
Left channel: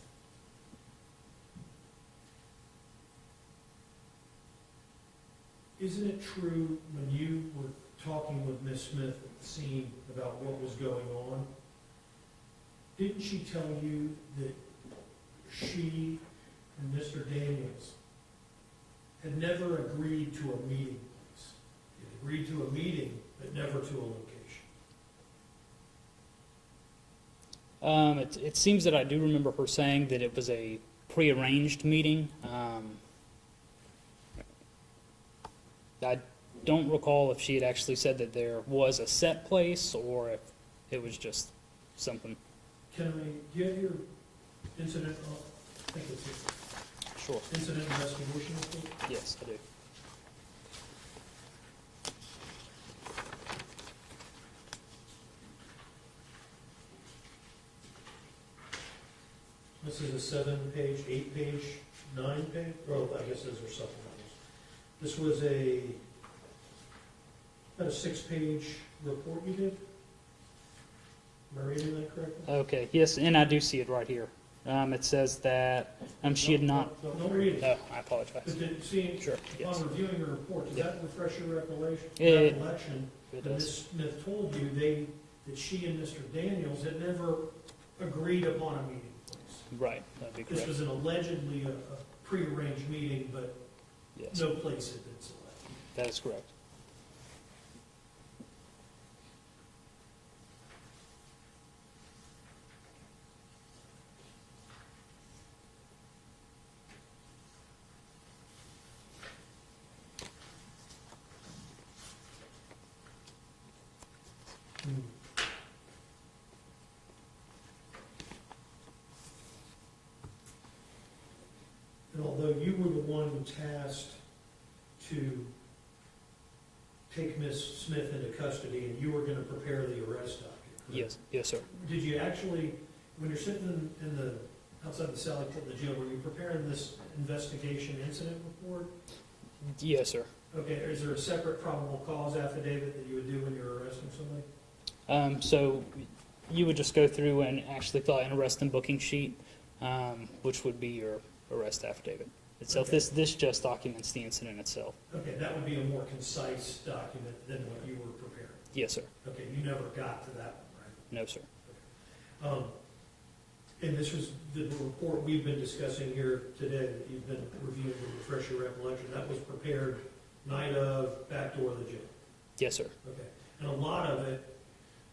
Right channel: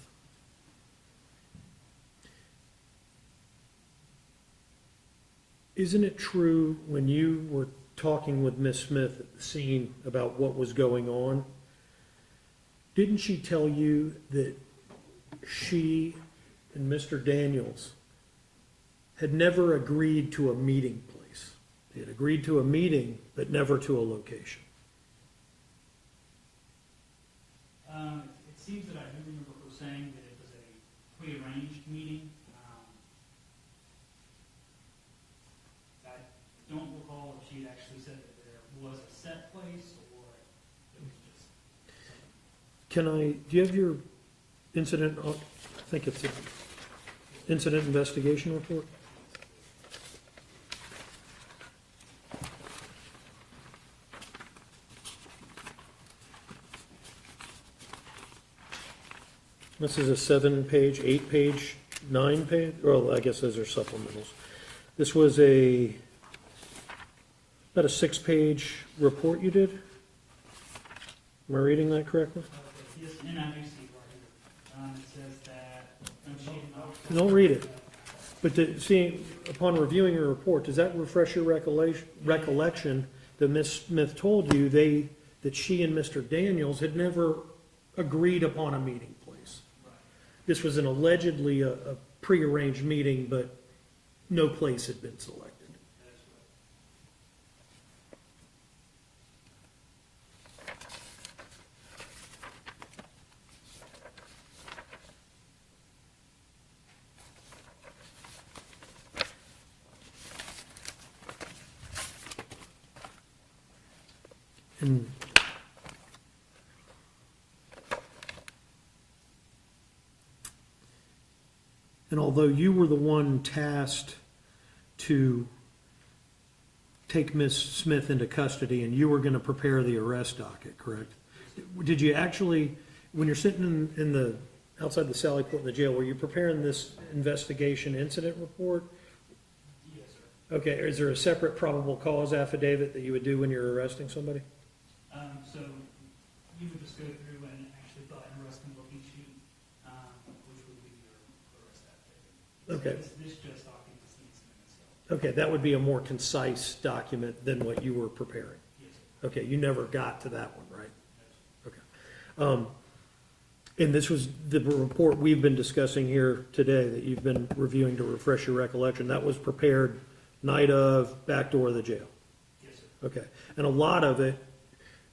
Isn't it true when you were talking with Ms. Smith at the scene about what was going on, didn't she tell you that she and Mr. Daniels had never agreed to a meeting place? They had agreed to a meeting, but never to a location. It seems that I do remember her saying that it was a prearranged meeting. I don't recall if she had actually said that there was a set place or if it was just something. Do you have your incident, I think it's an Sure. incident investigation report? Yes, I do. This is a 7-page, 8-page, 9-page, well, I guess those are supplementals. This was about a 6-page report you did? Am I reading that correctly? Okay, yes, and I do see it right here. It says that she had not. Don't read it. Oh, I apologize. But Sure. upon reviewing your report, does that refresh your recollection that Ms. Smith told you that she and Mr. Daniels had never agreed upon a meeting place? Right. That'd be This correct. was an allegedly a prearranged meeting, but Yes, no place had been selected. that is correct. And although you were the one tasked to take Ms. Smith into custody and you were going to prepare the arrest docket, correct? Yes, yes, sir. Did you actually, when you're sitting outside the Sally Port in the jail, were you preparing this investigation incident report? Yes, sir. Okay, is there a separate probable cause affidavit that you would do when you're arresting somebody? So you would just go through and actually fill out an arrest and booking sheet, which would be your arrest affidavit itself. Okay. This just documents the incident itself. Okay, that would be a more concise document than what you were preparing. Yes, sir. Okay, you never got to that one, right? No, sir. And this was the report we've been discussing here today that you've been reviewing to refresh your recollection. That was prepared night of, back door of the jail. Yes, sir. Okay, and a lot of it,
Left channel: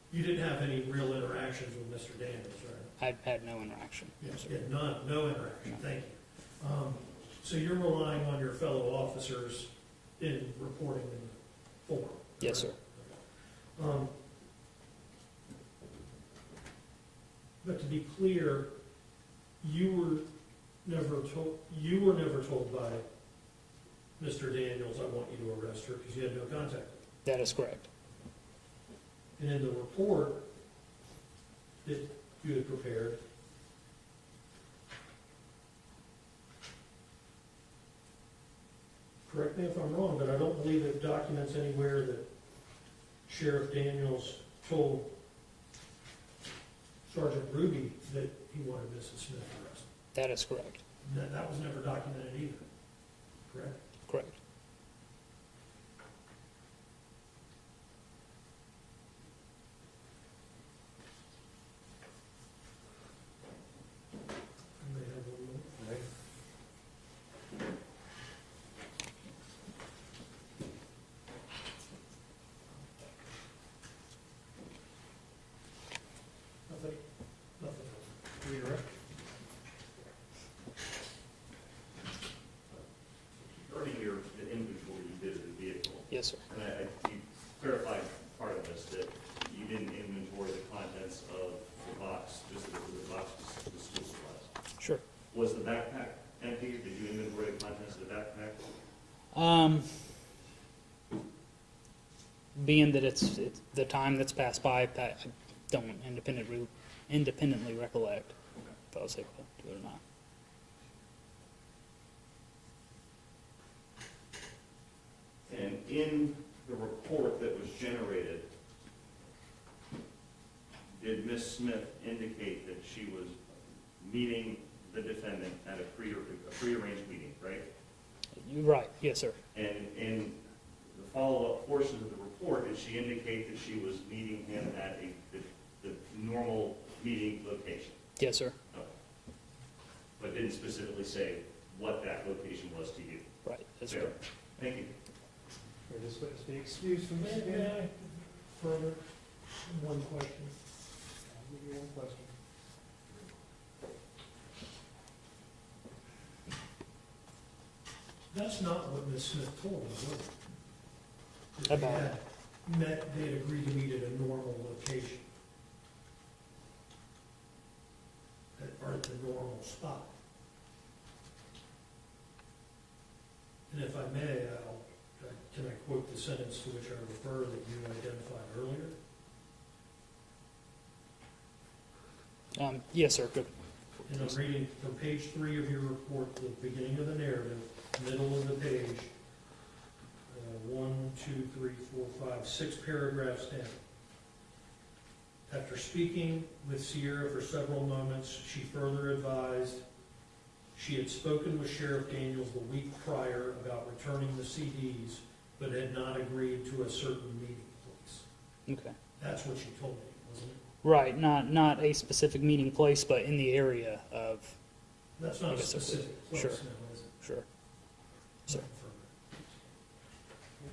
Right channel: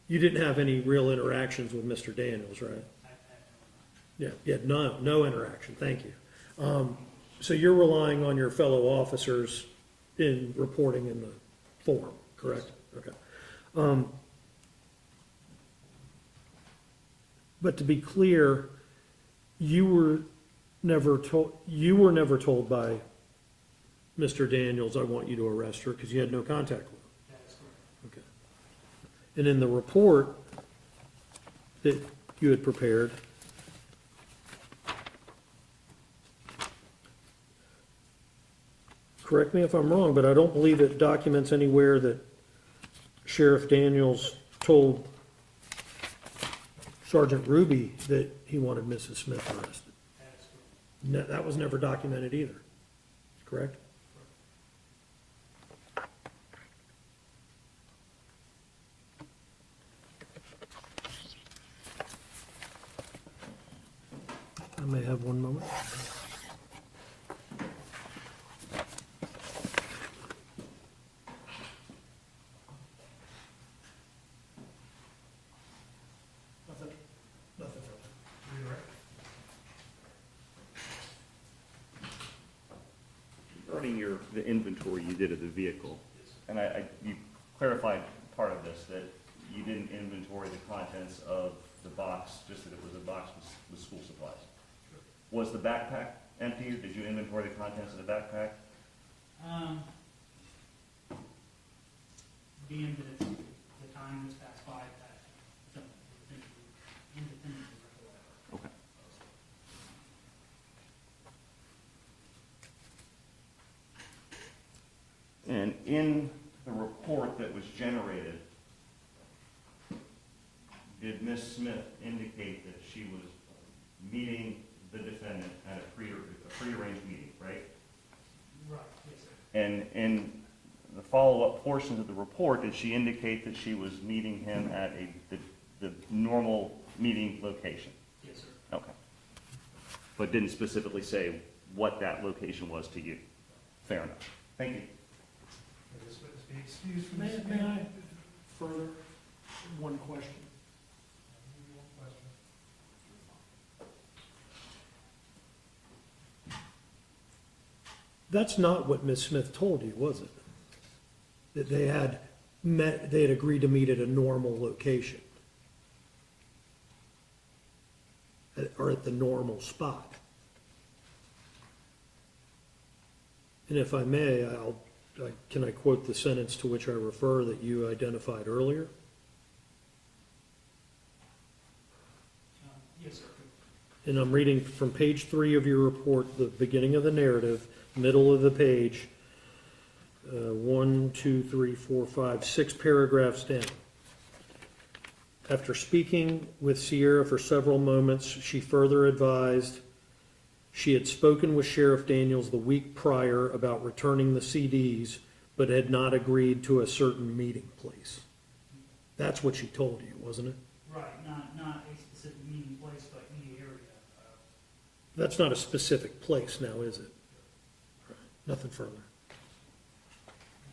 you didn't have any real interactions with Mr. Daniels, right? I had no interaction. Yes, you had no interaction, thank you. So you're relying on your fellow officers in reporting in the form, correct? Yes, sir. Okay. But to be clear, you were never told by Mr. Daniels, I want you to arrest her, because you had no contact with him. That is correct. Okay. And in the report that you had prepared, correct me if I'm wrong, but I don't believe it documents anywhere that Sheriff Daniels told Sergeant Ruby that he wanted Mrs. Smith arrested. That is correct. That was never documented either, correct? Correct. I may have one moment. Regarding the inventory you did of the vehicle, Yes, sir. and you clarified part of this, that you didn't inventory the contents of the box, just that it was a box with school supplies. Sure. Was the backpack empty? Did you inventory the contents of the backpack? Being that it's the time that's passed by, I don't independently recollect if I was able to do it or not. And in the report that was generated, did Ms. Smith indicate that she meeting the defendant at a prearranged meeting, right? You're right, yes, sir. And in the follow-up portions of the report, did she indicate that she was meeting him at the normal meeting location? Yes, sir. Okay. But didn't specifically say what that location was to you? Right. Yes, Fair sir. enough. Thank you. May this witness be excused from this May stand? I further, one question? I'll give you one question. That's not what Ms. Smith told you, was it? That they had met, they had agreed to meet at a normal location? Or at the normal spot? And if I may, can I quote the sentence to which I refer that you identified earlier? Yes, sir. Good. And I'm reading from page 3 of your report, the beginning of the narrative, middle of the page, 1, 2, 3, 4, 5, 6 paragraphs down. After speaking with Sierra for several moments, she further advised she had spoken with Sheriff Daniels the week prior about returning the CDs, but had not agreed to a certain meeting place. Okay. That's what she told you, wasn't it? Right, not a specific meeting place, but in the area of, That's not a specific place Sure. now, is it? sure. Nothing further.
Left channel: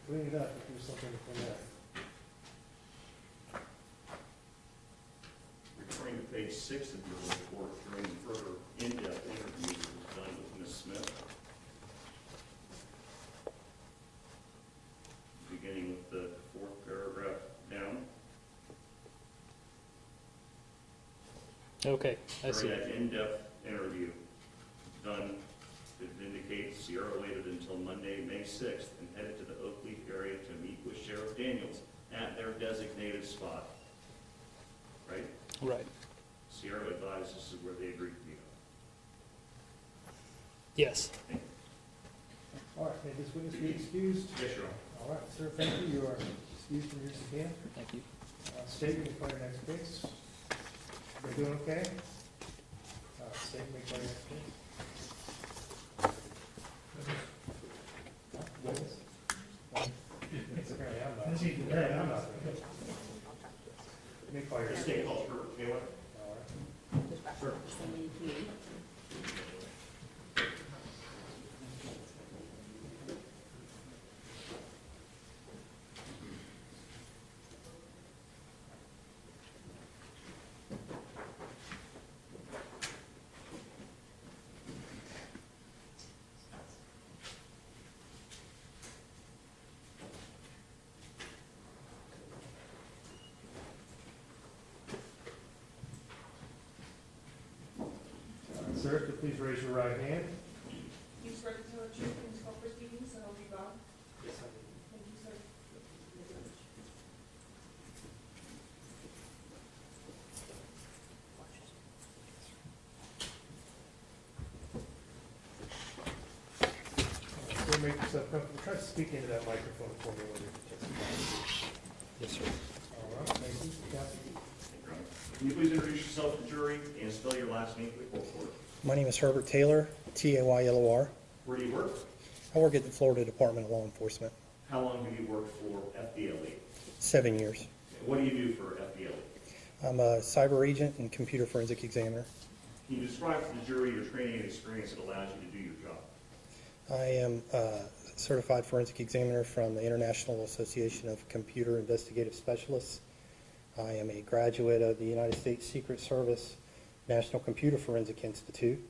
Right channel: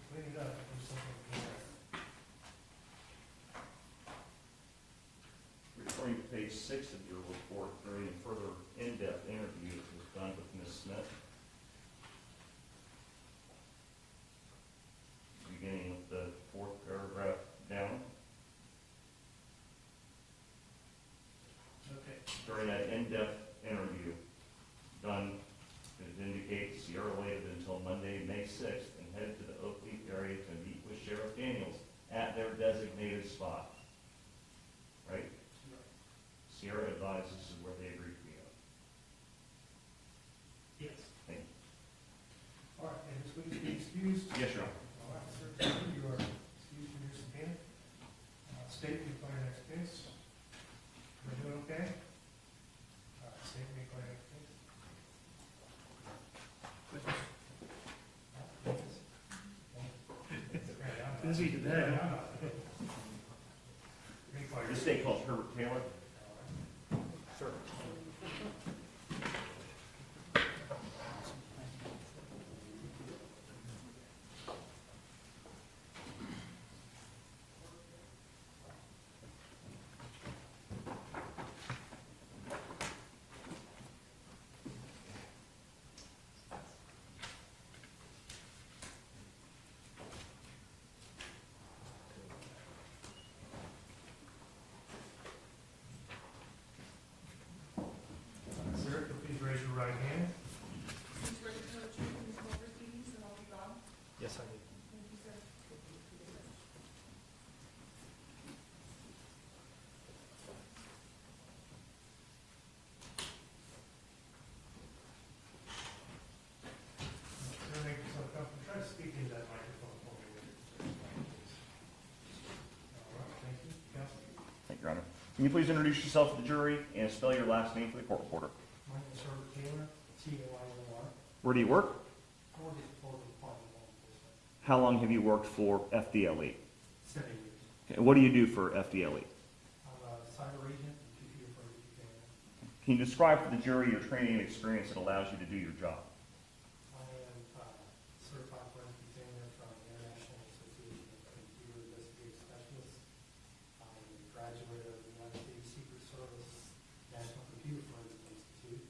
Clean it up, do something to clean up. Referring to page 6 of your report, during further in-depth interview that was done with Ms. Smith, beginning with the 4th paragraph down, Okay, I see. during that in-depth interview done, it indicates Sierra waited until Monday, May 6th, and headed to the Oakleaf area to meet with Sheriff Daniels at their designated spot. Right? Right. Sierra advised this is where they agreed to meet. Yes. All right, may this witness be excused? Yes, Your Honor. All right, sir, thank you. You are excused from your stand. Thank you. State, you can play your next case. You doing okay? State, you may play your next case. Dennis? It's okay, I'm not. Busy today, I'm not. You may call your Your state called Herbert Taylor. All right. Sir. Sir, if you please raise your right hand. You swear to tell the truth in court proceedings, so help you God? Yes, I do. Thank you, sir. Sir, make yourself comfortable. Try to speak into that microphone for me when you're testifying. Yes, sir. All right, thank you. Counsel? Thank you, Your Honor. Can you please introduce yourself to the jury and spell your last name for the court reporter? My name is Herbert Taylor, Taylor. Where do you work? I work at the Florida Department of Law Enforcement, How long have you worked for FDLE? 7 years. And what do you do for FDLE? I'm a cyber agent and computer forensic examiner. Can you describe to the jury your training and experience that allows you to do your job? I am a certified forensic examiner from the International Association of Computer Investigative Specialists. I am a graduate of the United States Secret Service National Computer Forensic Institute,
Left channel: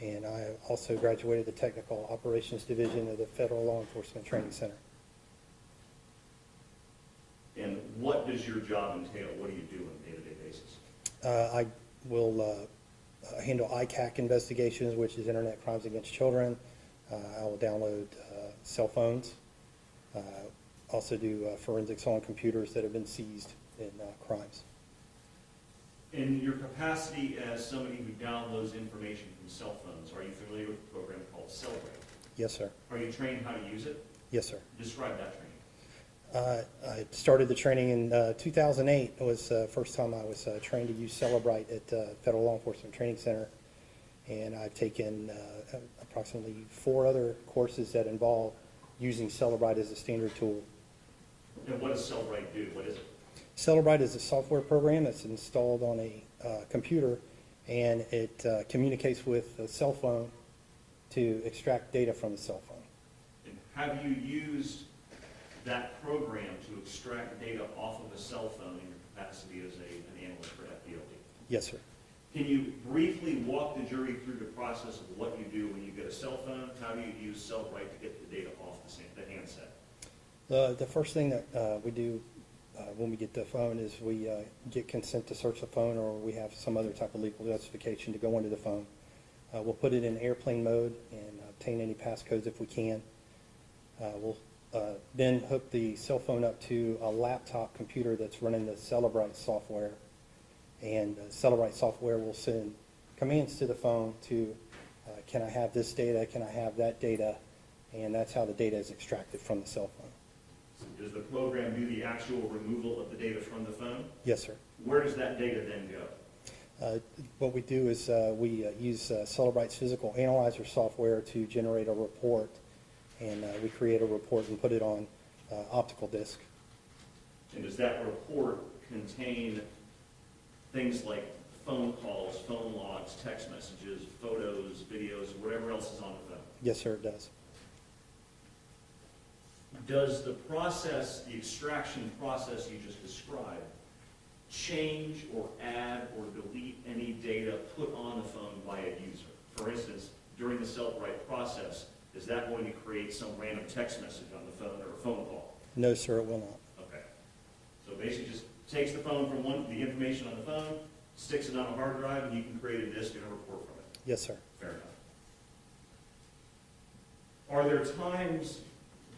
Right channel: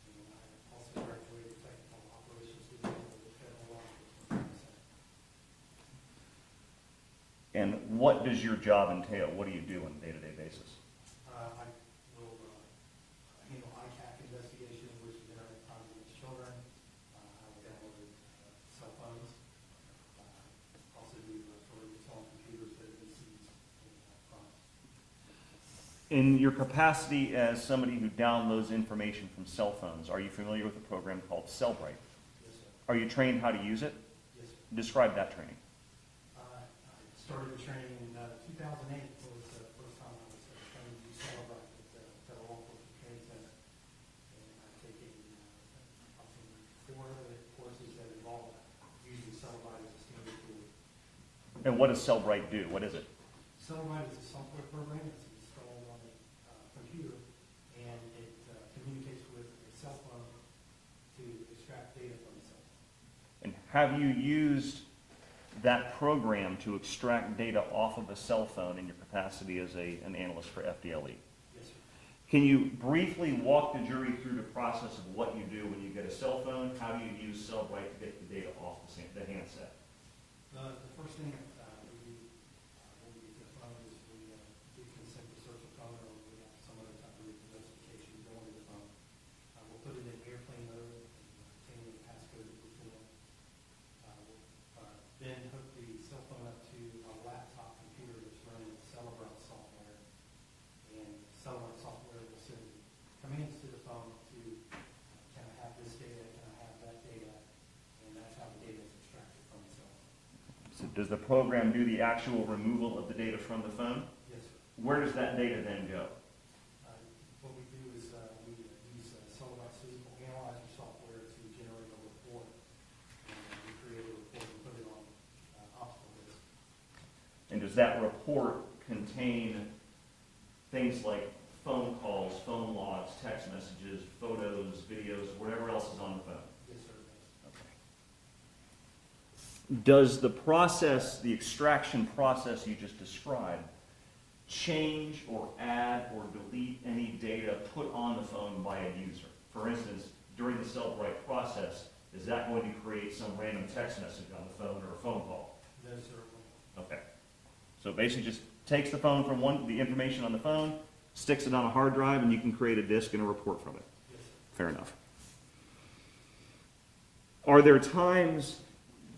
and I also graduated the Technical Operations Division of the Federal Law Enforcement Training Center. And what does your job entail? What do you do on a day-to-day basis? I will handle ICAC investigations, which is Internet Crimes Against Children. I will download cell phones. Also do forensics on computers that have been seized in crimes. In your capacity as somebody who downloads information from cell phones, are you familiar with a program called Cellbrite? Yes, sir. Are you trained how to use it? Yes, sir. Describe that training. I started the training in 2008. It was the first time I was trained to use Cellbrite at Federal Law Enforcement Training Center And I've taken approximately 4 other courses that involve using Cellebrite as a standard tool. And what does Cellbrite do? What is it? Cellebrite is a software program that's installed on a computer, and it communicates with a cell phone to extract data from the cell phone. And have you used that program to extract data off of a cell phone in your capacity as an analyst for FDLE? Yes, sir. Can you briefly walk the jury through the process of what you do when you get a cell phone? How do you use Cellbrite to get the data off the handset? The first thing that we do when we get the phone is we get consent to search the phone, or we have some other type of legal justification to go into the phone. We'll put it in airplane mode and obtain any passcodes if we can. We'll then hook the cell phone up to a laptop computer that's running the Cellebrite software. And the Cellebrite software will send commands to the phone to, can I have this data, can I have that data, and that's how the data is extracted from the cell phone. So does the program do the actual removal of the data from the phone? Yes, sir. Where does that data then go? What we do is we use Cellebrite's physical analyzer software to generate a report, and we create a report and put it on optical disc. And does that report contain things like phone calls, phone logs, text messages, photos, videos, whatever else is on the phone? Yes, sir, it does. Does the process, the extraction process you just described, change or add or delete any data put on the phone by a user? For instance, during the Cellbrite process, is that going to create some random text message on the phone or a phone call? No, sir, it will not. Okay. So basically just takes the phone from the information on the phone, sticks it on a hard drive, and you can create a disk and a report from it. Yes, sir. Fair enough. Are there times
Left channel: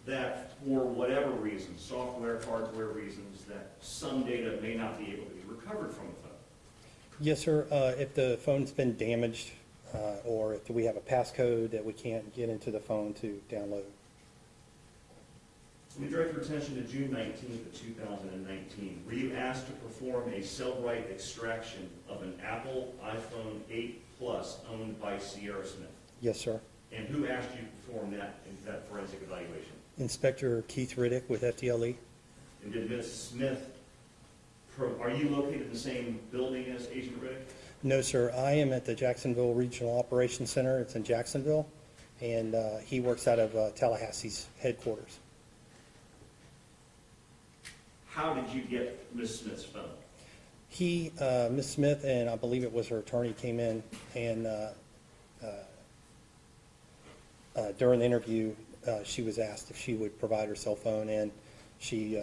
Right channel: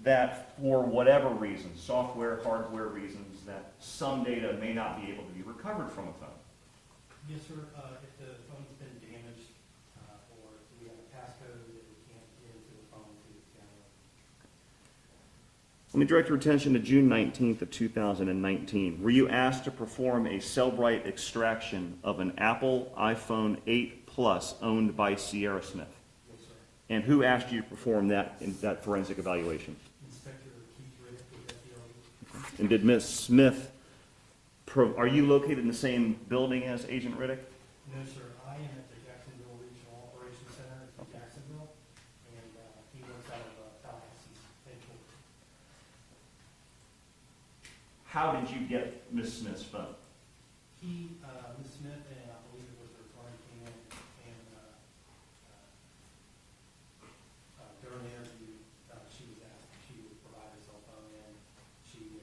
that, for whatever reason, software, hardware reasons, that some data may not be able to be recovered from a phone? Yes, sir. If the phone's been damaged, or if we have a passcode that we can't get into the phone to download. Let me direct your attention to June 19th of 2019. Were you asked to perform a Cellbrite extraction of an Apple iPhone 8 Plus owned by Sierra Smith? Yes, sir. And who asked you to perform that forensic evaluation? Inspector Keith Riddick with FDLE. And did Ms. Smith, are you located in the same building as Agent Riddick? No, sir. I am at the Jacksonville Regional Operations Center. It's in Jacksonville, and he works out of Tallahassee's headquarters. How did you get Ms. Smith's phone? Ms. Smith, and I believe it was her attorney, came in, and during the interview, she was asked if she would provide her cell phone, and she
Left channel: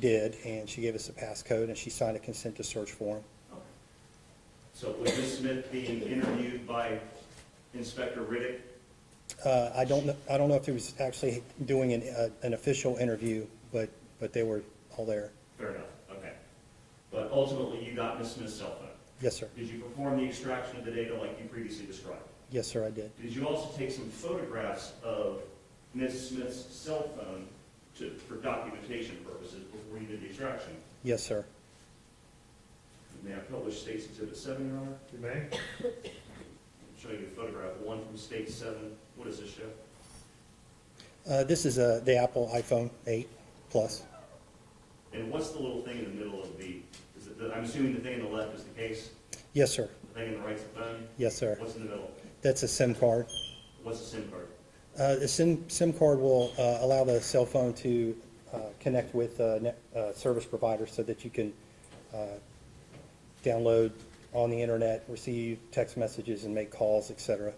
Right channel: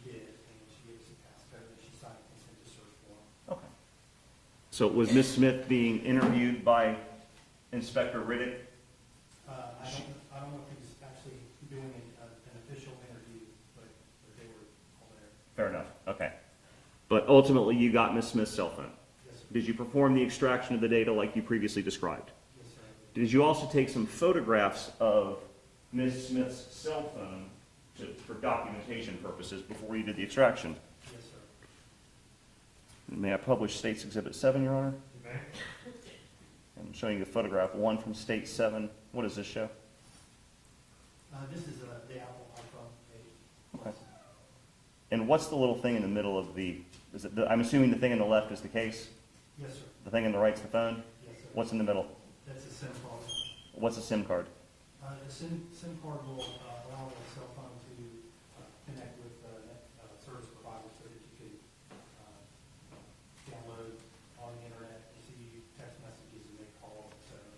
did, and she gave us a passcode, and she signed a consent to search form. Okay. So was Ms. Smith being interviewed by Inspector Riddick? I don't know if he was actually doing an official interview, but they were all there. Fair enough, okay. But ultimately, you got Ms. Smith's cell phone. Yes, sir. Did you perform the extraction of the data like you previously described? Yes, sir, I did. Did you also take some photographs of Ms. Smith's cell phone for documentation purposes before you did the extraction? Yes, sir. May I publish State's Exhibit 7, Your Honor? You may. I'm showing you a photograph, one from State 7. What does this show? This is the Apple iPhone 8 Plus. And what's the little thing in the middle of I'm assuming the thing in the left is the case? Yes, sir. The thing in the right is the phone? Yes, sir. What's in the middle? That's a SIM card. What's a SIM card? The SIM card will allow the cell phone to connect with service providers so that you can download on the internet, receive text messages, and make calls, etc.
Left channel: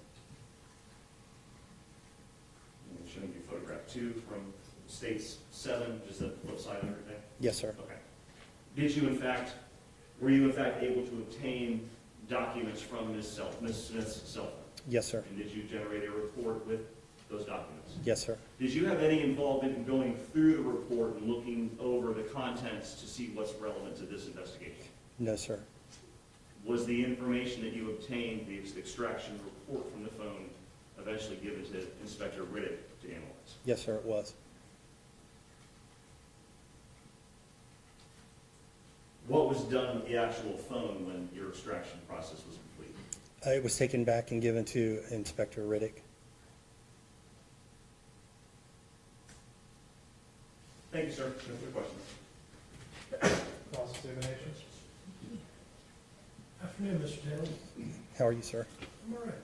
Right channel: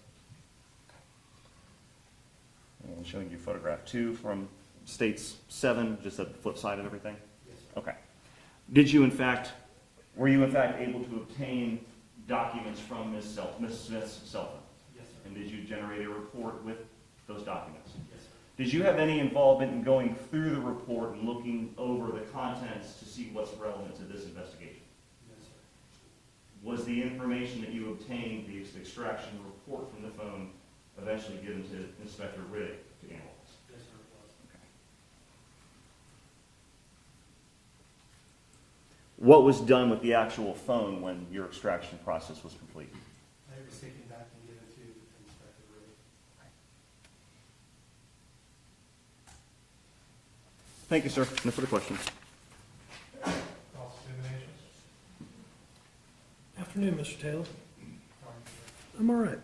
I'm showing you photograph 2 from States 7, just the flip side and everything? Yes, sir. Okay. Were you in fact able to obtain documents from Ms. Smith's cell phone? Yes, sir. And did you generate a report with those documents? Yes, sir. Did you have any involvement in going through the report and looking over the contents to see what's relevant to this investigation? No, sir. Was the information that you obtained, the extraction report from the phone, eventually given to Inspector Riddick to analyze? Yes, sir, it was. What was done with the actual phone when your extraction process was complete? It was taken back and given to Inspector Riddick. Thank you, sir. No further questions. Cross-examination? Afternoon, Mr. Taylor. How are you, sir? I'm all right.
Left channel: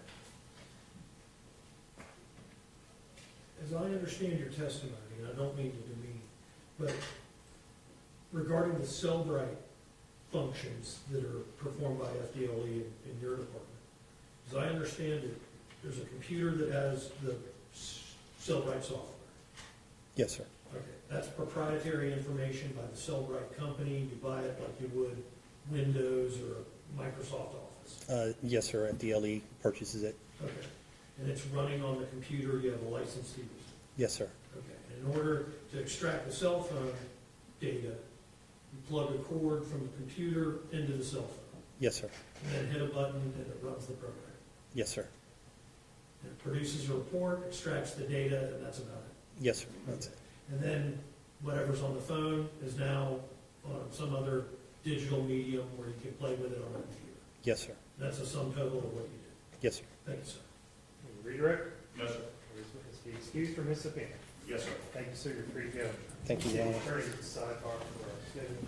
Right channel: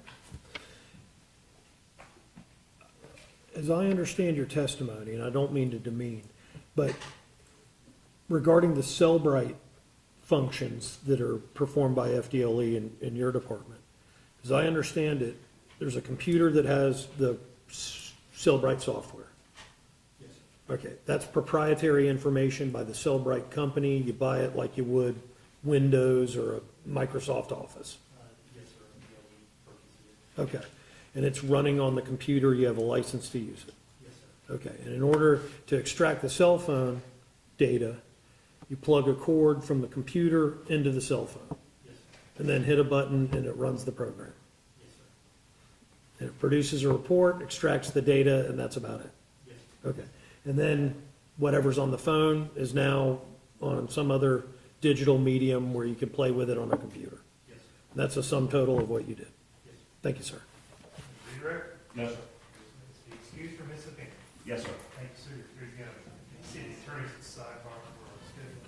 As I understand your testimony, and I don't mean to demean, but regarding the Cellbrite functions that are performed by FDLE in your department, as I understand it, there's a computer that has the Cellbrite software. Yes, sir. Okay, that's proprietary information by the Cellbrite company. You buy it like you would Windows or a Microsoft Office. Yes, sir. FDLE purchases it. Okay, and it's running on the computer. You have a license to use it. Yes, sir. Okay, and in order to extract the cell phone data, you plug a cord from the computer into the cell phone, Yes, sir. and then hit a button and it runs the program. Yes, sir. And it produces a report, extracts the data, and that's about it. Yes, sir. Okay, and then whatever's on the phone is now on some other digital medium where you can play with it on a computer. Yes, sir. And that's a sum total of what you did. Yes, sir. Thank you, sir. Redirect? No, sir. Please witness be excused from his opinion. Yes, sir. Thank you, sir. You're free to go. Thank you, Your City Honor. Attorney's at the sidebar for our schedule.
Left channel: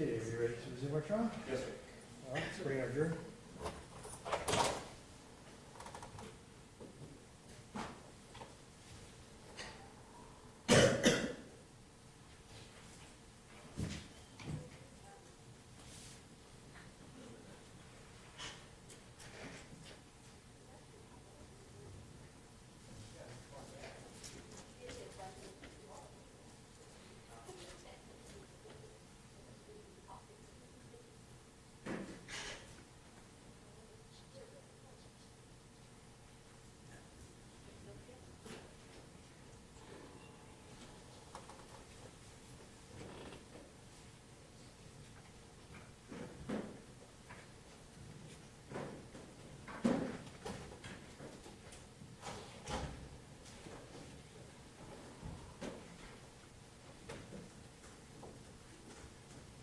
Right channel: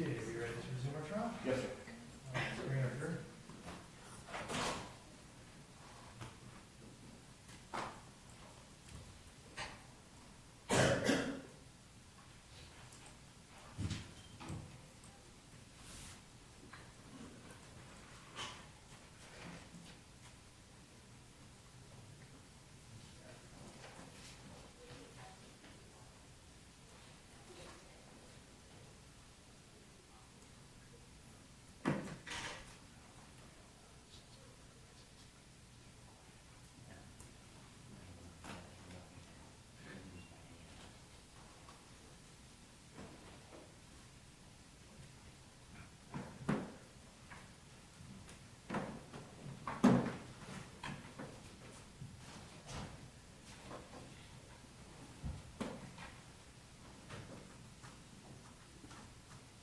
Okay, are you ready to resume our trial? Yes, sir. All right, let's bring our jury.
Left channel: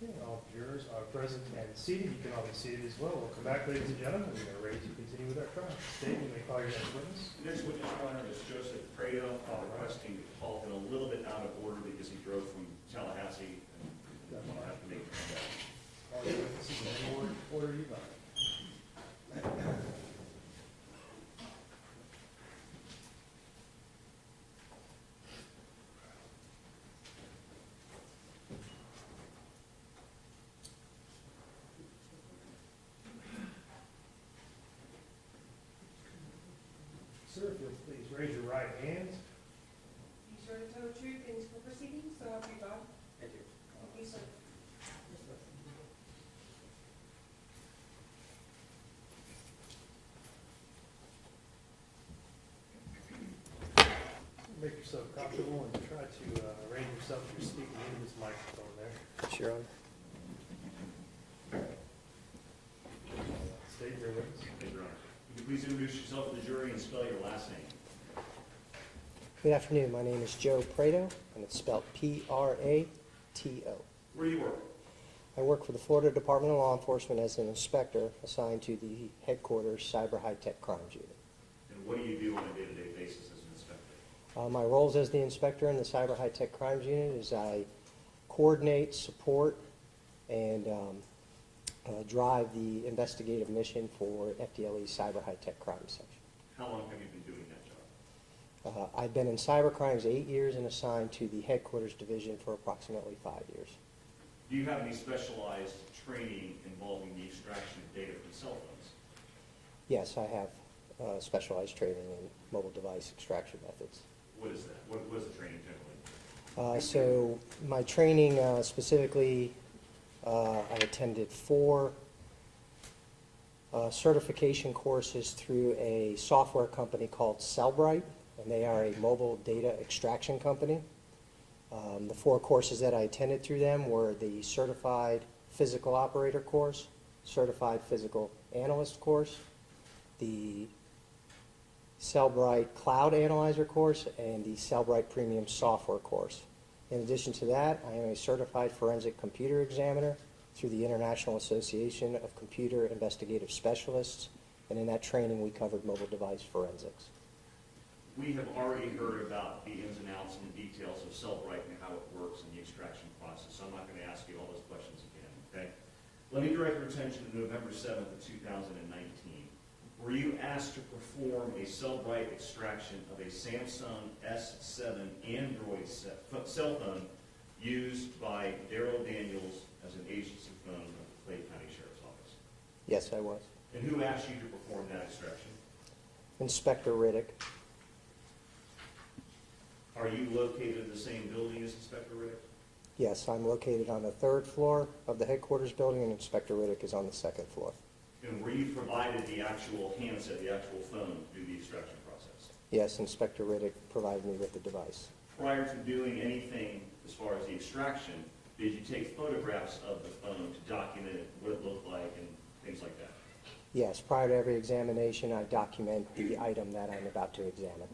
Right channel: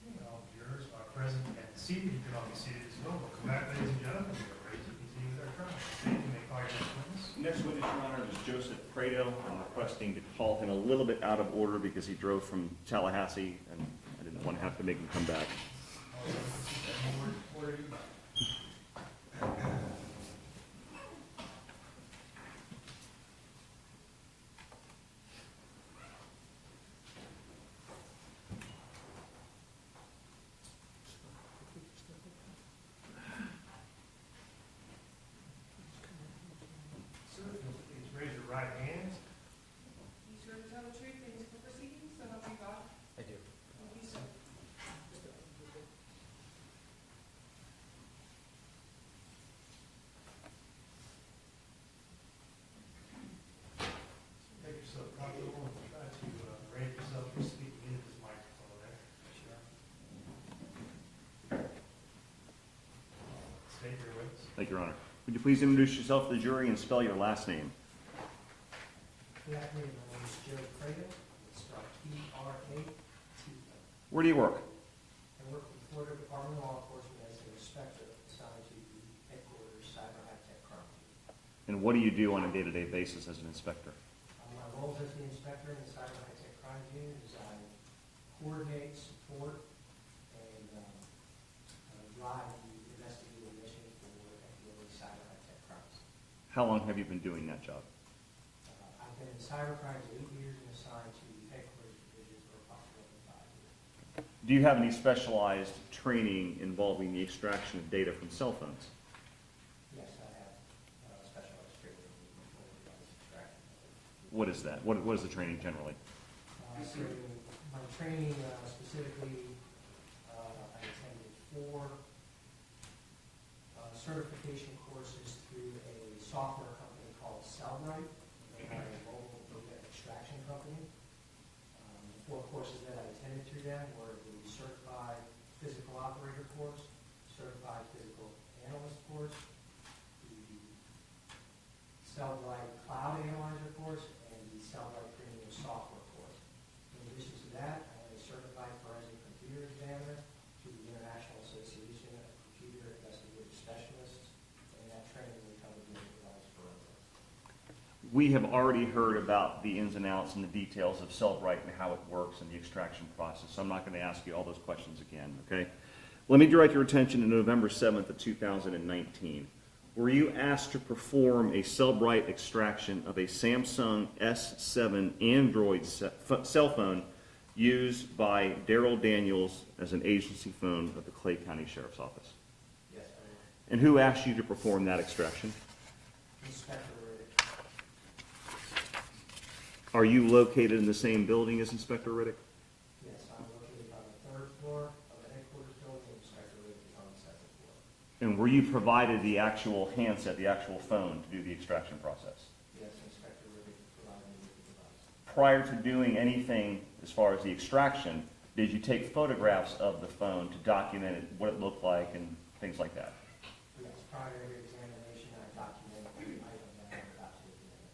Okay, all jurors are present and seated. You can all be seated as well. Welcome back, ladies and gentlemen. We are ready to continue with our trial. State, you may call your next witness. Next witness, Your Honor, is Joseph Prado, requesting to call him a little bit out of order because he drove from Tallahassee, and I didn't want to have to make him come back. All your witnesses in any order you like. Sir, if you'll please raise your right hand. You swear to tell the truth in school proceedings, so help you God? I do. Thank you, sir. Make yourself comfortable and try to arrange yourself for speaking into this microphone there. Sure. State your witness. Thank you, Your Honor. Would you please introduce yourself to the jury and spell your last name? Good afternoon. My name is Joe Prado, and it's spelled Prato. Where do you work? I work for the Florida Department of Law Enforcement as an inspector assigned to the headquarters Cyber High Tech Crimes Unit. And what do you do on a day-to-day basis as an inspector? My roles as the inspector in the Cyber High Tech Crimes Unit is I coordinate, support, and drive the investigative mission for FDLE's Cyber High Tech Crime Section. How long have you been doing that job? I've been in cyber crimes 8 years and assigned to the headquarters division for approximately 5 years. Do you have any specialized training involving the extraction of data from cell phones? Yes, I have specialized training in mobile device extraction methods. What is that? What is the training generally? So my training specifically, I attended 4 certification courses through a software company called Cellbrite, and they are a mobile data extraction company. The 4 courses that I attended through them were the Certified Physical Operator course, Certified Physical Analyst course, the Cellbrite Cloud Analyzer course, and the Cellbrite Premium Software course. In addition to that, I am a Certified Forensic Computer Examiner through the International Association of Computer Investigative Specialists, and in that training we covered mobile device forensics. We have already heard about the ins and outs and the details of Cellbrite and how it works and the extraction process, so I'm not going to ask you all those questions again, okay? Let me direct your attention to November 7th of 2019. Were you asked to perform a Cellbrite extraction of a Samsung S7 Android cell phone used by Darryl Daniels as an agency phone of the Clay County Sheriff's Office? Yes, I was. And who asked you to perform that extraction? Inspector Riddick. Are you located in the same building as Inspector Riddick? Yes, I'm located on the 3rd floor of the headquarters building, and Inspector Riddick is on the 2nd floor. And were you provided the actual handset, the actual phone, to do the extraction process? Yes, Inspector Riddick provided me with the device. Prior to doing anything as far as the extraction, did you take photographs of the phone to document what it looked like and things like that? Yes, prior to every examination, I document the item that I'm about to examine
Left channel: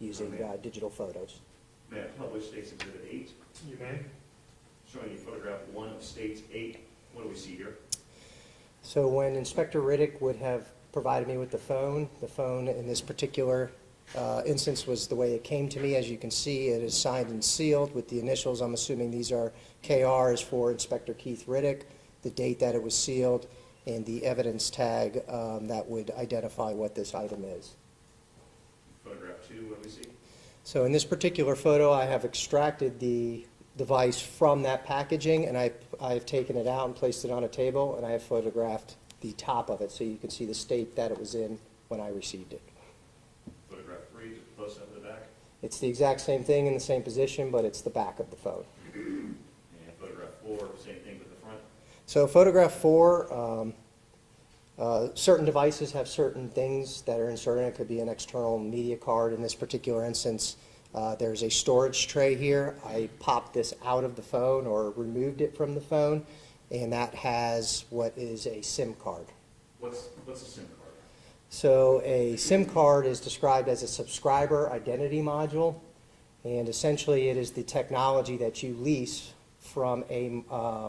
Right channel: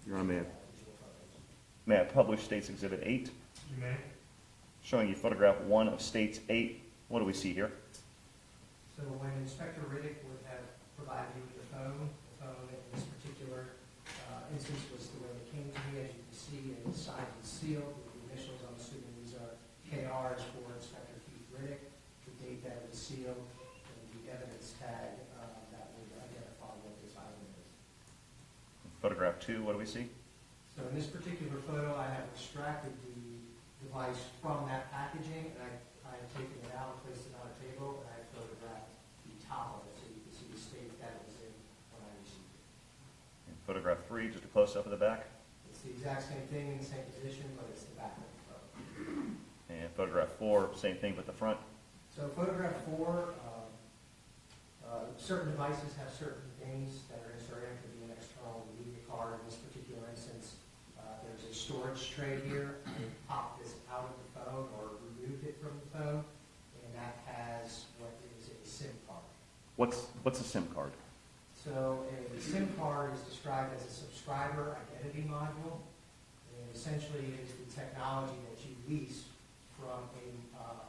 using digital photos. May I publish State's Exhibit 8? You may. Showing you photograph 1 of State's 8. What do we see here? So when Inspector Riddick would have provided me with the phone in this particular instance was the way it came to me. As you can see, it is signed and sealed with the initials. I'm assuming these are KR is for Inspector Keith Riddick, the date that it was sealed, and the evidence tag that would identify what this item is. Photograph 2, what do we see? So in this particular photo, I have extracted the device from that packaging, and I've taken it out and placed it on a table, and I have photographed the top of it so you can see the state that it was in when I received it. Photograph 3, just a close-up of the back. It's the exact same thing in the same position, but it's the back of the phone. And photograph 4, same thing with the front. So photograph 4, certain devices have certain things that are inserted. It could be an external media card. In this particular instance, there's a storage tray here. I popped this out of the phone or removed it from the phone, and that has what is a SIM card. What's a SIM card? So a SIM card is described as a subscriber identity module, and essentially it is the technology that you lease from a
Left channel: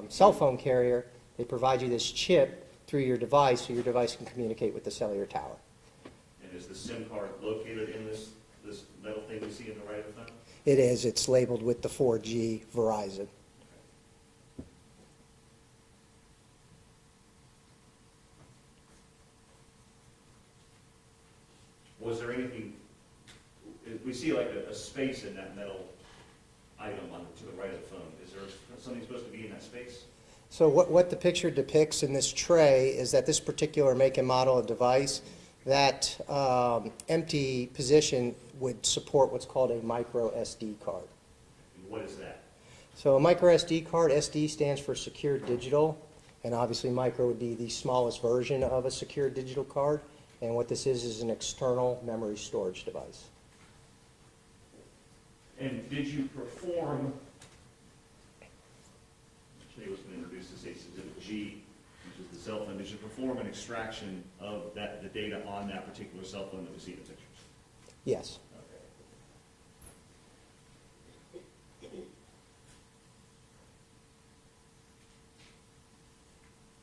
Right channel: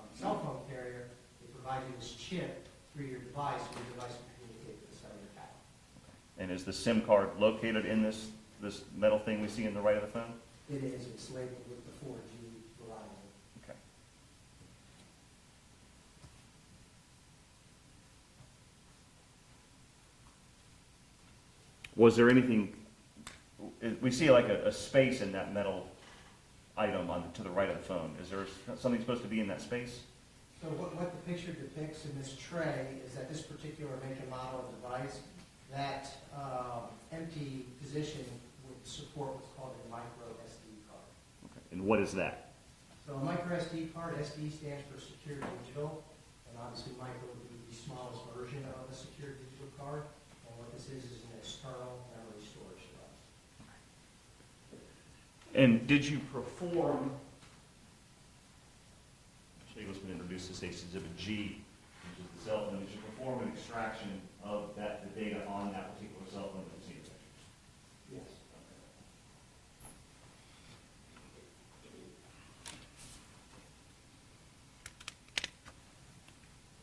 cell phone carrier. They provide you this chip through your device so your device can communicate with the cellular tower. And is the SIM card located in this metal thing we see in the right of the phone? It is. It's labeled with the 4G Verizon. Was there anything, we see like a space in that metal item to the right of the phone. Is there something supposed to be in that space? So what the picture depicts in this tray is that this particular make and model of device, that empty position would support what's called a micro SD card. And what is that? So a micro SD card, SD stands for secure digital, and obviously micro would be the smallest version of a secure digital card. And what this is an external memory storage device. And did you perform, Jay was going to introduce the state's exhibit G, which is the cell phone. Did you perform an extraction of the data on that particular cell phone that you see in the pictures? Yes.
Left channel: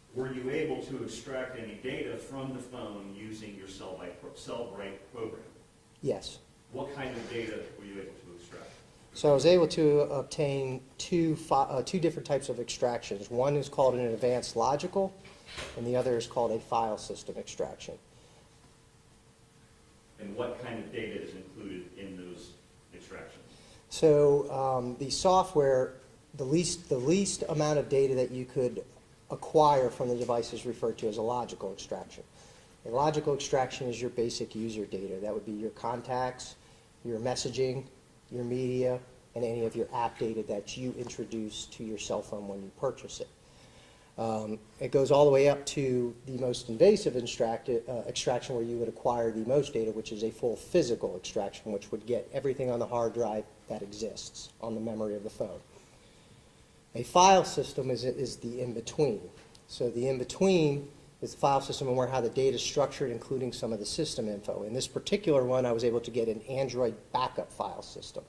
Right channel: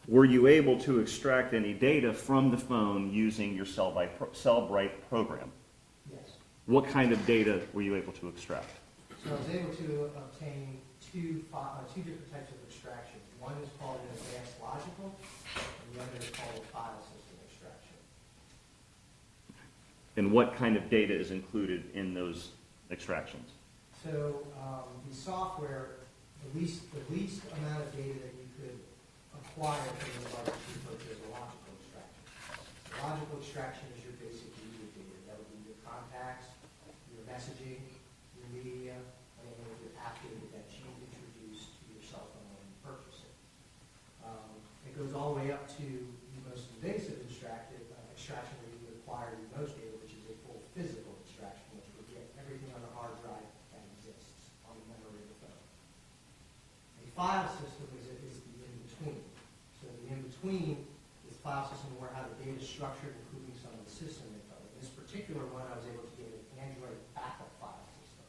Were you able to extract any data from the phone using your Cellbrite program? Yes. What kind of data were you able to extract? So I was able to obtain two different types of extractions. One is called an advanced logical, and the other is called a file system extraction. And what kind of data is included in those extractions? So the software, the least amount of data that you could acquire from the device is referred to as a logical extraction. A logical extraction is your basic user data. That would be your contacts, your messaging, your media, and any of your app data that you introduce to your cell phone when you purchase it. It goes all the way up to the most invasive extraction where you would acquire the most data, which is a full physical extraction, which would get everything on the hard drive that exists on the memory of the phone. A file system is the in-between. So the in-between is the file system and how the data is structured, including some of the system info. In this particular one, I was able to get an Android backup file system.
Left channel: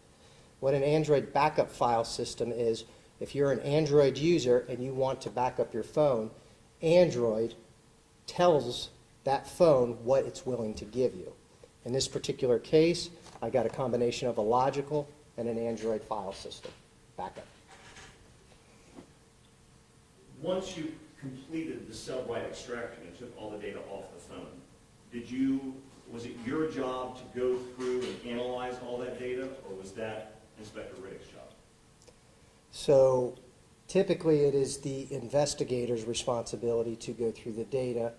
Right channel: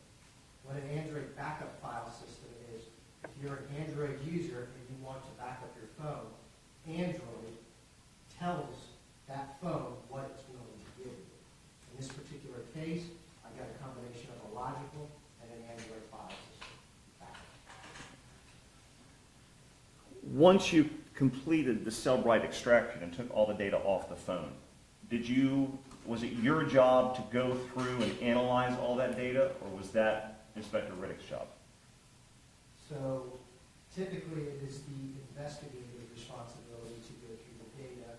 What an Android backup file system is, if you're an Android user and you want to back up your phone, Android tells that phone what it's willing to give you. In this particular case, I got a combination of a logical and an Android file system backup. Once you completed the Cellbrite extraction and took all the data off the phone, was it your job to go through and analyze all that data, or was that Inspector Riddick's job? So typically it is the investigator's responsibility to go through the data.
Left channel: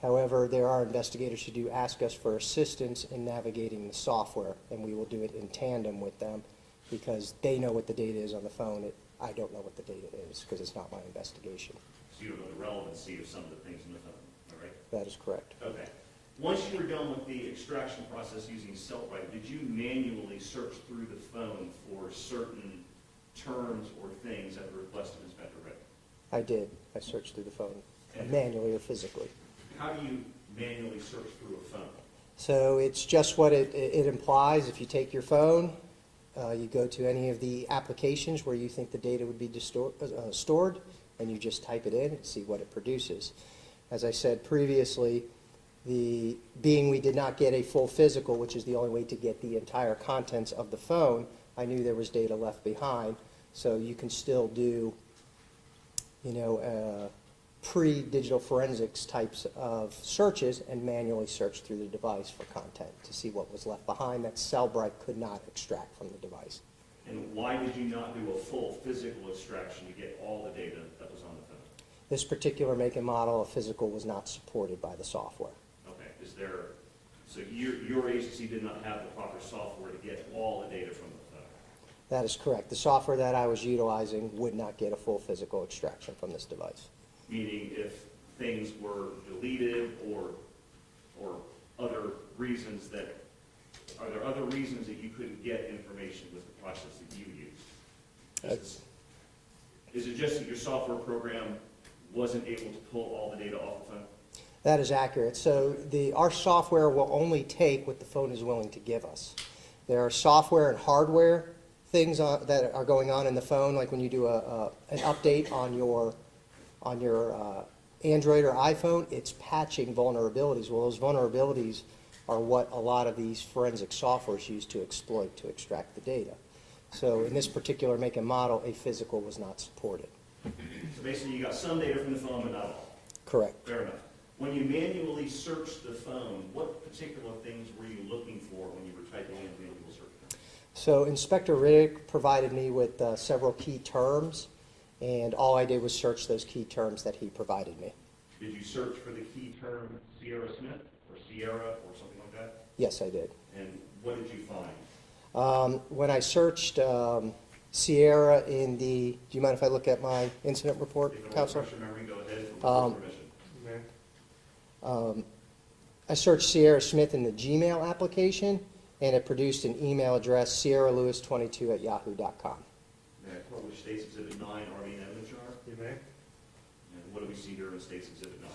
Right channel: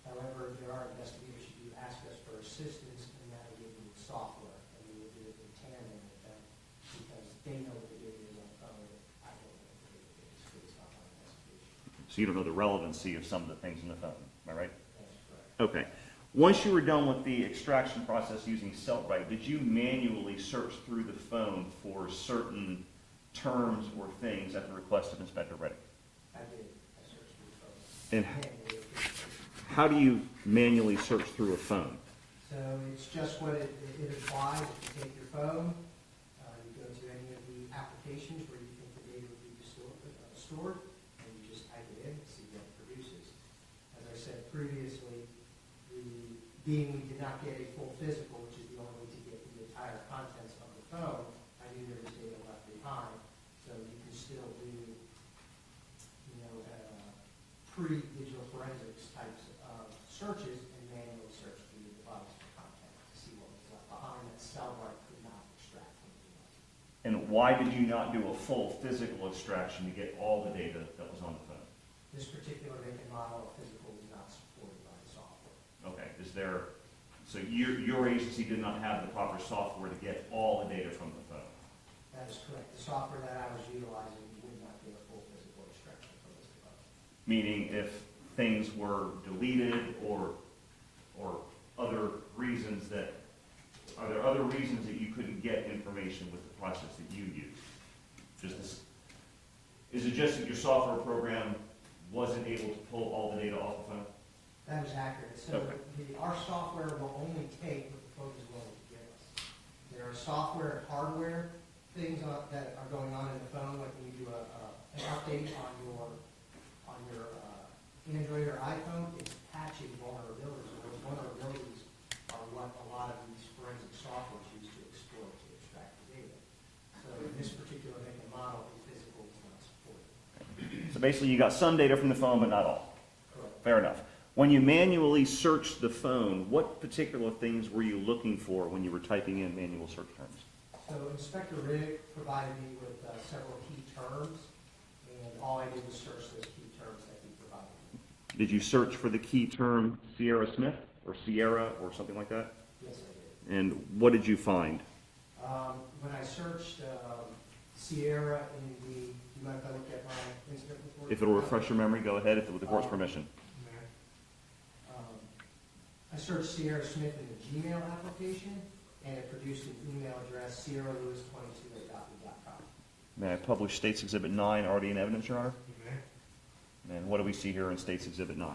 However, there are investigators who do ask us for assistance in navigating the software, and we will do it in tandem with them because they know what the data is on the phone. I don't know what the data is because it's not my investigation. So you don't know the relevancy of some of the things in the phone, am I right? That is correct. Okay. Once you were done with the extraction process using Cellbrite, did you manually search through the phone for certain terms or things at the request of Inspector Riddick? I did. I searched through the phone, And manually or physically. how do you manually search through a phone? So it's just what it implies. If you take your phone, you go to any of the applications where you think the data would be stored, and you just type it in and see what it produces. As I said previously, being we did not get a full physical, which is the only way to get the entire contents of the phone, I knew there was data left behind. So you can still do pre-digital forensics types of searches and manually search through the device for content to see what was left behind that Cellbrite could not extract from the device. And why did you not do a full physical extraction to get all the data that was on the phone? This particular make and model of physical was not supported by the software. Okay, so your agency did not have the proper software to get all the data from the phone? That is correct. The software that I was utilizing would not get a full physical extraction from this device. Meaning if things were deleted or other reasons are there other reasons that you couldn't get information with the process that you use? Is it just that your software program wasn't able to pull all the data off the phone? That is accurate. So our software will only take what the phone is willing to give us. There are software and hardware things that are going on in the phone, like when you do an update on your Android or iPhone, it's patching vulnerabilities. Well, those vulnerabilities are what a lot of these forensic softwares use to exploit, to extract the data. So in this particular make and model, a physical was not supported. So basically you got some data from the phone, but not all. Correct. Fair enough. When you manually searched the phone, what particular things were you looking for when you were typing in manual search terms? So Inspector Riddick provided me with several key terms, and all I did was search those key terms that he provided me. Did you search for the key term Sierra Smith or Sierra or something like that? Yes, I did. And what did you find? When I searched Sierra in the, do you mind if I look at my incident report? If it'll Counselor? refresh your memory, go ahead, if it was with permission. I searched Sierra Smith in the Gmail application, and it produced an email address, sierralewis22@yahoo.com. May I publish States Exhibit 9 already in evidence, Your Honor? You may. And what do we see here in States Exhibit 9?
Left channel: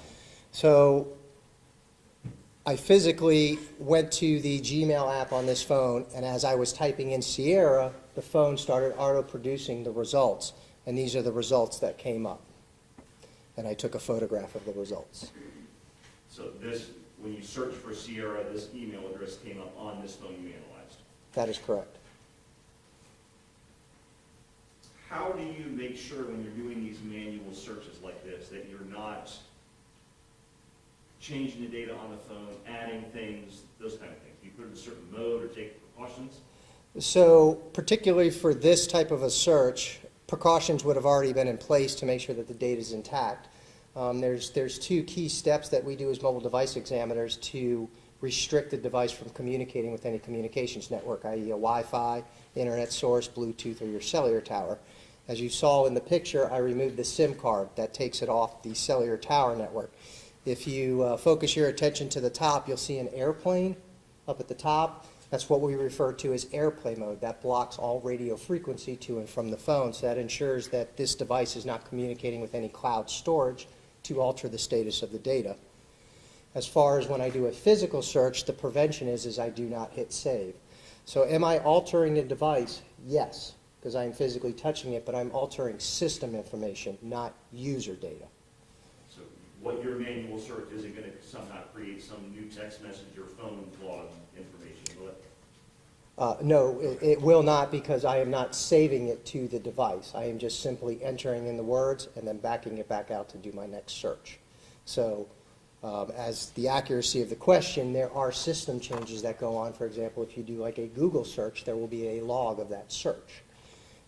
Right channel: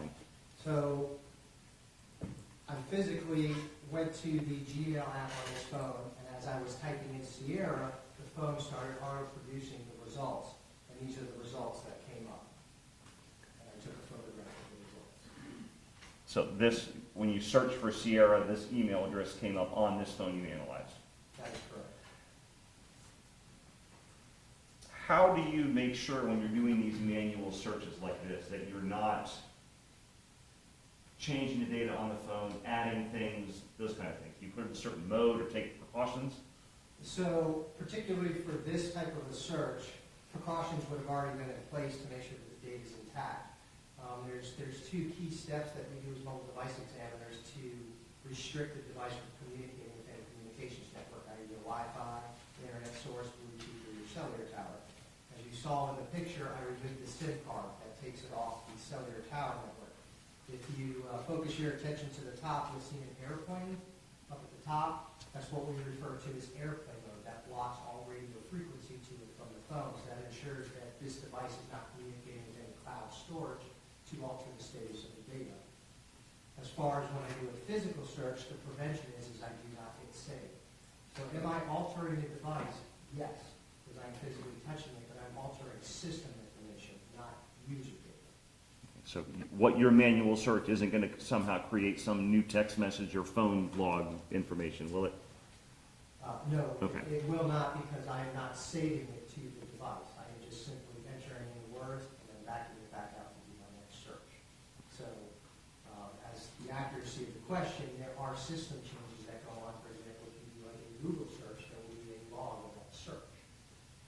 So I physically went to the Gmail app on this phone, and as I was typing in Sierra, the phone started auto-producing the results, and these are the results that came up. And I took a photograph of the results. So this, when you search for Sierra, this email address came up on this phone you analyzed. That is correct. How do you make sure when you're doing these manual searches like this that you're not changing the data on the phone, adding things, those kind of things? Do you put it in a certain mode or take precautions? So particularly for this type of a search, precautions would have already been in place to make sure that the data is intact. There's two key steps that we do as mobile device examiners to restrict the device from communicating with any communications network, i.e. a Wi-Fi, internet source, Bluetooth, or your cellular tower. As you saw in the picture, I removed the SIM card that takes it off the cellular tower network. If you focus your attention to the top, you'll see an airplane up at the top. That's what we refer to as airplane mode. That blocks all radio frequency to and from the phone, so that ensures that this device is not communicating with any cloud storage to alter the status of the data. As far as when I do a physical search, the prevention is I do not hit save. So am I altering a device? Yes, because I'm physically touching it, but I'm altering system information, not user data. So what your manual search isn't going to somehow create some new text message or phone log information, will it? No, Okay. it will not, because I am not saving it to the device. I am just simply entering in the words and then backing it back out to do my next search. So as the accuracy of the question, there are system changes that go on. For example, if you do like a Google search, there will be a log of that search.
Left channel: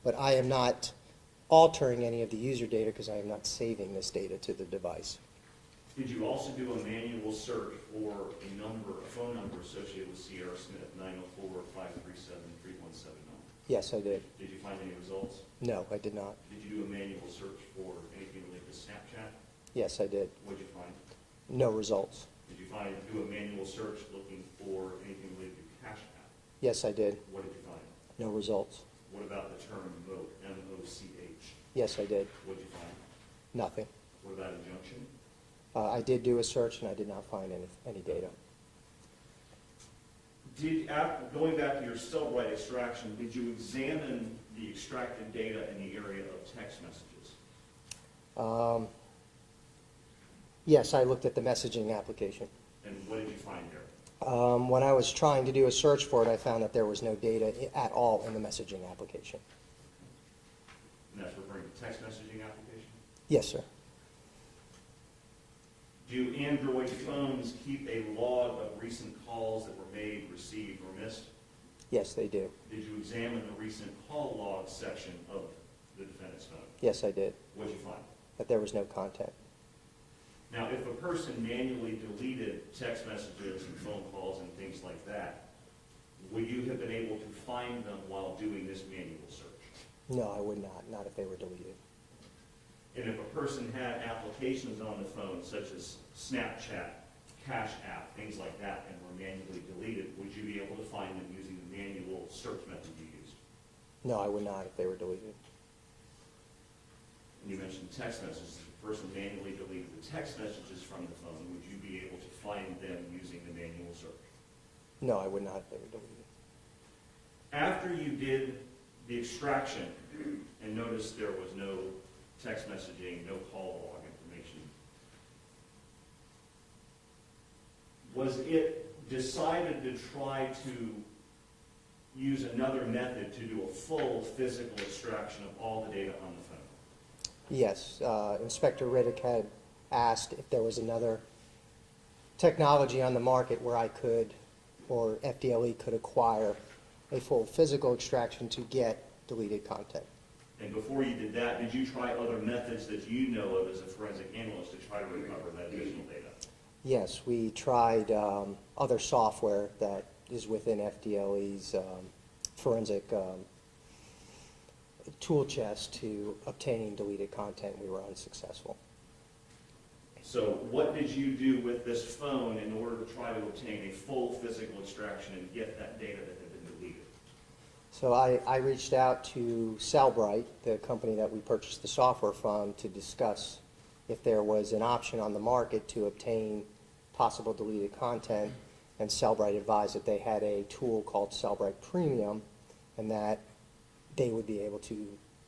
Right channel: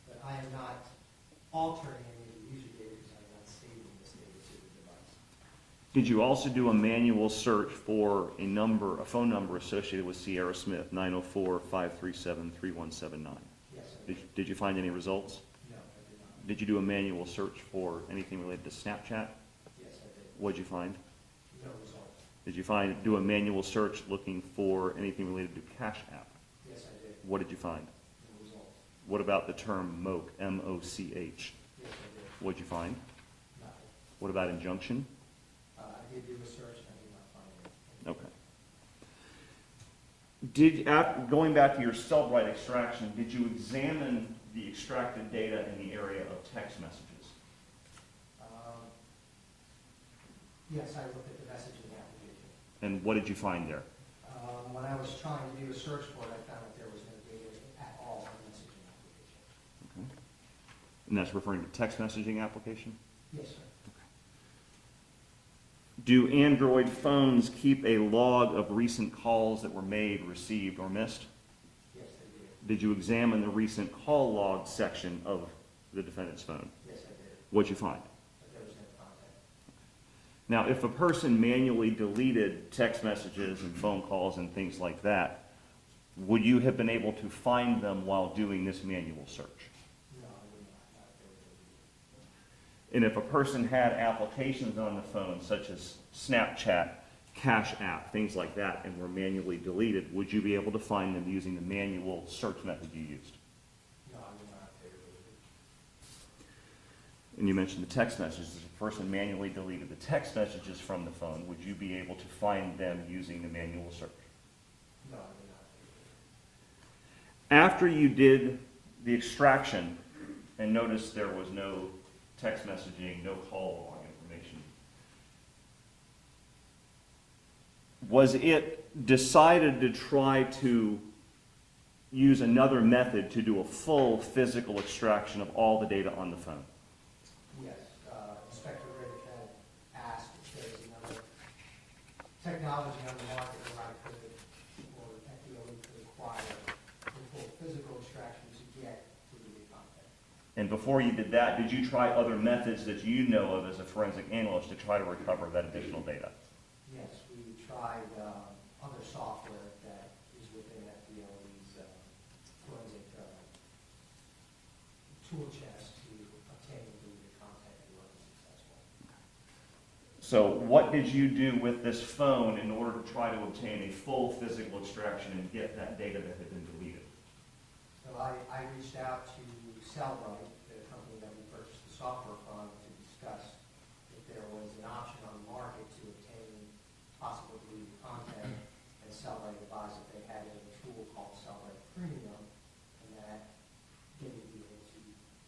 But I am not altering any of the user data because I am not saving this data to the device. Did you also do a manual search for a phone number associated with Sierra Smith, 904-537-3179? Yes, I did. Did you find any results? No, I did not. Did you do a manual search for anything related to Snapchat? Yes, I did. What did you find? No results. Did you do a manual search looking for anything related to Cash App? Yes, I did. What did you find? No results. What about the term MOCH, M-O-C-H? Yes, I did. What did you find? Nothing. What about injunction? I did do a search and I did not find any data. Okay. Going back to your Cellbrite extraction, did you examine the extracted data in the area of text messages? Yes, I looked at the messaging application. And what did you find there? When I was trying to do a search for it, I found that there was no data at all in the messaging application. Okay. And that's referring to text messaging application? Yes, sir. Do Android phones keep a log of recent calls that were made, received, or missed? Yes, they do. Did you examine the recent call log section of the defendant's phone? Yes, I did, What'd you find? but there was no contact. Now, if a person manually deleted text messages and phone calls and things like that, would you have been able to find them while doing this manual search? No, I would not if they were deleted. And if a person had applications on the phone, such as Snapchat, Cash App, things like that, and were manually deleted, would you be able to find them using the manual search method you used? No, I would not if they were deleted. And you mentioned the text messages. If a person manually deleted the text messages from the phone, would you be able to find them using the manual search? No, I would not if they were deleted. After you did the extraction and noticed there was no text messaging, no call log information, was it decided to try to use another method to do a full physical extraction of all the data on the phone? Yes, Inspector Riddick had asked if there was another technology on the market where I could, or FDLE could acquire a full physical extraction to get deleted content. And before you did that, did you try other methods that you know of as a forensic analyst to try to recover that additional data? Yes, we tried other software that is within FDLE's forensic tool chest to obtain deleted content. We were unsuccessful. So what did you do with this phone in order to try to obtain a full physical extraction and get that data that had been deleted? So I reached out to Cellbrite, the company that we purchased the software from, to discuss if there was an option on the market to obtain possible deleted content, and Cellbrite advised that they had a tool called Cellbrite Premium, and that they would be able to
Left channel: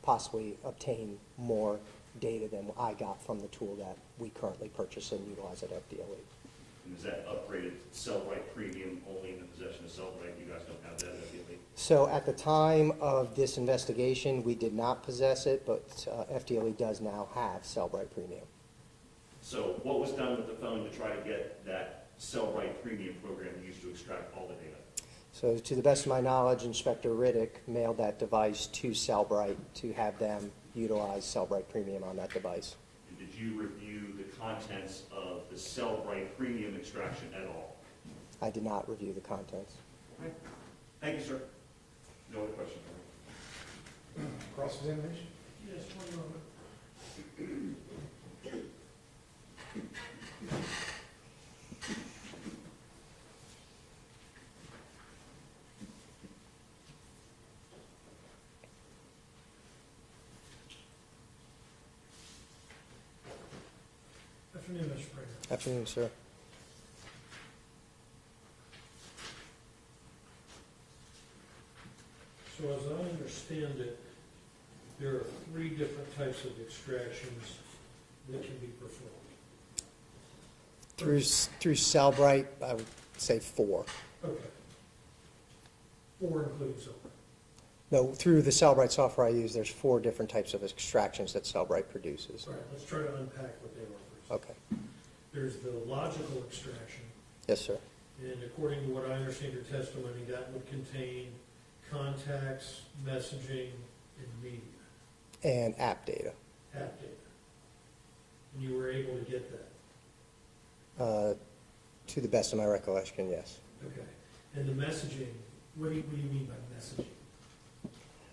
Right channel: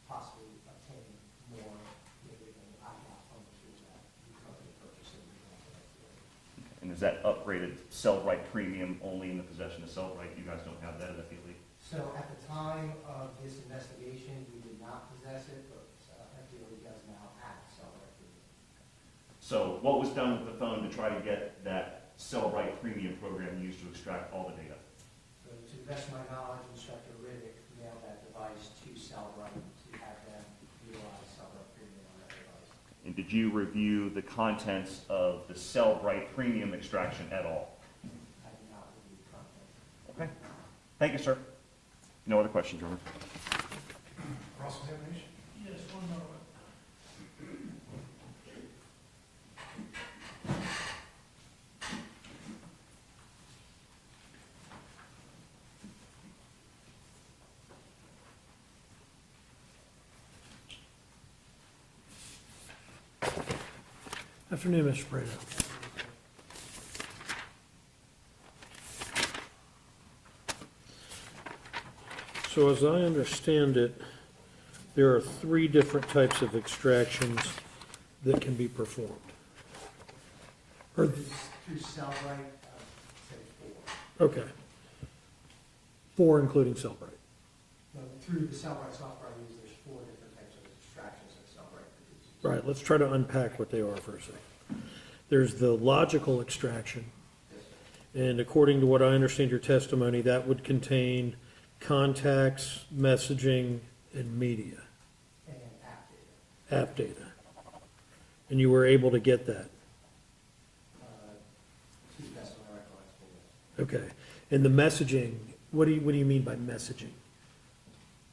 possibly obtain more data than I got from the tool that we currently purchase and utilize at FDLE. And is that upgraded Cellbrite Premium only in the possession of Cellbrite? You guys don't have that at FDLE? So at the time of this investigation, we did not possess it, but FDLE does now have Cellbrite Premium. So what was done with the phone to try to get that Cellbrite Premium program used to extract all the data? So to the best of my knowledge, Inspector Riddick mailed that device to Cellbrite to have them utilize Cellbrite Premium on that device. And did you review the contents of the Cellbrite Premium extraction at all? I did not review the contents. Okay. Thank you, sir. No other questions, Your Honor. Cross-examination? Yes, one moment. Afternoon, Mr. Prado. Afternoon, sir. So as I understand it, there are 3 different types of extractions that can be performed. Through Cellbrite, I would say 4. Okay. 4 including Cellbrite. No, through the Cellbrite software I use, there's 4 different types of extractions that Cellbrite produces. Right, let's try to unpack what they are first. Okay. There's the logical extraction, Yes, sir. and according to what I understand your testimony, that would contain contacts, messaging, and media, And app data. app data. And you were able to get that? To the best of my recollection, yes. Okay. And the messaging, what do you mean by messaging?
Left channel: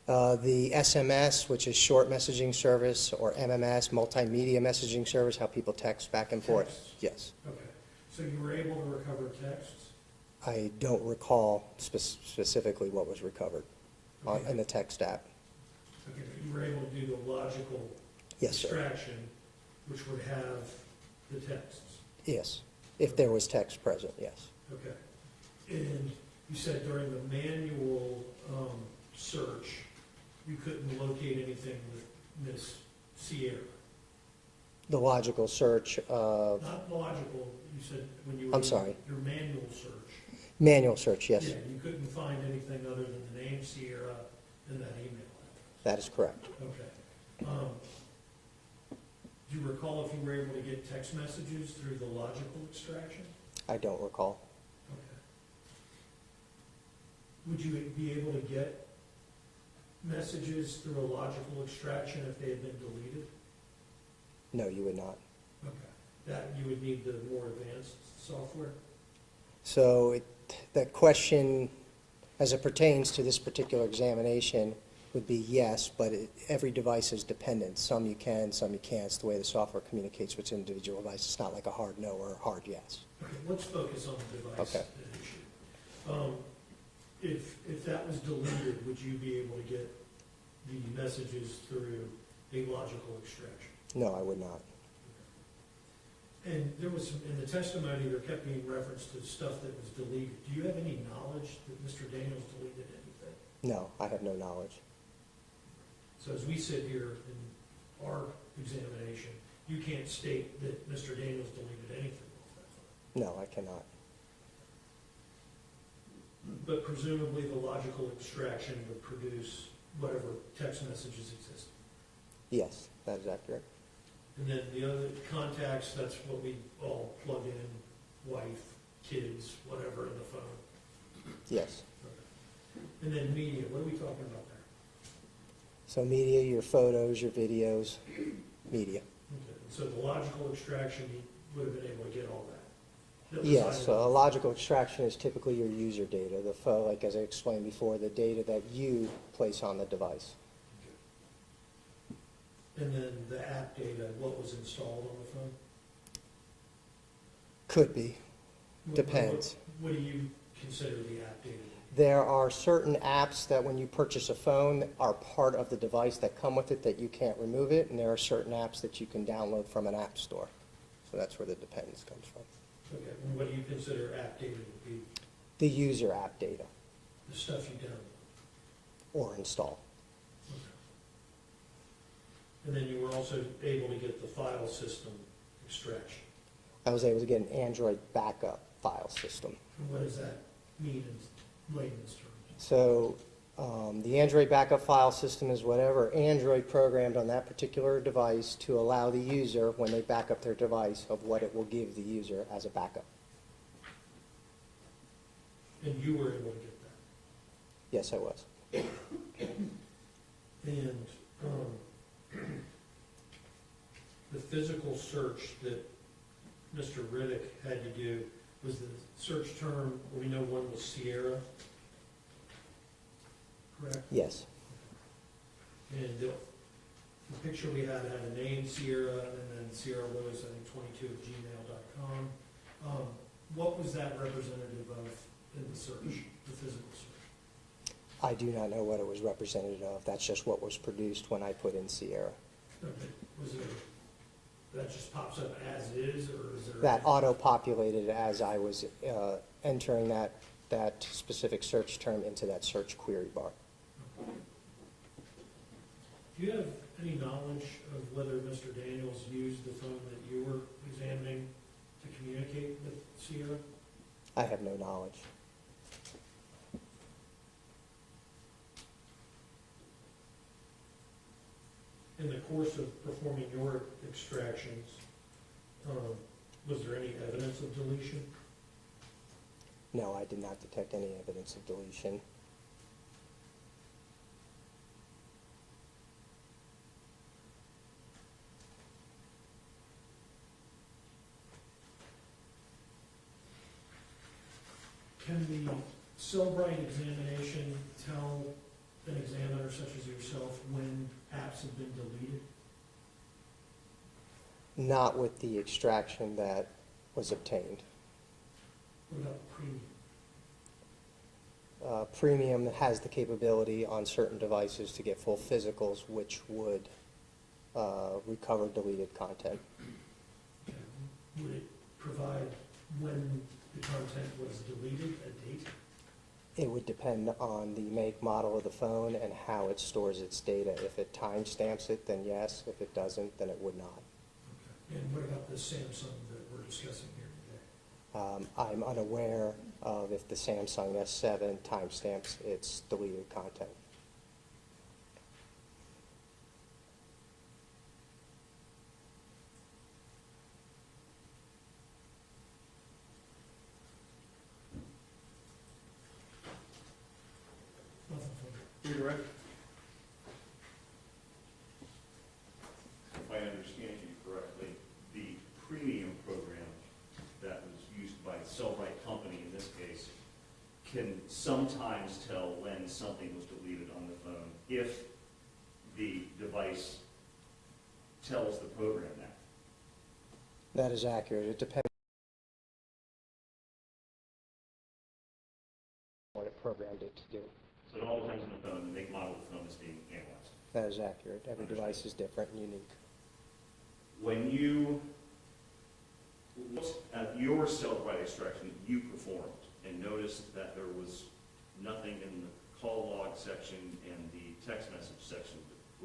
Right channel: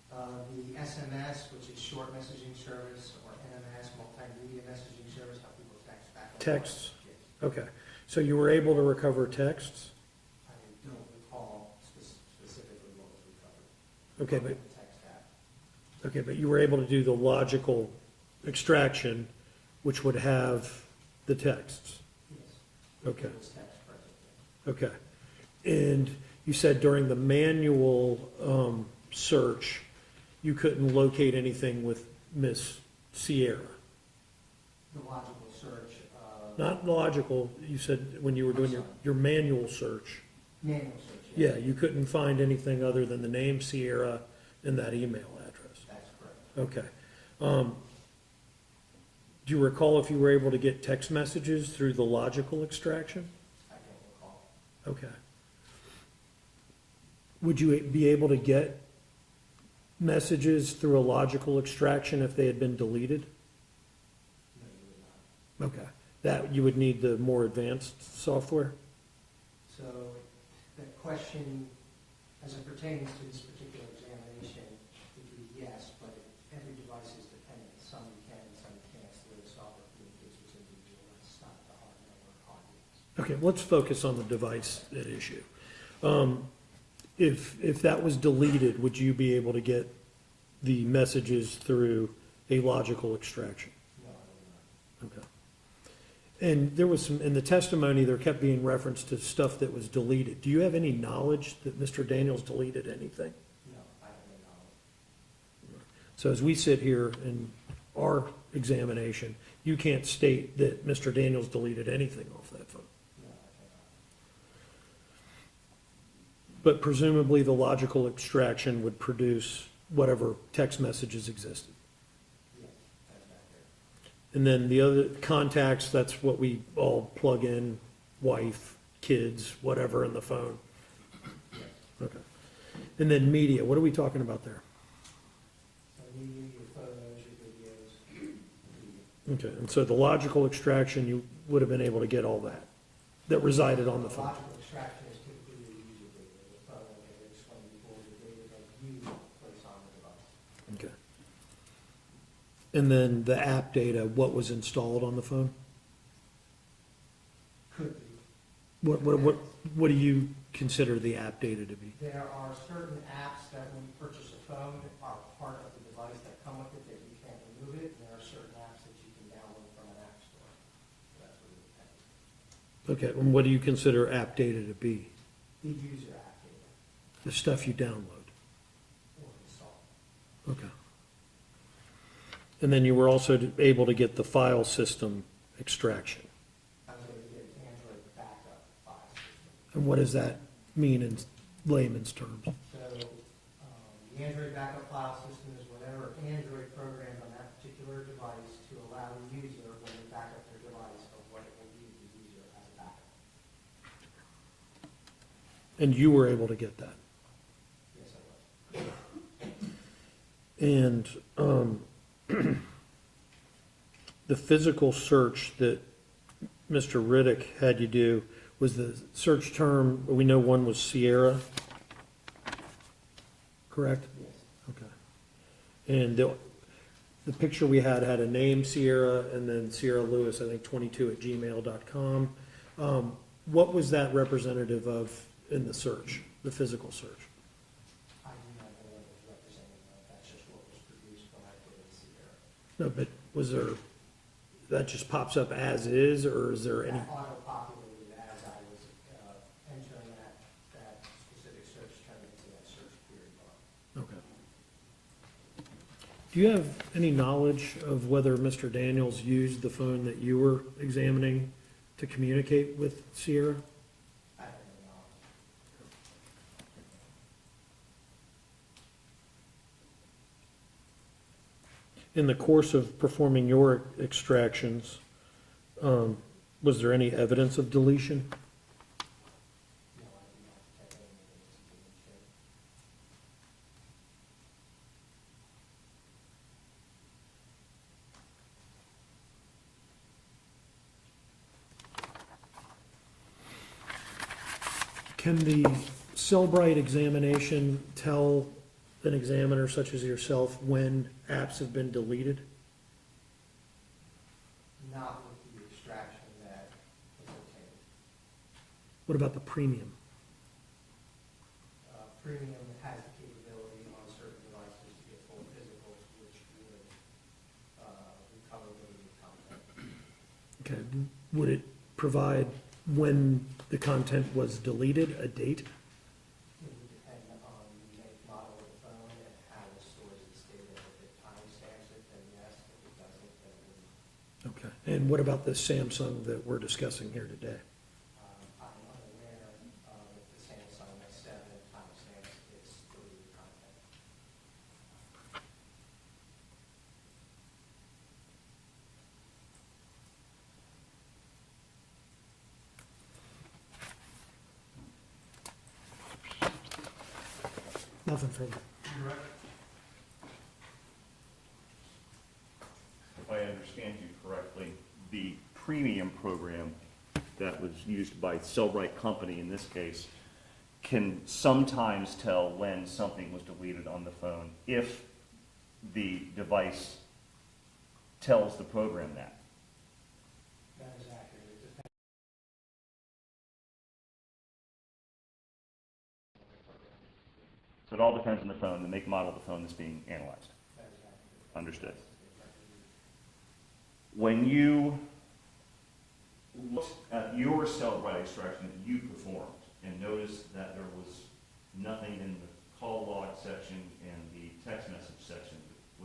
The SMS, which is short messaging service, or MMS, multimedia messaging service, how people text back and forth. Texts. Yes. Okay. So you were able to recover texts? I don't recall specifically what was recovered Okay, in the text app. okay, but you were able to do the logical Yes, sir. extraction, which would have the texts? Yes, if there was text present, yes. Okay. And you said during the manual search, you couldn't locate anything with Miss Sierra? The logical search, Not logical, you said when you were I'm doing sorry. your manual search. manual search, yes. Yeah, you couldn't find anything other than the name Sierra and that email address? That is correct. Okay. Do you recall if you were able to get text messages through the logical extraction? I don't recall. Okay. Would you be able to get messages through a logical extraction if they had been deleted? No, you would not. Okay. That, you would need the more advanced software? So the question, as it pertains to this particular examination, would be yes, but every device is dependent. Some you can, some you can't. It's the way the software communicates with individual devices. It's not like a hard no or a hard yes. Okay, let's focus on the device Okay. at issue. If that was deleted, would you be able to get the messages through a logical extraction? No, I would not. Okay. And there was some, in the testimony, there kept being reference to stuff that was deleted. Do you have any knowledge that Mr. Daniels deleted anything? No, I have no knowledge. So as we sit here in our examination, you can't state that Mr. Daniels deleted anything off that phone. No, I cannot. But presumably the logical extraction would produce whatever text messages existed. Yes, that is accurate. And then the other contacts, that's what we all plug in, wife, kids, whatever in the phone. Yes. Okay. And then media, what are we talking about there? So media, your photos, your videos, media. Okay, and so the logical extraction, you would have been able to get all that Yes, resided so on a the phone? logical extraction is typically your user data, like as I explained before, the data that you place on the device. Okay. And then the app data, what was installed on the phone? Could be. What Depends. what do you consider the app data to be? There are certain apps that when you purchase a phone are part of the device that come with it that you can't remove it, and there are certain apps that you can download from an app store. So that's where the dependence comes from. Okay, and what do you consider app data to be? The user app data The stuff you download? or install. Okay. And then you were also able to get the file system extraction. I was able to get an Android backup file system. And what does that mean in layman's terms? So the Android backup file system is whatever Android programmed on that particular device to allow the user, when they back up their device, of what it will give the user as a backup. And you were able to get that? Yes, I was. And the physical search that Mr. Riddick had you do, was the search term, we know one was Sierra, correct? Yes. Okay. And the picture we had a name Sierra and then Sierra Lewis, I think 22@gmail.com. What was that representative of in the search, the physical search? I do not know what it was representative of. That's just what was produced when I put in Sierra. No, but was there, that just pops up as is, or is there? That auto-populated as I was entering that specific search term into that search query bar. Okay. Do you have any knowledge of whether Mr. Daniels used the phone that you were examining to communicate with Sierra? I have no knowledge. In the course of performing your extractions, was there any evidence of deletion? No, I did not detect any evidence of deletion. Can the Cellbrite examination tell an examiner such as yourself when apps have been deleted? Not with the extraction that was obtained. What about the premium? Premium has the capability on certain devices to get full physicals, which would recover deleted content. Okay, would it provide when the content was deleted, a date? It would depend on the make, model of the phone and how it stores its data. If it timestamps it, then yes. If it doesn't, then it would not. Okay, and what about the Samsung that we're discussing here today? I'm unaware of if the Samsung S7 timestamps its deleted content. Nothing further. Redirect. If I understand you correctly, the premium program that was used by Cellbrite Company in this case can sometimes tell when something was deleted on the phone if the device tells the program that. That is accurate. It depends on what it programmed it to do. So it all depends on the phone, the make, model of the phone that's being analyzed. That is accurate. Every Understood. device is different and unique. When you looked at your Cellbrite extraction that you performed and noticed that there was nothing in the call log section and the text message section,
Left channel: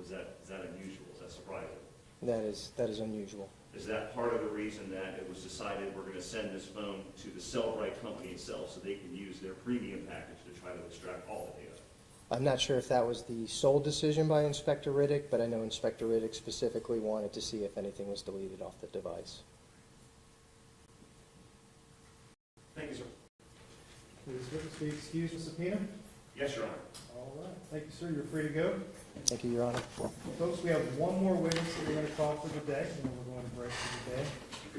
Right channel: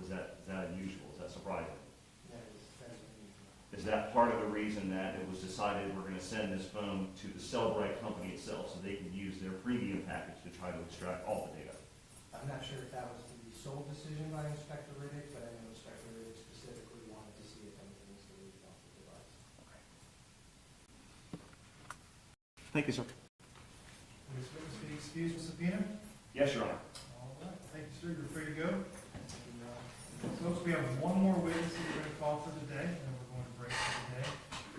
is that unusual? Is that surprising? That is unusual. Is that part of the reason that it was decided we're going to send this phone to the Cellbrite company itself so they can use their premium package to try to extract all the data? I'm not sure if that was the sole decision by Inspector Riddick, but I know Inspector Riddick specifically wanted to see if anything was deleted off the device. Thank you, sir. Will this witness be excused from subpoena? Yes, Your Honor. All right, thank you, sir. You're free to go. Thank you, Your Honor. Folks, we have one more witness that we're going to call for the day, and then we're going to break for the day.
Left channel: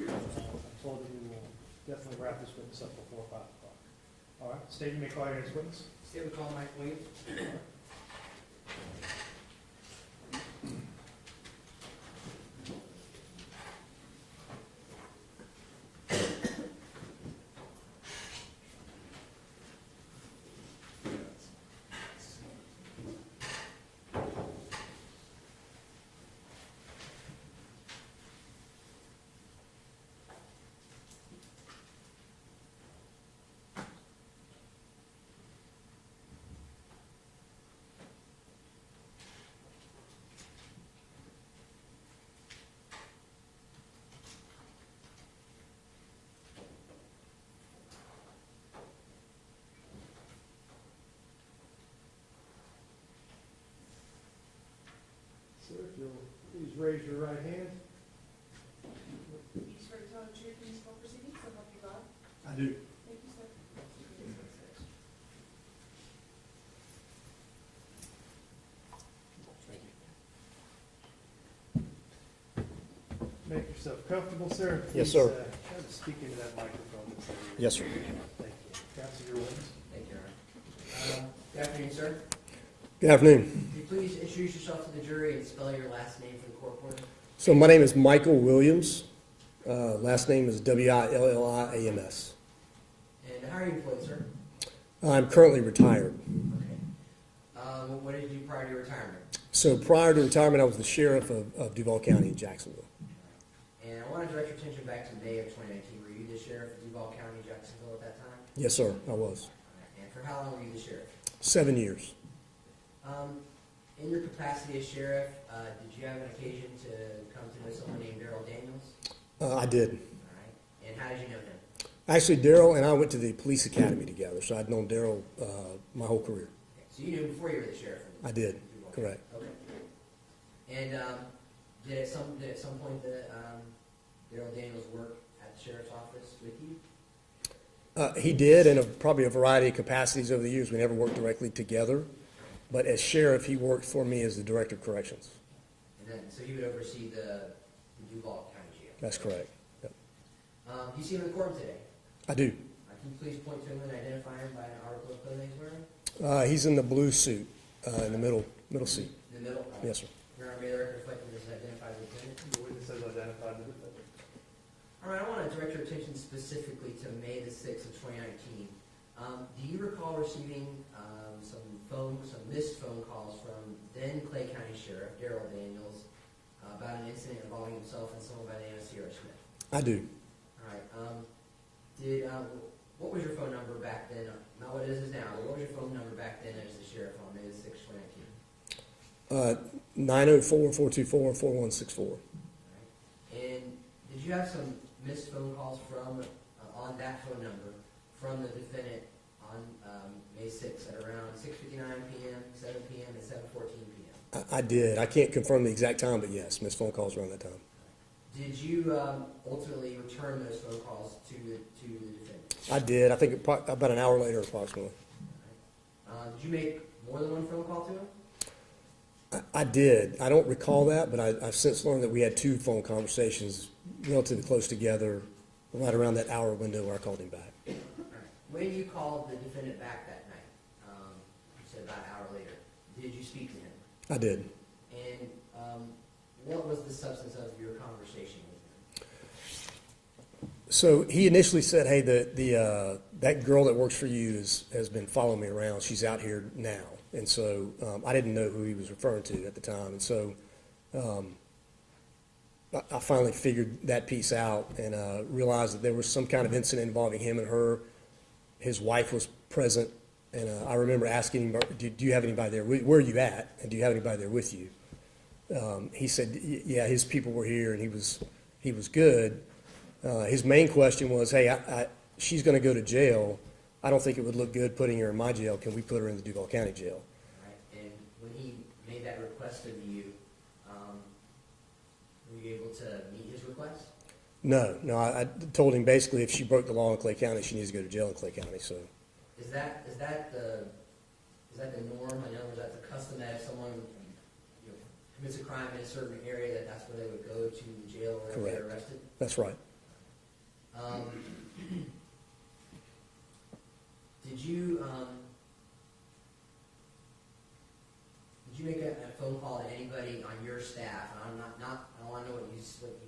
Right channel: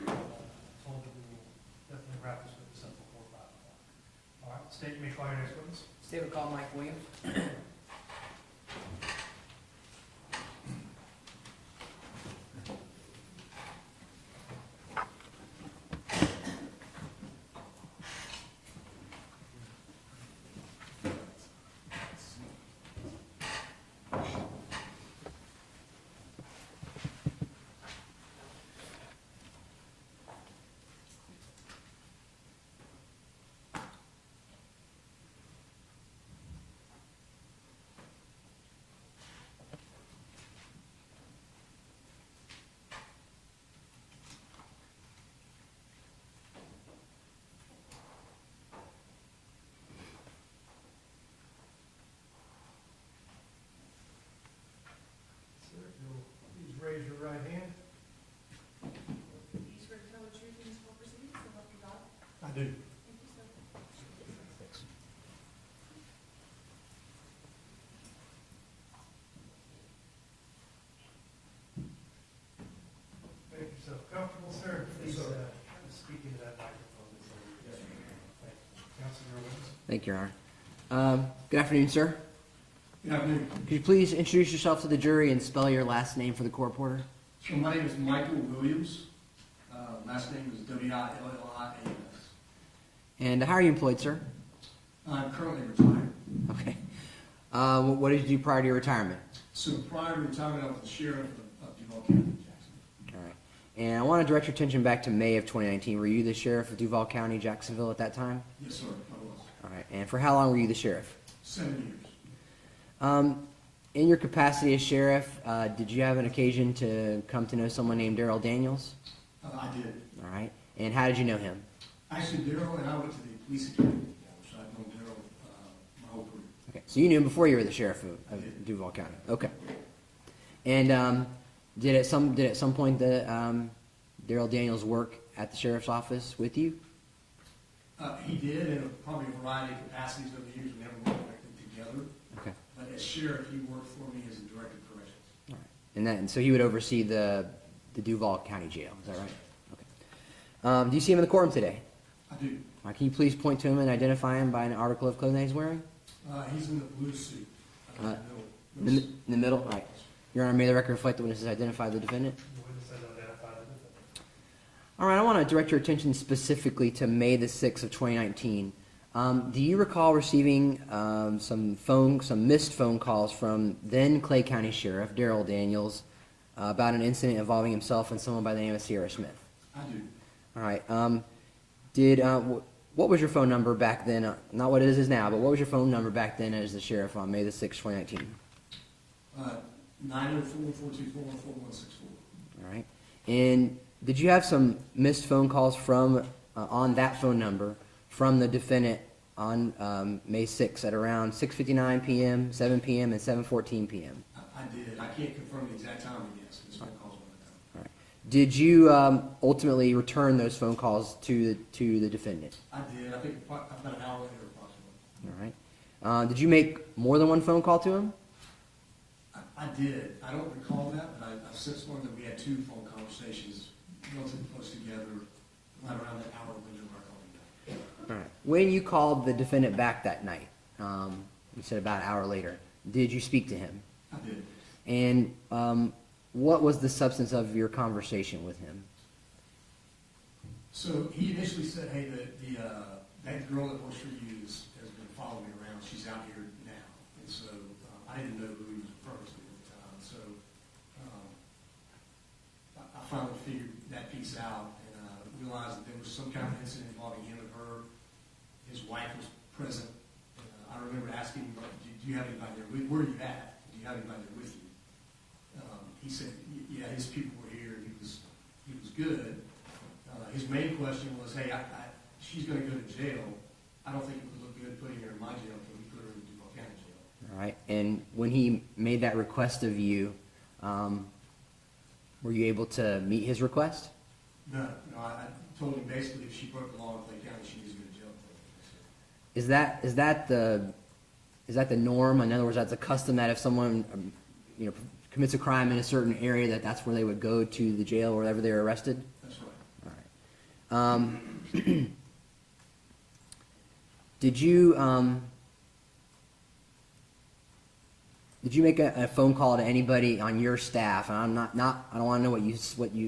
I'm told that we will definitely wrap this witness up before 5 o'clock. All right, State, you may call your next witness. Statement call Mike Williams. Sir, if you'll please raise your right hand. You swear to tell the truth in these court proceedings, so help you God? I do. Thank you, sir. Make yourself comfortable, sir. Yes, Please, sir. try to speak into that microphone. That's all. Yes, sir. Thank you. Counsel, your witness. Thank you, Your Honor. Good afternoon, sir. Good afternoon. Could you please introduce yourself to the jury and spell your last name for the court reporter? So my name is Michael Williams. Last name is Williams. And how are you employed, sir? I'm currently retired. Okay. What did you do prior to your retirement? So prior to retirement, I was the sheriff of Duval County in Jacksonville. All right. And I want to direct your attention back to May of 2019. Were you the sheriff of Duval County, Jacksonville at that time? Yes, sir, I was. All right. And for how long were you the sheriff? 7 years. In your capacity as sheriff, did you have an occasion to come to know someone named Darryl Daniels? I did. All right. And how did you know him? Actually, Darryl and I went to the police academy together, so I'd known Darryl my whole career. Okay. So you knew him before you were the sheriff of I did. Duval County. Correct. Okay. And did at some point the Darryl Daniels work at the sheriff's office with you? He did in probably a variety of capacities over the years. We never worked directly together. Okay. But as sheriff, he worked for me as the director of corrections. All right. And so he would oversee the Duval County Jail. is That's that right? correct. Do you see him in the courtroom today? I do. Can you please point to him and identify him by an article of clothing he's wearing? He's in the blue suit, the middle suit. In the middle? All right. Yes, sir. Your Honor, may the record reflect the witness has identified the defendant? The witness has identified the defendant. All right, I want to direct your attention specifically to May the 6th of 2019. Do you recall receiving some missed phone calls from then Clay County Sheriff Darryl Daniels about an incident involving himself and someone by the name of Sierra Smith? I do. All right. What was your phone number back then? Not what it is now, but what was your phone number back then as the sheriff on May the 6th, 2019? 904-424-4164. All right. And did you have some missed phone calls from on that phone number from the defendant on May 6th at around 6:59 p.m., 7 p.m., and 7:14 p.m.? I did. I can't confirm the exact time, but yes, missed phone calls around that time. All right. Did you ultimately return those phone calls to the defendant? I did. I think about an hour later, approximately. All right. Did you make more than one phone call to him? I did. I don't recall that, but I've since learned that we had 2 phone conversations relatively close together, right around that hour window where I called him back. All right. When you called the defendant back that night, you said about an hour later, did you speak to him? I did. And what was the substance of your conversation with him? So he initially said, hey, that girl that works for you has been following me around. She's out here now. And so I didn't know who he was referring to at the time. And so I finally figured that piece out and realized that there was some kind of incident involving him and her. His wife was present. And I remember asking him, do you have anybody there? Where are you at? And do you have anybody there with you? He said, yeah, his people were here and he was good. His main question was, hey, she's going to go to jail. I don't think it would look good putting her in my jail. Can we put her in the Duval County jail? All right. And when he made that request of you, were you able to meet his request? No. I told him basically if she broke the law in Clay County, she needs to go to jail in Clay County. So Is that the norm? In other words, that's a custom that if someone commits a crime in a certain area, that's where they would go to the jail or wherever they're arrested? that's right. All right. Did you make a phone call to anybody on your staff? And I don't want to know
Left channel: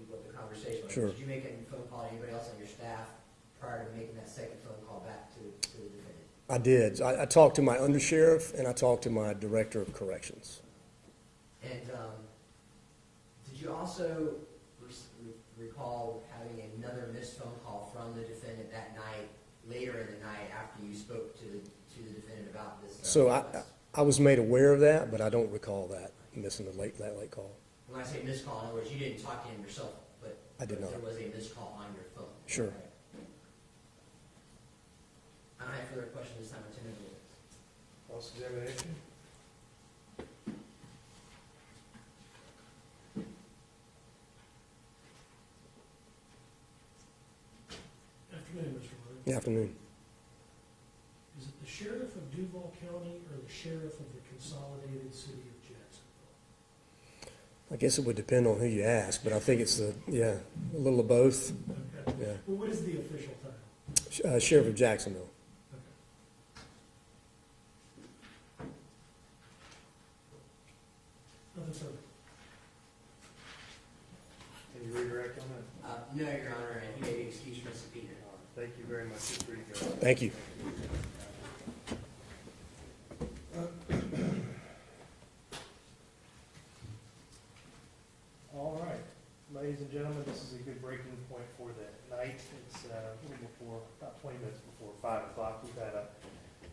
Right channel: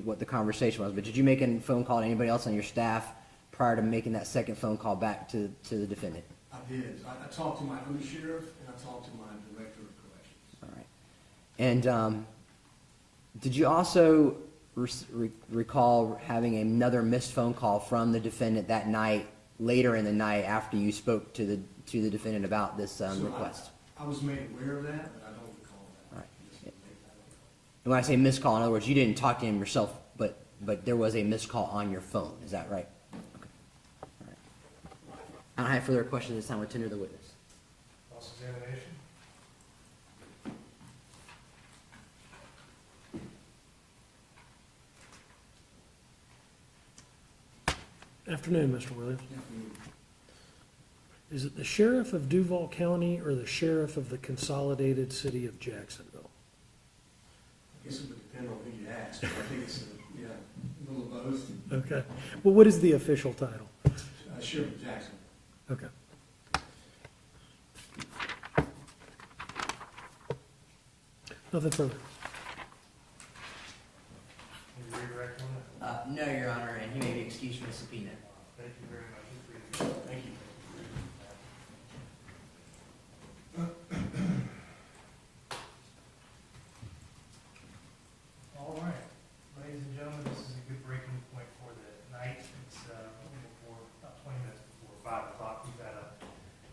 what the conversation was, Sure. but did you make a phone call to anybody else on your staff prior to making that second phone call back to the defendant? I did. I talked to my undersheriff and I talked to my director of corrections. All right. And did you also recall having another missed phone call from the defendant that night, later in the night after you spoke to the defendant about this So request? I was made aware of that, but I don't recall that, missing that late call. And when I say missed call, in other words, you didn't talk to him yourself, but I did there not. was a missed call on your phone. Is Sure. that right? Okay. All right. I don't have further questions this time. I tender the witness. Cross-examination? Afternoon, Mr. Williams. Good afternoon. Is it the sheriff of Duval County or the sheriff of the consolidated city of Jacksonville? I guess it would depend on who you ask, but I think it's a little of both. Okay. Yeah. Well, what is the official title? Sheriff of Jacksonville. Okay. Nothing further. Can you redirect on that? No, Your Honor, and he may be excused from his subpoena. Thank you very much. You're free to go. Thank you. All right, ladies and gentlemen, this is a good breaking point for the night. It's a little before, about 20 minutes before 5 o'clock. We've had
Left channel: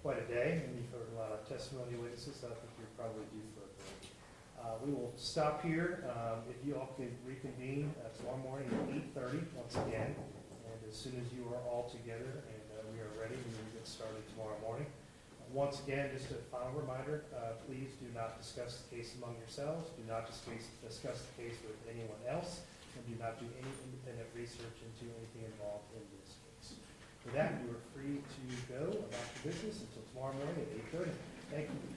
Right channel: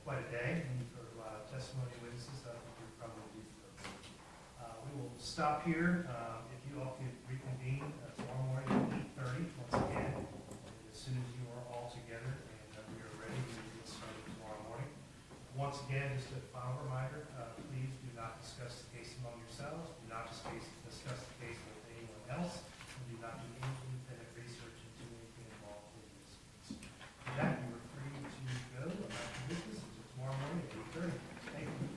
quite a day, and you've heard a lot of testimony witnesses. I think we're probably due for a break. We will stop here. If you all could reconvene tomorrow morning at 8:30 once again. And as soon as you are all together and we are ready, we will get started tomorrow morning. Once again, just a final reminder, please do not discuss the case among yourselves. Do not discuss the case with anyone else. And do not do any independent research into anything involved in this case. With that, you are free to go about your business until tomorrow morning at 8:30. Thank you.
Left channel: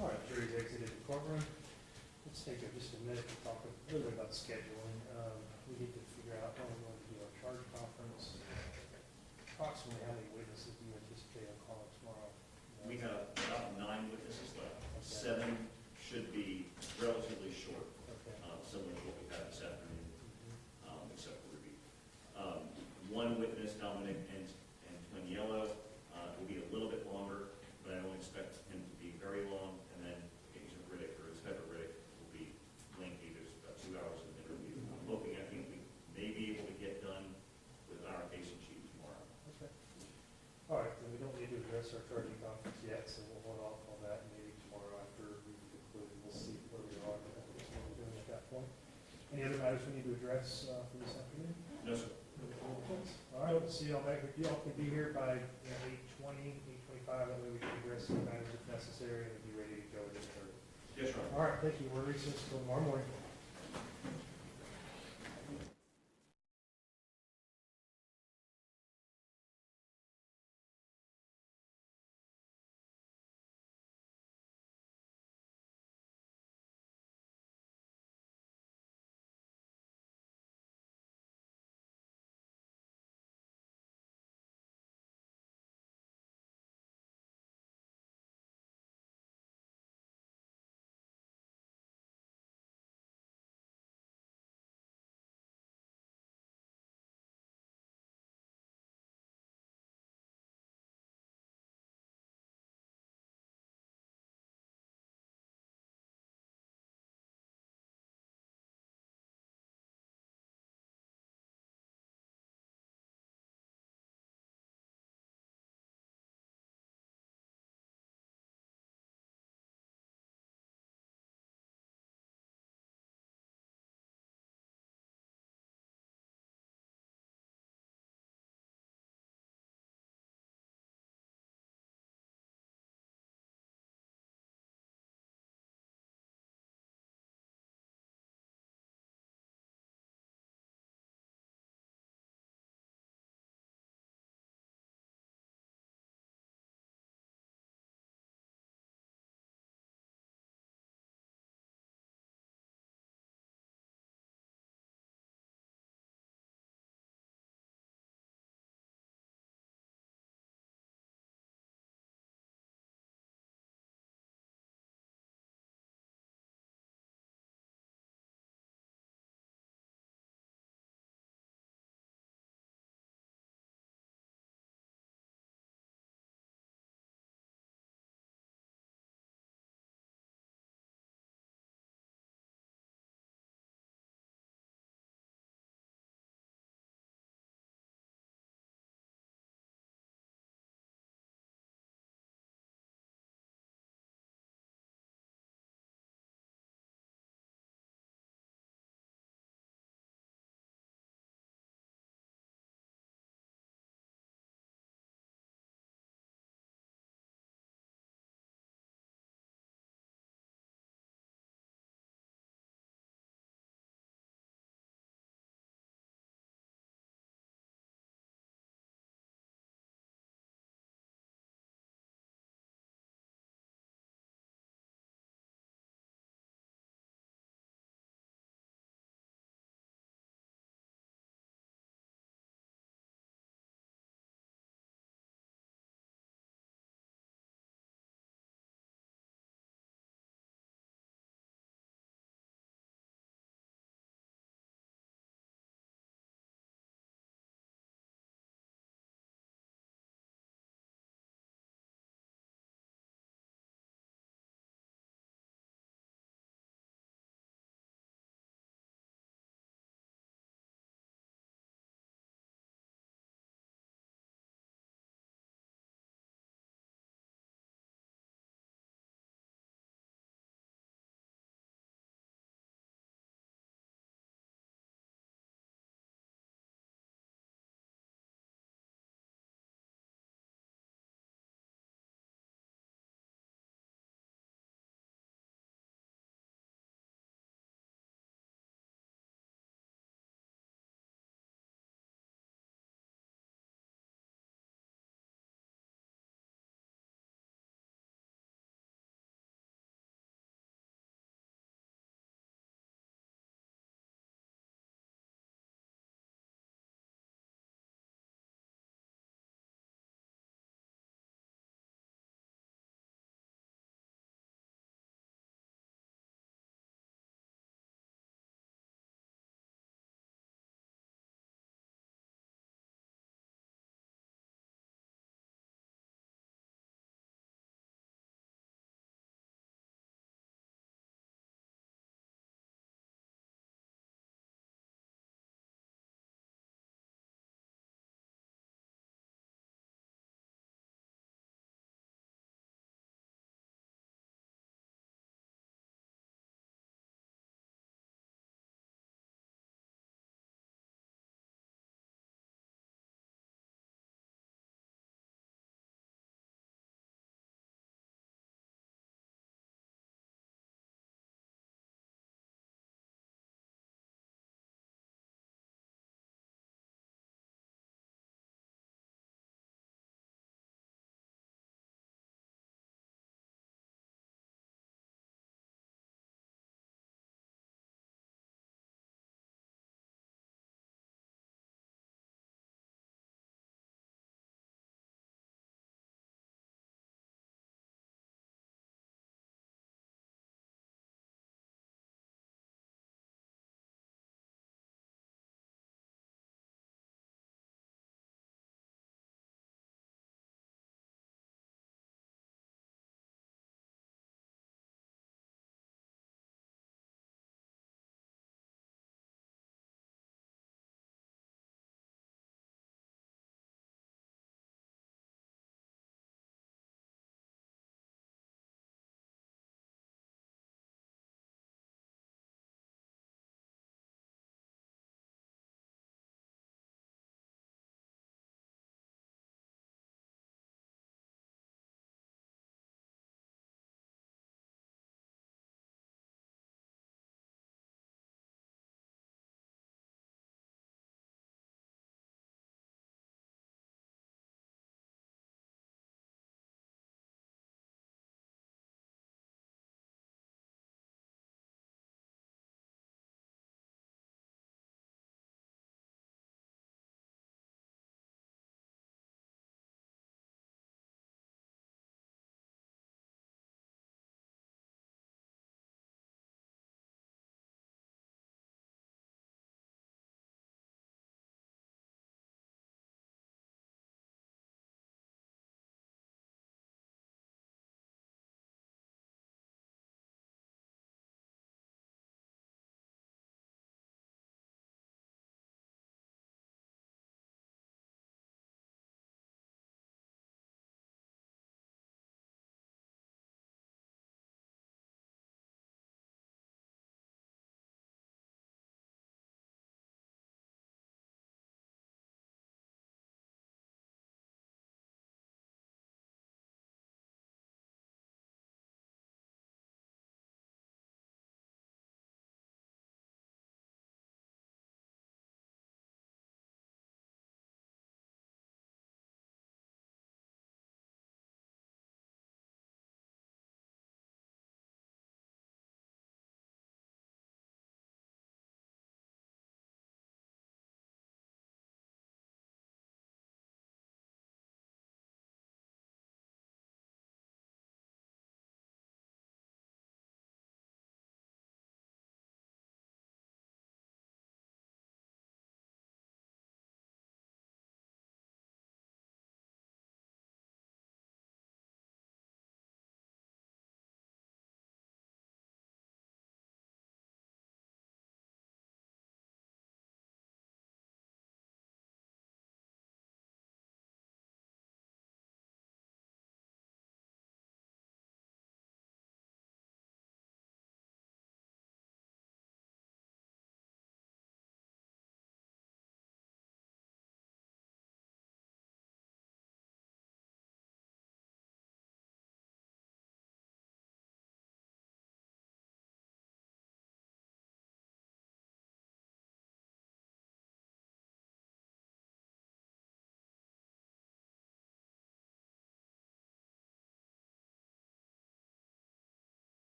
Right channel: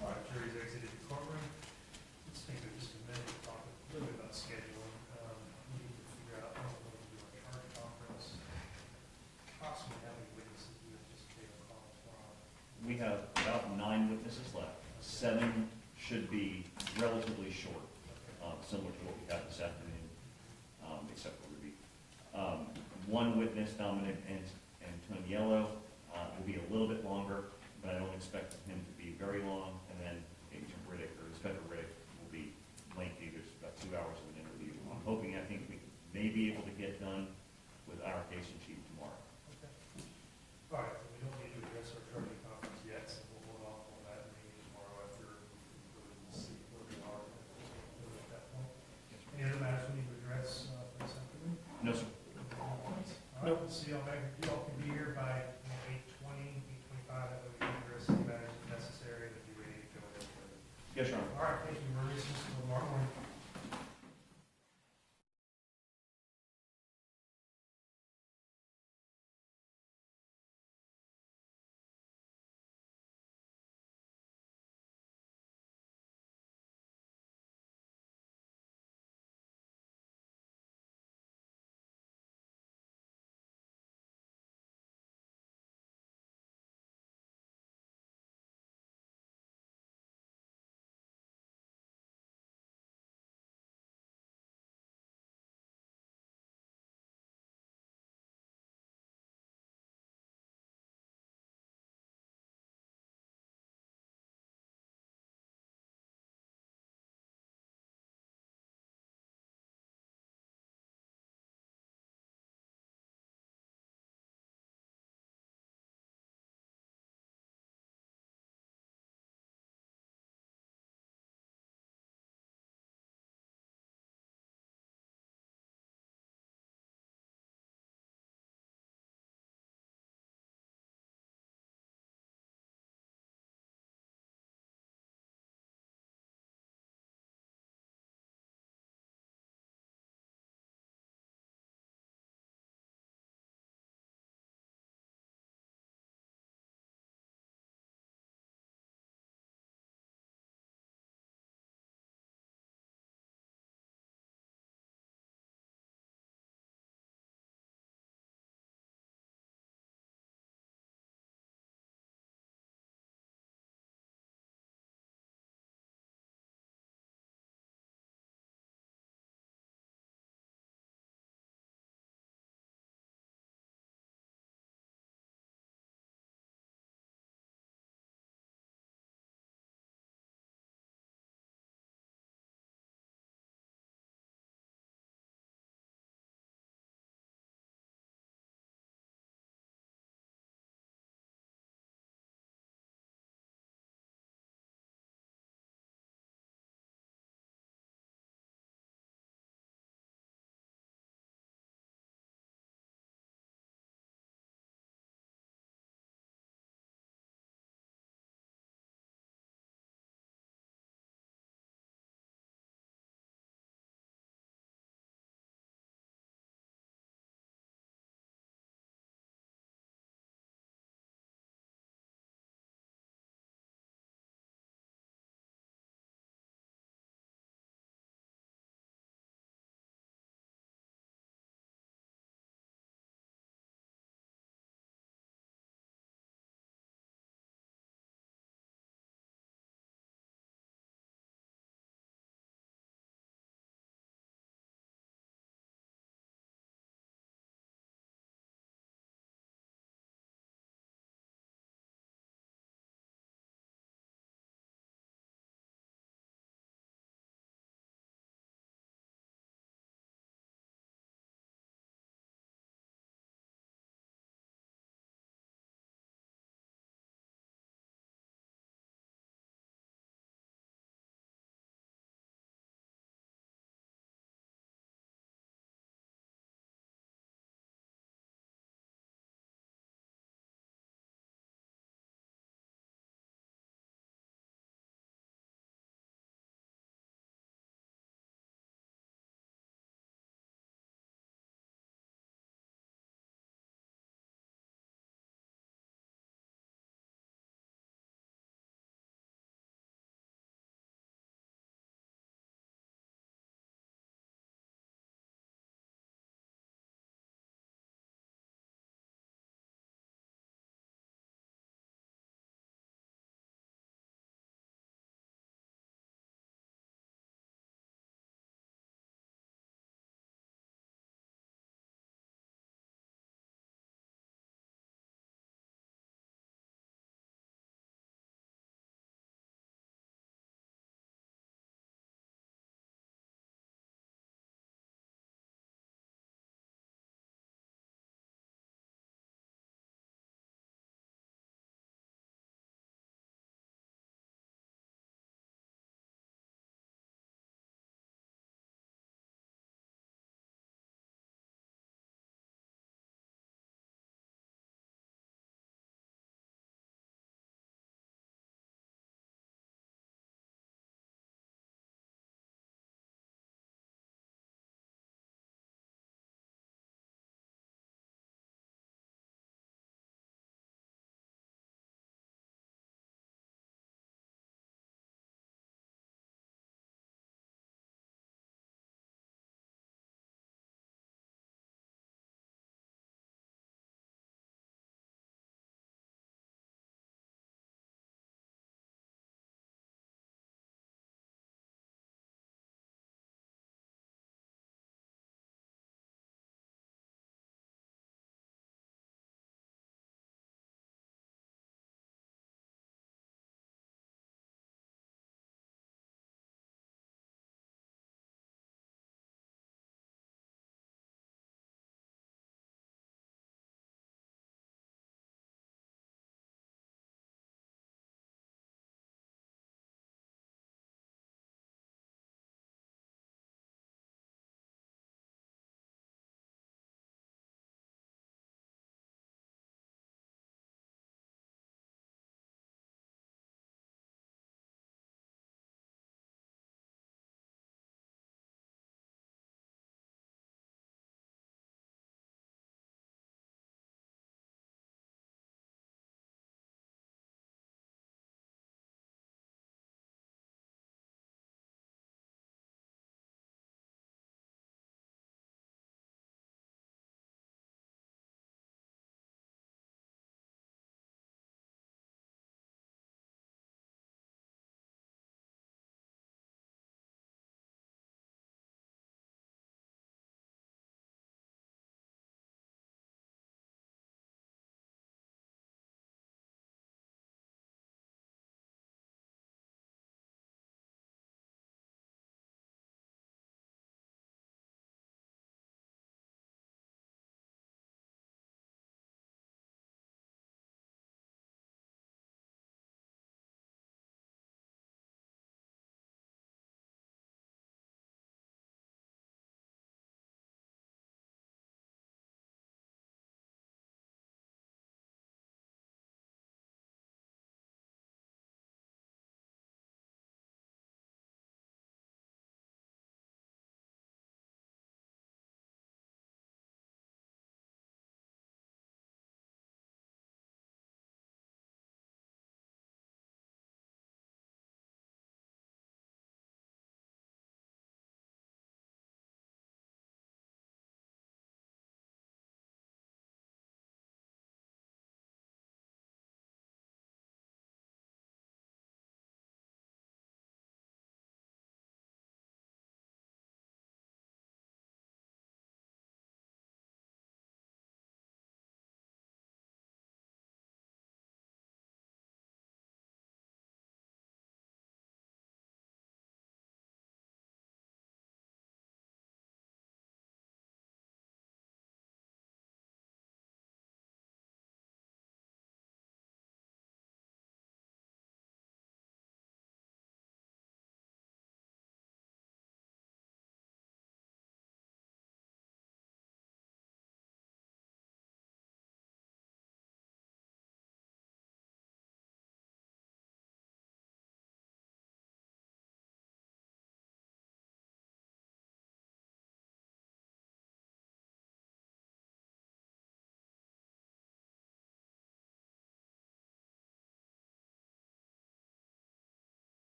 All right, jury's exited the courtroom. Let's take just a minute to talk a little bit about scheduling. We need to figure out how we're going to do our charge conference. Approximately how many witnesses do you anticipate on call tomorrow? We have about 9 witnesses left. 7 should be relatively short, Okay. similar to what we had this afternoon, except for Ruby. One witness, Dominic Antoniello, will be a little bit longer, but I don't expect him to be very long. And then Agent Riddick or Inspector Riddick will be lengthy. There's about 2 hours of an interview. I'm hoping, I think we may be able to get done with our case in chief tomorrow. Okay. All right, then we don't need to address our charging conference yet, so we'll hold off on that, and maybe tomorrow after we've concluded, we'll see where we are. All right, thank you. We're recessed till tomorrow morning.